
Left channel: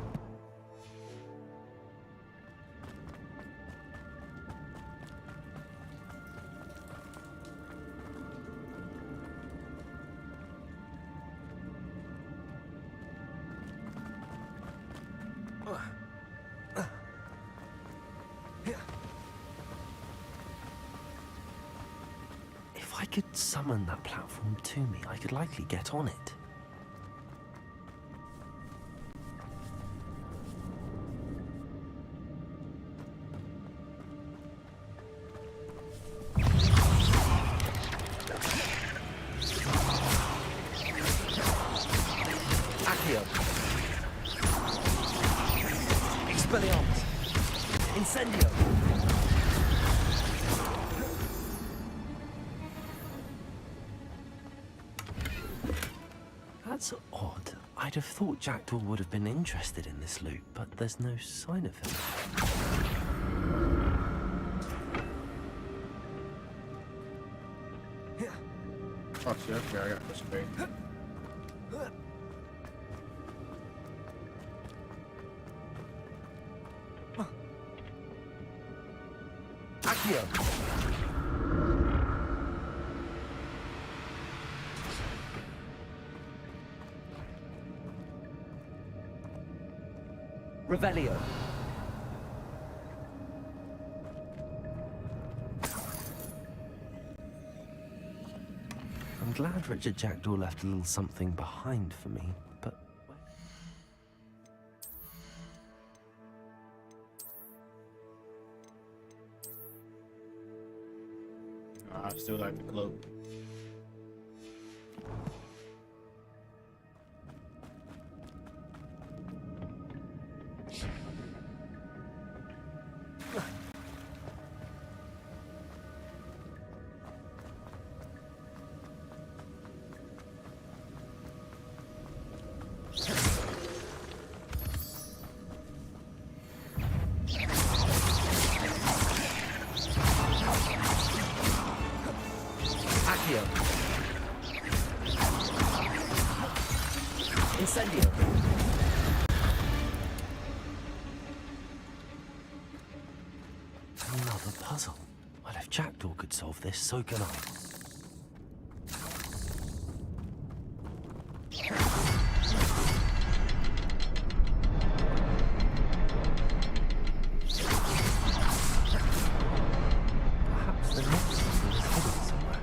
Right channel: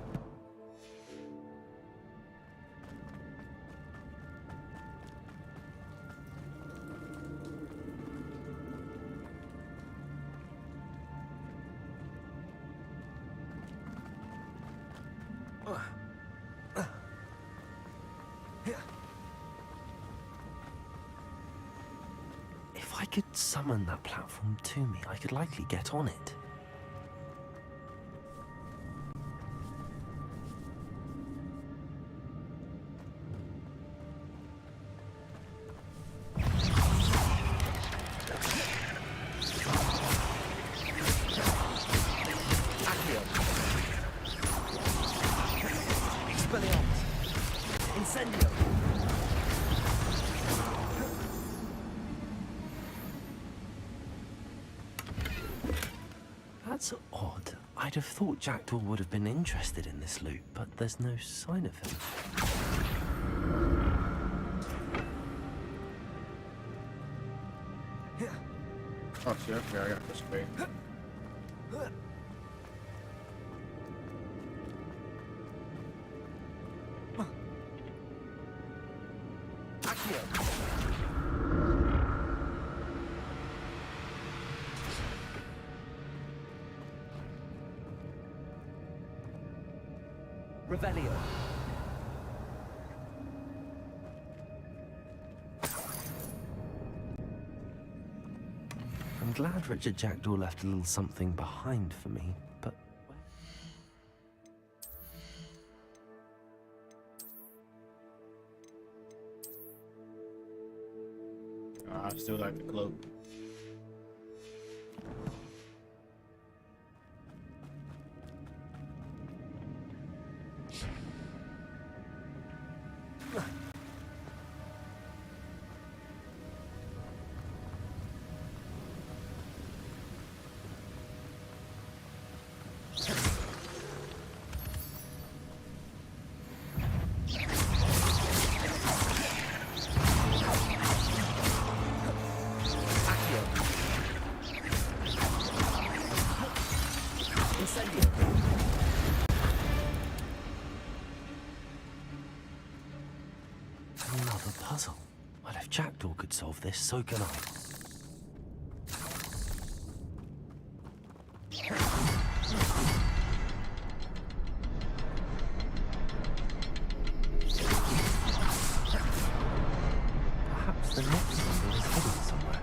If I could summon that platform to me, I could likely get on it. Accio. Expelliarmus. Incendio. That's odd. I'd have thought Jackdaw would have been interested in this loot, but there's no sign of him. Oh shit, okay, I got this way. Accio. Revelio. I'm glad Richard Jackdaw left a little something behind for me, but I still like the cloak. Accio. Incendio. another puzzle. Well, if Jackdaw could solve this, so can I. Perhaps the next puzzle is hidden somewhere.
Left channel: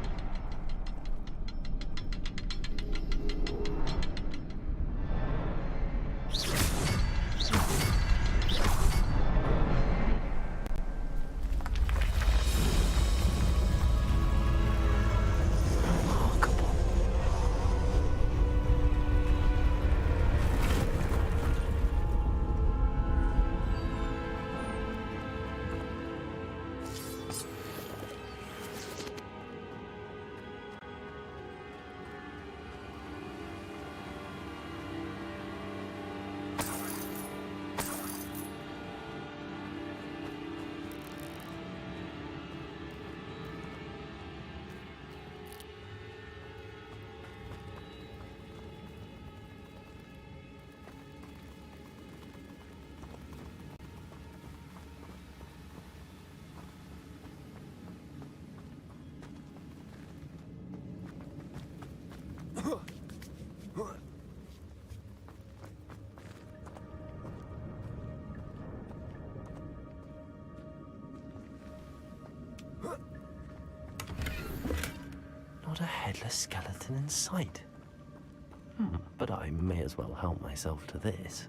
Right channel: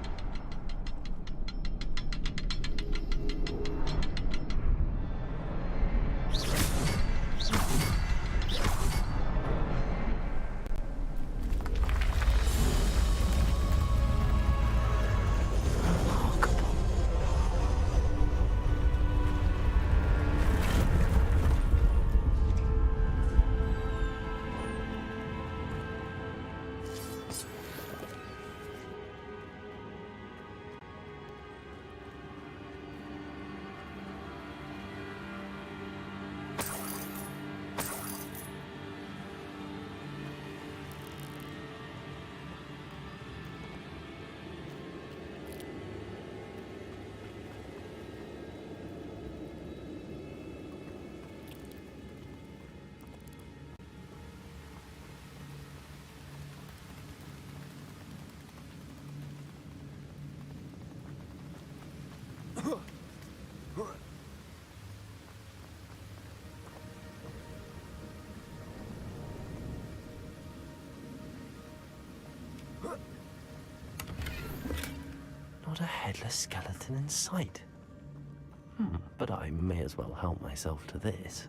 Not a headless skeleton in sight. But I may as well help myself to this.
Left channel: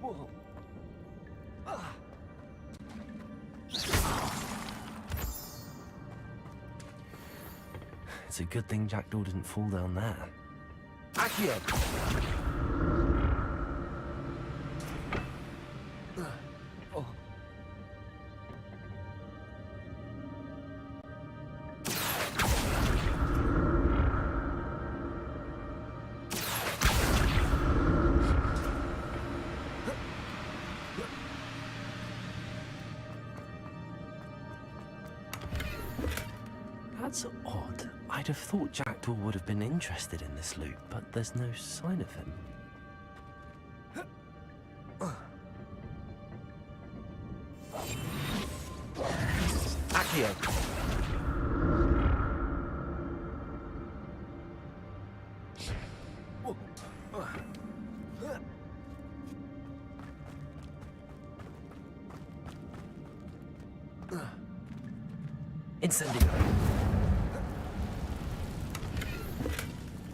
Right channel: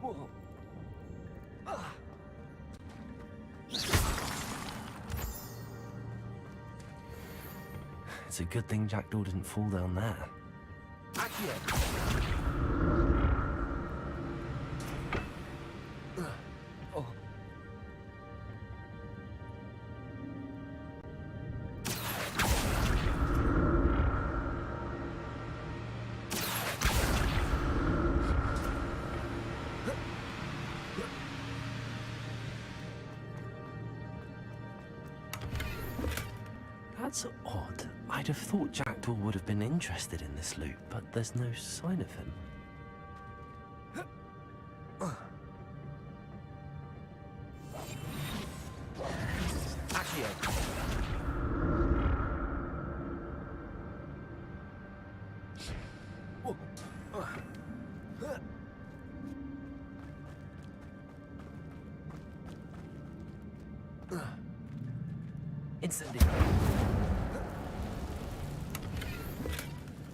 Whoa. It's a good thing Jackdaw didn't fall down there. Accio. Oh. That's odd. I'd have thought Jackdaw would have been interested in this loot, but there's no sign of him. Accio. Incendio.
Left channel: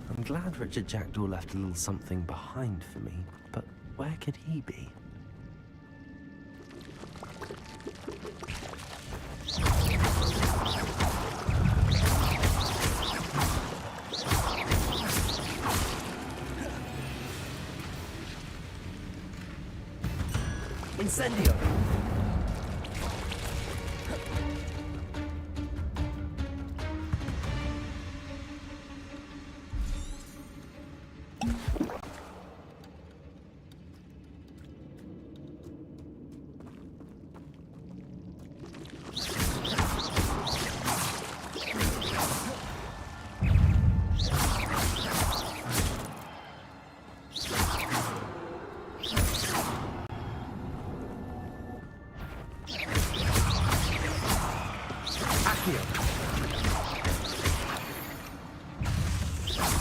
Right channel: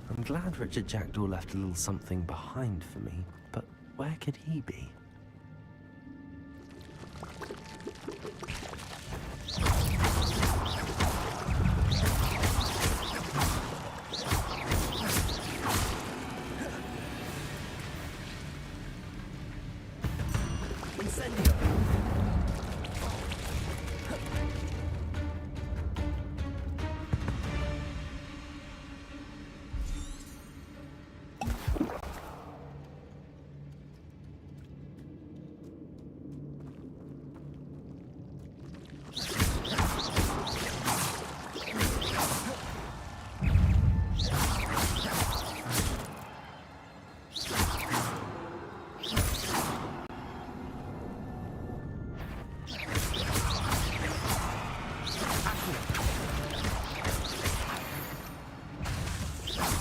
I'm glad Richard Jackdaw left a little something behind for me, but where could he be? Incendio!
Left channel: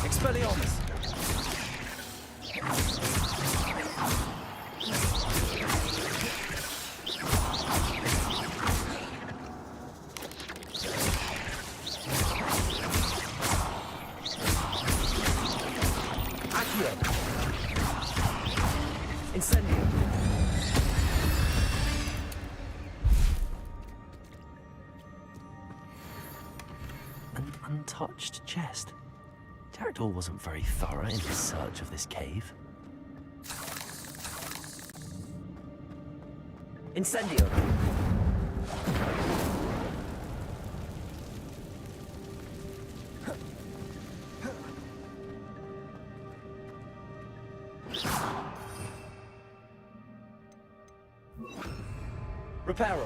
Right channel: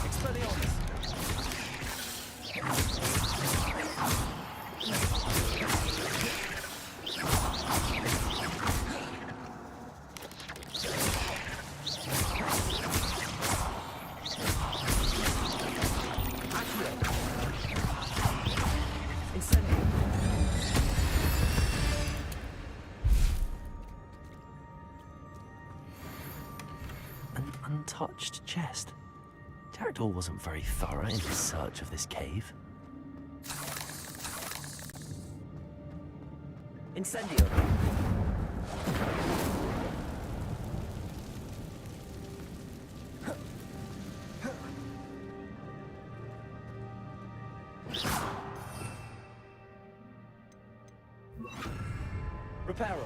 Expelliarmus! Accio! Incendio! An untouched chest. Jackdaw wasn't very thorough in his search of this cave. Incendio! Reparo!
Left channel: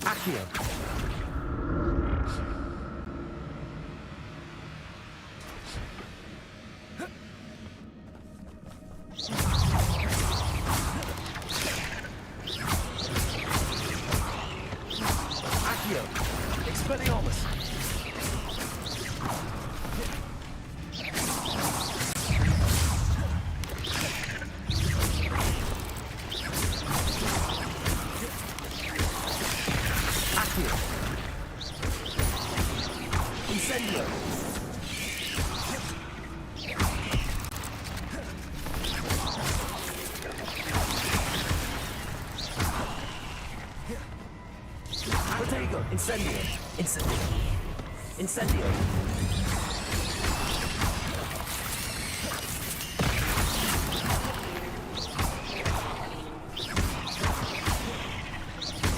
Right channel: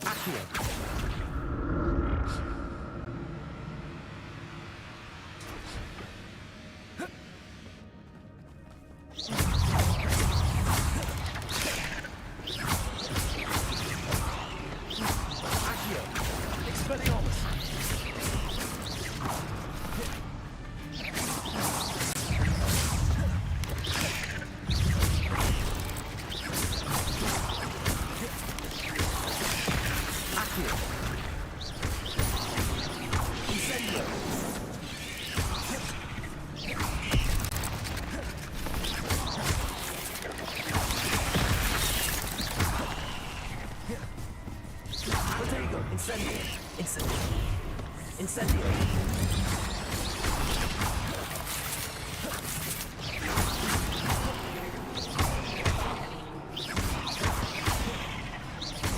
Accio! Accio! Expelliarmus! Accio! Incendio! Protego! Incendio! Incendio! Incendio!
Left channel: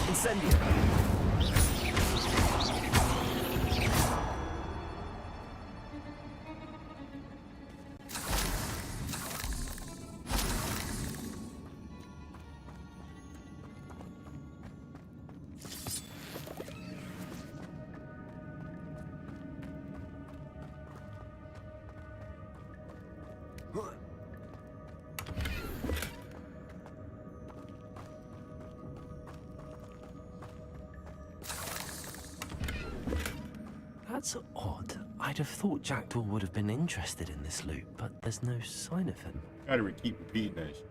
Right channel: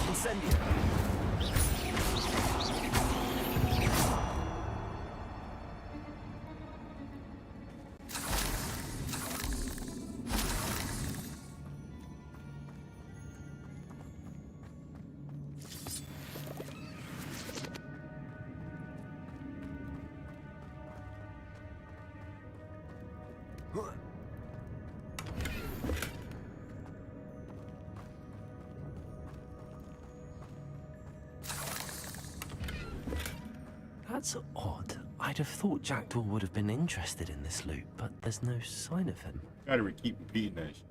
Incendio! That's odd. I'd have thought Jackdaw would have been interested in this loot, but there's no sign of him. Gotta keep repeating that shit.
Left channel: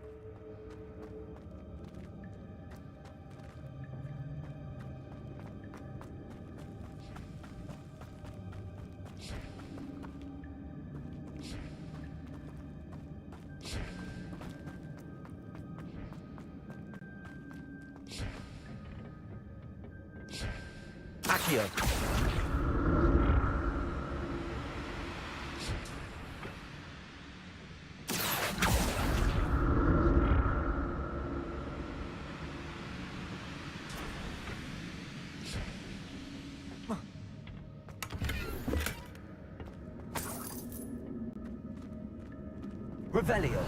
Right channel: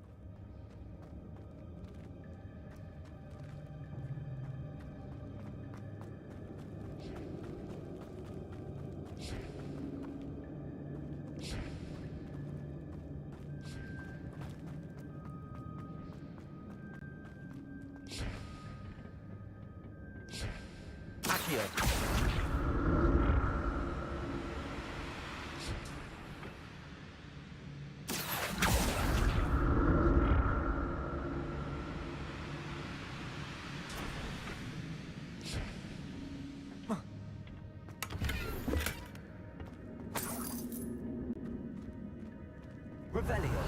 Accio! Revelio!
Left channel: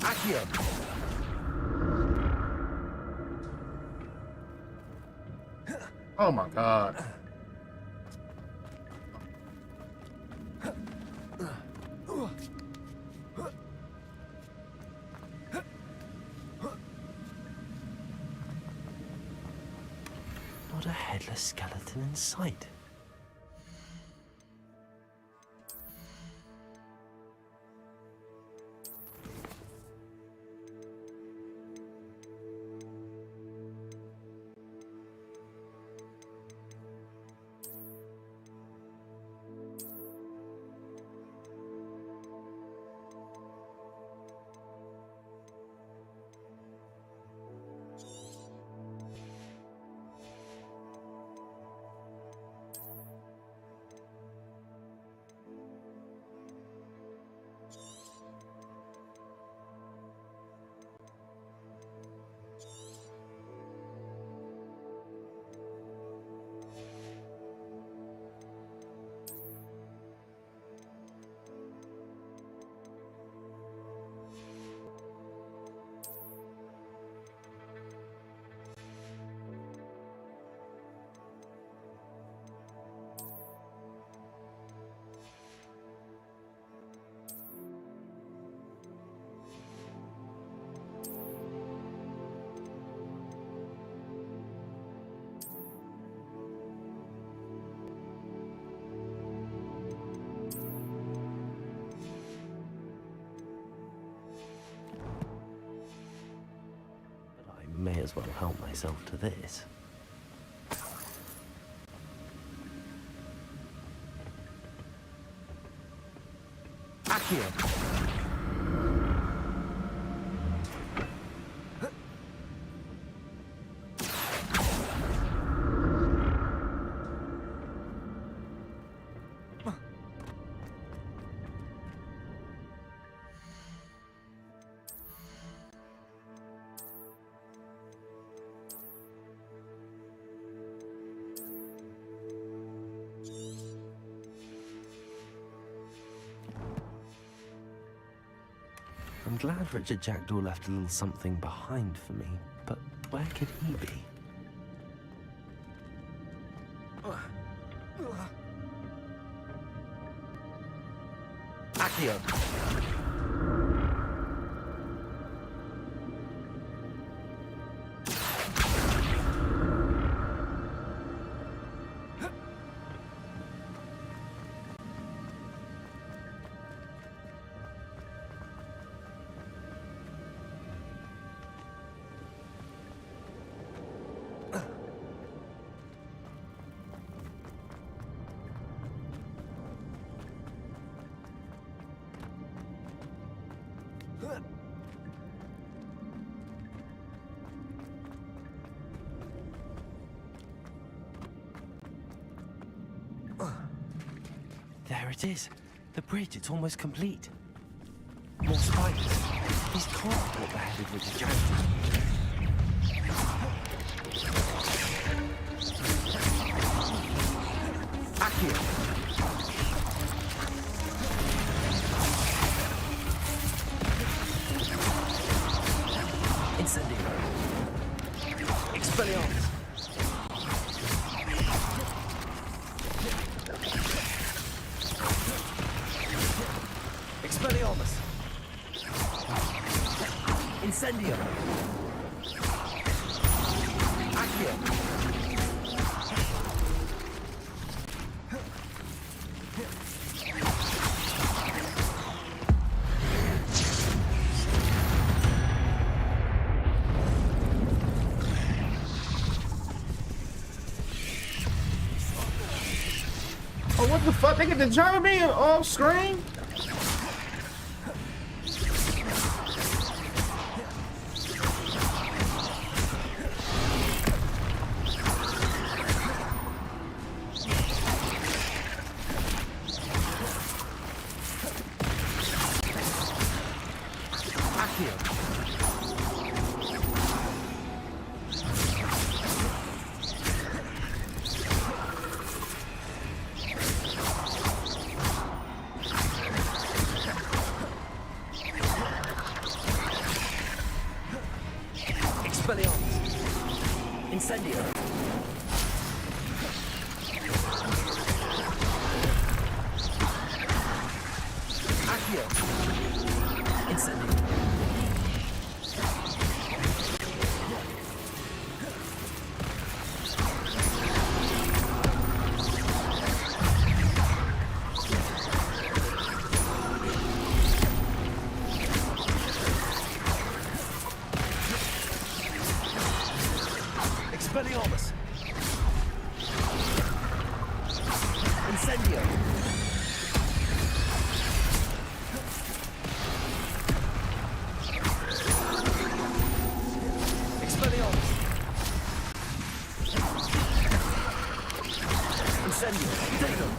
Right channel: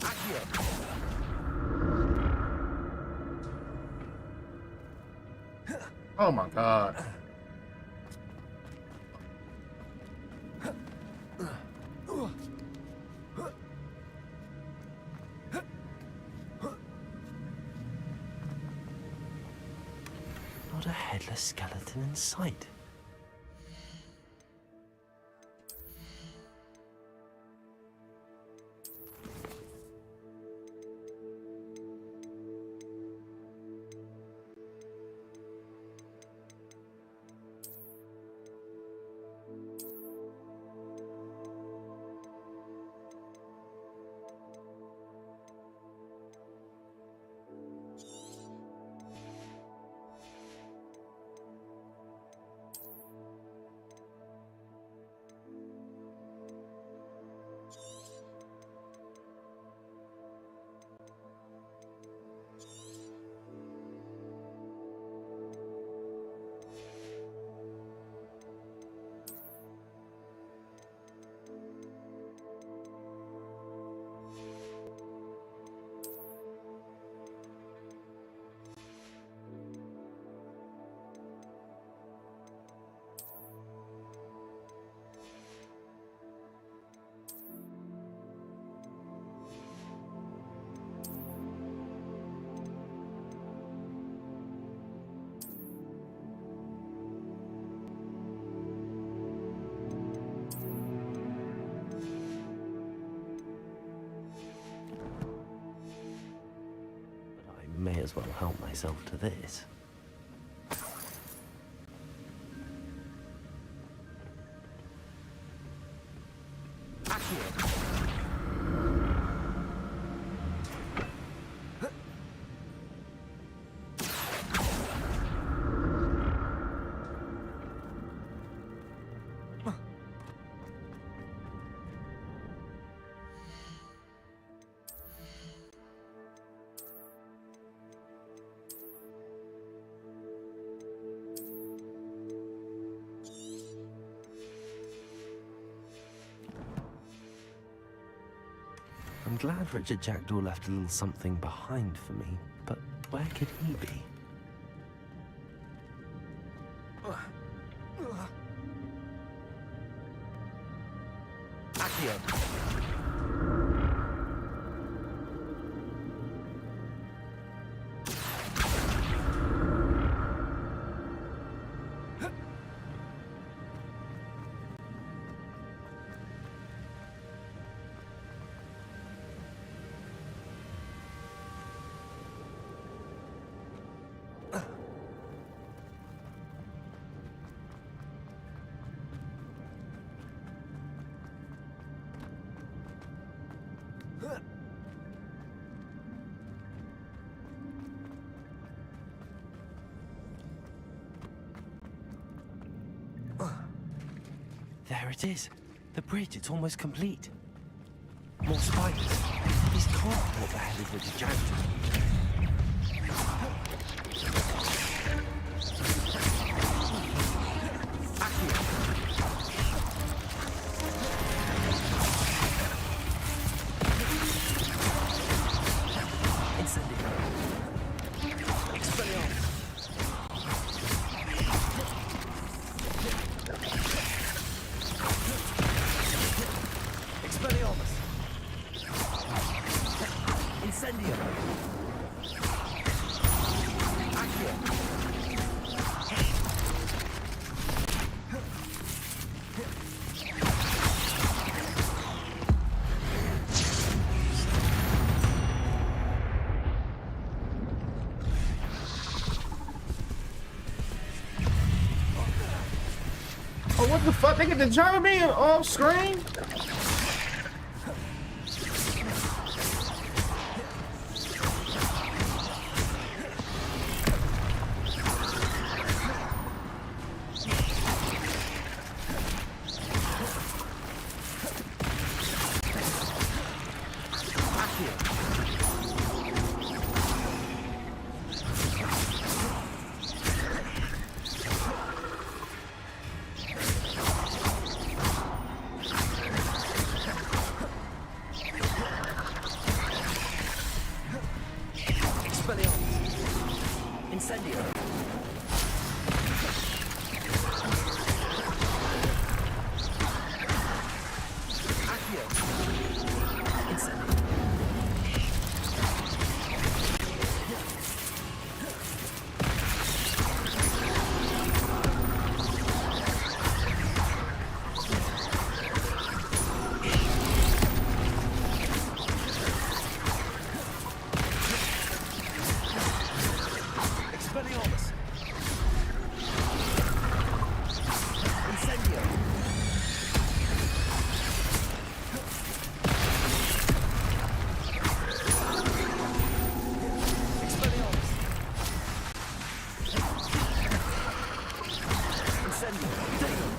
Accio! Oh my god. Not a headless skeleton in sight. as well help myself to this. Accio. I'm glad Richard Jackdaw left a little something behind for me, but where could he be? Accio. There it is. The bridge, it's almost complete. More spiders. These can't be what the head of Richard Jackdaw. Incendio. Expelliarmus. Expelliarmus. Incendio. Accio. Oh, what the fuck? They get the German being off screen? Incendio. Accio. Incendio. Expelliarmus. Incendio. Expelliarmus. Incendio. Dagger.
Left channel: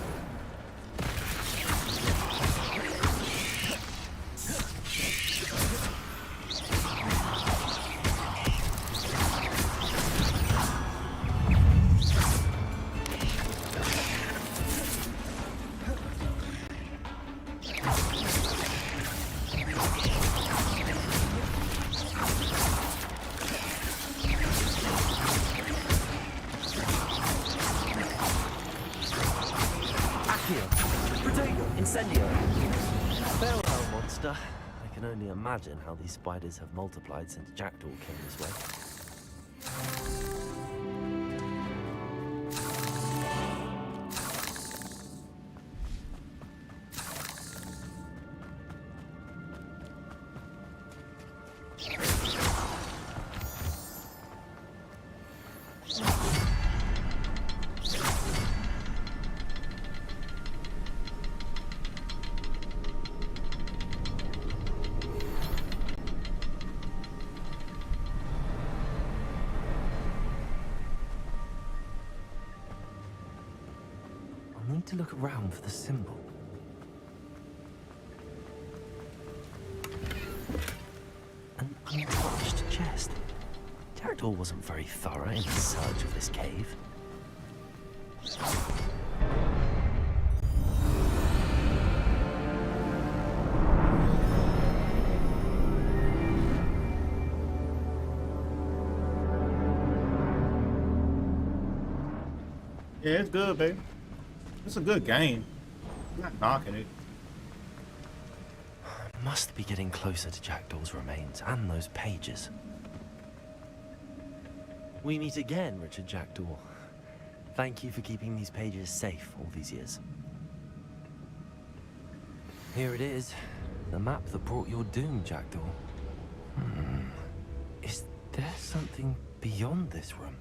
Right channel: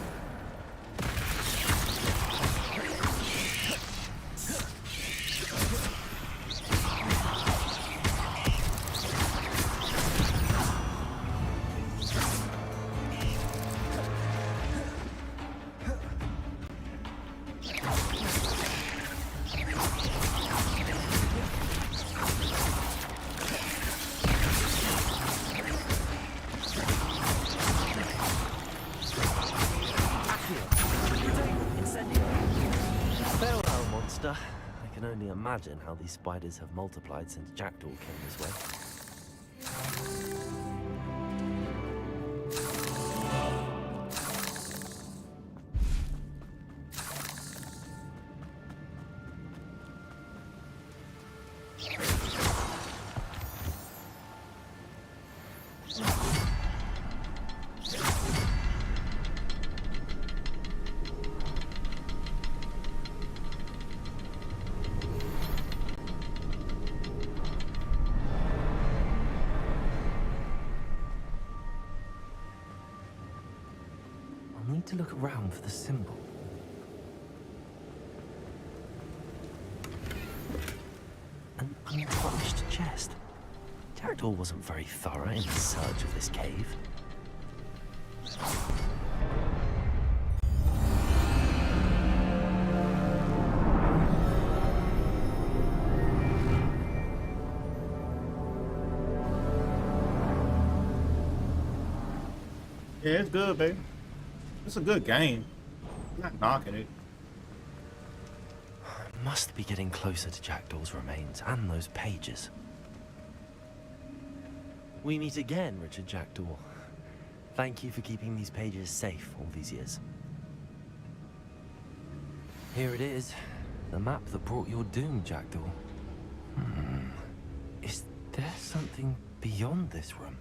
Incendio. Farewell, monster. I can only imagine how these spiders have multiplied since Jackdaw came this way. need to look around for the symbol. An unpolished chest. Jackdaw wasn't very thorough in his search of this cave. Yeah, it's good, baby. It's a good game. I'm not knocking it. Must be getting closer to Jackdaw's remains and those pages. We meet again, Richard Jackdaw. Thank you for keeping these pages safe all these years. Here it is. The map that brought your doom, Jackdaw. Is there something beyond this room?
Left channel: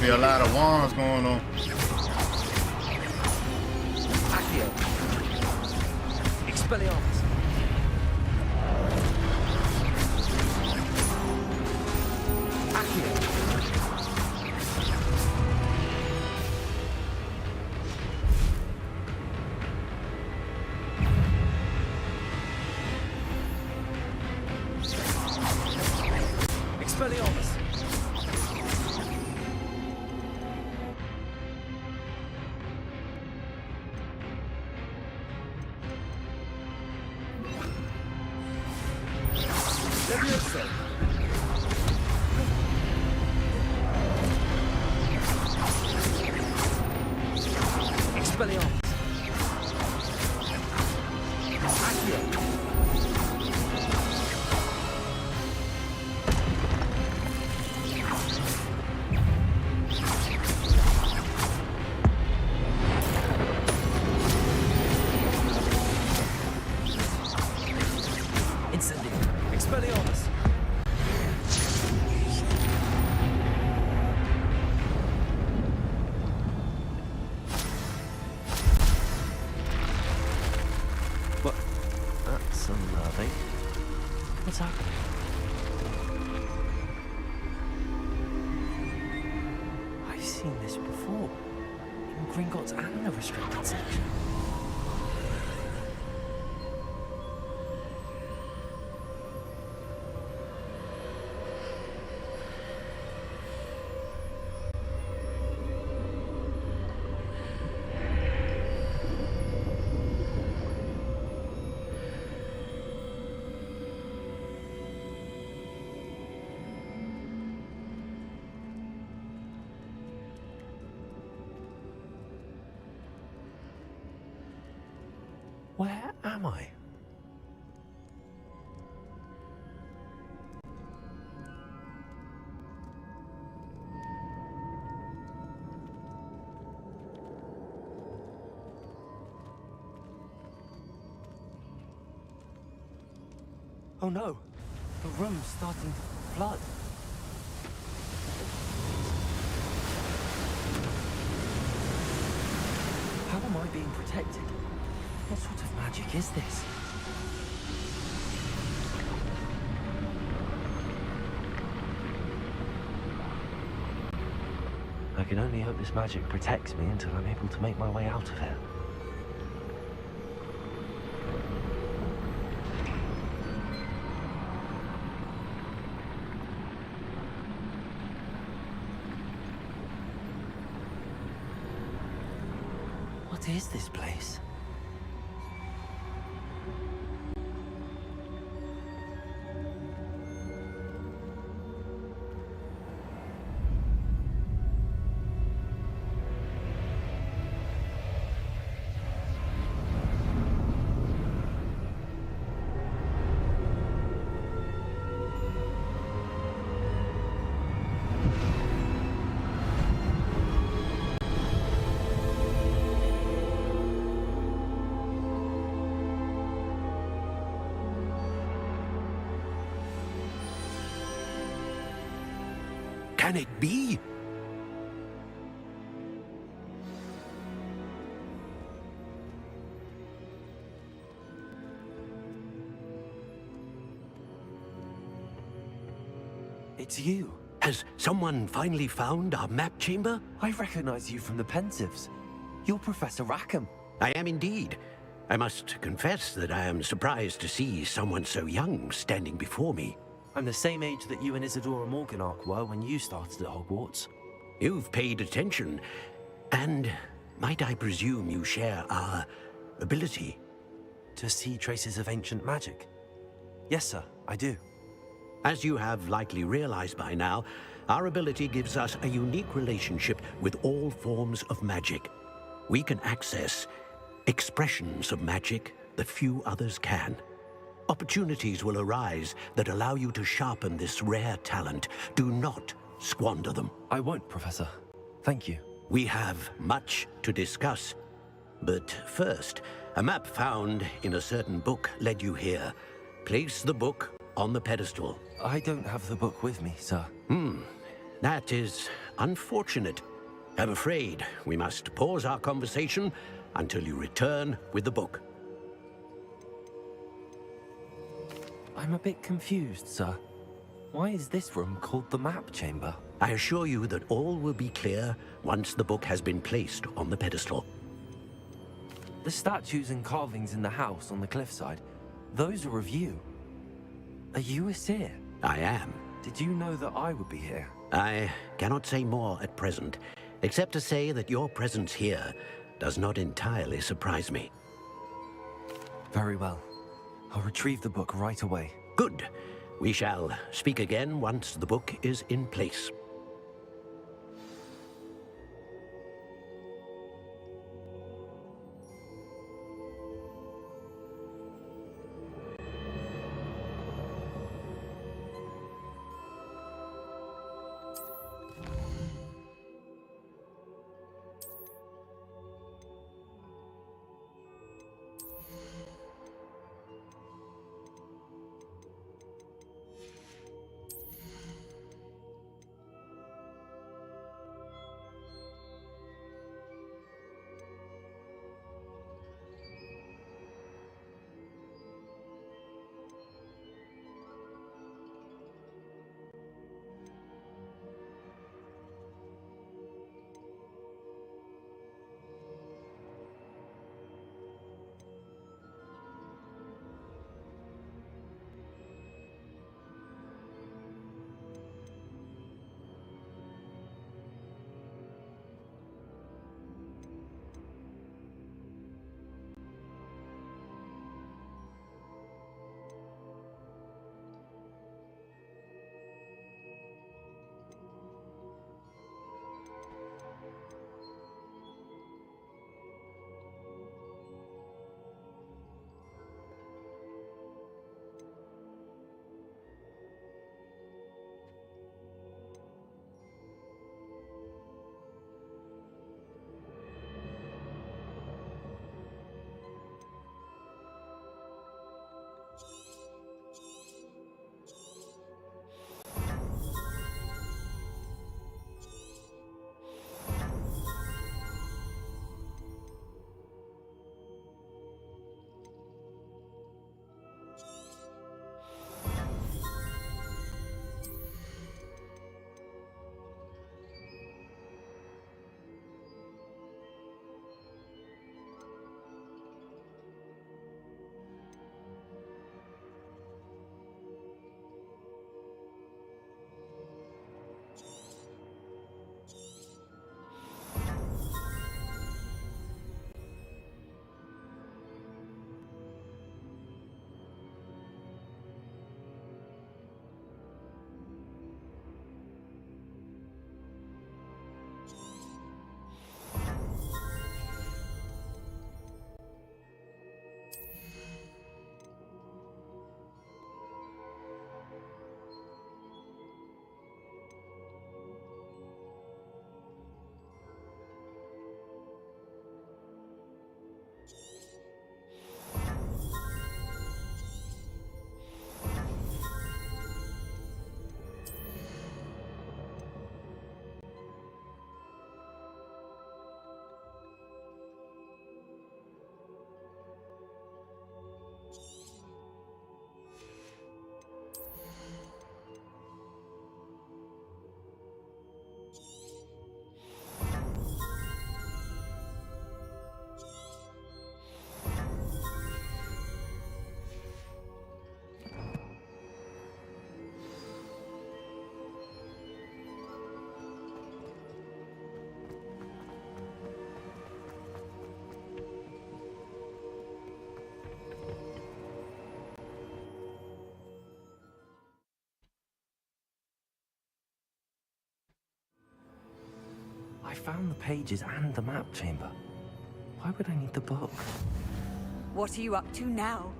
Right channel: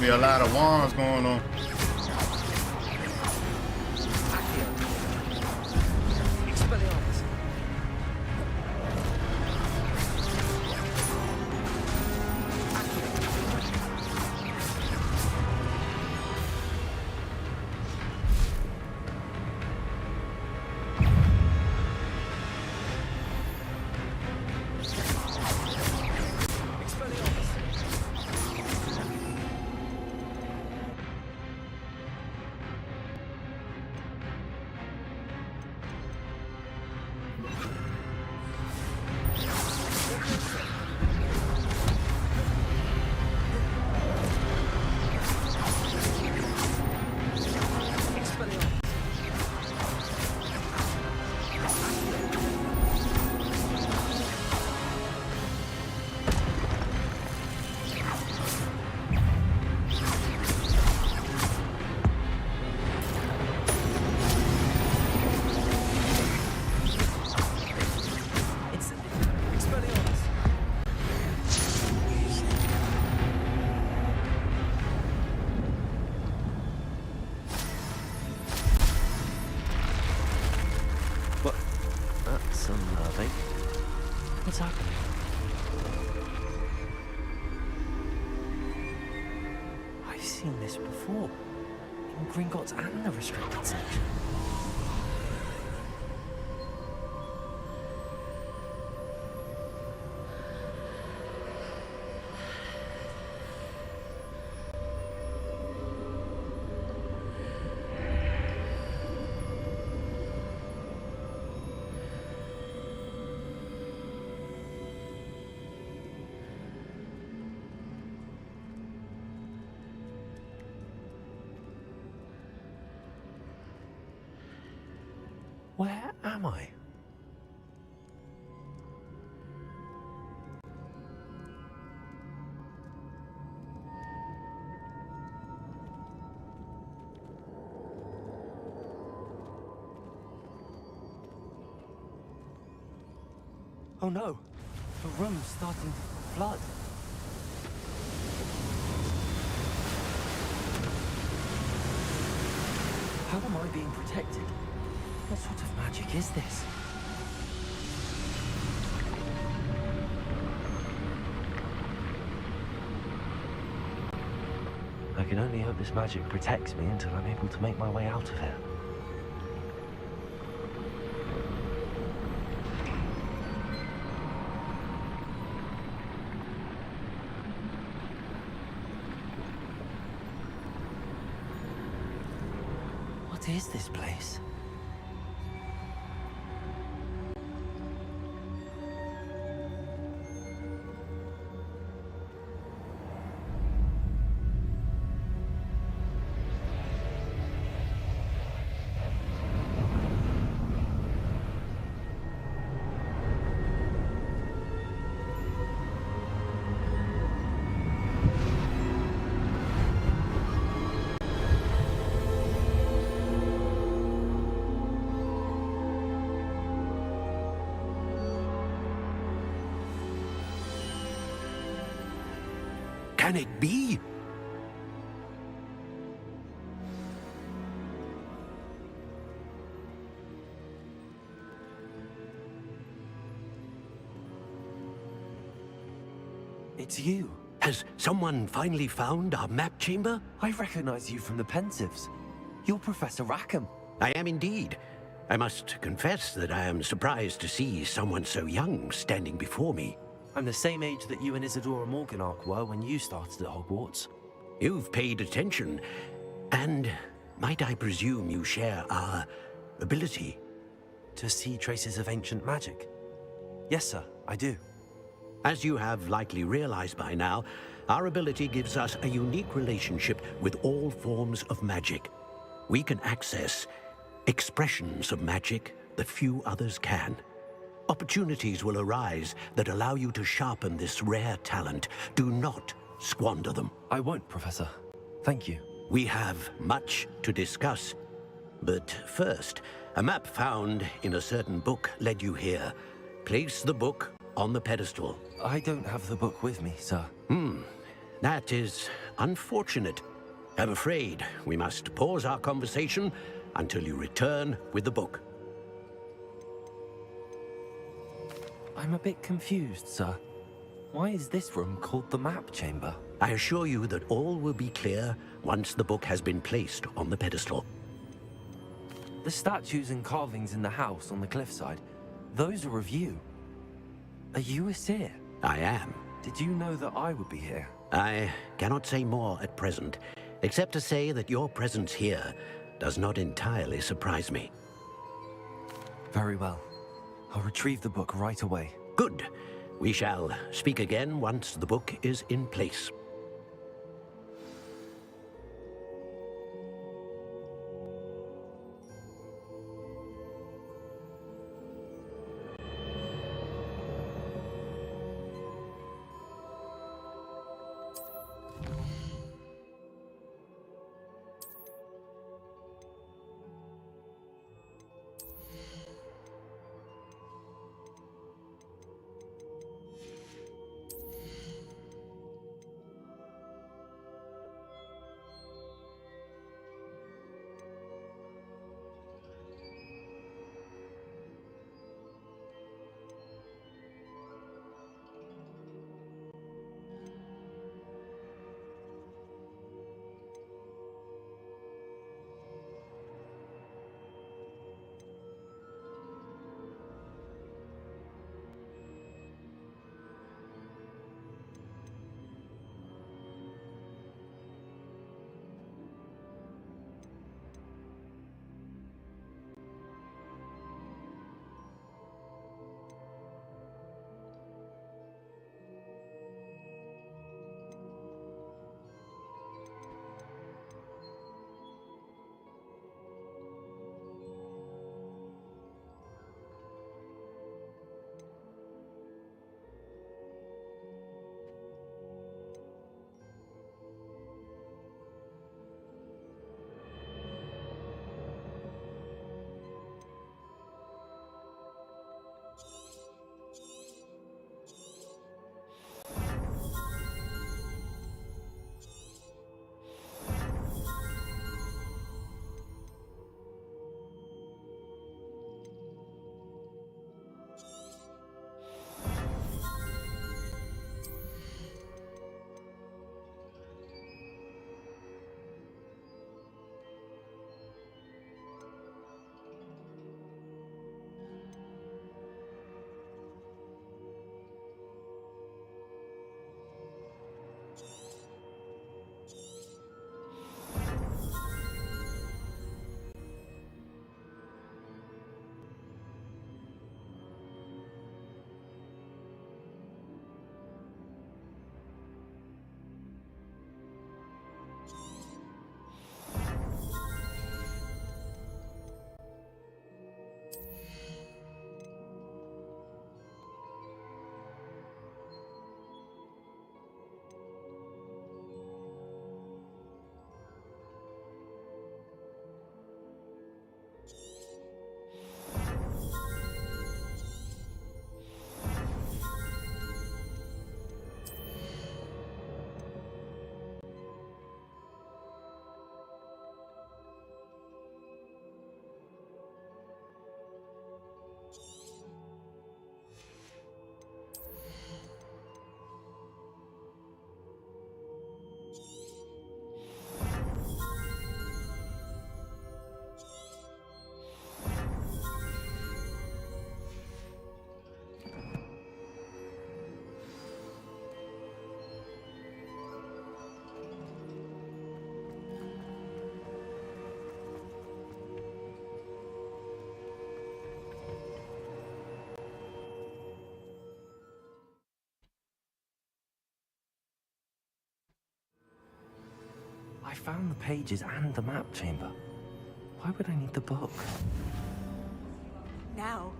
Be a lot of wands going on. Accio. Expelliarmus. Accio. Expelliarmus. That's unnerving. What's happening? I've seen this before. In Gringotts and the restricted section. Where am I? Oh no! The room's starting to flood. How am I being protected? What sort of magic is this? I can only hope this magic protects me until I'm able to make my way out of here. What is this place? Can it be? It's you. Has someone finally found our map chamber? I recognize you from the Pensives. You're Professor Rackham. I am indeed. I must confess that I am surprised to see someone so young standing before me. I'm the same age that you and Isadora Morganach were when you started at Hogwarts. You've paid attention, and might I presume you share our ability? To see traces of ancient magic? Yes, sir, I do. As you have likely realized by now, our ability gives us a unique relationship with all forms of magic. We can access expressions of magic that few others can. Opportunities will arise that allow you to sharpen this rare talent. Do not squander them. I won't, Professor. Thank you. We have much to discuss. But first, a map found in a certain book led you here. Place the book on the pedestal. I don't have the book with me, sir. That is unfortunate. I'm afraid we must pause our conversation until you return with the book. I'm a bit confused, sir. Why is this room called the map chamber? I assure you that all will be clear once the book has been placed on the pedestal. The statues and carvings in the house on the cliffside, those are of you. Are you a seer? I am. Did you know that I would be here? I cannot say more at present, except to say that your presence here does not entirely surprise me. Very well. I'll retrieve the book right away. Good. We shall speak again once the book is in place. I found the pages and the map chamber. Why would I need the book? What are you up to now?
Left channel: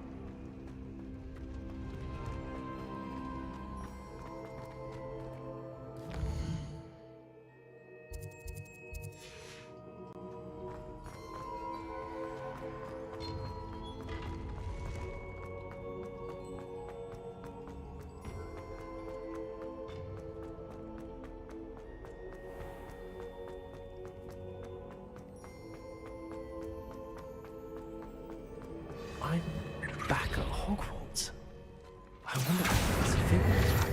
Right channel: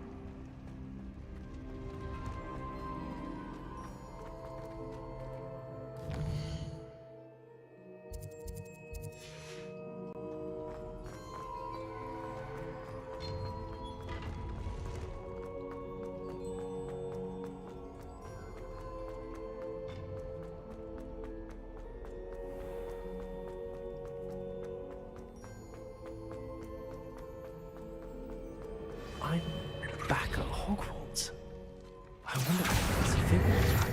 I'm back at Hogwarts. I wonder if it's a figure back.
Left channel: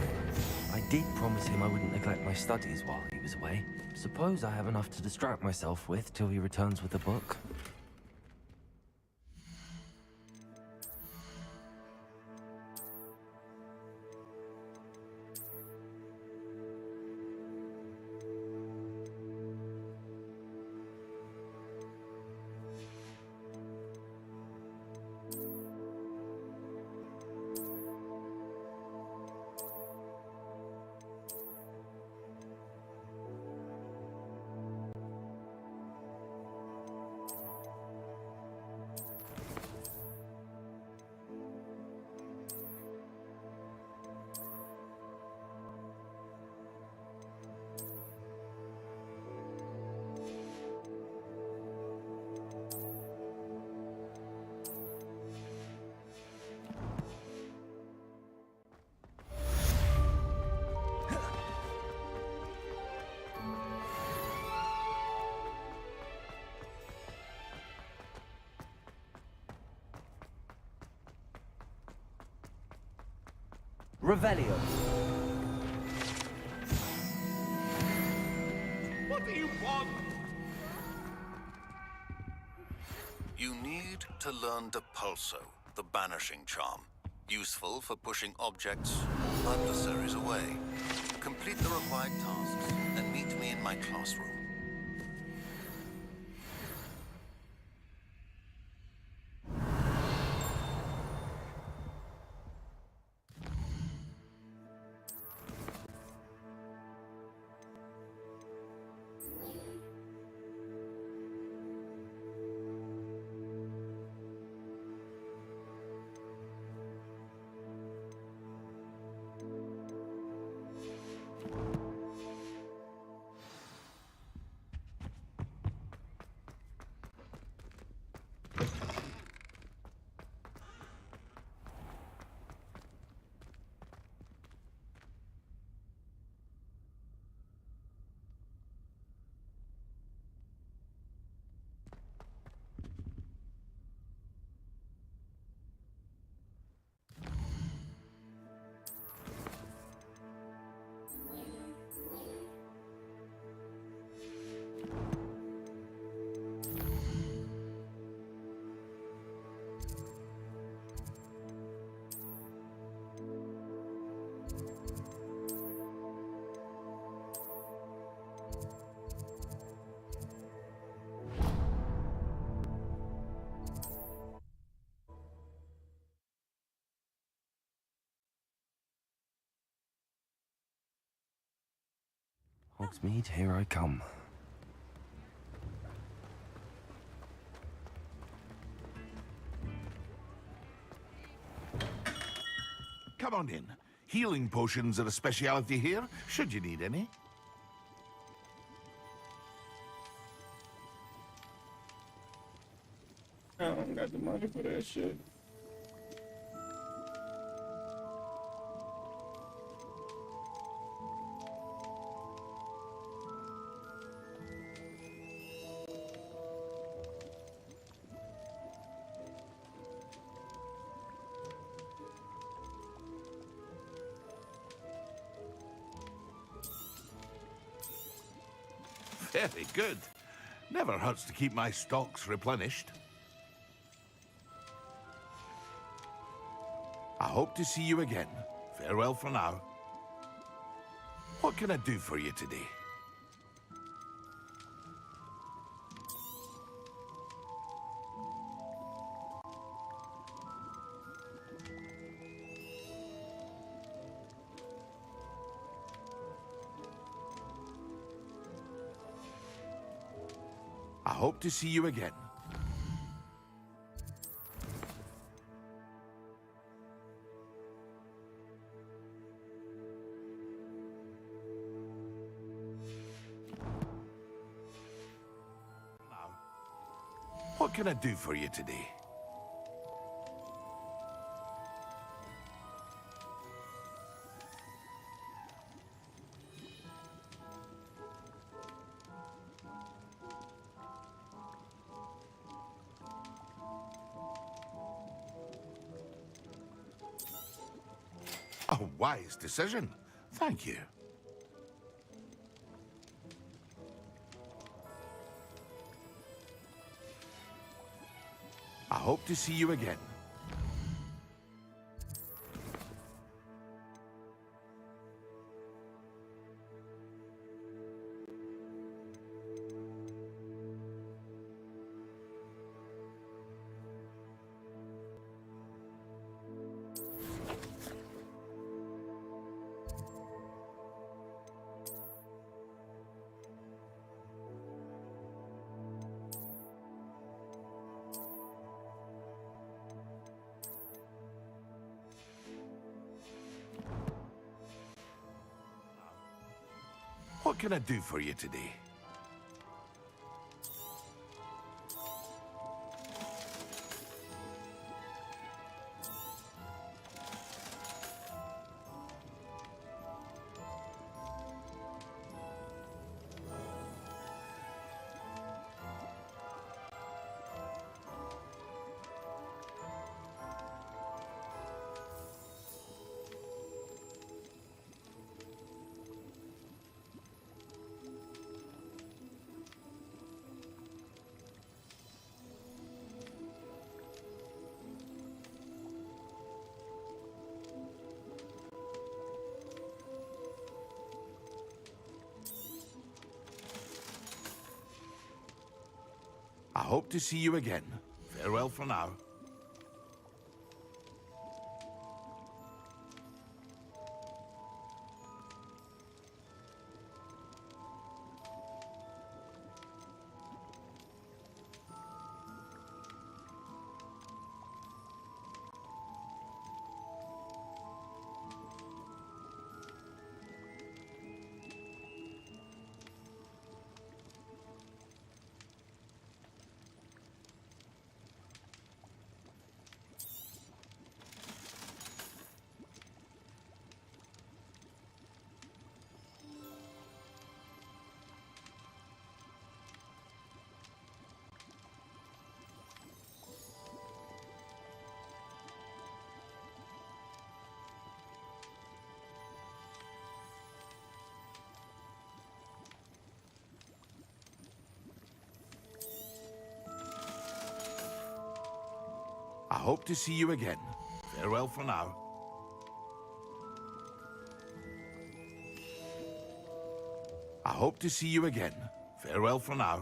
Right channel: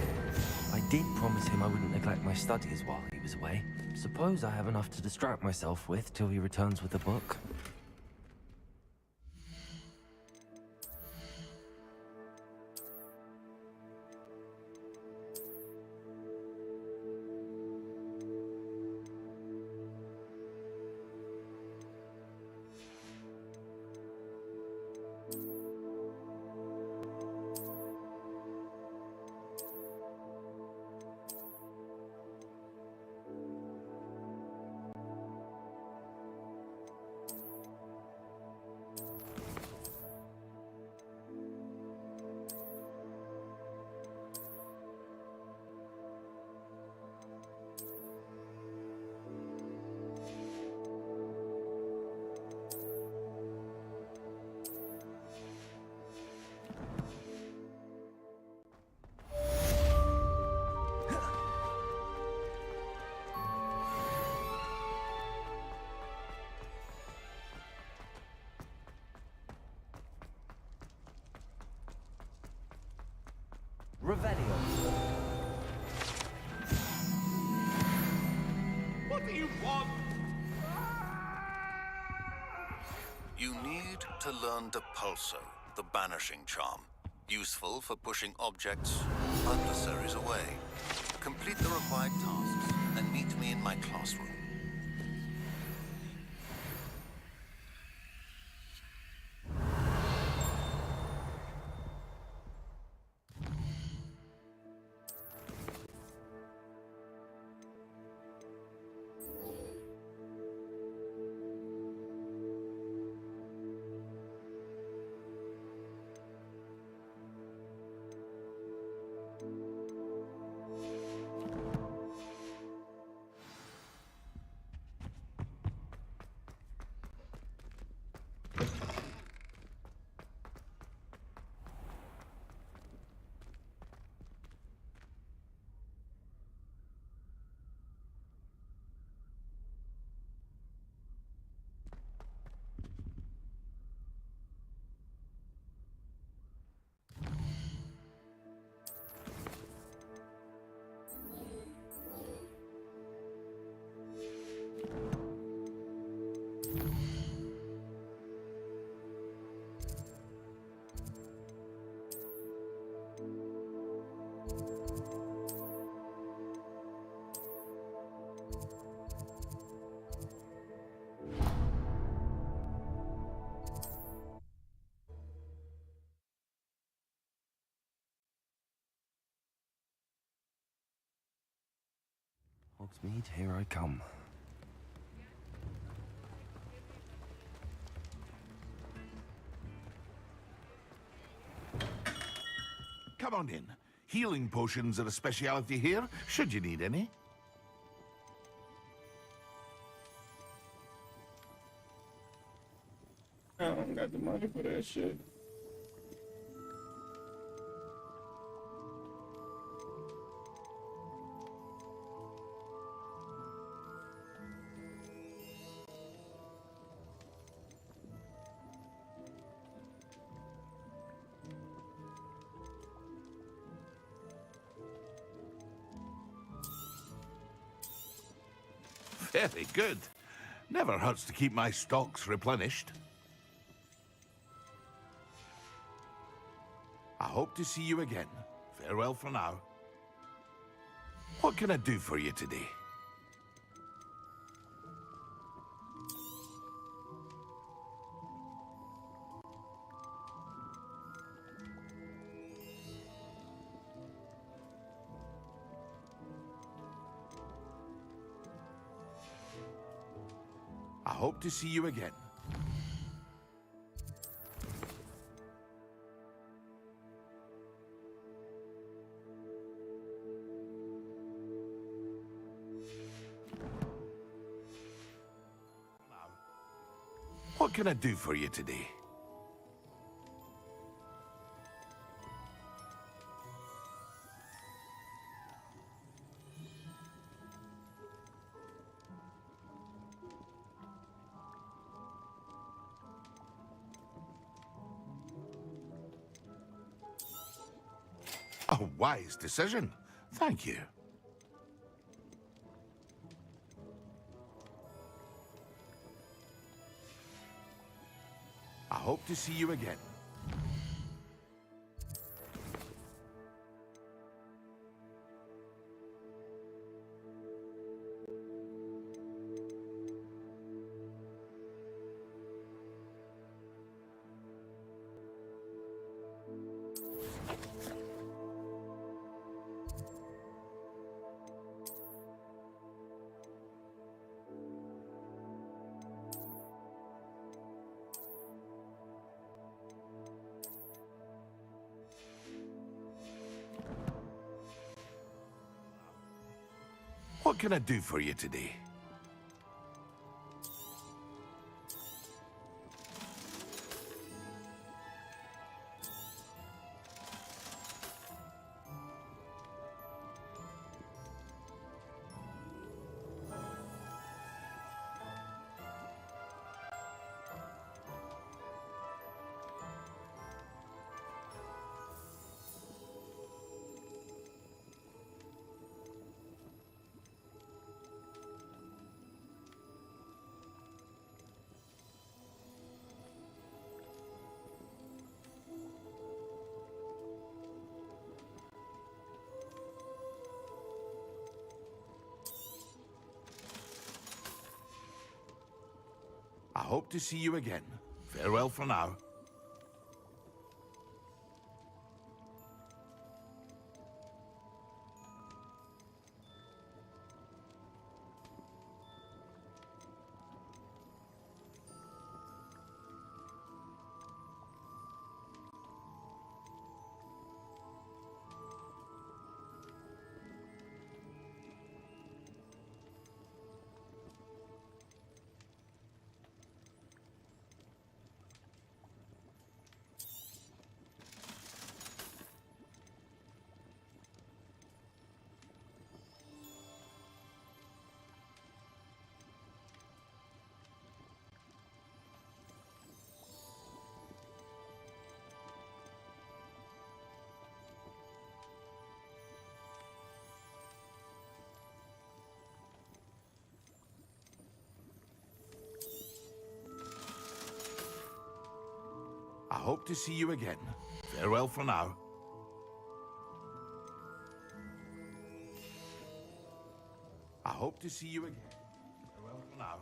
I did promise him I wouldn't neglect my studies while he was away. Suppose I have enough to distract myself with till he returns with the book. Revelio. What do you want? You need to learn Depulso, the banishing charm. Useful for pushing objects or adversaries away. Complete the required tasks and meet me in my classroom. Hogsmeade, here I come. Come on in. Healing potions are a speciality here, should you need any. I don't got the money for that shit. Very good. Never hurts to keep my stocks replenished. I hope to see you again. Farewell for now. What can I do for you today? hope to see you again. What can I do for you today? A wise decision. Thank you. I hope to see you again. What can I do for you today? I hope to see you again. Farewell for now. I hope to see you again. Farewell for now. I hope to see you again. Farewell for now.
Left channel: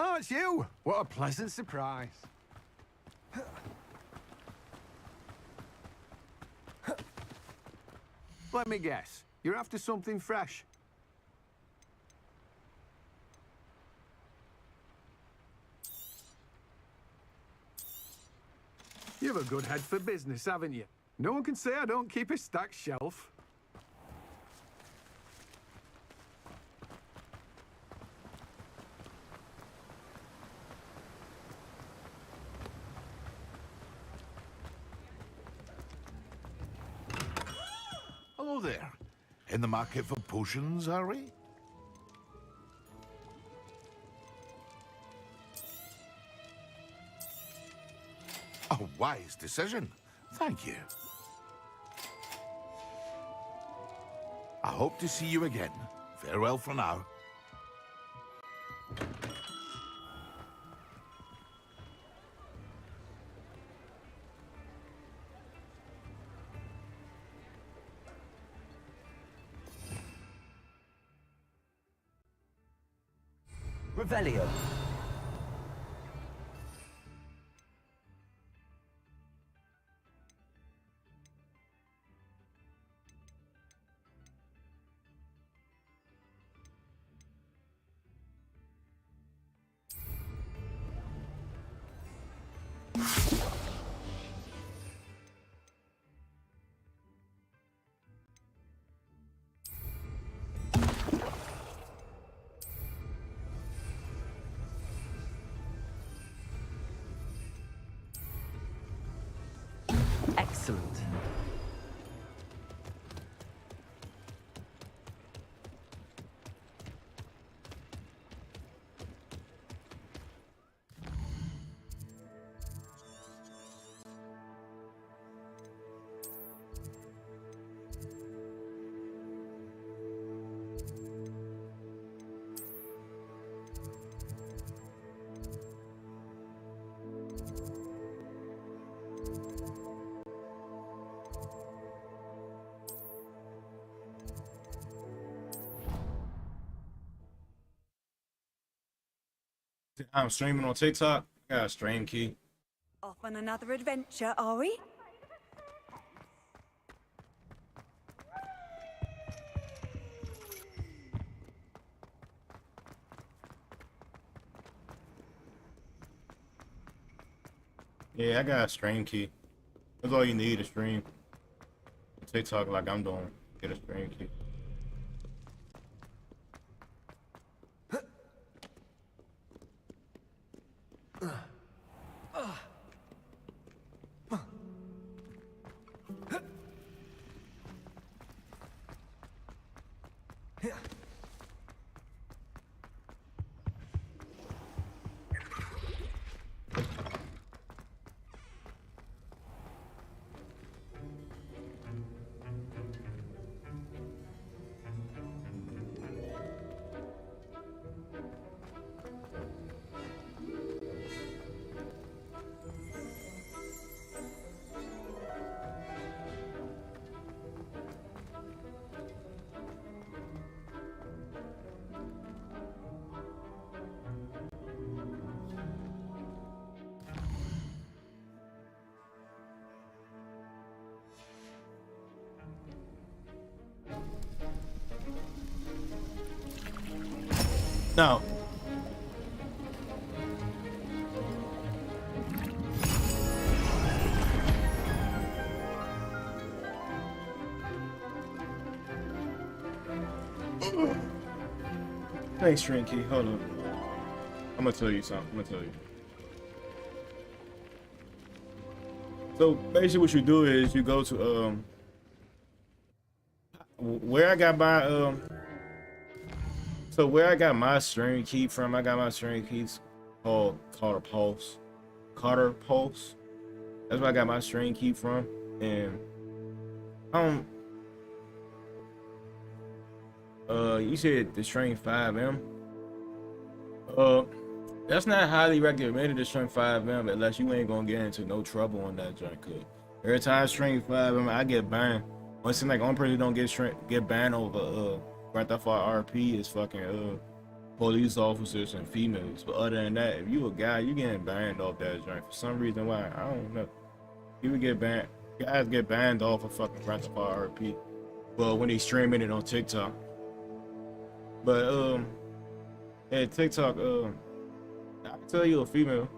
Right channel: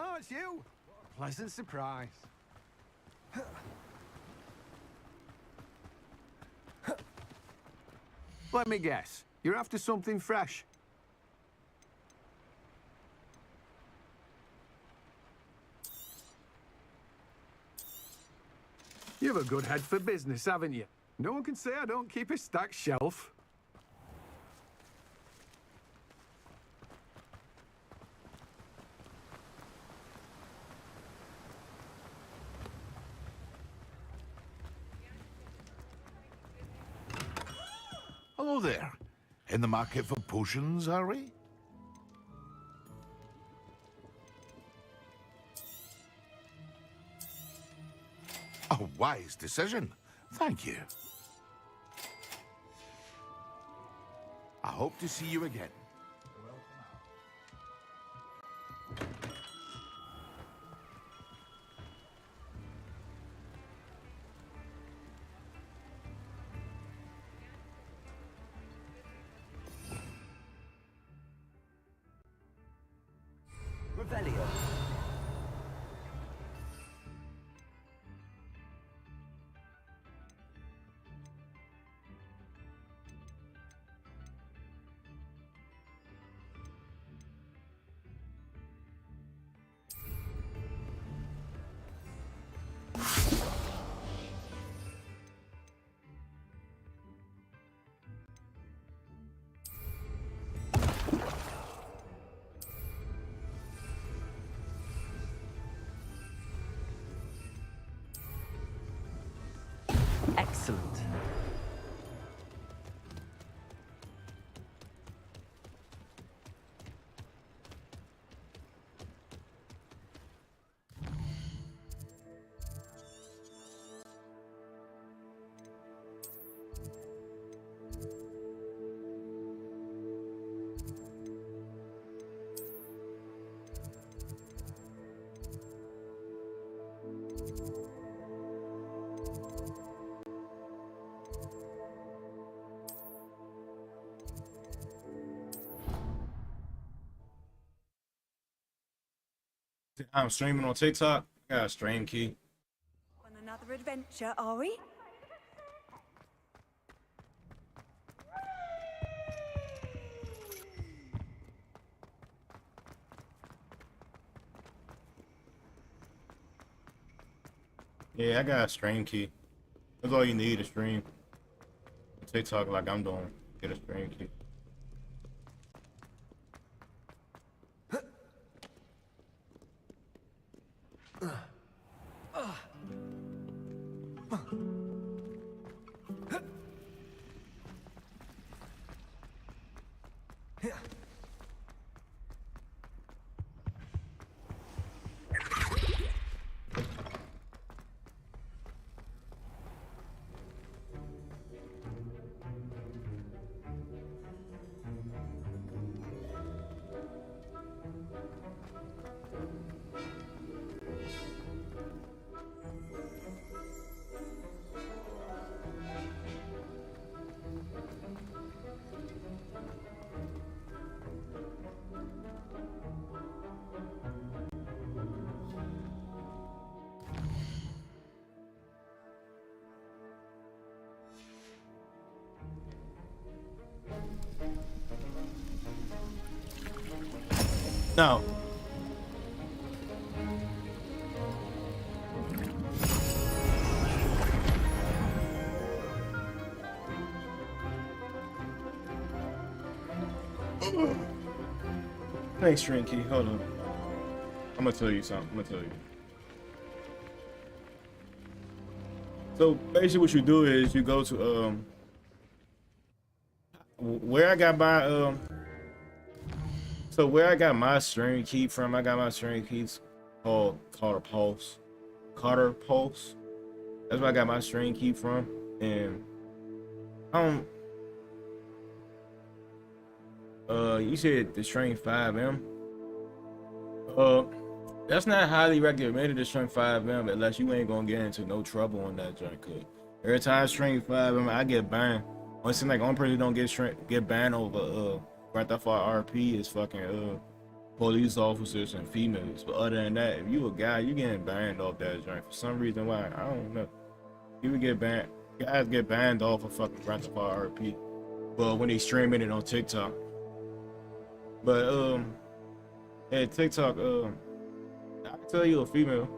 Oh, it's you! What a pleasant surprise. Let me guess. You're after something fresh. You have a good head for business, haven't you? No one can say I don't keep a stacked shelf. Hello there. In the market for potions, are we? A wise decision. Thank you. hope to see you again. Farewell for now. Revelio. Excellent. I'm streaming on TikTok. I got a stream key. Off on another adventure, are we? Yeah, I got a stream key. That's all you need to stream. TikTok like I'm doing. Get a stream key. No. Thanks, Shrinky. Hold on. I'm gonna tell you something. I'm gonna tell you. So basically, what you do is you go to where I got my So where I got my stream key from, I got my stream keys called Carter Pulse. Carter Pulse. That's where I got my stream key from. And you said the stream 5M. That's not highly recommended to stream 5M unless you ain't gonna get into no trouble on that joint. Cause every time I stream 5M, I get banned. It seems like only person who don't get banned over Grand Theft Auto RP is fucking police officers and females. But other than that, if you a guy, you getting banned off that joint for some reason. Why? I don't know. You would get banned. Guys get banned off of fucking Grand Theft Auto RP. Well, when they streaming it on TikTok. But yeah, TikTok, I can tell you a female. You know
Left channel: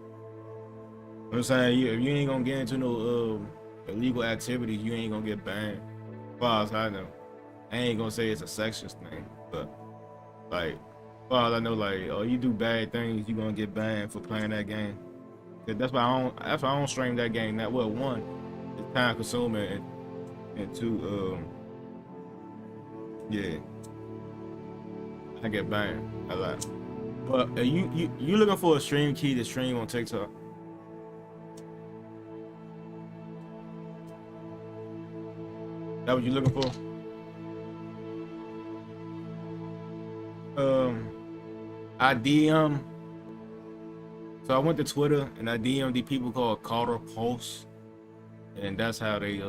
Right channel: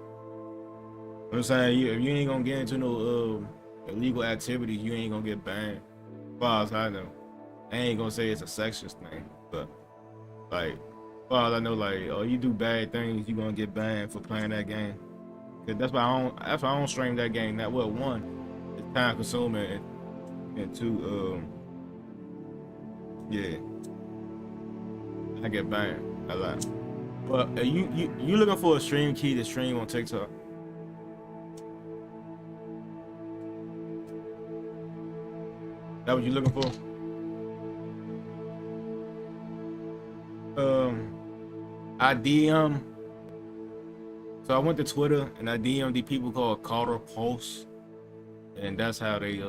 what I'm saying? If you ain't gonna get into no illegal activities, you ain't gonna get banned. As far as I know. I ain't gonna say it's a sexist thing, but like, as far as I know, like, oh, you do bad things, you gonna get banned for playing that game. Cause that's why I don't stream that game. That well, one, it's time consuming, and two, yeah, I get banned a lot. But you looking for a stream key to stream on TikTok? That what you looking for? I DM. So I went to Twitter and I DM'd the people called Carter Pulse, and that's how they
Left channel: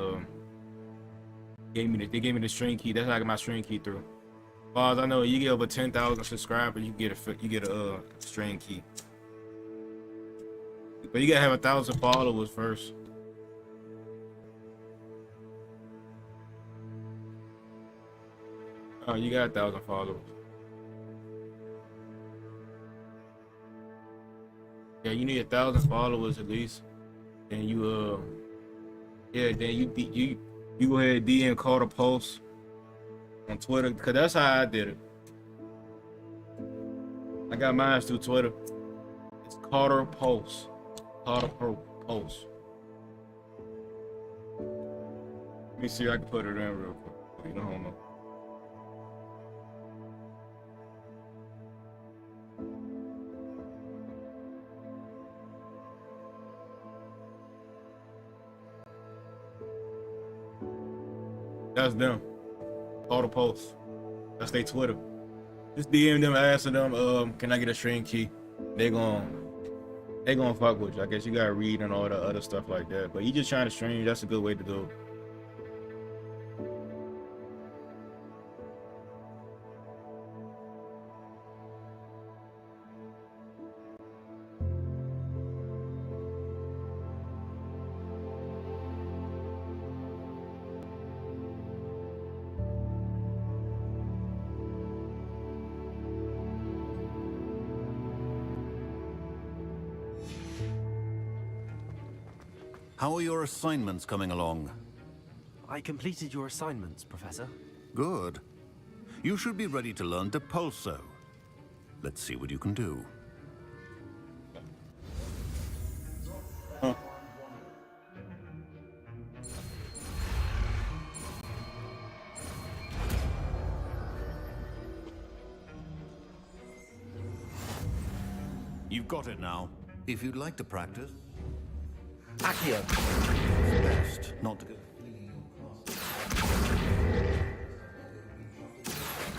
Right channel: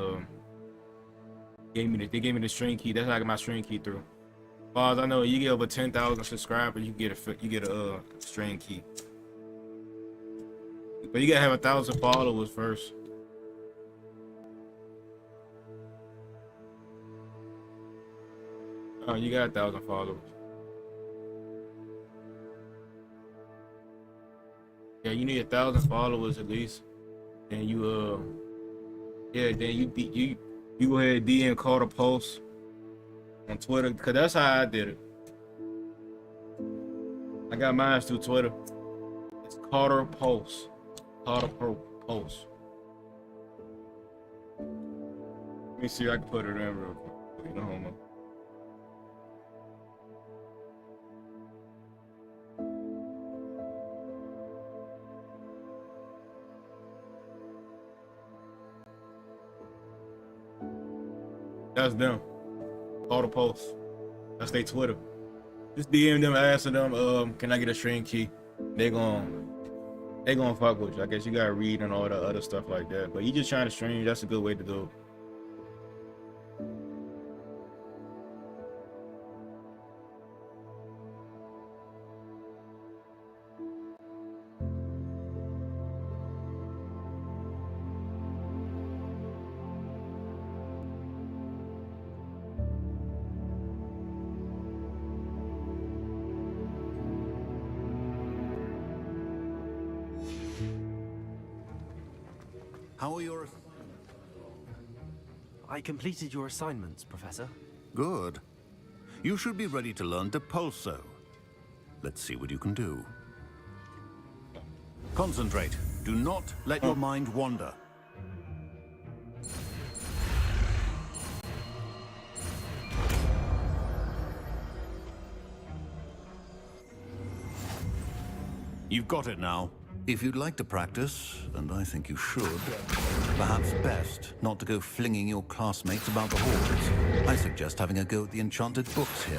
gave me the string key. That's how I got my string key through. As far as I know, you get over 10,000 subscribers, you get a string key. But you gotta have 1,000 followers first. Oh, you got 1,000 followers. Yeah, you need 1,000 followers at least. Then you then you go ahead and DM Carter Post on Twitter, because that's how I did it. I got mine through Twitter. It's Carter Post. Post. Let me see if I can put it in real quick. No homo. That's them. Carter Post. That's their Twitter. Just DM them, asking them, can I get a string key? They gonna fuck with you. I guess you gotta read and all the other stuff like that. But you just trying to stream, that's a good way to do it. How are your assignments coming along? I completed your assignments, Professor. Good. You should be ready to learn Depulso. Let's see what you can do. Concentrate. Do not let your mind wander. You've got it now. If you'd like to practice, and I think you should, perhaps best not to go flinging your classmates about the halls. I suggest having a go at the enchanted books here.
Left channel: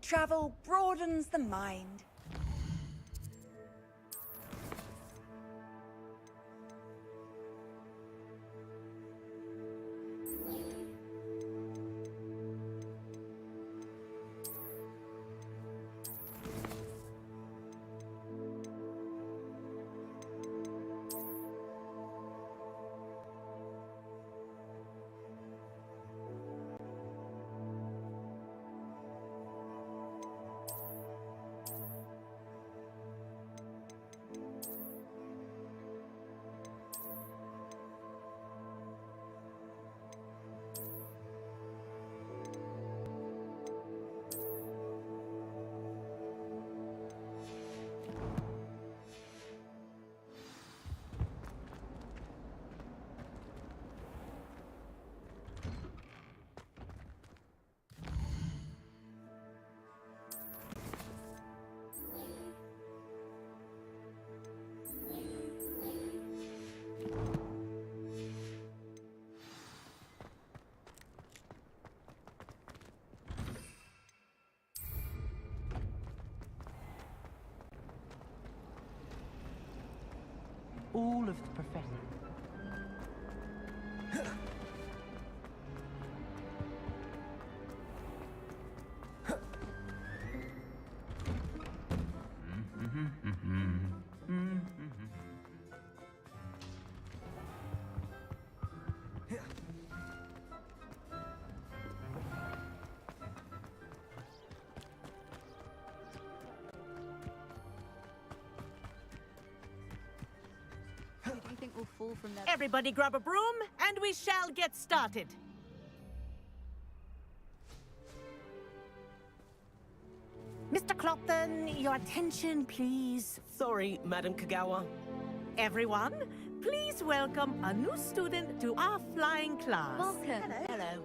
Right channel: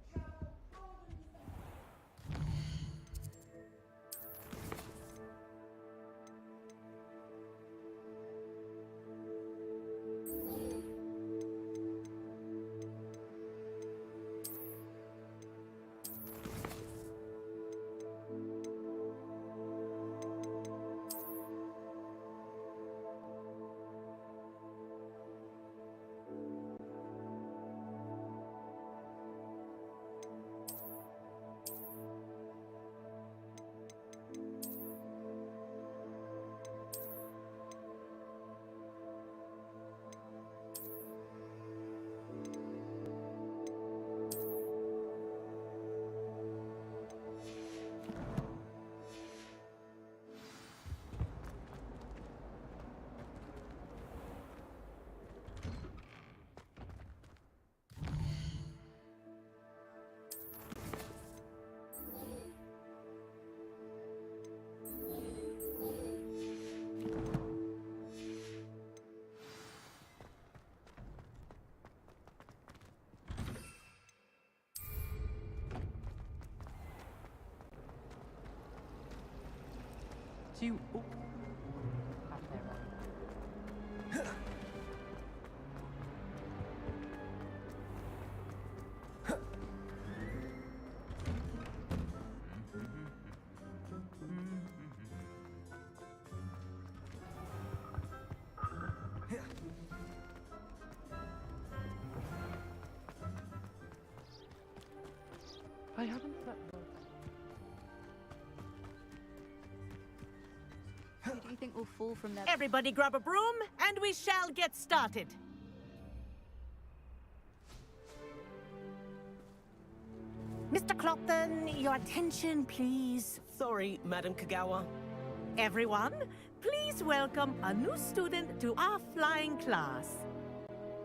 travel broadens the mind. To all of the professors. I haven't slept well. Who do you think will fall from there? Everybody grab a broom, and we shall get started. Mr. Clopton, your attention, please. Sorry, Madam Kagawa. Everyone, please welcome a new student to our flying class. Welcome. Hello.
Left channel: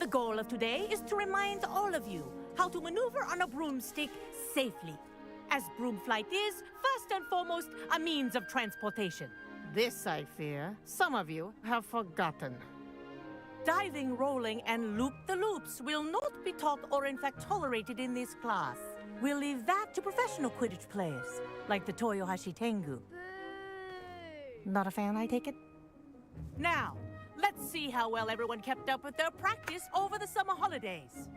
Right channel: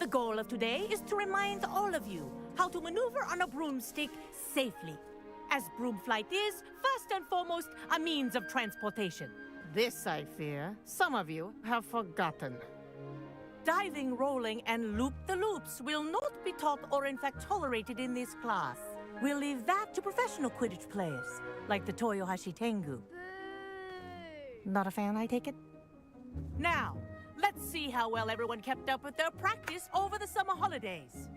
The goal of today is to remind all of you how to maneuver on a broomstick safely, as broom flight is, first and foremost, a means of transportation. This, I fear, some of you have forgotten. Diving, rolling, and loop-the-loops will not be taught or in fact tolerated in this class. We'll leave that to professional Quidditch players, like the Toyohashi Tengu. Not a fan, I take it? Now, let's see how well everyone kept up with their practice over the summer holidays.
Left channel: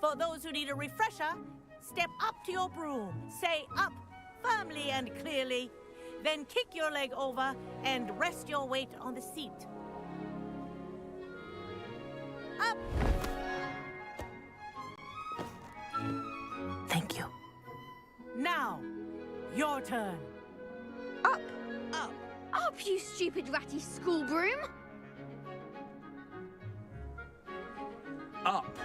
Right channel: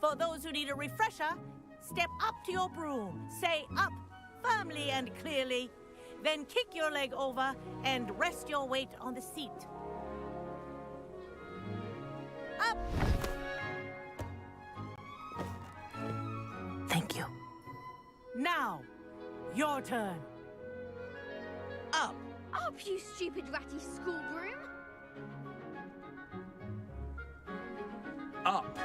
For those who need a refresher, step up to your broom, say up, firmly and clearly, then kick your leg over and rest your weight on the seat. Up! Thank you. Now, your turn. Up! Up! Up, you stupid ratty school broom! Up.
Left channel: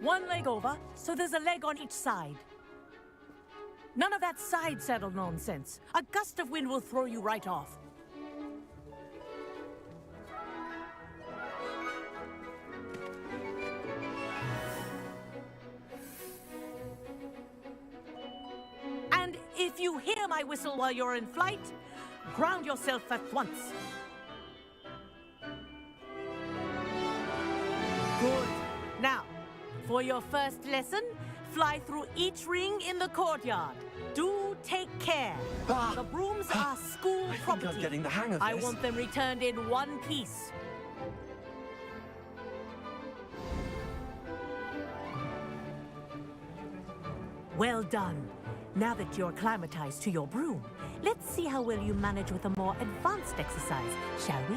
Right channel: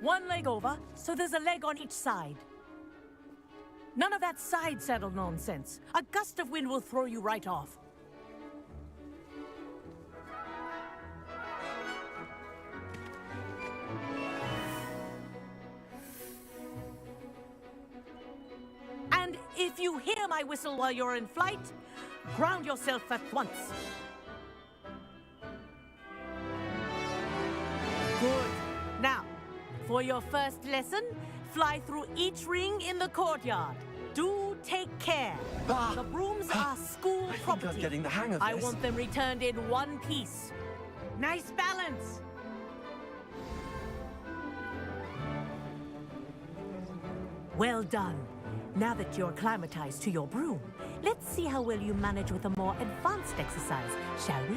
One leg over, so there's a leg on each side. None of that side saddle nonsense. A gust of wind will throw you right off. And if you hear my whistle while you're in flight, ground yourself at once. Good. Now, for your first lesson, fly through each ring in the courtyard. Do take care. The brooms are school property. I'm getting the hang of I this. want them returned in one piece. Nice balance. Well done. Now that you're acclimatized to your broom, let's see how well you manage with a more advanced exercise, shall we?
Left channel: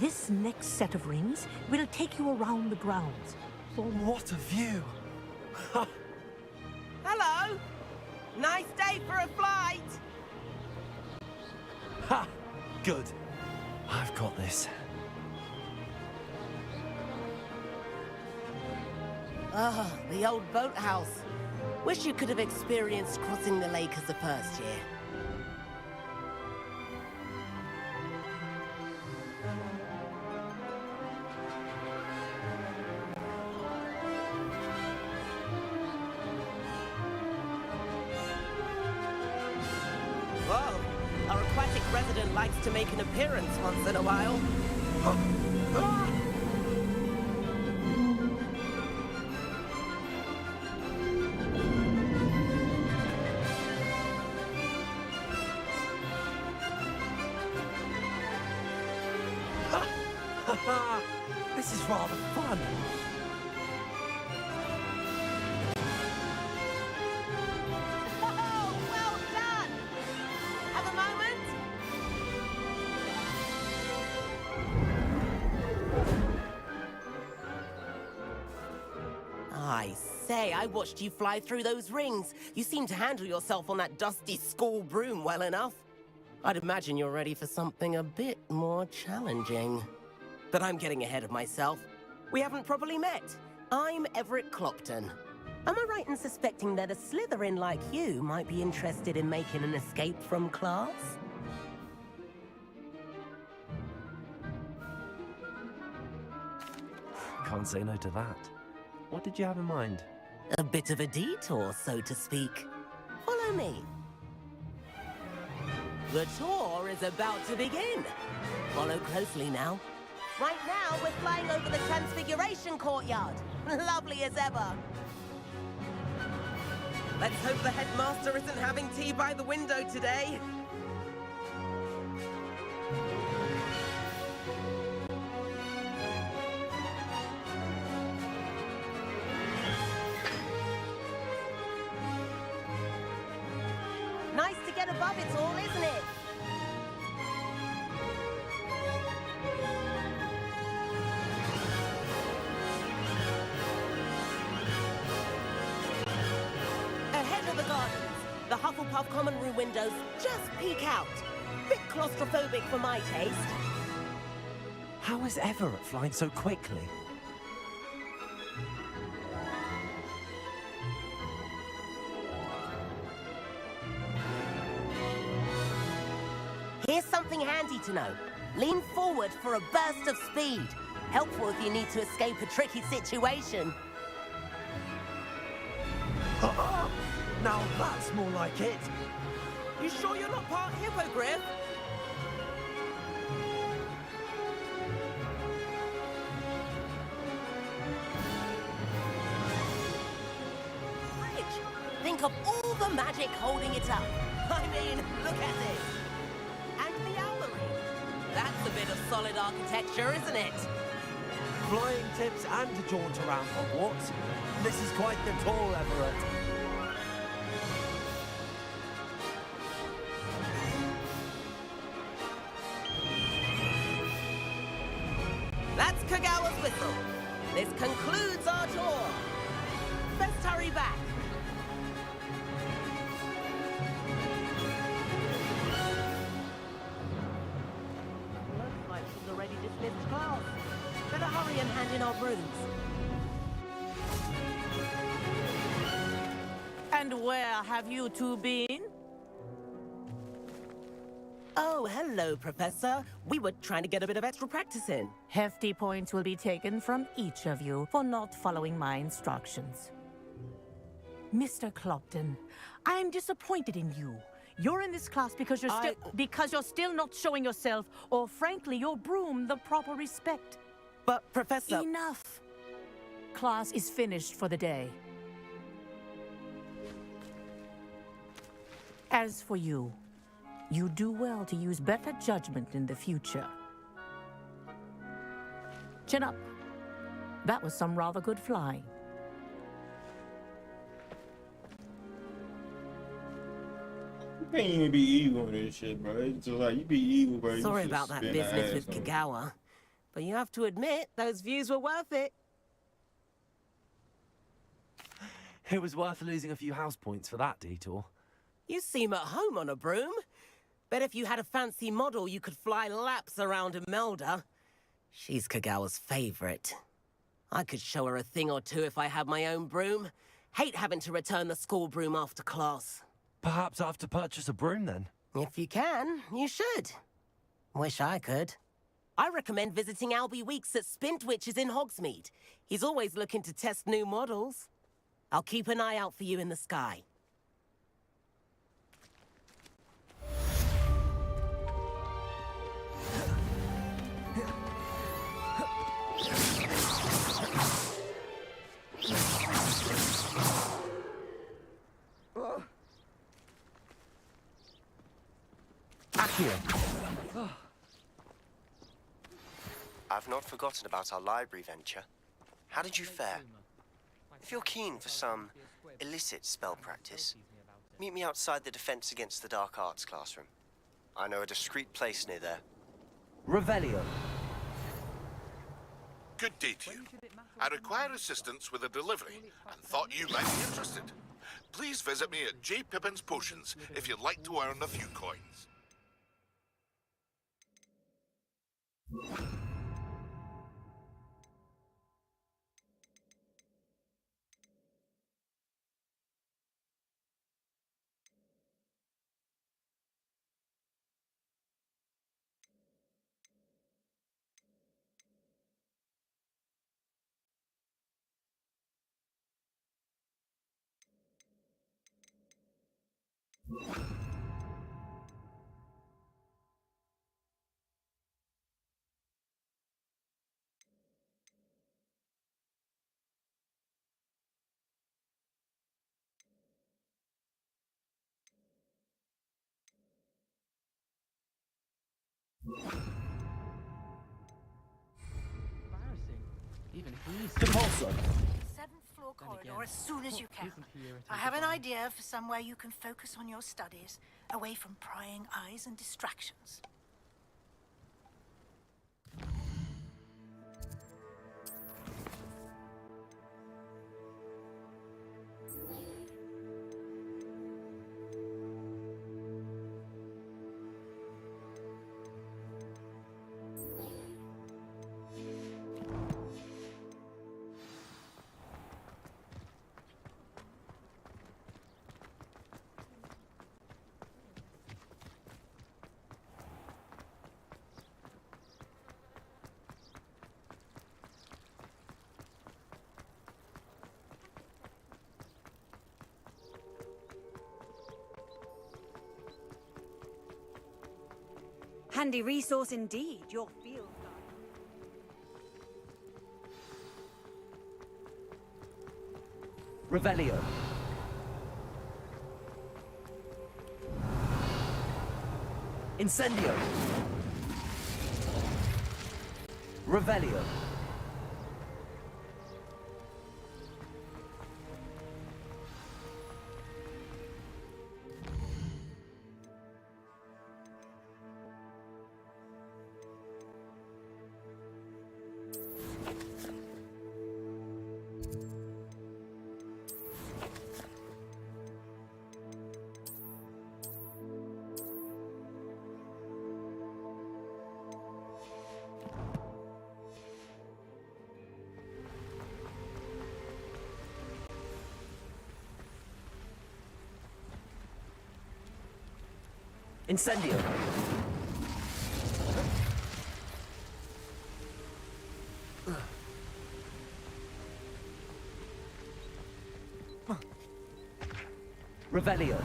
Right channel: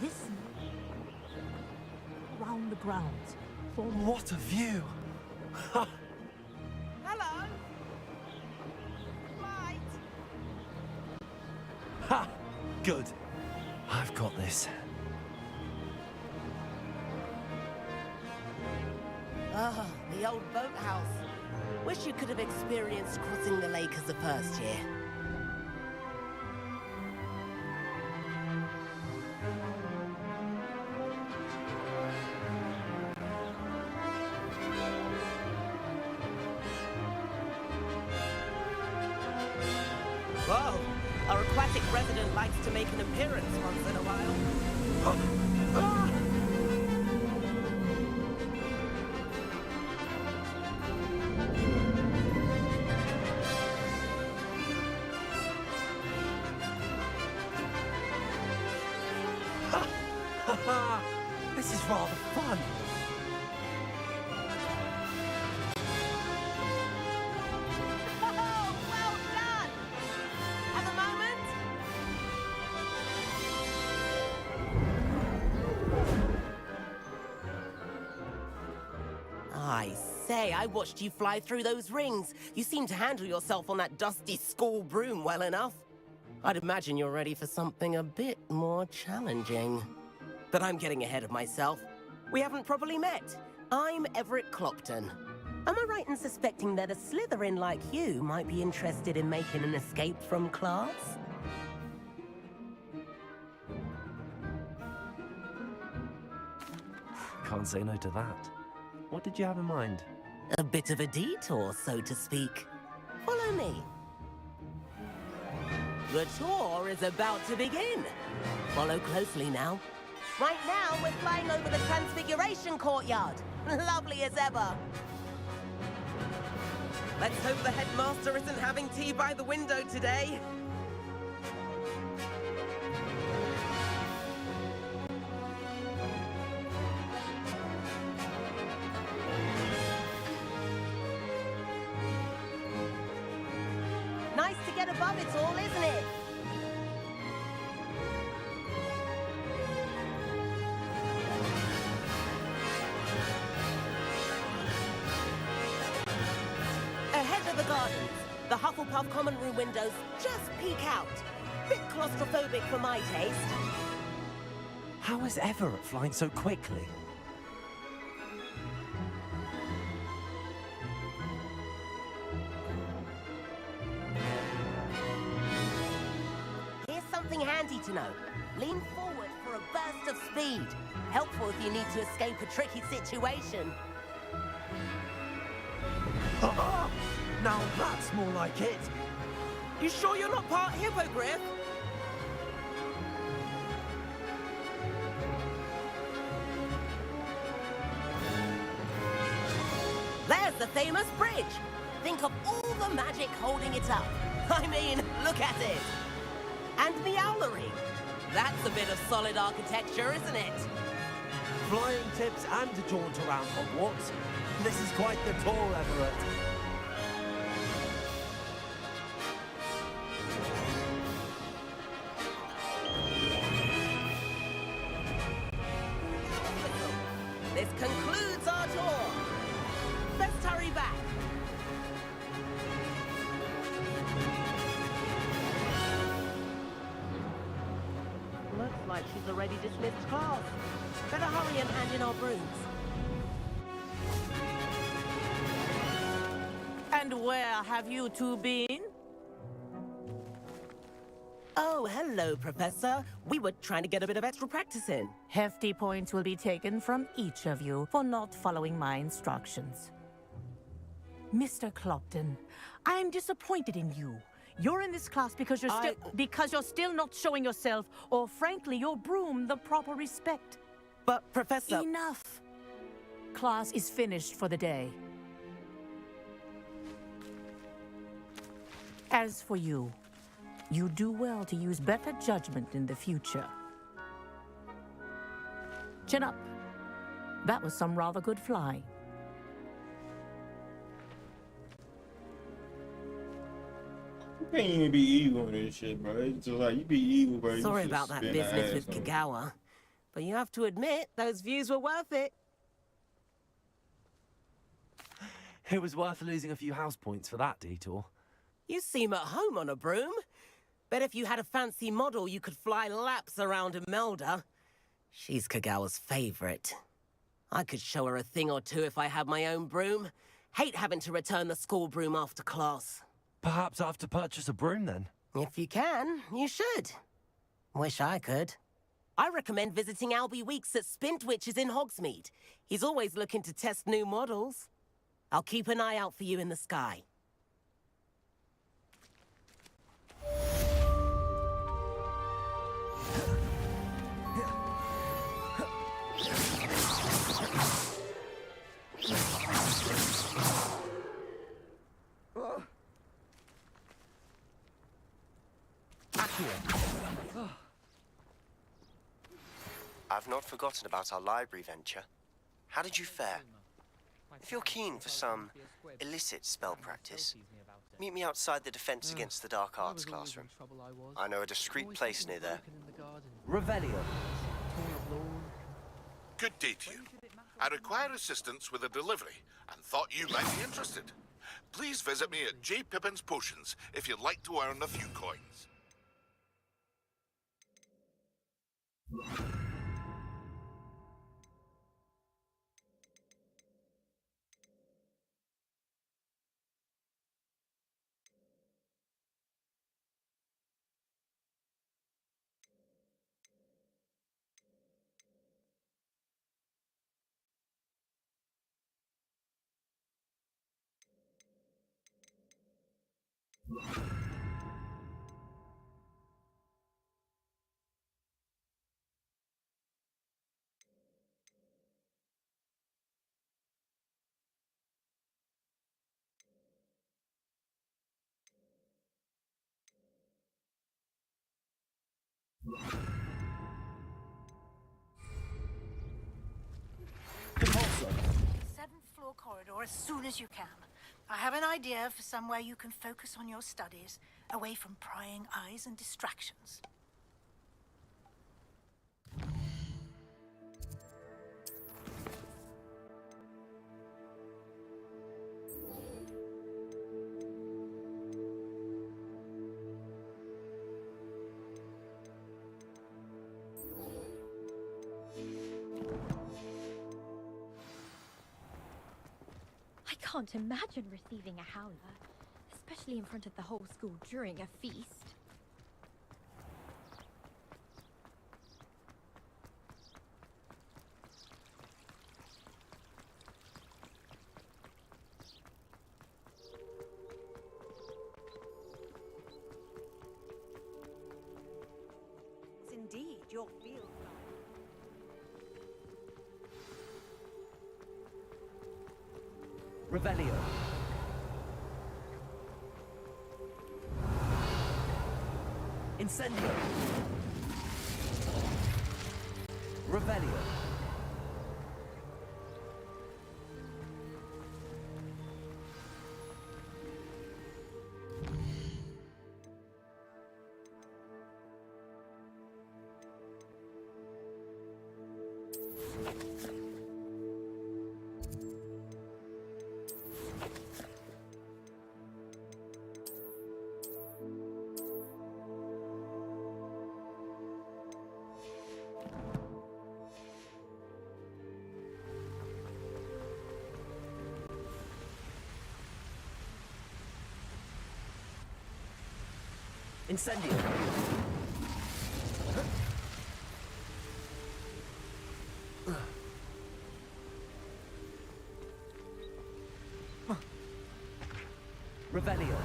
This next set of rings will take you around the grounds. What a view! Hello! Nice day for a flight! Ha! Good. I've got this. Ah, the old boathouse. Wish you could have experienced crossing the lake as a first year. resident likes to make an appearance once in a while. This is rather fun. Oh, well done! Have a moment? I say, I watched you fly through those rings. You seem to handle yourself on that dusty school broom well enough. I'd imagine you're ready for something a bit more challenging. But I'm getting ahead of myself. We haven't properly met. I'm Everett Clopton. Am I right in suspecting that a Slytherin like you might be interested in making an escape from class? Can't say no to that. What did you have in mind? A bit of a detour, so to speak. Follow me. The tour is about to begin. Follow closely now. Right now, we're flying over the Transfiguration Courtyard. Lovely as ever. Let's hope the headmaster isn't having tea by the window today. Nice to get above it all, isn't it? Ahead of the gardens, the Hufflepuff common room windows just peek out. Bit claustrophobic for my taste. How is Everett flying so quickly? Here's something handy to know. Lean forward for a burst of speed. Helpful if you need to escape a tricky situation. Now that's more like it. You sure you're not part hippogriff? There's the famous bridge. Think of all the magic holding it up. I mean, look at it. And the owlery. That's a bit of solid architecture, isn't it? Flying tips and a jaunt around Hogwarts. This is quite the tour, Everett. That's Kagawa's whistle. This concludes our tour. Best hurry back. Looks like she's already dismissed class. Better hurry and hand in our brooms. And where have you two been? Oh, hello, Professor. We were trying to get a bit of extra practice in. Hefty points will be taken from each of you for not following my instructions. Mr. Clopton, I'm disappointed in you. You're in this class because you're still not showing yourself, or frankly, your broom the proper respect. But, Professor... Enough. Class is finished for the day. As for you, you do well to use better judgment in the future. Chin up. That was some rather good flying. You can't even be evil in this shit, bro. It's just like, you be evil, bro. You Sorry just about that spin business the with ass on. Kagawa. But you have to admit, those views were worth it. It was worth losing a few house points for that detour. You seem at home on a broom. Bet if you had a fancy model, you could fly laps around Imelda. She's Kagawa's favorite. I could show her a thing or two if I had my own broom. Hate having to return the school broom after class. Perhaps I have to purchase a broom then? If you can, you should. Wish I could. I recommend visiting Albie Weeks at Spintwitches in Hogsmeade. He's always looking to test new models. I'll keep an eye out for you in the sky. I've not forgotten about our library venture. How did you fare? If you're keen for some illicit spell practice, meet me outside the Defense Against the Dark Arts classroom. I know a discreet place near there. Revelio. Good day to you. I require assistance with a delivery and thought you might be interested. Please visit me at J. Pippin's Potions if you'd like to earn a few coins. Seventh floor corridor as soon as you can. I have an idea for somewhere you can focus on your studies, away from prying eyes and distractions. I can't imagine receiving a howler, especially in front of the whole school during a feast. Handy resource indeed, your field guide. Revelio. Incendio. Revelio. Incendio. Revelio.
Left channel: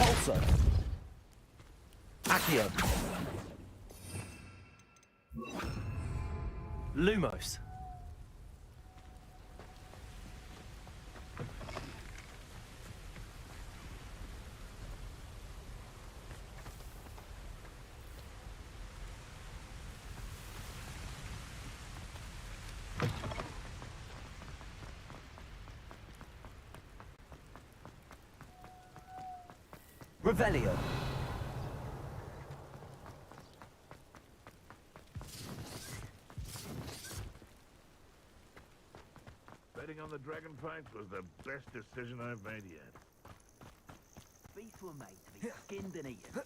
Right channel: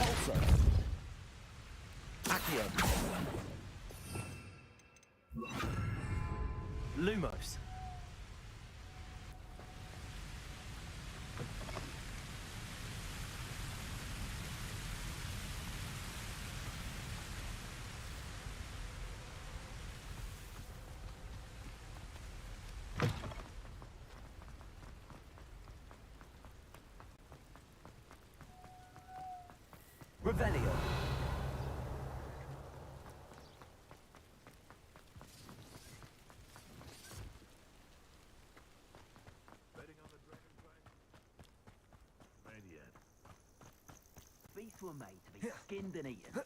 Pulsar. Accio. Lumos. Revelio. on the dragon fight was the best decision I've made yet. Beasts were made to be skinned and eaten.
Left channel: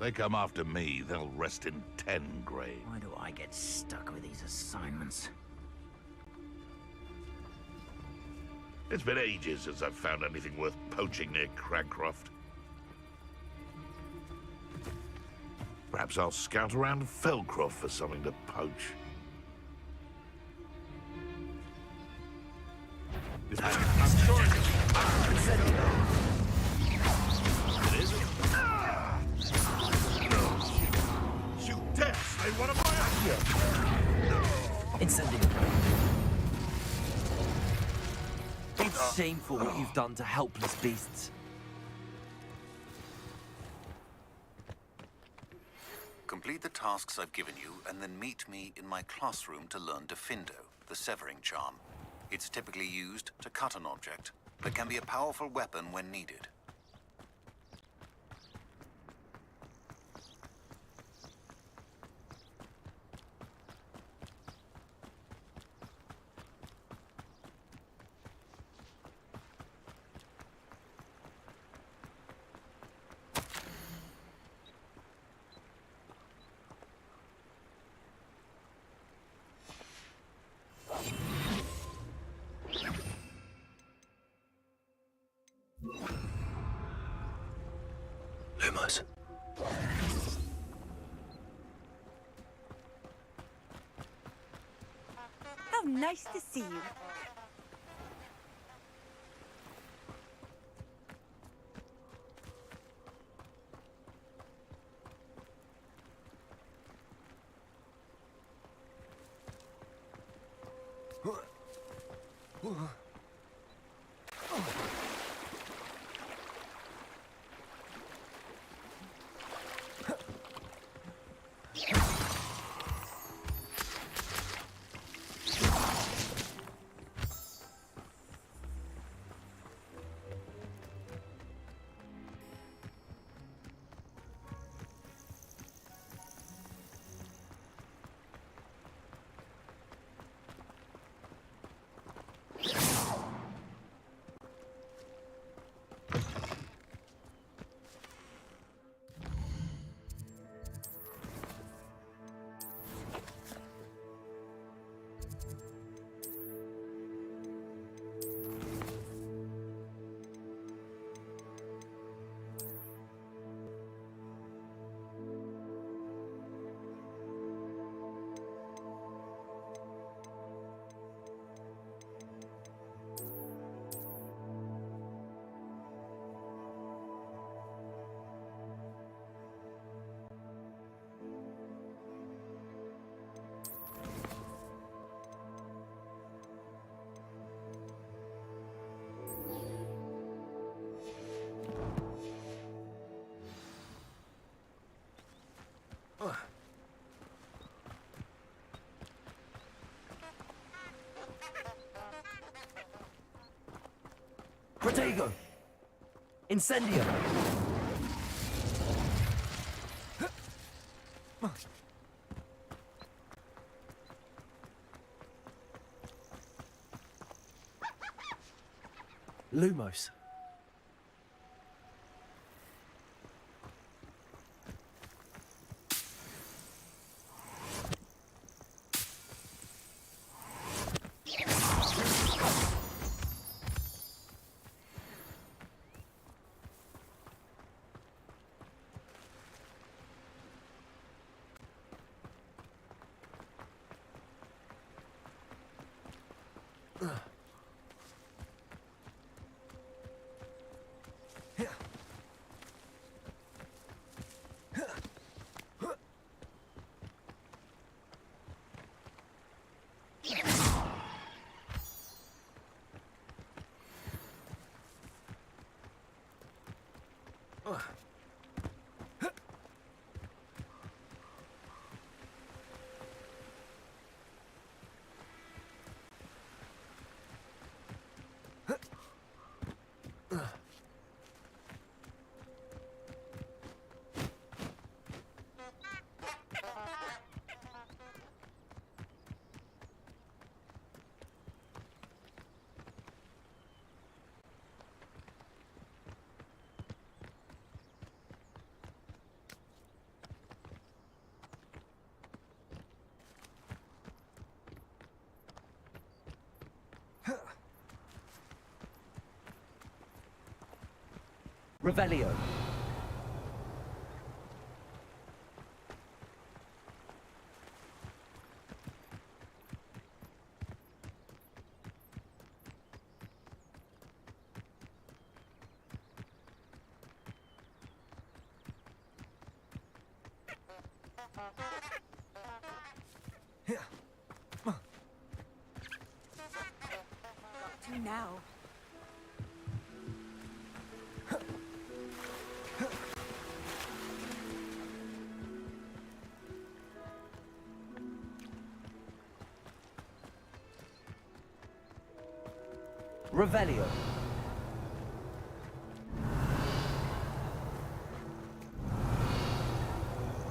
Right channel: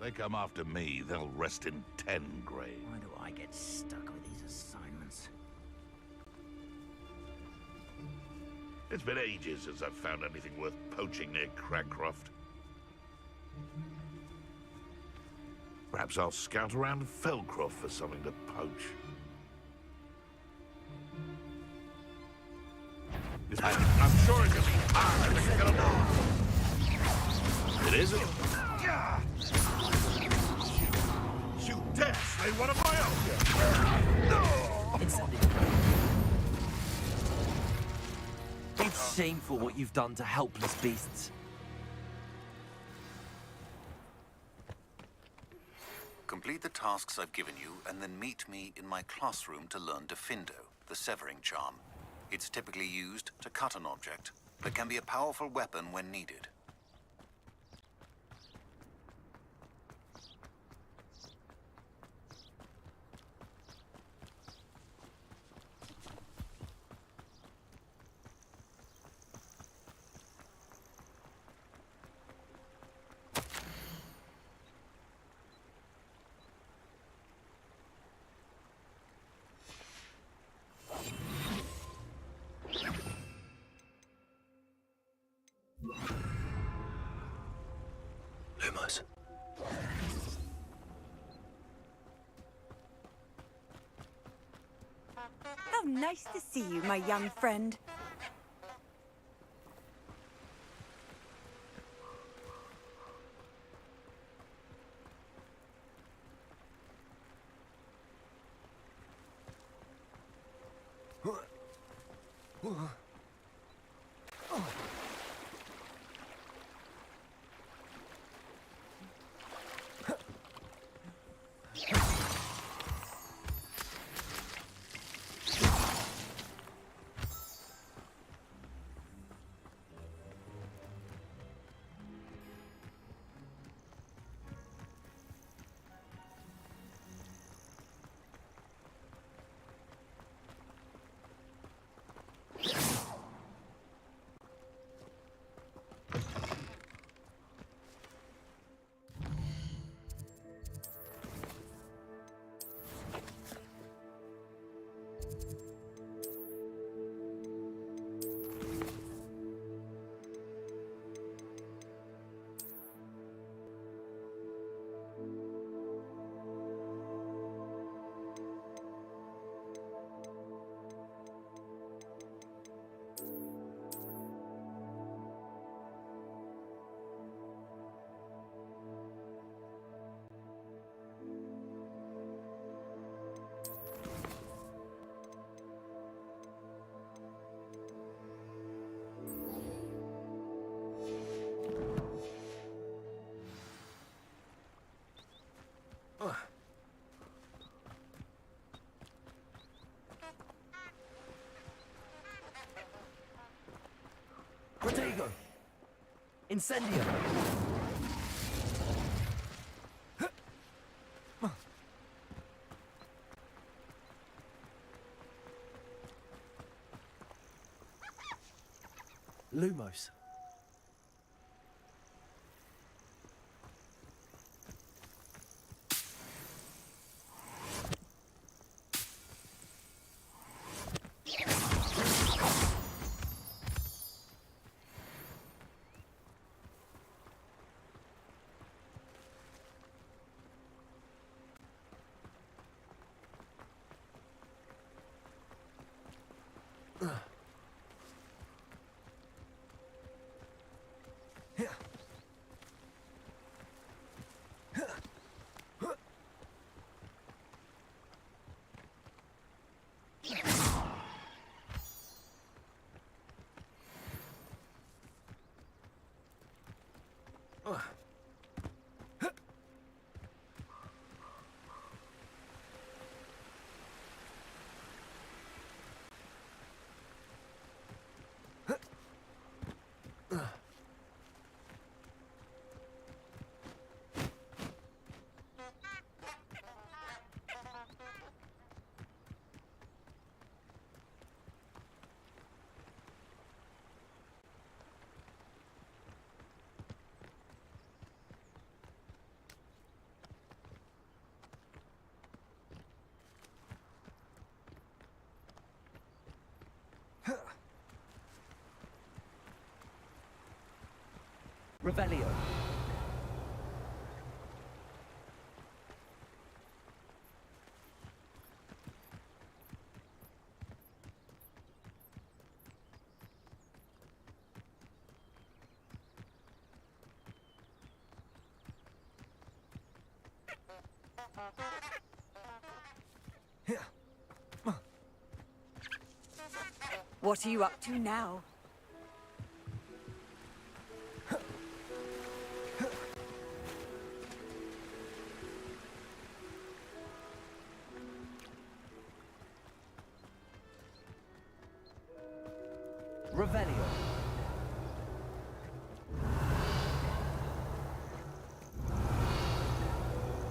They come after me, they'll rest in 10 graves. Why do I get stuck with these assignments? It's been ages since I've found anything worth poaching near Cragcroft. Perhaps I'll scout around Felcroft for something to poach. I'm sure it's It isn't. You dare slay one of my own! Incendiary. It's shameful what you've done to helpless beasts. Complete the tasks I've given you, and then meet me in my classroom to learn Defindo, the severing charm. It's typically used to cut an object, but can be a powerful weapon when needed. Lumos. How nice to see you, my young friend. Protego! Incendio! Lumos. Revelio. What are you up to now? Revelio.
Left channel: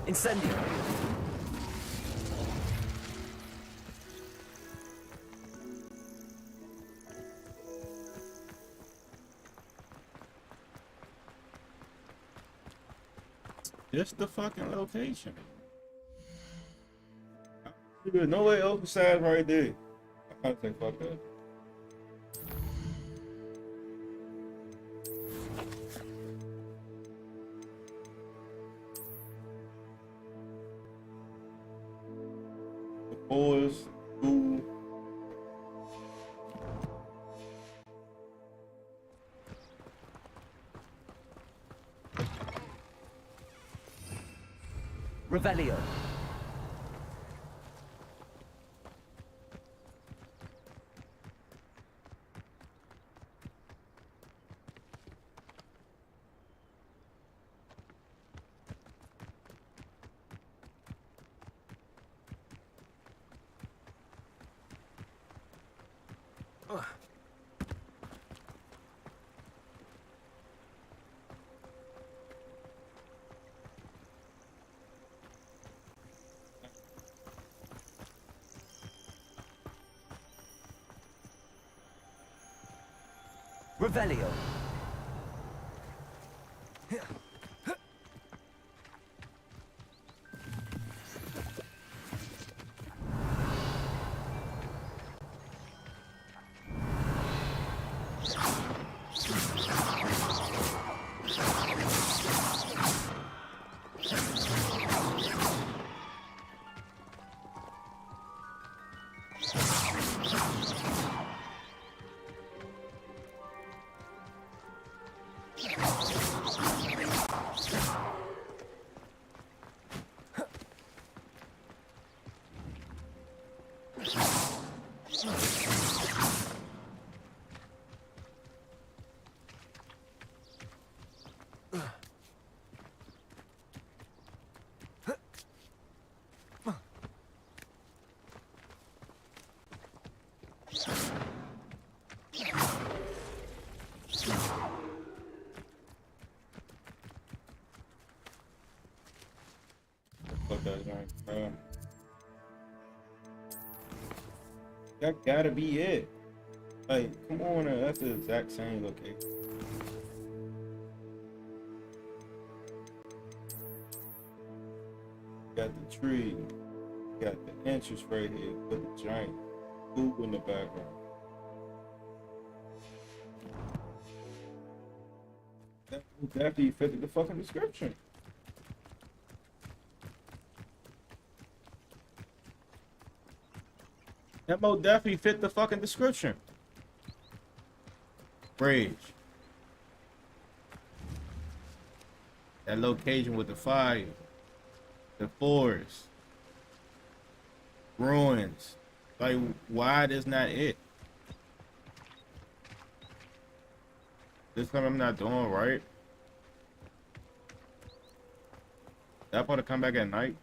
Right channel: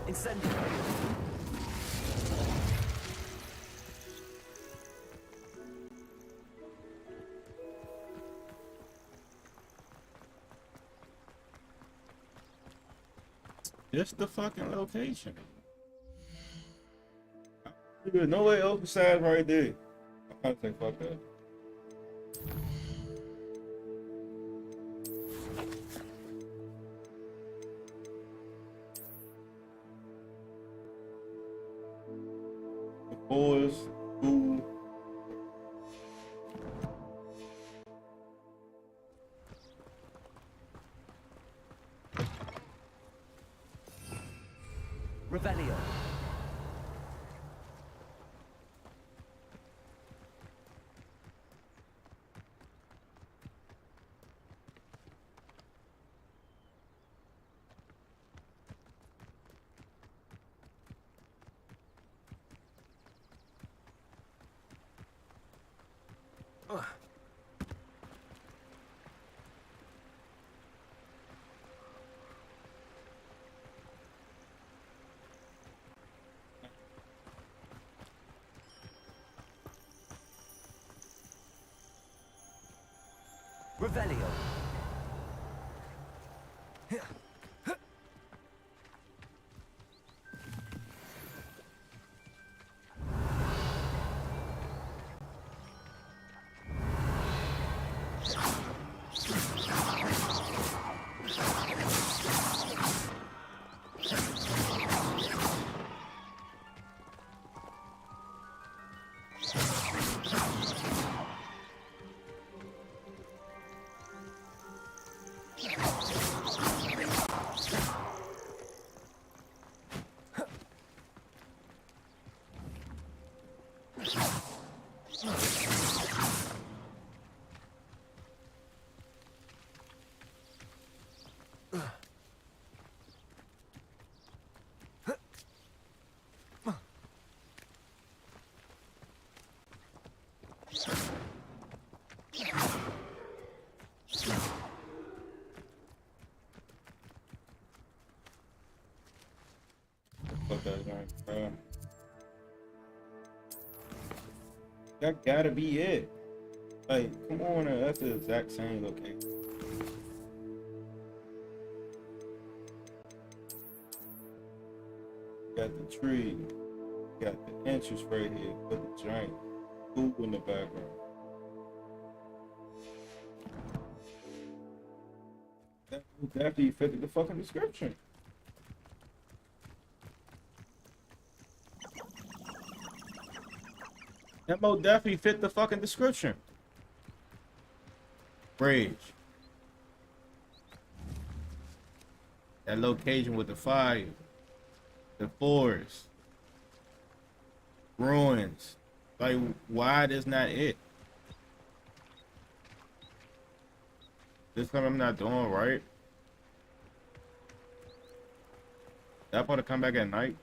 Incendio. Just the fucking location. There's no way open side right there. I can't say fuck that. The boys, school. Revelio. Revelio. Fuck that guy, bro. That gotta be it. Like, come on, that's the exact same location. Got the tree, got the entrance right here, with the giant pool in the background. That would definitely fit the fucking description. That most definitely fit the fucking description. Bridge. That location with the fire. The forest. Ruins. Like, why is not it? This time I'm not doing right. That supposed to come back at night?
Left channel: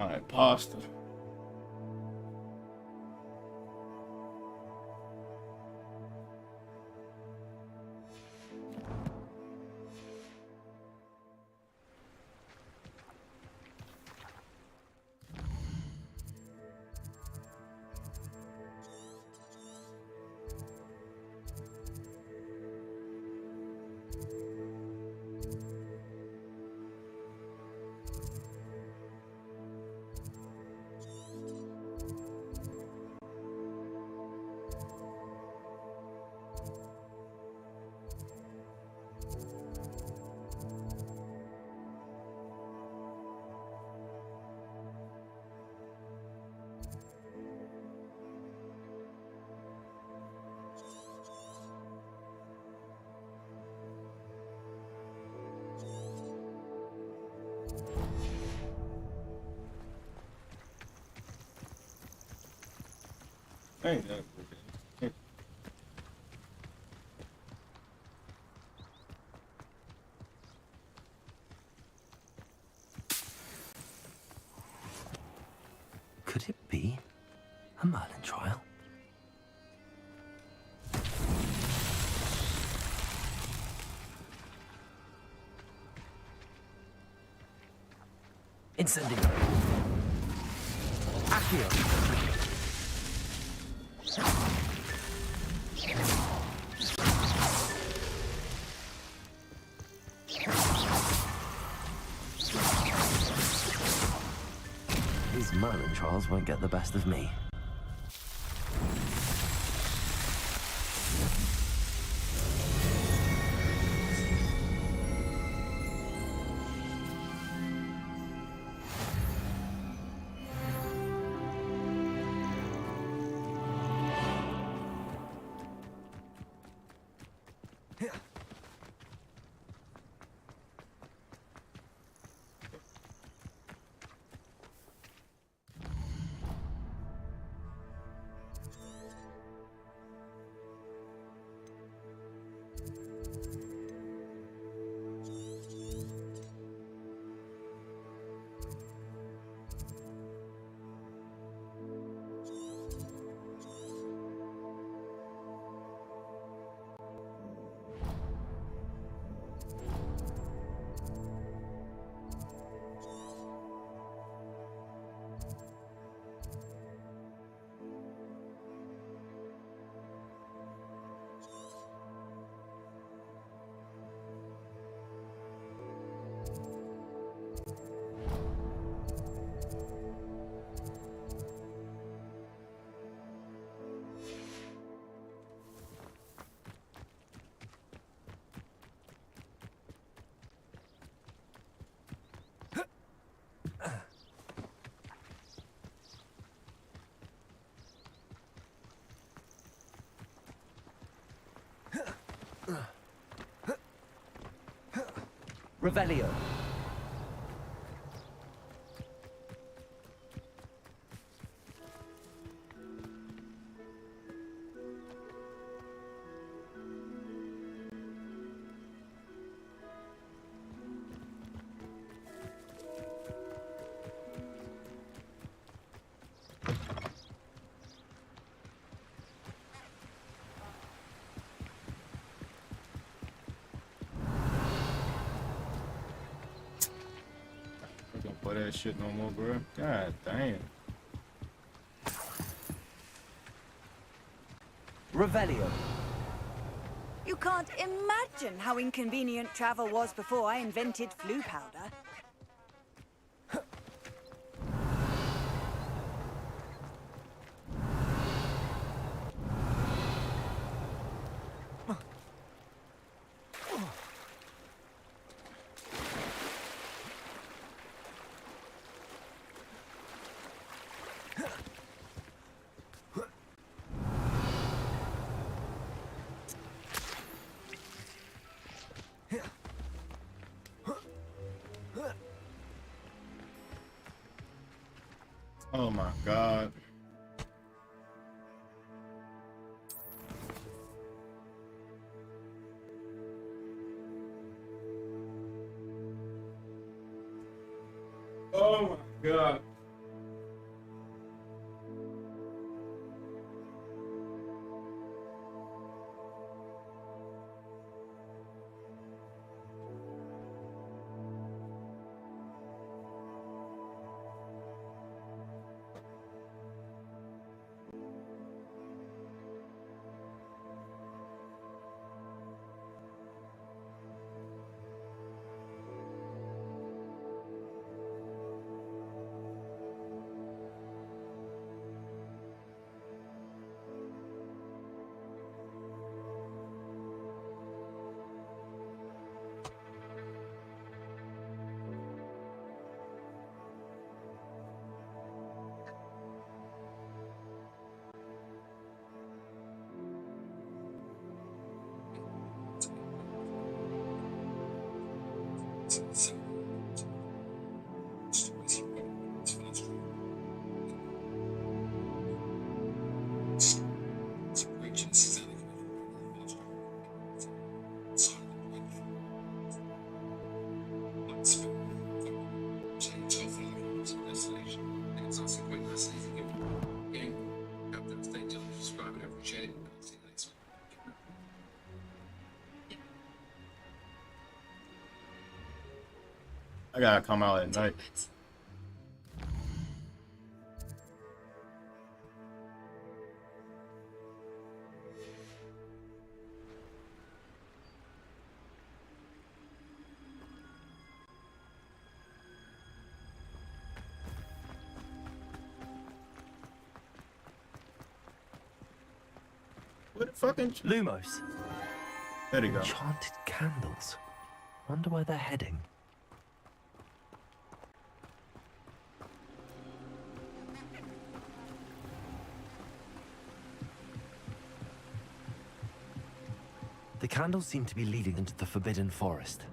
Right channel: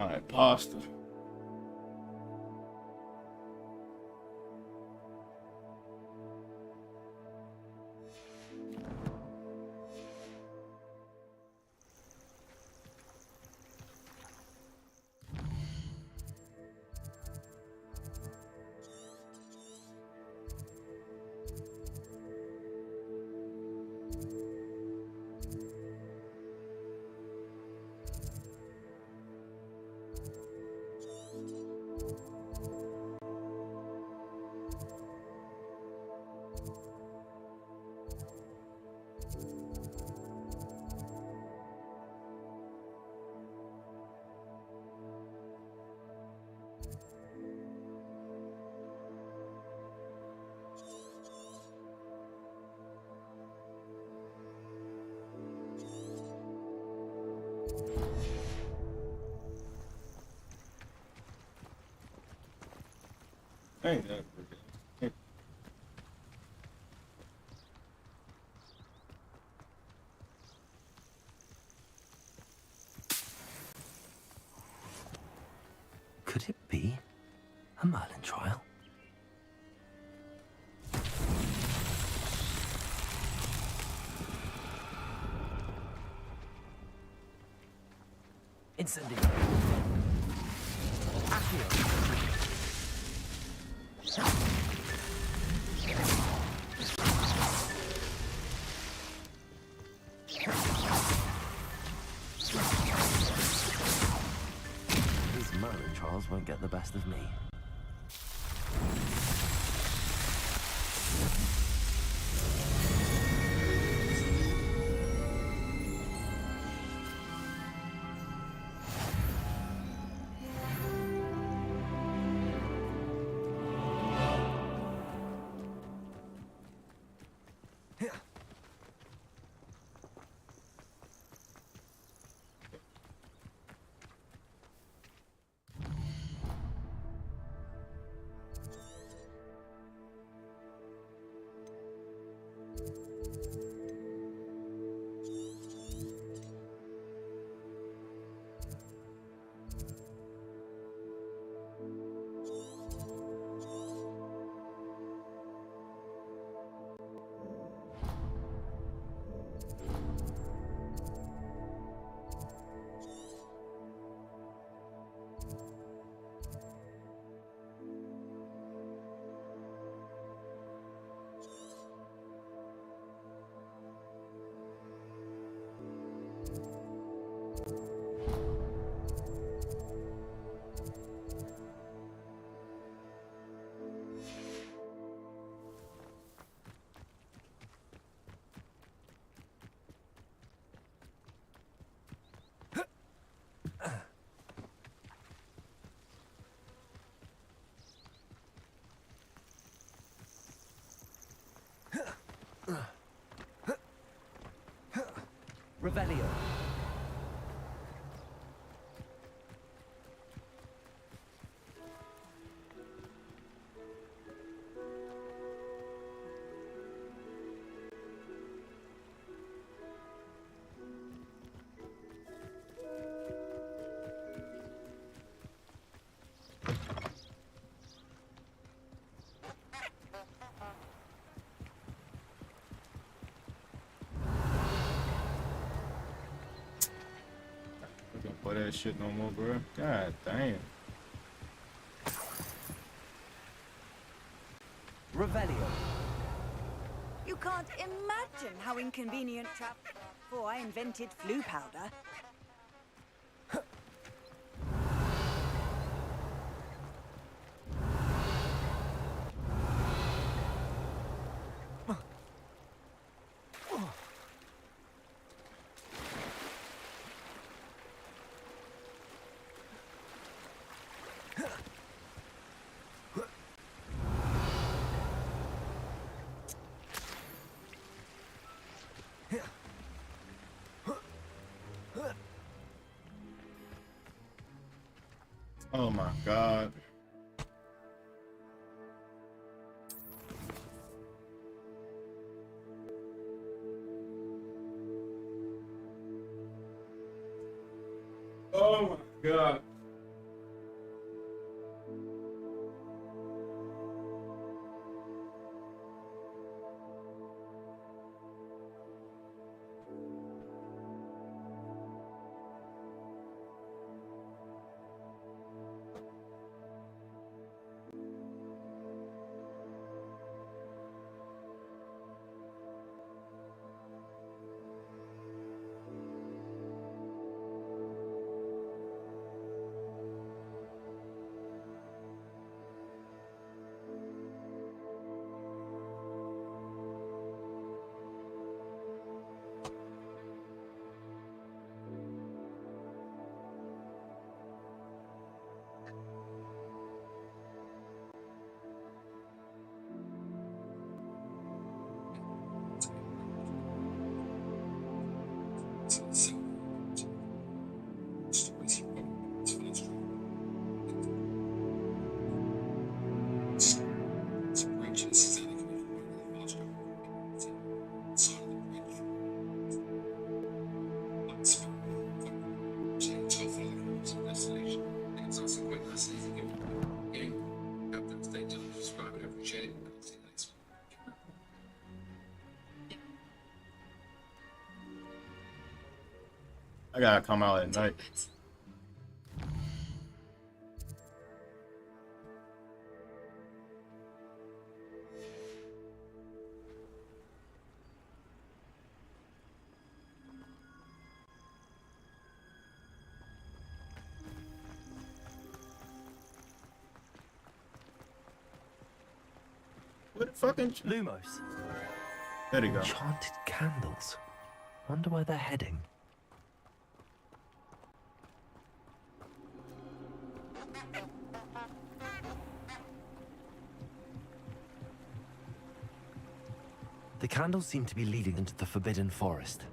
All right, pasta. Ain't that okay. Could it be a Merlin trial? Incendio. Accio. These Merlin trials won't get the best of me. Revelio. Play that shit no more, bro. God damn. Revelio. You can't imagine how inconvenient travel was before I invented flu powder. Oh my god. Oh my god. I gotta come out at night. What the fucking Lumos. There you go. Enchanted candles. Wonder where they're heading. The candles seem to be leading into the Forbidden Forest.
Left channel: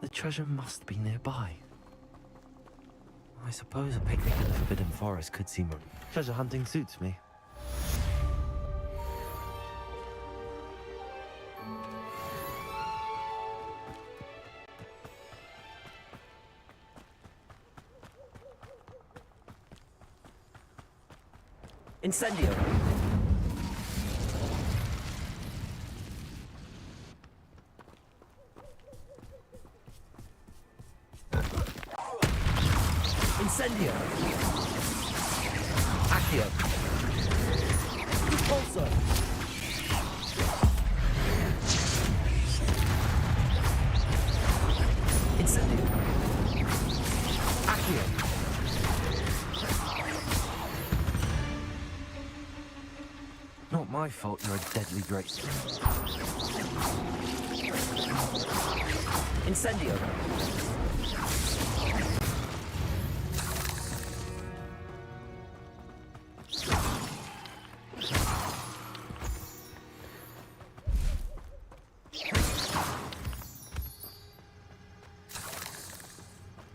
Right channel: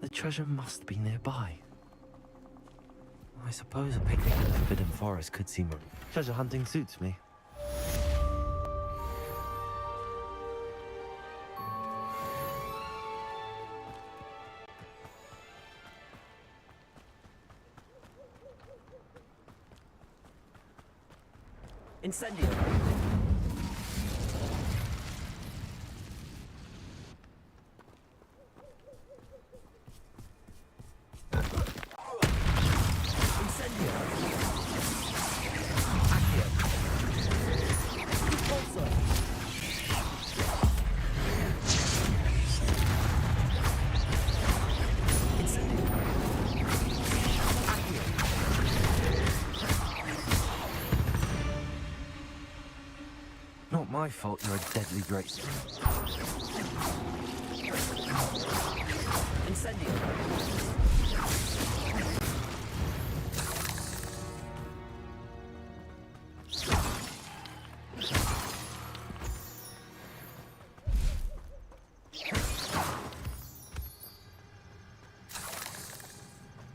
The treasure must be nearby. I suppose a picnic in the Forbidden Forest could seem... Treasure hunting suits me. Incendio. Incendio. Accio. Repulsor. Incendio. Accio. Not my fault you're a deadly great... Incendio.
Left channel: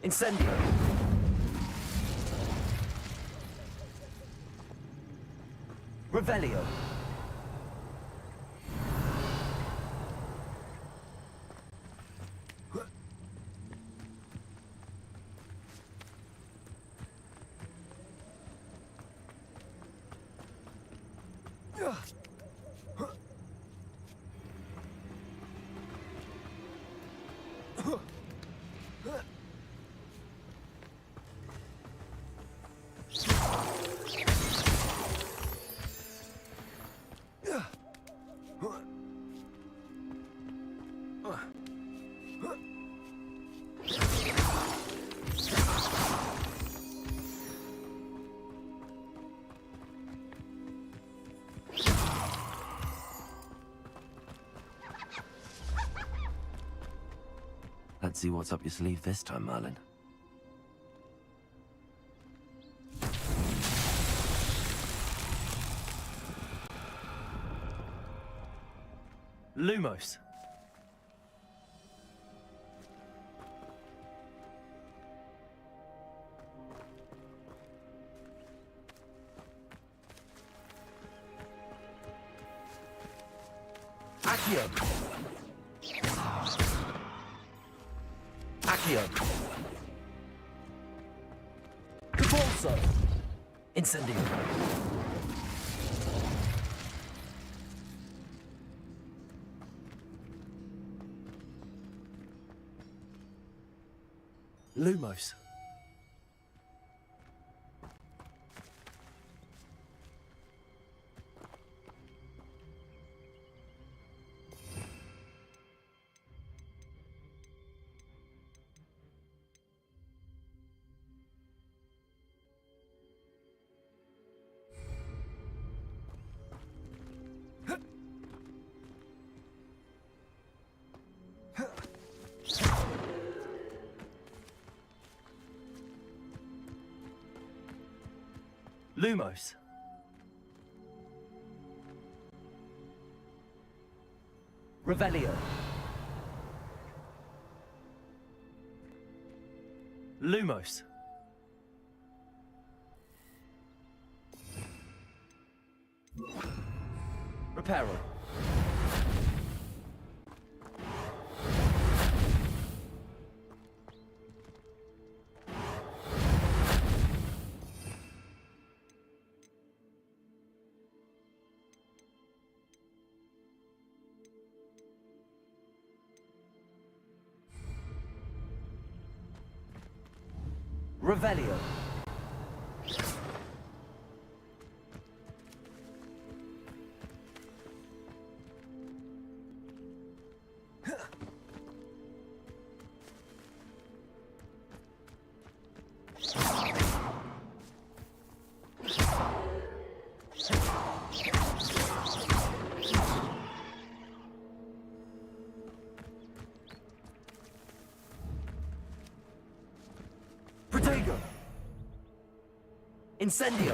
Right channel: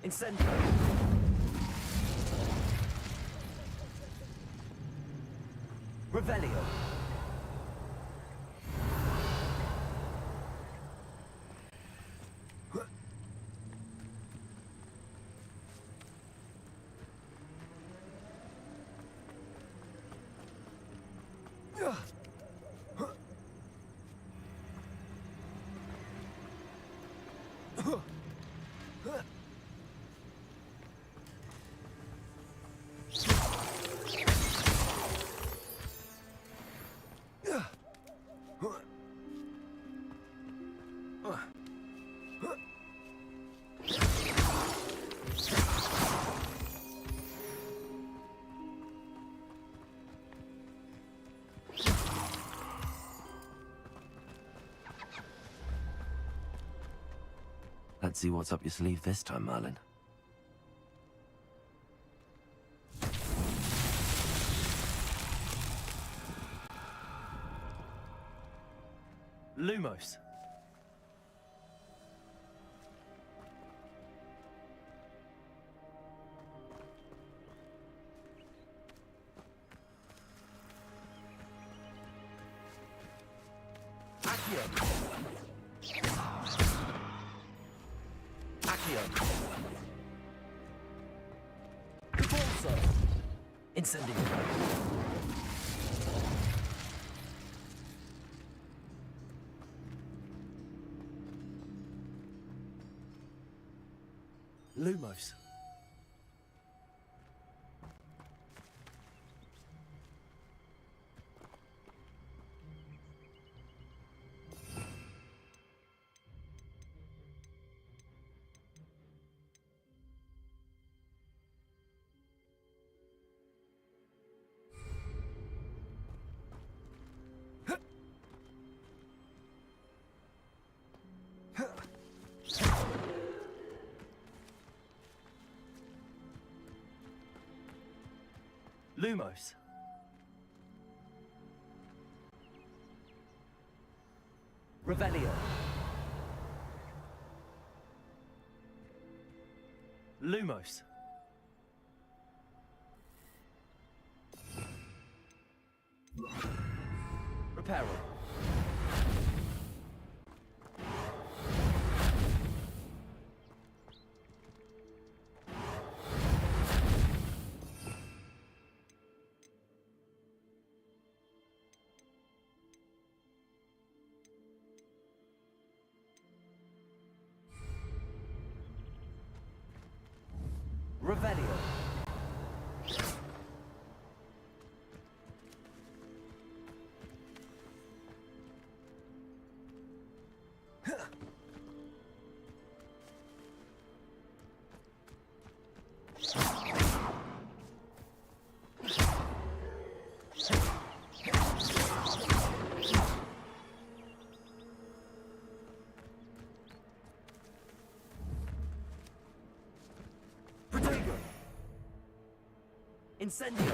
Incendio. Revelio. Let's see what's up your sleeve this time, Merlin. Lumos. Accio. Accio. Repulsor. Incendio. Lumos. Lumos. Revelio. Lumos. Reparo. Revelio. Protego. Incendio.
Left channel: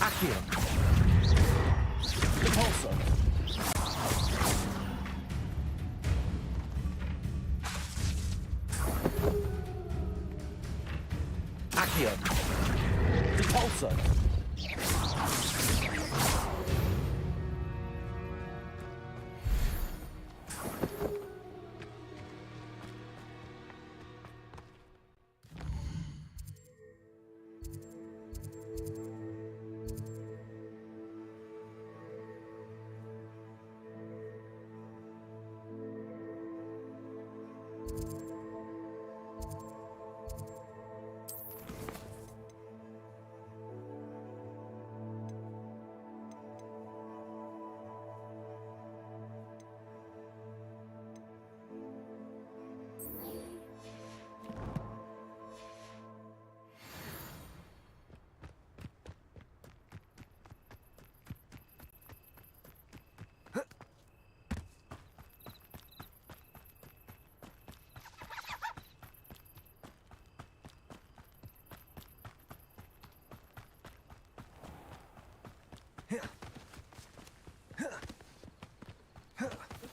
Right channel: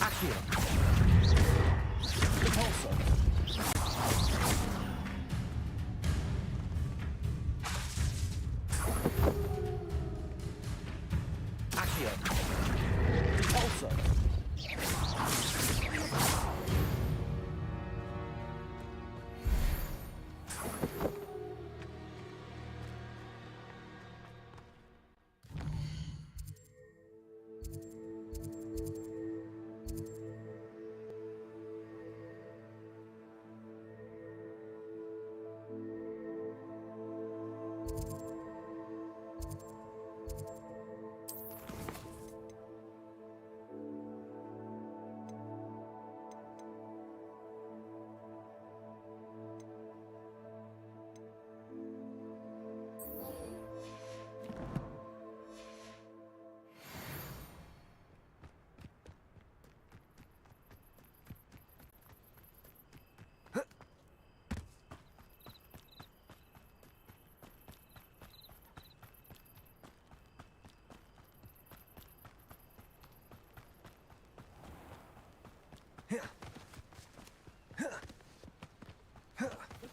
Accio. Repulsor. Accio. Repulsor.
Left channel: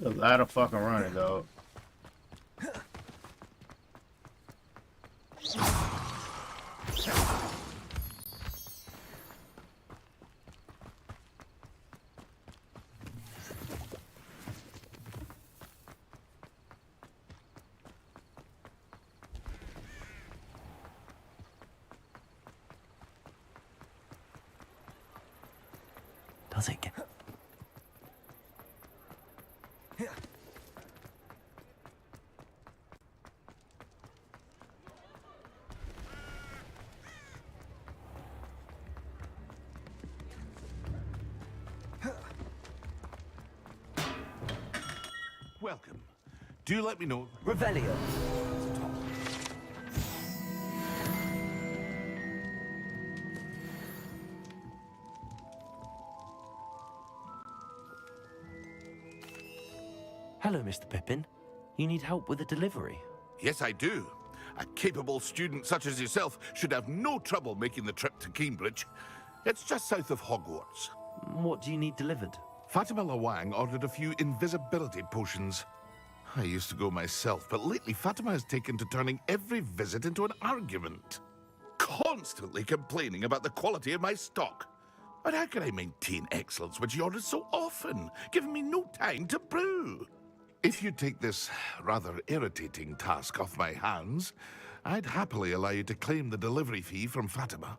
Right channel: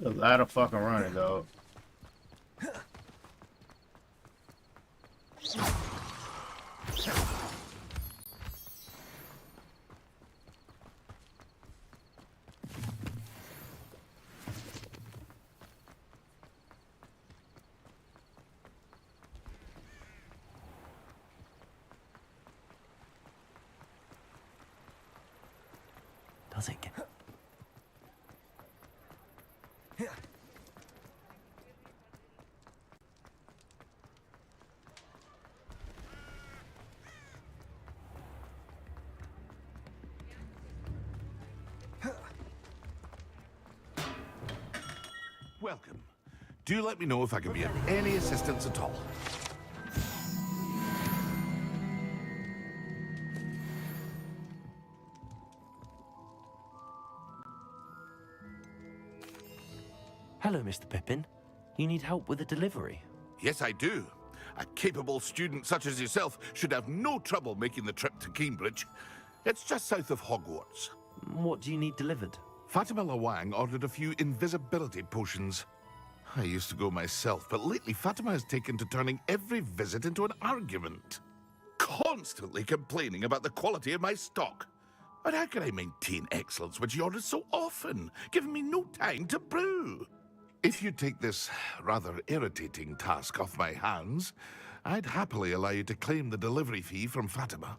A lot of fucking running, dog. Does it get... welcome. Do let me know if I can be of any assistance at all. Hello, Mr. Pippin. You need help with a delivery? Yes, I do. A capable student such as yourself should have no trouble making the trip to Cambridge. It's just south of Hogwarts. What do you need delivered? Fatima Lawang ordered a few invisibility potions. I used to go myself, but lately Fatima has taken to turning every visit into an argument. Constantly complaining about the quality of my stock. But how can I maintain excellence when she orders so often, giving me no time to brew? If you take this rather irritating task off my hands, I'd happily allow you to claim the delivery fee from Fatima.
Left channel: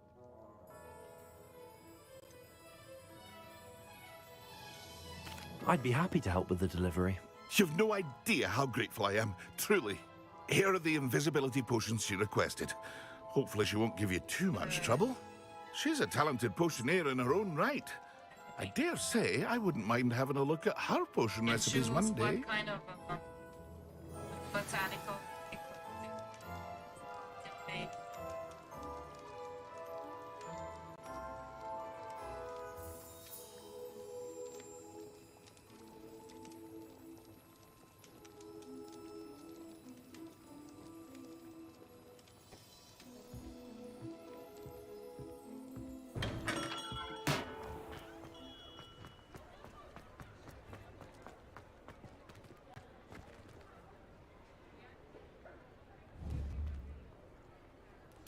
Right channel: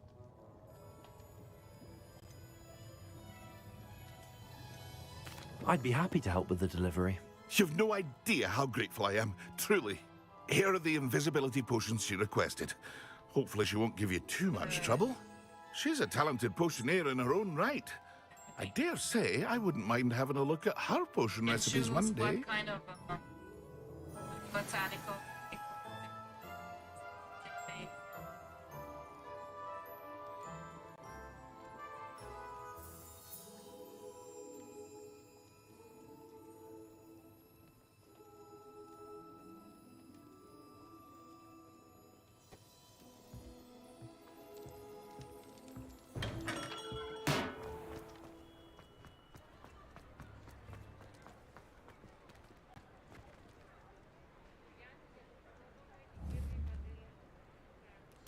I'd be happy to help with the delivery. You've no idea how grateful I am, truly. Here are the invisibility potions she requested. Hopefully she won't give you too much trouble. She's a talented potioneer in her own right. I dare say I wouldn't mind having a look at her potion recipes one day. What kind of botanical?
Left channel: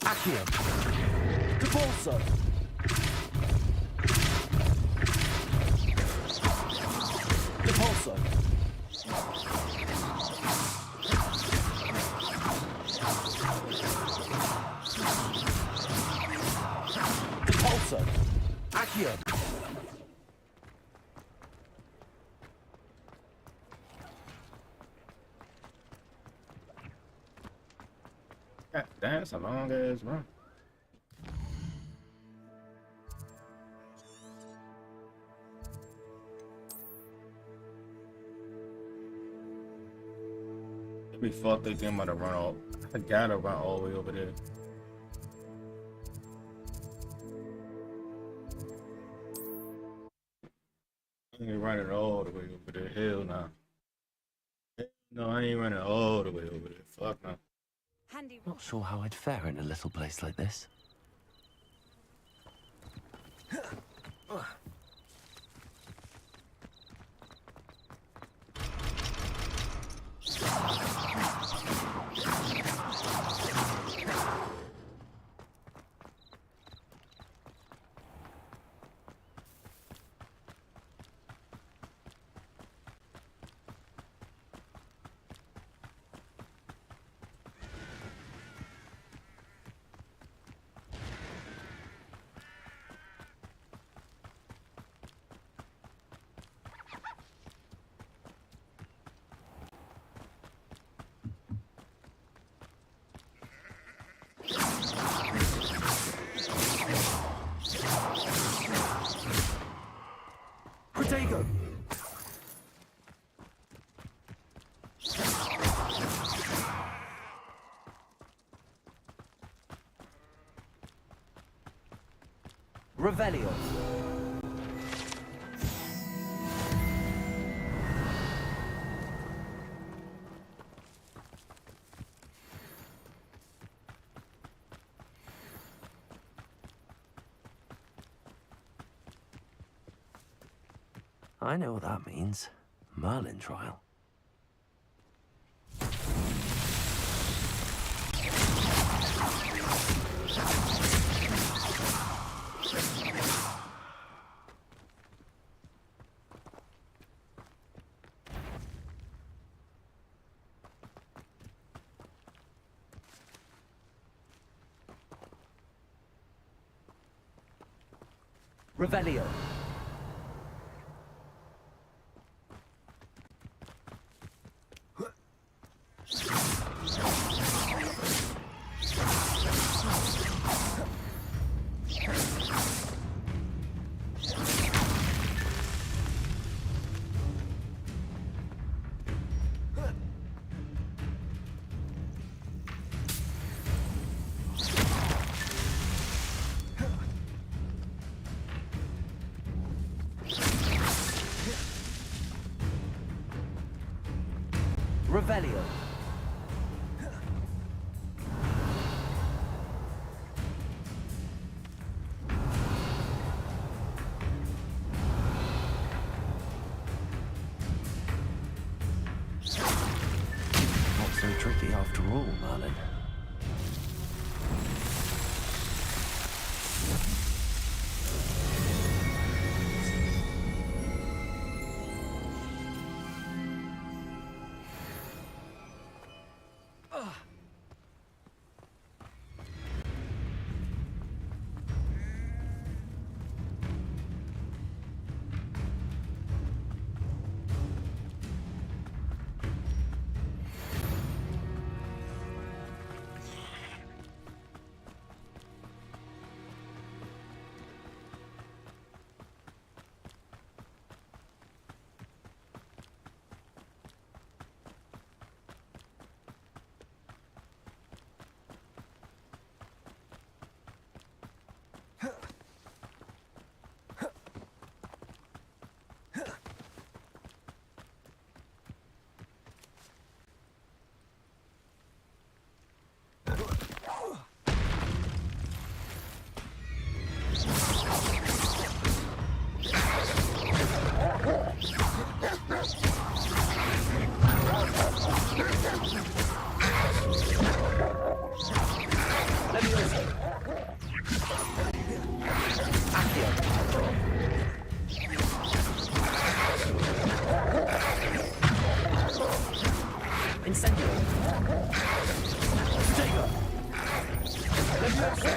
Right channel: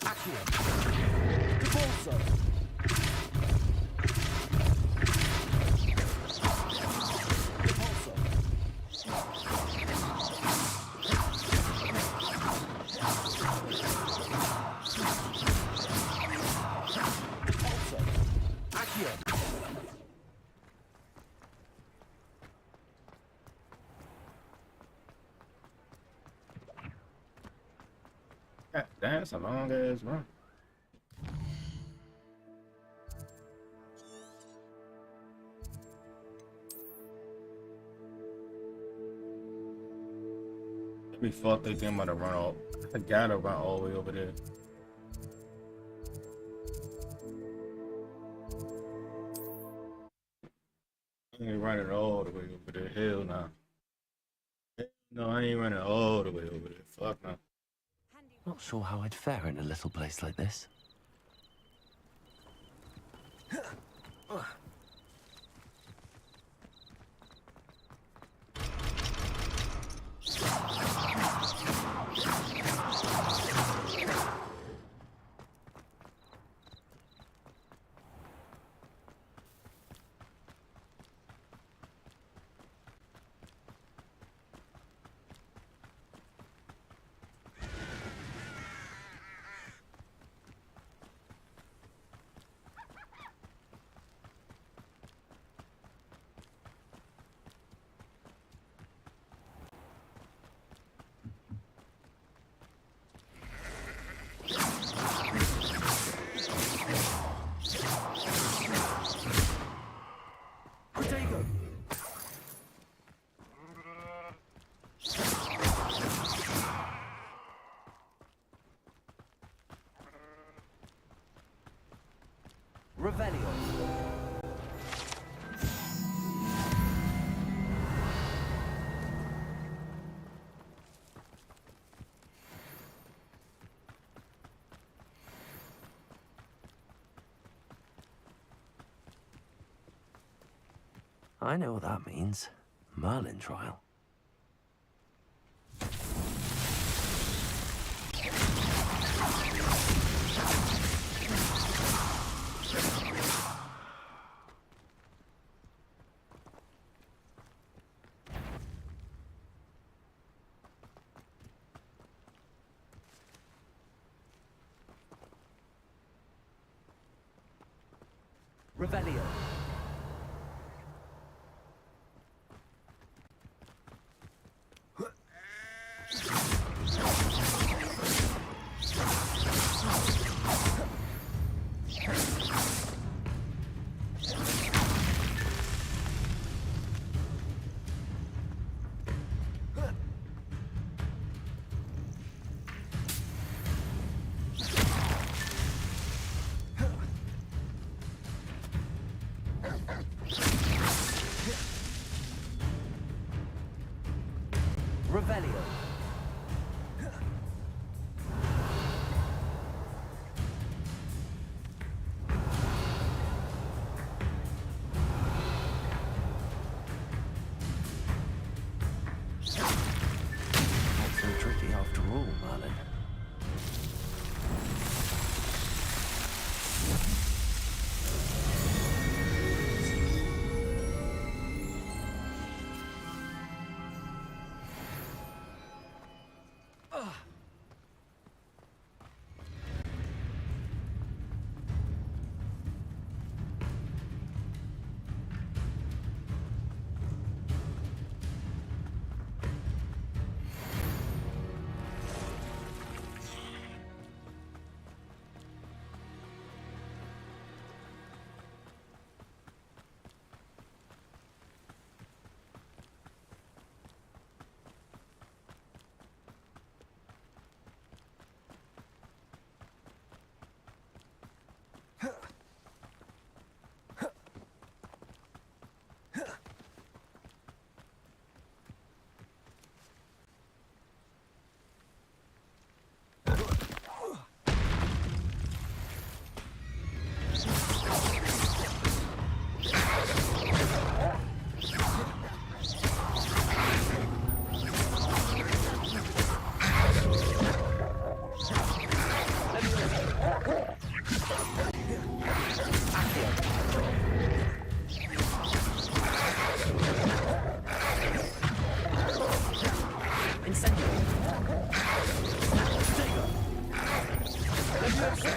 Accio. Depulso. Depulso. Depulso. Accio. God damn, that's a long ass run. We thought they think I'm about to run all. I gotta run all the way over there. I ain't running all the way over there. Hell nah. No, I ain't running all the way over there. Fuck no. Not sure how I'd fare in a little place like this. Protego. Revelio. I know what that means. Merlin trial. Revelio. Revelio. Not so tricky after all, Merlin. Incendio. Protego. Leviosa.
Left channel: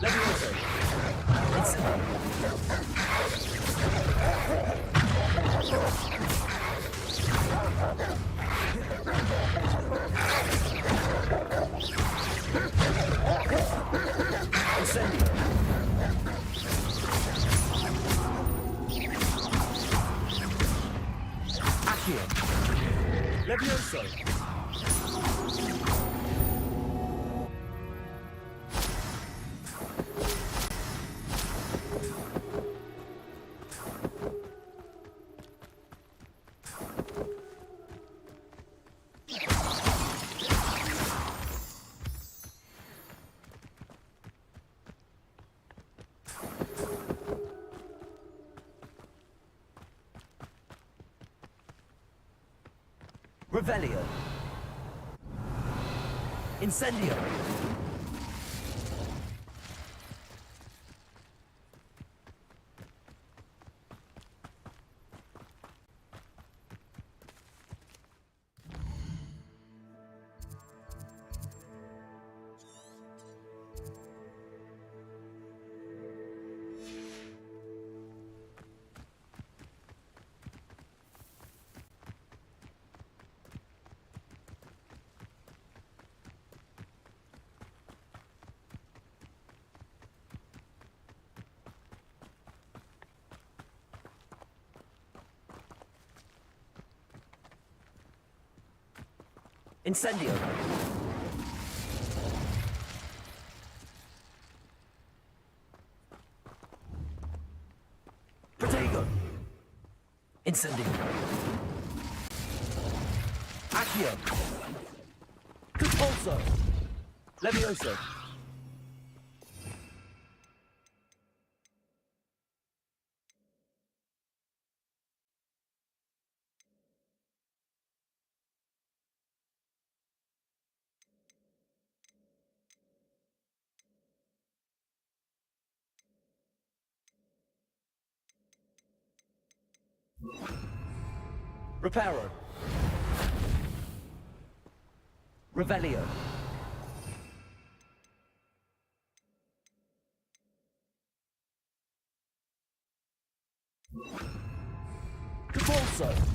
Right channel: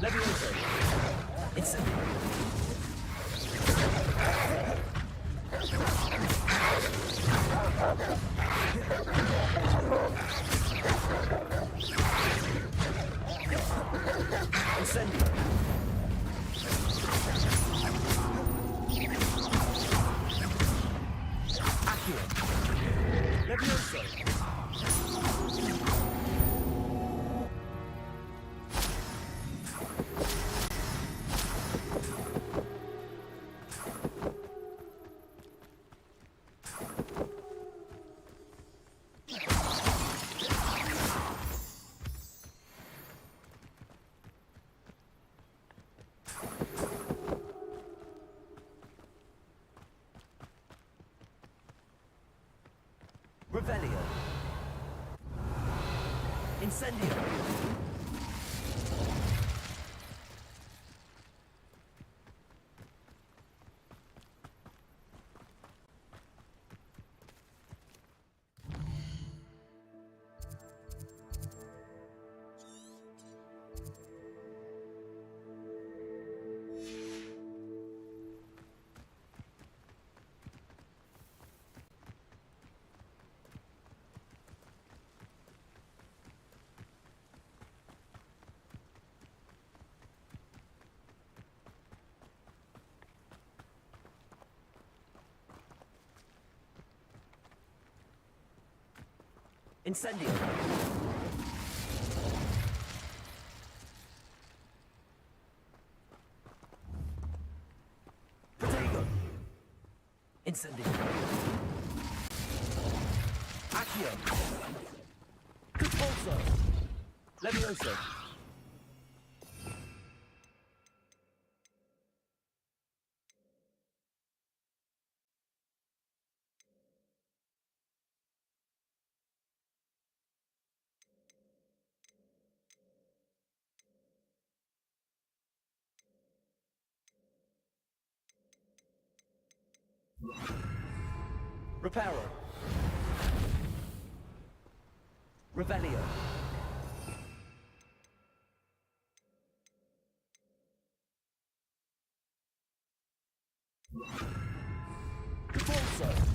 Leviosa. Incendio. Incendio. Accio. Levioso. Revelio. Incendio. Incendio. Protego. Incendio. Accio. Compulso. Levioso. Reparo. Revelio. Compulso.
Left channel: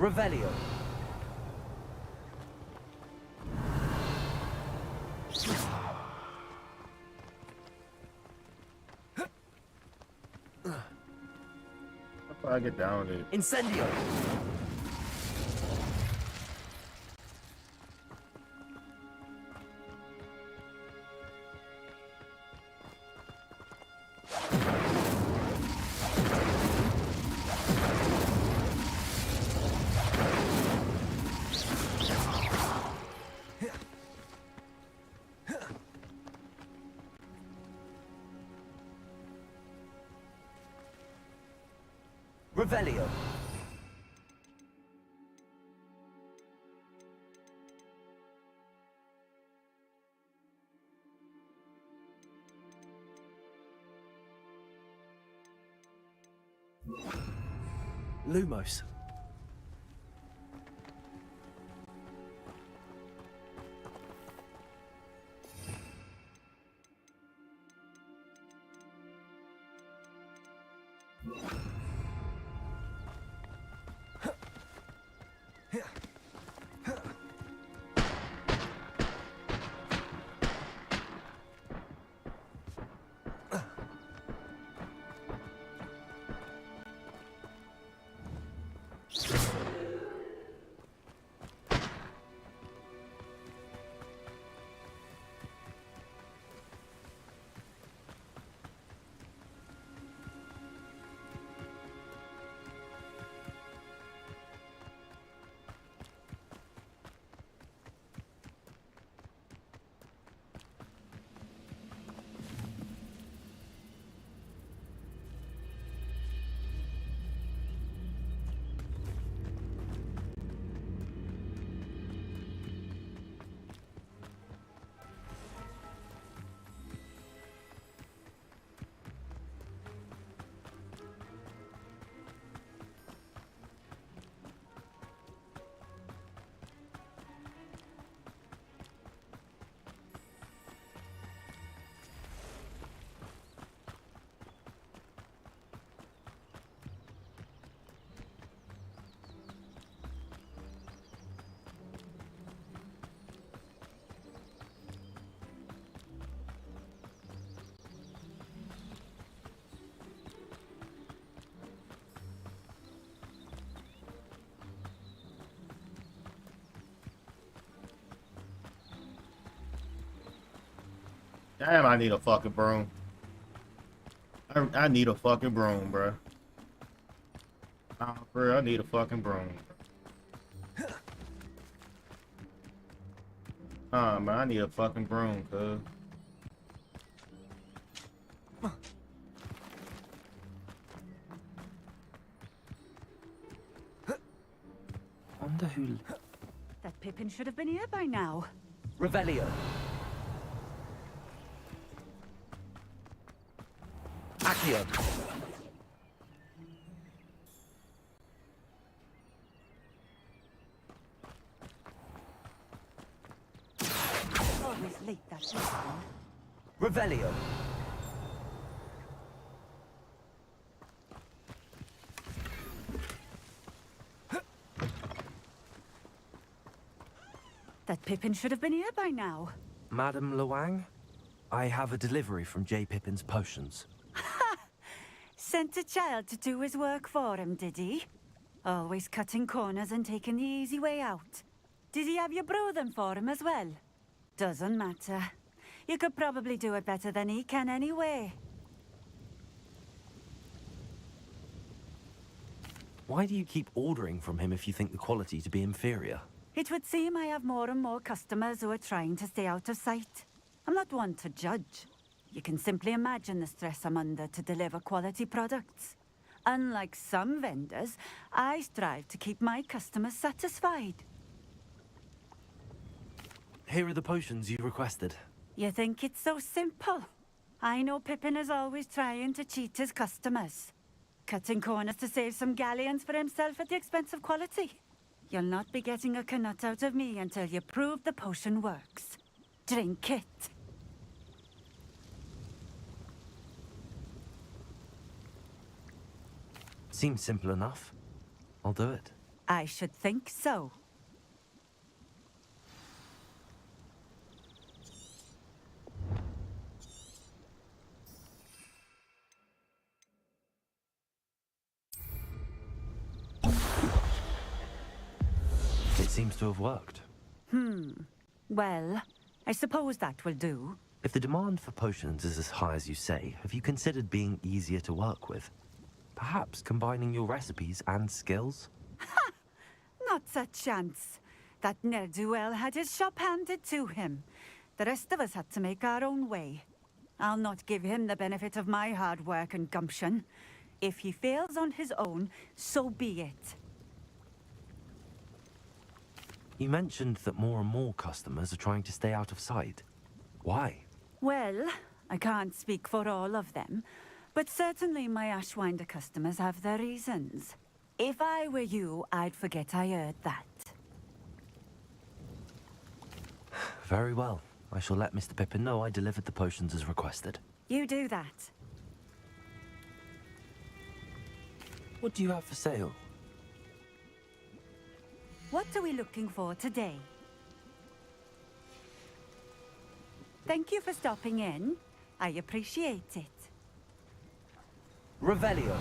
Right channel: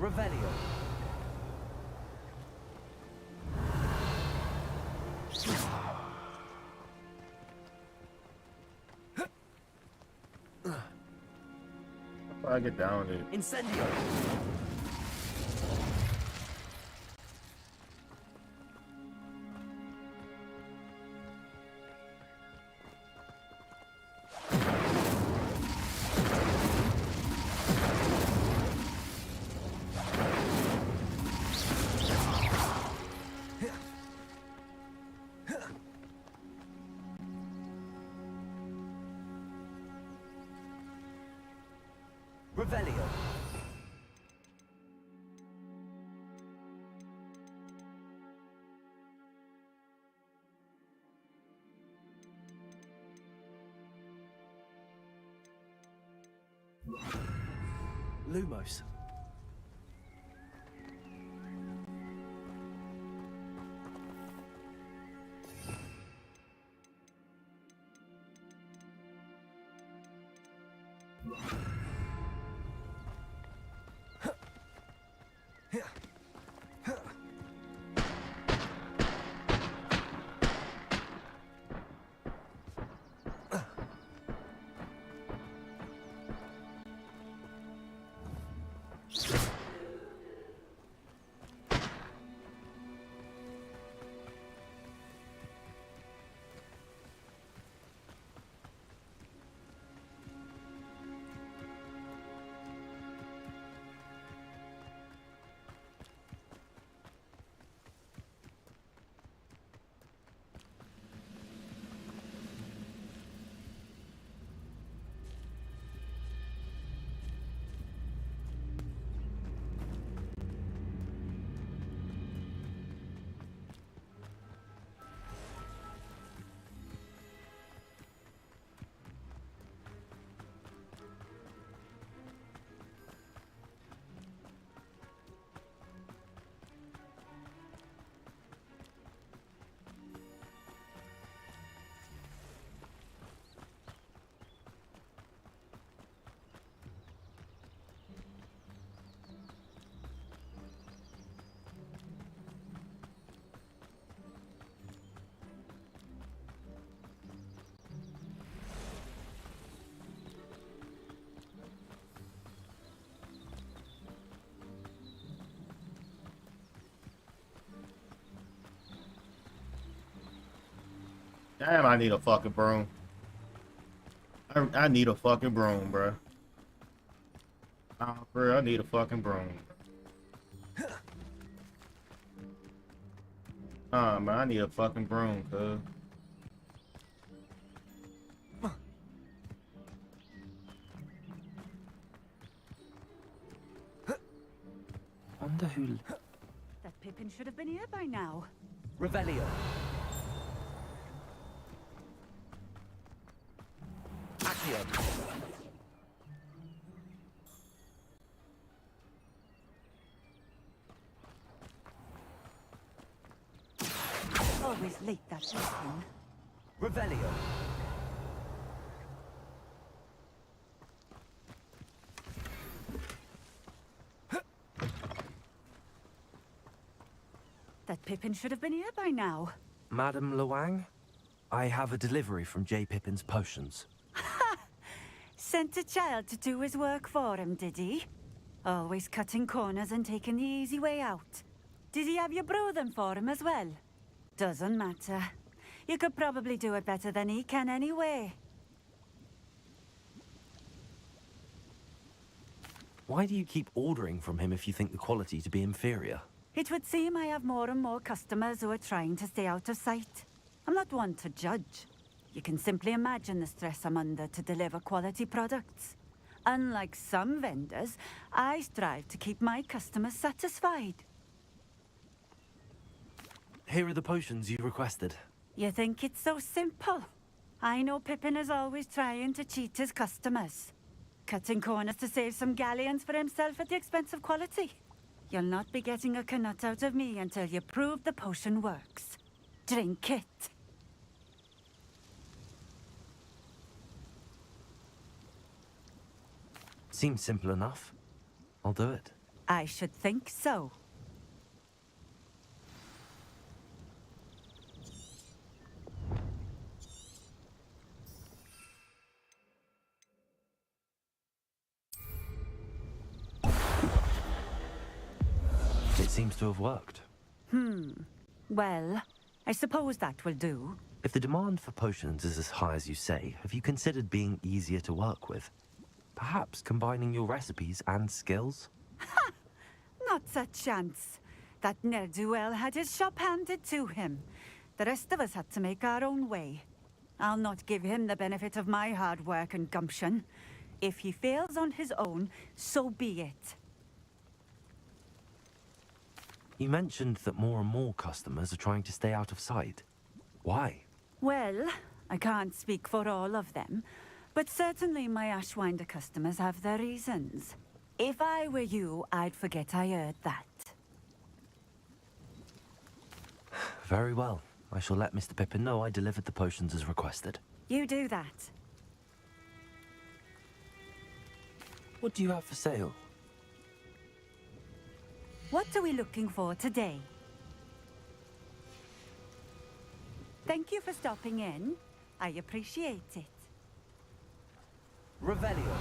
Revelio. I get down with it. Incendio. Revelio. Lumos. Damn, I need a fucking broom. I need a fucking broom, bro. Nah, for real, I need a fucking broom. Man, I need a fucking broom, cuz. Wonder who... That Pippin should have been here by now. Revelio. Accio. Always late, that Pippin. Revelio. That Pippin should have been here by now. Madam Luang? I have a delivery from J. Pippin's potions. Sent a child to do his work for him, did he? Always cutting corners and taking the easy way out. Did he have you brew them for him as well? Doesn't matter. You could probably do it better than he can anyway. Why do you keep ordering from him if you think the quality to be inferior? It would seem I have more and more customers who are trying to stay out of sight. I'm not one to judge. You can simply imagine the stress I'm under to deliver quality products. Unlike some vendors, I strive to keep my customers satisfied. Here are the potions you requested. You think it's so simple? I know Pippin is always trying to cheat his customers. Cutting corners to save some galleons for himself at the expense of quality. You'll not be getting a knut out of me until you prove the potion works. Drink it. Seems simple enough. I'll do it. I should think so. It seems to have worked. Well, I suppose that will do. If the demand for potions is as high as you say, have you considered being easier to work with? Perhaps combining your recipes and skills? Not a chance. That ne'er-do-well had his shop handed to him. The rest of us had to make our own way. I'll not give him the benefit of my hard work and gumption. If he fails on his own, so be it. You mentioned that more and more customers are trying to stay out of sight. Why? Well, I can't speak for all of them, but certainly my Ashwinder customers have their reasons. If I were you, I'd forget I heard that. Very well. I shall let Mr. Pippin know I delivered the potions as requested. You do that. What do you have for sale? What are we looking for today? Thank you for stopping in. I appreciate it. Revelio.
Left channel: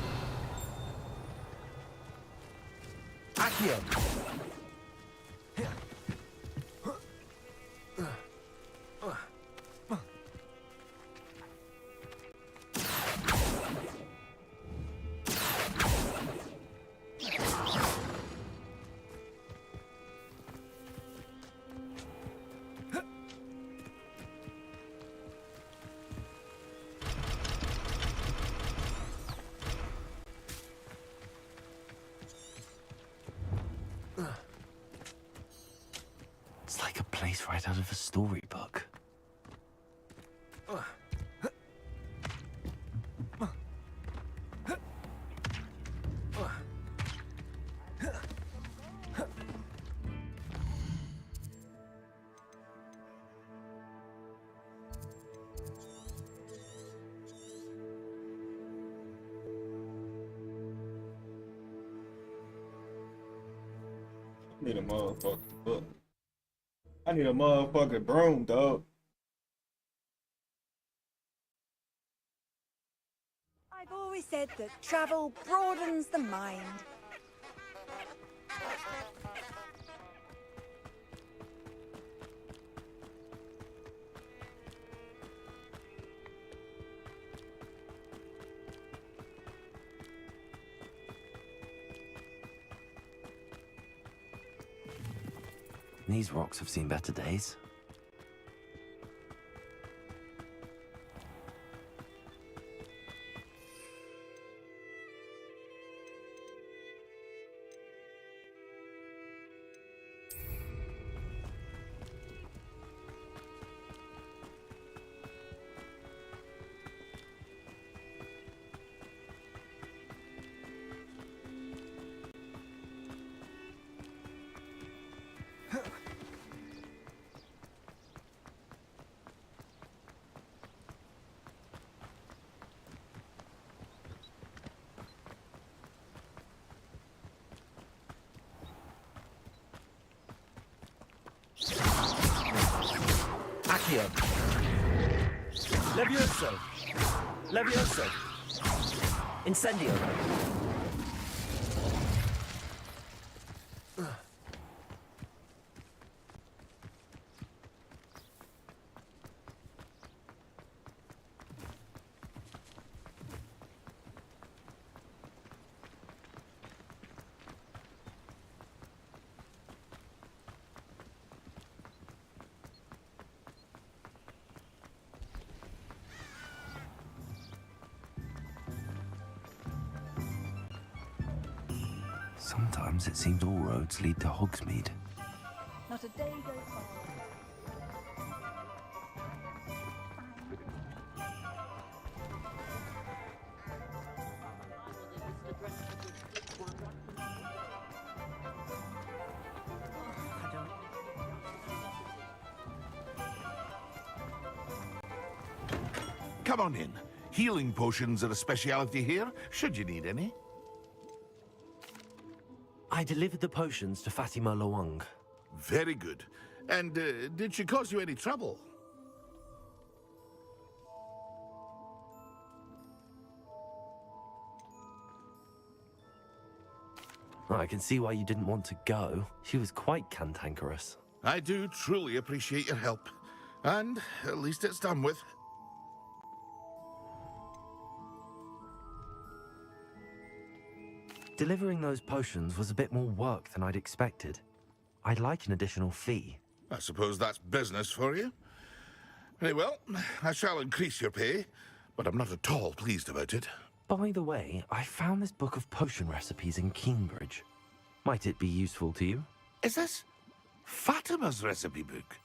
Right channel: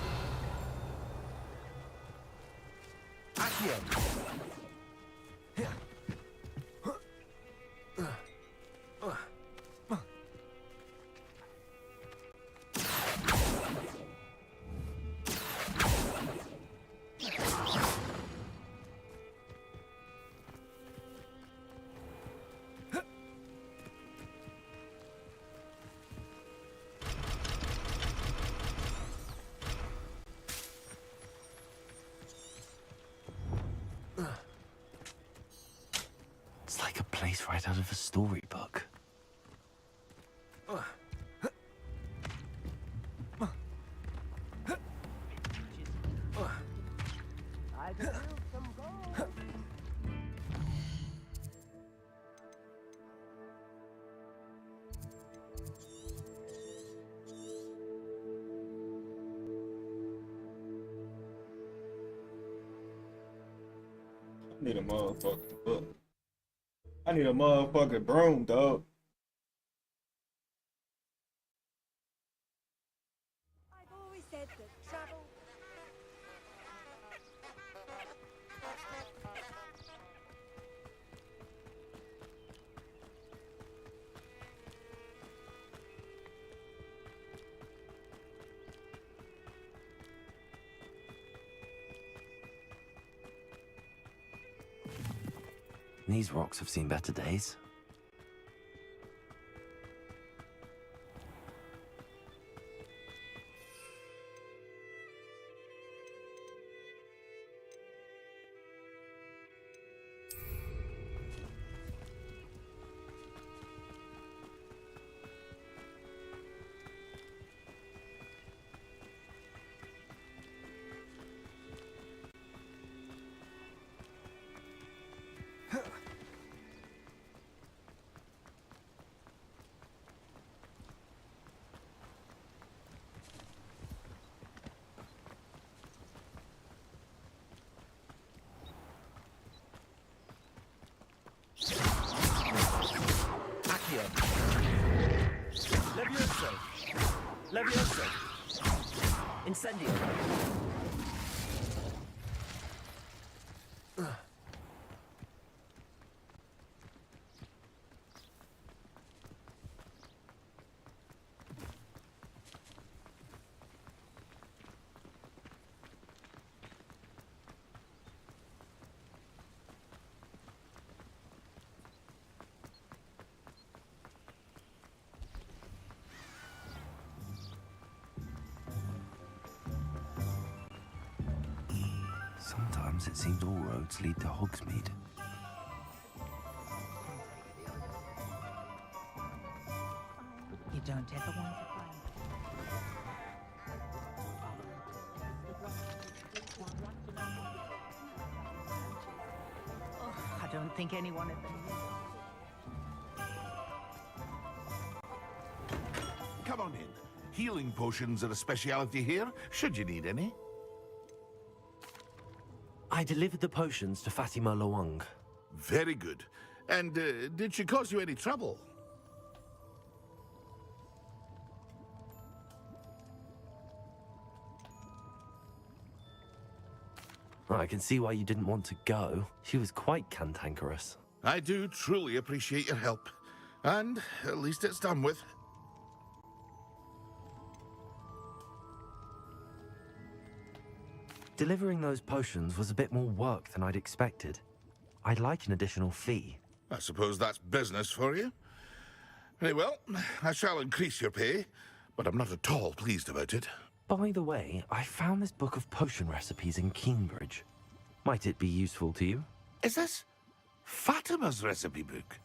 Accio. It's like a place right out of a storybook. I need a motherfucking book. I need a motherfucking broom, dog. I've always said that travel broadens the mind. These rocks have seen better days. Accio. Levioso. Levioso. Incendio. Sometimes it seems all roads lead to Hogsmeade. Not a day goes by. You don't ever want I don't think anyone Come on in. Healing potions are a speciality here, should you need any. I delivered the potions to Fatima Lawang. Very good. And did she cause you any trouble? I can see why you didn't want to go. She was quite cantankerous. I do truly appreciate your help. And at least it's done with. Delivering those potions was a bit more work than I'd expected. I'd like an additional fee. I suppose that's business for you. Very well, I shall increase your pay, but I'm not at all pleased about it. By the way, I found this book of potion recipes in Cambridge. Might it be useful to you? Is this Fatima's recipe book?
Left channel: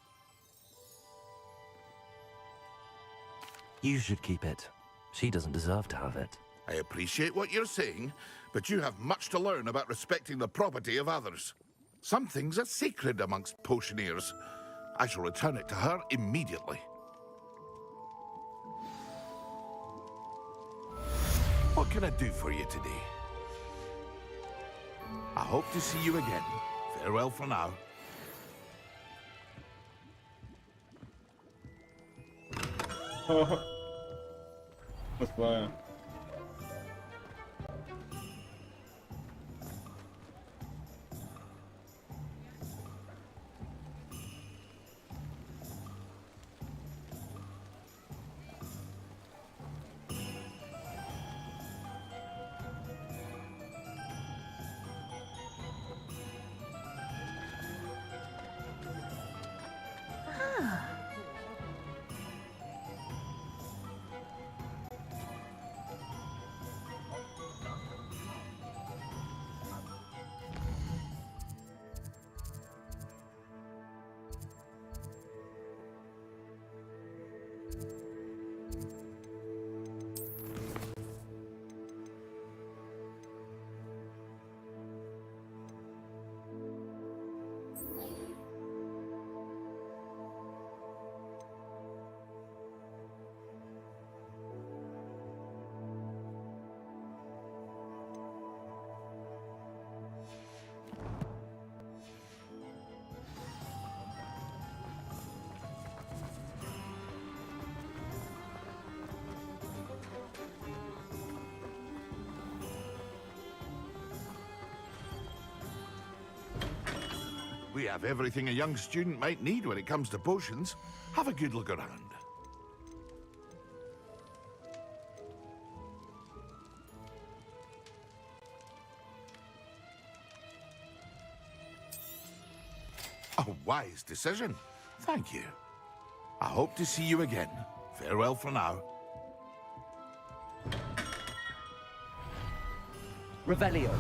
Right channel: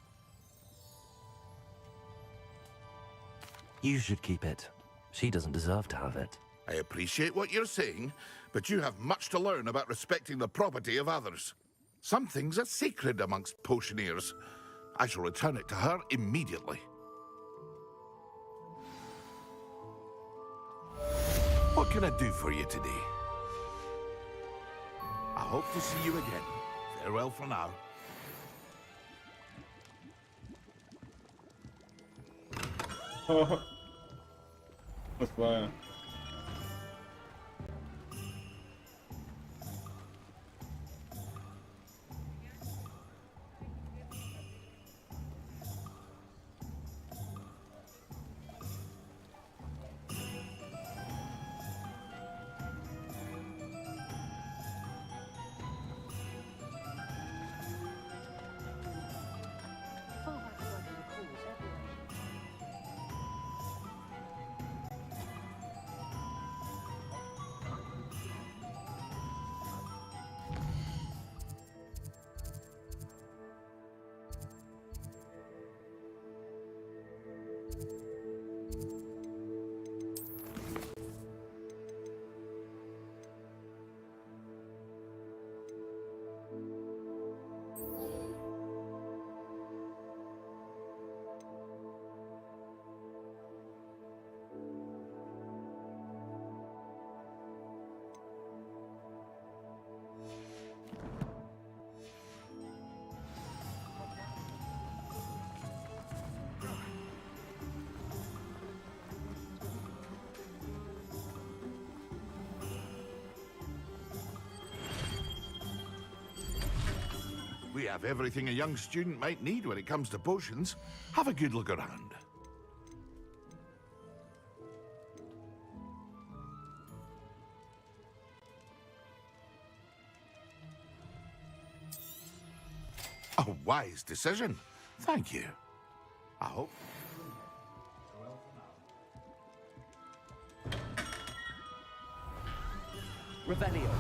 You should keep it. She doesn't deserve to have it. I appreciate what you're saying, but you have much to learn about respecting the property of others. Some things are sacred amongst potioneers. I shall return it to her immediately. What can I do for you today? I hope to see you again. Farewell for now. That's fine. We have everything a young student might need when it comes to potions. Have a good look around. A wise decision. Thank you. I hope to see you again. Farewell for now. Revelio.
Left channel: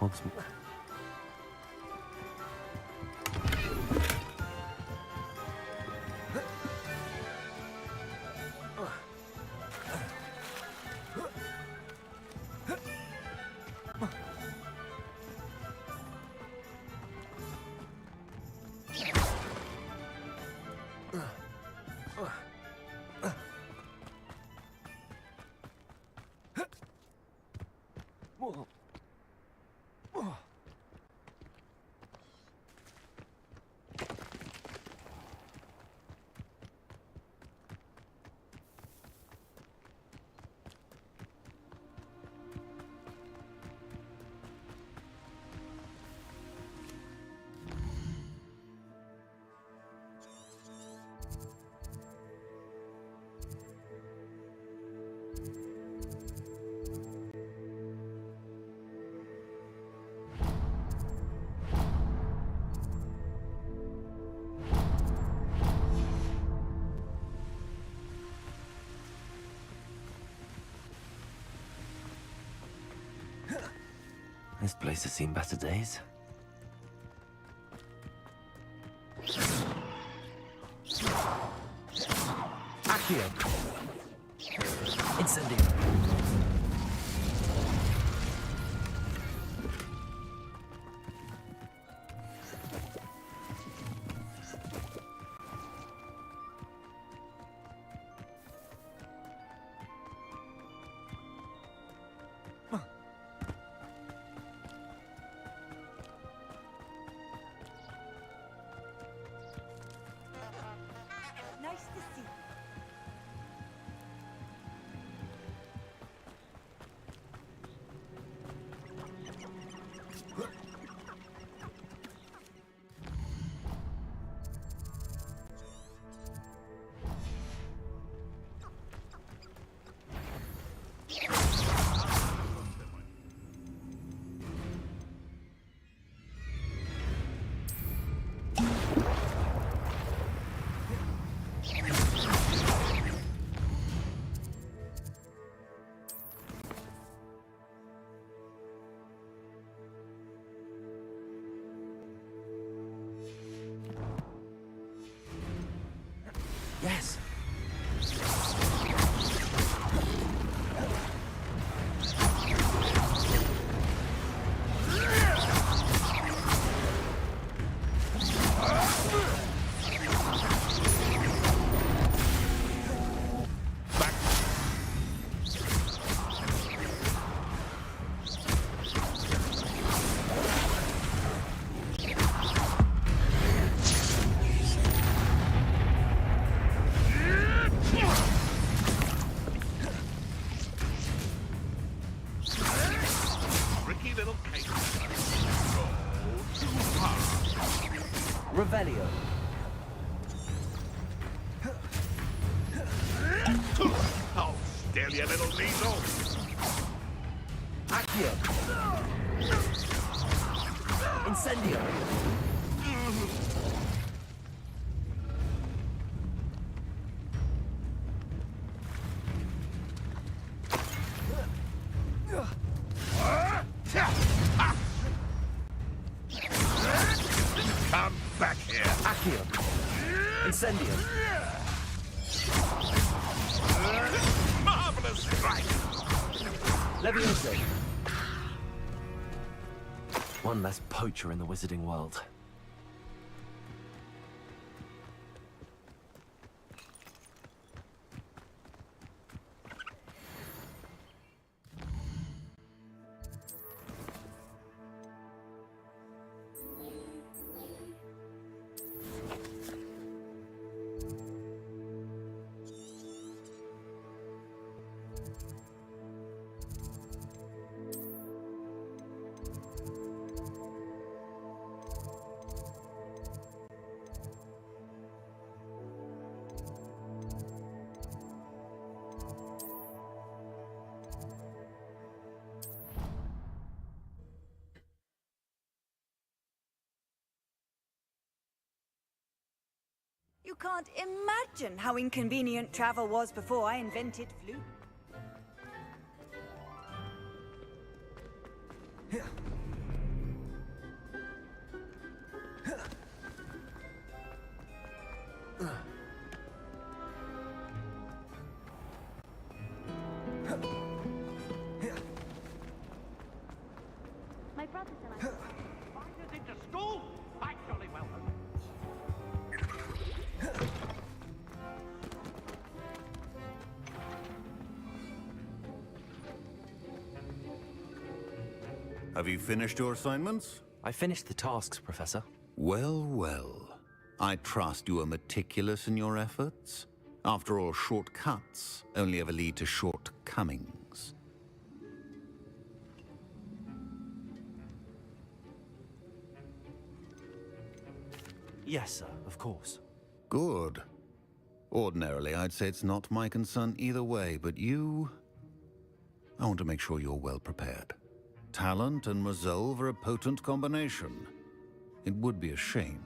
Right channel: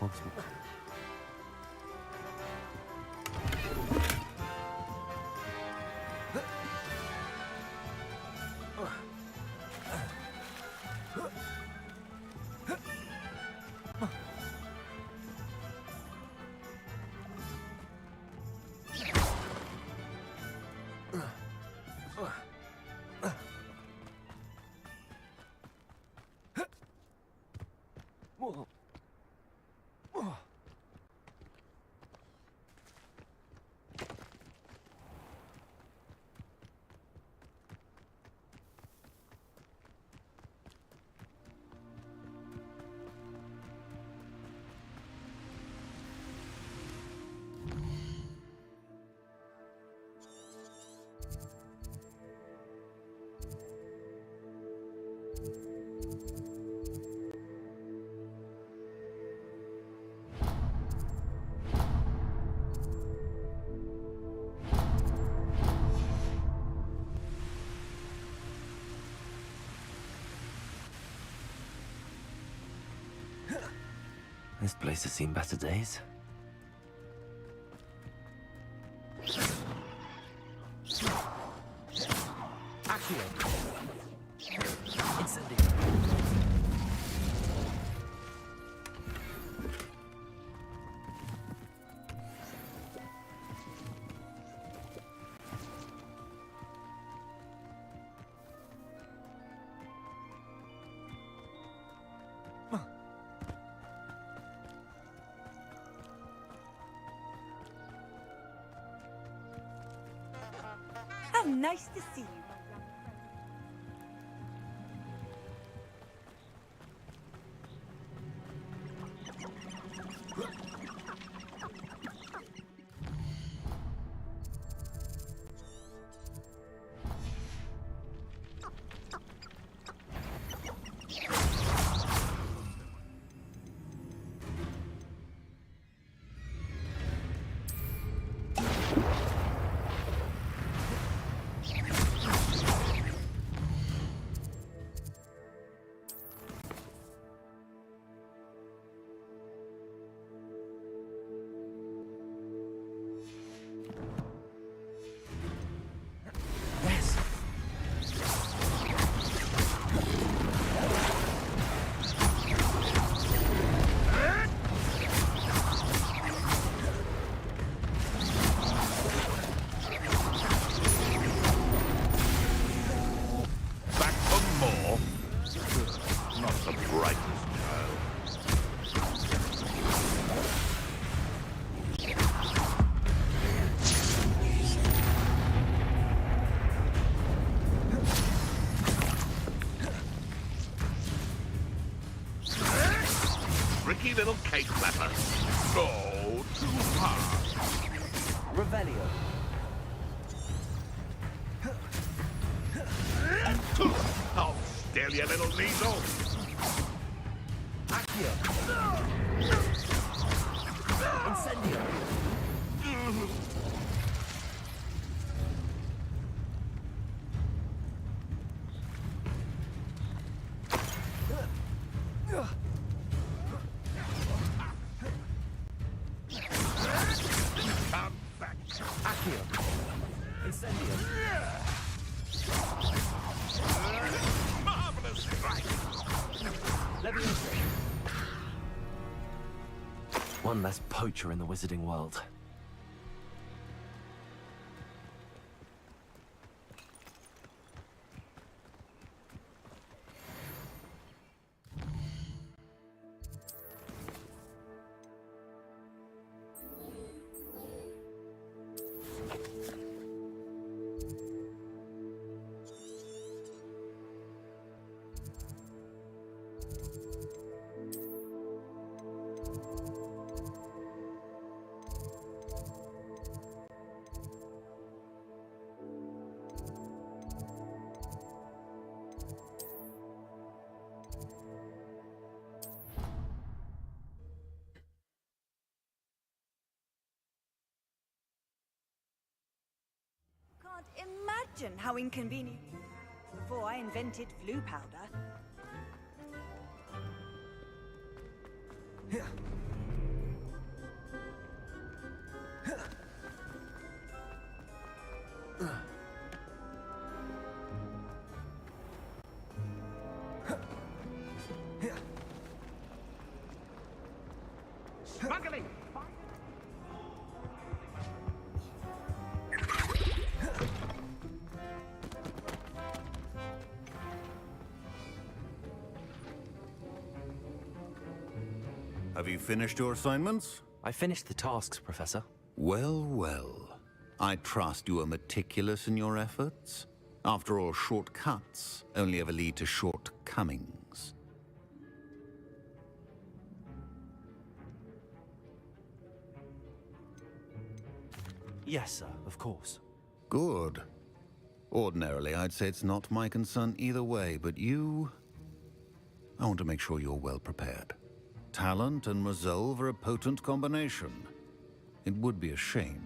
Hogsmeade. This place has seen better days. Accio. Incendio. How nice to see you. Yes. Back once more. Right. Tricky little cake flapper. Go too hard. Revelio. Oh, still, you little weasel. Accio. Incendio. Come back here. Accio. Incendio. Marvelous strike. Levioso. One less poacher in the wizarding world. You can't imagine how inconvenient travel was before I invented flu powder. Have you finished your assignments? I finished the tasks, Professor. Well, well. I trust you are meticulous in your efforts. After all, shortcuts only ever lead to shortcomings. Yes, sir, of course. Good. Ordinarily, I'd say it's not my concern either way, but you... I want to make sure you're well prepared. Talent and resolve are a potent combination. It would be a shame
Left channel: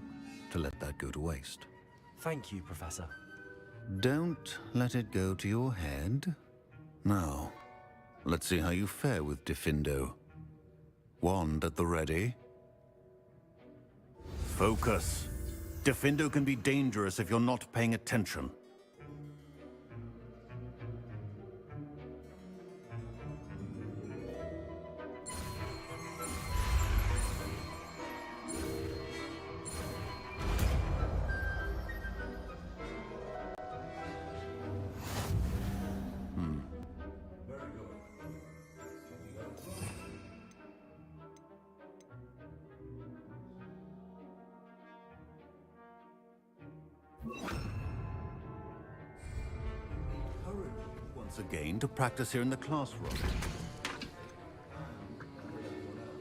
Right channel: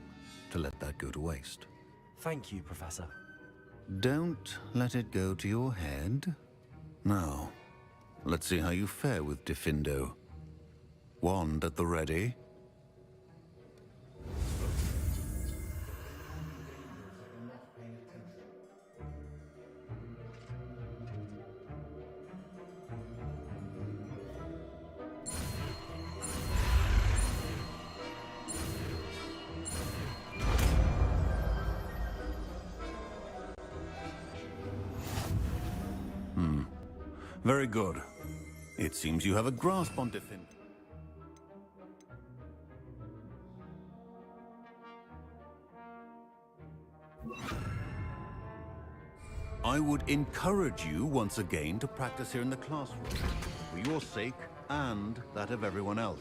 to let that go to waste. Thank you, Professor. Don't let it go to your head. Now, let's see how you fare with Diffindo. Wand at the ready. Focus. Diffindo can be dangerous if you're not paying attention. Very good. It seems you have a grasp on Diffindo. I would encourage you once again to practice here in the classroom, for your sake and that of everyone else.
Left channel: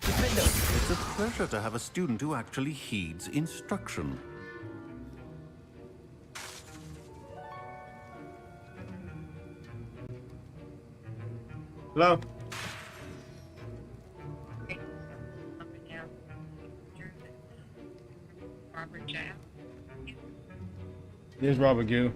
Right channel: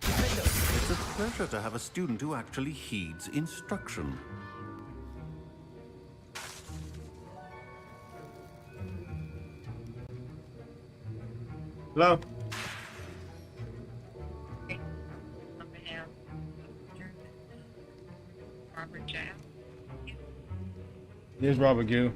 It's a pleasure to have a student who actually heeds instruction. Hello? Here's Robert Gill.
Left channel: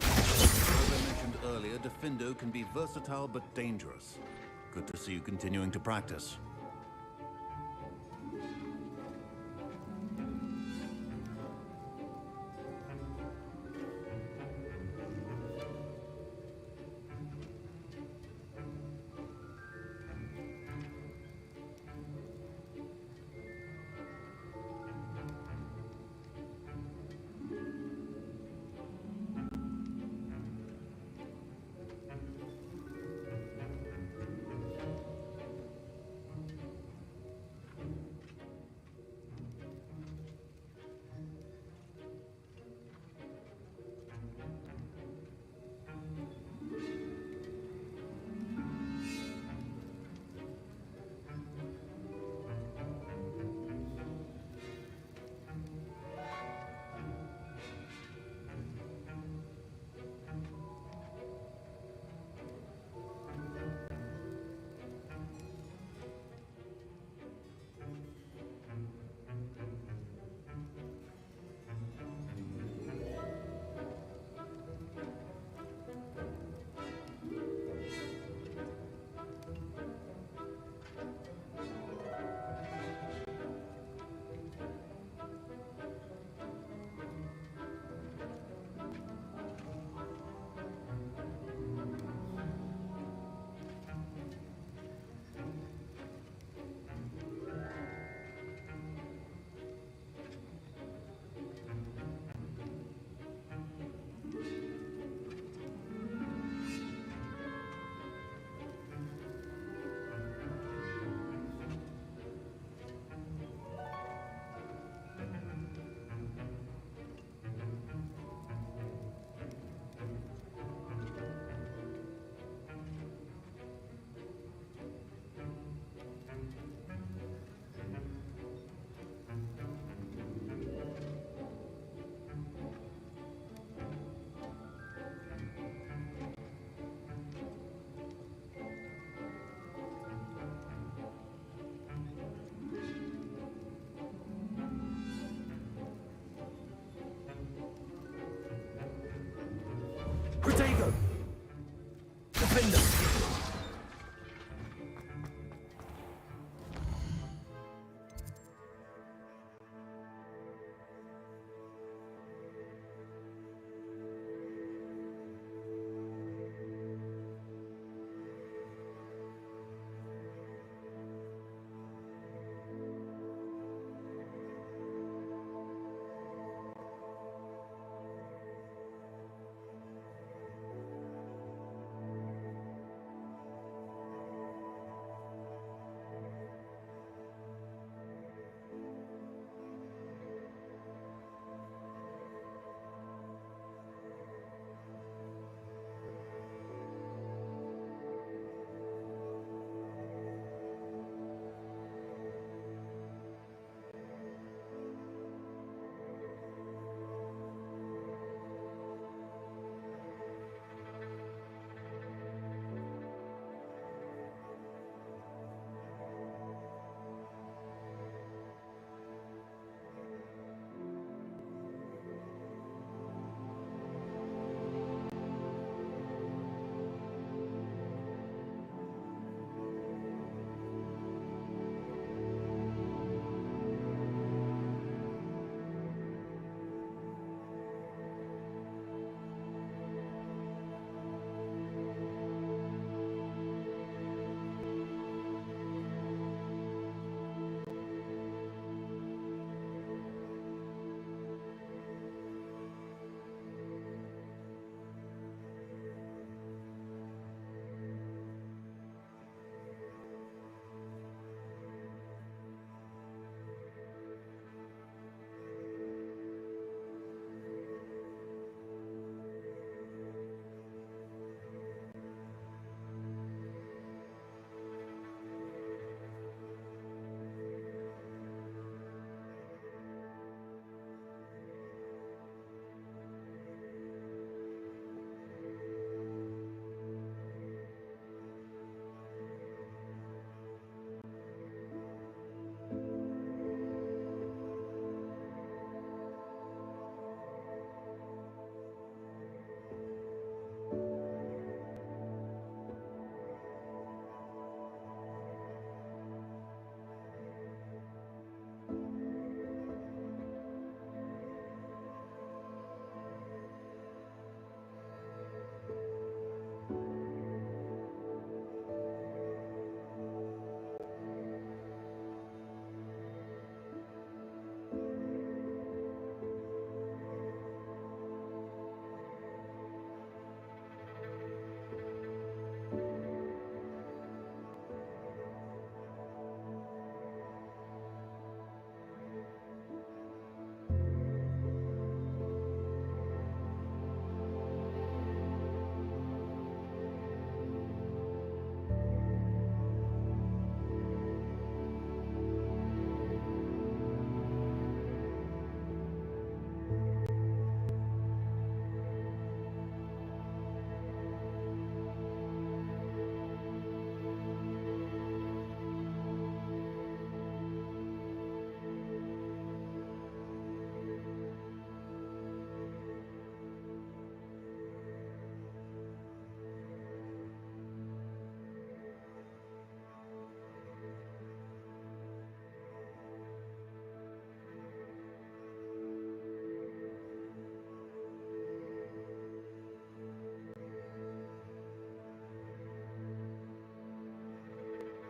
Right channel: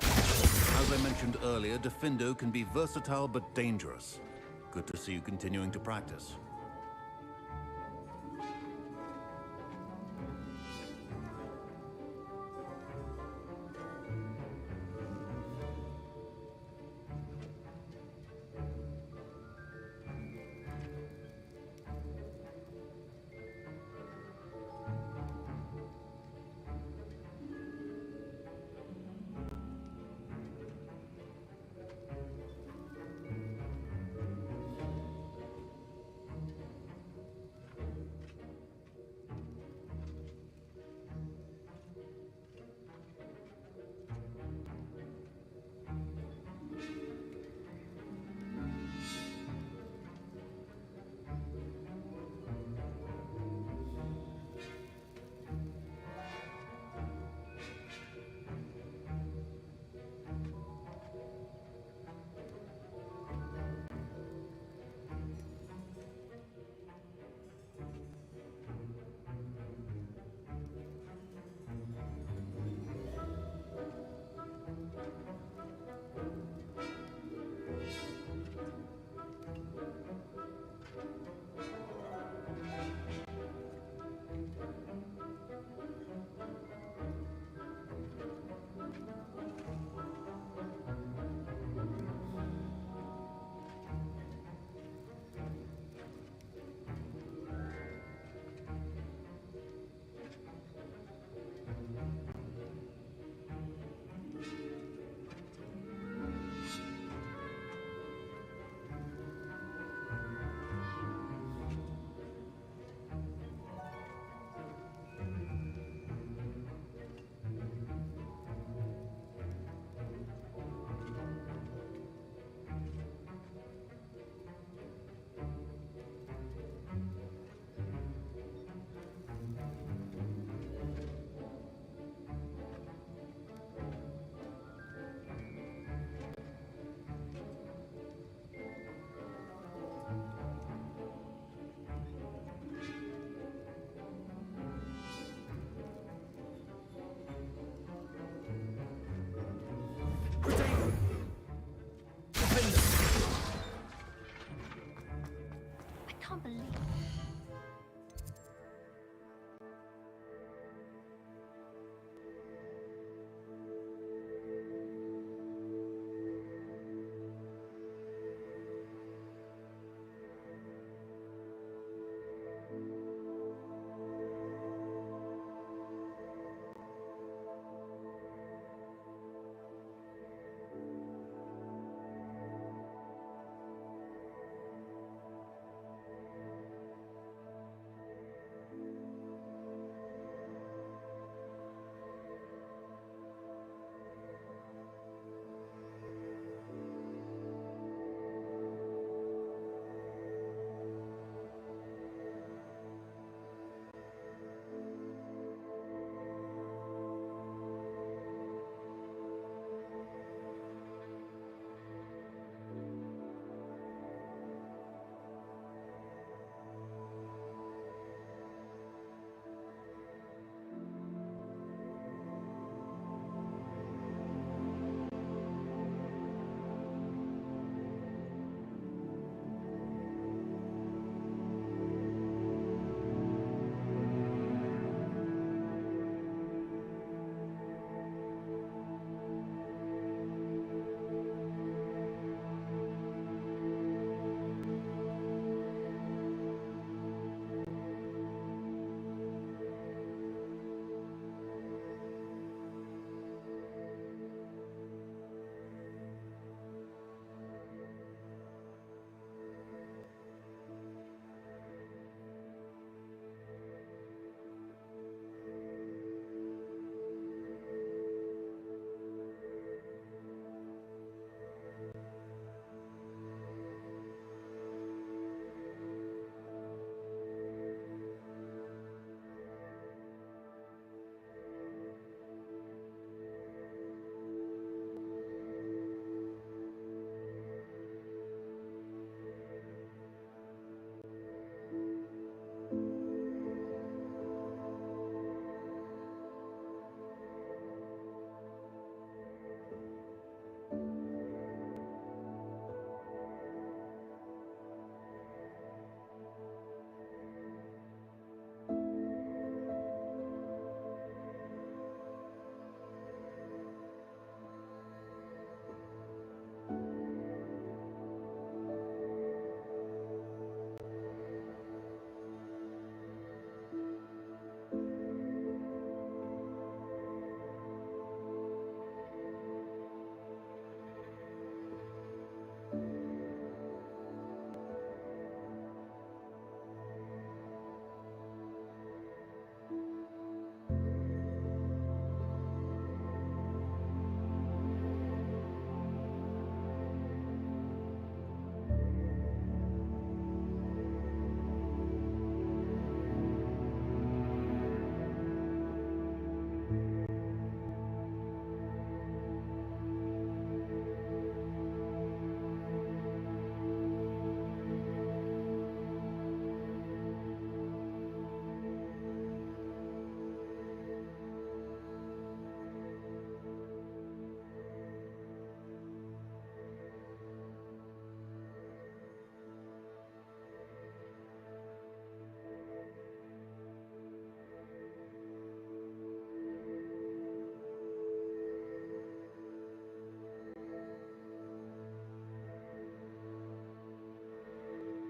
As I mentioned earlier, Diffindo can be versatile but dangerous. Good to see you continuing to practice.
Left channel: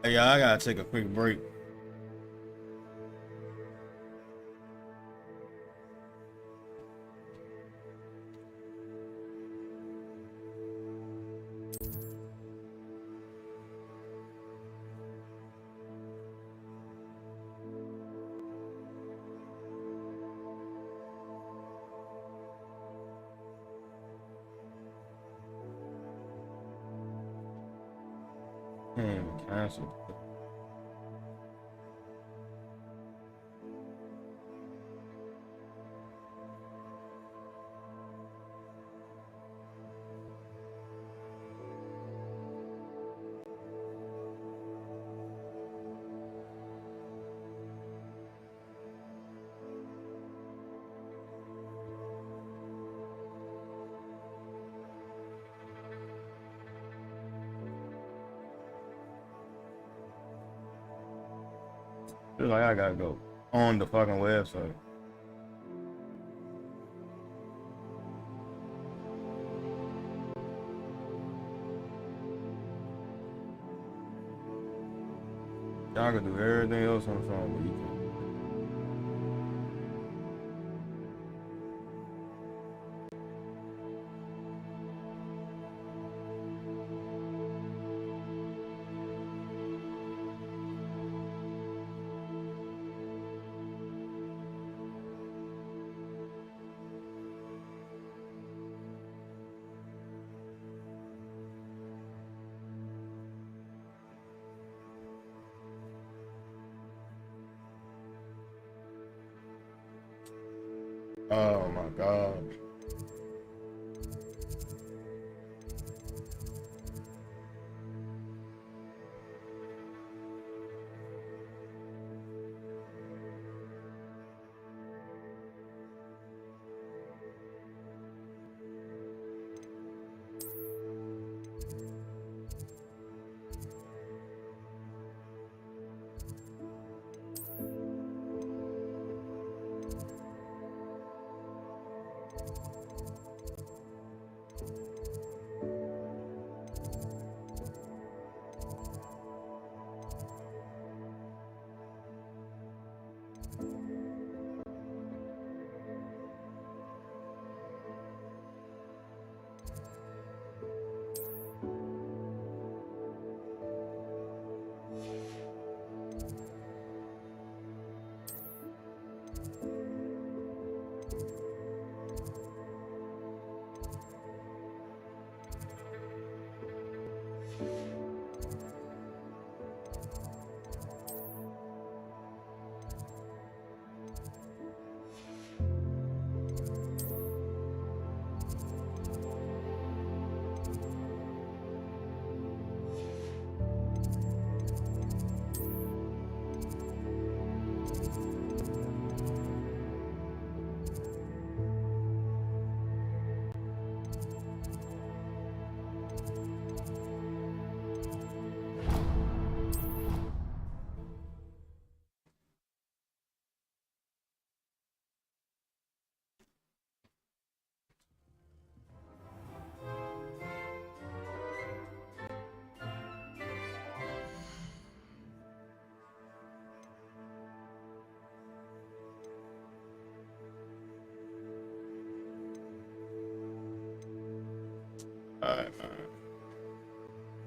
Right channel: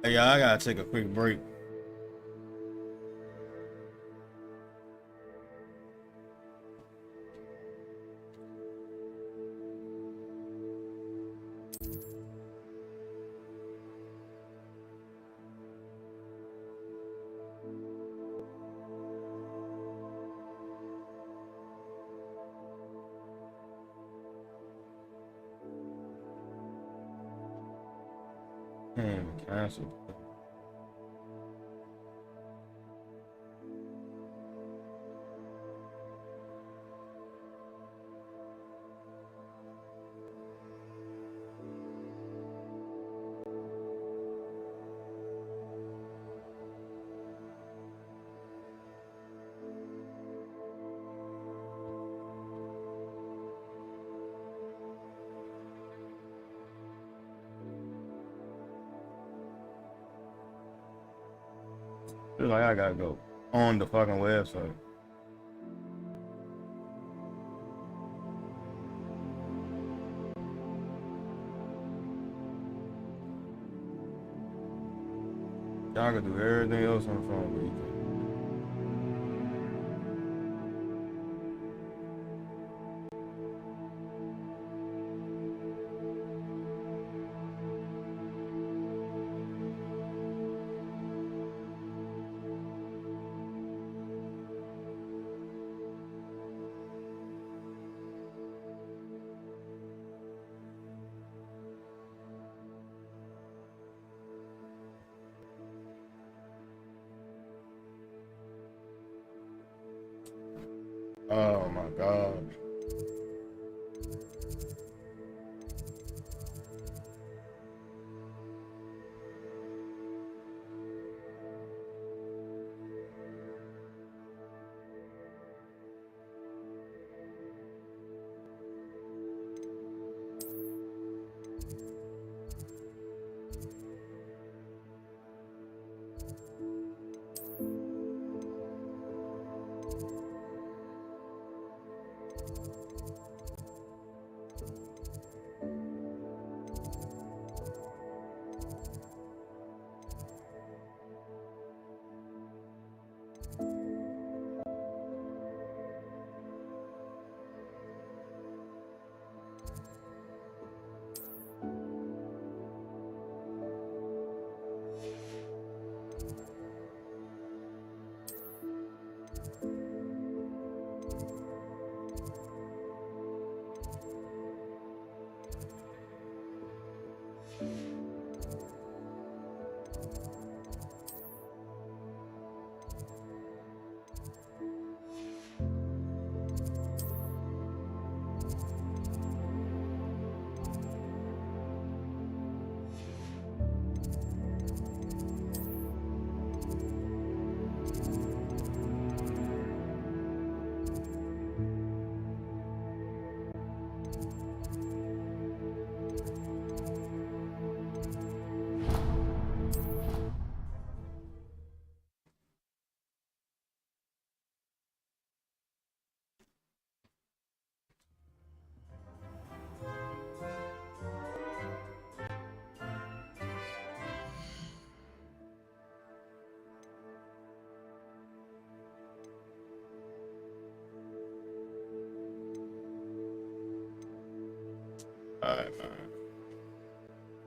Hey, y'all, I gotta take a quick break. Cancel. Feel like I gotta go on the fucking website. Y'all can do everything else on the phone, but you can't. Oh my God. Alright, man.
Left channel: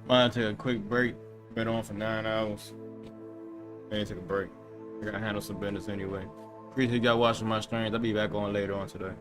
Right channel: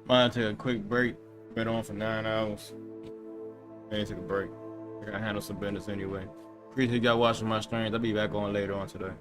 Might take a quick break. Been on for 9 hours. I need to take a break. I gotta handle some business anyway. Appreciate y'all watching my streams. I'll be back on later on today.